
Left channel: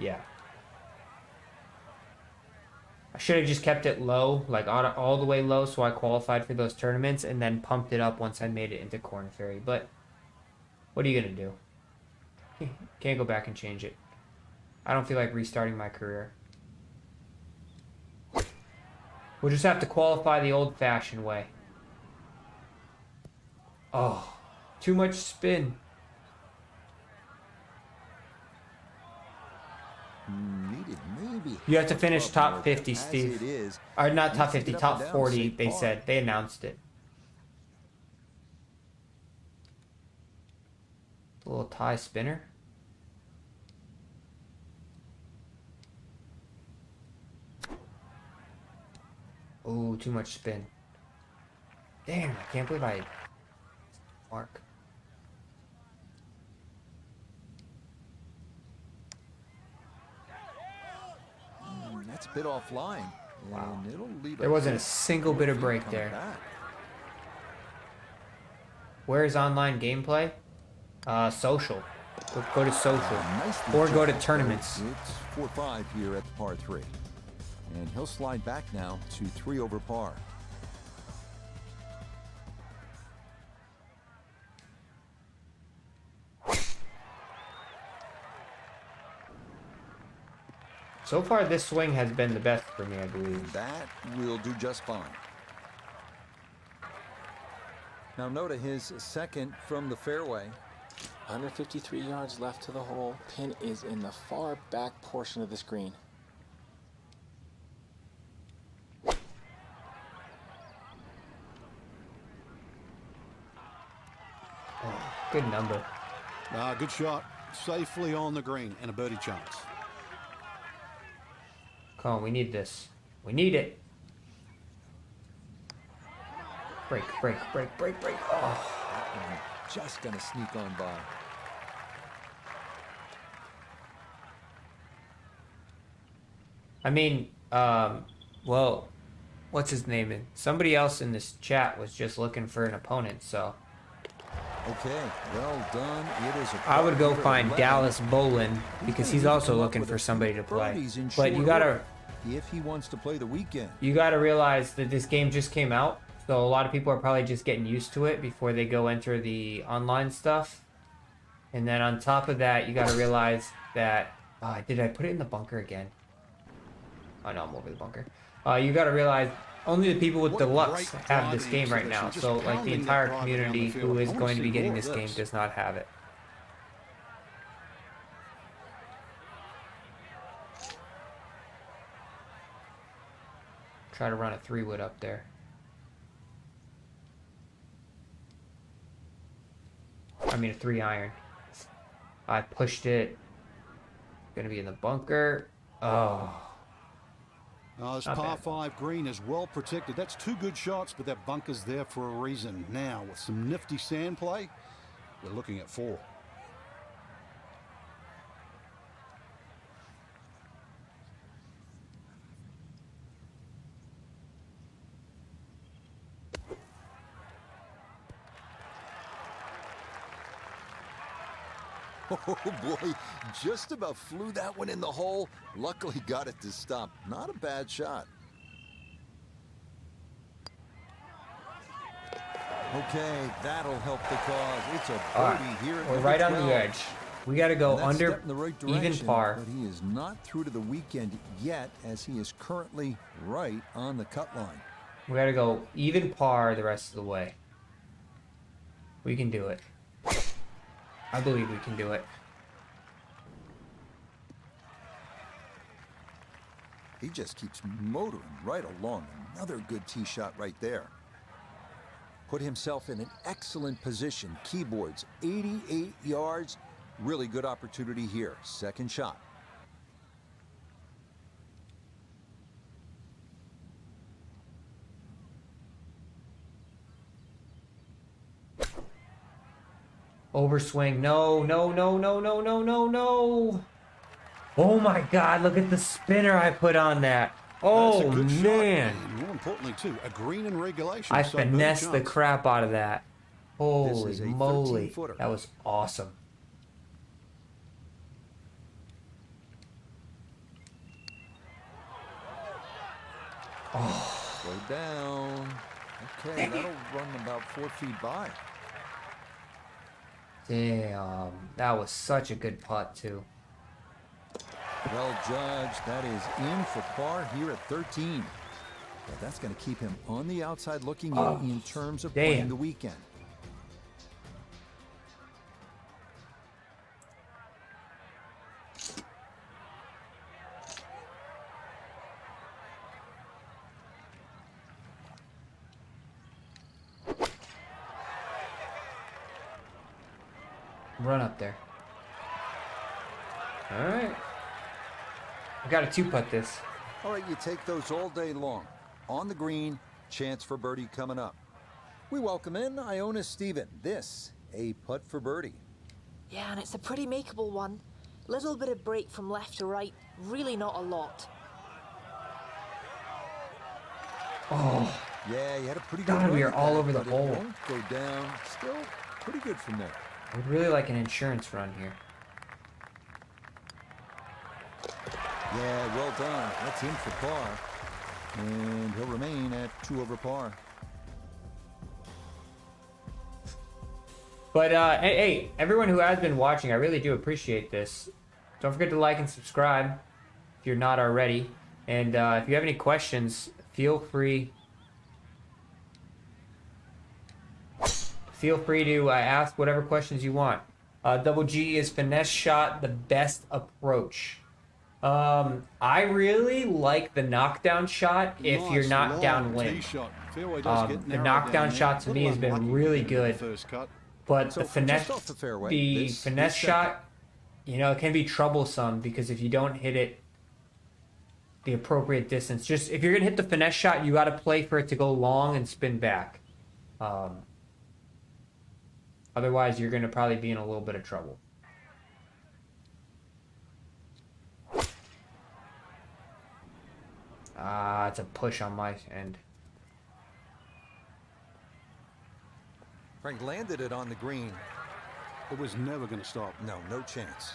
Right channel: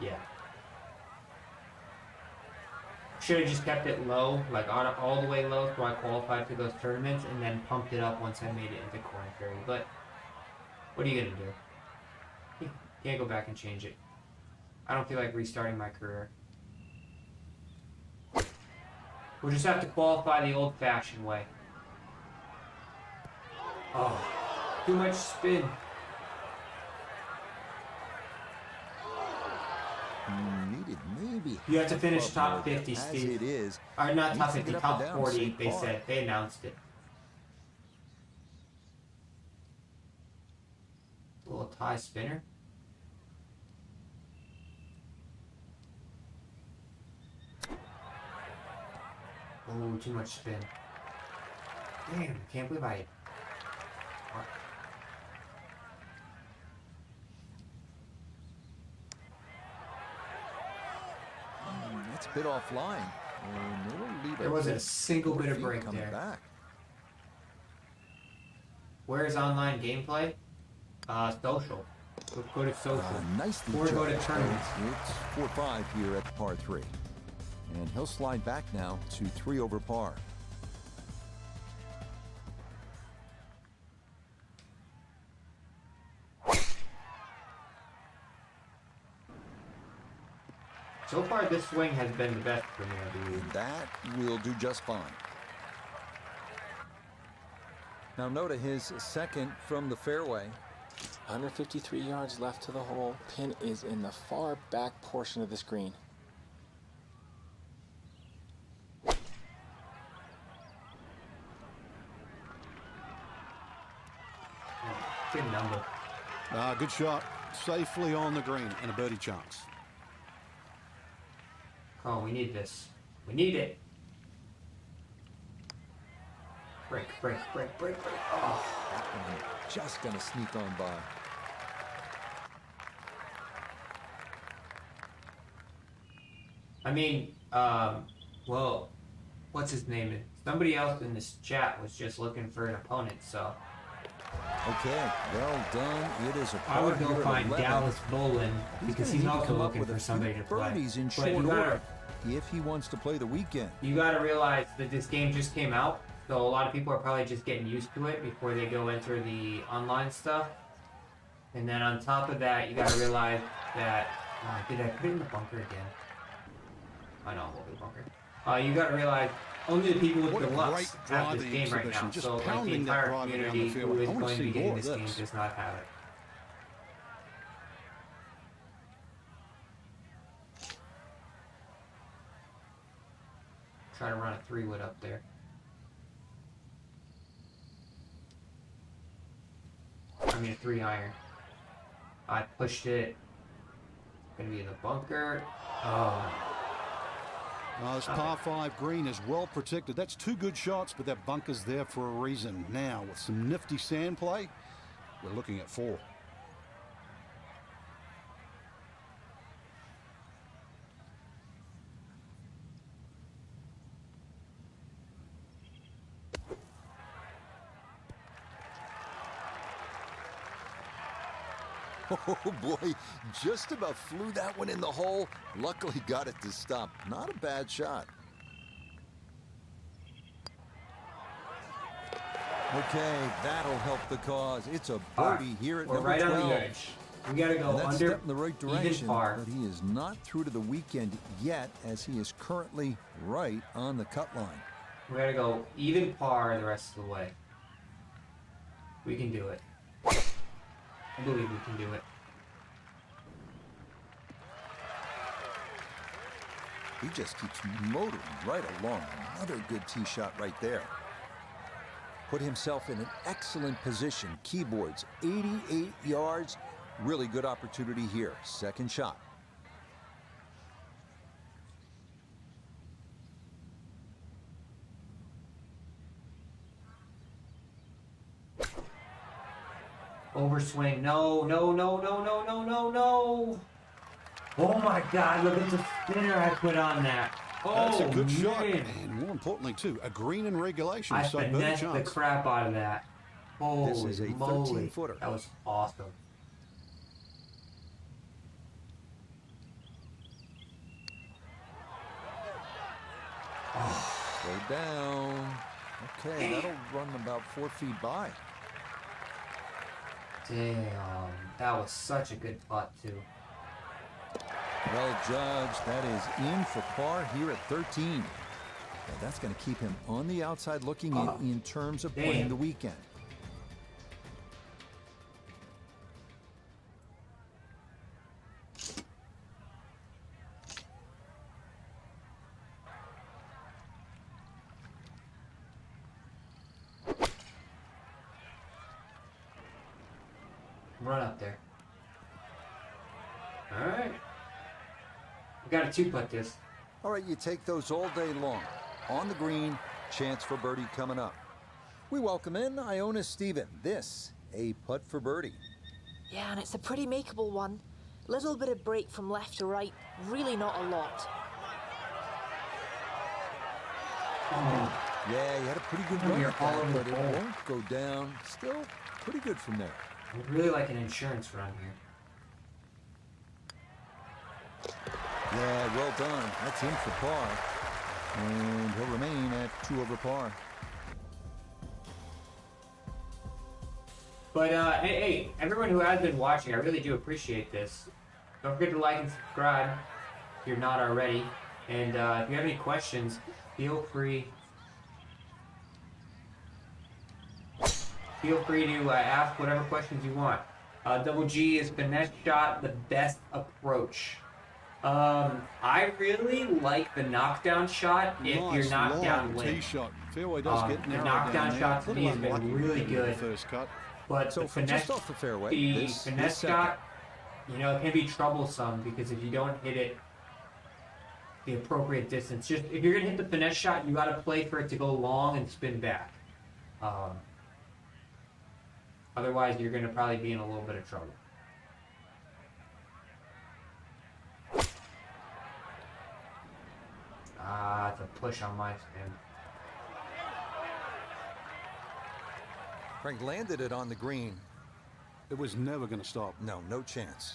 yeah. I should have just kept it low, like all the way low, so I qualified for those tournaments, and then pumped it up once I made it into Korn Ferry. But what are you gonna do? Can't go back and change it. I don't feel like restarting my career. We'll just have to qualify the old-fashioned way. Oh, too much spin. Needed maybe. You have to finish top 50, Steve. It is. Or not top 50, top 40, they said. They announced it. A little tie spinner. Ooh, too much spin. Damn, I can't believe I mark. That's a bit offline, and it'll leave. There wasn't a single bit of break there. Back. Where is online gameplay? Social. Go to social. Nicely or go to tournaments. It's 4-5 here at the par 3. And he'll slide back now to 3 over par. So far, this swing has been the best for me, I believe. That will do just fine. Now, note his second from the fairway. 153 yards left to the hole. Pin is in the far back portion of this green. Good number. Good shot. Safely on the green and a birdie chance. Come on, we need this. We need it. Break, break, break, break, break. Oh. That one just gonna sneak on by. I mean, well, what's his name? Somebody else in this chat was just looking for an opponent, so. Okay, well done. It is a I would go find Dallas Bolin because he's also looking for somebody to play. In but you gotta, if he wants to play the weekend. You gotta realize that this game just came out, so a lot of people are probably just getting used to it before they go enter the online stuff. And then on top of that, you gotta realize that did I put it in the bunker again? Oh no, I'm over the bunker. You gotta realize only the people with deluxe have this game right now. So like the entire community who is going to be getting this game does not have it. Try to run a 3-wood up there. I mean a 3-iron. I pushed it. Gonna be in the bunker. Oh. This par 5 green is well protected. That's 2 good shots, but that bunker's there for a reason. Now, with some nifty sand play, we're looking at 4. Oh boy, just about flew that one in the hole. Luckily got it to stop. Not a bad shot. Okay, that'll help the cause. It's a birdie here at number 12. Right on the edge. We got to go that's under step in the right direction, even par. But he is not through to the weekend yet, as he is currently right on the cut line. We got to go even par the rest of the way. We can do it. I believe we can do it. He just keeps motoring right along. Another good tee shot right there. Put himself in an excellent position. Keyboards, 88 yards. Really good opportunity here. Second shot. Overswing. No, no, no, no, no, no, no, no. Oh my God, look at the spinner I put on that. Oh, that's a good shot. Man. And more importantly, too, a green in regulation. I finessed the crap out of that. Holy this is a moly. 13-footer. That was awesome. Oh. Slow down. Okay, that'll run about 4 feet by. Damn, that was such a good putt too. Well judged. That is in for par here at 13. Well, that's going to keep him on the outside looking in terms of playing the weekend. Run up there. All right. I got to 2-putt this. All right, you take those all day long. On the green, chance for birdie coming up. We welcome in Iona Steven. This, a putt for birdie. Yeah, and it's a pretty makeable one. Little bit of break from left to right. Really not a lot. Oh. Yeah, you had a pretty good run at that, but it won't go down. Still pretty good from there. I'd really like an insurance run here. Yeah, well done. That's in for par. And he'll remain at 2 over par. But, hey, everyone who has been watching, I really do appreciate this. Don't forget to like and subscribe if you're not already. And if you have any questions, feel free to ask whatever questions you want. Double G, is finesse shot the best approach? I really like the knockdown shot if you're not downwind. Shot. Fairway does get narrow. The knockdown shot to me has been really good. First cut. But so the finesse, just off the fairway, finesse shot, you know, it can be troublesome because if you don't hit it the appropriate distance, just if you're gonna hit the finesse shot, you got to play for it to go long and spin back. Otherwise, you're gonna probably be in a little bit of trouble. It's a push on my end. Frank landed it on the green. It was never going to stop. No, no chance.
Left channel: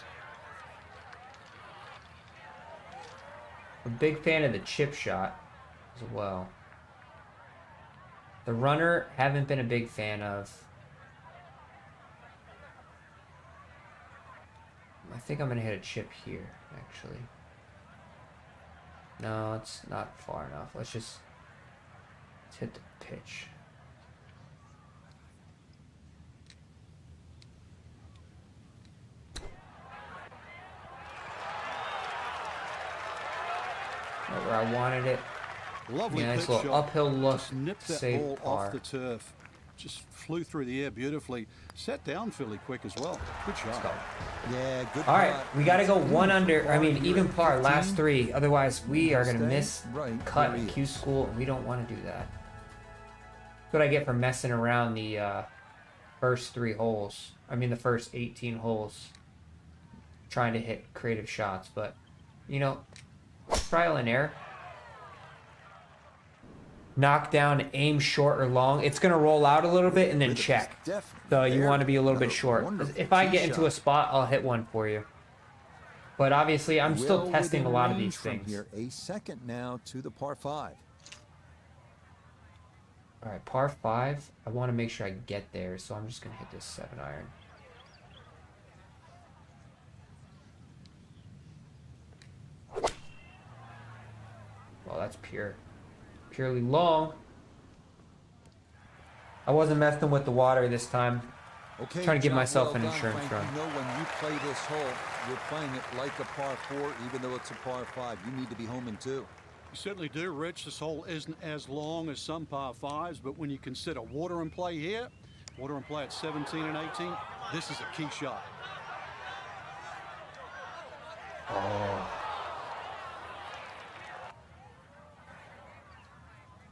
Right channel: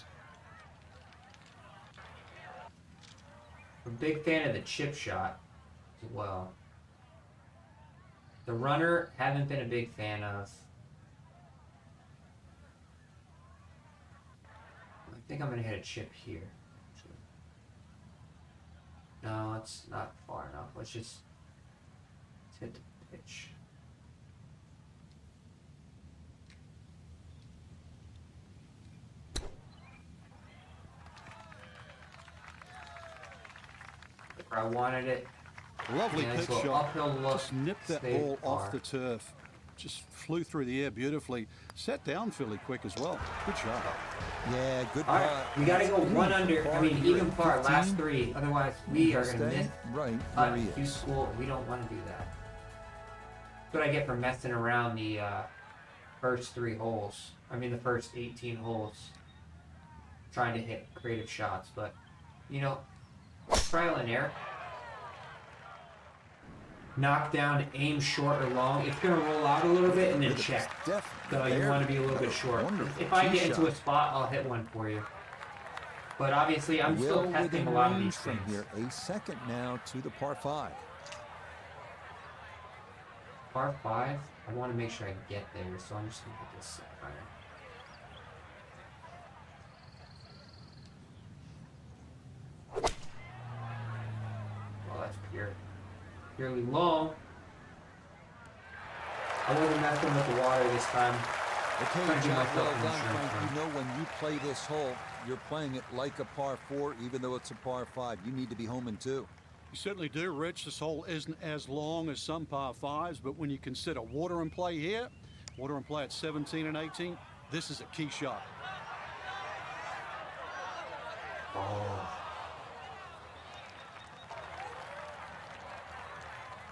I'm a big fan of the chip shot as well. The runner, haven't been a big fan of. I think I'm going to hit a chip here, actually. No, it's not far enough. Let's hit the pitch. Not where I wanted it. Lovely pitch shot. Uphill look. Just nipped that ball off the turf. Just flew through the air beautifully. Set down fairly quick as well. Good shot. Yeah, good. All right, we got to go one under. I mean, even par, last three. Otherwise, we are going to miss cut Q school. We don't want to do that. That's what I get for messing around the first 3 holes. I mean, the first 18 holes. Trying to hit creative shots, but you know, trial and error. Knock down, aim short or long. It's going to roll out a little bit and then check. So you want to be a little bit short. If I get into a spot, I'll hit one for you. But obviously, I'm still testing a lot of these things. Here, a second now to the par 5. All right, par 5. I want to make sure I get there, so I'm just going to hit this 7-iron. Well, that's purely long. I wasn't messing with the water this time. Okay, trying to give myself an insurance Frank, run. you know when you play this hole, you're playing it like a par 4, even though it's a par 5. You need to be home in 2. You certainly do, Rich. This hole isn't as long as some par 5s, but when you consider water and play here, water and play at 17 and 18, this is a key shot.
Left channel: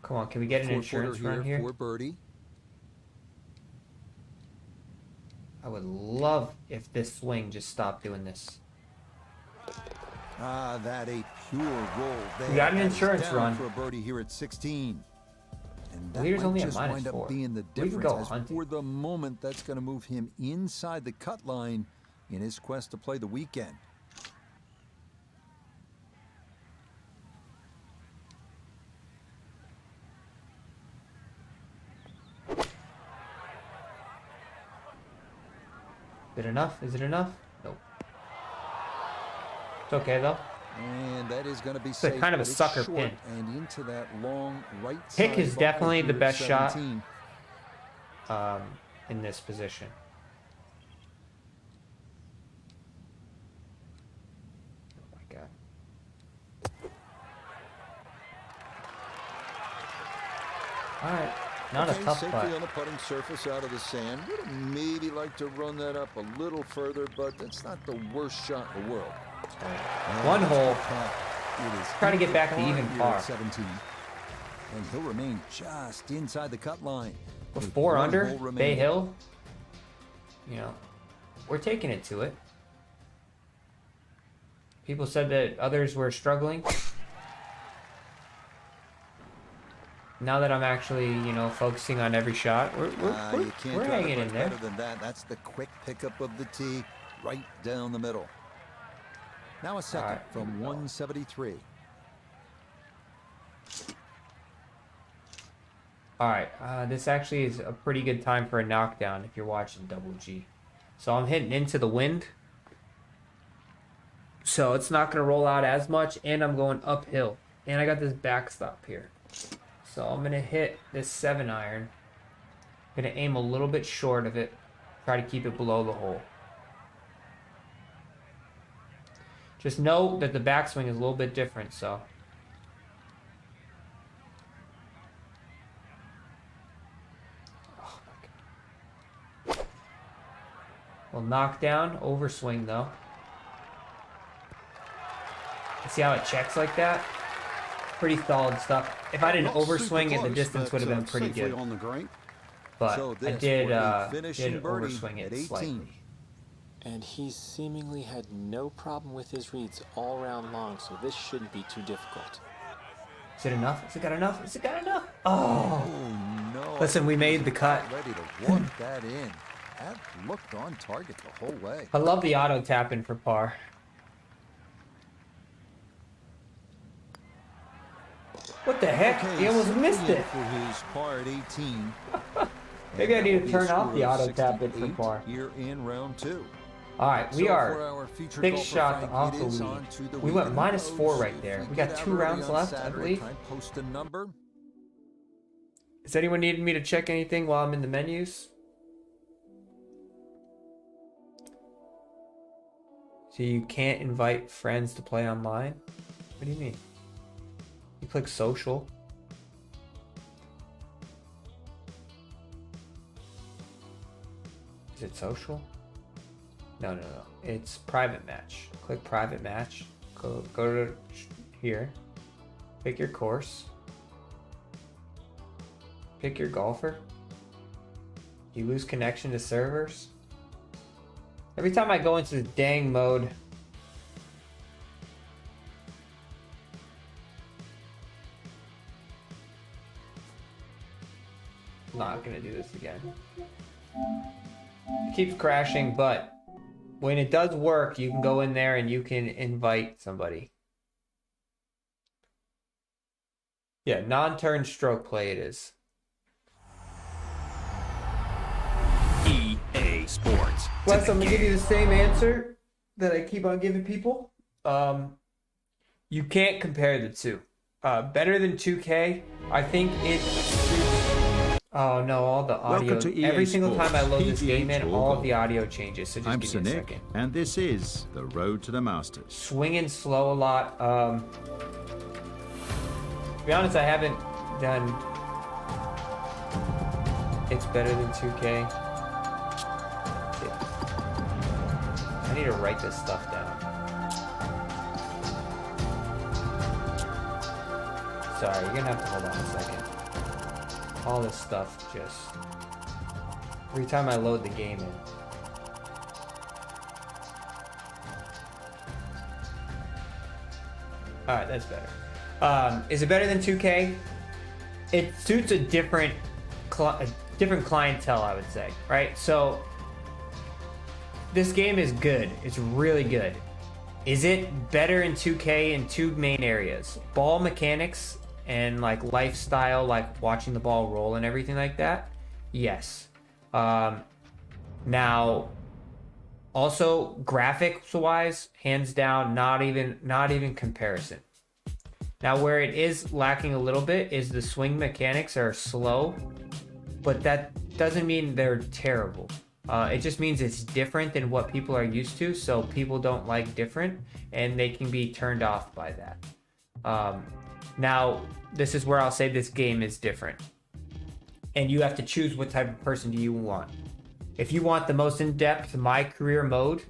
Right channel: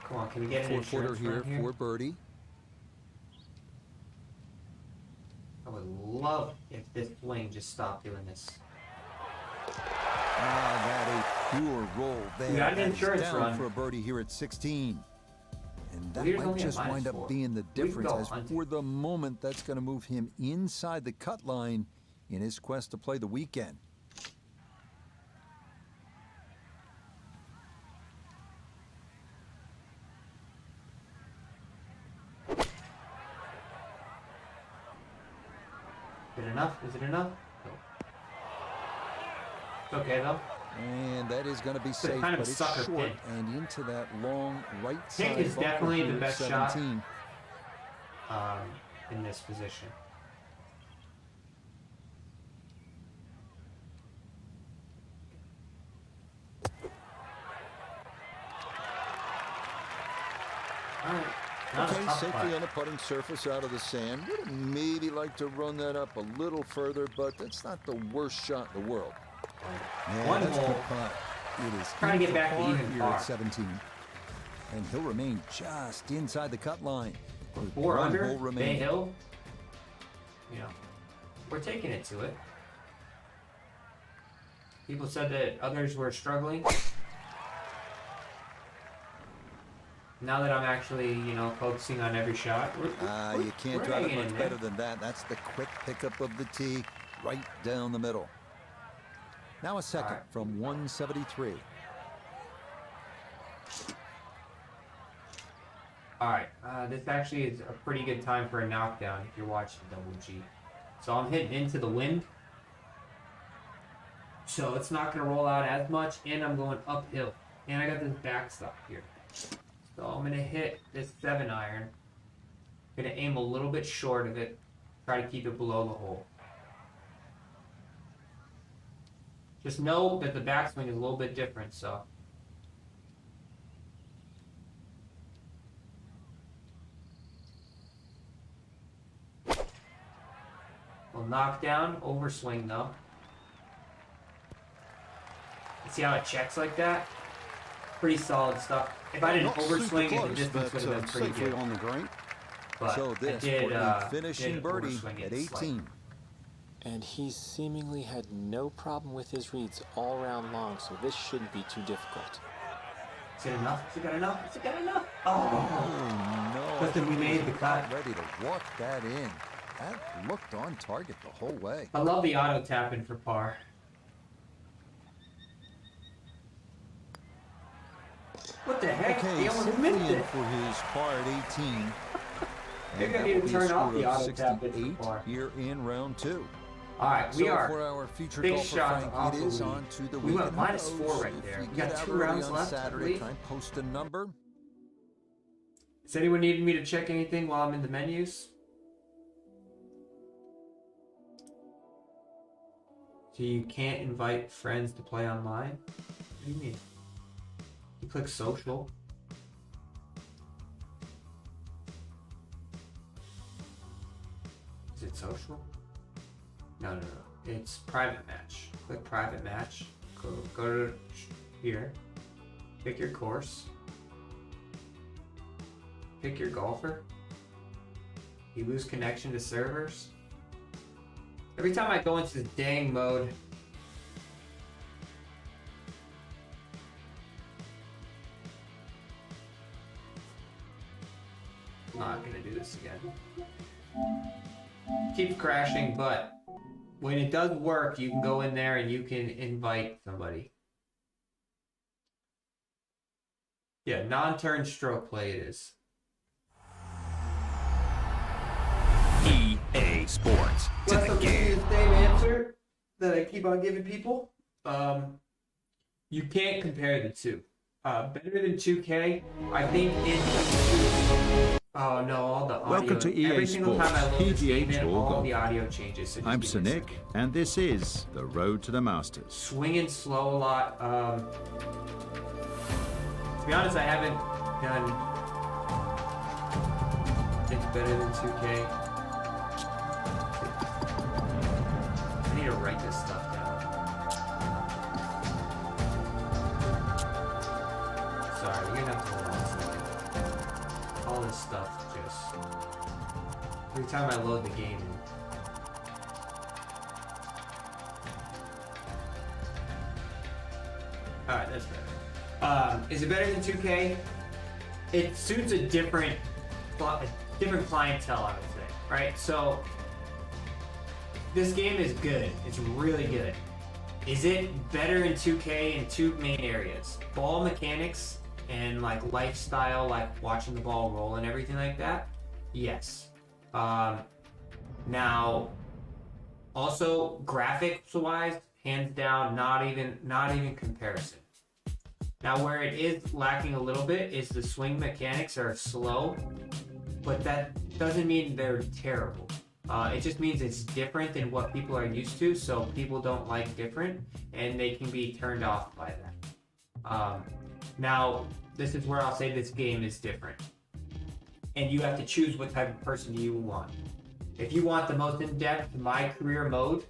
Come on, can we get an insurance here here for birdie? I would love if this swing just stopped doing this. That a pure roll there. We got an insurance down run for a birdie here at 16. And that Leader's might only just at wind up -4. being the We can difference, go as hunting. for the moment, that's going to move him inside the cut line in his quest to play the weekend. Is it enough? Is it enough? Nope. It's okay though. And that is going to be safe, kind of but a it's sucker short pick. and into that long right side. Pick is bunker definitely the here at best shot 17. In this position. Oh my god. All right. Not a Okay, tough safely putt. on the putting surface out of the sand. Would have maybe like to run that up a little further, but that's not the worst shot in the world. And One that's a hole. good putt. It is Trying to get into back to par even here par. at 17. And he'll remain just inside the cut line. with 4 one under, hole Bay remaining. Hill. You know, we're taking it to it. People said that others were struggling. Now that I'm actually, you know, focusing on every shot, You can't we're drive it hanging much in there. better than that. That's the quick pickup of the tee right down the middle. Now a second right. from 173. All right, this actually is a pretty good time for a knockdown if you're watching Double G. So I'm hitting into the wind. So it's not going to roll out as much, and I'm going uphill. And I got this backstop here. So I'm going to hit this 7-iron. I'm going to aim a little bit short of it. Try to keep it below the hole. Just know that the backswing is a little bit different, so. Well, knockdown, overswing though. See how it checks like that? Pretty solid stuff. If I didn't overswing it, the distance would have been pretty good. On the green. But so this I did, a finishing birdie at 18. Slightly. And he seemingly had no problem with his reads all round long, so this shouldn't be too difficult. Is it enough? Is it got enough? Is it got enough? Oh no. Listen, we made the cut. Ready to walk that in. That looked on target the whole way. I love the auto tapping for par. What the heck? Okay, he almost missed it. For his par at 18. Maybe I need to turn off the auto tapping for par. Here in round 2. All right, we are for our featured big golfer, shot Frank, off it the is lead. on to the we went -4 right there. We got 2 rounds left. Saturday, try and post a number. Does anyone need me to check anything while I'm in the menus? So you can't invite friends to play online? What do you mean? You click social. Is it social? No. It's private match. Click private match. Go to here. Pick your course. Pick your golfer. You lose connection to servers. Every time I go into the dang mode, I'm not gonna do this again. It keeps crashing, but when it does work, you can go in there and you can invite somebody. Yeah, non-turn stroke play it is. EA Sports. Plus, I'm giving you the same answer that I keep on giving people. You can't compare the two. Better than 2K, I think oh no, all the audio. Welcome to EA every single Sports, time I load this game in, Tour all Golf. the audio changes. So I'm Sir Nick, and this is the road to the Masters. Swinging slow a lot. To be honest, I haven't done. It's better than 2K. I need to write this stuff down. Sorry, you're gonna have to hold on a second. All this stuff just... Every time I load the game in. Alright, that's better. Is it better than 2K? It suits a different clientele, I would say, right? So, this game is good. It's really good. Is it better in 2K in 2 main areas? Ball mechanics and like lifestyle, like watching the ball roll and everything like that? Yes. Now, also graphics-wise, hands down, not even comparison. Now, where it is lacking a little bit is the swing mechanics are slow, but that doesn't mean they're terrible. It just means it's different than what people are used to, so people don't like different, and they can be turned off by that. Now, this is where I'll say this game is different. And you have to choose what type of person do you want. If you want the most in-depth My Career mode,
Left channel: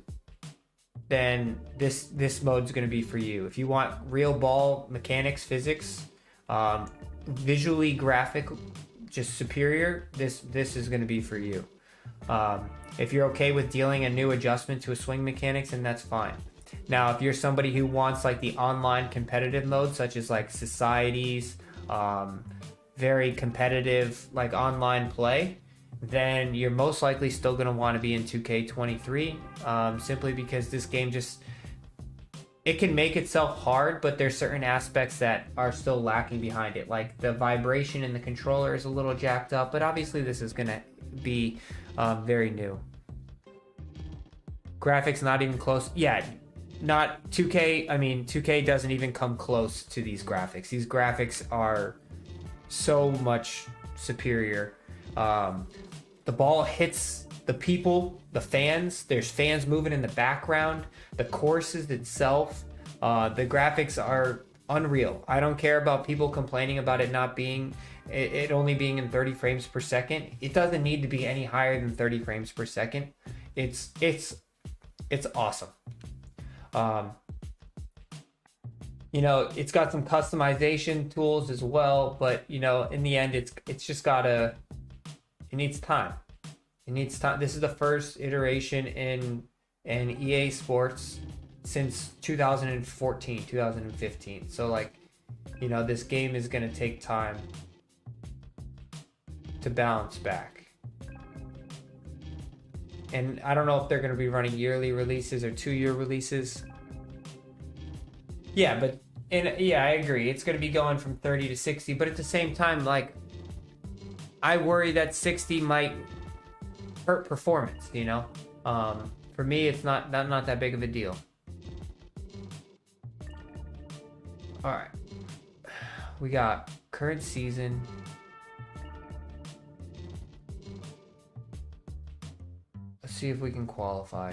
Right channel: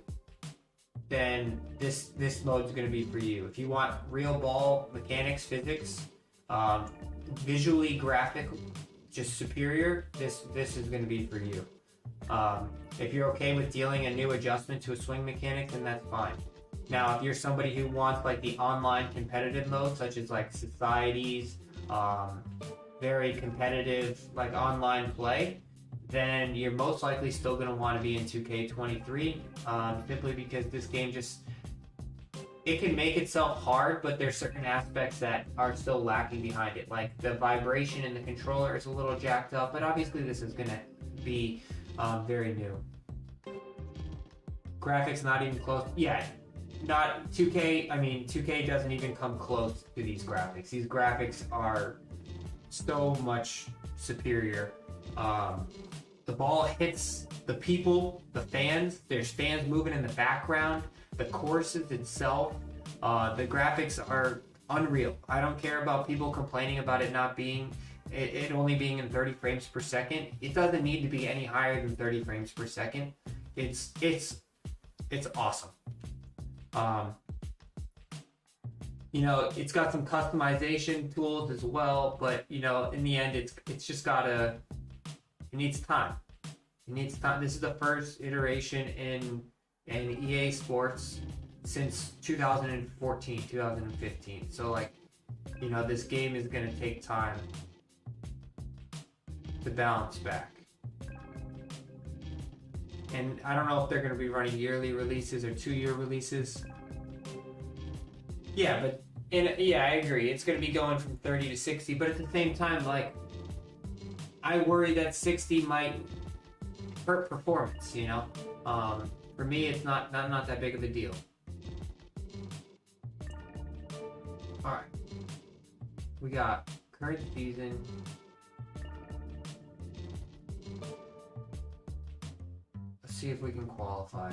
then this mode's going to be for you. If you want real ball mechanics, physics, visually graphic, just superior, this is going to be for you. If you're okay with dealing a new adjustment to a swing mechanics, then that's fine. Now, if you're somebody who wants like the online competitive mode, such as like societies, very competitive like online play, then you're most likely still going to want to be in 2K23, simply because this game it can make itself hard, but there's certain aspects that are still lacking behind it. Like the vibration in the controller is a little jacked up, but obviously this is going to be very new. Graphics not even close. Yeah, not 2K. I mean, 2K doesn't even come close to these graphics. These graphics are so much superior. The ball hits the people, the fans, there's fans moving in the background, the courses itself, the graphics are unreal. I don't care about people complaining about it not being, it only being in 30 frames per second. It doesn't need to be any higher than 30 frames per second. It's awesome. You know, it's got some customization tools as well, but you know, in the end, it's just gotta, it needs time. It needs time. This is the first iteration in EA Sports since 2014, 2015. So like, you know, this game is gonna take time to balance back. And I don't know if they're gonna be running yearly releases or 2-year releases. Yeah, but yeah, I agree. It's going to be going from 30 to 60, but at the same time, like, I worry that 60 might hurt performance. You know, for me, it's not that big of a deal. All right, we got current season. Let's see if we can qualify.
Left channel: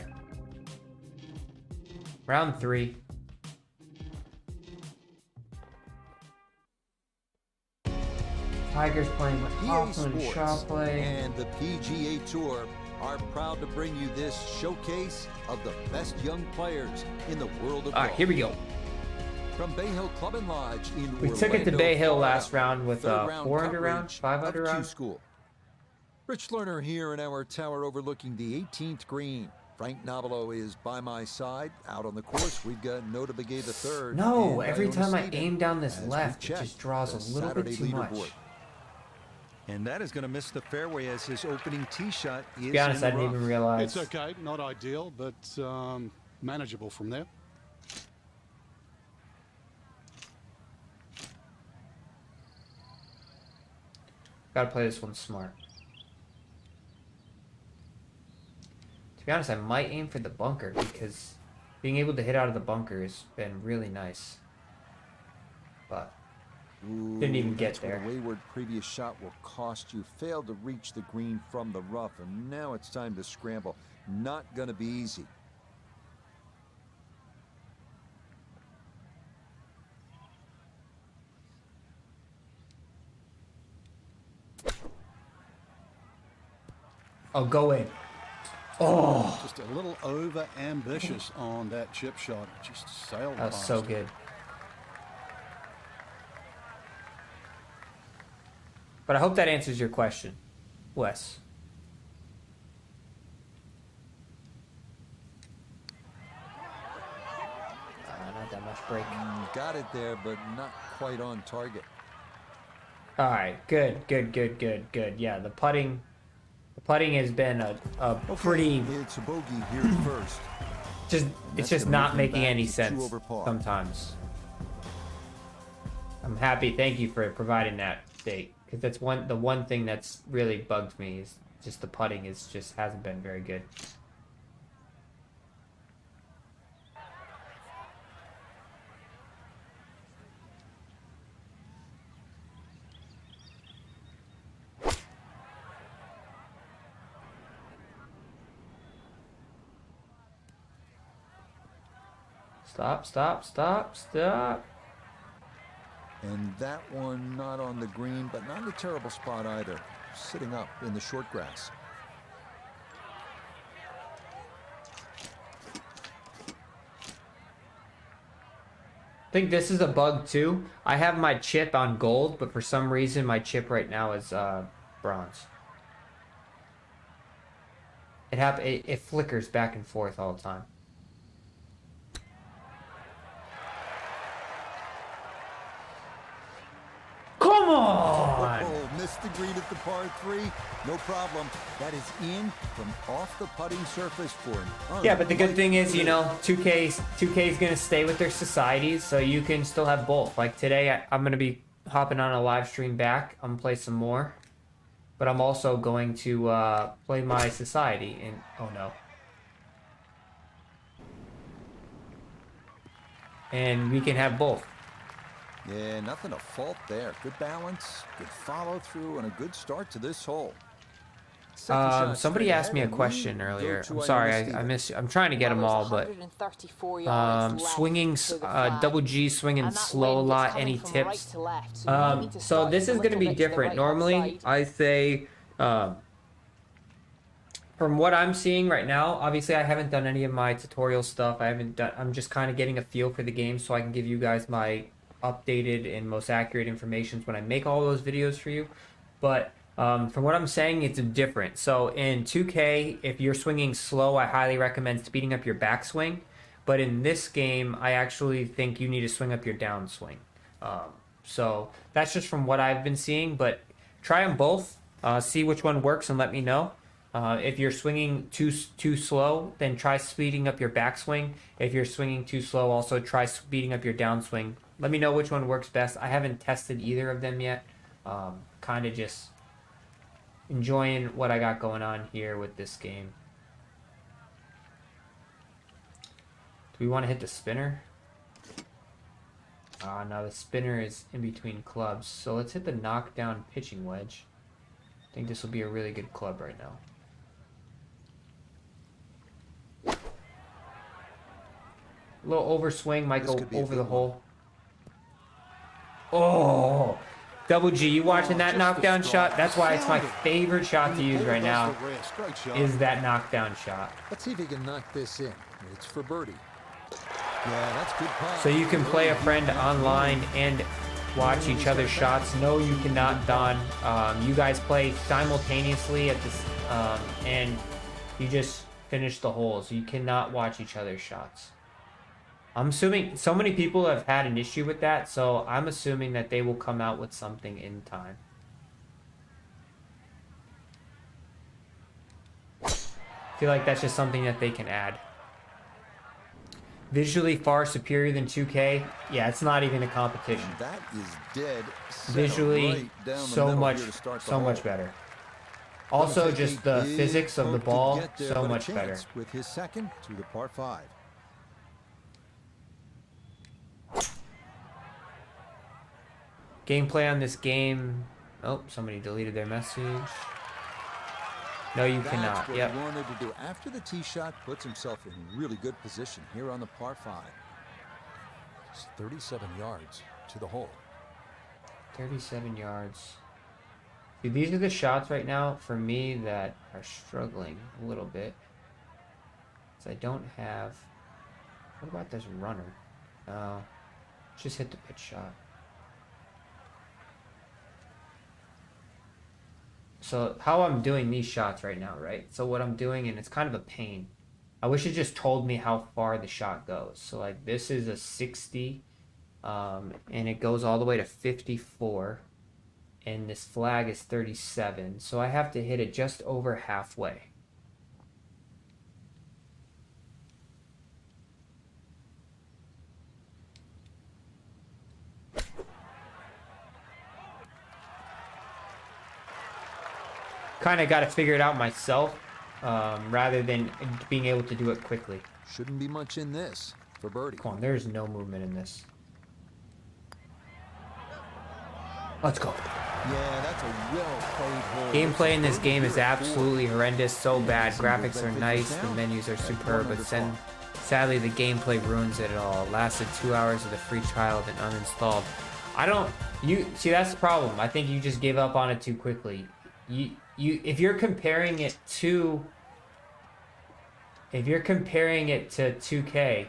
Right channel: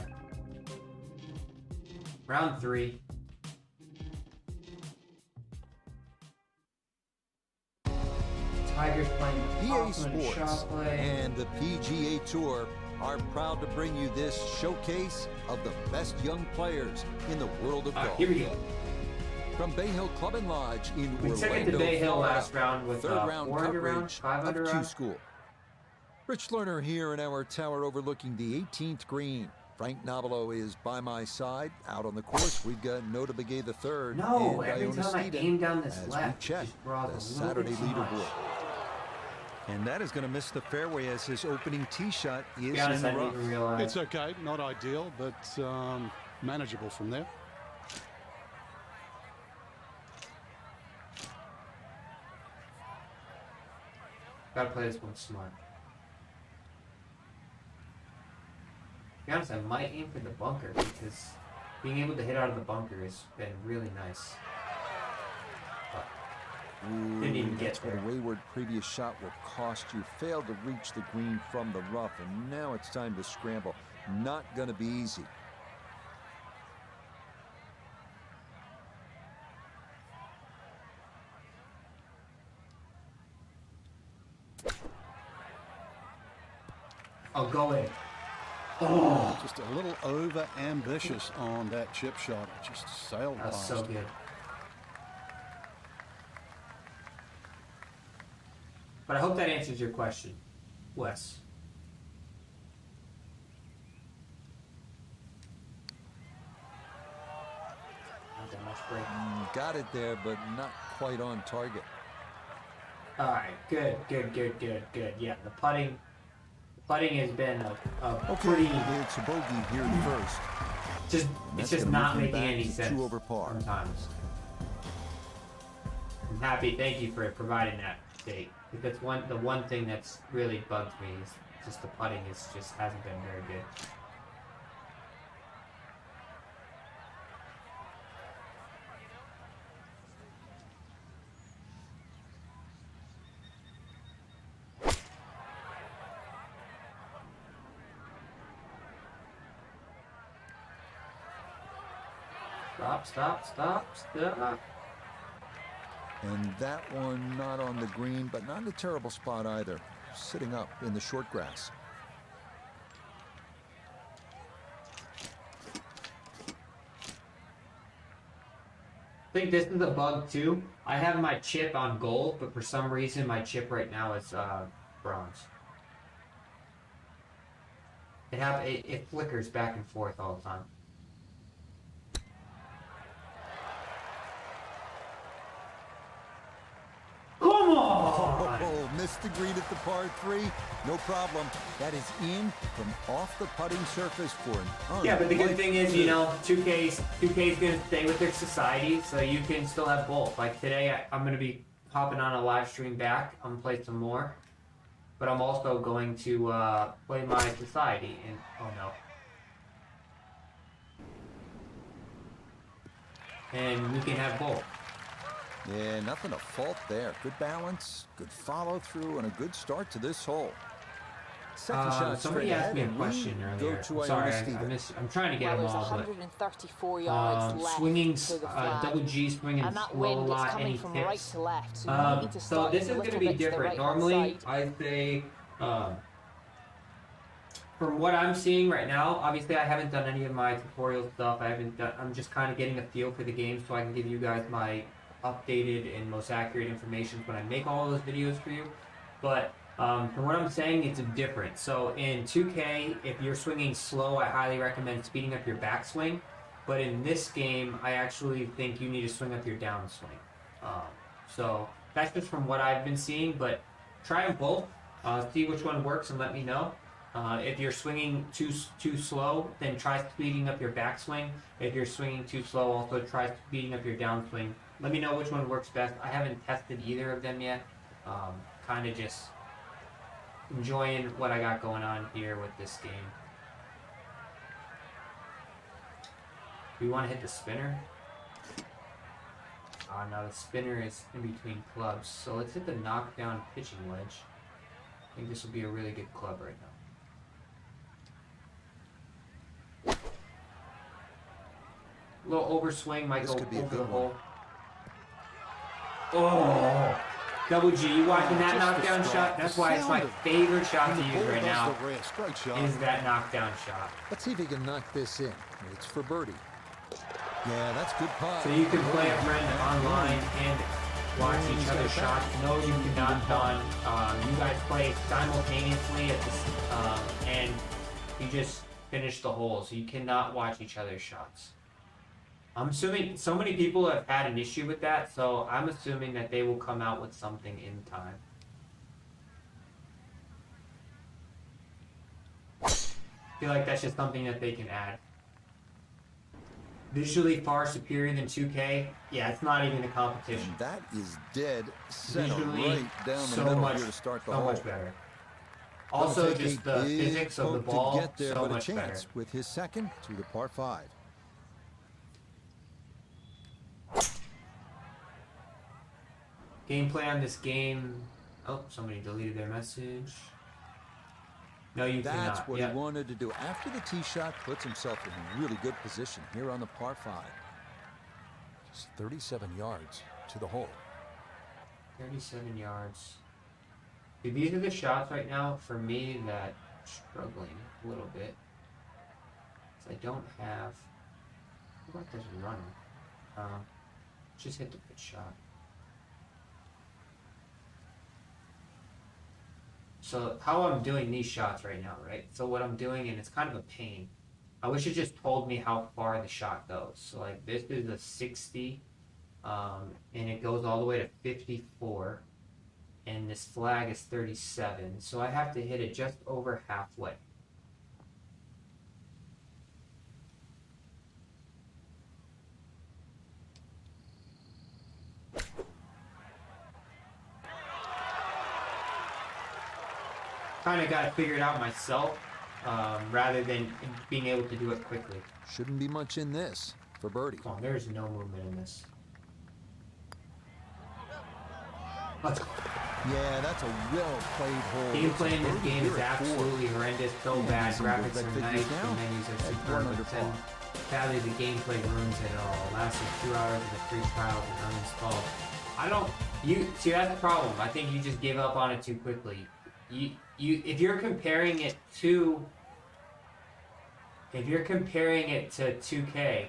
Round 3. Tigers playing with EA Sports and the PGA Tour are proud to bring you this showcase of the best young players in the world of golf. Here we go. From Bay Hill Club and Lodge in Orlando, we took it to Bay Hill Florida, last round with third round 400 coverage round, 500 of round. Q-School. Rich Lerner here in our tower overlooking the 18th green. Frank Nobilo is by my side. Out on the course, we've got Nota Begay the third. No, and every Iona time I Steeden aim down this as left, we it check just draws the a little Saturday bit too much. leaderboard. And that is going to miss the fairway as his opening tee shot is To be honest, in the I didn't rough. even realize. It's okay, not ideal, but manageable from there. Gotta play this one smart. To be honest, I might aim for the bunker because being able to hit out of the bunker has been really nice. But didn't even get That's there. what a wayward previous shot will cost you. Failed to reach the green from the rough, and now it's time to scramble. Not going to be easy. Oh, go in. Oh, Just a little over ambitious on that chip shot. It just sailed that's past. so good. But I hope that answers your question, Wes. Not that much break. Got it there, but not quite on target. All right, good. Yeah, the putting has been a pretty. It's a bogey here at first. It's just not making any sense sometimes. I'm happy. Thank you for providing that date. Because that's the one thing that's really bugged me is just the putting hasn't been very good. Stop. And that one not on the green, but not in a terrible spot either. Sitting up in the short grass. I think this is a bug too. I have my chip on gold, but for some reason my chip right now is bronze. It flickers back and forth all the time. Come on! Oh, missed the green at the par 3. No problem. That is in from off the putting surface for an Yeah, but the good thing is, you know, 2K's going to stay with their societies, so you can still have both. Like today, I'm going to be hopping on a live stream back. I'm going to play some more. But I'm also going to play my society. And oh no. And we can have both. Yeah, nothing to fault there. Good balance, good follow through, and a good start to this hole. Somebody asked me a question earlier. I'm sorry, I'm trying to get them all, but 134 yards left swinging, to the flag. double G swinging And that slow a wind is lot. coming Any from tips? right to left, so you might need to So start this is a going to little be bit to the different. right-hand Normally, side. I say, from what I'm seeing right now, obviously I haven't done any of my tutorial stuff. I'm just kind of getting a feel for the game so I can give you guys my updated and most accurate information when I make all those videos for you. But from what I'm saying, it's different. So in 2K, if you're swinging slow, I highly recommend speeding up your backswing. But in this game, I actually think you need to swing up your downswing. So that's just from what I've been seeing. But try them both, see which one works, and let me know. If you're swinging too slow, then try speeding up your backswing. If you're swinging too slow, also try speeding up your downswing. Let me know which one works best. I haven't tested either of them yet. Kind of just enjoying what I got going on here with this game. Do we want to hit the spinner? No, the spinner is in between clubs. So let's hit the knockdown pitching wedge. I think this will be a really good club right now. A little overswing might go over the hole. Oh! Double G, you watching that knockdown shot? That's why it's my favorite shot to use right now, is that knockdown shot. Let's see if he can knock this in. It's for birdie. Yeah, that's good putt. So you can play a friend online and watch each other's shots. No, you cannot, Don. You guys play simultaneously at this, and you just finish the holes. You cannot watch each other's shots. I'm assuming so many people have had an issue with that, so I'm assuming that they will come out with something in time. I feel like that's just something that they can add. Visually far superior than 2K. Yeah, it's not even a competition. And that is dead center, visually right down the middle here to start the hole. much better. Also, just the physics of the ball, to get there, so but much a chance better. with his second through the par 5. Gameplay on this game. Oh, somebody deleted their message. No, you cannot. That's what he wanted to do. After the tee shot, puts himself in really good position here on the par 5. Just 37 yards to the hole. 37 yards. Dude, these are the shots right now for me that are struggling a little bit. Because I don't have... What about this runner? Just hit the pitch shot. So how I'm doing these shots right now, right? So what I'm doing, and it's kind of a pain. I wish it just told me how far the shot goes. So like this is a 60, and it goes all the way to 54, and this flag is 37. So I have to hit it just over halfway. Kind of got to figure it out myself, rather than being able to do it quickly. Shouldn't be much in this for birdie. Come on, there's no movement in this. Let's go. Yeah, that's a well-played hole. Gameplay in this game is absolutely horrendous, so bad. Graphics are nice, the menus are superb, but sadly the gameplay ruins it all. Lasted 2 hours of the free trial, then uninstalled. See, that's the problem. I think you just gave up on it too quickly. If you're comparing it to 2K,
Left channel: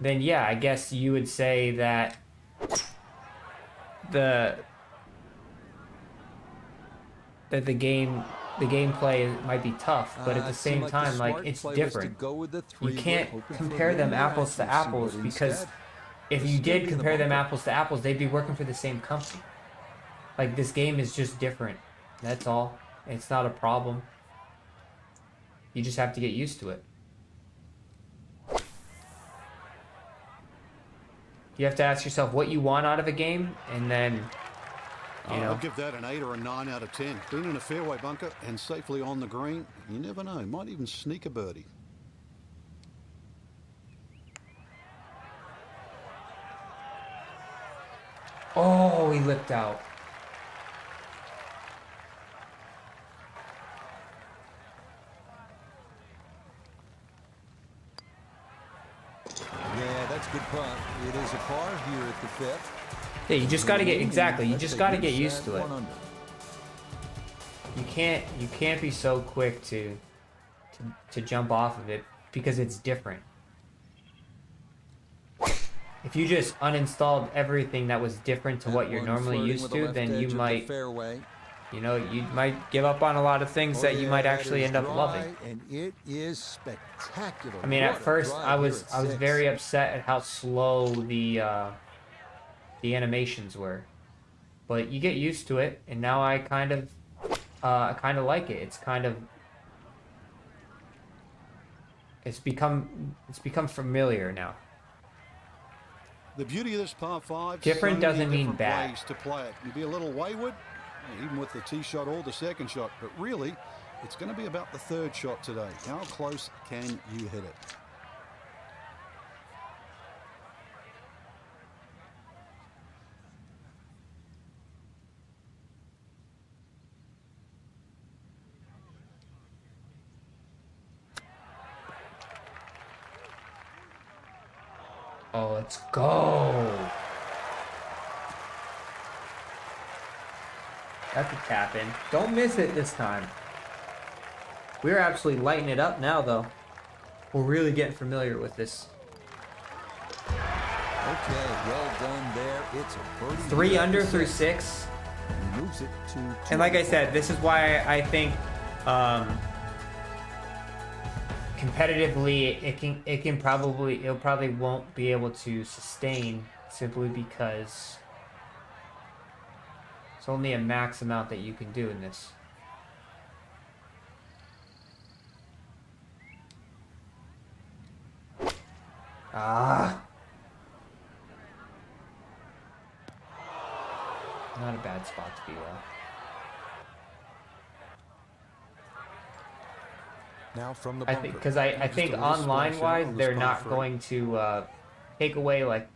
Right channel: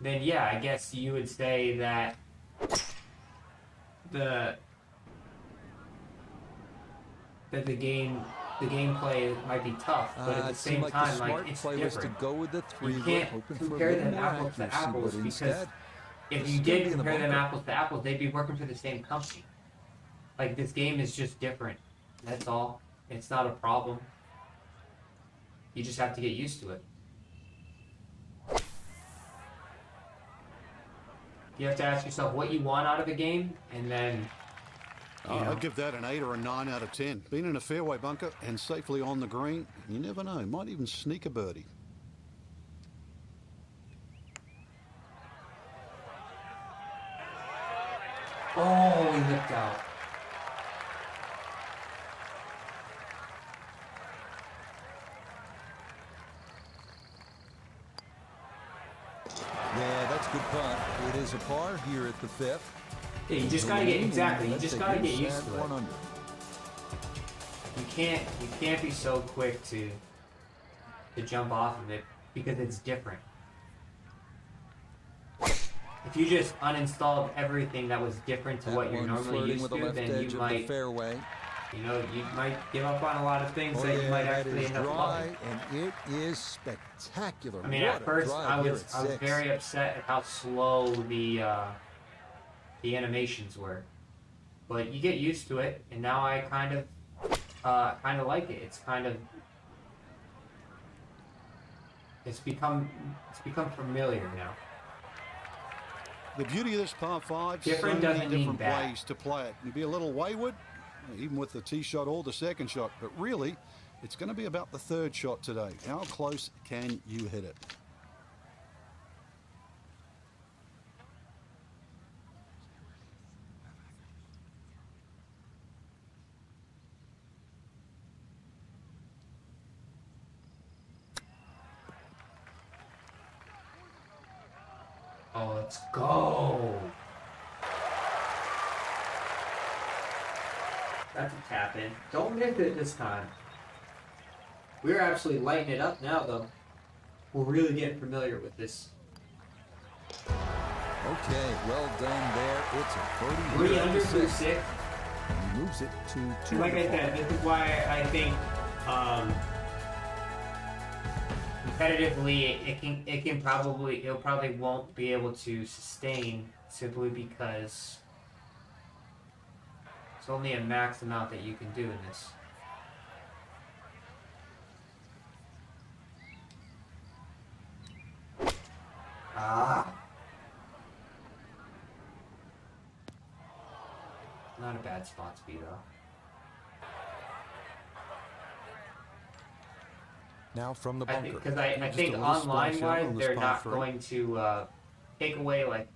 then yeah, I guess you would say that the gameplay might be tough, but at the same time, like, it's different. You can't compare them apples to apples, because if you did compare them apples to apples, they'd be working for the same company. Like, this game is just different. That's all. It's not a problem. You just have to get used to it. You have to ask yourself what you want out of a game, and then... I'd give that an 8 or a 9 out of 10. Been in a fairway bunker and safely on the green. You never know. Might even sneak a birdie. Oh, he lipped out. that's a good putt. It is a par here at the 5th. Yeah, you just gotta get you just gotta get used to it. 1 under. You can't be so quick to jump off of it because it's different. If you just uninstalled everything that was different to what you're normally used to, then you might, you know, you might give up on a lot of things that you might actually end up loving. And it is spectacular. I mean, at first I was very upset at how slow the animations were, but you get used to it, and now I kind of like it. It's become familiar now. The beauty of this par 5, different so many doesn't mean different bad. ways to play it. You'd be a little wayward, even with the tee shot or the second shot, but really, it's going to be about the third shot today. How close can you hit it? Oh, let's go. That's a tap in. Don't miss it this time. We're absolutely lighting it up now, though. We're really getting familiar with this. Okay, well done there. It's a birdie. 3 under through 6. He moves it to 2. And like I said, this is why I think competitively it probably won't be able to sustain, simply because it's only a max amount that you can do in this. Not a bad spot to be though. Now from the bunker. Because I think online-wise, they're not going to take away, like,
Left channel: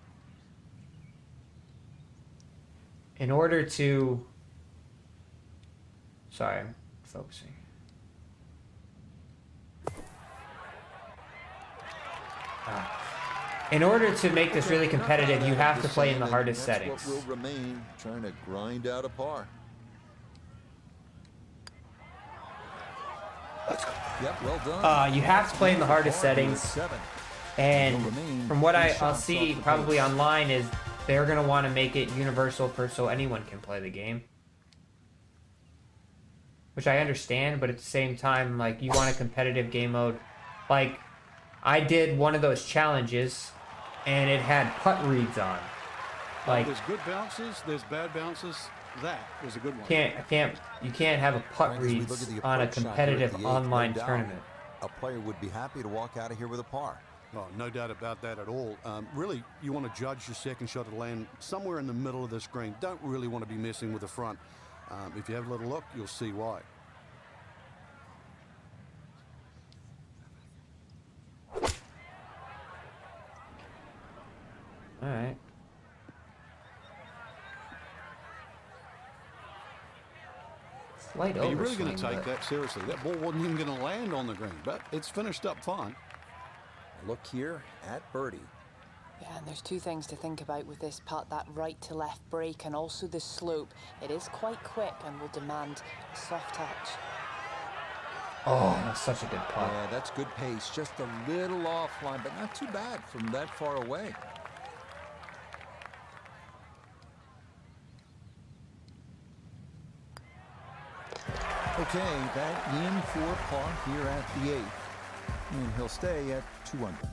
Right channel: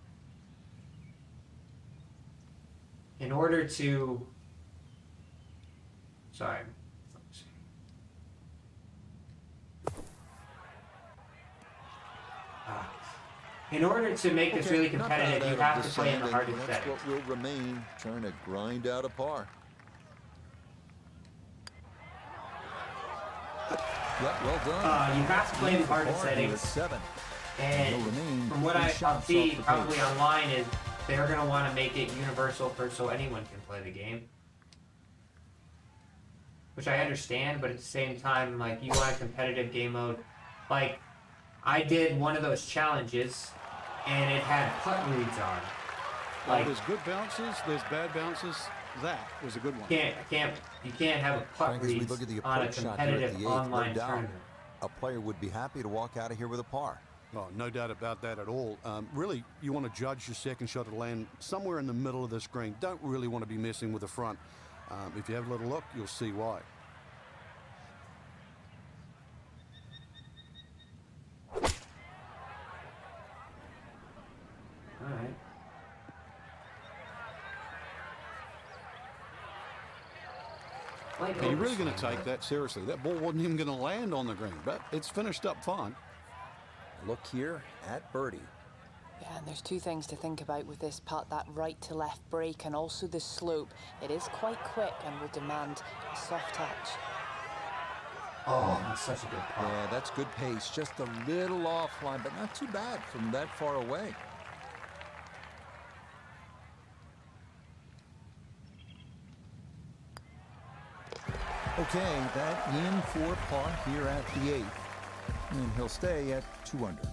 in order to... Sorry, I'm focusing. In order to make this really competitive, you have to play in the hardest settings. That's what will remain, trying to grind out a par. Yep, well done. You have to play in the hardest settings. And from what I'll see probably online is they're going to want to make it universal so anyone can play the game. Which I understand, but at the same time, like, you want a competitive game mode. Like, I did one of those challenges, and it had putt reads on. Like, there's good bounces, there's bad bounces. That was a good one. You can't have a putt read on a competitive online tournament. A player would be happy to walk out of here with a par. Oh, no doubt about that at all. Really, you want to judge your second shot to land somewhere in the middle of this green. Don't really want to be messing with the front. If you have a little look, you'll see why. All right. Are you really going to take that seriously? That ball wasn't even going to land on the green, but it's finished up fine. Look here at birdie. Yeah, and there's 2 things to think about with this putt, that right to left break and also the slope. It is quite quick and will demand a soft touch. Oh, that's such a good putt. Yeah, that's good pace. Just a little offline, but not too bad from that far away. Okay, that in for par here at the 8th. And he'll stay at 2 under.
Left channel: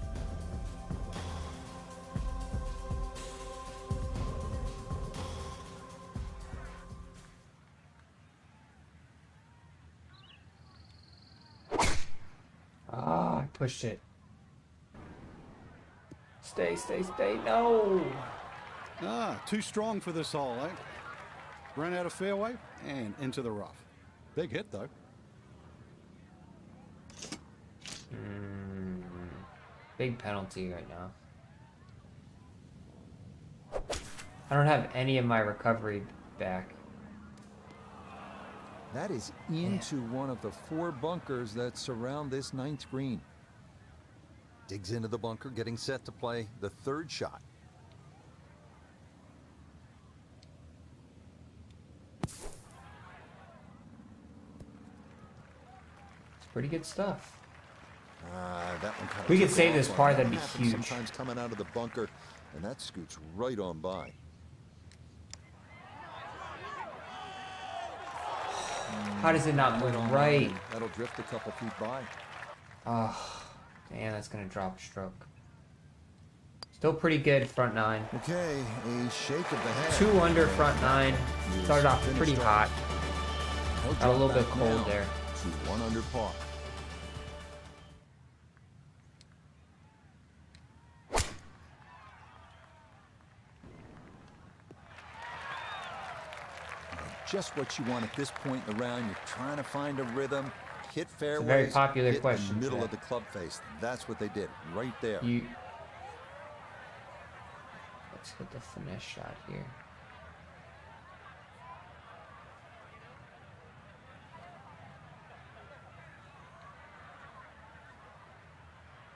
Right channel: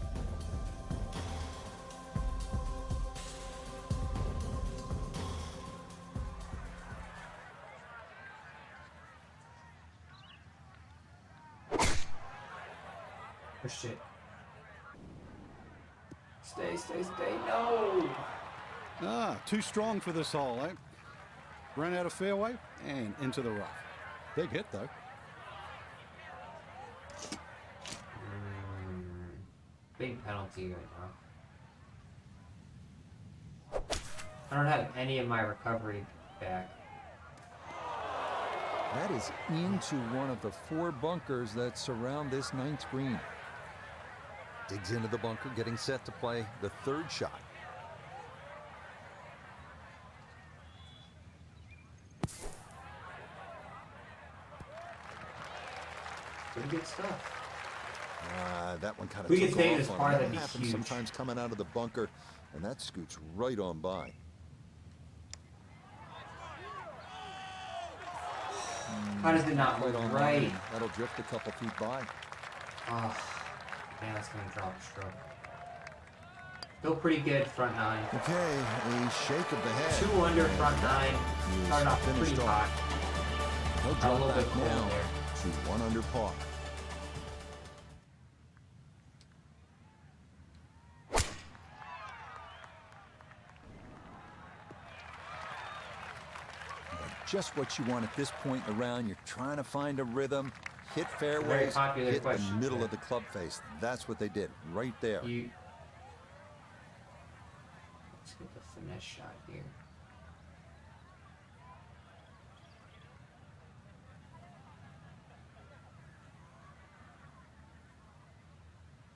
Pushed it. Stay, no! Too strong for this hole, eh? Ran out of fairway and into the rough. Big hit, though. Big penalty right now. I don't have any of my recovery back. That is into one of the 4 bunkers that surround this 9th green. Digs into the bunker, getting set to play the third shot. Pretty good stuff. That one kind of. We can say this part that happens sometimes coming out of the bunker, and that scoots right on by. How does it not move right? That'll drift a couple feet by. Oh, man, that's gonna drop a stroke. Still pretty good front nine. Okay, a shake of the head. 2 under front nine. Started off pretty hot. He'll drop a little bit now there. To 1 under par. Just what you want at this point in the round. You're trying to find a rhythm, hit fairways, hit the middle of the club face. That's what they did right there. Let's get the finesse shot here.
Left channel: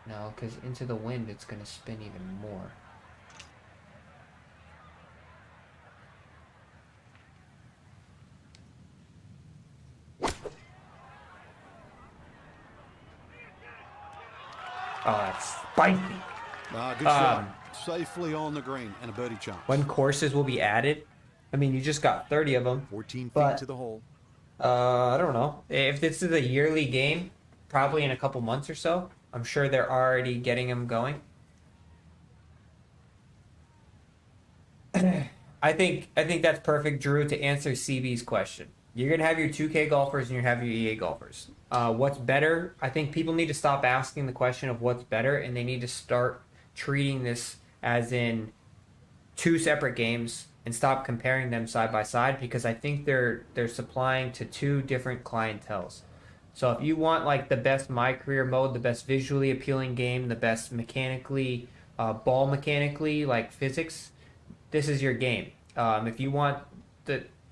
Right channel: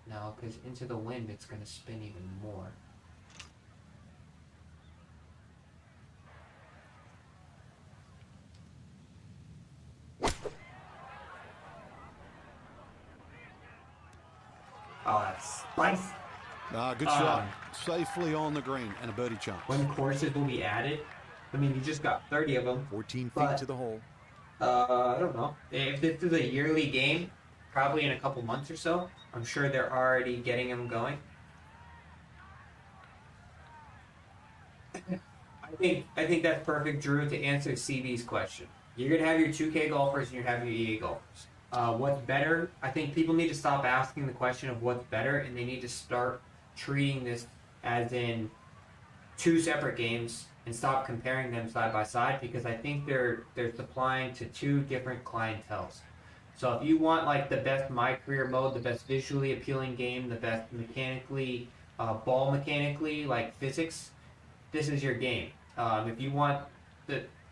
No, because into the wind, it's going to spin even more. Oh, that's spicy. Good shot. Safely on the green and a birdie chance. When courses will be added, I mean, you just got 30 of them. 14 feet to the hole. I don't know. If this is a yearly game, probably in a couple months or so, I'm sure they're already getting them going. I think that's perfect, Drew, to answer CB's question. You're going to have your 2K golfers and you're going to have your EA golfers. What's better? I think people need to stop asking the question of what's better, and they need to start treating this as in 2 separate games and stop comparing them side by side, because I think they're supplying to 2 different clienteles. So if you want like the best My Career mode, the best visually appealing game, the best mechanically, ball mechanically, like physics, this is your game. If you want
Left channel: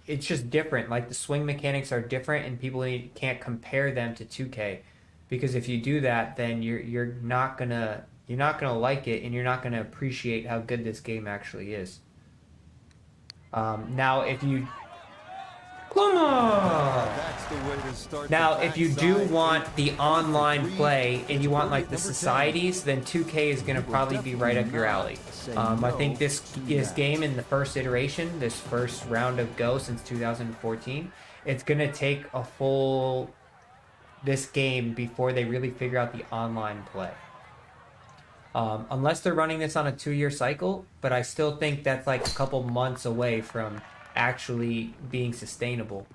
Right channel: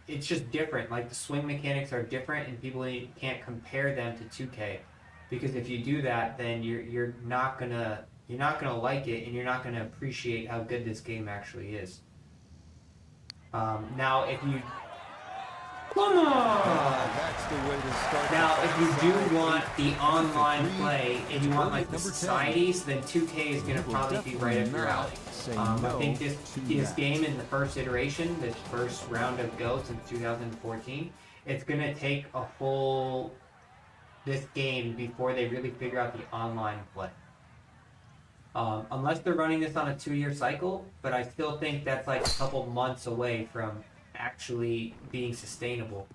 it's just different. Like the swing mechanics are different, and people can't compare them to 2K, because if you do that, then you're not gonna like it, and you're not gonna appreciate how good this game actually is. Now, if you that's the way to start. Now, if you do want the online play and you want like the societies, then 2K is going to probably be right up your alley. I think this game in the first iteration, this first round of Go since 2014, it's going to take a full this game before they really figure out the online play. Unless they're running this on a 2-year cycle, but I still think that's like a couple months away from actually being sustainable.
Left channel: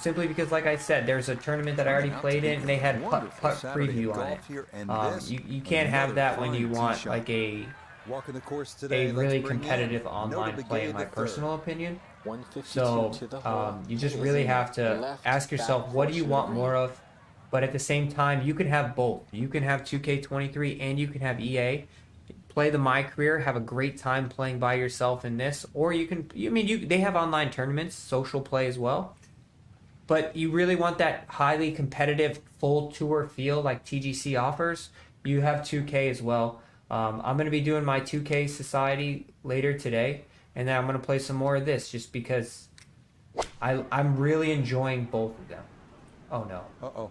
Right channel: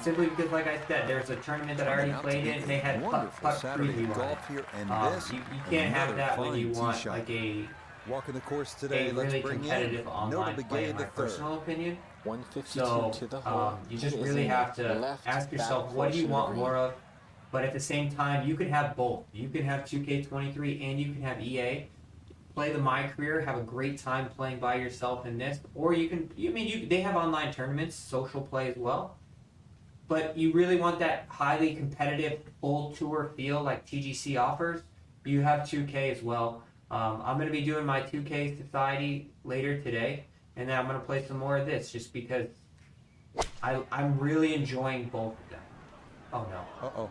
Simply because, like I said, there's a tournament that I already played in, and they had putt preview on it. You can't have that when you want like a walking the course today. Really competitive online play, in my personal opinion. 152 to the hole. You just really have to ask yourself, what do you want more of? But at the same time, you can have both. You can have 2K23 and you can have EA. Play the My Career, have a great time playing by yourself in this, or you can. They have online tournaments, social play as well. But you really want that highly competitive full tour feel like TGC offers. You have 2K as well. I'm going to be doing my 2K Society later today, and then I'm going to play some more of this just because I'm really enjoying both of them. Oh no. Uh-oh.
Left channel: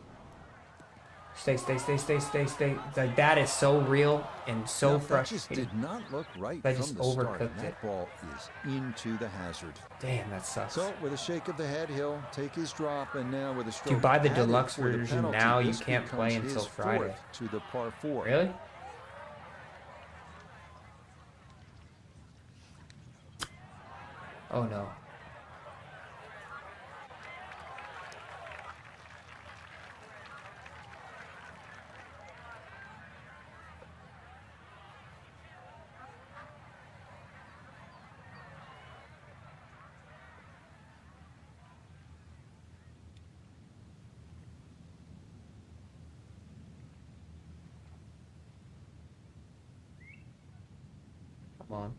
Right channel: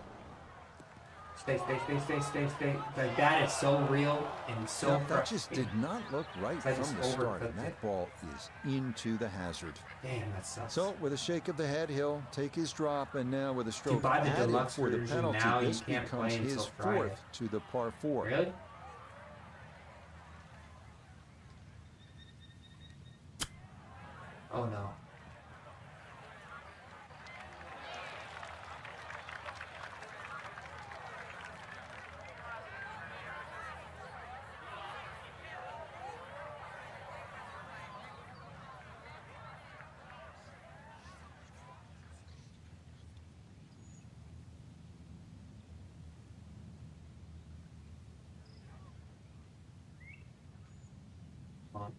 Stay. Like, that is so real and so frustrating. That just did not look right from the start. And that ball is into the hazard. Damn, that sucks. So with a shake of the head, he'll take his drop, and now with a stroke buy the added deluxe for the version penalty, now, you this can't becomes play his until Friday. 4th to the par 4. Really? Oh no. Come on.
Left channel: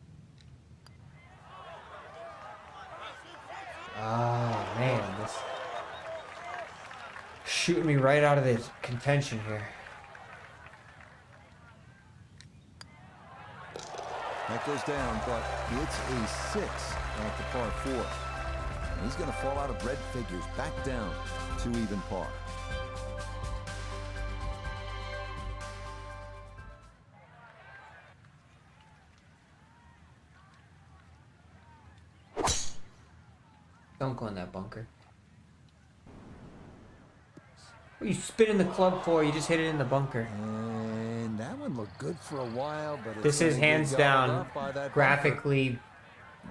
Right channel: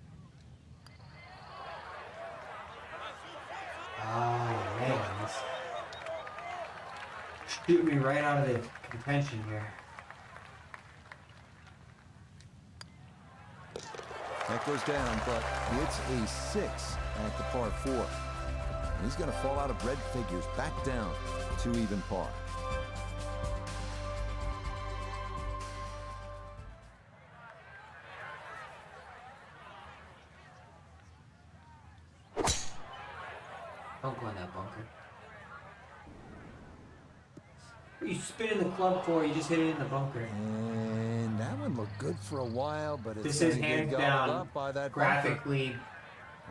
Oh man, this shooting me right out of the contention here. That goes down, but it's a 6 at the par 4. And he's going to fall out of red figures back down to even par. Don't go in that bunker. What are you spinning the club for? You just hit it in the bunker. And that one looked good for a while, but it's this is hands down graphically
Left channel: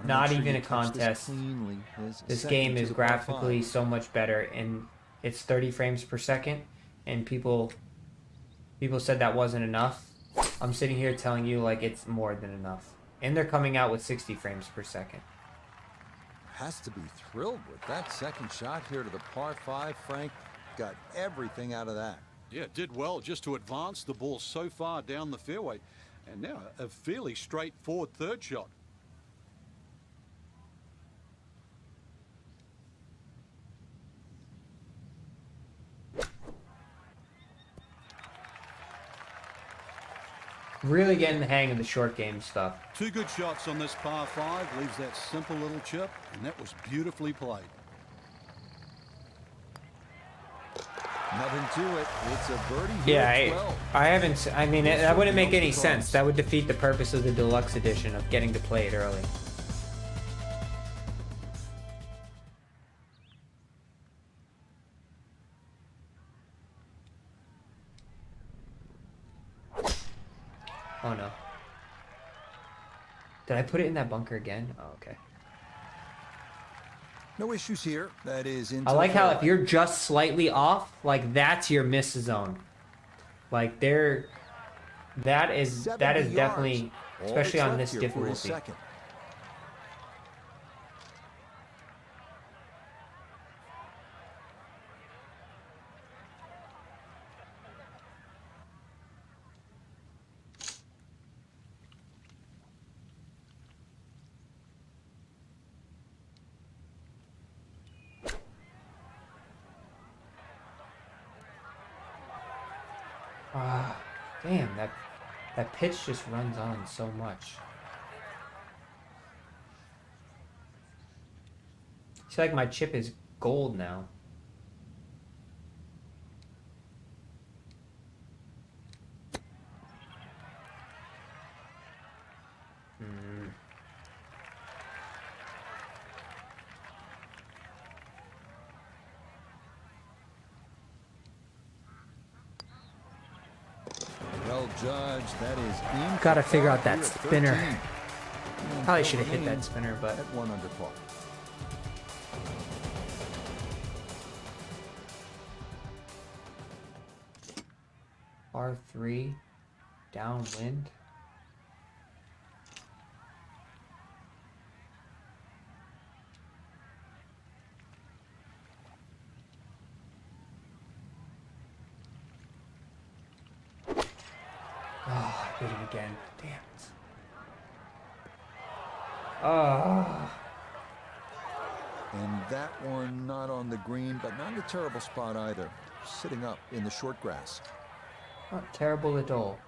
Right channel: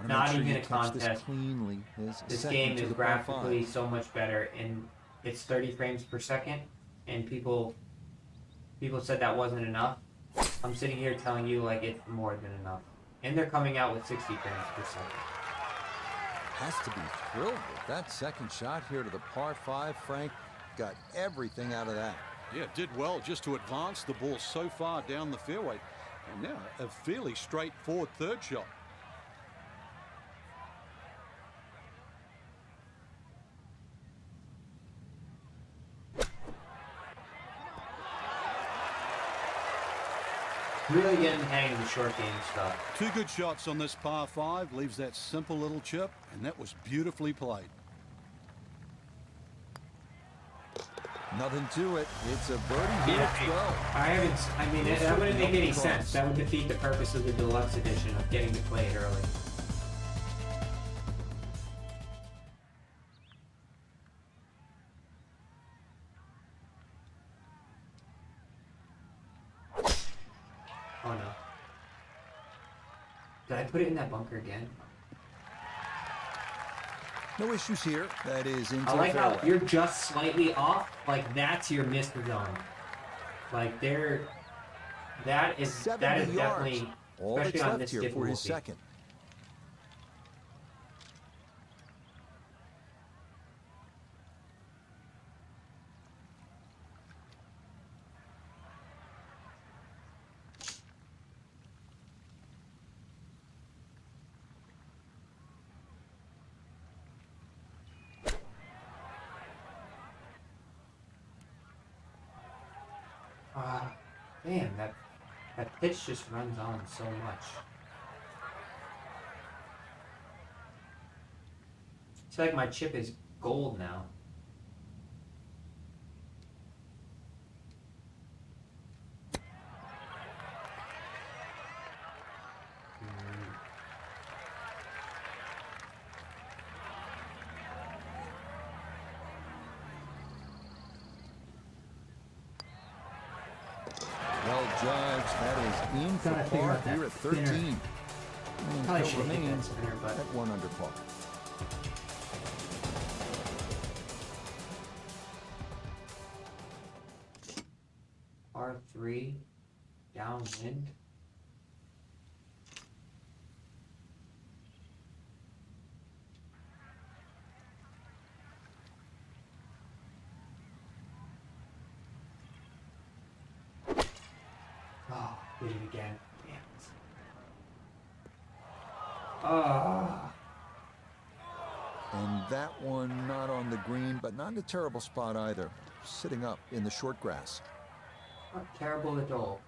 not even a contest. This game is graphically so much better, and it's 30 frames per second. And people said that wasn't enough. I'm sitting here telling you like it's more than enough, and they're coming out with 60 frames per second. Has to be thrilled with that second shot here to the par 5, Frank. Got everything out of that. Yeah, did well just to advance the ball so far down the fairway. And now a fairly straightforward third shot. Really getting the hang of the short game stuff. 2 good shots on this par 5. Leaves that simple little chip, and that was beautifully played. Nothing to it. It's a birdie here at 12. I mean, that wouldn't make any sense. That would defeat the purpose of the deluxe edition of getting to play it early. Oh no. Did I put it in that bunker again? Oh, okay. No issues here. That is into I like how if you're just slightly off, like that's your miss zone. Like that is definitely, especially on this difficulty. For his second. Damn, that pitch just runs on so much. I feel like my chip is gold now. Well judged. That is in. Gotta figure out that spinner. Probably should have hit that remains spinner, but at 1 under par. par 3, downwind. Hit it again. Damn it. And that one not on the green, but not in a terrible spot either. Sitting up in the short grass. Not terrible at all.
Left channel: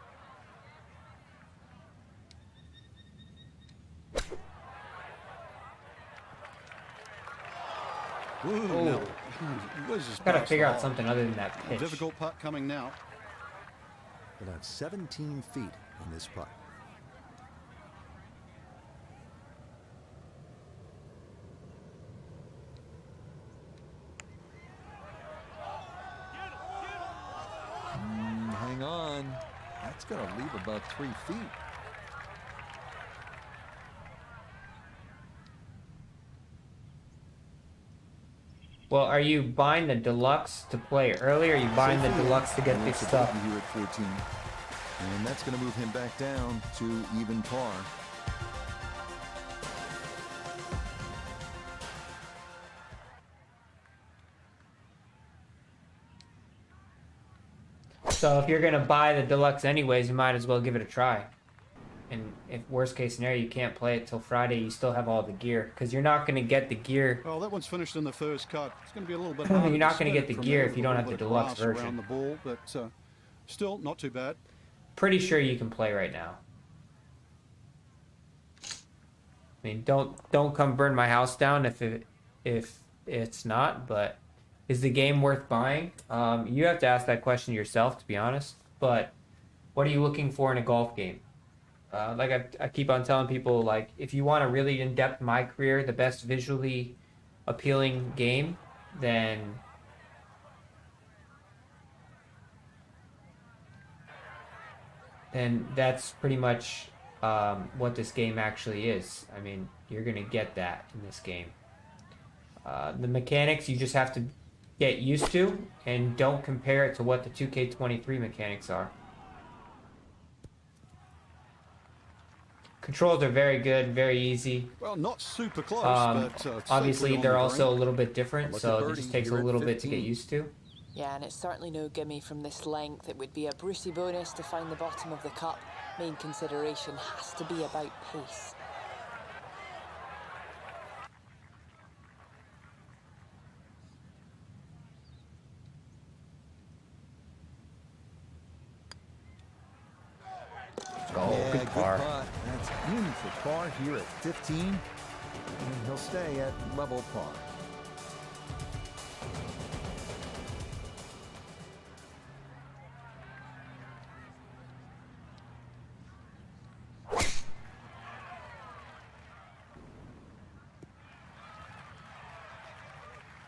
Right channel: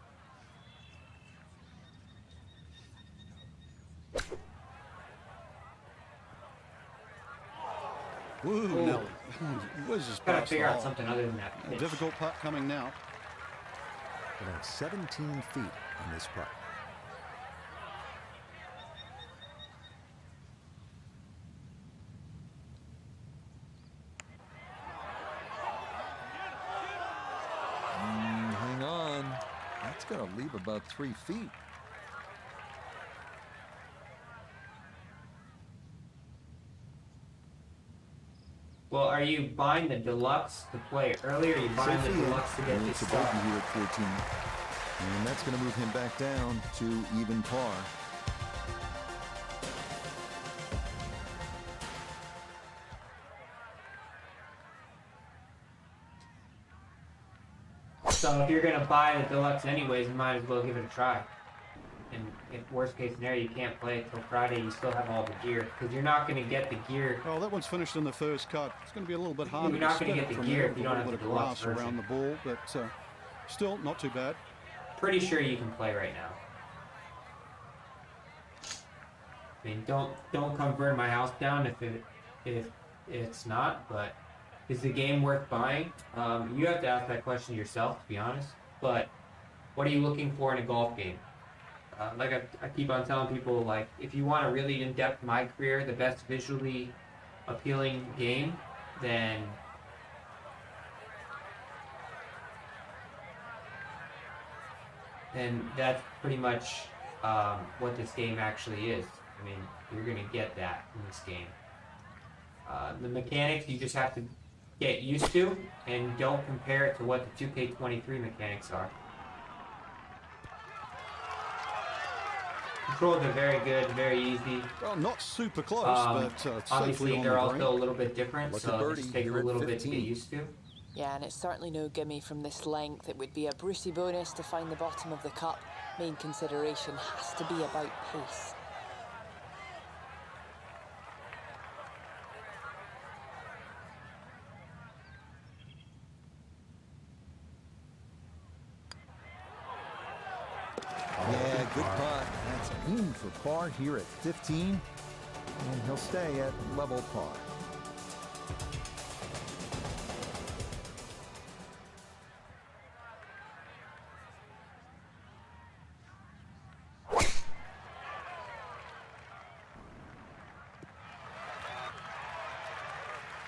Ooh, no. Was just Gotta figure out something other than that pitch. Difficult putt coming now. About 17 feet on this putt. Hang on. That's going to leave about 3 feet. Well, are you buying the deluxe to play early, or are you buying the deluxe to get this stuff? Here at 14. And that's going to move him back down to even par. So if you're going to buy the deluxe anyways, you might as well give it a try. And if worst case scenario, you can't play it till Friday, you still have all the gear. Because you're not going to get the gear. Oh, that one's finished in the first cut. It's going to be a little bit harder. You're not going to get the gear if you don't have the deluxe version. Around the ball, but still not too bad. Pretty sure you can play right now. I mean, don't come burn my house down if it's not. But is the game worth buying? You have to ask that question yourself, to be honest. But what are you looking for in a golf game? Like I keep on telling people, like, if you want a really in-depth My Career, the best visually appealing game, then that's pretty much what this game actually is. I mean, you're gonna get that in this game. The mechanics you just have to get used to, and don't compare it to what the 2K23 mechanics are. Controls are very good, very easy. Well, not super close, but obviously they're also a little bit different, so it just takes a little bit to get used to. Yeah, and it's certainly no gimme from this length. It would be a Brucey bonus to find the bottom of the cup. Main consideration has to be about pace. Yeah, good putt. That's in for par here at 15, and he'll stay at level par.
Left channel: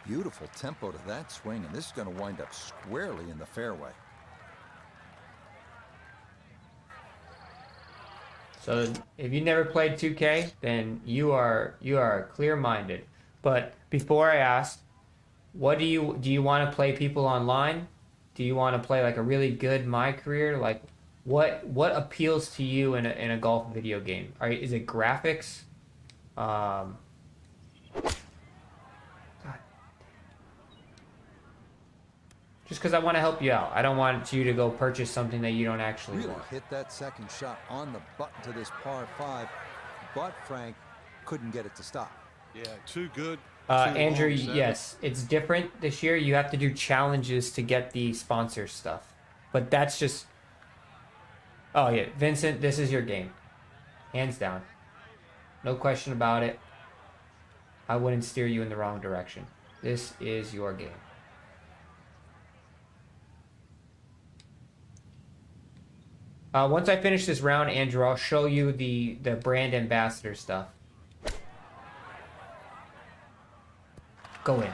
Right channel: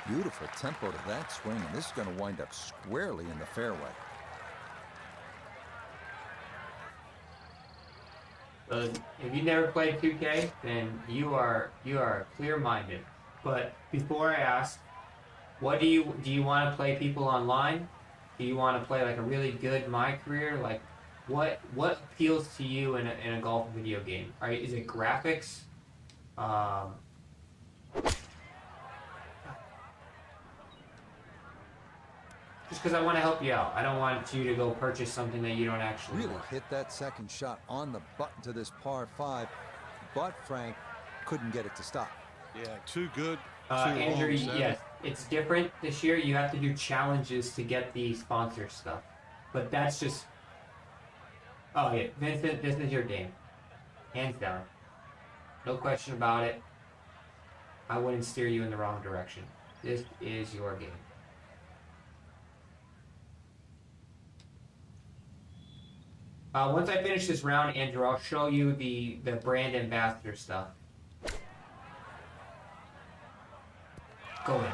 Beautiful tempo to that swing, and this is going to wind up squarely in the fairway. So if you never played 2K, then you are clear-minded. But before I ask, what do you want to play people online? Do you want to play like a really good My Career? Like what appeals to you in a golf video game? Is it graphics? Just because I want to help you out. I don't want you to go purchase something that you don't actually really want. Hit that second shot on the button to this par 5, but Frank couldn't get it to stop. Yeah, too good. Andrew, yes, it's different this year. You have to do challenges to get the sponsor stuff. But that's just... Oh, yeah, Vincent, this is your game. Hands down. No question about it. I wouldn't steer you in the wrong direction. This is your game. Once I finish this round, Andrew, I'll show you the brand ambassador stuff. Go in.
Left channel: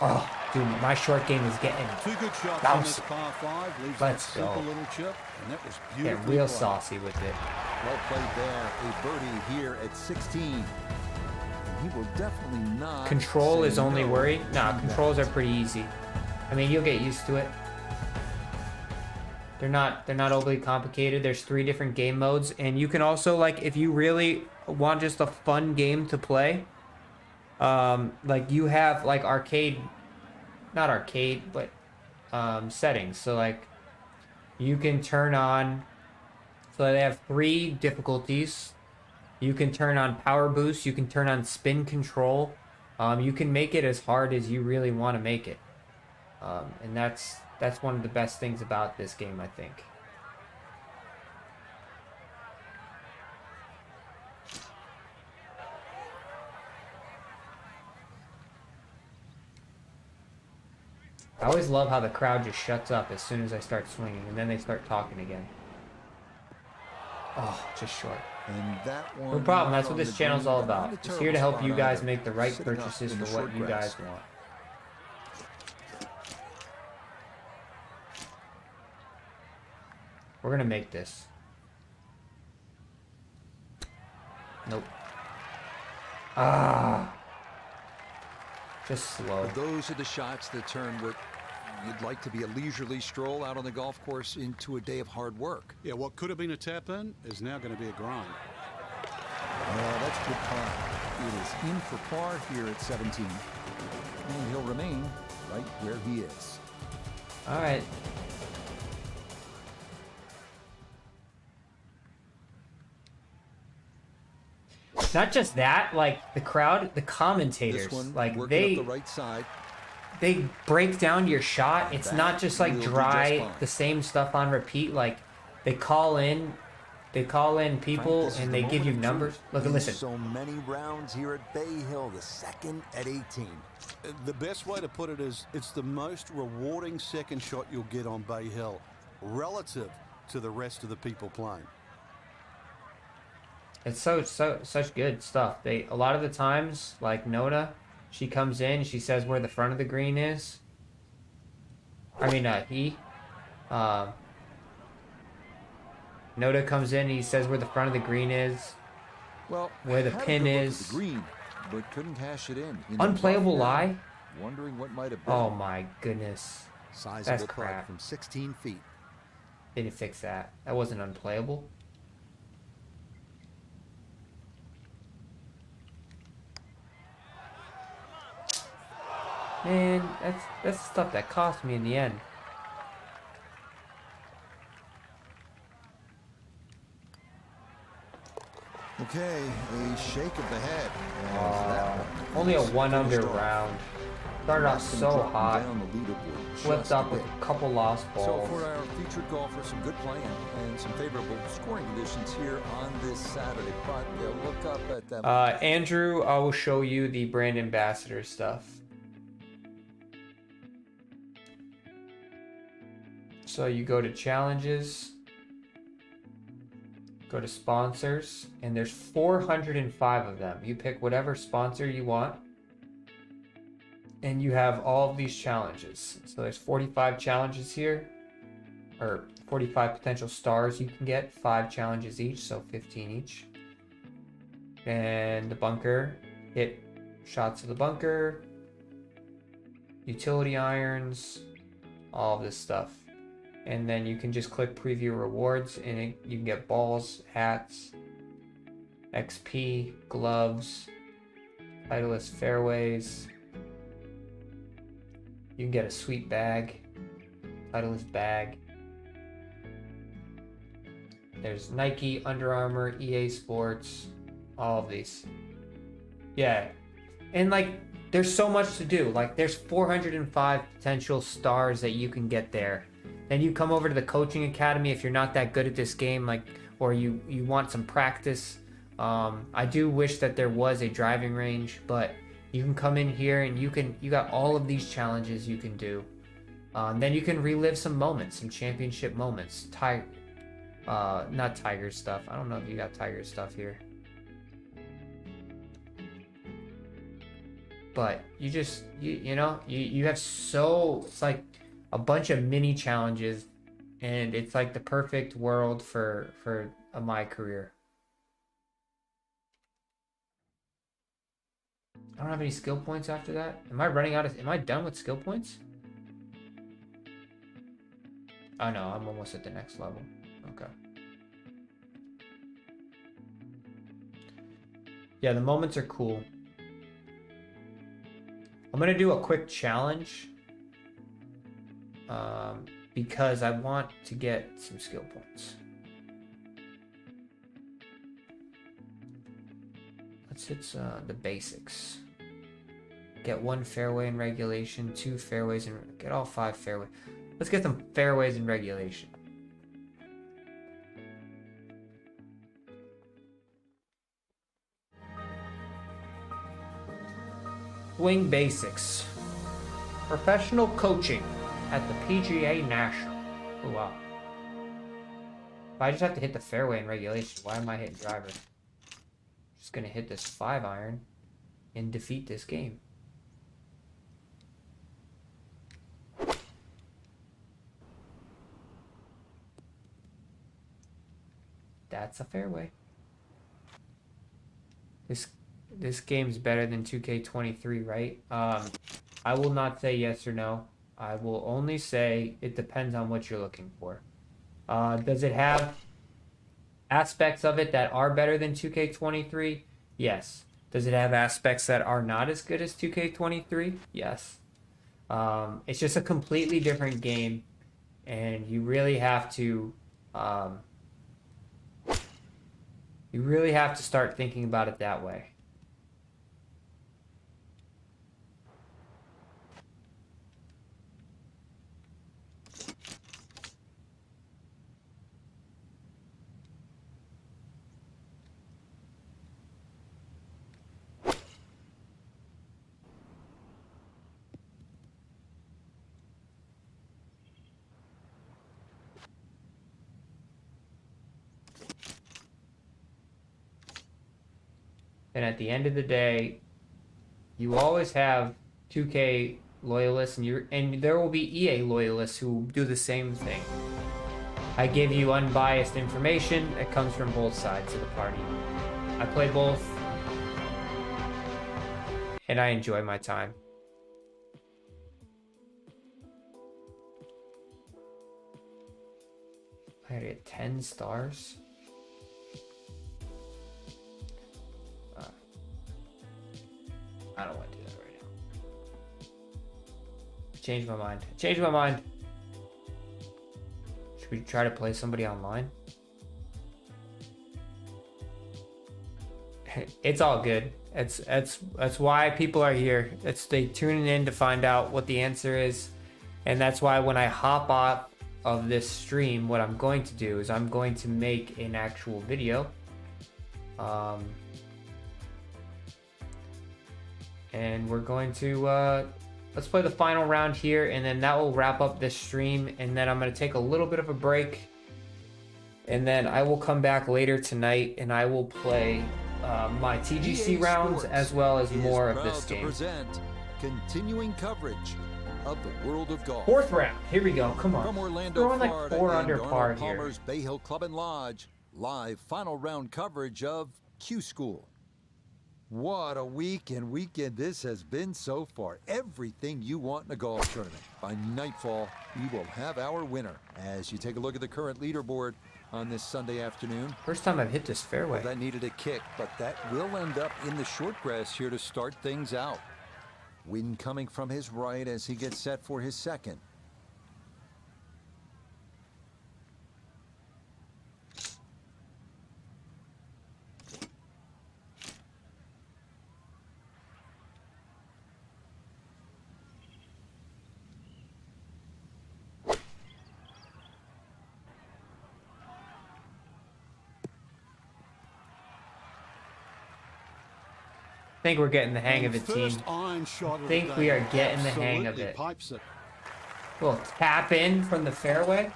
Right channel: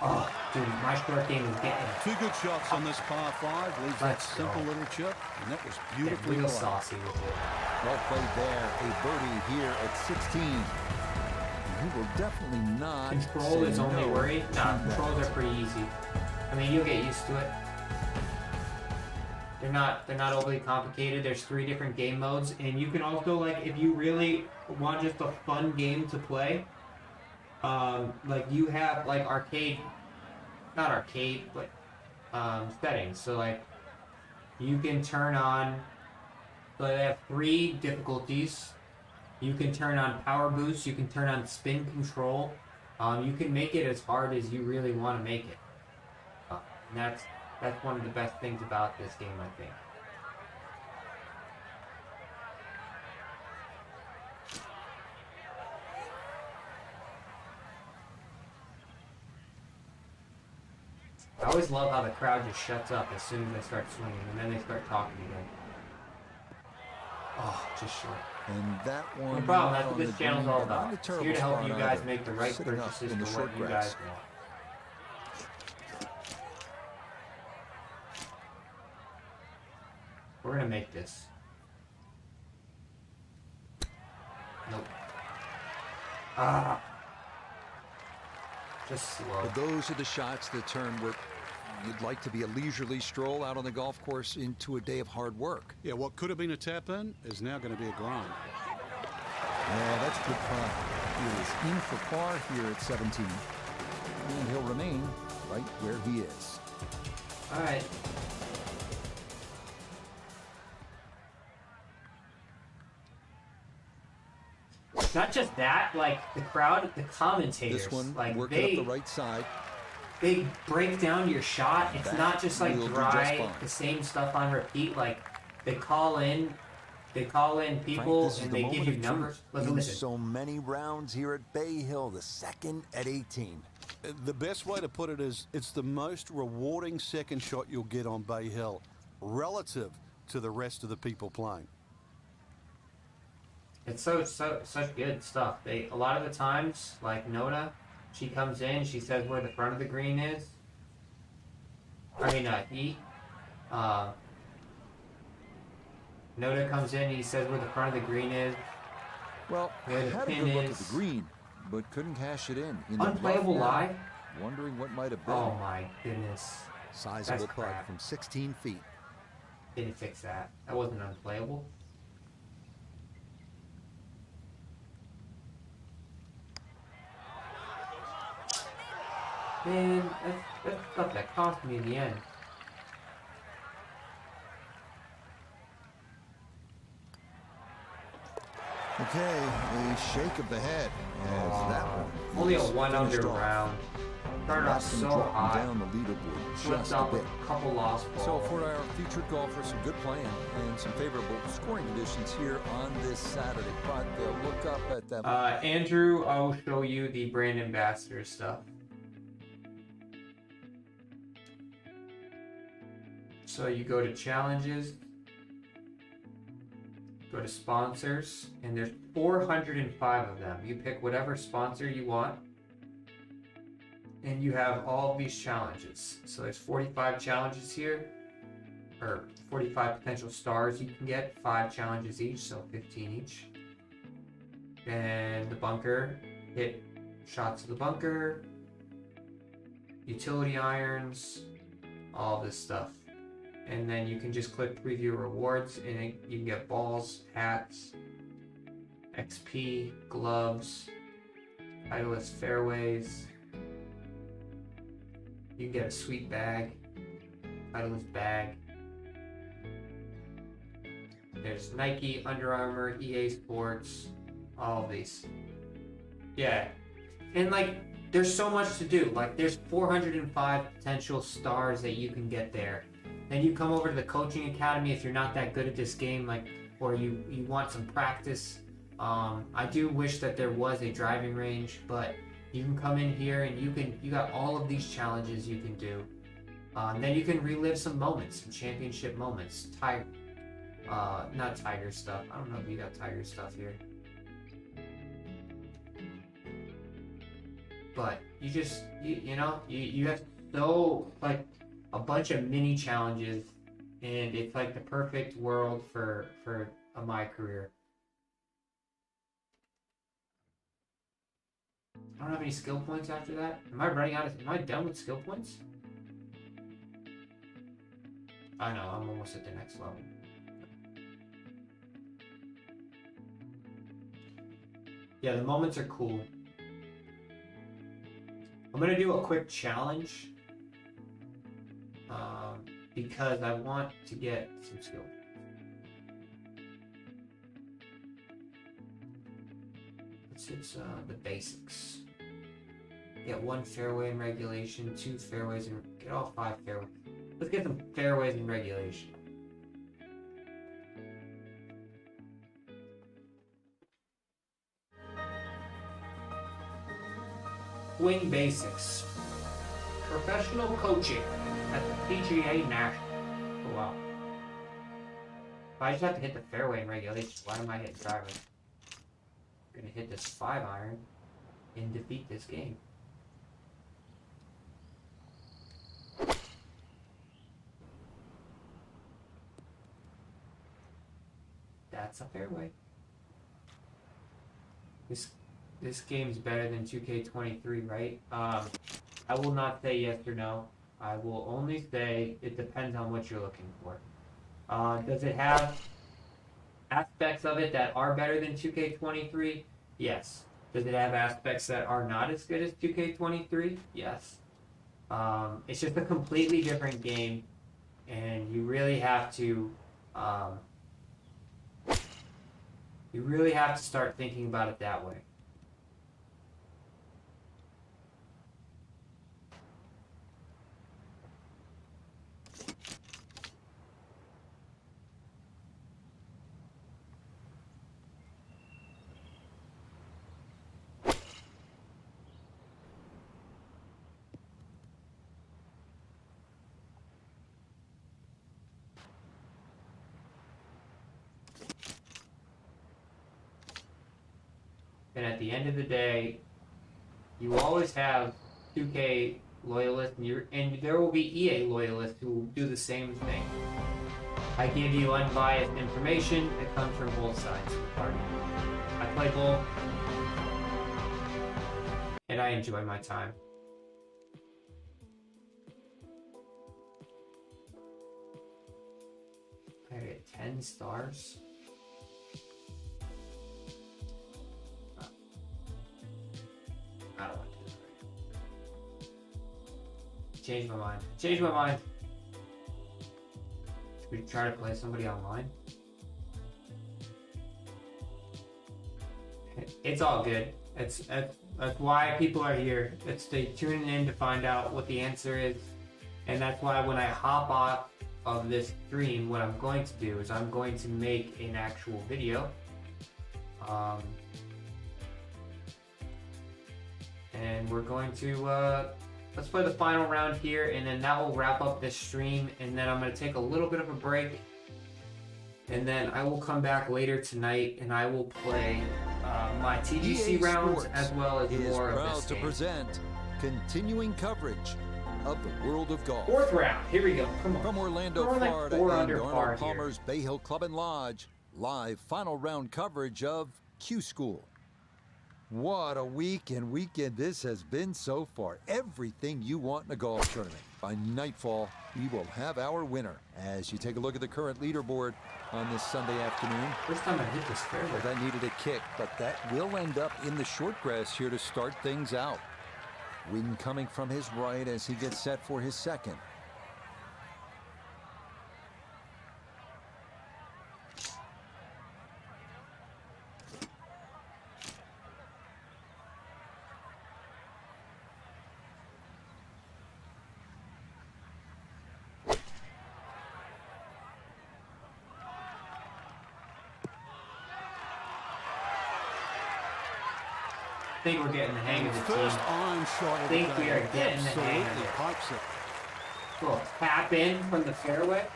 Oh, dude, my short game is getting two good shots on this par 5. Leaves that simple little chip, and that was beautifully real played. Saucy with it. Well played there. A birdie here at 16. And he will definitely not. Control is only worry. Nah, controls are pretty easy. I mean, you'll get used to it. They're not overly complicated. There's 3 different game modes, and you can also, like, if you really want just a fun game to play, like you have like not arcade, but settings. So like you can turn on. So they have 3 difficulties. You can turn on power boost. You can turn on spin control. You can make it as hard as you really want to make it, and that's one of the best things about this game, I think. I always love how the crowd just shuts up as soon as I start swinging, and then they start talking again. Oh, just short. And that one. No problem. That's what this channel's all about. It's here to help you guys make the right purchases for what you guys want. We're gonna make this. Nope. Just slow. But those are the shots that turn what you'd like to be a leisurely stroll out on the golf course into a day of hard work. Yeah, what could have been a tap-in is now going to be a grind. Yeah, that's good putt. It is in for par here at 17. And he'll remain right where he is. All right. It's not just that, like the crowd, the commentators. This one, like working up the right side. They break down your shot. It's not just like dry, the same stuff on repeat. Like they call in They call in people and they give you numbers. Look and listen. So many rounds here at Bay Hill, the second at 18. The best way to put it is it's the most rewarding second shot you'll get on Bay Hill relative to the rest of the people playing. It's such good stuff. A lot of the times, like Noda, she comes in, she says where the front of the green is. I mean, Noda comes in, he says where the front of the green is. Well, where the pin is. Look at the green, but couldn't cash it in. Unplayable lie. Wondering what might have been. Oh my goodness. Sizable putt from 16 feet. Didn't fix that. That wasn't unplayable. Man, that's the stuff that cost me in the end. Okay, a shake of the head as that one. Only a 1 under round. Started off so hot. Down the leaderboard just a bit. A couple lost balls. So for our featured golfers, some good playing and some favorable scoring conditions here on this Saturday. But they'll look up at them. Andrew, I will show you the brand ambassador stuff. So you go to challenges, go to sponsors, and there's 405 of them. You pick whatever sponsor you want, and you have all of these challenges. So there's 45 challenges here, or 45 potential stars you can get, 5 challenges each, so 15 each. And the bunker, hit shots of the bunker, utility irons, all of this stuff. And then you can just click preview rewards and you can get balls, hats, XP, gloves, Titleist fairways. You can get a sweet bag, Titleist bag. There's Nike, Under Armour, EA Sports, all of these. Yeah, and like there's so much to do. Like there's 405 potential stars that you can get there. Then you come over to the coaching academy if you're not that good at this game, like, or you want some practice. I do wish that there was a driving range, but you can come in here and you got all of these challenges you can do. Then you can relive some moments, some championship moments. Not Tiger stuff. I don't know if you got Tiger stuff here. But you just, you know, you have it's like a bunch of mini challenges, and it's like the perfect world for my career. I don't have any skill points after that. Am I done with skill points? I know, I'm almost at the next level. Okay. Yeah, the moments are cool. I'm gonna do a quick challenge. Because I want to get some skill points. It's the basics. Get 1 fairway in regulation, 2 fairways, and get all 5 fairways. Let's get some fairways in regulation. Swing basics. Professional coaching at the PGA National. Oh wow. I just have to hit the fairway in regulation. Why am I hitting driver? Just gonna hit this 5-iron and defeat this game. That's a fairway. This game's better than 2K23, right? I will not say yes or no. I will only say it depends on what you're looking for. Does it have aspects of it that are better than 2K23? Yes. Does it have aspects that are not as good as 2K23? Yes. It's just a completely different game, and you really have to start thinking about it that way. And at the end of the day, you always have 2K loyalists, and there will be EA loyalists who do the same thing. I give you unbiased information that comes from both sides of the party. I play both, and I enjoy my time. I get 10 stars. I don't want to do that right now. Change my mind. Change my mind. Should we try to play somebody online? It's all good. That's why people are here. They tuning in to find out what the answer is, and that's why when I hop off of this stream, what I'm going to do is I'm going to make an actual video. And we're going to let's play the final round here, and then that will wrap up this stream, and then I'm going to take a little bit of a break, and then I will come back later tonight and I will play my TGC rounds as well as more of this game. To present continuing coverage of the world of golf. Fourth round, here we go, come on. From Orlando, Florida, and Arnold Palmer's here. Bay Hill Club and Lodge, live final round coverage of Q School. What a week and weekend this has been so far. Everything you want in a golf tournament. By nightfall, we will have our winner. As you take a look at the current leaderboard on this Sunday afternoon. First time I hit this fairway. Well, that needed a kick, but that will end up in the short grass here to start things out. Wind coming from his right as he gets set for his second. I think we're getting the hang of the team. First iron shot of the day. I think we are getting the hang of it. Pipes it. Little tap in from the fairway.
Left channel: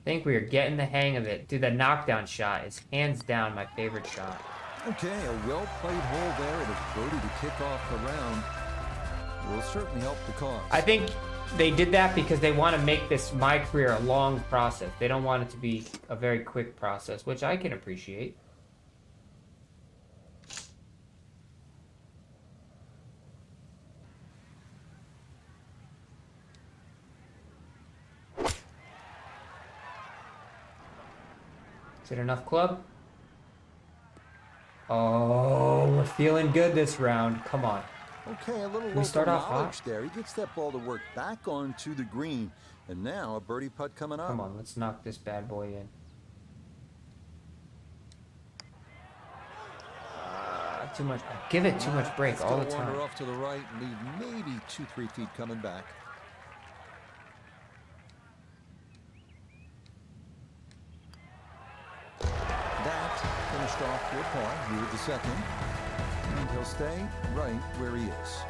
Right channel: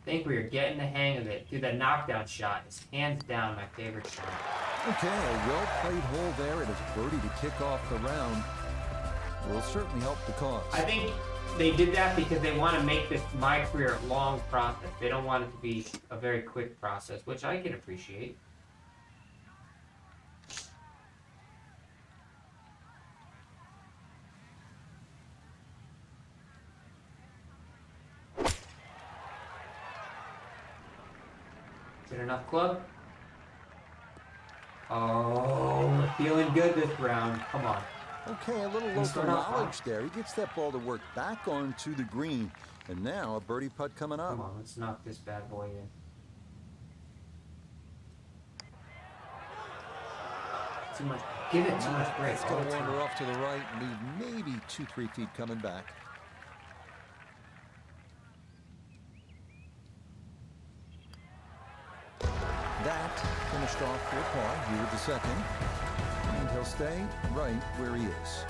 I think we are getting the hang of it. Dude, that knockdown shot is hands down my favorite shot. Okay, a well-played hole there. It is birdie to kick off the round. Will certainly help the cause. I think they did that because they want to make this, my career, a long process. They don't want it to be a very quick process, which I can appreciate. Is it enough club? Oh, we're feeling good this round. Come on. Okay, a little local knowledge there. He gets that ball to work back onto the green. And now a birdie putt coming up. Come on, let's knock this bad boy in. Too much. Give it too much break. It's going to wander off to the right and leave maybe 2-3 feet coming back. That finished off for par here at the second. And he'll stay right where he is.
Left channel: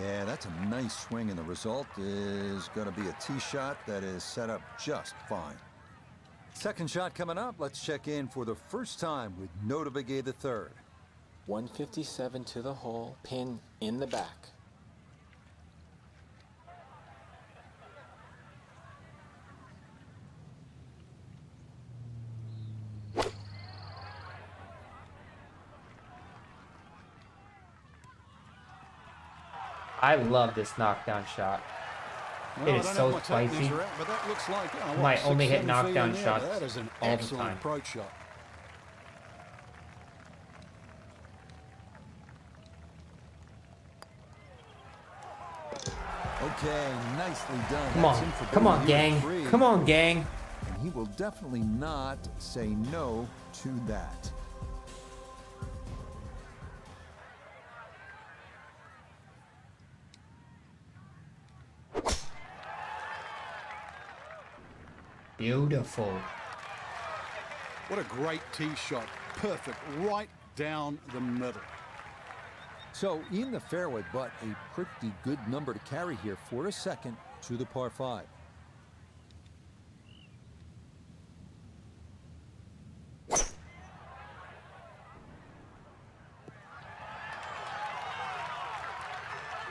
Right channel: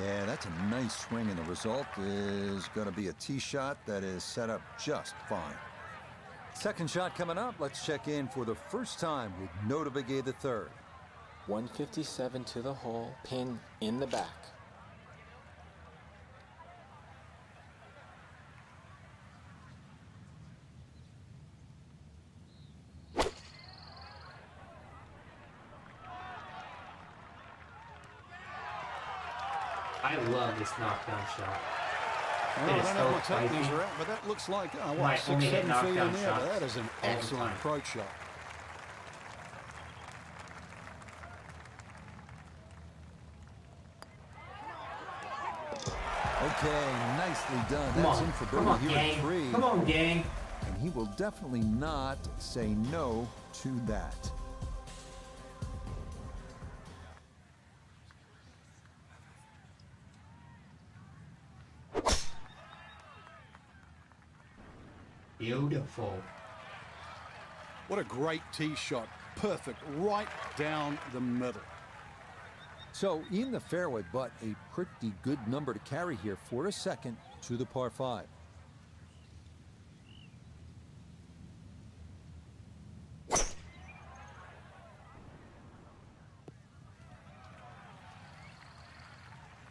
Yeah, that's a nice swing, and the result is going to be a tee shot that is set up just fine. Second shot coming up. Let's check in for the first time with Notabigay the third. 157 to the hole, pin in the back. I love this knockdown shot. Well, I don't know if my techniques are out, but that looks like, what, 6-7 feet in there, but that is an excellent approach shot. Okay, nicely done. That's in for come on, birdie here gang. at 3. Come on, gang. And he will definitely not say no to that. Beautiful. What a great tee shot. Perfect, right down the middle. So in the fairway, but a pretty good number to carry here for a second to the par 5.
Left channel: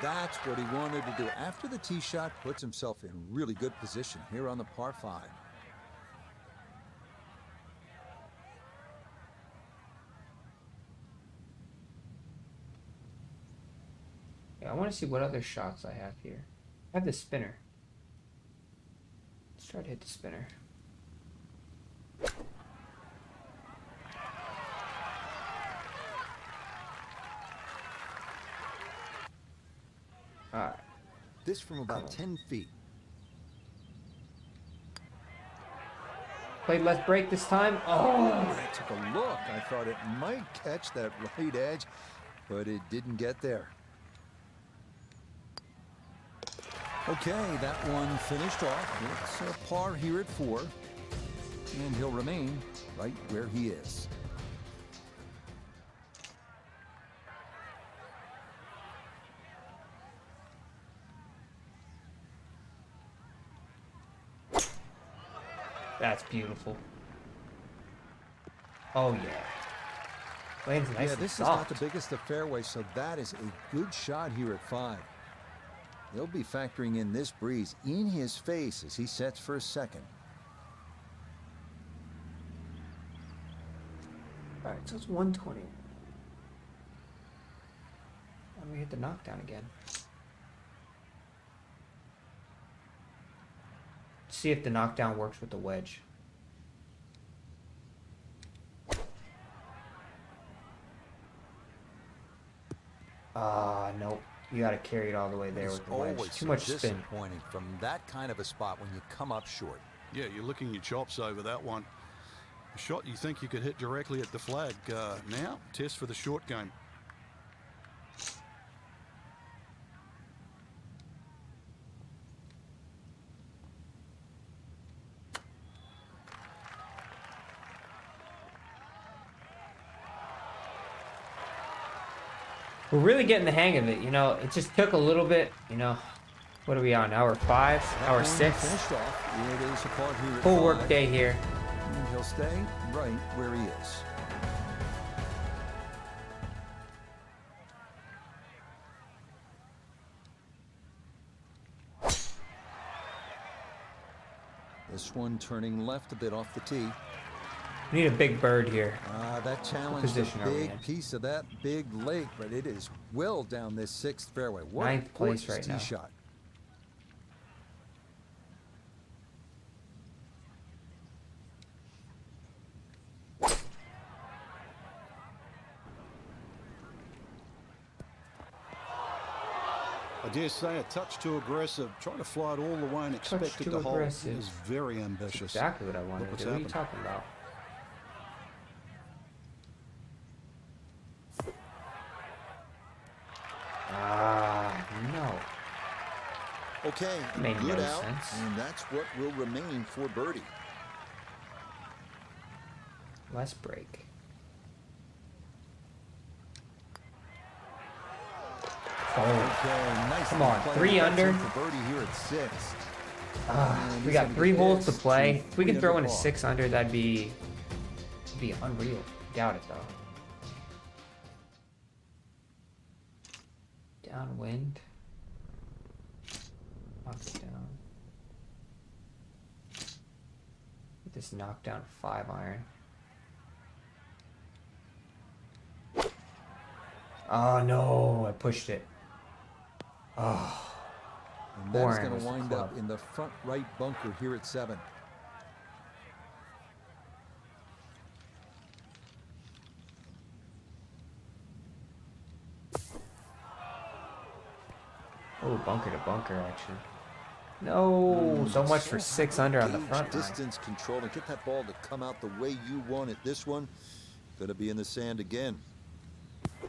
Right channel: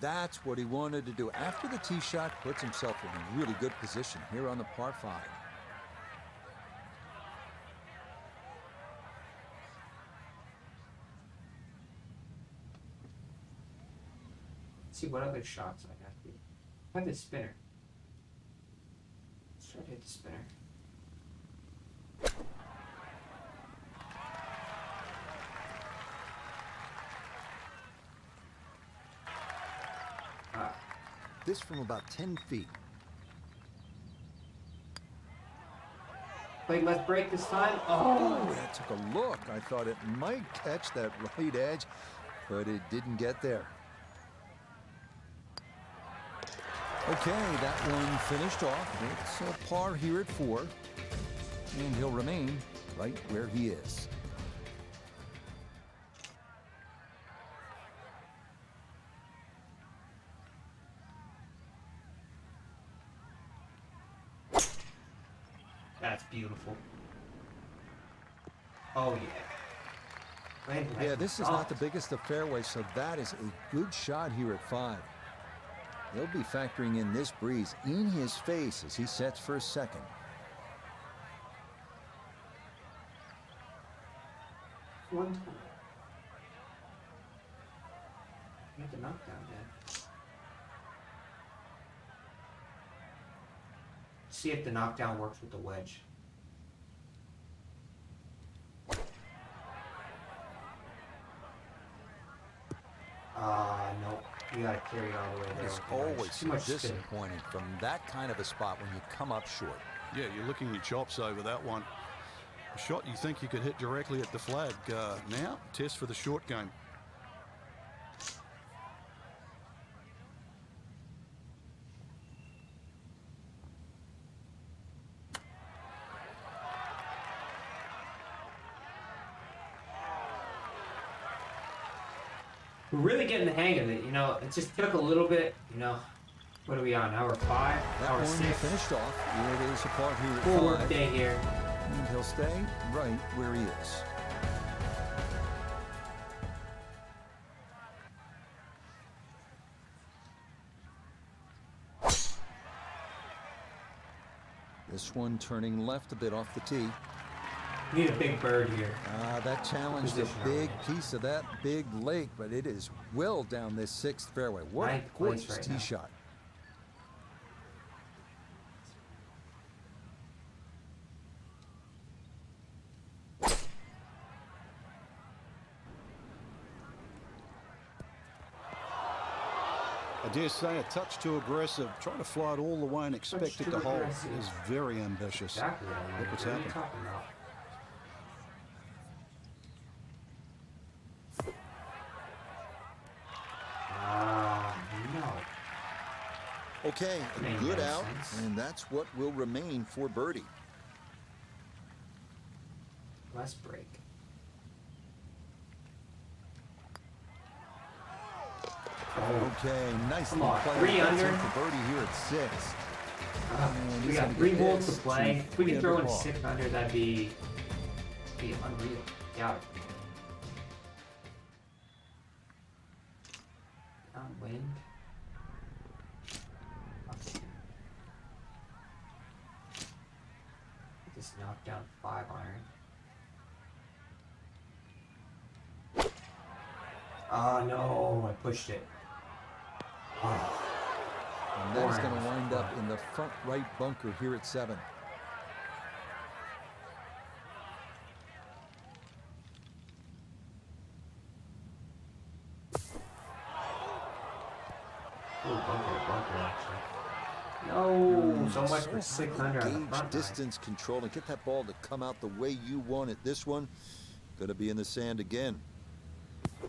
That's what he wanted to do. After the tee shot, puts himself in a really good position here on the par 5. I want to see what other shots I have here. I have the spinner. Let's try to hit the spinner. This from about 10 feet. Wait, let's break this time. Oh, that took a look. I thought it might catch that right edge, but it didn't get there. Okay, that one finished off. It's a par here at 4, and he'll remain right where he is. That's beautiful. Oh yeah. Lands nice. Yeah, this is not the biggest of fairways, so that is a good shot here at 5. He'll be factoring in this breeze in his face as he sets for a second. All right, so it's 120. And we hit the knockdown again. See if the knockdown works with the wedge. Nope. You gotta carry it all the way there. It's always so disappointing from that kind of a spot when you come up short. Yeah, you're licking your chops over that one. A shot you think you could hit directly at the flag. Now, test for the short game. We're really getting the hang of it, you know. It just took a little bit, you know. What are we on? Hour 5? Hour 6? Finished off. It is a par here at 5. Full work day here. And he'll stay right where he is. This one turning left a bit off the tee. We need a big bird here. That challenged a big piece of that big lake, but it is well down this 6th fairway. What a gorgeous tee shot. I dare say a touch too aggressive. Trying to fly it all the way and expect it to hold is very ambitious. Exactly what I want. Look what's happened. No. Okay, good out, and that's what will remain for birdie. Let's break. Okay, nicely played. 3 under for birdie here at 6. We got 3 holes to play. If we can throw in a 6 under, that'd be unreal. Doubt it though. Downwind. Up and down. Get this knockdown 5 iron. Oh no, I pushed it. Oh. And that is going to wind up in the front right bunker here at 7. Oh, bunker to bunker, actually. No, so much for 6 under on the front. Distance control and get that ball to come out the way you want it. This one going to be in the sand again. I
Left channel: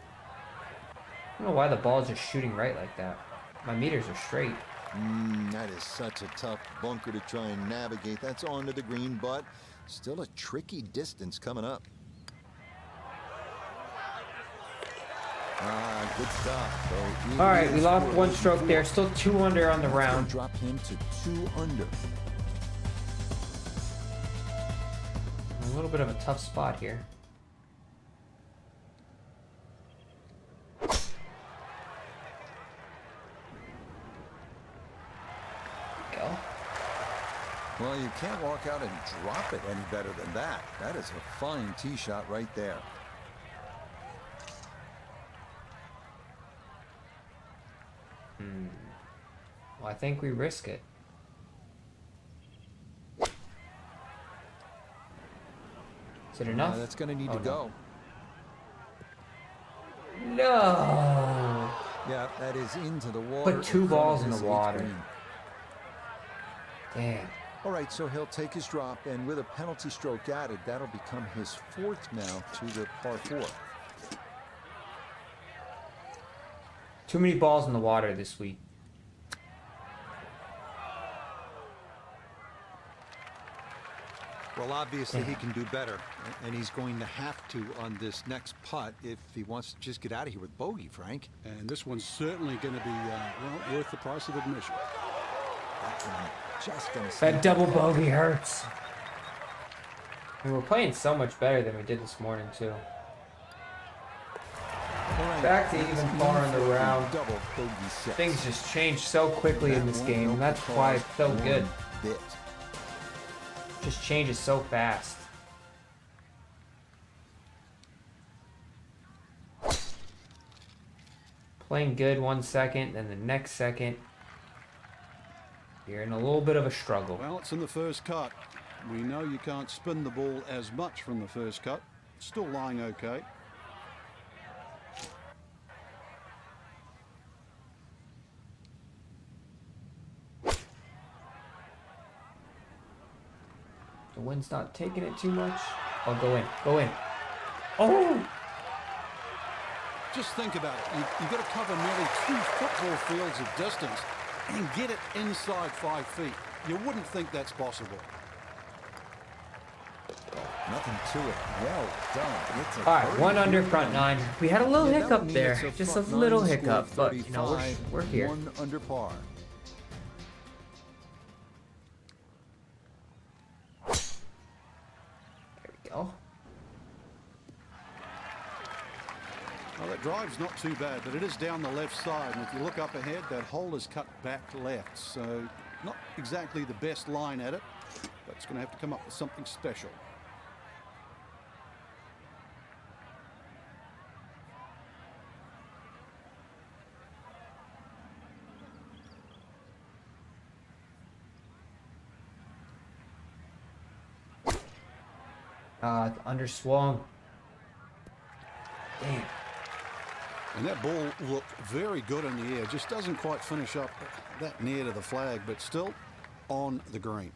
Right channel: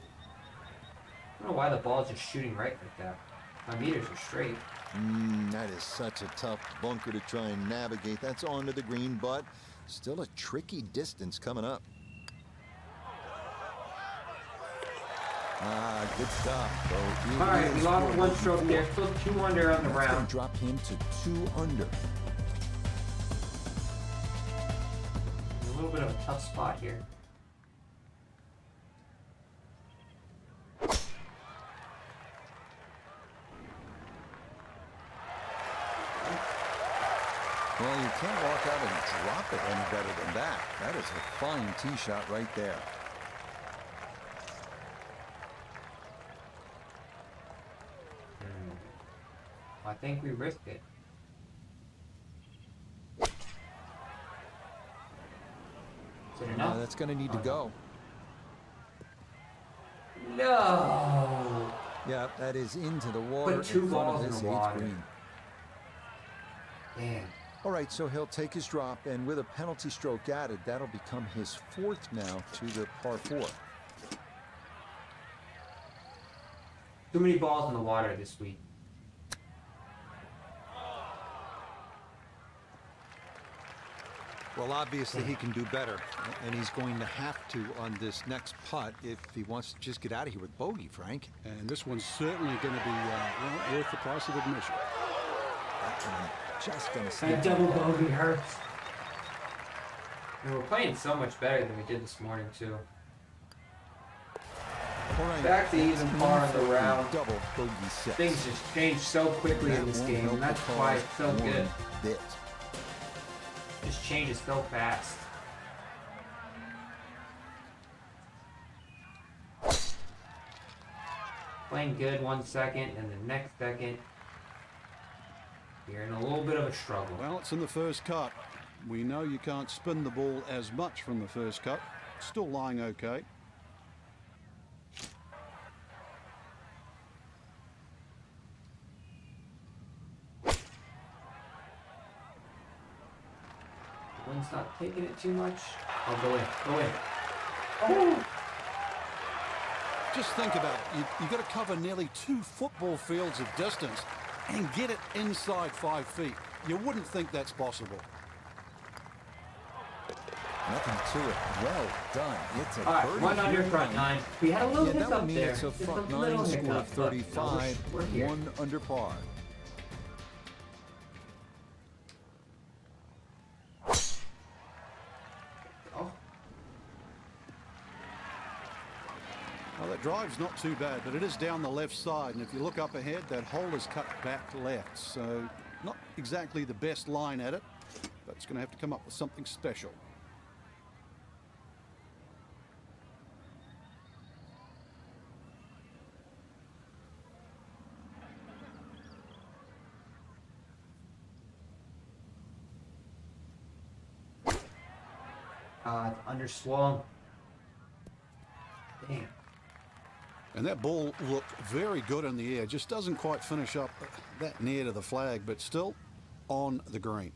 don't know why the ball is just shooting right like that. My meters are straight. That is such a tough bunker to try and navigate. That's onto the green, but still a tricky distance coming up. Good stuff. So all right, we lost one stroke there. Still 2 under on the round. That's going to drop him to 2 under. A little bit of a tough spot here. Well, you can't walk out and drop it any better than that. That is a fine tee shot right there. Well, I think we risk it. Is it enough? That's going to need to go. No. Yeah, that is into the water. Put 2 balls in the water. Green. Damn. All right, so he'll take his drop, and with a penalty stroke added, that'll become his 4th now to the par 4. Too many balls in the water this week. Well, obviously he can do better, and he's going to have to on this next putt if he wants to just get out of here with bogey, Frank. And this one's certainly going to be well, worth the price of admission. That one just going to that double bogey hurts. And we're playing so much better than we did this morning, too. Right, back to even par on the round. Double bogey 6. Things just change so quickly in this game. That's why it's so good. Bit. Just changes so fast. Playing good 1 second, and the next second, you're in a little bit of a struggle. Well, it's in the first cut. We know you can't spin the ball as much from the first cut. Still lying okay. The wind's not taking it too much. Oh, go in. Go in. Oh! Just think about it. You've got to cover nearly 2 football fields of distance and get it inside 5 feet. You wouldn't think that's possible. Nothing to it. Well done. It's a all right, 1 under front 9. We had a little hiccup there. It's a just front a little 9 hiccup. Score of 35. But, we're here. 1 under par. Well, that drive's not too bad, but it is down the left side. And if you look up ahead, that hole is cut back left. So not exactly the best line at it, but it's going to have to come up with something special. Underswung. Damn. And that ball looked very good in the air. Just doesn't quite finish up that near to the flag, but still on the green.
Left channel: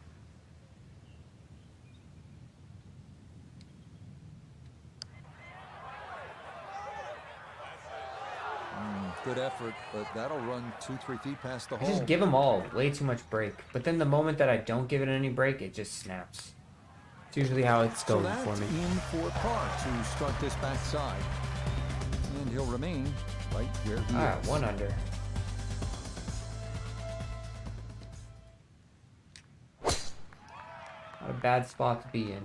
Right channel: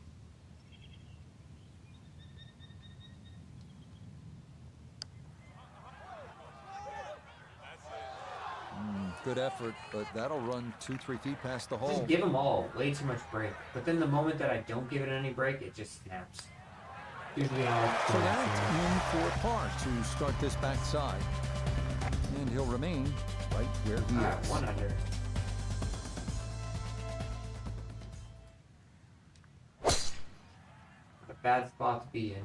Good effort, but that'll run 2-3 feet past the hole. Just give them all way too much break. But then the moment that I don't give it any break, it just snaps. It's usually how it's going. So that's in for par to start this backside. And he'll remain right where he is. 1 under. Not a bad spot to be in.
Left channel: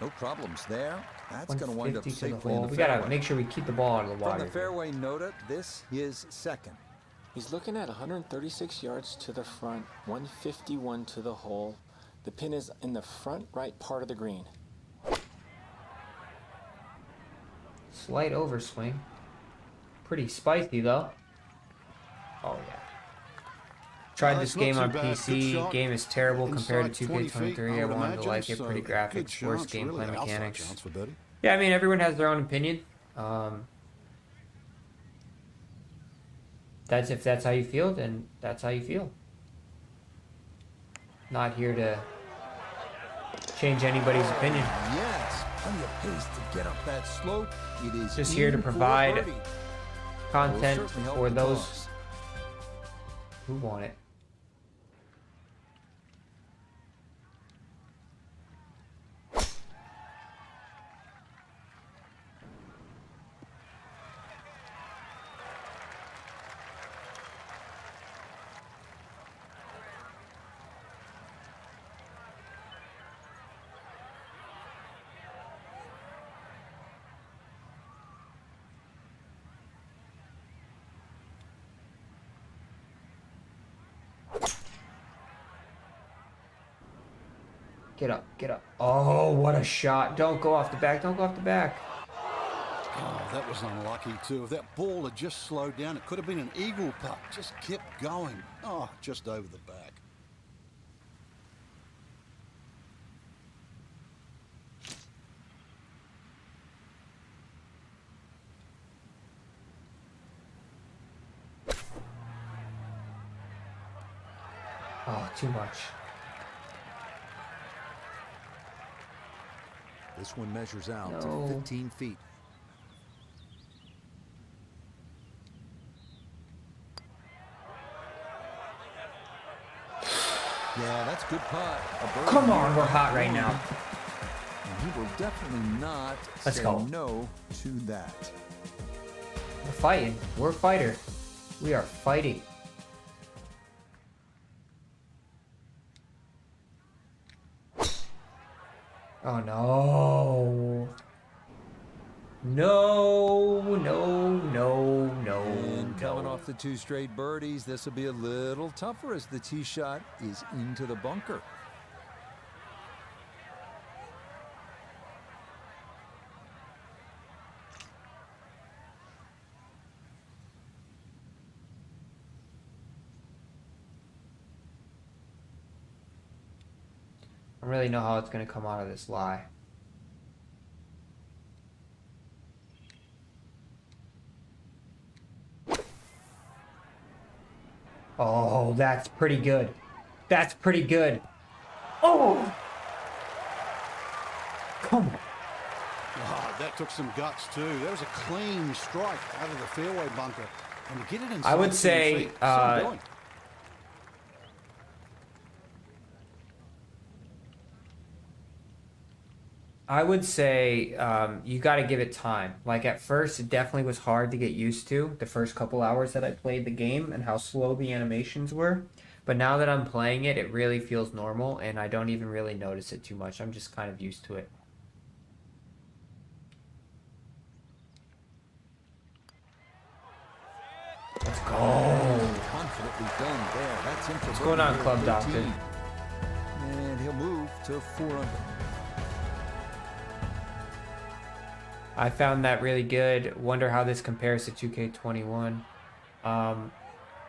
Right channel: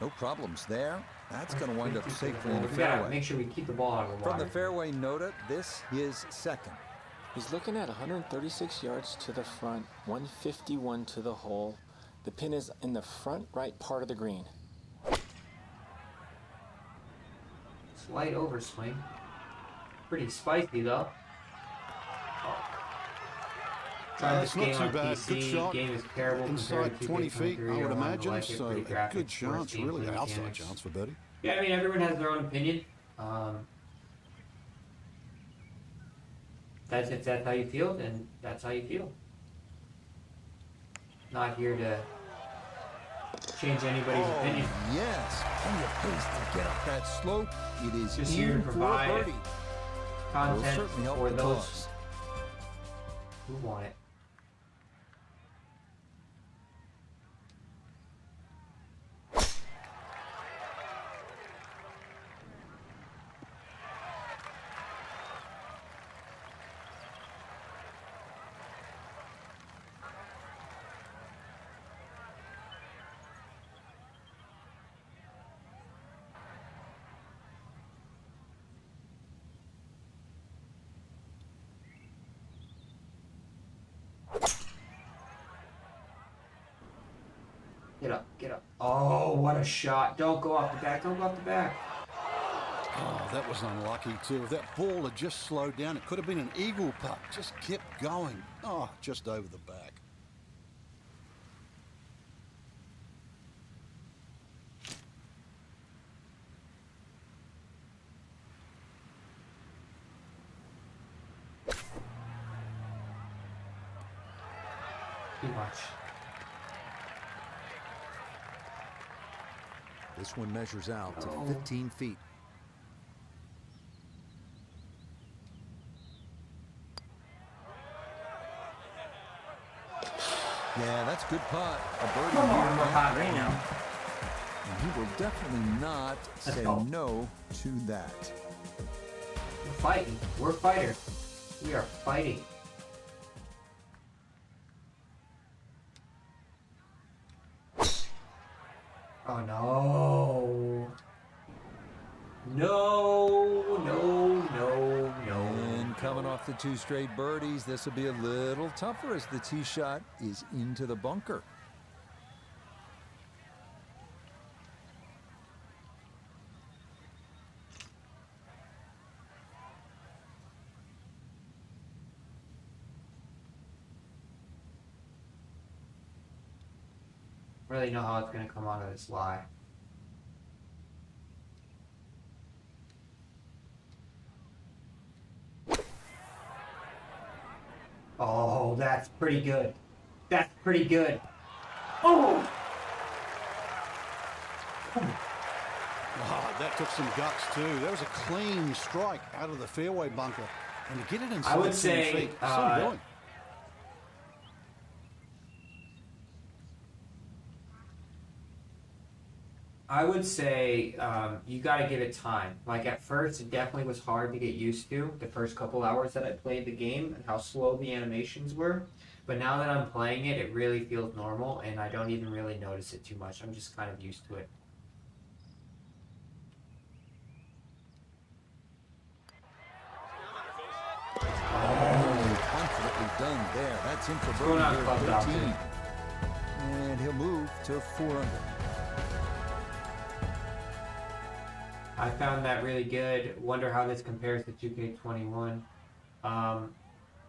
No problems there. That's going to wind up safely in the we fairway. Gotta make sure we keep the ball out of the water. From the fairway nota, this is second. He's looking at 136 yards to the front, 151 to the hole. The pin is in the front right part of the green. Slight overswing. Pretty spicy though. Oh. Tried this game on PC. Good shot. Game is terrible compared Inside to 20 feet, I would imagine. So a good chance, really. Outside chance for birdie. Yeah, I mean, everyone has their own opinion. If that's how you feel, then that's how you feel. Not here to change anybody's opinion. Yes, plenty of pace to get up that slope. It is just here to provide content certainly help for the those cause. who want it. Get up, get up. Oh, what a shot. Don't go off the back, don't go off the back. Oh, that was unlucky too. If that ball had just slowed down, it could have been an eagle putt. Just kept going. Oh, just over the back. Oh, too much. This one measures out to 15 feet. Yeah, that's a good putt. Come on, we're hot right now. And he will definitely not say no to that. We're fighting. We're a fighter. We are fighting. Oh no. No, no, no, no. And coming off the 2 straight birdies, this will be a little tougher as the tee shot is into the bunker. I don't really know how it's going to come out of this lie. Oh, that's pretty good. That's pretty good. Oh! Come on. Oh, that took some guts too. That was a clean strike out of the fairway bunker. And to get it inside I would 10 say, feet, some going. I would say you got to give it time. Like at first, it definitely was hard to get used to the first couple hours that I played the game and how slow the animations were. But now that I'm playing it, it really feels normal and I don't even really notice it too much. I'm just kind of used to it. Let's go. Oh, confidently done there. That's in for birdie here at 13. And he'll move to 4 under. I found that really good. Wonder how this compares to 2K21. I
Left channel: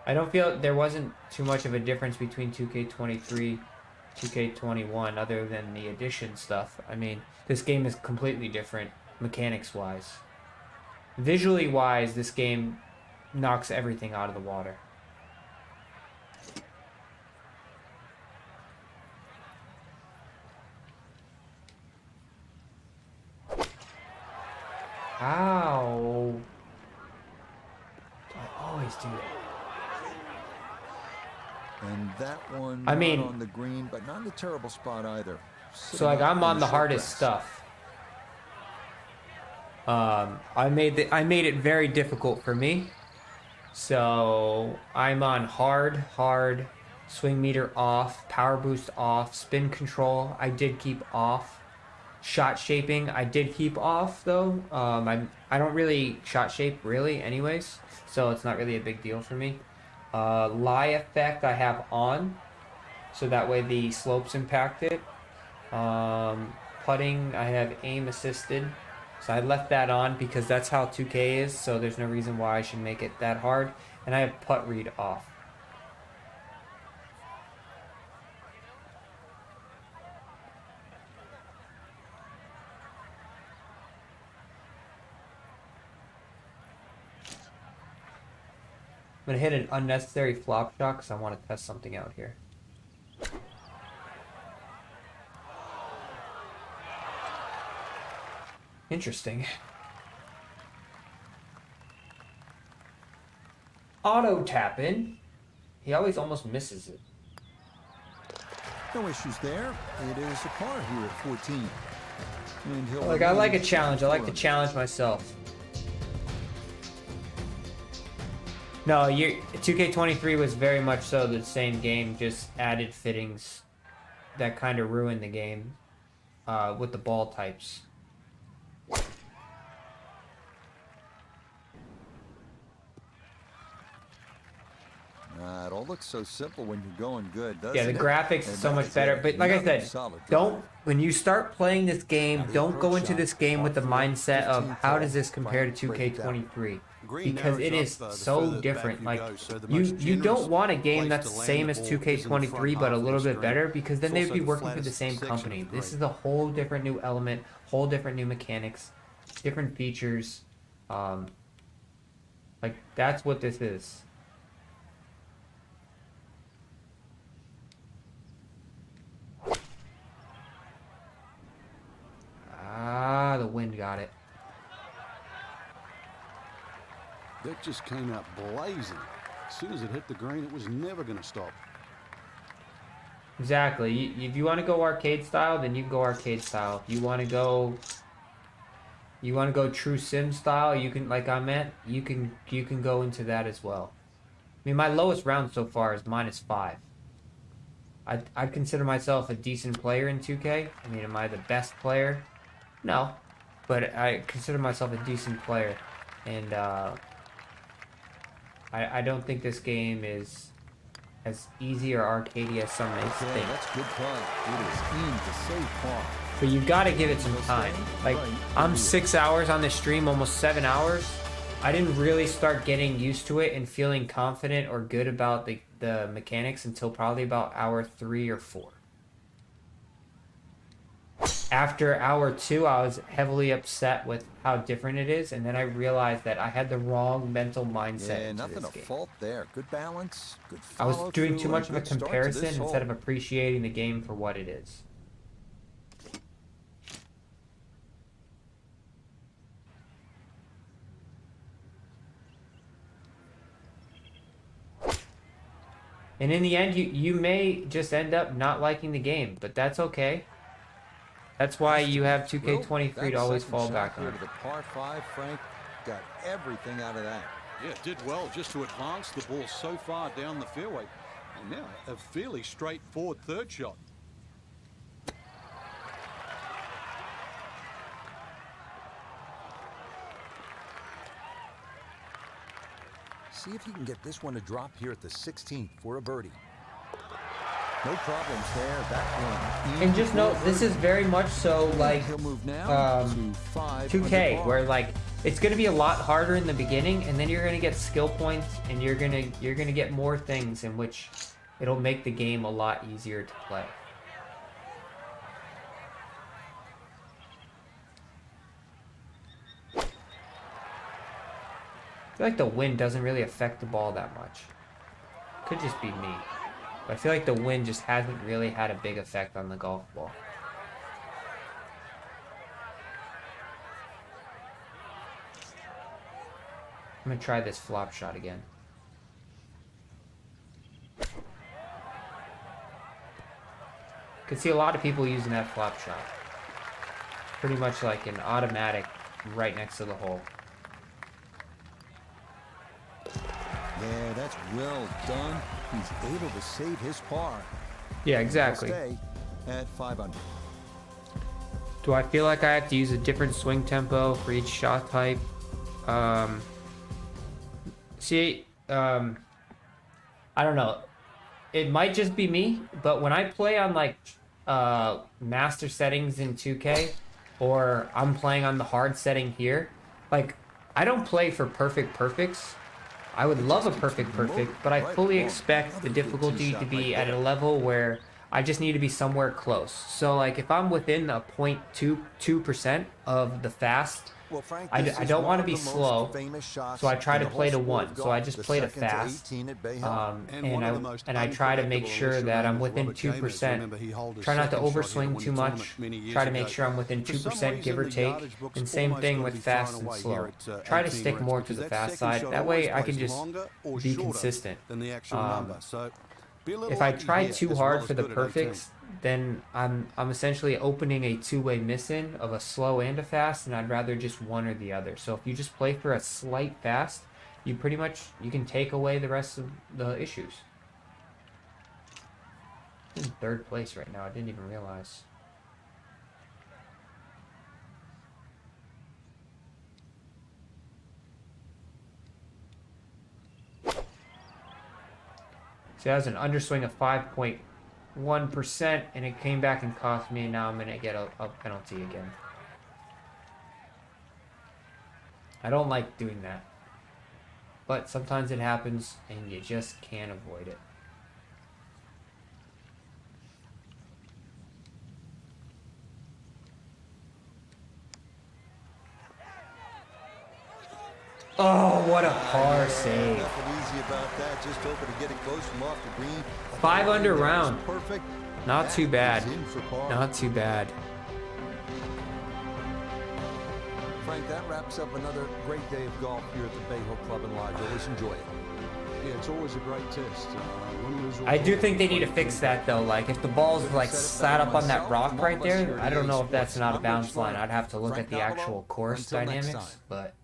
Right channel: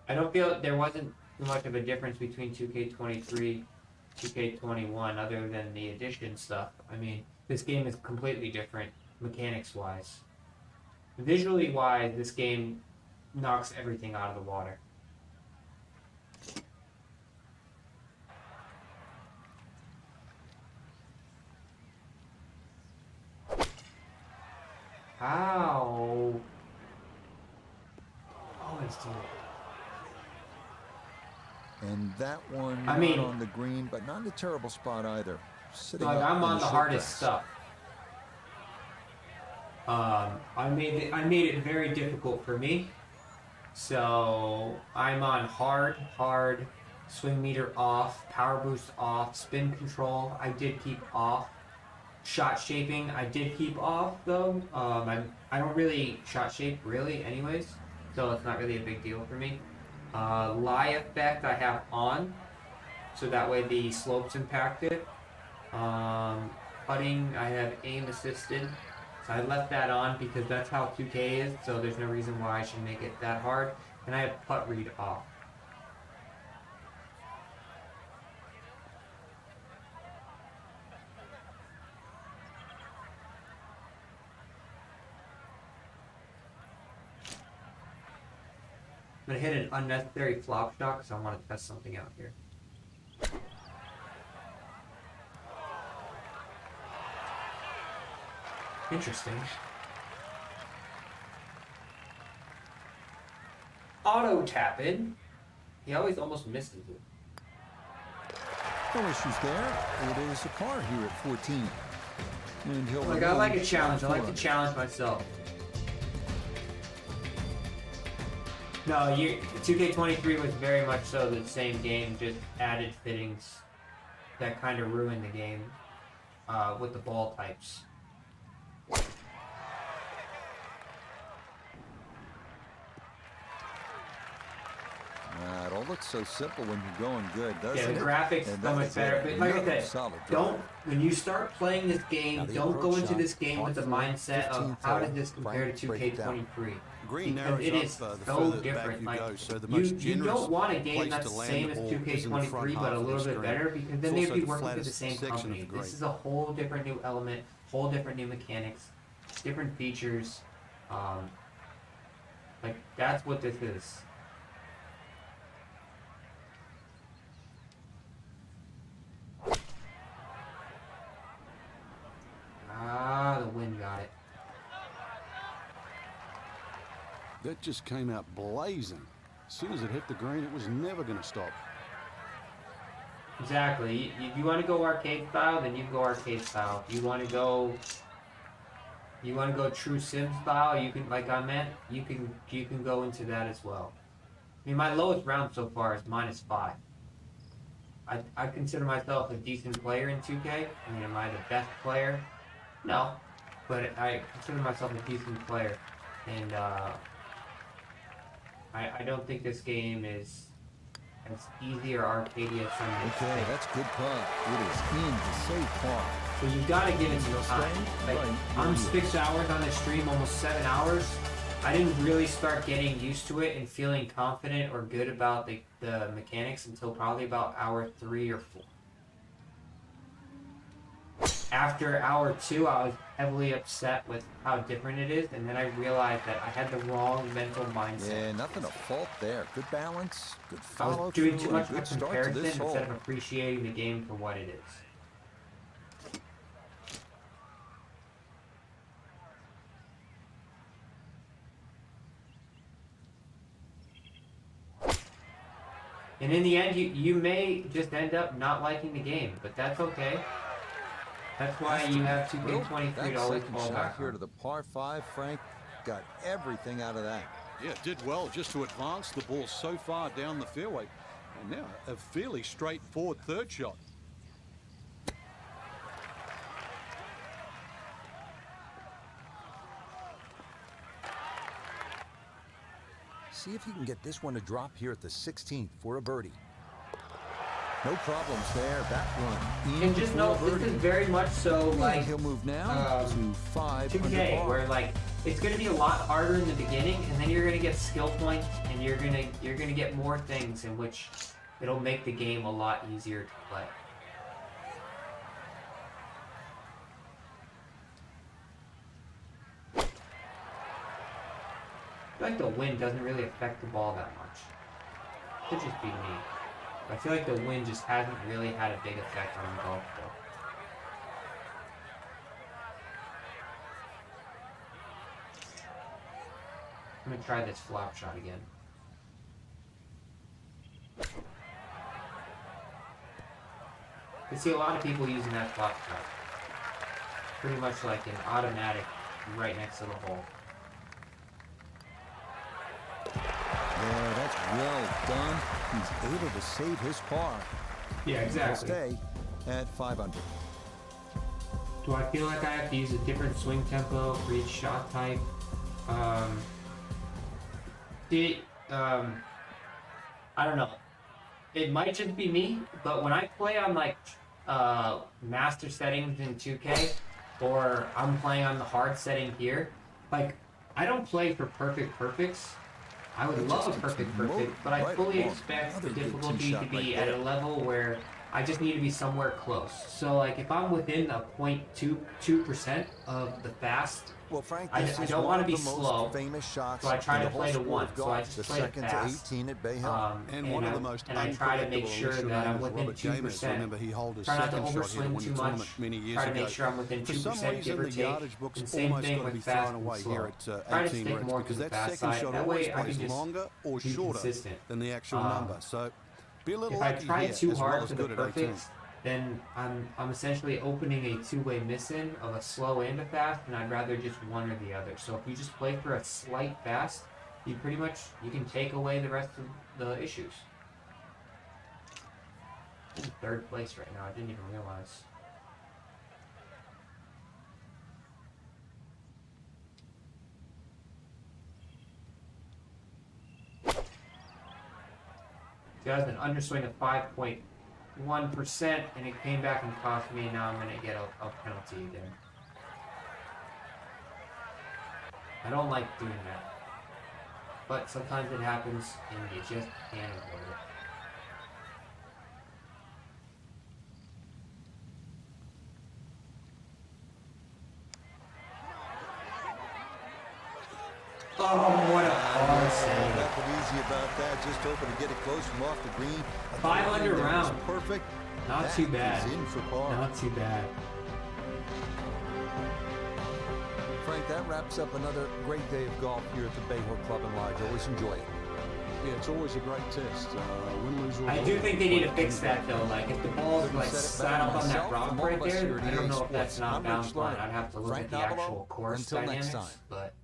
don't feel there wasn't too much of a difference between 2K23, 2K21 other than the addition stuff. I mean, this game is completely different mechanics-wise. Visually wise, this game knocks everything out of the water. Ow. I always do that. And that one not on the green, but not in a terrible spot either. So like I'm on the hardest stuff. I made it very difficult for me. So I'm on hard, swing meter off, power boost off, spin control I did keep off. Shot shaping I did keep off though. I don't really shot shape really anyways, so it's not really a big deal for me. Lie effect I have on, so that way the slopes impacted. Putting I have aim assisted, so I left that on because that's how 2K is, so there's no reason why I should make it that hard. And I have putt read off. I'm going to hit an unnecessary flop shot because I want to test something out here. Interesting. auto tap in. He always almost misses it. No issues there. It is a par here at 14. And he'll I like a challenge. I like to challenge myself. No, 2K23 was very much so the same game, just added fittings that kind of ruined the game with the ball types. It all looks so simple when you're going good, doesn't it? Yeah, the graphics is so much better. But like I said, when you start playing this game, don't go into this game with the mindset of how does this compare to 2K23? Because it is so different. Like, you don't want a game that's the same as 2K23 but a little bit better, because then they'd be working for the same company. This is a whole different new element, whole different new mechanics, different features. Like, that's what this is. The wind got it. That just came out blazing. As soon as it hit the green, it was never going to stop. Exactly. If you want to go arcade style, then you go arcade style. If you want to go true sim style, you can, like I meant, you can go into that as well. I mean, my lowest round so far is -5. I consider myself a decent player in 2K. I mean, am I the best player? No, but I consider myself a decent player, and I don't think this game is as easy or arcadey as some may Okay, that's good putt. It is in to save par. But you got to give it some time. Like, I'm 6 hours on this stream, almost 7 hours. I didn't really start getting used to it and feeling confident or good about the mechanics until probably about hour 3 or 4. After hour 2, I was heavily upset with how different it is, and then I realized that I had the wrong mental mindset. Yeah, nothing to fault there. Good balance, good follow-through. I was doing too much of a comparison instead of appreciating the game for what it is. And in the end, you may just end up not liking the game, but that's okay. That's why you have 2K23 to always fall back here to the par 5, Frank. Got everything out of that. Yeah, did well just to advance the ball so far down the fairway. And now a fairly straightforward third shot. See if he can get this one to drop here at the 16th for a birdie. No problems there. That one. And just note, this is very much so like he'll move now to 5 2K, where like it's going to be a lot harder in the beginning, and then you're going to get skill points, and you're going to get more things in which it'll make the game a lot easier to play. I feel like the wind doesn't really affect the ball that much. Could just be me. But I feel like the wind just hasn't really had a big effect on the golf ball. I'm going to try this flop shot again. Can see a lot of people using that flop shot. Pretty much like an automatic right next to the hole. Yeah, that's well done. He's able to save his par. Yeah, exactly. He'll stay at 5 under. Do I feel like I have to use a different swing tempo for each shot type? I don't know. It might just be me, but when I play on like master settings in 2K, or I'm playing on the hard setting here, like I don't play for perfects. I would love a perfect, but I fully expect the difficulty to be at a level where I just need to be somewhere close. So like if I'm within a 0.22% of the fast, well, Frank, I don't want to be slow, so I try to play to 1. So I just play to fast. And one of the most and I try to make sure that I'm within 2%. Remember, he held his try not to second shot here overswing to win too the much. tournament many years Try to ago. make sure I'm within 2%, give or take. And same thing with fast and slow. Try to stick more to the fast side. That way I can just longer or be shorter consistent. than the actual number. So be a little if I lucky try here, too as hard well as for the good at 18. perfects, then I'm essentially opening a two-way miss-in of a slow and a fast, and I'd rather just one or the other. So if you just play for a slight fast, you can take away the rest of the issues. I'm in 3rd place right now. I didn't even realize. So that was an underswing of 5.1%, and it came back and cost me. Now I'm going to get a penalty again. I don't like doing that. But sometimes it happens, and you just can't avoid it. Oh, what a par save. Nothing easy about that. Just hoping to get it close from off the green. 5 under round. Perfect. Not too bad. That is in for par. Not too bad. Frank, that wraps up another great day of golf here at the Bay Hill Club and Lodge. Always enjoy it. Yeah, it's always a great test. Win, lose, or I do draw. think they need to fix that though. Like if the ball's like sat up on that rock right there, I don't know if that's not a bounce line. I'd have to look at the actual course dynamics. But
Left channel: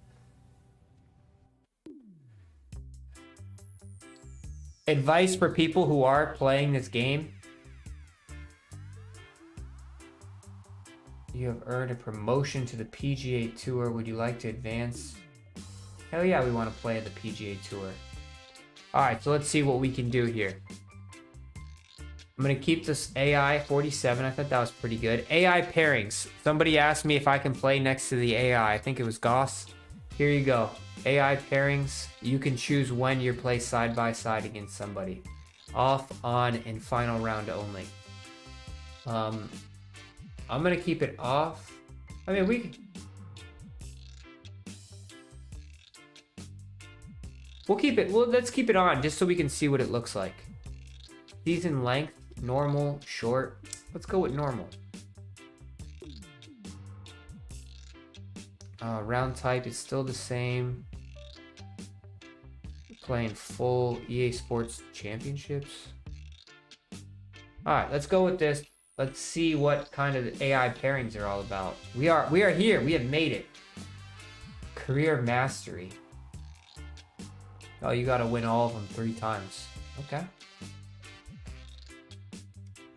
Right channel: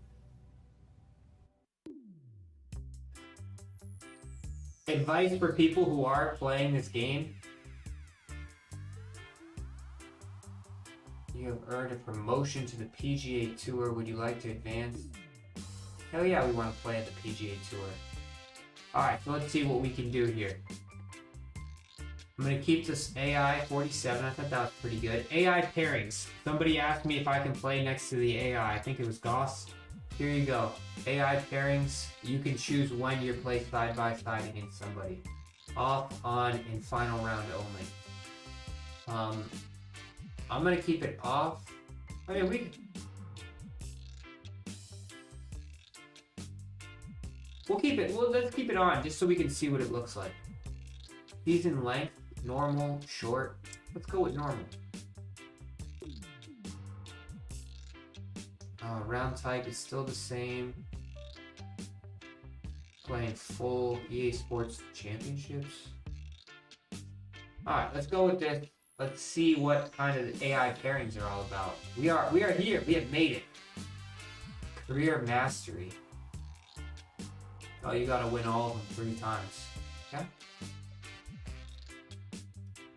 advice for people who are playing this game: you have earned a promotion to the PGA Tour. Would you like to advance? Hell yeah, we want to play at the PGA Tour. Alright, so let's see what we can do here. I'm going to keep this AI 47. I thought that was pretty good. AI pairings. Somebody asked me if I can play next to the AI. I think it was Goss. Here you go. AI pairings. You can choose when you play side by side against somebody. Off, on, and final round only. I'm going to keep it off. I mean, we'll keep it. Well, let's keep it on just so we can see what it looks like. Season length, normal, short. Let's go with normal. Round type is still the same. Playing full EA Sports Championships. Alright, let's go with this. Let's see what kind of AI pairings are all about. We are here. We have made it. Career Mastery. Oh, you gotta win all of them 3 times. Okay.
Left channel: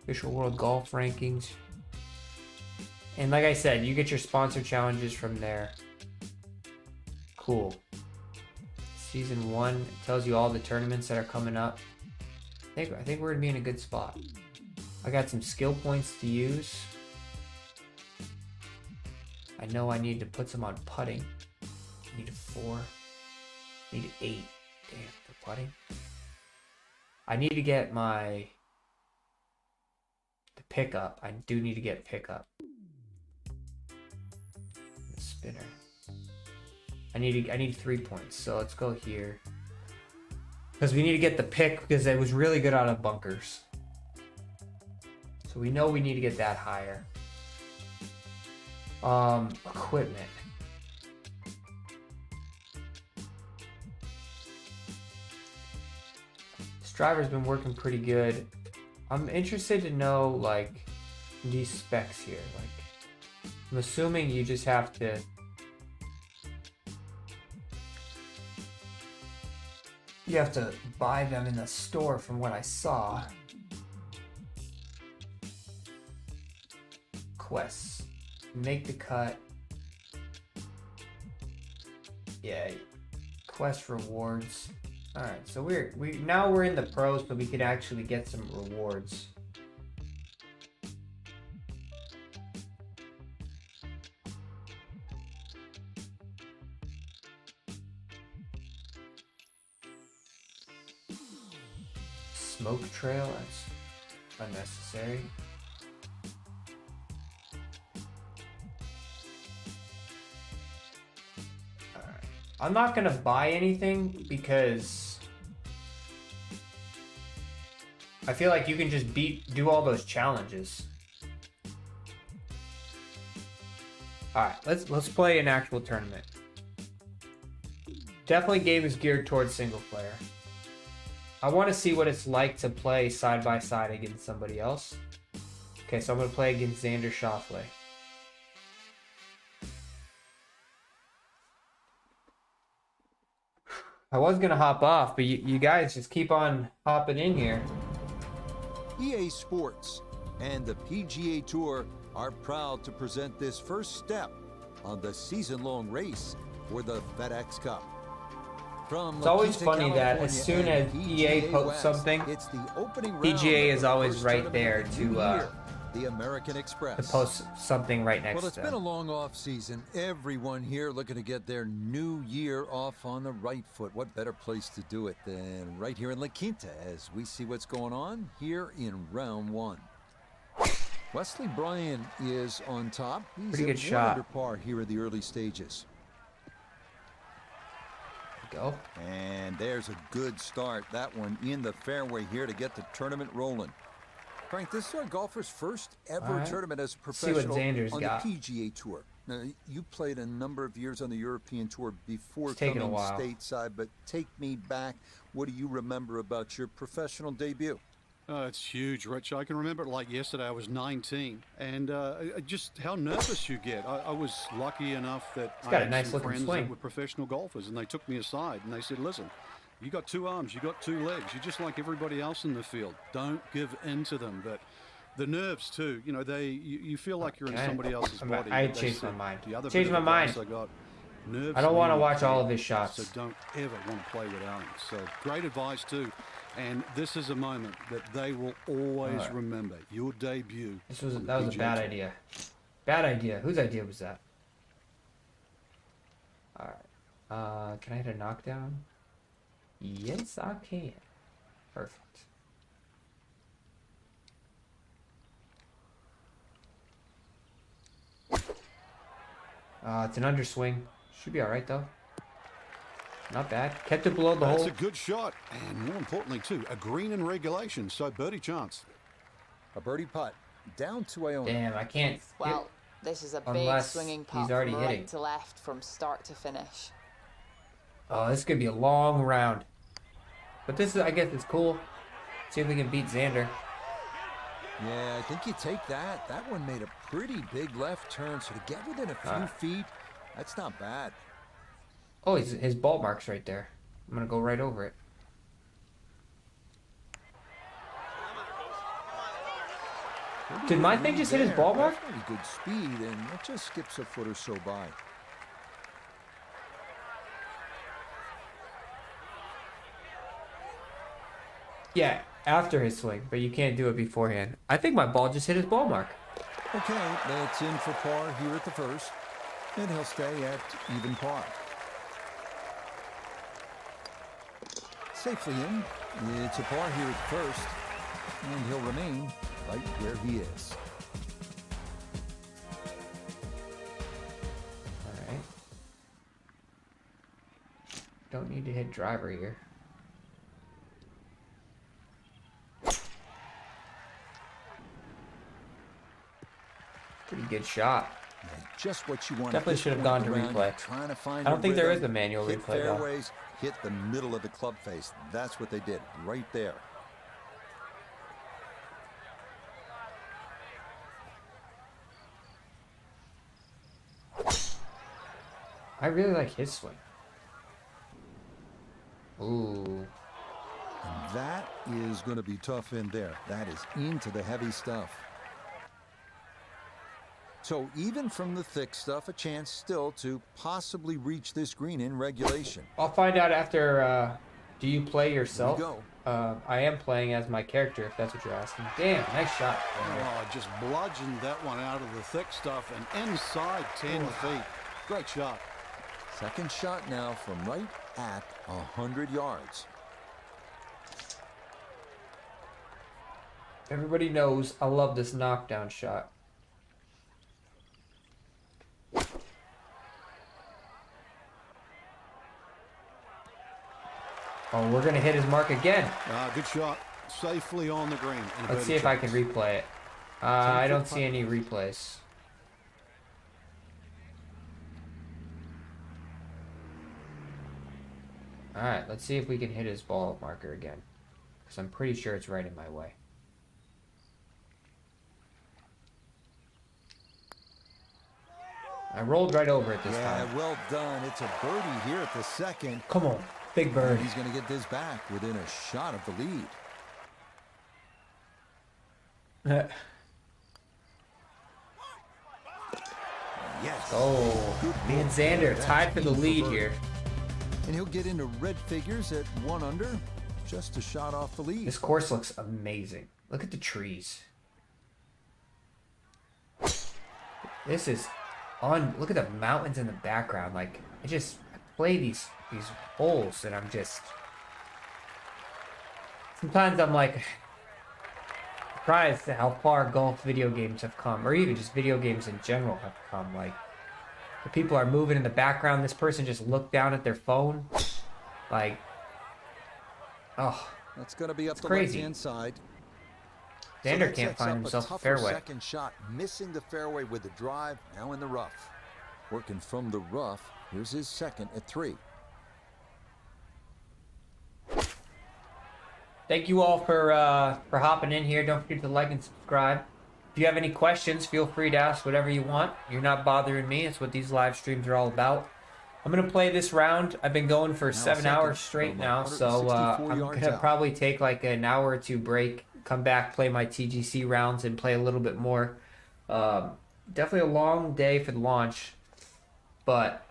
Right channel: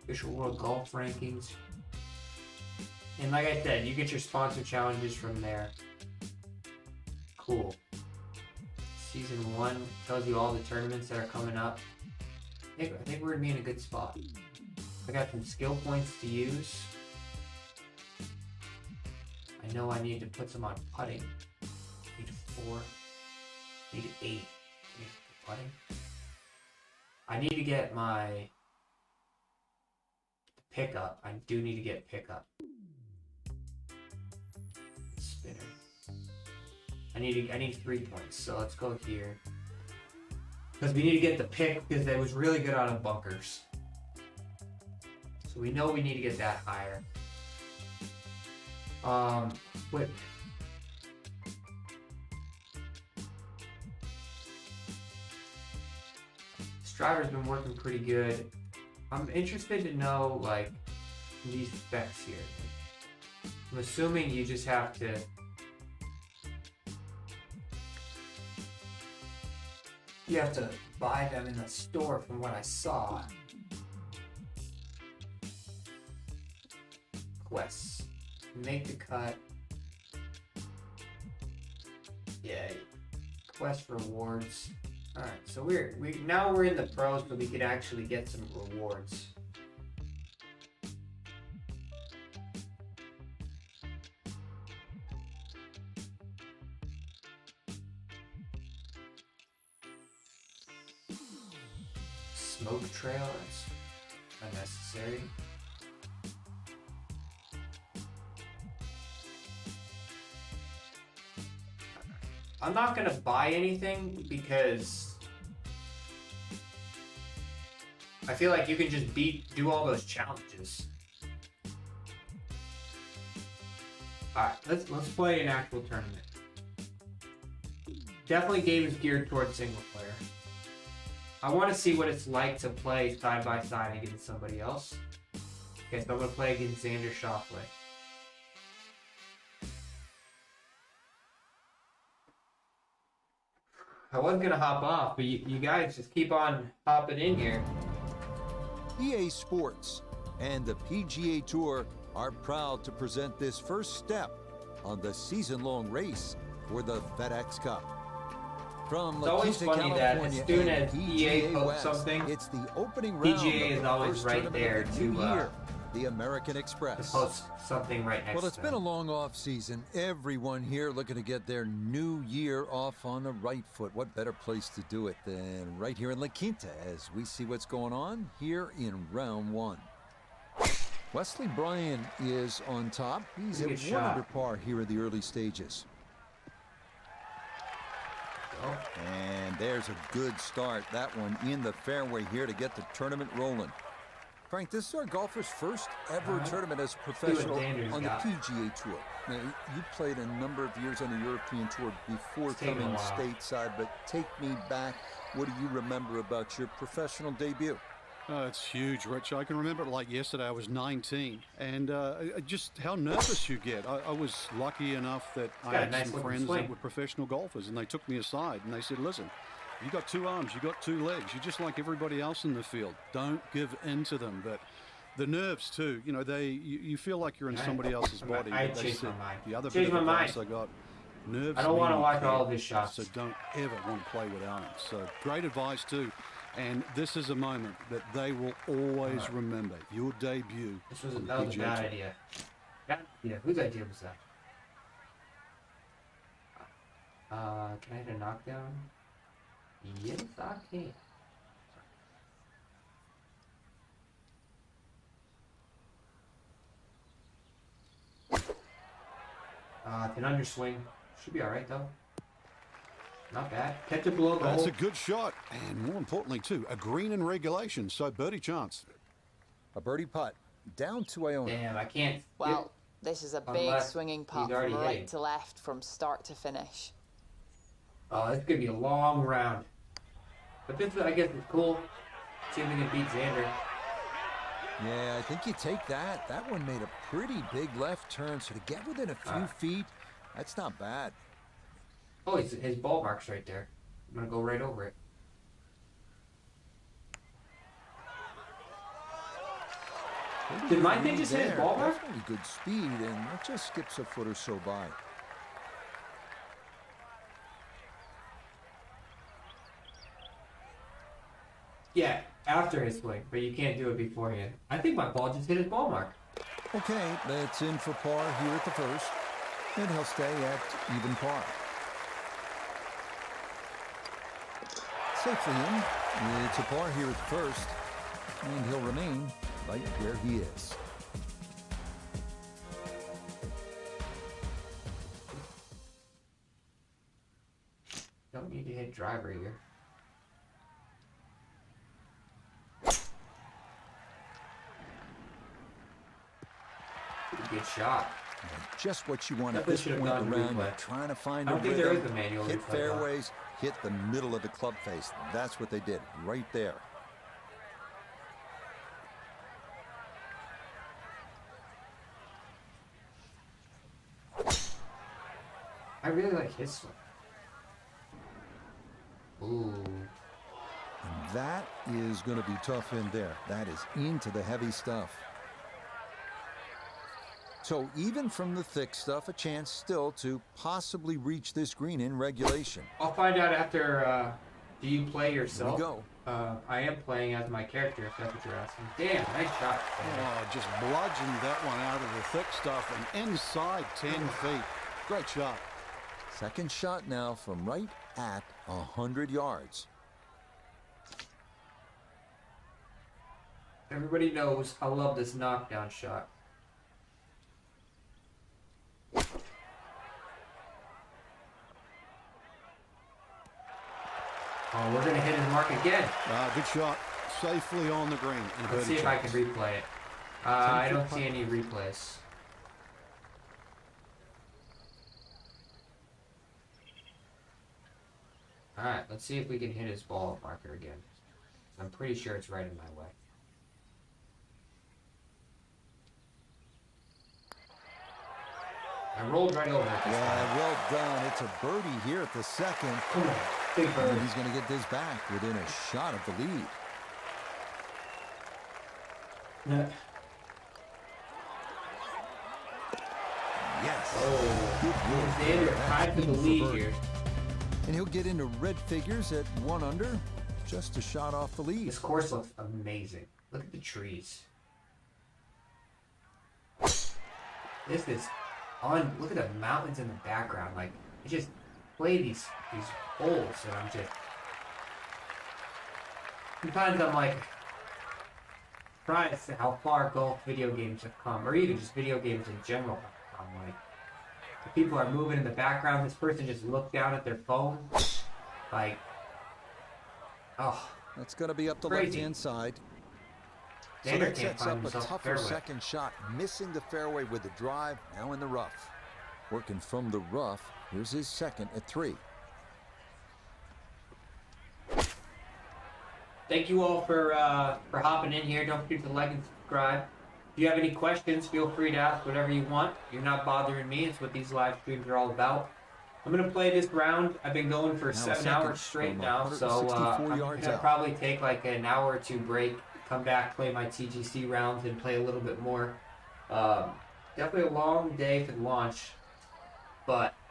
Official World Golf Rankings. And like I said, you get your sponsor challenges from there. Cool. Season 1 tells you all the tournaments that are coming up. I think we're gonna be in a good spot. I got some skill points to use. I know I need to put some on putting. I need 4. I need 8. For putting. I need to get the pickup. I do need to get pickup. The spinner. I need 3 points. So let's go here. Because we need to get the pick because it was really good out of bunkers. So we know we need to get that higher. Equipment. This driver's been working pretty good. I'm interested to know like these specs here. Like, I'm assuming you just have to buy them in the store from what I saw. Quests. Make the cut. Yeah. Quest rewards. Alright, so now we're in the pros, so we could actually get some rewards. Smoke trail. unnecessary. I'm not gonna buy anything because I feel like you can just do all those challenges. Alright, let's play an actual tournament. Definitely game is geared towards single player. I want to see what it's like to play side by side against somebody else. Okay, so I'm gonna play against Xander Schauffele. I was gonna hop off, but you guys just keep on hopping in here. EA Sports and the PGA Tour are proud to present this first step on the season-long race for the FedEx Cup. From It's always La Quinta, funny that California, as soon as and EA PGA posts West, something, it's the opening round PGA of is the always first right tournament there of the new to year, the American Express. post something right next Well, it's to been them. a long off season. Everyone here looking to get their new year off on the right foot. What better place to do it than right here in La Quinta as we see what's going on here in round one. Wesley Bryan is on top. He's Pretty at good 1 shot. under par here in the early stages. Go. And there's a good start. That one in the fairway here to get the tournament rolling. Frank, this is our golfer's first ever tournament as a professional Xander's on got. the PGA Tour. Now, you played a number of years on the European Tour before It's taken a coming while. stateside, but take me back. What do you remember about your professional debut? It's huge, Rich. I can remember it like yesterday. I was 19, and just how nervous you get. I was lucky enough that I got a had nice some looking friends swing. that were professional golfers, and they took me aside and they said, "Listen, you got 2 arms, you got 2 legs. You're just like everybody else in the field. Don't give in to them." But the nerves too, you know, you feel like you're in somebody else's body. I But they changed my said mind. The other Changed bit of my advice mind. I got: nerves. I don't want to mean watch you all of can't. his shots. So don't ever want to play without them. So great advice too. And this is a moment that they will always remember. Your debut. That was a PGA bad Tour. idea. Bad idea. Whose idea was that? Alright. Can I hit a knockdown? Yes, I can. Perfect. It's an underswing. Should be alright though. Not bad. Kept it below the That's hole. a good shot, and more importantly too, a green in regulation, so birdie chance. A birdie putt down to Iona. Damn, I can't. Well, this is a big Unless swinging he's putt already from hitting. right to left from start to finish. Oh, this could be a long round. But this is, I guess it's cool. See if we can beat Xander. Yeah, I think you take that. That one made a pretty big left turn, so to get within a few feet, that's not bad. Oh, his ball mark's right there. I'm gonna go right over it. Did my thing just hit his ball mark? Definitely good speed, and it just skips a foot or so by. Yeah, after his swing, but you can't do it beforehand. I think my ball just hit his ball mark. Okay, that's in for par here at the first, and he'll stay at even par. Safely in. It's a par here at the first, and he'll remain right where he is. Alright. Don't need to hit driver here. Pretty good shot. Yeah, just what you want Definitely at this should have point gone in the to round. replay. You're trying to find I don't a think there rhythm, is a manual hit replay, though. fairways, hit the middle of the club face. That's what they did right there. I really like his swing. Ooh. And that is going to be tough in there. That is into the heavy stuff. So even from the thick stuff, a chance still to possibly reach this green in regulation. I'll find out after, do you play yourself? Here we go. I am playing as my character, if that's what you're asking. Damn, nice shot. Oh, just bludgeoned that one out of the thick stuff and inside 10 feet. Great shot. Second shot now from right at 100 yards. Everybody knows I love this knockdown shot. Oh, we're gonna hit his mark again. Good shot. Safely on the green. Let's see if I can replay it. I don't see any replays. Alright, let's see if we can hit his ball marker again. Because I'm pretty sure it's right in my way. I rolled right over it this time. Yeah, well done. It's a birdie here at the second. Come on, big bird. And he's going to get this back within a shot of the lead. Yes. Oh, good and Xander tied for the lead here. And he'll get into red figures at 1 under, just a shot off the lead. This course looks amazing. Look at the trees. This is on. Look at the mountains in the background. Like, I just play these holes, and I'm just. Sometimes I'm like surprised at how far golf video games have come, or even just video games in general have come. Like, the people are moving in the background. This person just looked down at their phone. Like, oh, that's going to be up the crazy. left-hand side. Xander So that can't sets find up a tougher fairway. second shot, missing the fairway with the drive, now in the rough. Working from the rough, here's his second at 3. Thank you all for hopping in here. Don't forget to like and subscribe. If you have any questions, feel free to ask whatever you want. You're not bothering me. It's what these live streams are all about. I'm going to play this round. I've been going for 7 hours straight now, so I'm going to probably take like an hour or 2 break, come back, play my TGC rounds, and play a little bit more. Definitely a long day for the launch, but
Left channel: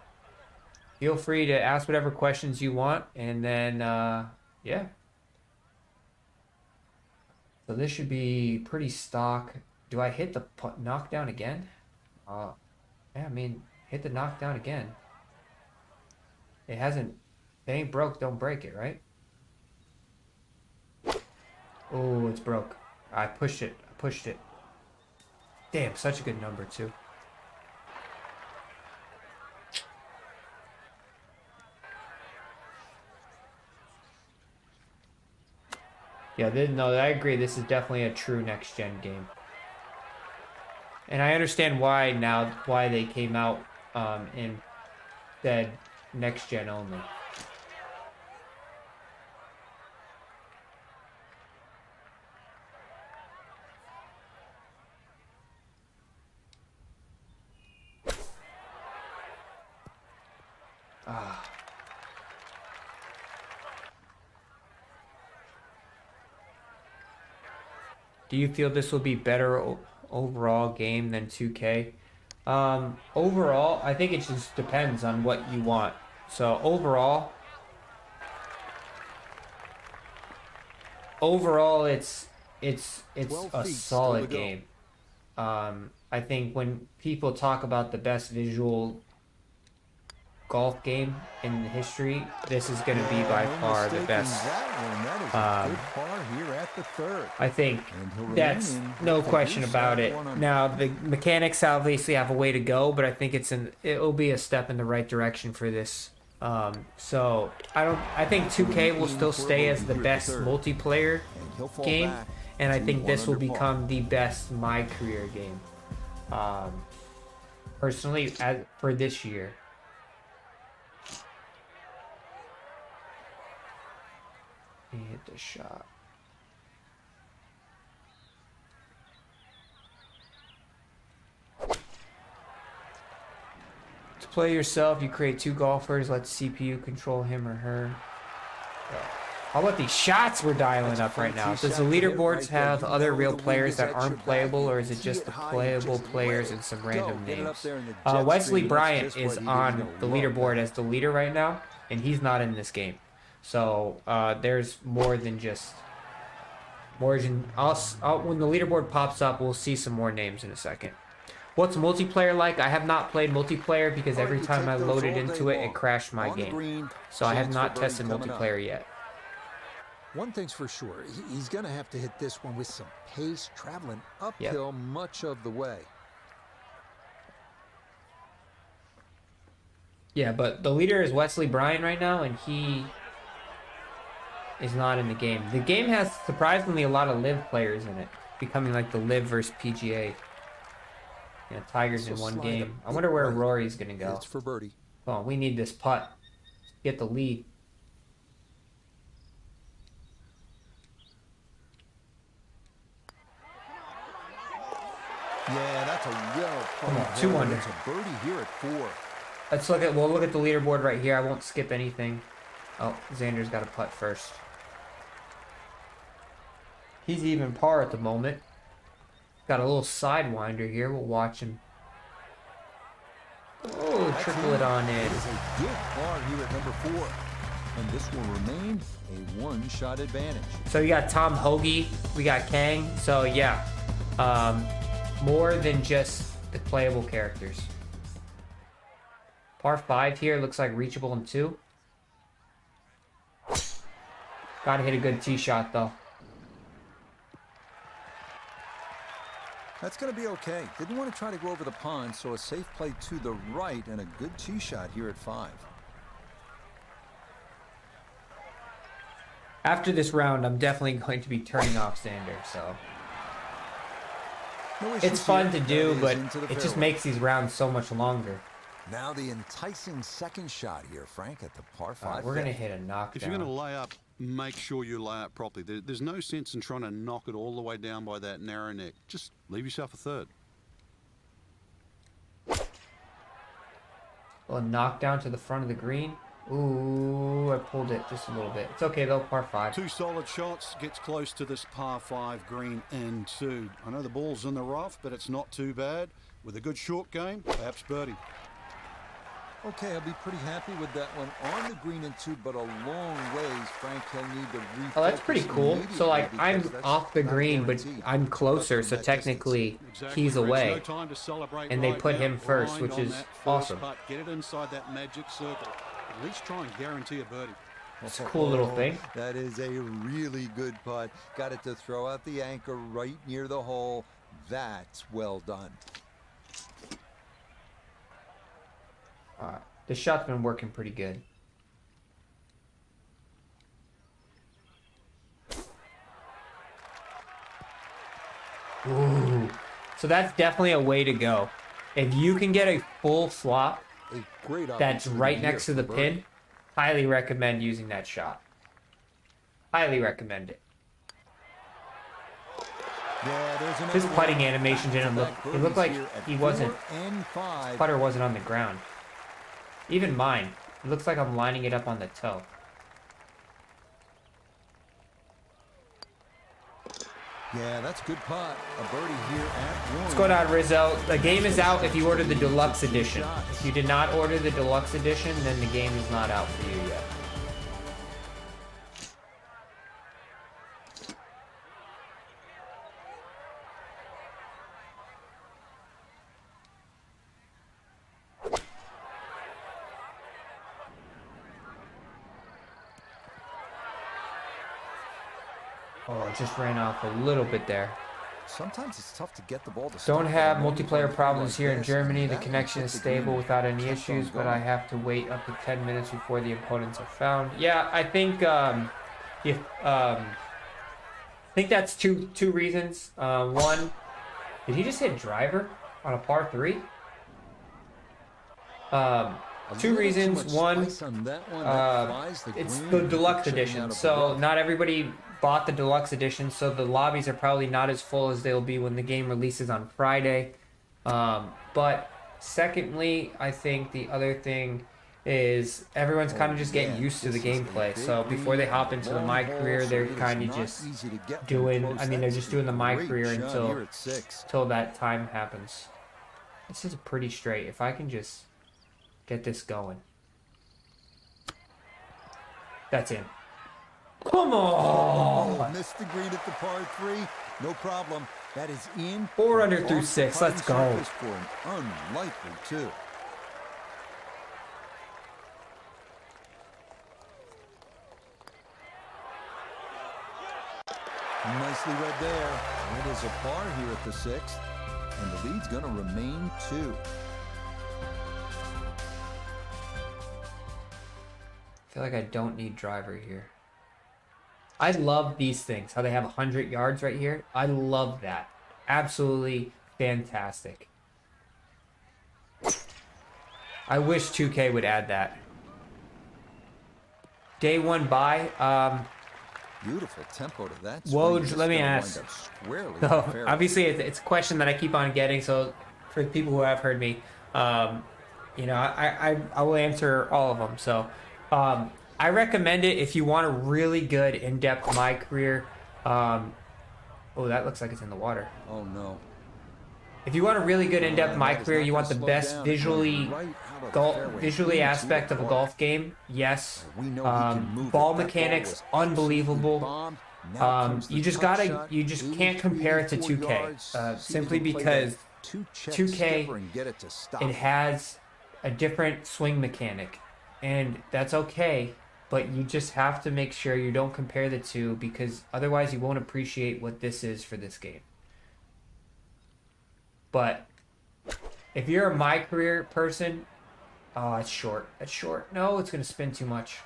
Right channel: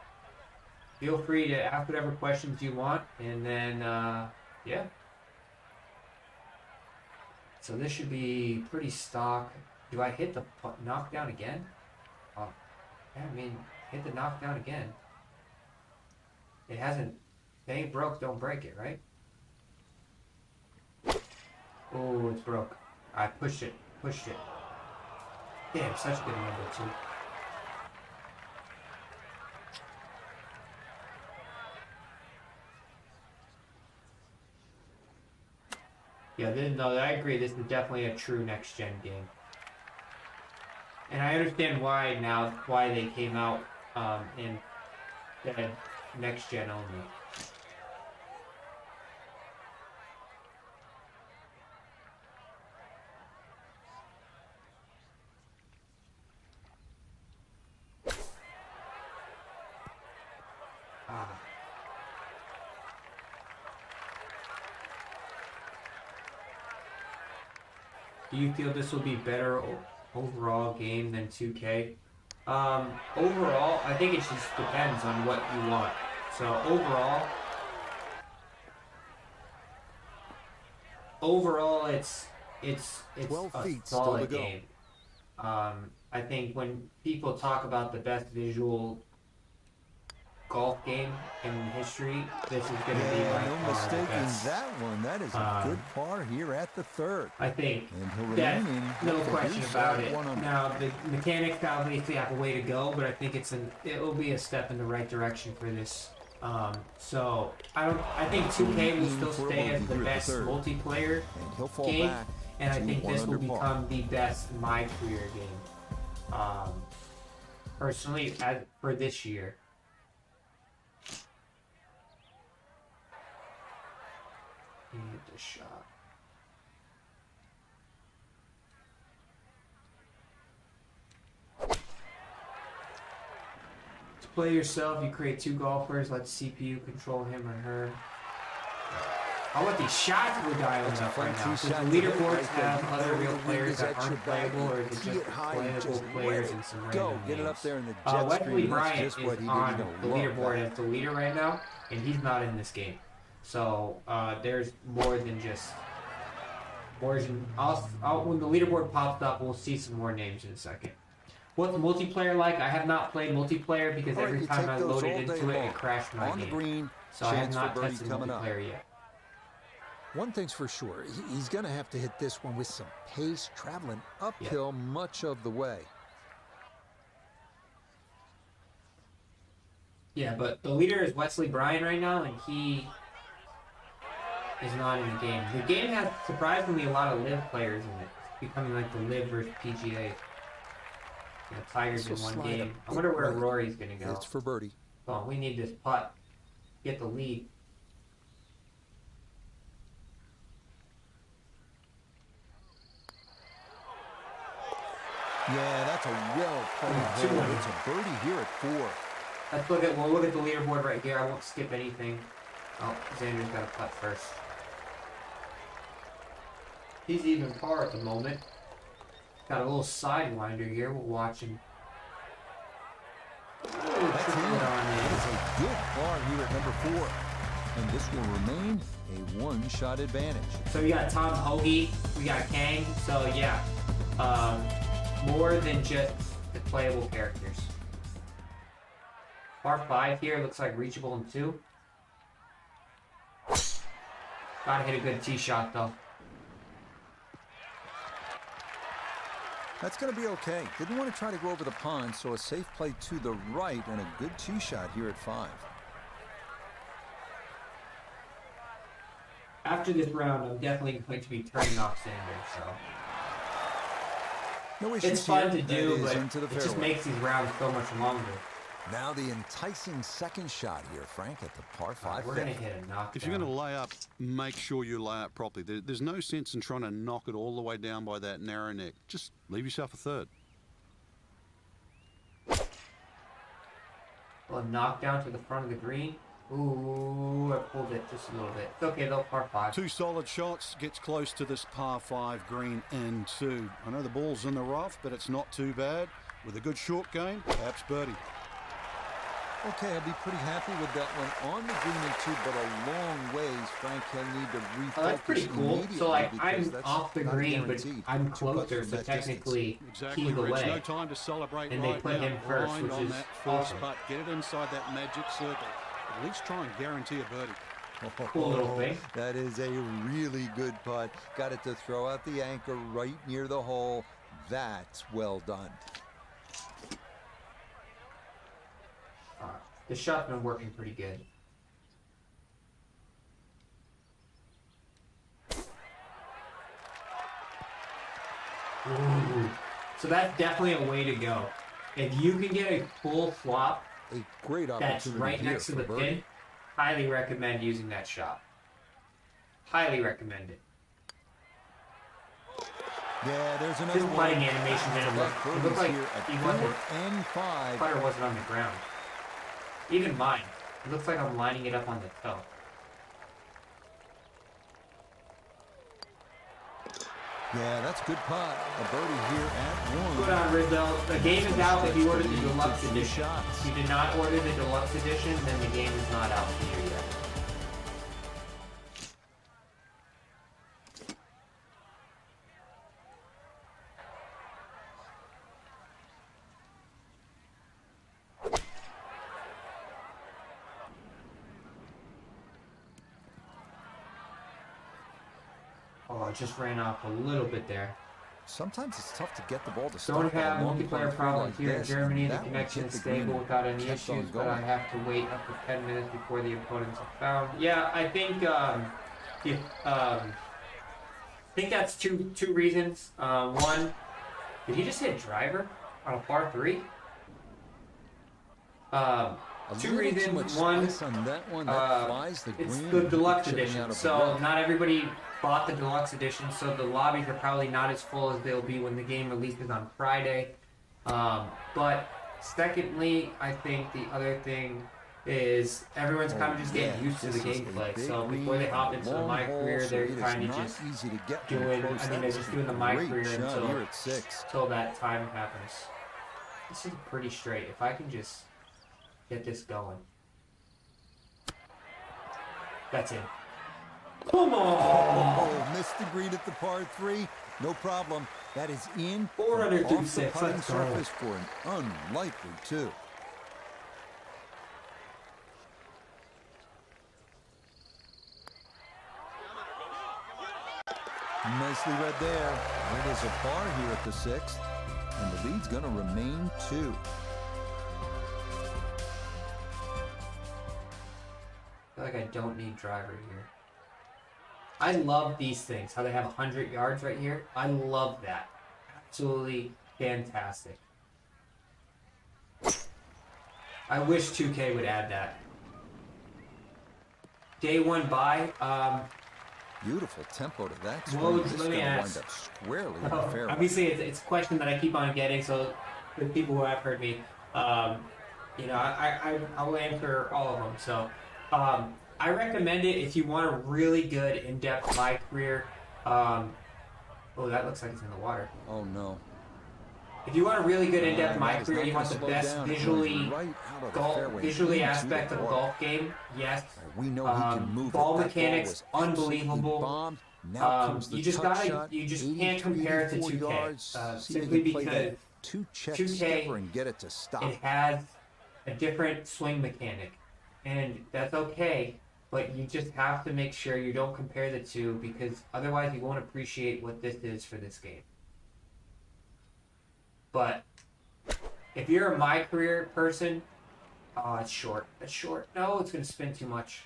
feel free to ask whatever questions you want, and then, yeah. So this should be pretty stock. Do I hit the knockdown again? Yeah, I mean, hit the knockdown again. It hasn't, it ain't broke, don't break it, right? Oh, it's broke. I pushed it. Damn, such a good number, too. Yeah, no, I agree. This is definitely a true next-gen game. And I understand why they came out in the next-gen only. Do you feel this will be better overall game than 2K? Overall, I think it just depends on what you want. So overall, it's a solid game. I think when people talk about the best visual golf game in history, this is going to be by far the best. That one. That is a good par here at the 3rd. I think that's no question about it. Now the mechanics obviously have a way to go, but I think it'll be a step in the right direction for this. So I think 2K will still stay as the best multiplayer game, and I think this will become the best my career game. Personally, for this year. Hit the shot. To play yourself, you create 2 golfers. Let CPU control him or her. How about these shots we're dialing up right now? Does the leaderboards have other real players that aren't playable, or is it just the playable players and some random names? Wesley Bryant is on the leaderboard as the leader right now, and he's not in this game. So there's more than just when the leaderboard pops up, we'll see some more names in a second. What's multiplayer like? I have not played multiplayer because every time I loaded into it, it crashed my game. So I have not tested multiplayer yet. One thing's for sure, he's going to have to hit this one with some pace, traveling uphill much of the way. Yeah, but the leader is Wesley Bryan right now, and he is not in the game. The game has surprisingly a lot of live players in it, becoming like the live versus PGA. Yeah, Tigers in one game. I wonder where Rory's going to go. It's for birdie. Oh, we need this putt. Get the lead. Yeah, that's a well-played hole. It's a birdie here at 4. We'll look at the leaderboard right here. I won't skip anything. Oh, Xander's got to putt first. He's even par at the moment. Got a little sidewinder here. We'll watch him. Oh, that's triple it on in. It is a good par here at number 4. And this will remain a one-shot advantage. So you got Tom Hoagie. We got Kang. So yeah, more than just the playable characters. Par 5 here, looks like reachable in 2. Gotta hit a good tee shot though. That's going to be okay. Didn't want to try to go over the pond, so a safe play to the right and a good tee shot here at 5. After this round, I'm definitely going to be turning off Xander, so. No issues. It's fun here. to do, but it just fairway. makes these rounds so much longer. Now the enticing second shot here, Frank, at the par 5. We're going to hit a knockdown. If you're going to lay up, make sure you lay up properly. There's no sense in trying to knock it all the way down by that narrow neck. Just leave yourself a third. Well, knockdown to the front of the green. Ooh, I pulled it just a little bit. It's okay though, par 5. 2 solid shots, gets close to this par 5 green in 2. I know the ball's in the rough, but it's not too bad. With a good short game, perhaps birdie. Okay, I'll be pretty happy with that one on the green in 2, but a long ways, Frank. He'll need to refocus. Oh, that's pretty cool. So, like, I'm off the green, but I'm closer, so technically he's away. No time to celebrate and they put him first, which is awesome. Putt. Get it inside that magic circle. At least try and guarantee a birdie. That's a cool little thing. That is a really good putt. Got it to throw out the anchor right near the hole. That's well done. The shot's been working pretty good. Ooh. So that's definitely a way to go. If you can get a full flop a great that's right next to the pin, highly recommend using that shot. Highly recommend it. Yeah, there's another His putting animation didn't look. It looked like he wasn't. And 5. Putter wasn't on the ground. Even mine. It looks like I'm lining it up on the toe. Yeah, that's a good putt. A birdie here at 1. What's going on, Rizzo? The game is out if you ordered the deluxe edition. If you did not order the deluxe edition, then the game is not out for you yet. Oh, it just ran off a little bit there. Sometimes it's tough to get the ball to stop. Don't have multiplayer problems here in Germany. The connection is stable without any issues, but I have to wait up to 10 minutes before the opponents are found. Yeah, I think that's two reasons. One, did he just hit driver on a par 3? Two reasons. One, it's the deluxe edition, so not everybody bought the deluxe edition, so the lobbies are probably not as full as they'll be when the game releases on Friday. But secondly, I think the other thing is everyone's kind of just getting used to the gameplay. So before they hop into the My Career, they're kind of just doing. I mean, they're just doing the My Career until that time happens. This is pretty straight. If I can just get this going. That's it. Come on! Oh, missed the green at the par 3. No problem. That is in. 4 under through 6. Let's go. For an unlikely 2. Nicely read there. It is a par here at the 6th, and the lead's going to remain 2. I feel like I don't need driver here. I love these things, how they have 100 yards right here. I love that. Absolutely fantastic. I wish 2K would add that. Day 1 bye. Beautiful tempo to that. Well, let me ask. Squarely So, obviously, it's a question that I keep on getting. So, for the people who have heard me, you know, I will answer all of them. So, I recommend it if you want a really good in-depth my career. Oh, that looks like it's in the water. Oh no. If you want a really good in-depth my career, you want the best visually aspect of a golf game. Yes. We know he can move ball mechanics, unbelievable. You just can't compare it to 2K simply because 2K it has a different swing mechanic, and that's okay. But you just have to make sure you don't compare the two, because otherwise you won't appreciate what this is for this game. But if you're a my career person, oh, it's short. It's short. No, it's going to spin too much.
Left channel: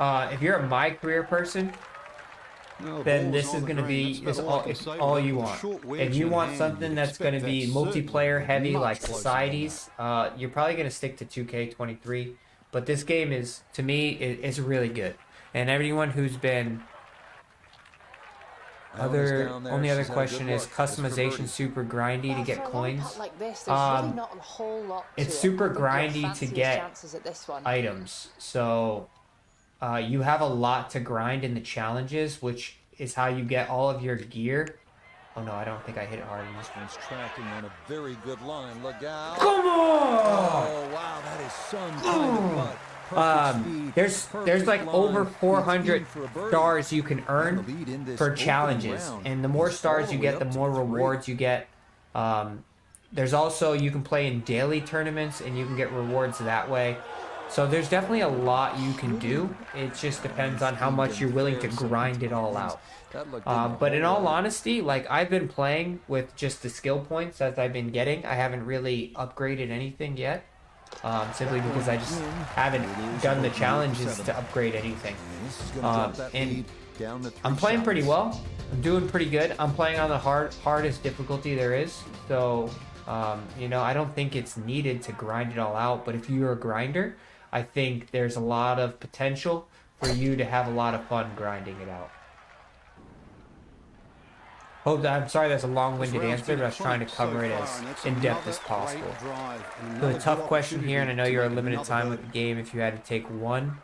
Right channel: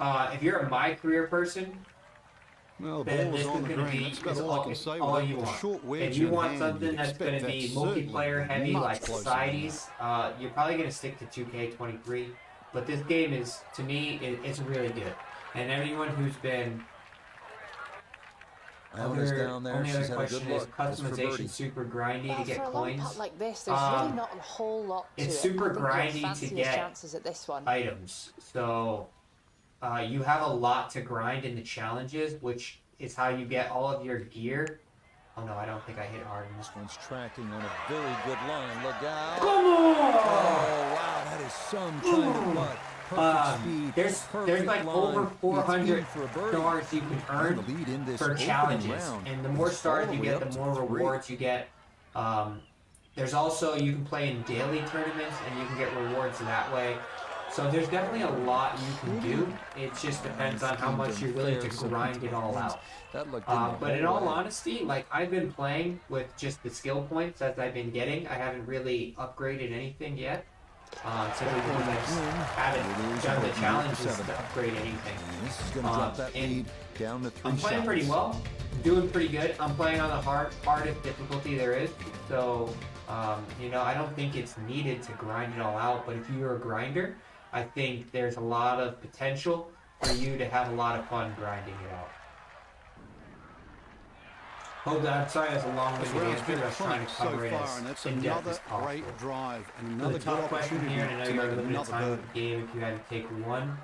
If you're a my career person, then this is going to be all you want. If you want something that's going to be multiplayer heavy like Societies, you're probably going to stick to 2K23. But this game is, to me, is really good. And everyone who's been... Only other question is customization super grindy to get coins. Like this, there's really not a whole lot to it's super grindy to get items. So you have a lot to grind in the challenges, which is how you get all of your gear. Oh no, I don't think I hit hard. This one's tracking on a very good line. Look out. Come on! Oh, wow, that is some kind of putt. Perfect speed. There's like over 400 stars you can earn for challenges. And the more stars you get, the more rewards you get. There's also, you can play in daily tournaments and you can get rewards that way. So there's definitely a lot you can do. It just depends on how much you're willing to grind it all out. But in all honesty, like, I've been playing with just the skill points as I've been getting. I haven't really upgraded anything yet. Simply because I just haven't done the challenges to upgrade anything. I'm playing pretty well. I'm doing pretty good. I'm playing on the hardest difficulty there is. So, you know, I don't think it's needed to grind it all out. But if you're a grinder, I think there's a lot of potential for you to have a lot of fun grinding it out. I'm sorry that's a long-winded answer, but I was trying to cover it as in-depth as possible. A tough question here, and I know you're on limited time with the game if you had to take one.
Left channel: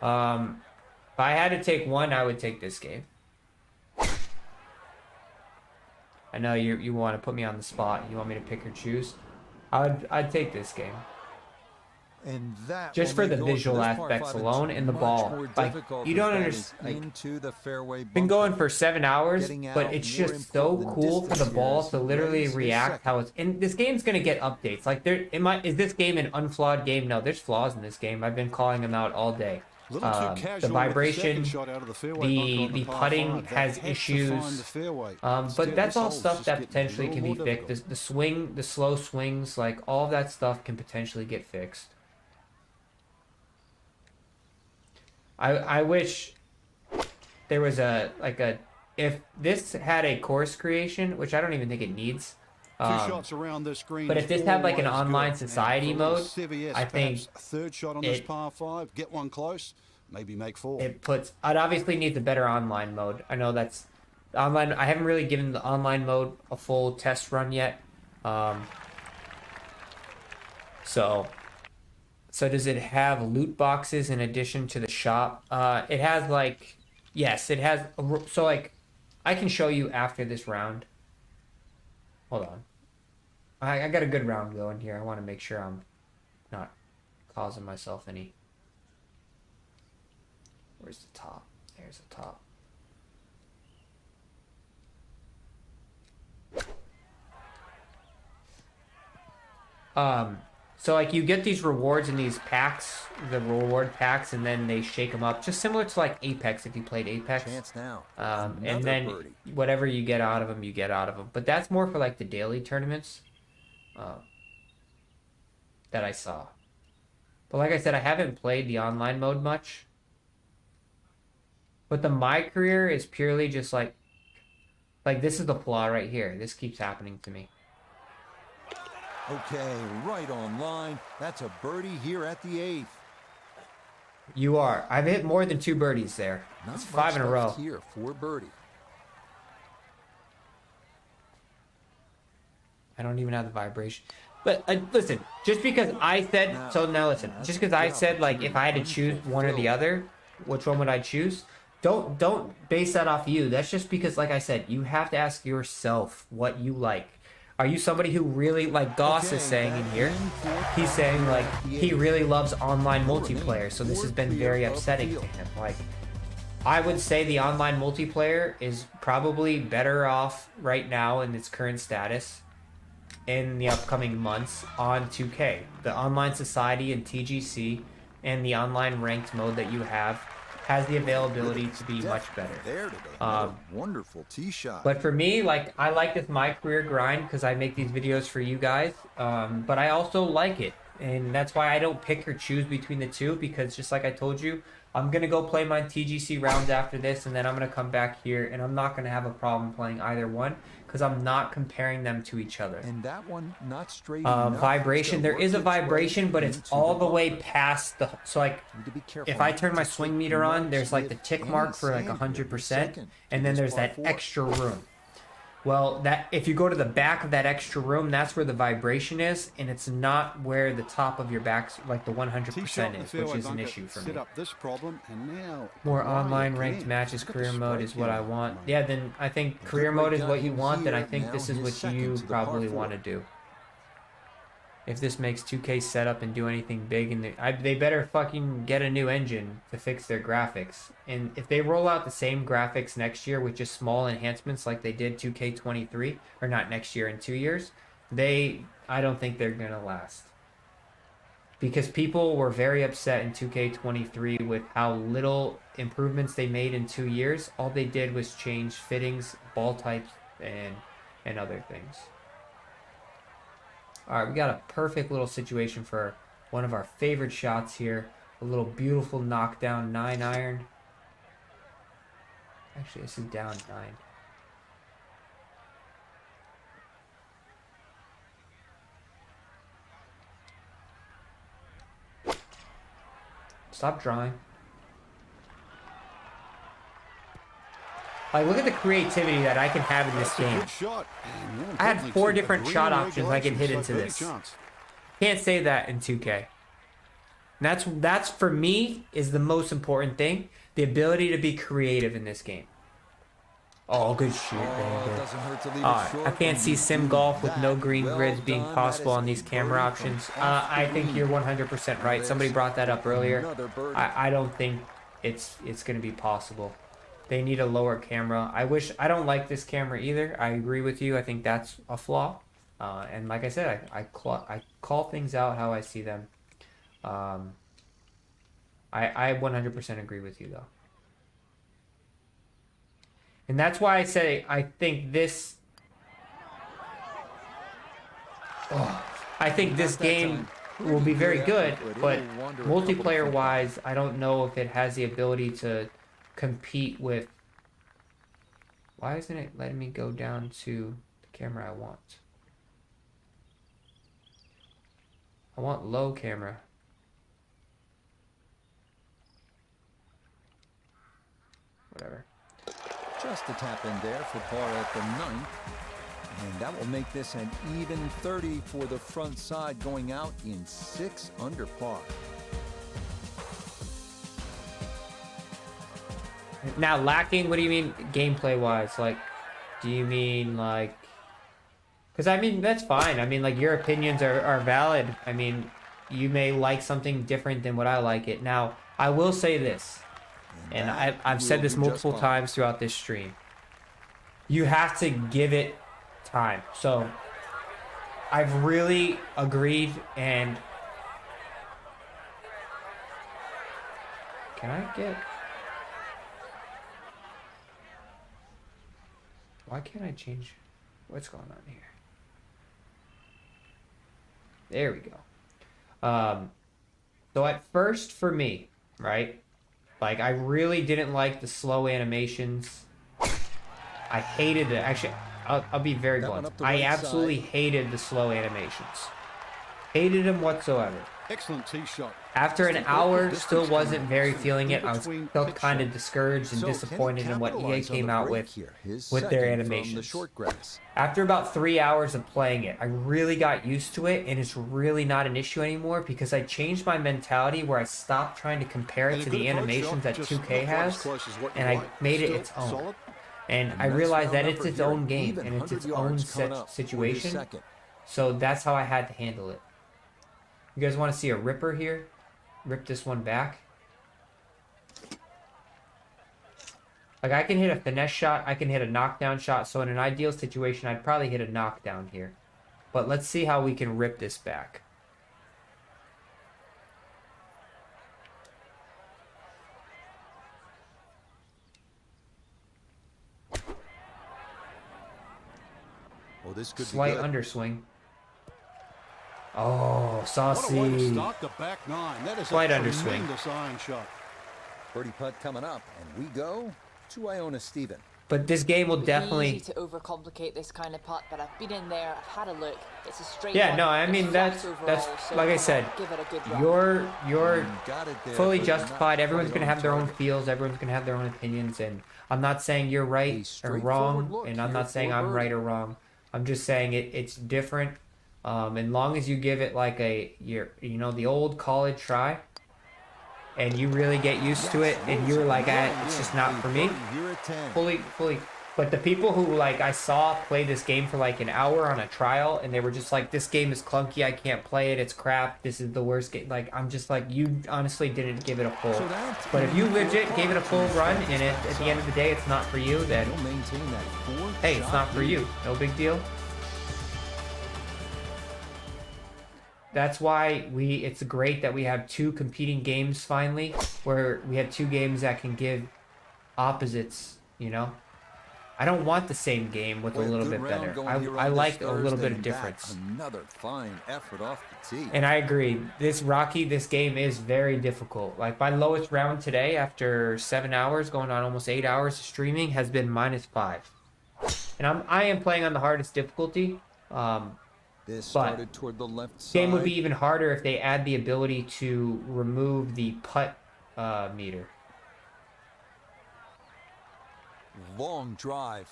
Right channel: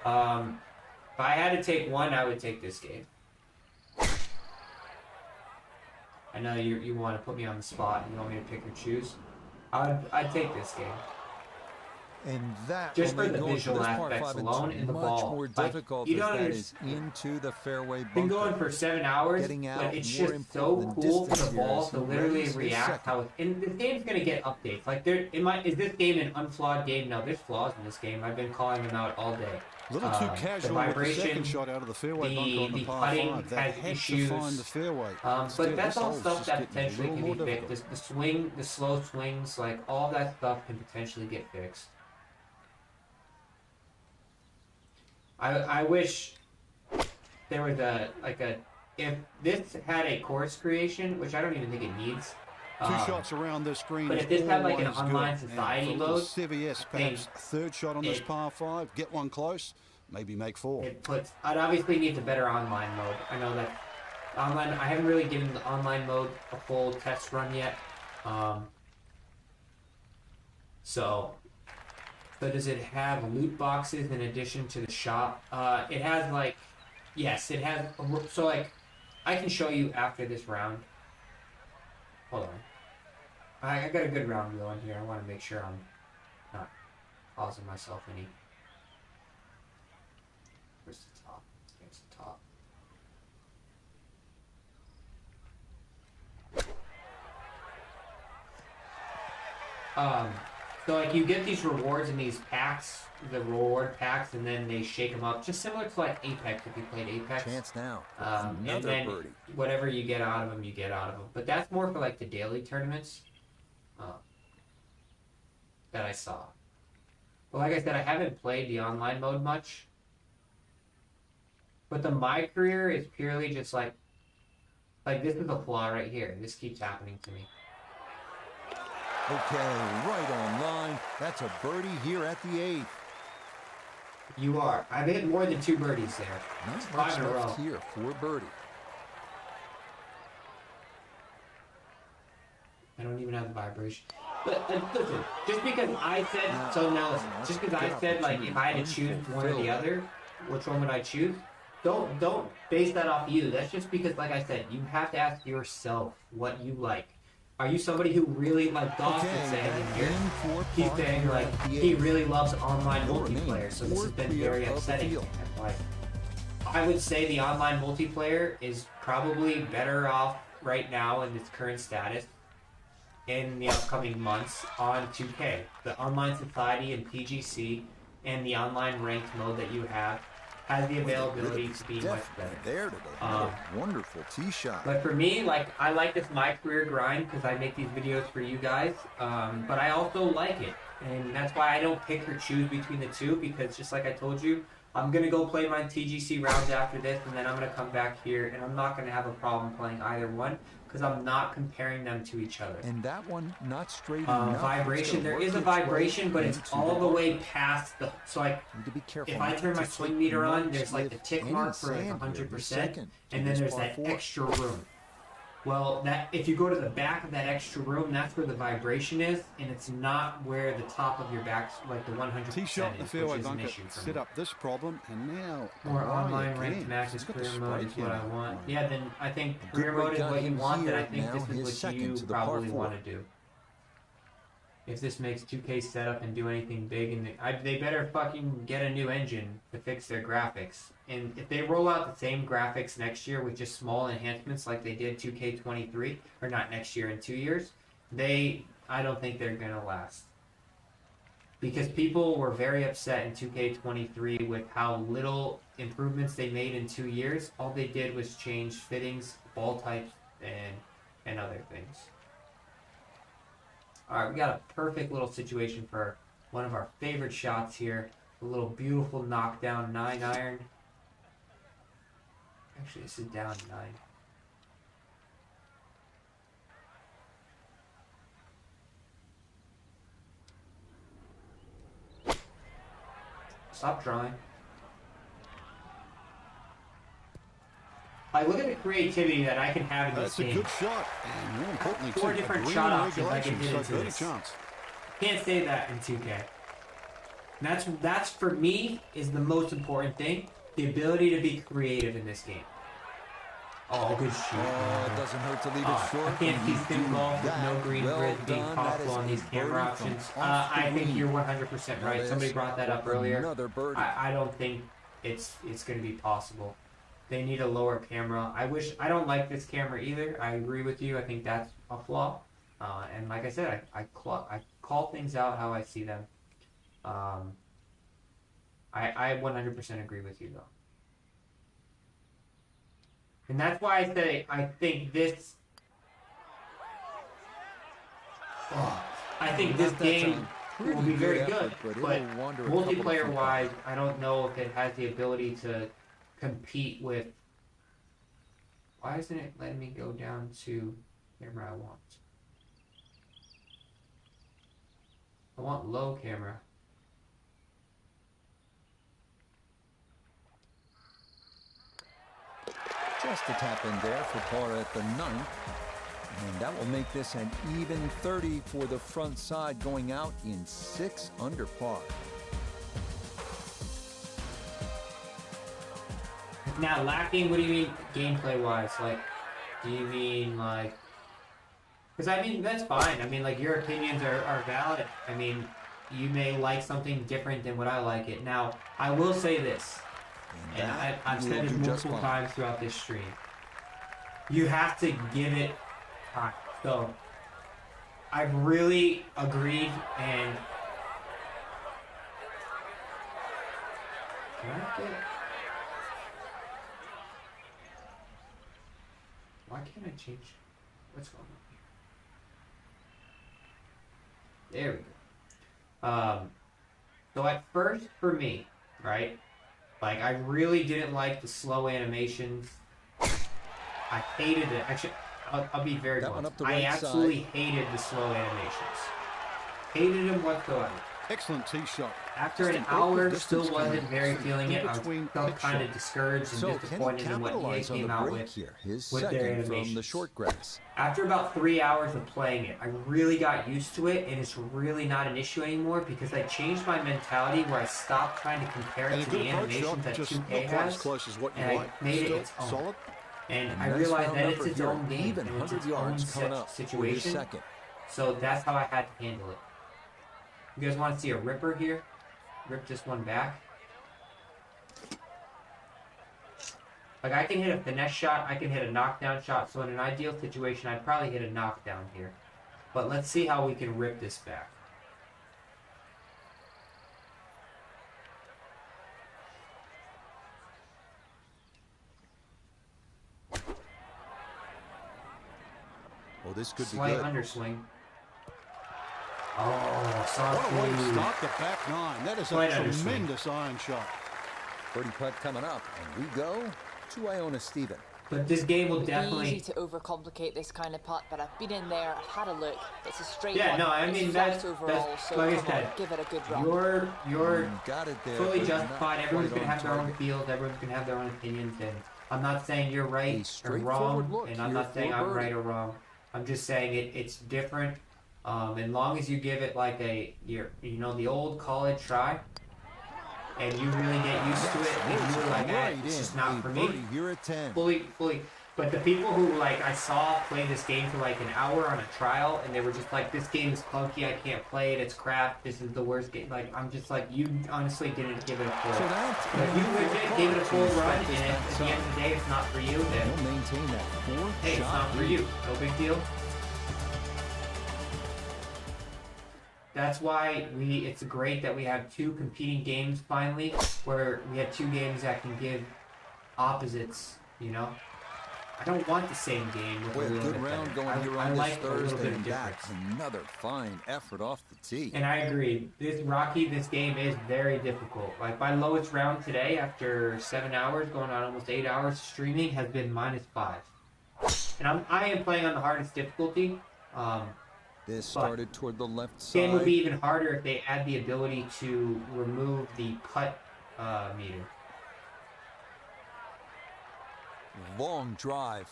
If I had to take one, I would take this game. I know you want to put me on the spot. You want me to pick or choose. I'd take this game. And that just for the visual aspects alone in the ball. Like, you don't understand. Into the fairway bunker. Been going for 7 hours, but it's just so cool for the ball to literally react how it's. And this game's gonna get updates. Like, is this game an unflawed game? No, there's flaws in this game. I've been calling them out all day. A little too casual the vibration, with the second shot out of the fairway bunker on the par putting 5. has issues. But that's all stuff that potentially can be fixed. The swing, the slow swings, like all that stuff can potentially get fixed. I wish there was if this had a course creation, which I don't even think it needs. Two shots around this green. But if this had like an online society mode, I think third shot on this par 5, get one close, maybe make 4. It obviously needs a better online mode. I know that's online. I haven't really given the online mode a full test run yet. So does it have loot boxes in addition to the shop? It has yes, it has. So like, I can show you after this round. Hold on. I got a good round going here. I want to make sure I'm not causing myself any. Where's the top? There's the top. So like you get these rewards in these packs, the reward packs, and then they shake them up, just similar to like Apex if you played Apex. Chance now. And then whatever you get out of them, you get out of them. But that's more for like the daily tournaments that I saw. But like I said, I haven't played the online mode much. But the My Career is purely just like this is the flaw right here. This keeps happening to me. Okay, right on line. That's a birdie here at the 8th. You are. I've hit more than 2 birdies there. That's 5 in a row. Here for birdie. I don't even have the vibration. But listen, just because I said now listen, just because I said like if I had to choose one or the other, which one would I choose? Don't base that off you. That's just because, like I said, you have to ask yourself what you like. Are you somebody who really, like Goss is saying in here, he's saying like he really loves online multiplayer, so this has been very upsetting to him. Like, I would say the online multiplayer is probably better off right now in its current status in the upcoming months on 2K. The Online Society and TGC and the online ranked mode that you have has the availability to be much better. There today, another wonderful tee shot. But for me, like I like this My Career grind because I make these videos for you guys. But I also like it, and that's why I don't pick or choose between the two. Because just like I told you, I'm gonna go play my TGC rounds after this, and then I'm gonna come back here, and I'm not gonna have a problem playing either one. Because I'm not comparing them to each other. And that one not straight enough. Vibration. There is a vibration, but it's all the way past the. So like, if I turn my swing meter on, there's like the tick mark for like 100%, and then there's that extra room. Well, that if you go to the back of that extra room, that's where the vibration is, and it's not where the top of your back's like the 100% Tee shot in the fairway is an bunker, issue for me. set up this problem, and now more online ranked matches, career mode is what I want. Yeah, then I think career mode is what you want, then I think this is what you probably want to do. If this makes 2K set up and do anything big, and they better fucking get a new engine to fix their graphics. And if they roll out the same graphics next year with just small enhancements like they did 2K23, or not next year, in 2 years, I don't think they're gonna last. Because people were very upset in 2K23 with how little improvements they made in 2 years. All they did was change fittings, ball types, and other things. Alright, we got a perfect little situation for one of our favorite shots here. A little beautiful knockdown 9-iron. Actually, this is down 9. Stop drawing. Like, look at the creativity that I can have in this game. That's a good shot. I had 4 different shot options I can hit into this. Can't say that in 2K. That's for me is the most important thing. The ability to be creative in this game. Oh, good shoot. Oh, it doesn't hurt to leave it short. I can't see sim golf with no green grids being possible on these camera options. I think you're 100% right. Somebody brought that up earlier. I don't think it's going to be possible. They need a lower camera. I don't like this camera either. I agree with you. I think that's a flaw. And like I said, I call things out how I see them. I 100% agree with you though. And that's why I say I think this. I think this game will be very good, but multiplayer-wise, I don't know if it has the ability to compete with. Why isn't it letting me go down to the camera I want? I want low camera. Whatever. Just a tap in there for par at the 9th. And that will make this an even 30 for the front side, going out in 6 under par. Now, lacking, what do you mean gameplay-wise? Like, do you mean, like... Because, I mean, that's fine. I mean, like, your opinions are valid. I mean, you may like something different than what I like it. Now, I will say this, and I've said this multiple times throughout this stream. You have to give it time. So, I've really agreed, and can I get? Why can't I change? What's going on here? There we go. So at first, for me, right, like I really didn't like the slow animations. I hated it. Actually, I'll be very blunt. I absolutely hated the slow animations. Hated them whatsoever. Excellent tee shot. After an hour, still wasn't very feeling it. I was still kind of discouraged and disappointed in what EA came out with their animations. The short grass. After about 3 hours of playing it, I really got used to it, and it's really not an issue anymore because I changed my mentality where I stopped trying to compare it to the animations that 2K has, and I made it its own. Solid. And I realized that it's its own game, and it's its own situation, so that's how I had to handle it. You guys want to see a ripper here? Rip this one back. Like I can hit a finesse shot, I can hit a knockdown shot, so in an ideal situation I'd probably hit a knockdown here. But let's see how we can rip this back. Well, this could be good. Slight underswing. Oh, saucy. What a way to start the back nine. That is a tremendous iron shot. Birdie putt coming up, and we go to Iona Stephen. But this game will definitely... It's easy to overcomplicate this kind of putt, but I've been in there, I've had a look. It's a straight one. Yeah, no, I mean, that's so like I said, give it a good run. You're got it there, fully justified. Everyone's going to have their own feels. Everyone's going to have their own opinions. And I'm not saying you're right or wrong. And I'm not saying I'm right or wrong. I'm just saying it's different. As long as you give it like the old college try, and you really get used to it, and you're like, it's just not for me. You're at 10. Fully. But the people who like I saw play this game for like an hour on a trial, and they were just like, this game is clunky, I can't play it, it's crap, this is the worst game. Like, I'm just like, you honestly didn't give it a full. But if you legit gave it a full run, and at the end of the day, it's not for you, then you'll maintain that 4-shot hey, it's not for you. No big deal. That's why it's great that we have two competing games finally, where we have two games that can give opposites, you know? I don't want the same game with a little bit better. I like a little bit of difference. Another fine effort off the tee. And I agree. This game is very difficult. Like my lowest round today after 7 hours, going on almost 8 hours of streaming, has been -5. And I am playing on the hardest difficulty. This started toward the left side. The game would be even harder if they add the ability to remove the putt meter. Long drive,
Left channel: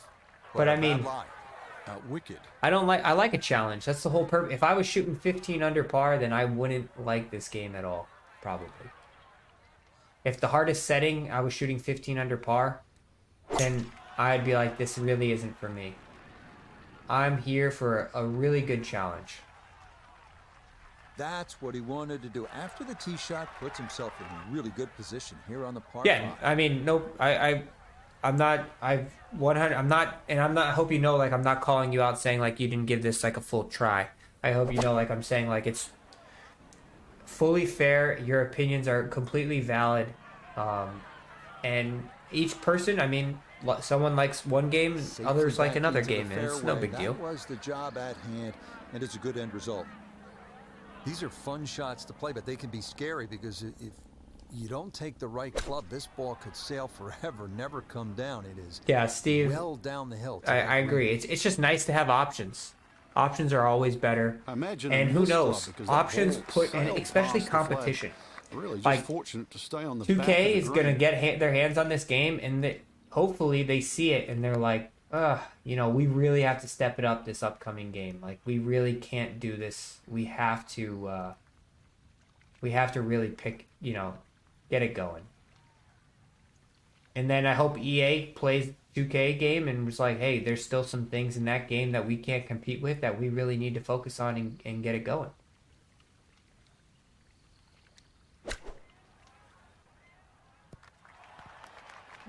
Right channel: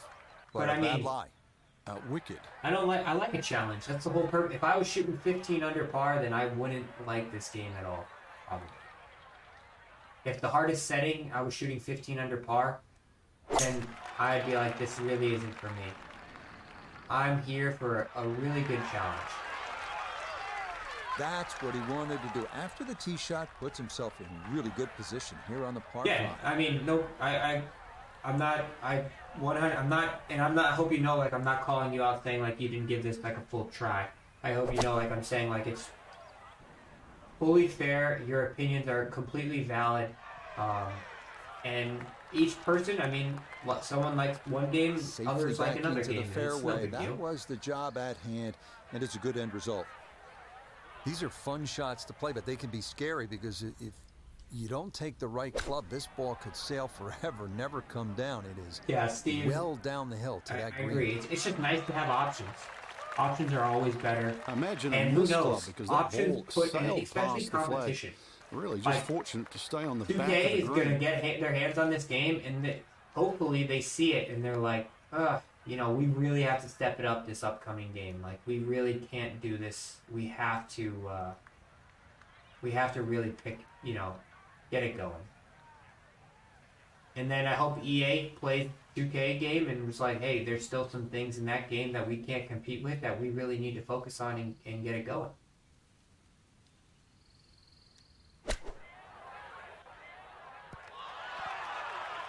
but I mean, wicked. I like a challenge. That's the whole purpose. If I was shooting 15 under par, then I wouldn't like this game at all, probably. If the hardest setting, I was shooting 15 under par, then I'd be like, this really isn't for me. I'm here for a really good challenge. That's what he wanted to do. After the tee shot, puts himself in really good position here on the par. Yeah, I mean, no, I'm not, and I hope you know, like, I'm not calling you out saying, like, you didn't give this, like, a full try. I hope you know, like, I'm saying, like, it's fully fair. Your opinions are completely valid. And each person, I mean, someone likes one game, others like another game. It's no big deal. That was the job at hand, and it's a good end result. These are fun shots to play, but they can be scary because if you don't take the right club, this ball could sail forever, never come down. It is Steve, well down the hill. I agree. It's just nice to have options. Options are always better. Imagine and who knows? Options put, especially competition. Really, just fortunate to stay on the 2K back of the is going to green. get their hands on this game, and hopefully they see it and they're like, we really have to step it up this upcoming game. Like, we really can't do this. We have to really pick, get it going. And then I hope EA plays 2K game and was like, hey, there's still some things in that game that we can't compete with that we really need to focus on and get it going.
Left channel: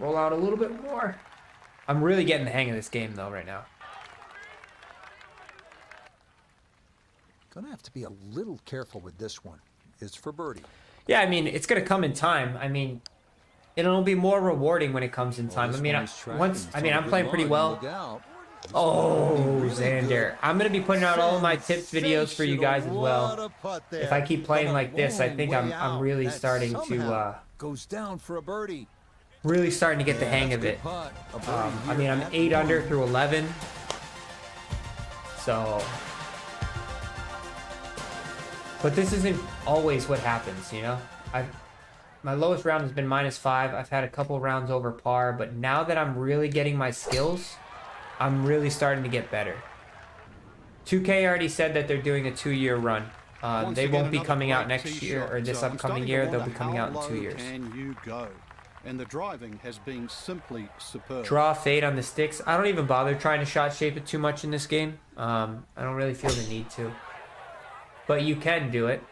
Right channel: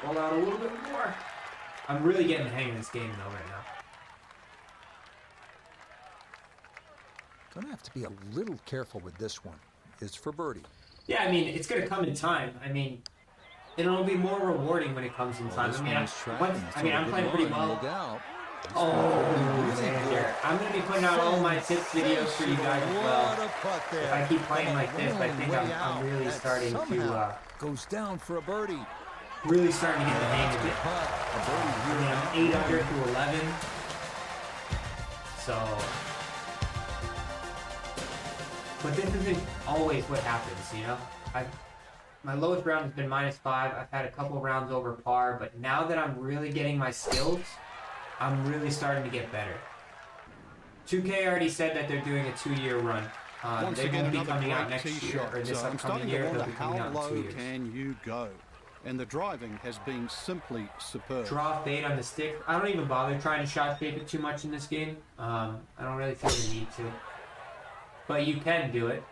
Roll out a little bit more. I'm really getting the hang of this game though right now. Gonna have to be a little careful with this one. It's for birdie. Yeah, I mean, it's gonna come in time. I mean, it'll be more rewarding when it comes in time. I'm playing pretty well. Xander. I'm going to be putting out all my tips videos for you guys as well. If I keep playing like this, I think I'm really starting to... goes down for a birdie. Really starting to get the hang of it. I mean, I'm 8 under through 11. So... But this isn't always what happens, you know? My lowest round has been -5. I've had a couple rounds over par, but now that I'm really getting my skills... I'm really starting to get better. 2K already said that they're doing a 2-year run. They won't be coming out next year, or this upcoming year. They'll be coming out in 2 years. Can you go? And the driving has been simply superb. Draw fade on the sticks. I don't even bother trying to shot shape it too much in this game. I don't really feel the need to. But you can do it.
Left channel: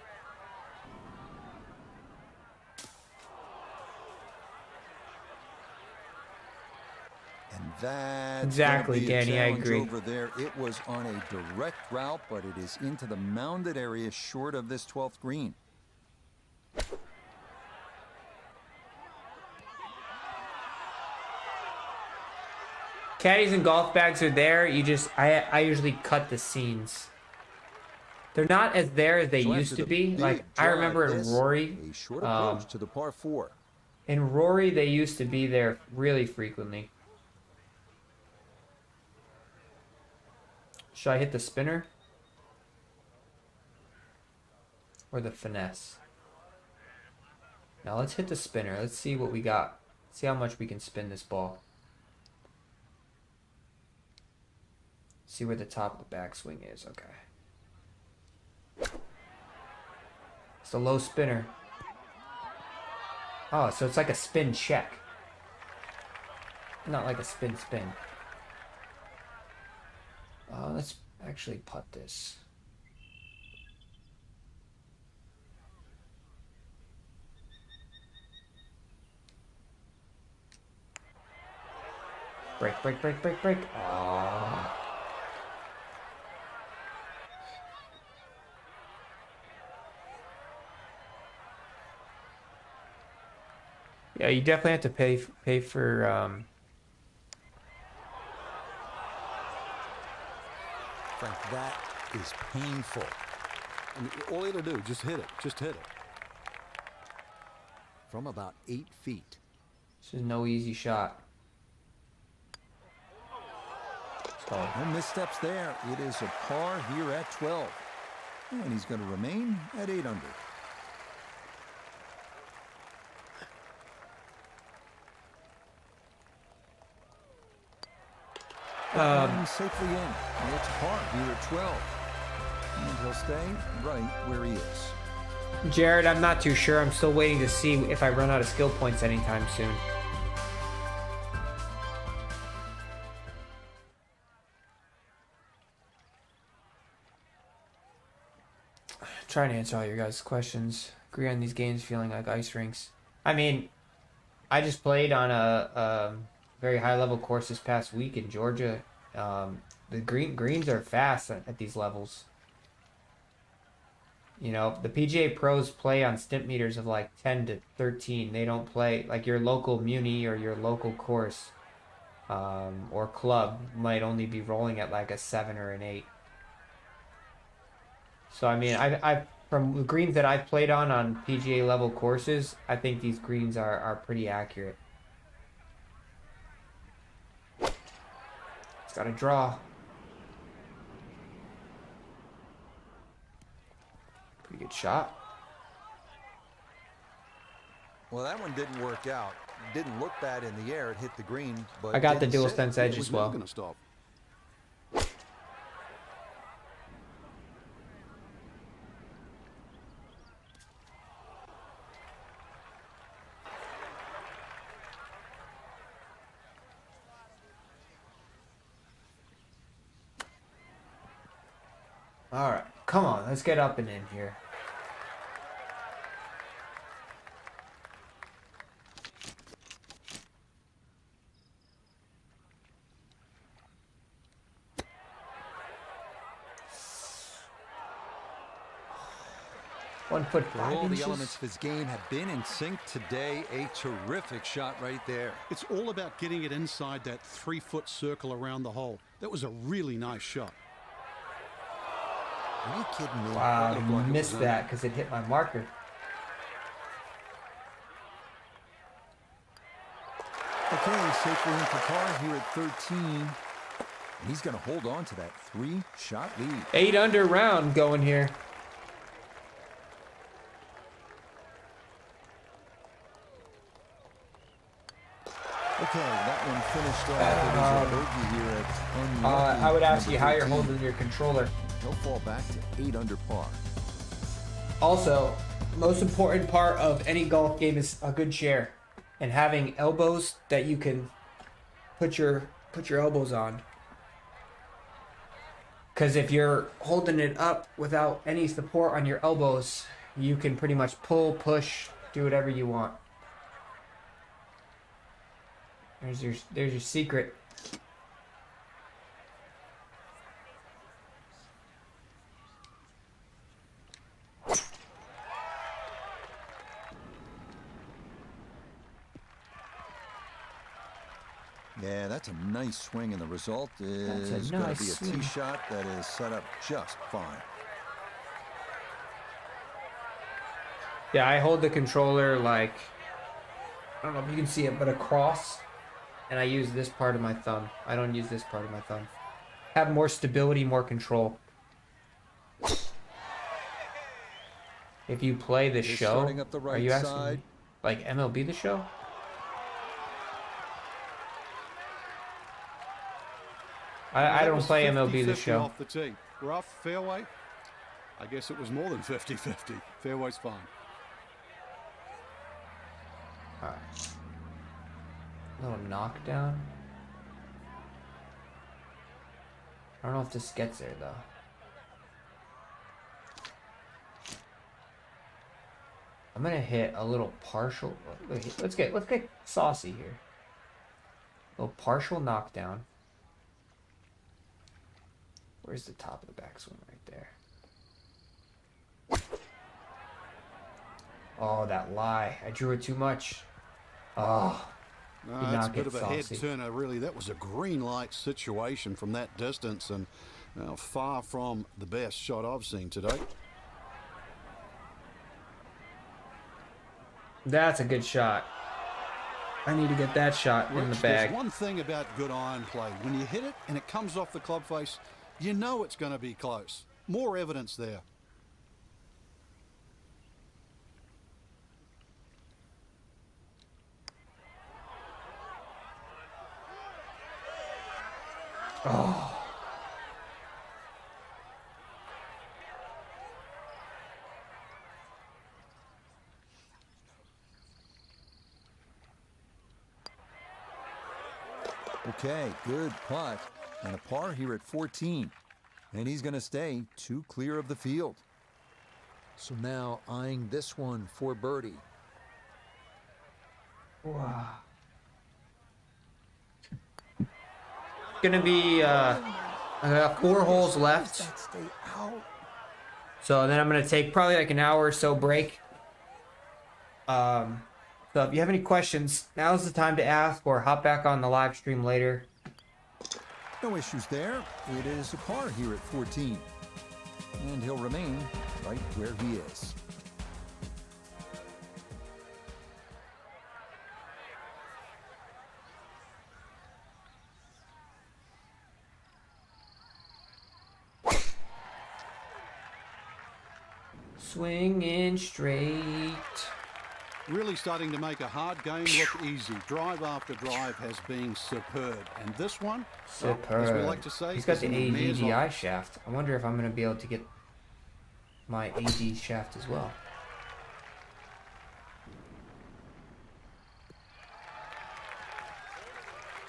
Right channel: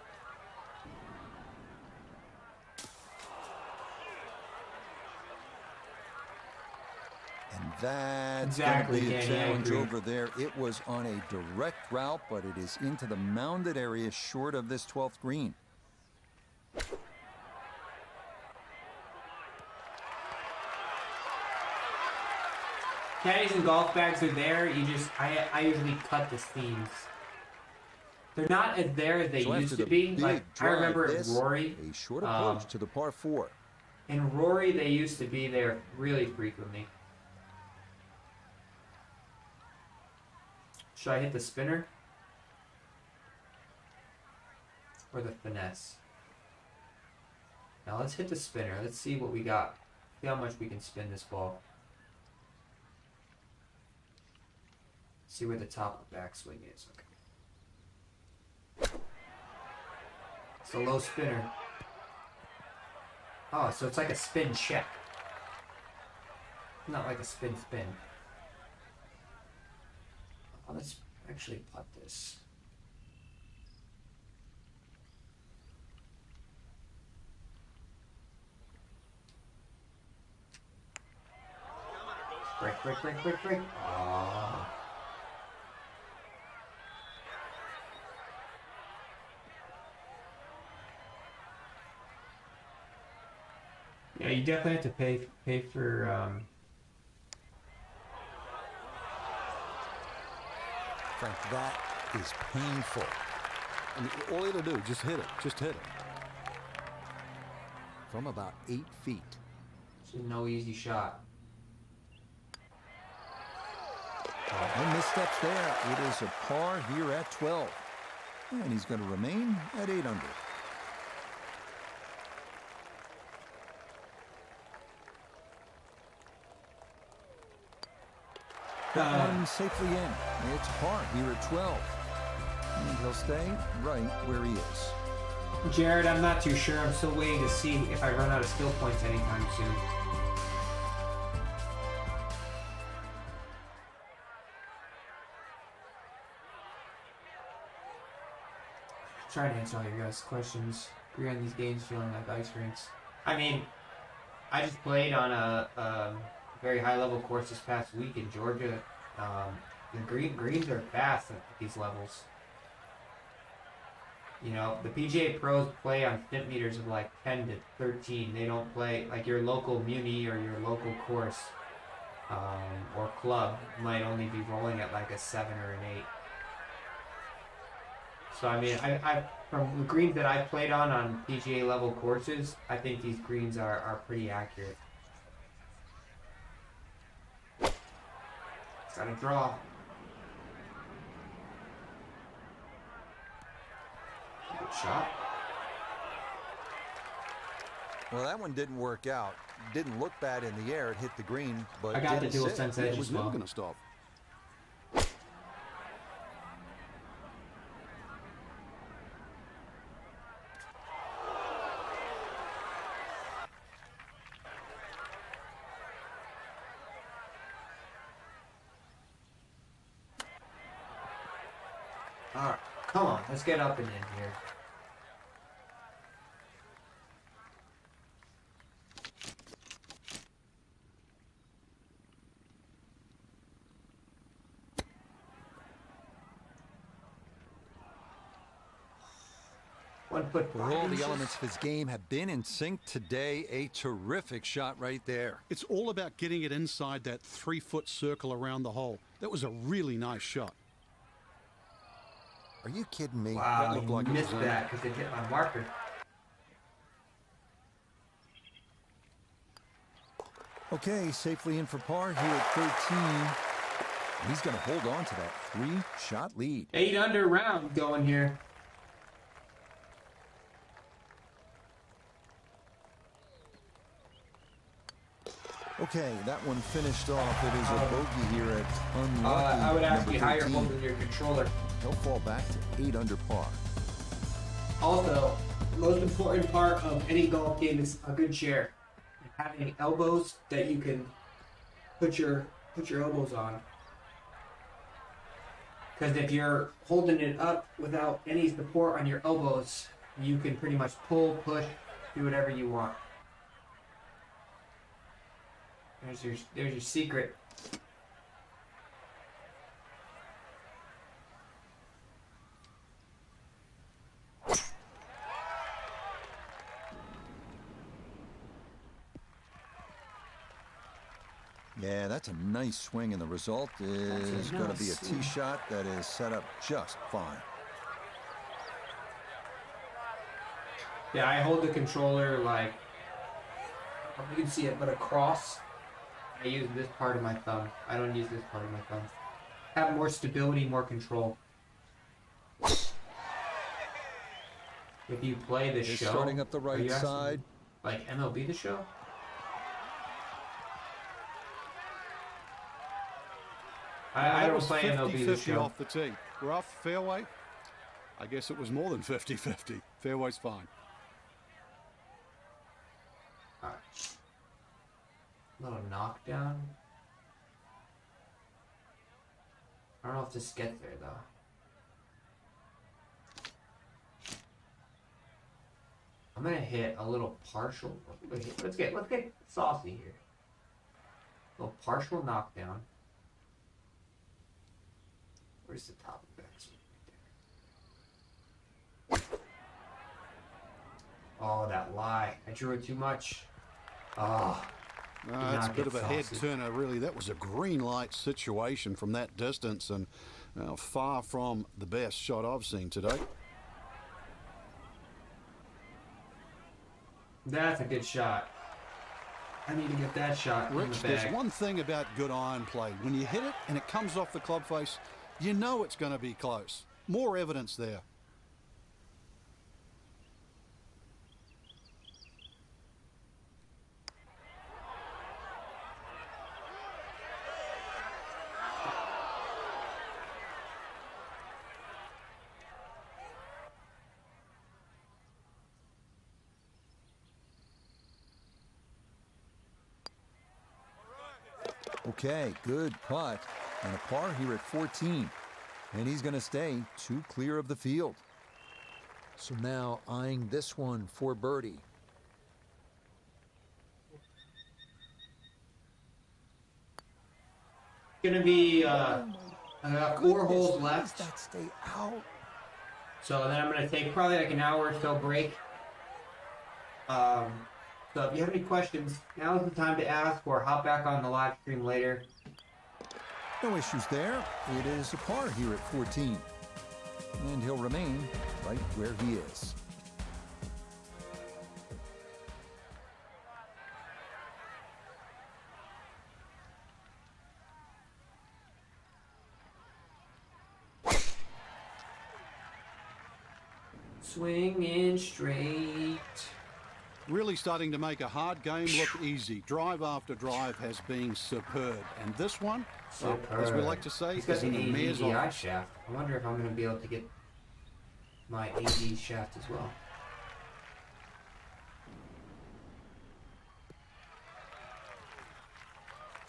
That's going to be a challenge over there. It was on a direct route, but it is into the mounded area short of this 12th green. Caddies and golf bags are there. I usually cut the scenes. They're not as there as they used to be. Like I remember in Rory, a short approach to the par 4. In Rory, they used to be there really frequently. Should I hit the spinner? Or the finesse? Now let's hit the spinner. Let's see what we got. See how much we can spin this ball. See where the top of the backswing is. Okay. It's a low spinner. Oh, so it's like a spin check. Not like a spin. Let's actually putt this. Break. Oh. Yeah, you definitely have to pay for Frank, that is painful. I mean, all you got to do, just hit it. Just hit it. From about 8 feet. This is no easy shot. No missteps there. It is a par here at 12. And he's going to remain at 8 under. That one safely in. It's par here at 12. And he'll stay right where he is. Jared, I'm not too sure. I'm still waiting to see if I run out of skill points anytime soon. Trying to answer all your guys' questions. Agree on these games feeling like ice rinks. I mean, I just played on a very high-level course this past week in Georgia. The greens are fast at these levels. You know, the PGA pros play on stimp meters of like 10 to 13. They don't play like your local muni or your local course or club might only be rolling at like a 7 or an 8. So I mean, I from the greens that I've played on PGA level courses, I think these greens are pretty accurate. It's got to draw. Good shot. Well, that one didn't work out. Didn't look bad in the air. It hit the green, but I got the dual sense edge as well. Never going to stop. All right, come on, let's get up and in here. 1 foot. All the elements of his game have been in sync today. A terrific shot right there. It's all about getting it inside that 3-foot circle around the hole. That was a really nice shot. Are you kidding me? Wow, I missed that because it hit my marker. Okay, safely in for par here at 13. He's going to hold on to that 3-shot lead. 8 under round going here. Okay, that one finished off. It is a bogey here at unlucky. I would ask you how you're 13. holding your controller. He'll fall back to 8 under par. Also, the most important part of any golf game is a good chair and having elbows that you can put your elbows on. Because if you're holding it up without any support on your elbows, you can pretty much pull, push, do whatever you want. There's your secret. Yeah, that's a nice swing, and the result is going to be a tee shot that is set up just fine. Yeah, I hold the controller like, I don't know if you can see it, but across. And I use this part of my thumb. I don't use this part of my thumb. Have more stability, more control. If you play the show, starting up the right side, like MLB The Show. I don't play MLB The Show. Off the tee. Rough, fairway. I guess it was more than 50-50. Fairway's fine. All right. Little knockdown. I don't know if this gets there though. I'm gonna hit a little partial. Let's get saucy here. A little partial knockdown. Where's the top of the backswing right there? Oh, that lie! I drew it too much. Oh. That's a bit of a head turner, really. That was a green light situation from that distance, and far from the best shot I've seen today. That's a good shot. I need to get that shot in the bag. There's one thing about good iron play. When you hit it and it comes off the club face, you know it's going to be close. More evidence there. Oh. Okay, good putt. And a par here at 14. And he's going to stay 2 clear of the field. So now eyeing this one for birdie. Wow. Gonna be 4 holes left. That stay out. So then I'm gonna take probably like an hour or so break. So if you have any questions, now's the time to ask or hop back on the live stream later. No issues there. It is a par here at 14. And he'll remain right where he is. Swinging straight. Really starting to make a hard game look easy. Drive after drive has been superb. And this one, as we like to say, he's got is in the mare's AD shaft. I wonder if I'm going to be able to get my AD shaft as well.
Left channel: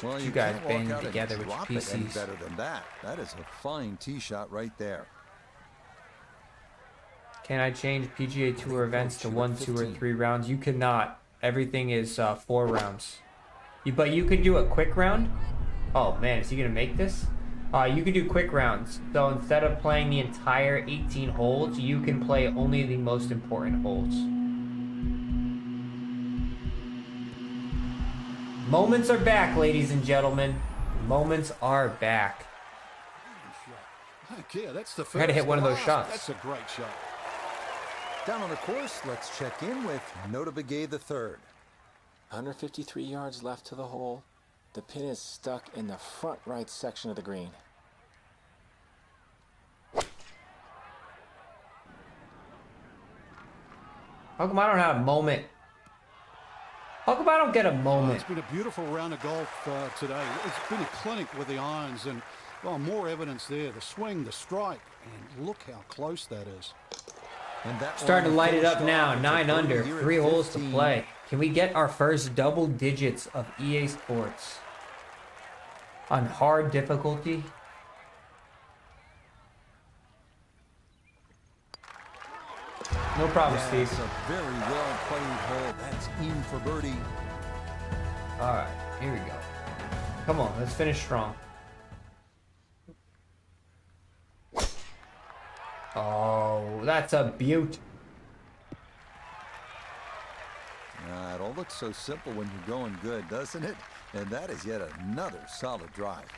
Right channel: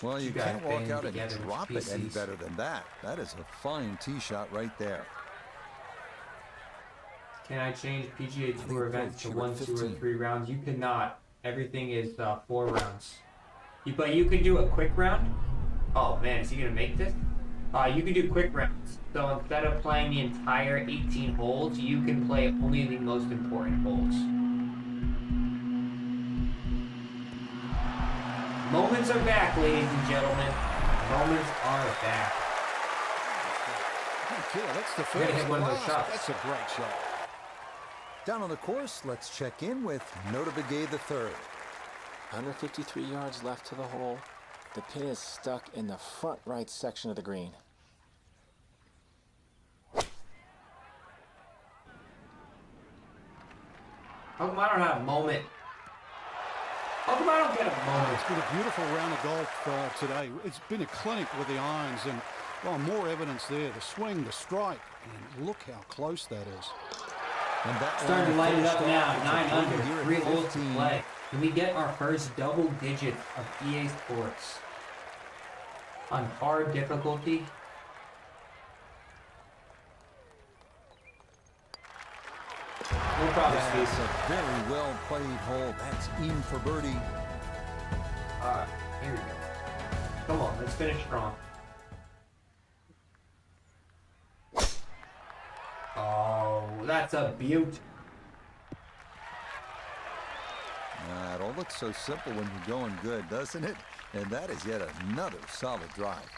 Well, you can't walk out and drop it any better than that. That is a fine tee shot right there. Can I change PGA Tour events to 1, 2, or 3 rounds? You cannot. Everything is 4 rounds. But you can do a quick round. Oh man, is he gonna make this? You can do quick rounds. So instead of playing the entire 18 holes, you can play only the most important holes. Moments are back, ladies and gentlemen. Moments are back. Okay, that's the first. Trying to hit one of those shots. That's a great shot. Down on the course, let's check in with Notobegay III. 153 yards left to the hole. The pin is stuck in the front right section of the green. How come I don't have a moment? How come I don't get a moment? It's been a beautiful round of golf today. It's been a clinic with the irons, and well, more evidence there. The swing, the strike, and look how close that is. And that's starting to light it up now. 9 under, 3 holes to play. Can we get our first double digits of EA Sports on hard difficulty? No problem, Steve. That's a very well played hole. That's in for birdie. All right, here we go. Come on, let's finish strong. Oh, that's a beaut. It all looks so simple when you're going good, doesn't it? And that is yet another solid drive.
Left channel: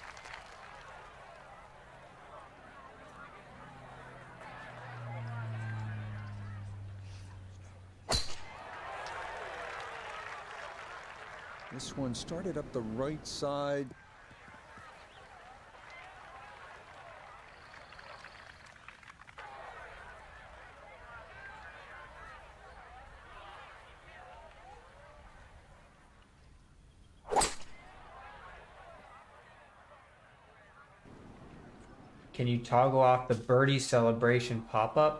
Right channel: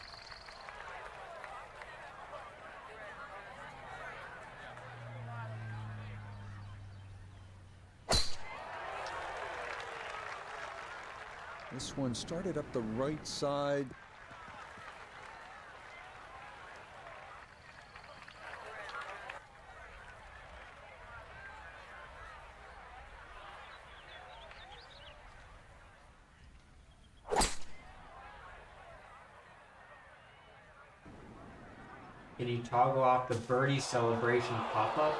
This one started up the right side. Can you toggle off the birdie celebration pop-up?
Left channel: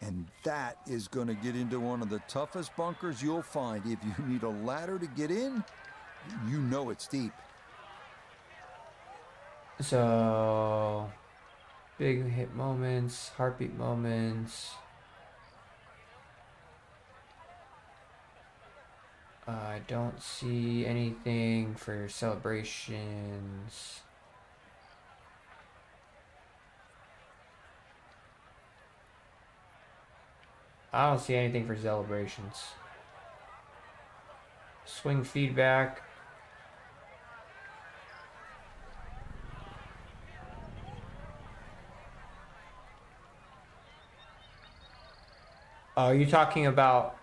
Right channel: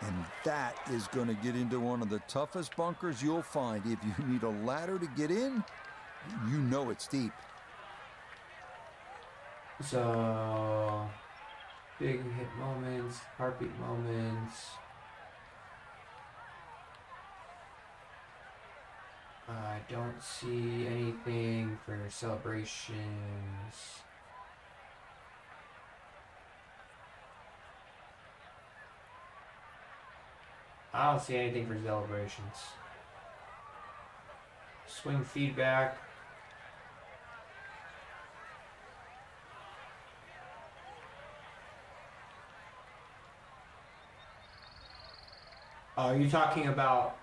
And that is going to get into one of the toughest bunkers you'll find. If you need a ladder to get in, you know it's deep. So, big hit moments, heartbeat moments. I don't see anything for celebrations. I don't see anything for celebrations. Swing feedback. Are you talking about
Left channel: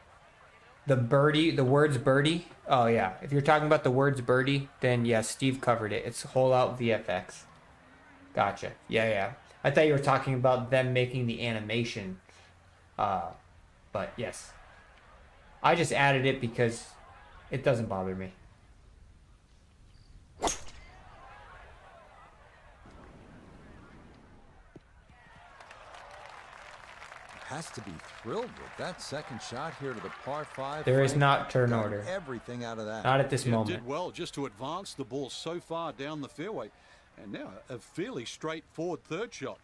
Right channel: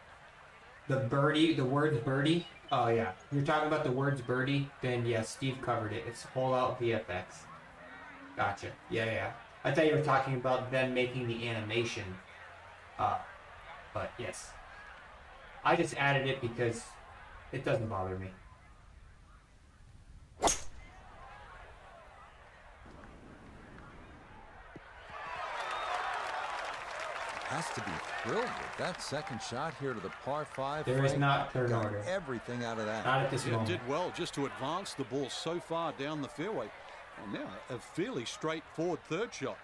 the birdie, the words birdie? Oh yeah, if you're talking about the words birdie, then yes, Steve covered it. It's hole out VFX. Gotcha. Yeah. I thought you were talking about them making the animation. But yes, I just added it because it doesn't bother me. Has to be thrilled with that second shot here to the par 5. There is not turn order. Everything out of that. Not at this moment. Did well just to advance the ball so far down the fairway. And now a fairly straightforward third shot.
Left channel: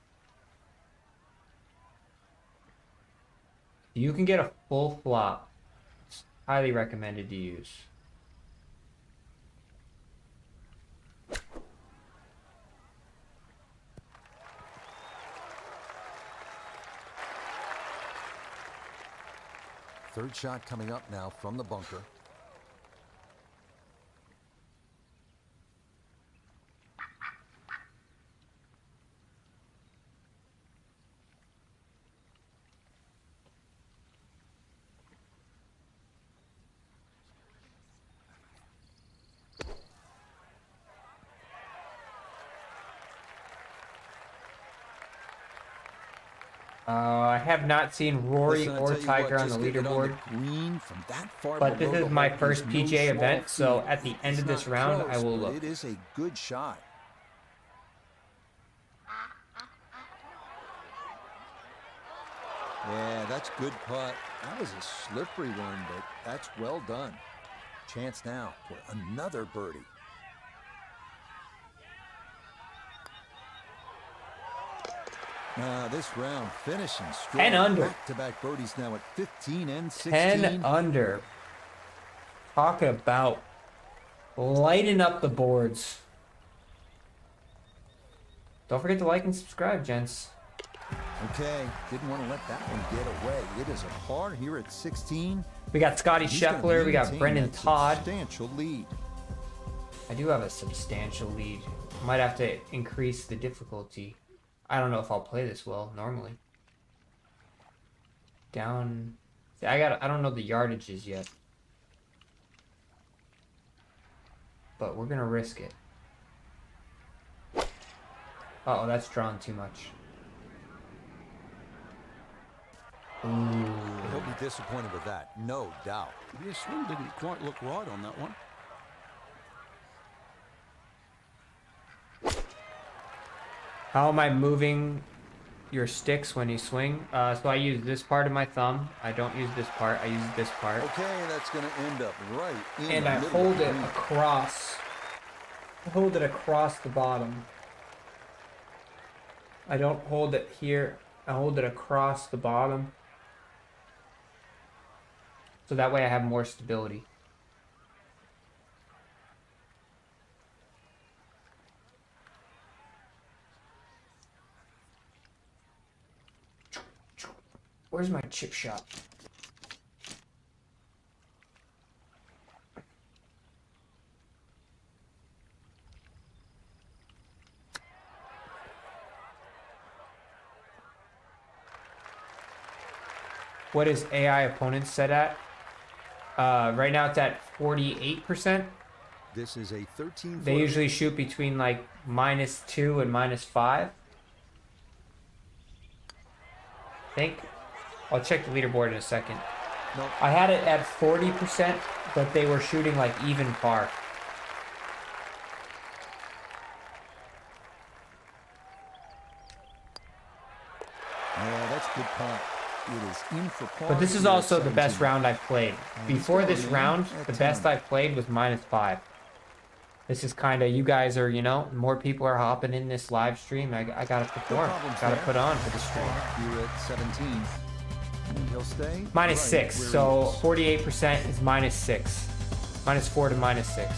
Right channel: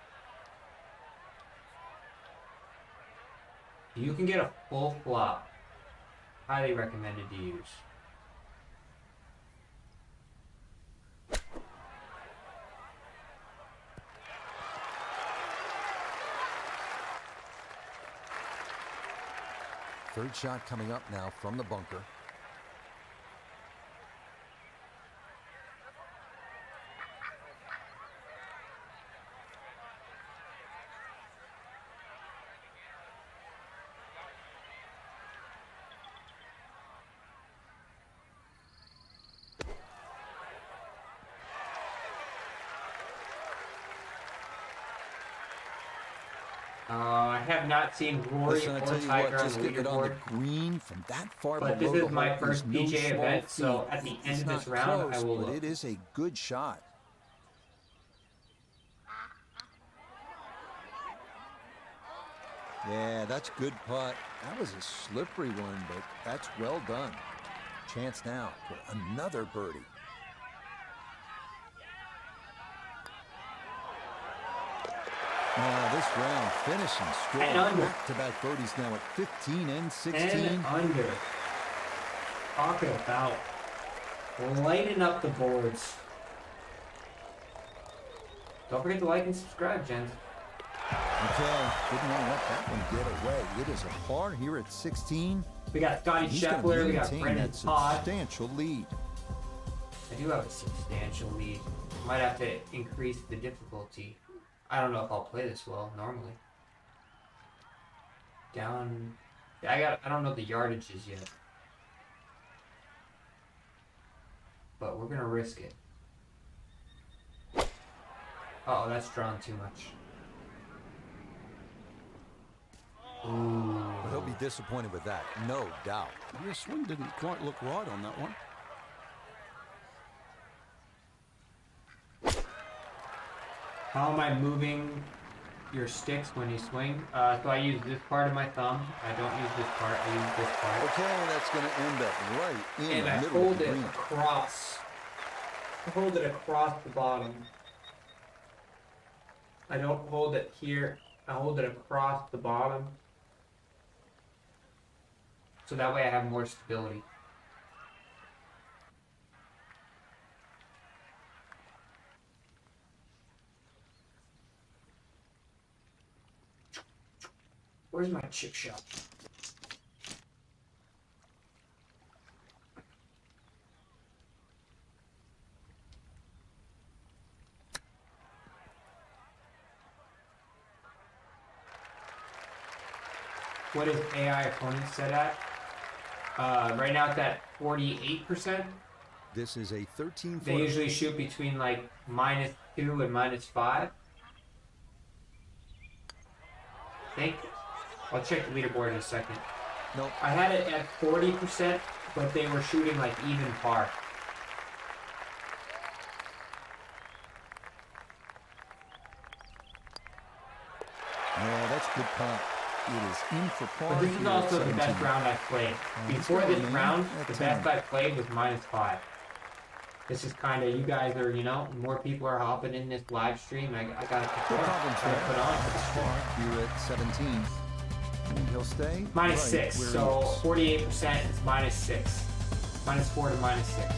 You can get a full flop. It's highly recommended to use. Third shot coming up now from the bunker. I have not seen Rory or Tiger on the leaderboard. Green from that far but this is my first PGA event, so at the end of this round, I will look. It is a good shot. Yeah, that's good putt. That was a slippery one, but that's well done. Chance now for another birdie. This round finishing strong. 10 under. Back-to-back birdies now at 15 and 16. 10 under. Talk about lighting up the boards. Don't forget to like and subscribe, gents. Okay, didn't want to let that one get away. It is a par here at 16. We got Scotty Scheffler, we got Brendan Todd. Substantial lead. I do have a substantial lead. Might have to increase the difficulty. I don't know if I'll play this well normally. Down. I don't know the yardages yet. But we're gonna risk it. Uh-oh, that's drawn too much. Ooh. He'll be disappointed with that, no doubt. Your swing didn't quite look right on that one. How am I moving your sticks when you swing? So I use this part of my thumb. I don't use this part. I use this part. Okay, that's going to end up right in and the I middle hold of the it green. across. I hold it across the bottom. I don't hold it here. I hold it across the bottom. So that way I have more stability. Where's my chip shot? What is AI opponent set at? Right now it's at 48%. This is a 13-foot. They usually shoot between like -2 and -5. I think. I'll check the leaderboard in a second. Nope. I had it at 40%, but they were shooting like even par. Yeah, that's good putt. It is in for par. But this is here at also the best 17. round I've played. Before this round, the best I played was -5. This is kind of, you guys are, you know, more people are hopping in this live stream. I gotta perform. No problems Gotta there. put on for the That's stream. par here at 17. And he'll stay -6, right where so he is. 48% is -6. -4 to -6.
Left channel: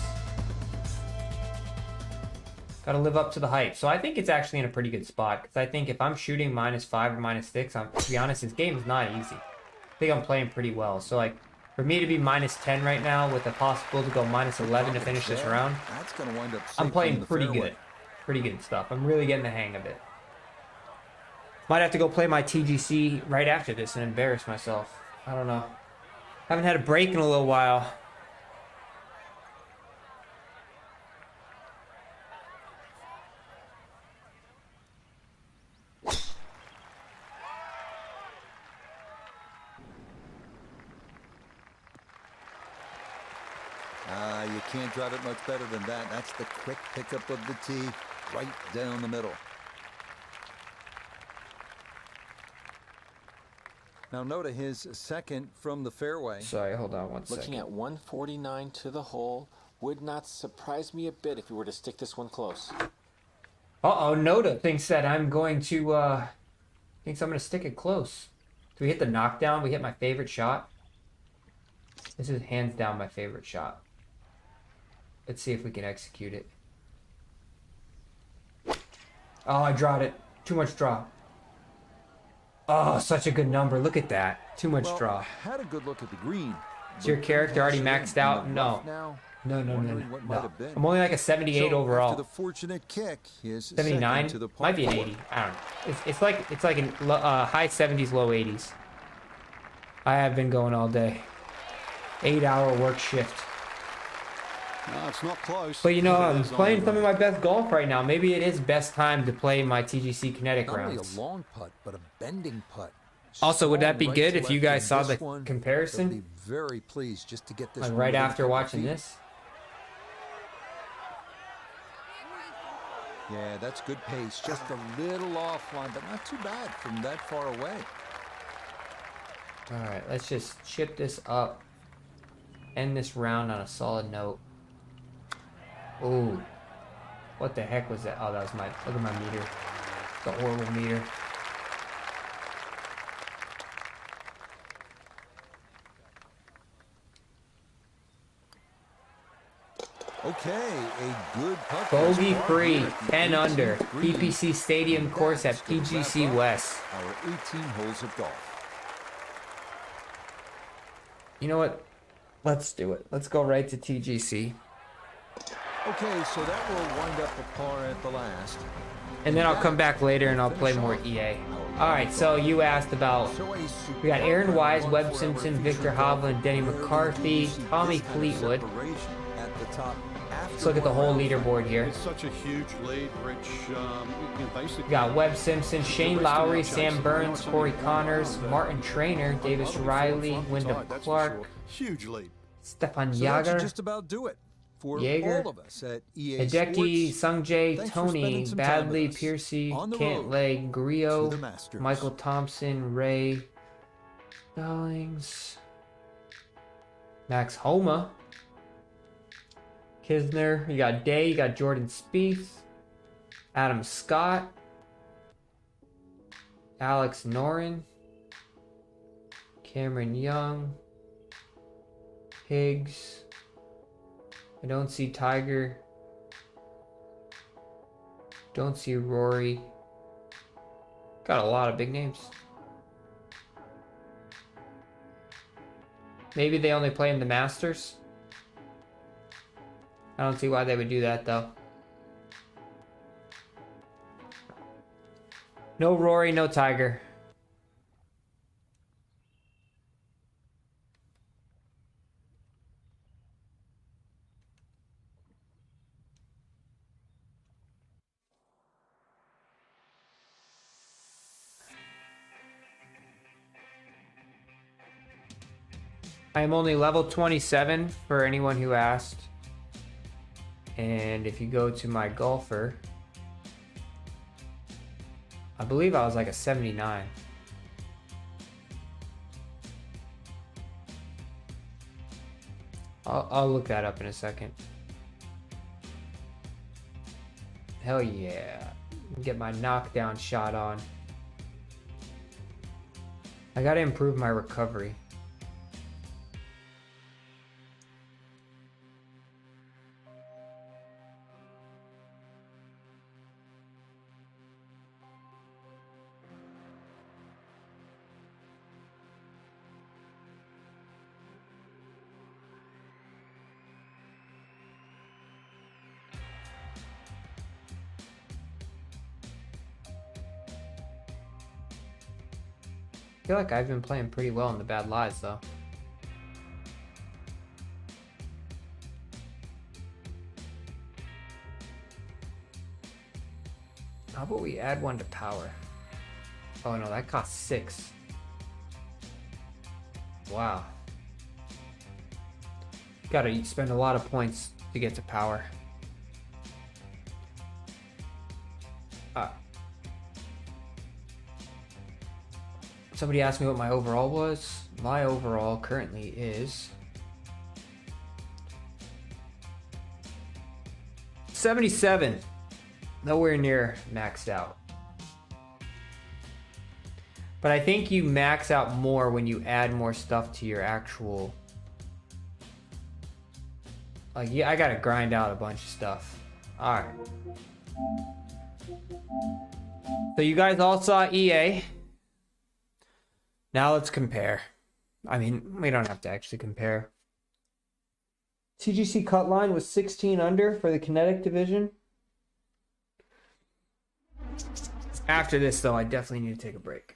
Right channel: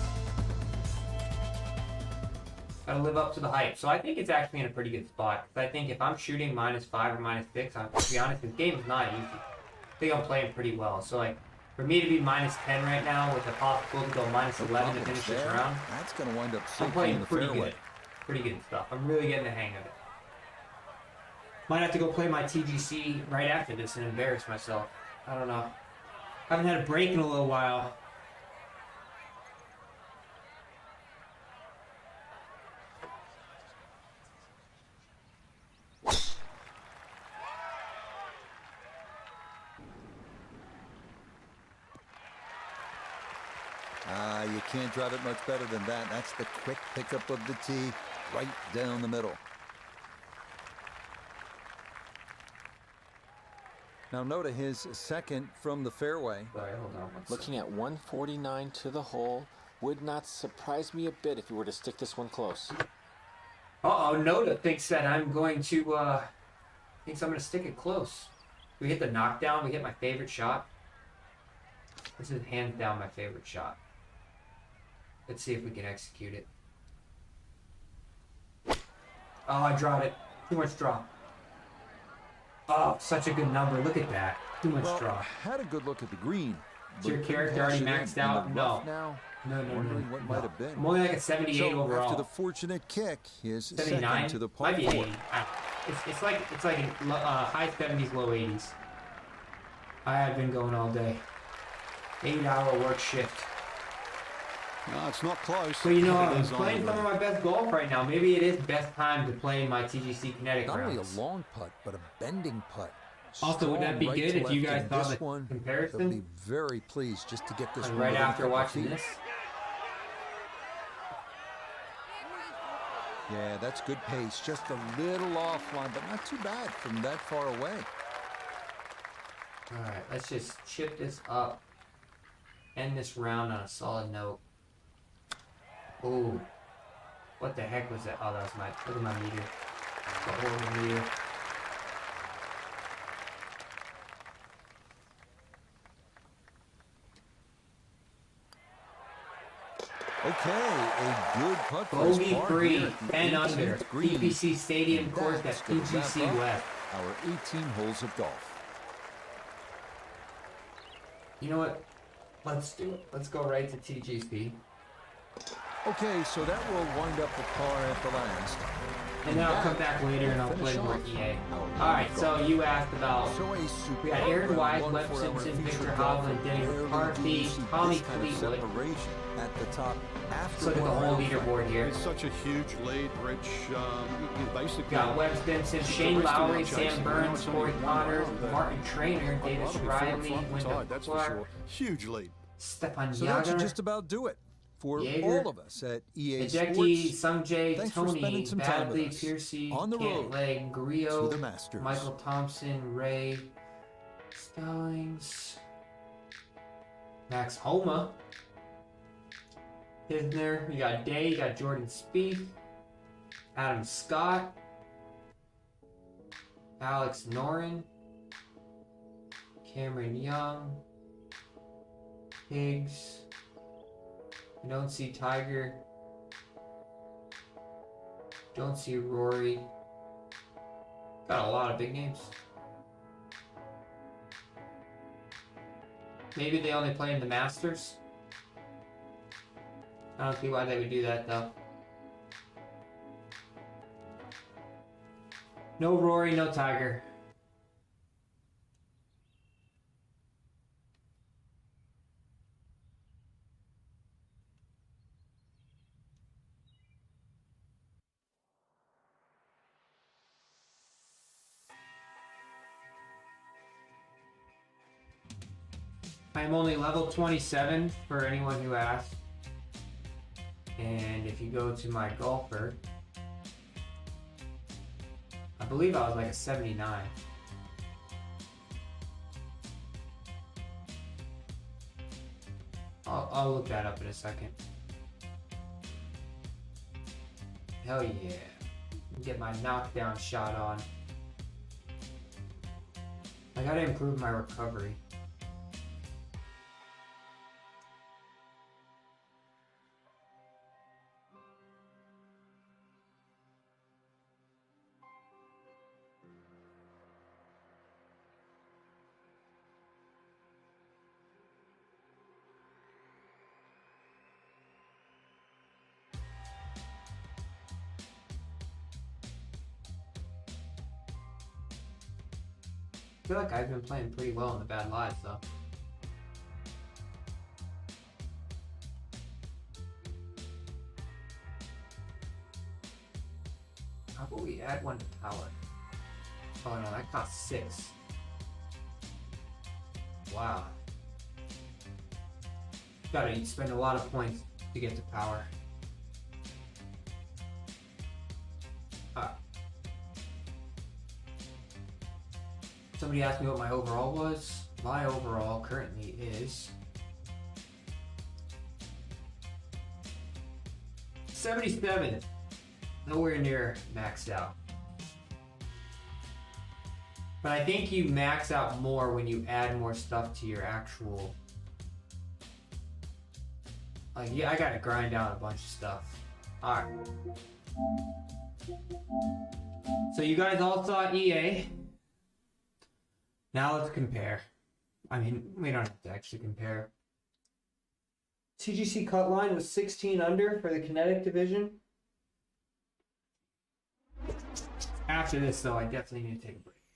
Gotta live up to the hype. So I think it's actually in a pretty good spot. Because I think if I'm shooting -5 or -6, to be honest, this game is not easy. I think I'm playing pretty well. So like, for me to be -10 right now with a possibility to go -11 to finish this round, That's going to wind up I'm safely in playing the pretty fairway. good. Pretty good stuff. I'm really getting the hang of it. Might have to go play my TGC right after this and embarrass myself. I don't know. Haven't had a break in a little while. You can't drive it much better than that. That's the quick pickup of the tee right down the middle. Now note his second from the fairway. Sorry, hold on one second. Looking at 149 to the hole, would not surprise me a bit if you were to stick this one close. Uh-oh, Noda thinks that I'm going to, thinks I'm going to stick it close. Do we hit the knockdown? We hit my favorite shot. This is hands down my favorite shot. Let's see if we can execute it. Oh, I drawed it. Too much draw. Oh, such a good number. Look at that. Too much draw. Had a good look at the green. Is your character already maxed out? No. Now, No. wondering what might have been. I'm only like a 78 so overall. After the fortunate kick, his 79 second to the par might be 4. 80. I don't know. It's like in high 70s, low 80s. I have been going all day. 8-hour work shift. No, it's not close. But you know, It I'm is on playing the some of way. my best golf right now. Maybe it is best time to play my TGC Kinetic Not only rounds. a long putt, but a bending putt. Also, would that be Strong good right to if you left guys in saw this the one. comparison? They'll be very pleased just to get this And one right within a after couple watching feet. this. Yeah, that's good pace. Just a little offline, but not too bad from that far away. All right, let's just chip this up. End this round on a solid note. Ooh. What the heck was that? Oh, that was my, look at my meter. The horrible meter. Okay, a good putt. Bogey free, 10 under. EPC Stadium course at PGC West. Our 18 holes of golf. You know what? Let's do it. Let's go right to TGC. Okay, so that will wind up the par at the last. And then I'll come back later and I'll play more EA. Alright, so you asked about... We got Aaron Wise, Webb Simpson, Victor Hovland, Denny McCarthy, Tommy Fleetwood. At the top. Let's look at the whole leaderboard here. It's such a huge lead, Rich. Basically, we got Webb Simpson, Shane Lowry, Sam Burns, Corey Connors, Martin Trainer, Davis Riley, Wyndham Clark. Huge lead. Stefan Yager. So that should just about do it. For all of us at EA Hideki, Sports, Sungjae, Tony, Badley, Piercy, Cantlay, Grillo, Michael Thompson, Ray, Stallings, Max Homa, Kisner, you got Day, you got Jordan Spieth, Adam Scott, Alex Noren, Cameron Young, Higgs. I don't see Tiger. Don't see Rory. Got a lot of big names. Maybe they only play in the Masters. I don't see why they would do that though. No Rory, no Tiger. I am only level 27 for anyone who asked. And if you go to my golfer, I believe I was like a 79. I'll look that up in a second. Hell yeah. Get my knockdown shot on. I gotta improve my recovery. I feel like I've been playing pretty well in the bad lies though. How about we add one to power? Oh no, that costs 6. Wow. Gotta spend a lot of points to get to power. Somebody asked me what my overall was. My overall currently is 77. Nowhere near maxed out. But I think you max out more when you add more stuff to your actual... Like, yeah, I gotta grind out a bunch of stuff. Alright. So you guys all saw EA. Now let's compare. I mean, we don't have to actually compare. TGC cut line was 16 under for the kinetic division. After this, though, I definitely need to take a break.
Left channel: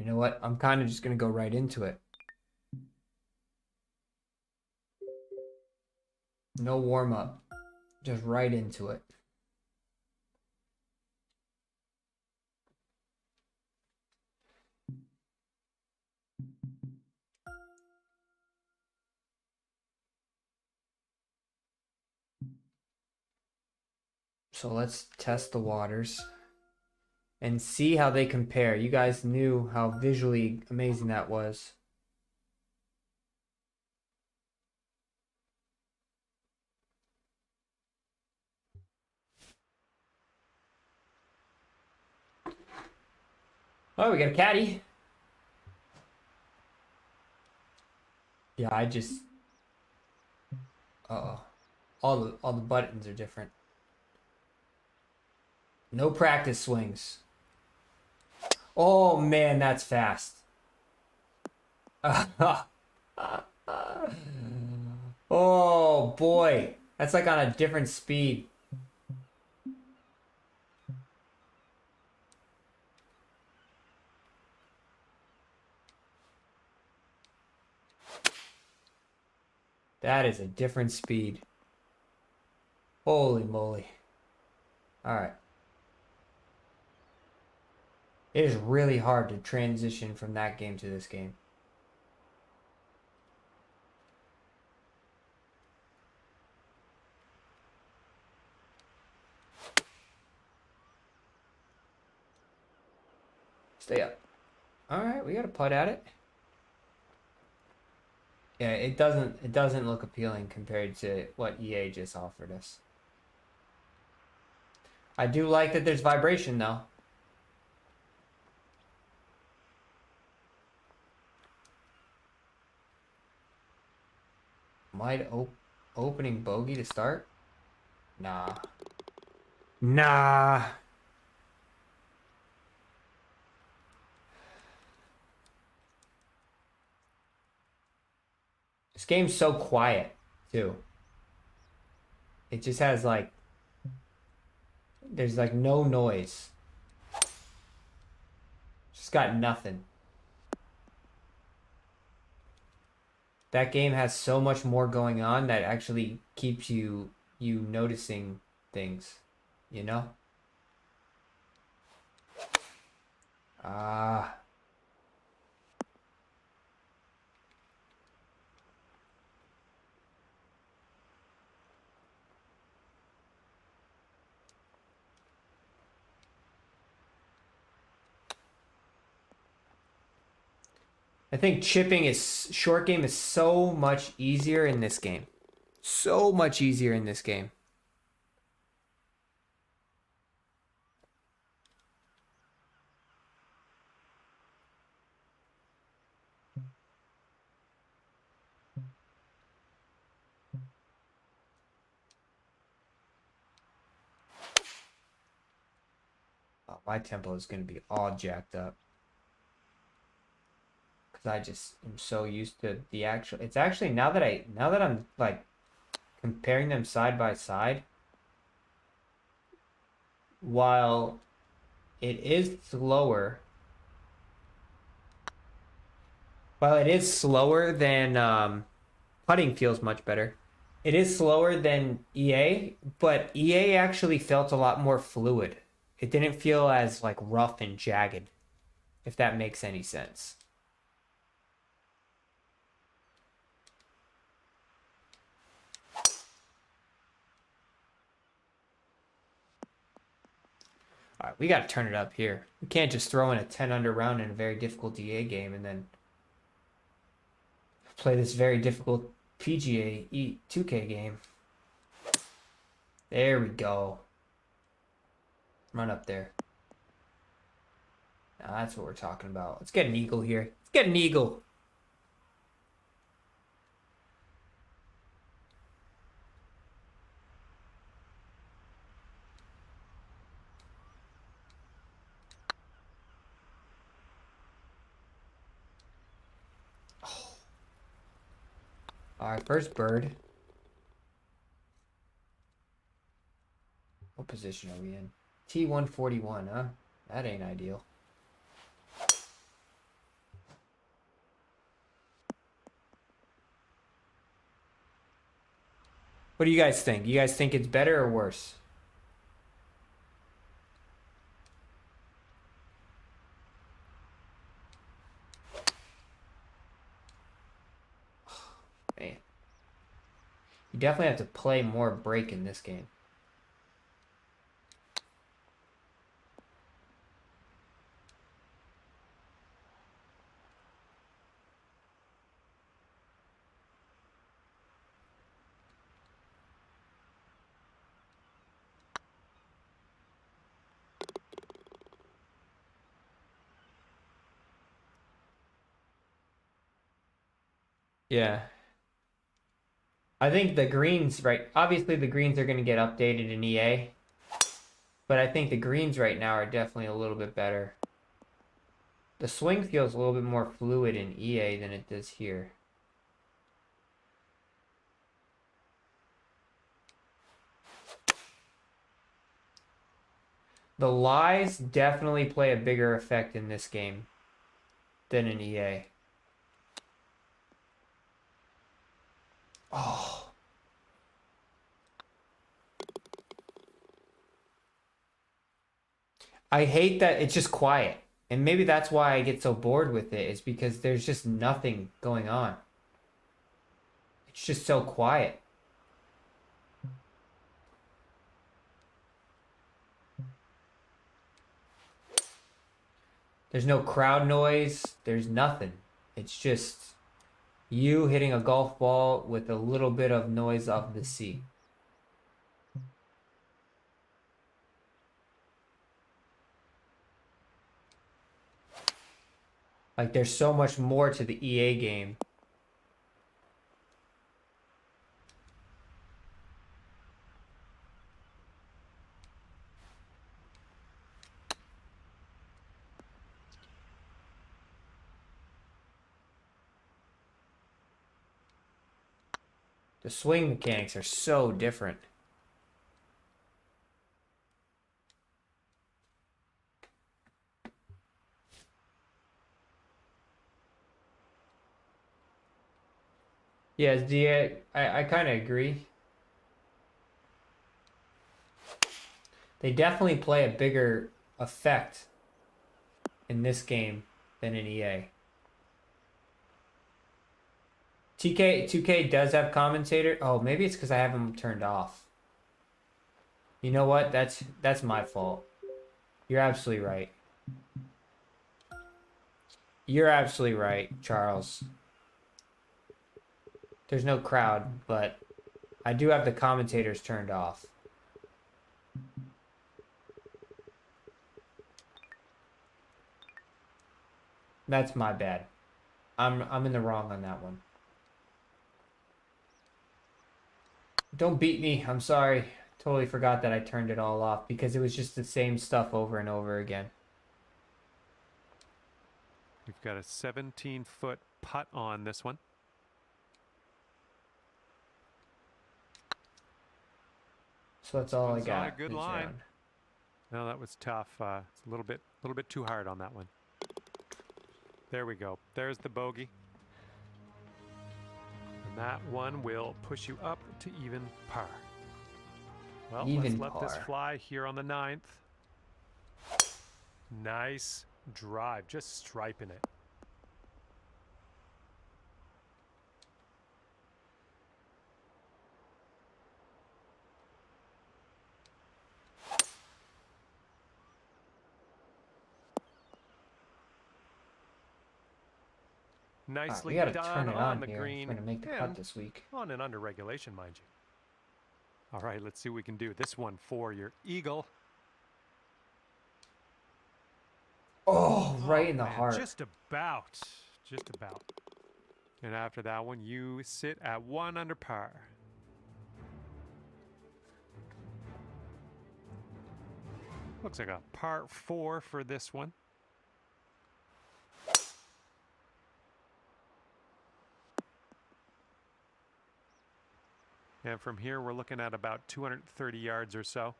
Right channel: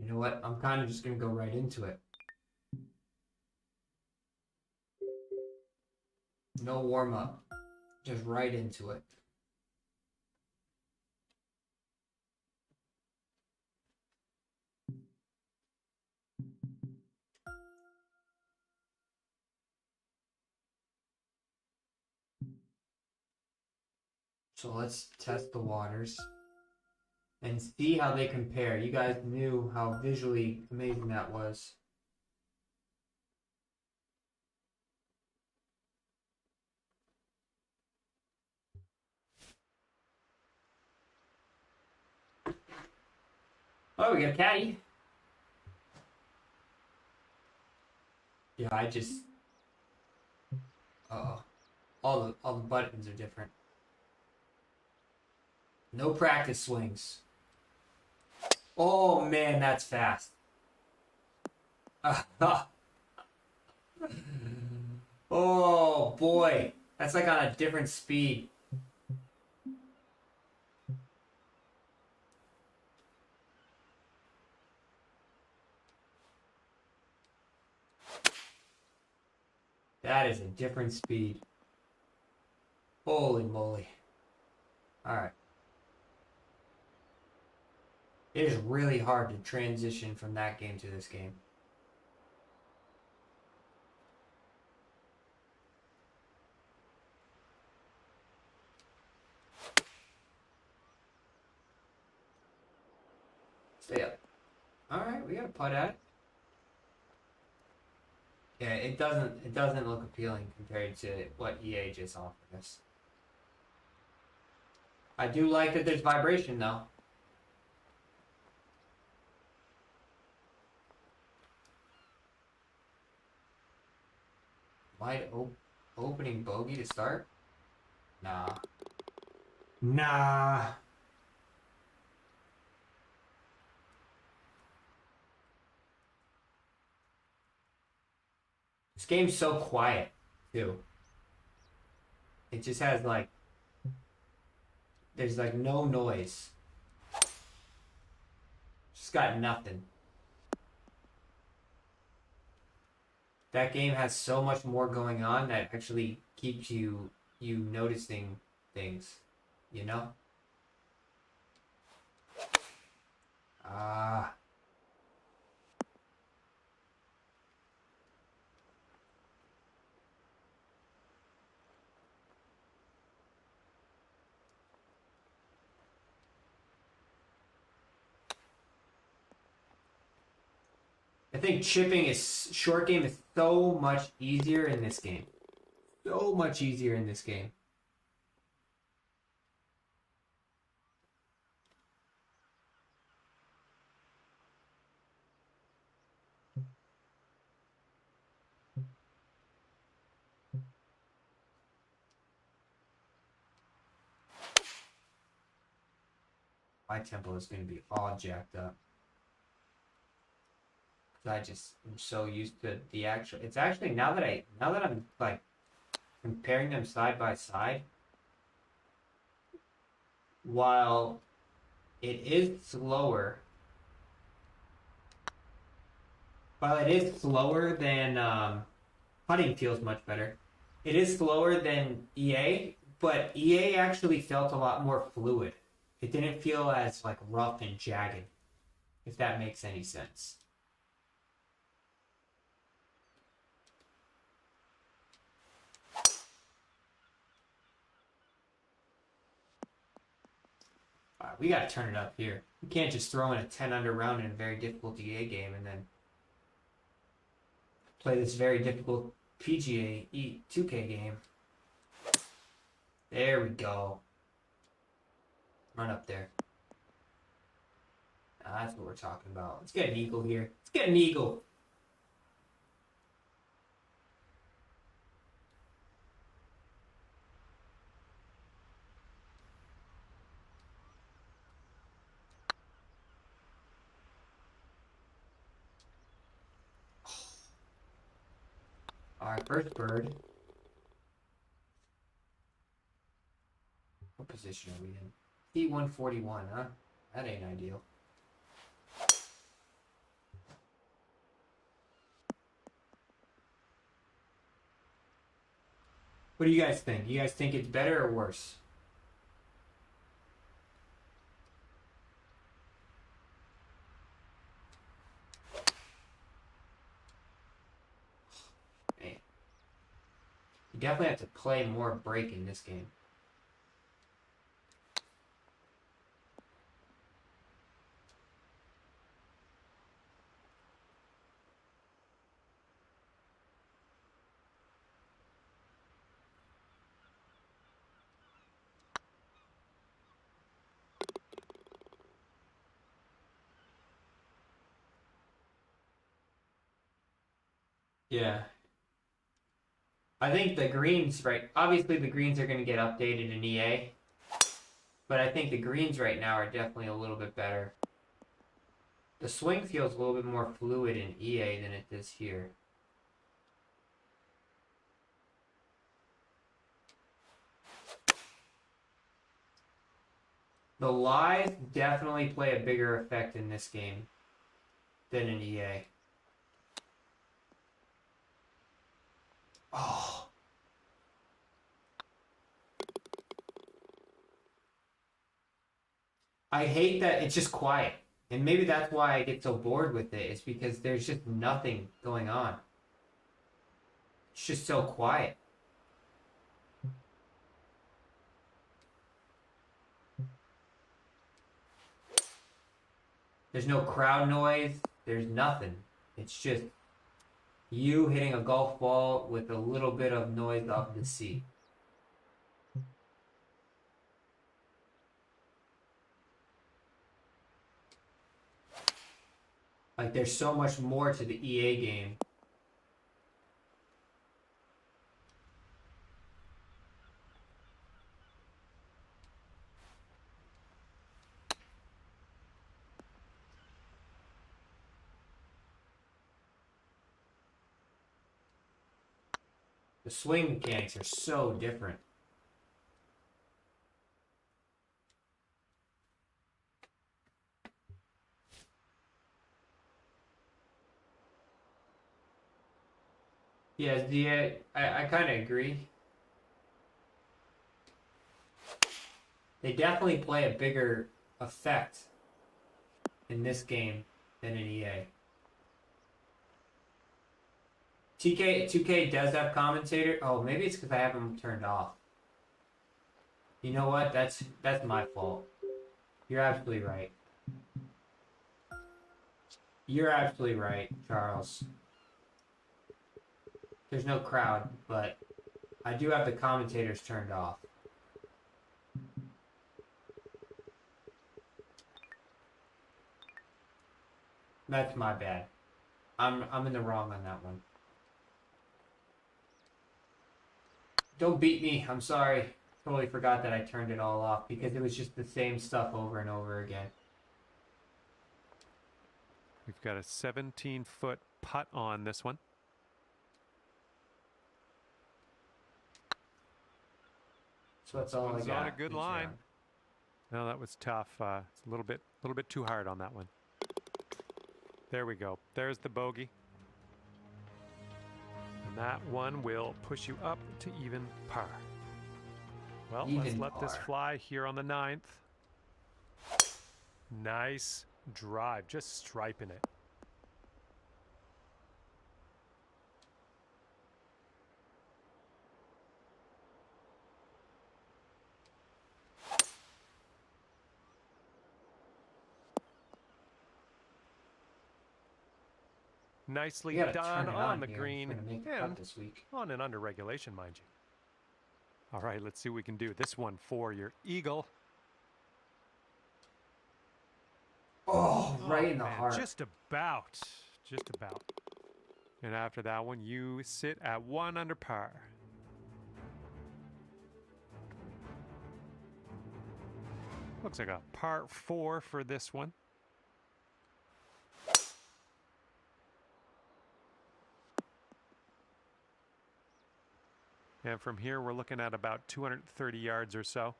You know what? I'm kind of just going to go right into it. No warm-up. Just right into it. So let's test the waters and see how they compare. You guys knew how visually amazing that was. Oh, we got a caddy. Yeah, I just... Uh-oh. All the buttons are different. No practice swings. Oh, man, that's fast. Oh, boy. That's like on a different speed. That is a different speed. Holy moly. Alright. It is really hard to transition from that game to this game. Stay up. Alright, we got a putt at it. Yeah, it doesn't look appealing compared to what EA just offered us. I do like that there's vibration though. Might opening bogey to start? Nah. Nah. This game's so quiet, too. It just has like... There's like no noise. Just got nothing. That game has so much more going on that actually keeps you noticing things, you know? Ah. I think short game is so much easier in this game. So much easier in this game. Oh, my tempo is going to be all jacked up. I just am so used to the actual. It's actually now that I'm like comparing them side by side, while it is slower, than putting feels much better. It is slower than EA, but EA actually felt a lot more fluid. It didn't feel as like rough and jagged, if that makes any sense. All right, we got to turn it up here. We can't just throw in a 10 under round in a very difficult DA game and then play this very difficult PGA 2K game. There we go. Run up there. Now that's what we're talking about. Let's get an eagle here. Let's get an eagle. All right, first bird. What position are we in? T141, huh? That ain't ideal. What do you guys think? You guys think it's better or worse? Man. You definitely have to play more break in this game. Yeah. I think the greens, right, obviously the greens are going to get updated in EA, but I think the greens right now are definitely a little bit better. The swing feels a little bit more fluid in EA than it does here. The lies definitely play a bigger effect in this game than in EA. Oh. I hate that it's just quiet. And maybe that's why I get so bored with it. It's because there's just nothing going on. It's just so quiet. There's no crowd noise. There's nothing. It's just you hitting a golf ball with a little bit of noise off the sea. Like, there's so much more to the EA game. The swing mechanics are so different. Yeah, I kind of agree. They definitely play a bigger effect in this game than in EA. 2K does have commentator. Oh, maybe it's because I have them turned off. You know what? That's my fault. You're absolutely right. You're absolutely right, Charles. There's no crowd, but I do have the commentators turned off. That's my bad. I'm in the wrong on that one. Don't beat me. I'm sorry. Totally forgot that I turned it all off because it was just the same stuff over and over again. We've got a 17-foot putt on this one. So that's all I got. On a good line. No, that was tough. It's a little bit too hard on that one. There we go. There's the bogey. And that one will push you up to even par. Well, let's let this fly here on the 9th. Nice drive, just striping it. Nicely done on the green and this week. On and under regulation, mind you. All right, let's see what we can do. This one for your eagle. Oh, right in the heart. Just about. Just about. And after that one, you sit at 1 under par. Looks like a par 4 for this one. And from here, we're looking at about 230 yards or so.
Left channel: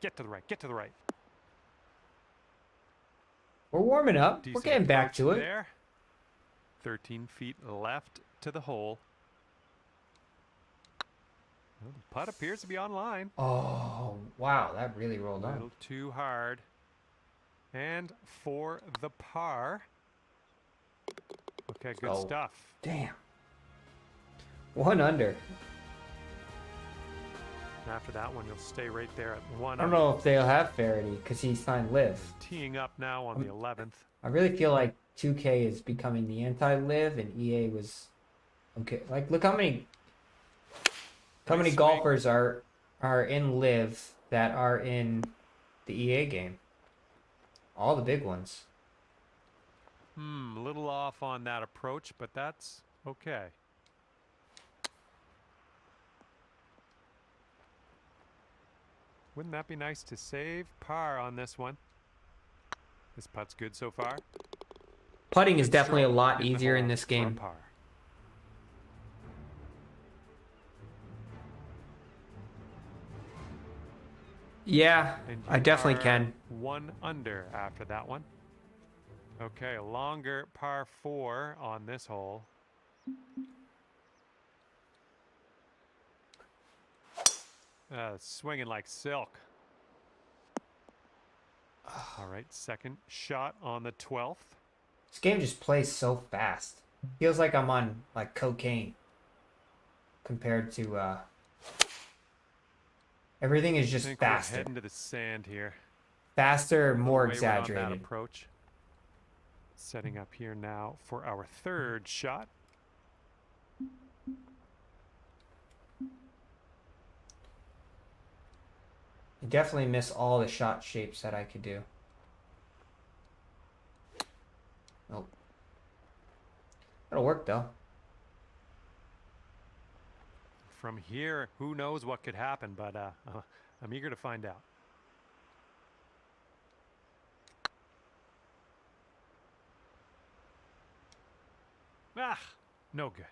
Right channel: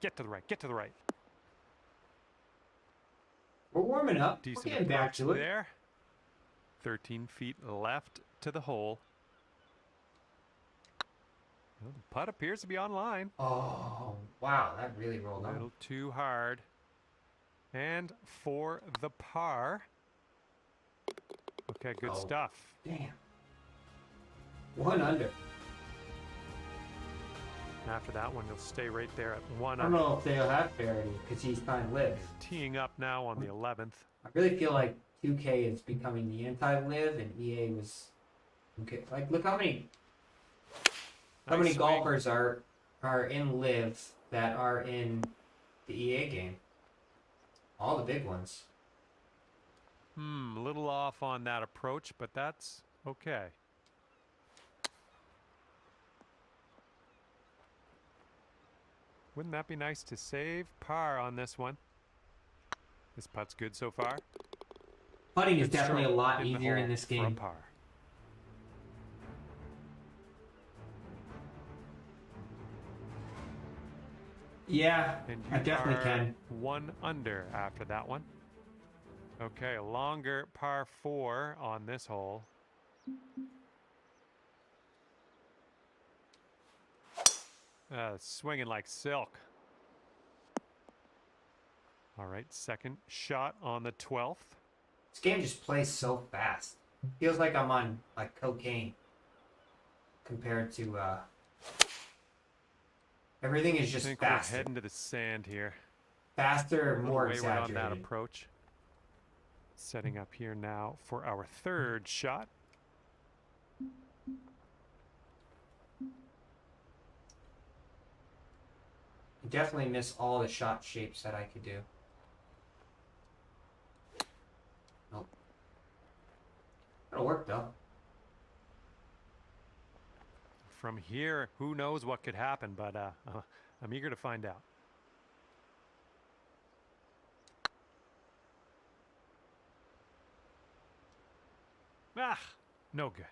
Get to the right, get to the right. We're warming up. Decent We're getting back to it. There. 13 feet left to the hole. Well, the putt appears to be on line. Oh, wow, that really rolled a on. little too hard. And for the par. Okay, good stuff. Damn. 1 under. And after that one, you'll stay right there at 1 I under. don't know if they'll have Faraday because he's signed live. Teeing up now on the 11th. I really feel like 2K is becoming the anti-live and EA was okay. Like, look how many golfers are in live that are in the EA game. All the big ones. A little off on that approach, but that's okay. Wouldn't that be nice to save par on this one? This putt's good so far. Putting is definitely a lot easier in this game. For a par. Yeah, I definitely can. 1 under after that one. Okay, a longer par 4 on this hole. Swinging like silk. All right, second shot on the 12th. This game just plays so fast. Feels like I'm on like cocaine compared to everything is just faster. We're heading to the sand here. Faster, more exaggerated. On that approach. Setting up here now for our third shot. I definitely miss all the shot shapes that I could do. Nope. That'll work though. From here, who knows what could happen, but I'm eager to find out. Ah, no good.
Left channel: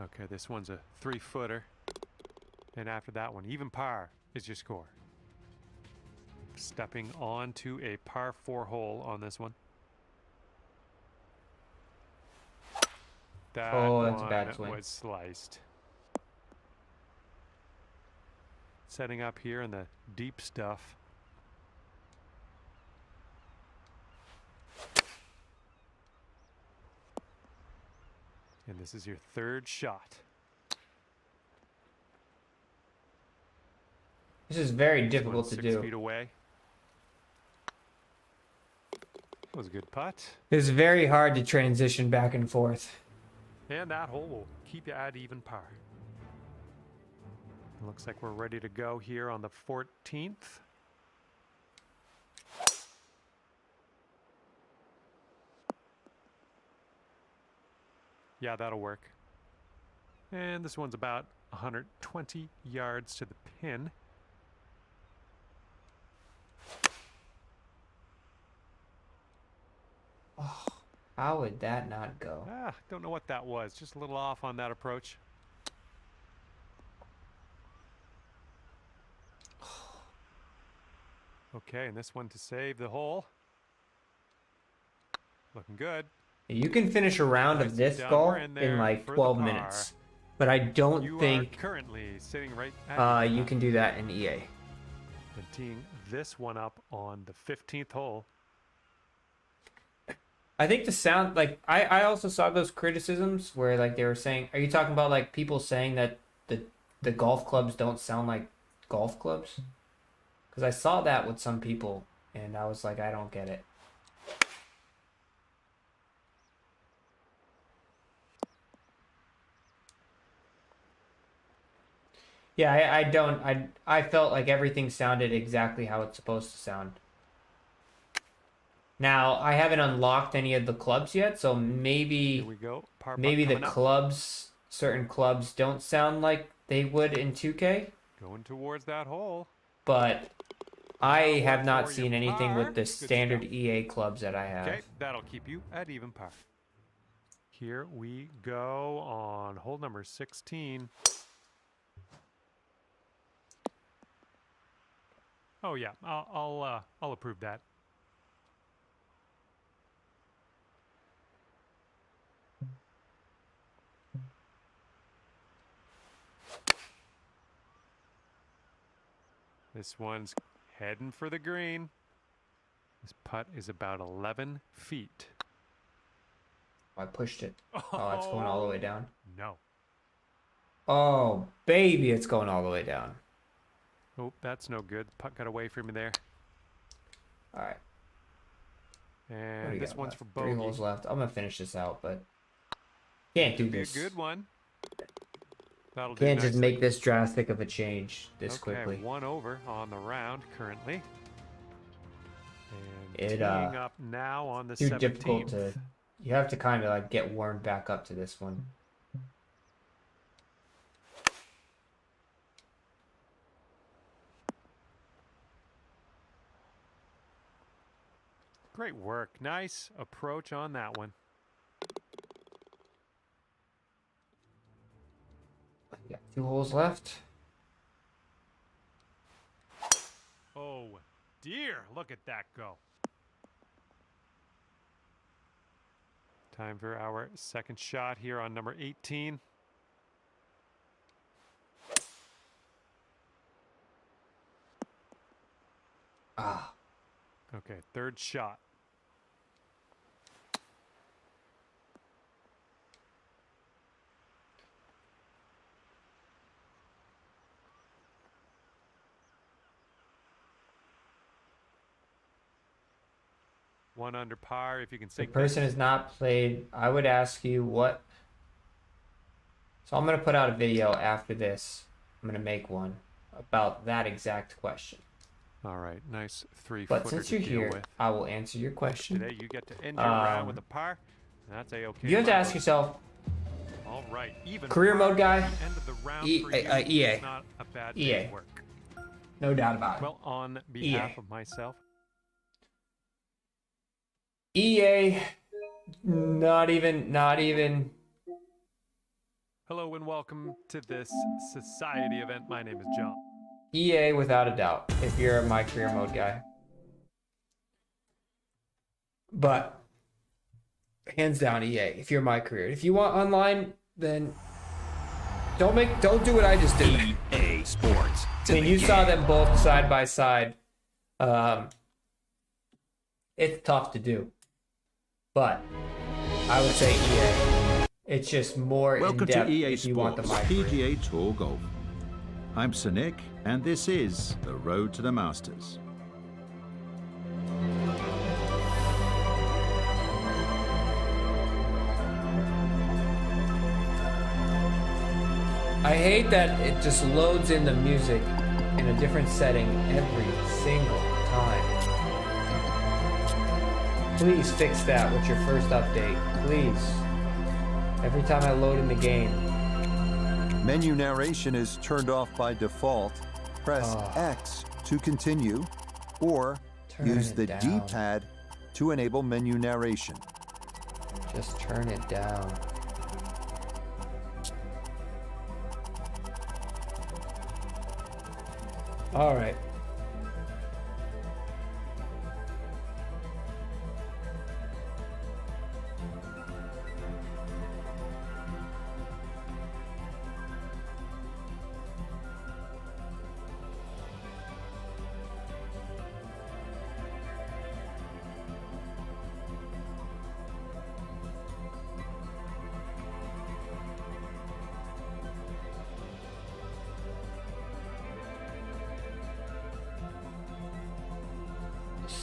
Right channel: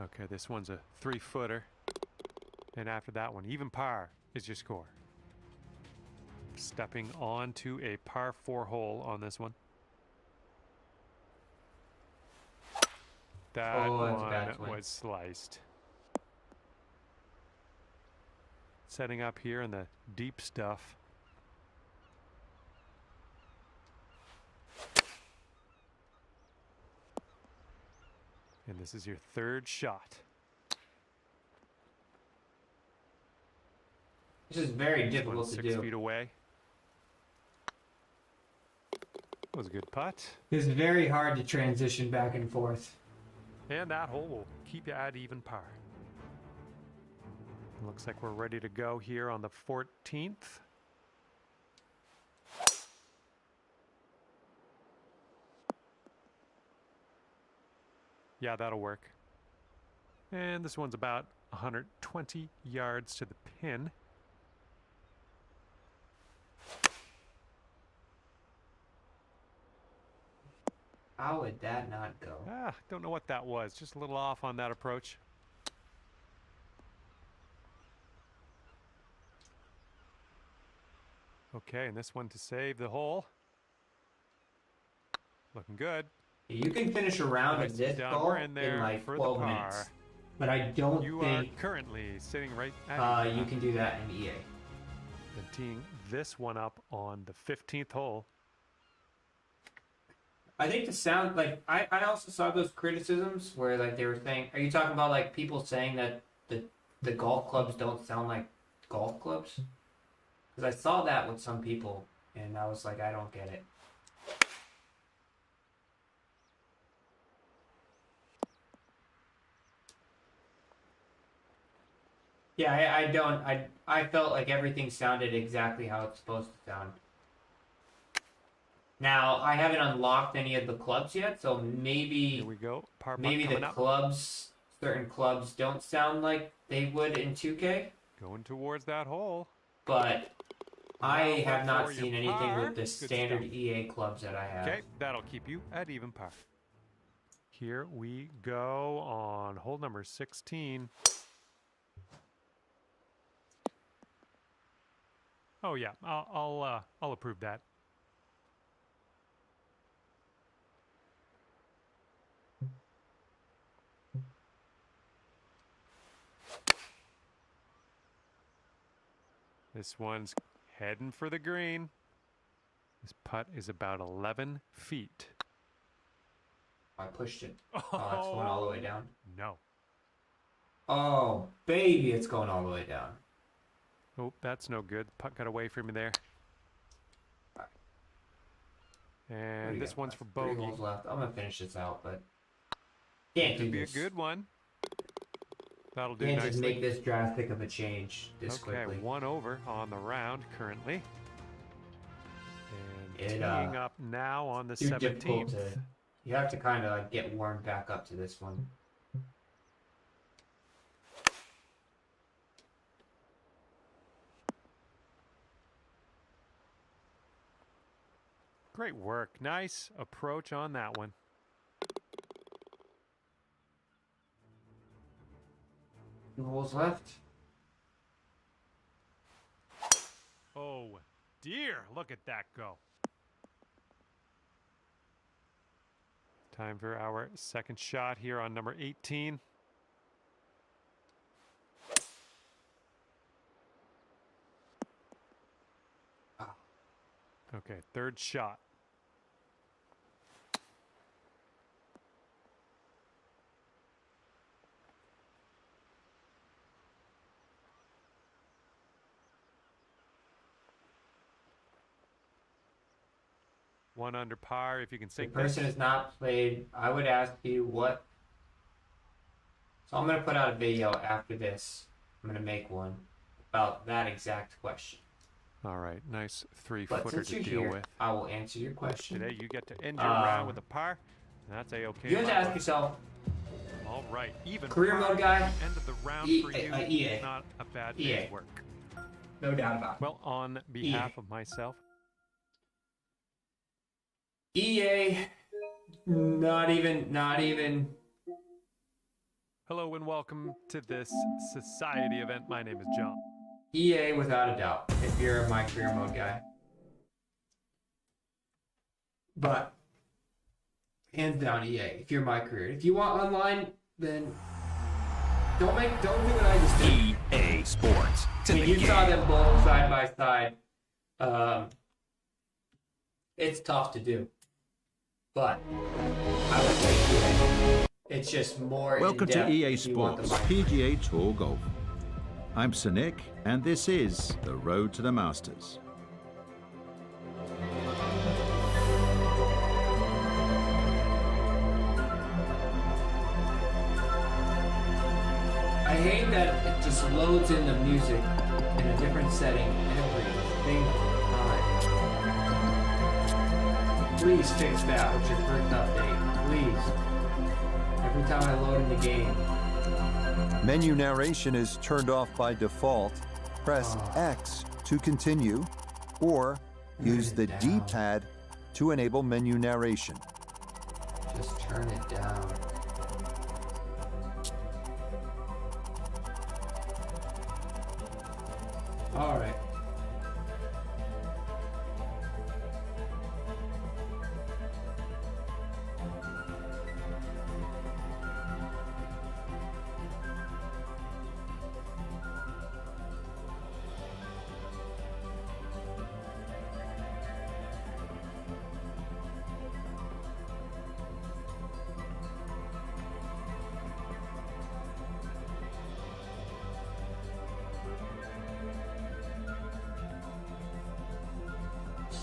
Okay, this one's a 3-footer. And after that one, even par is your score. Stepping onto a par 4 hole on this one. That one was sliced. Setting up here in the deep stuff. And this is your third shot. This is very difficult to do. 6 feet away. That was a good putt. It's very hard to transition back and forth. And that hole will keep you at even par. Looks like we're ready to go here on the 14th. Yeah, that'll work. And this one's about 120 yards to the pin. Oh, how would that not go? Don't know what that was. Just a little off on that approach. Okay, and this one to save the hole. Looking good. You can finish a round of this golf in like 12 minutes. But I don't think... You are currently sitting right at you can do that in EA. Then teeing this one up on the 15th hole. I think the sound, like, I also saw those criticisms where, like, they were saying... Are you talking about, like, people saying that the golf clubs don't sound like golf clubs? Because I saw that with some people, and I was like, I don't get it. Yeah, I felt like everything sounded exactly how it's supposed to sound. Now, I haven't unlocked any of the clubs yet, so maybe... Here we go. Maybe the clubs, certain clubs don't sound like they would in 2K. Going towards that hole. But I have not seen anything with the standard EA clubs that I have. Okay, that'll keep you at even par. Here we go on hole number 16. Oh yeah, I'll approve that. This one's heading for the green. This putt is about 11 feet. I pushed it. Oh, it's going all the way down. No. Oh, baby, it's going all the way down. Oh, that's no good. Putt got away from me there. All right. And this one's for bogey. 3 holes left. I'm gonna finish this out, but can't do this. Could be a good one. That'll do can't nicely. just make this drastic of a change this quickly. Okay, 1 over on the round currently. And Teeing up now on the too 17th. difficult to. You have to kind of like get warmed back up to this one. Great work. Nice approach on that one. Got 2 holes left. Oh, dear. Look at that go. Time for our second shot here on number 18. Ah. Okay, third shot. One under par if you can sink The person this. has not played. I would ask you what. So I'm going to put out a video after this. I'm going to make one about that exact question. All right, nice But three-footer since to you're deal here, with. I will answer your question. Today you get to end your round with a par. That's a-okay. You have to ask yourself, all right, even career mode guy, end of the round for you. EA. Not a bad EA. day's work. No doubt about it. Well, on behalf of myself. EA, not even. Hello and welcome to this society event. My name is John. EA without a doubt, if you're my career mode guy. But hands down EA, if you're my career. If you want online, then don't do what I just did. EA Sports. It's in the You game. saw them both side by side. It's tough to do. But I would say EA. It's just more Welcome to in-depth EA if you want the Sports micro. PGA Tour Golf. I'm Sir Nick, and this is the Road to the Masters. I hate that it just loads in the music in a different setting every single time. Please fix that with your first update. Please. Every time I load in the game. Menu narration is turned off by default. Press X to continue, or use the D-pad to enable menu narration. Just turn it down. All right.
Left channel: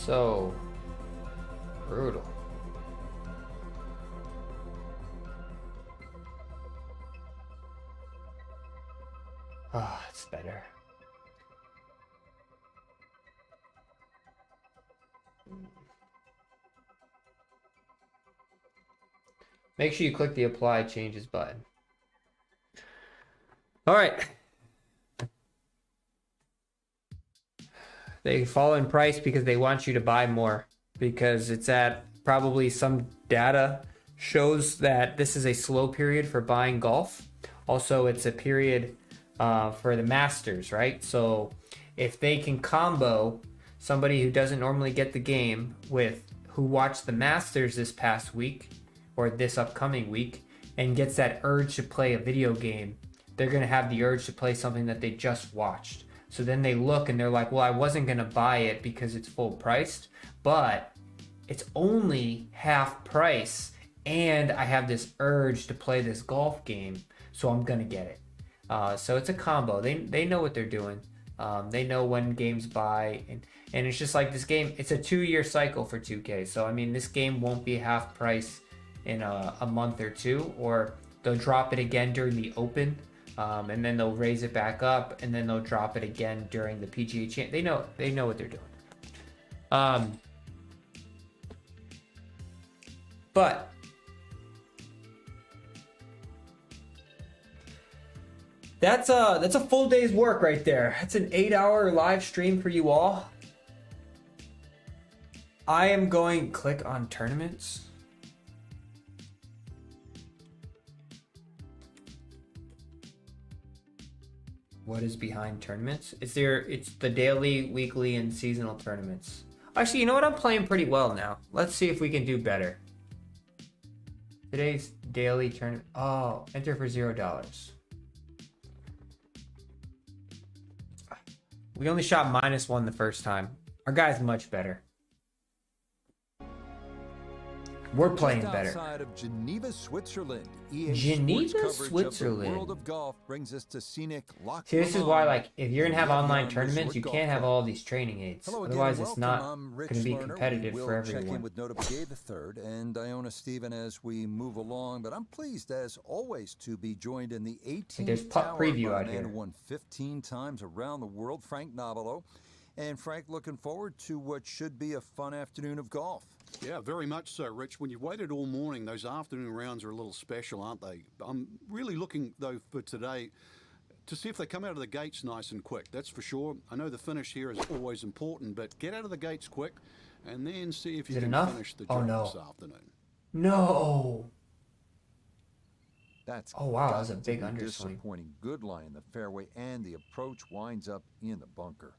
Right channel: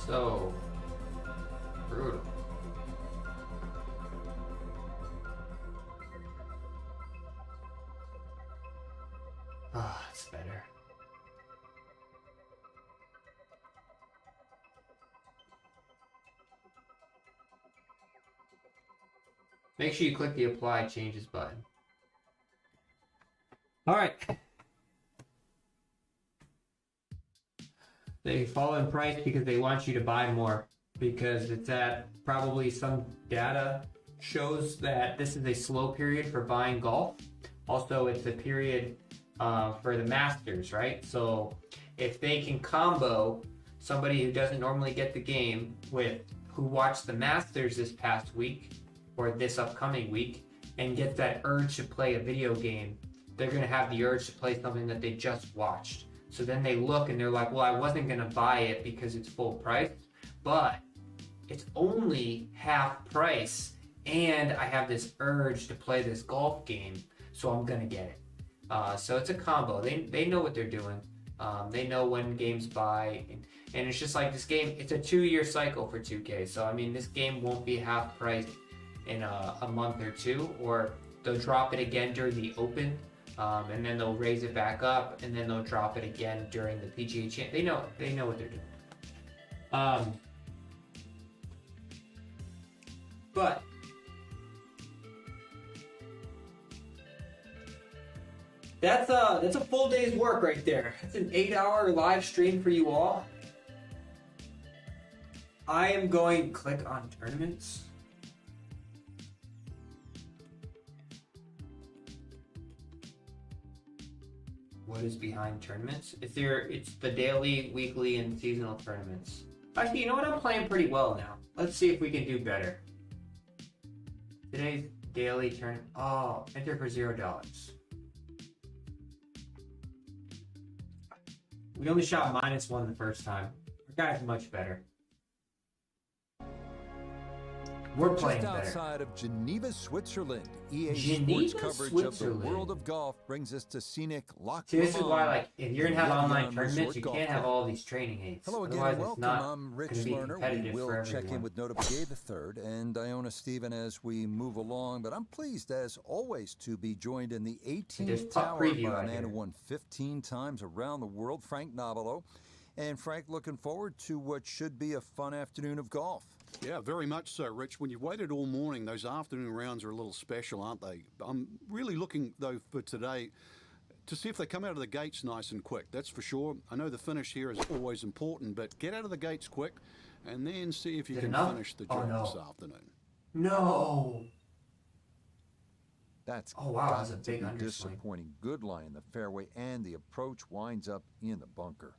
So brutal. Ah, it's better. Make sure you click the apply changes button. All right. They fall in price because they want you to buy more, because it's at probably some data shows that this is a slow period for buying golf. Also, it's a period for the Masters, right? So if they can combo somebody who doesn't normally get the game with who watched the Masters this past week or this upcoming week and gets that urge to play a video game, they're going to have the urge to play something that they just watched. So then they look and they're like, well, I wasn't going to buy it because it's full priced, but it's only half price and I have this urge to play this golf game, so I'm going to get it. So it's a combo. They know what they're doing. They know when games buy, and it's just like this game, it's a 2-year cycle for 2K. So, I mean, this game won't be half price in a month or two, or they'll drop it again during the Open. And then they'll raise it back up, and then they'll drop it again during the PGA Champ. They know what they're doing. But that's a full day's work right there. That's an 8-hour live stream for you all. I am going click on tournaments. What is behind tournaments? It's the daily, weekly, and seasonal tournaments. Actually, you know what? I'm playing pretty well now. Let's see if we can do better. Today's daily tournament. Oh, enter for $0. We only shot -1 the first time. Our guy's much better. We're playing Just better. outside of Geneva, Switzerland, EA Sports coverage of the world of golf brings us to scenic Loch See, this is why, like, if you're gonna have online tournaments, you can't have all these training aids. Hello again, Otherwise, and it's welcome. not I'm Rich gonna be Lerner. We competitive will for check everyone. in with Notable Gay III and Iona Stephen as we move along, but I'm pleased, as always, to be joined in the 18th tower by a man who won 15 times around the world, Frank Nobilo. And Frank, looking forward to what should be a fun afternoon of golf. Yeah, very much so, Rich. When you've waited all morning, those afternoon rounds are a little special, aren't they? I'm really looking, though, for today to see if they come out of the gates nice and quick. That's for sure. I know the finish here is always important, but get out of the gates quick and then see if you can finish the job this afternoon. No. That's wow, that's a big underswing. Disappointing. Good lie in the fairway, and the approach winds up in the bunker.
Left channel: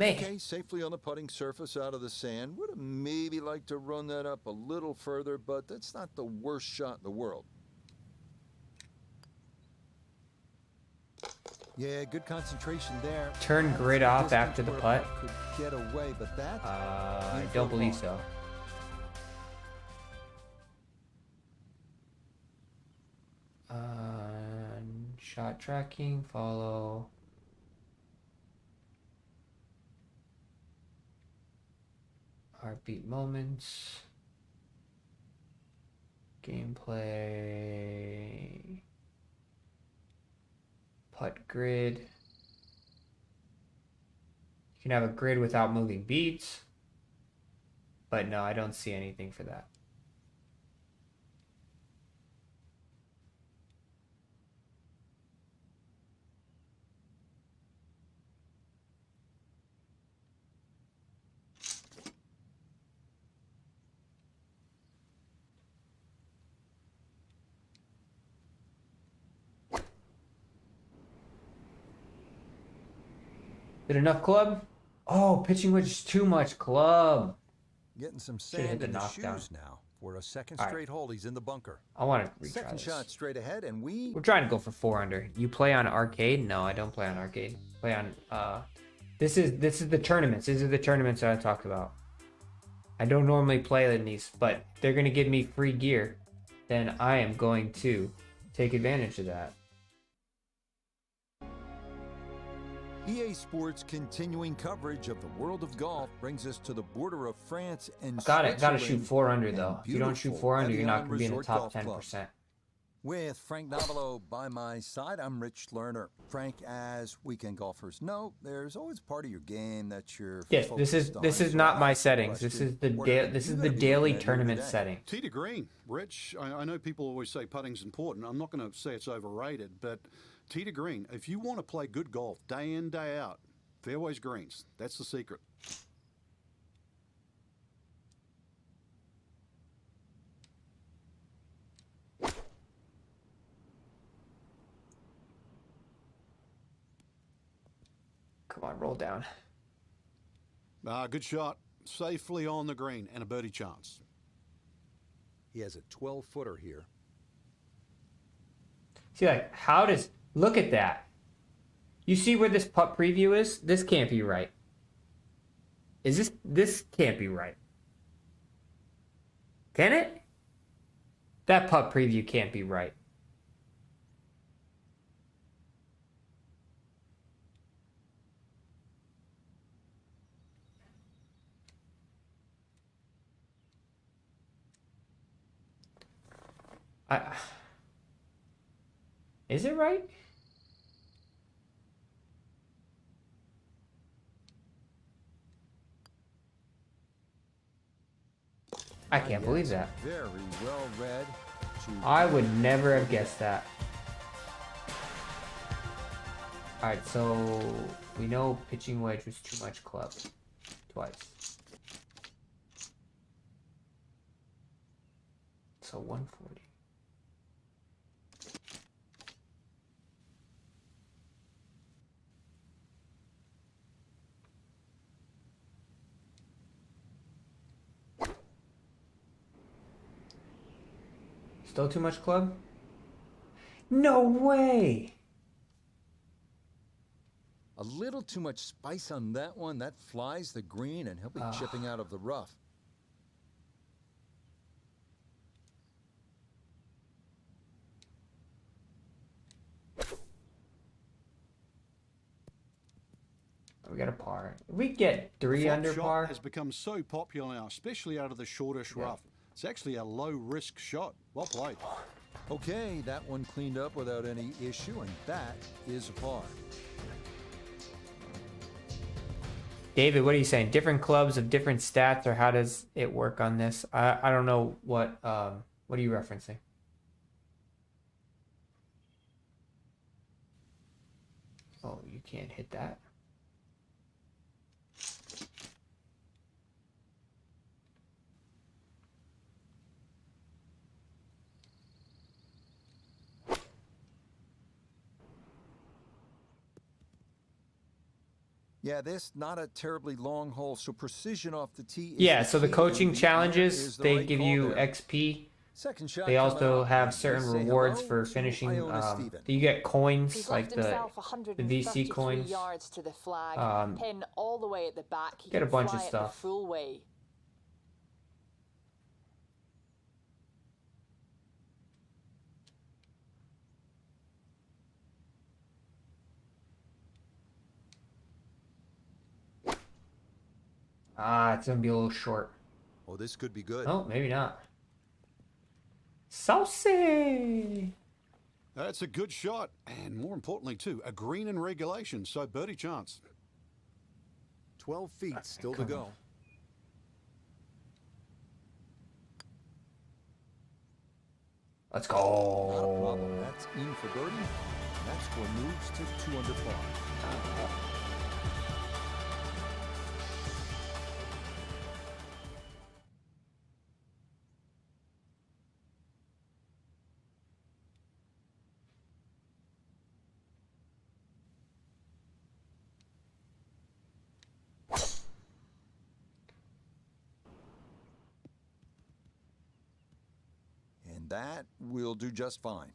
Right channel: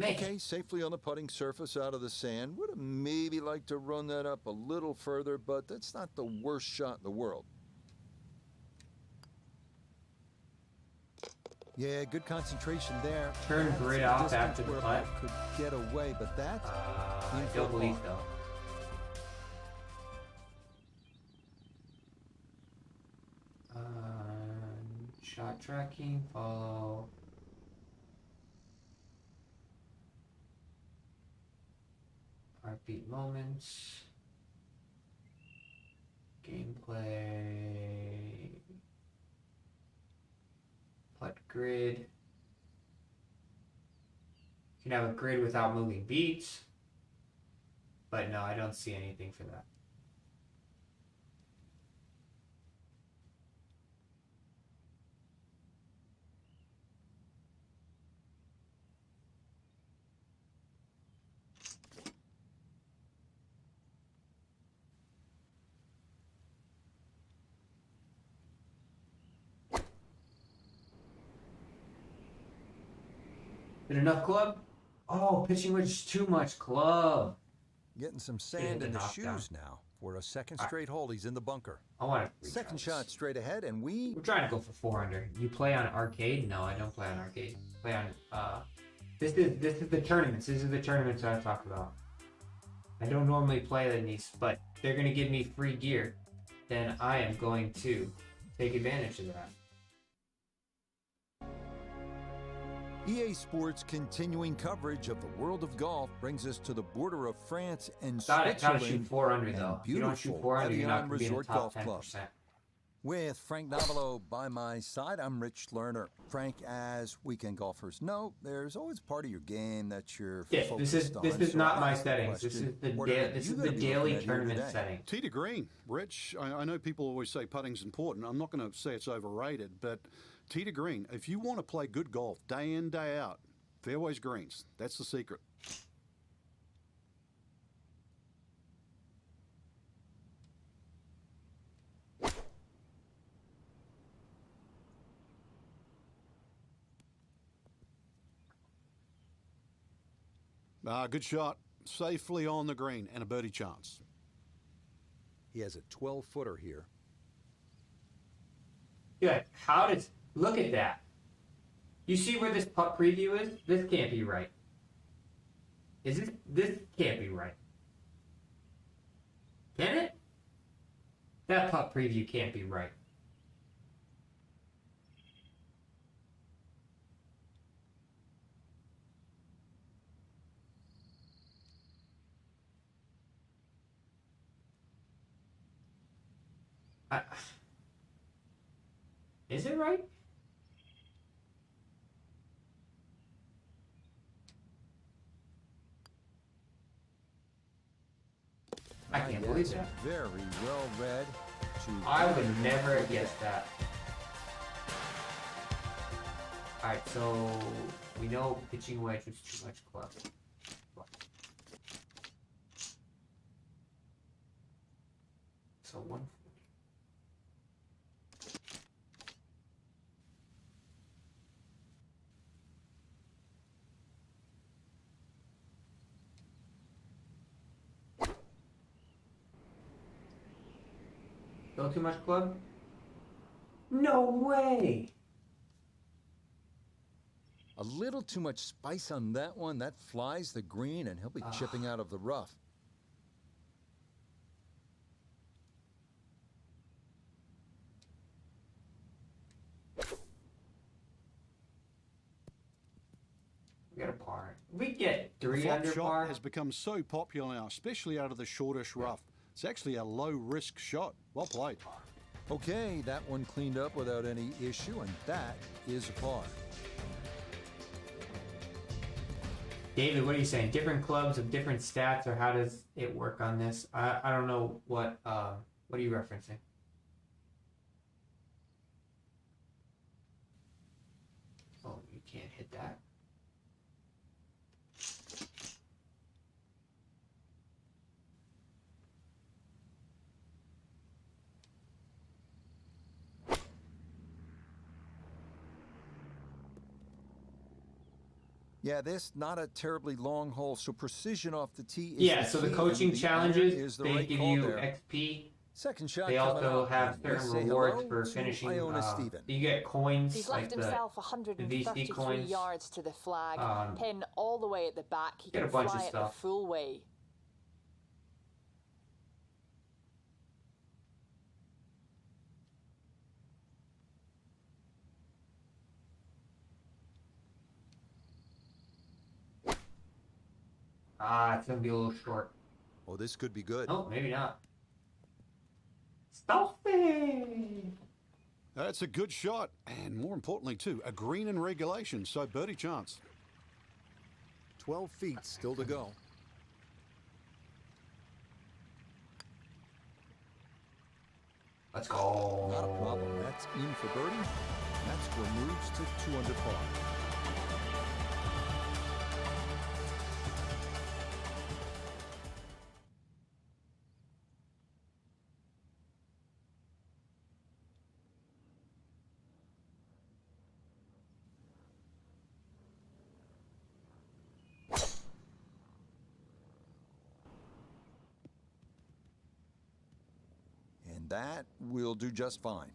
Okay, safely on the putting surface out of the sand. Would have maybe liked to run that up a little further, but that's not the worst shot in the world. Yeah, good concentration there. Turn grid off after the putt. Could get away, but that I don't believe so. Shot tracking, follow. Heartbeat moments. Gameplay. Putt grid. You can have a grid without moving beats. But no, I don't see anything for that. Did enough club? Oh, pitching wedge is too much club. Getting some sand in the shoes now for a second straight hole. He's in the bunker. I want to second shot straight ahead, and we're trying to go for 4 under. You play on arcade? No, I don't play on arcade. Play on this is the tournaments. This is the tournaments that I talked about. I don't normally play in these, but they're gonna give me free gear. Then I am going to take advantage of that. EA Sports continuing coverage of the world of golf brings us to the border of France and Gotta Switzerland. shoot 4 under though. If you don't shoot 4 under, you're not going to be in the top 10%. With Frank Nobilo by my side, I'm Rich Lerner. Frank, as weekend golfers know, there's always part of your game that you're focused on. This is not my settings. This is the daily tournament setting. Tee to green, Rich. I know people always say putting's important. I'm not going to say it's overrated, but tee to green. If you want to play good golf day in, day out, fairways greens. That's the secret. Come on, roll down. Good shot. Safely on the green and a birdie chance. He has a 12-footer here. See, like, look at that. You see where this putt preview is? This can't be right. This can't be right. Can it? That putt preview can't be right. Is it right? I can't believe that. Very well read. I would never have guessed that. Alright, so we know pitching wedge was too much club. Twice. So 140. Still too much club? No way! A little too much spice on that one. That flies the green, and he'll be chipping out of the rough. We got a par. We get 3 under shot par. Has become so popular now, especially out of the shortish rough. It's actually a low-risk shot. Well played. Okay, that one cleaned up without any issue, and that is a par. David, what are you saying? Different clubs have different stats, or how does it work on this? I don't know what are you referencing? Oh, you can't hit that. Yeah, this not a terribly long hole, so precision off the tee is yeah, so the coaching challenges, they give you there. XP. Second shot. They also have certain rewards for finishing. You get coins. He's like left himself 133 yards to the flag. Pin all the way at the back. He can fly it the full way. It's gonna be a little short. Oh, this could be good. Oh, maybe not. Saucy! That's a good shot, and more importantly, too, a green in regulation, so birdie chance. 12 feet still to go. Let's go. Not a problem. That's in for birdie. That score moves to 2 under par. That will do just fine.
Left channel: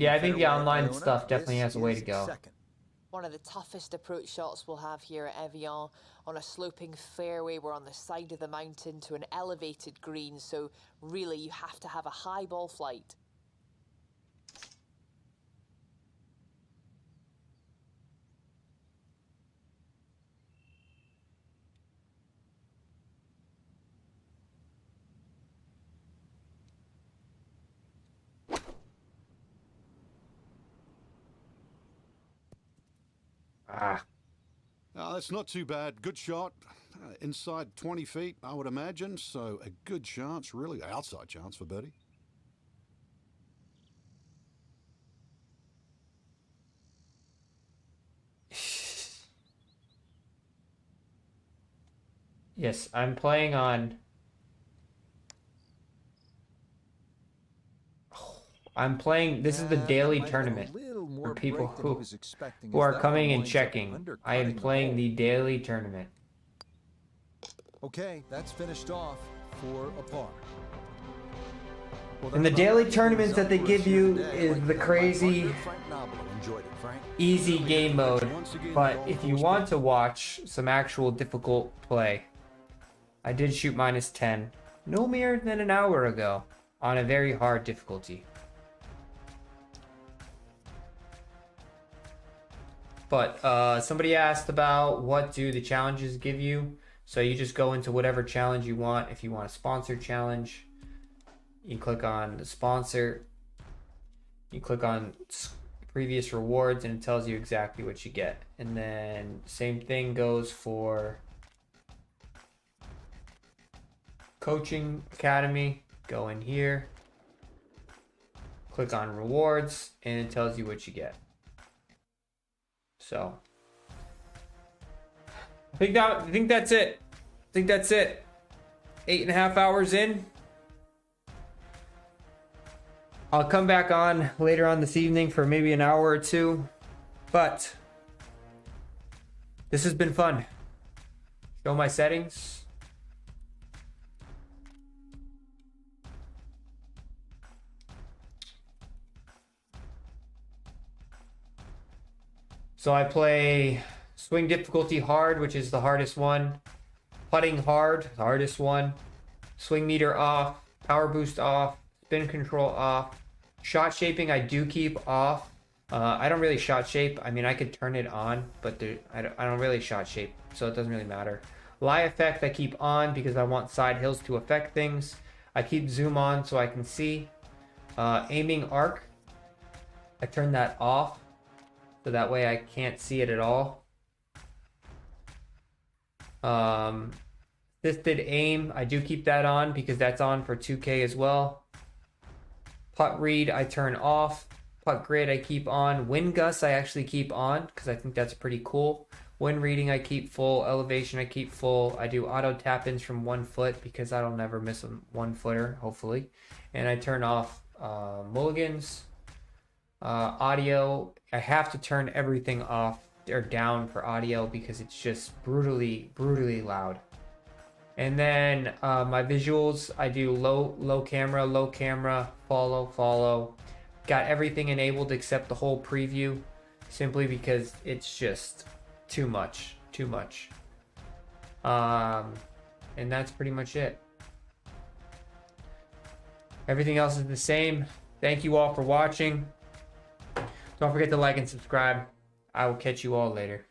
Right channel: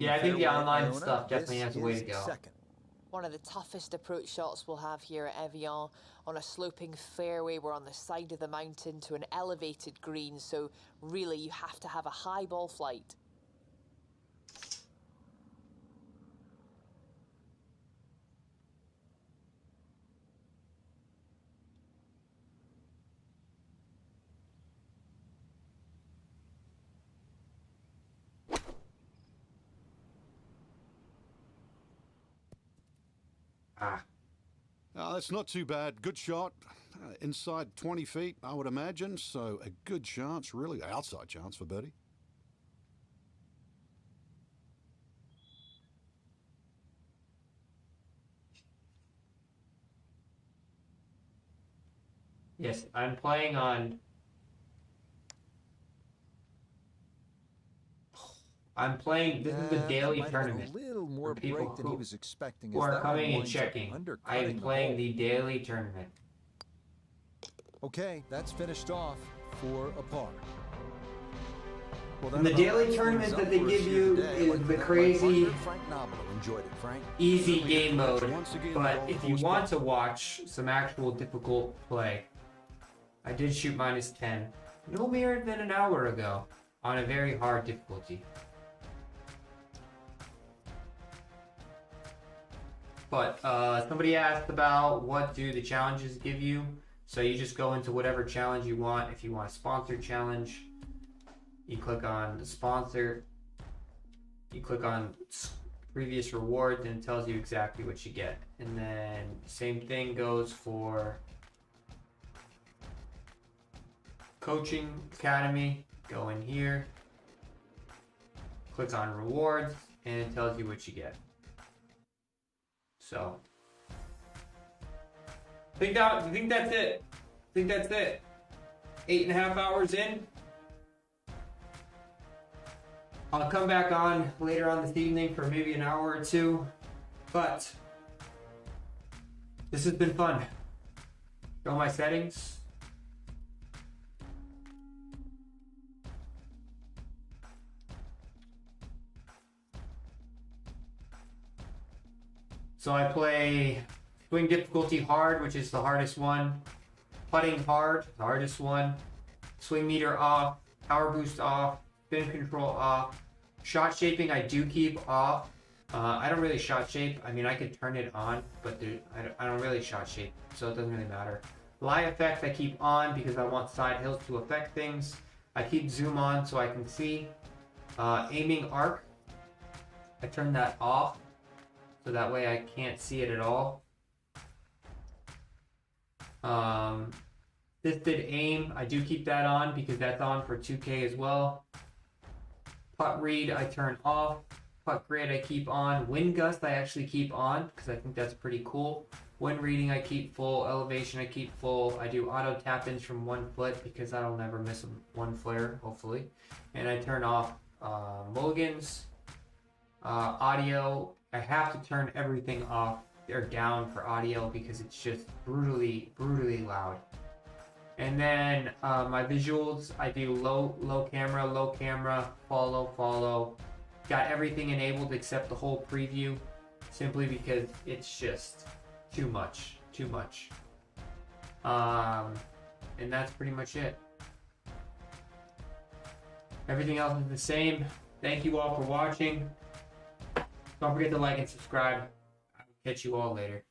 Yeah, I think the online stuff definitely has a way to go. One of the toughest approach shots we'll have here at Evian. On a sloping fairway, we're on the side of the mountain to an elevated green, so really you have to have a high ball flight. That's not too bad. Good shot. Inside 20 feet, I would imagine. So a good chance, really. Outside chance for birdie. Yes, I'm playing on... I'm playing, this is the daily tournament for people who are coming and checking. I am playing the daily tournament. Okay, that's finished off for a par. And the daily tournaments that they give you is the crazy, easy game mode. But if you want to watch some actual difficult play, I did shoot -10 no more than an hour ago on a very hard difficulty. But somebody asked about what do the challenges give you. So you just go into whatever challenge you want. If you want a sponsor challenge, you click on the sponsor. You click on previous rewards and it tells you exactly what you get. And then same thing goes for Coaching Academy. Go in here. Click on rewards and it tells you what you get. So I think that's it. I think that's it. 8.5 hours in. I'll come back on later on this evening for maybe an hour or two, but this has been fun. Show my settings. So I play swing difficulty hard, which is the hardest one. Putting hard, the hardest one. Swing meter off. Power boost off. Spin control off. Shot shaping I do keep off. I don't really shot shape. I mean, I could turn it on, but I don't really shot shape, so it doesn't really matter. Lie effect I keep on because I want side hills to affect things. I keep zoom on so I can see. Aiming arc, I turn that off so that way I can't see it at all. Assisted aim, I do keep that on because that's on for 2K as well. Putt read I turn off. Putt grid I keep on. Wind gusts I actually keep on because I think that's pretty cool. Wind reading I keep full. Elevation I keep full. I do auto tap-ins from 1 foot because I don't ever miss a 1-footer, hopefully. And I turn off mulligans. Audio, I have to turn everything off or down for audio because it's just brutally loud. And then my visuals, I do low camera, follow. Got everything enabled except the whole preview, simply because it's just too much. And that's pretty much it. Everything else is the same. Thank you all for watching. Don't forget to like and subscribe. I will catch you all later.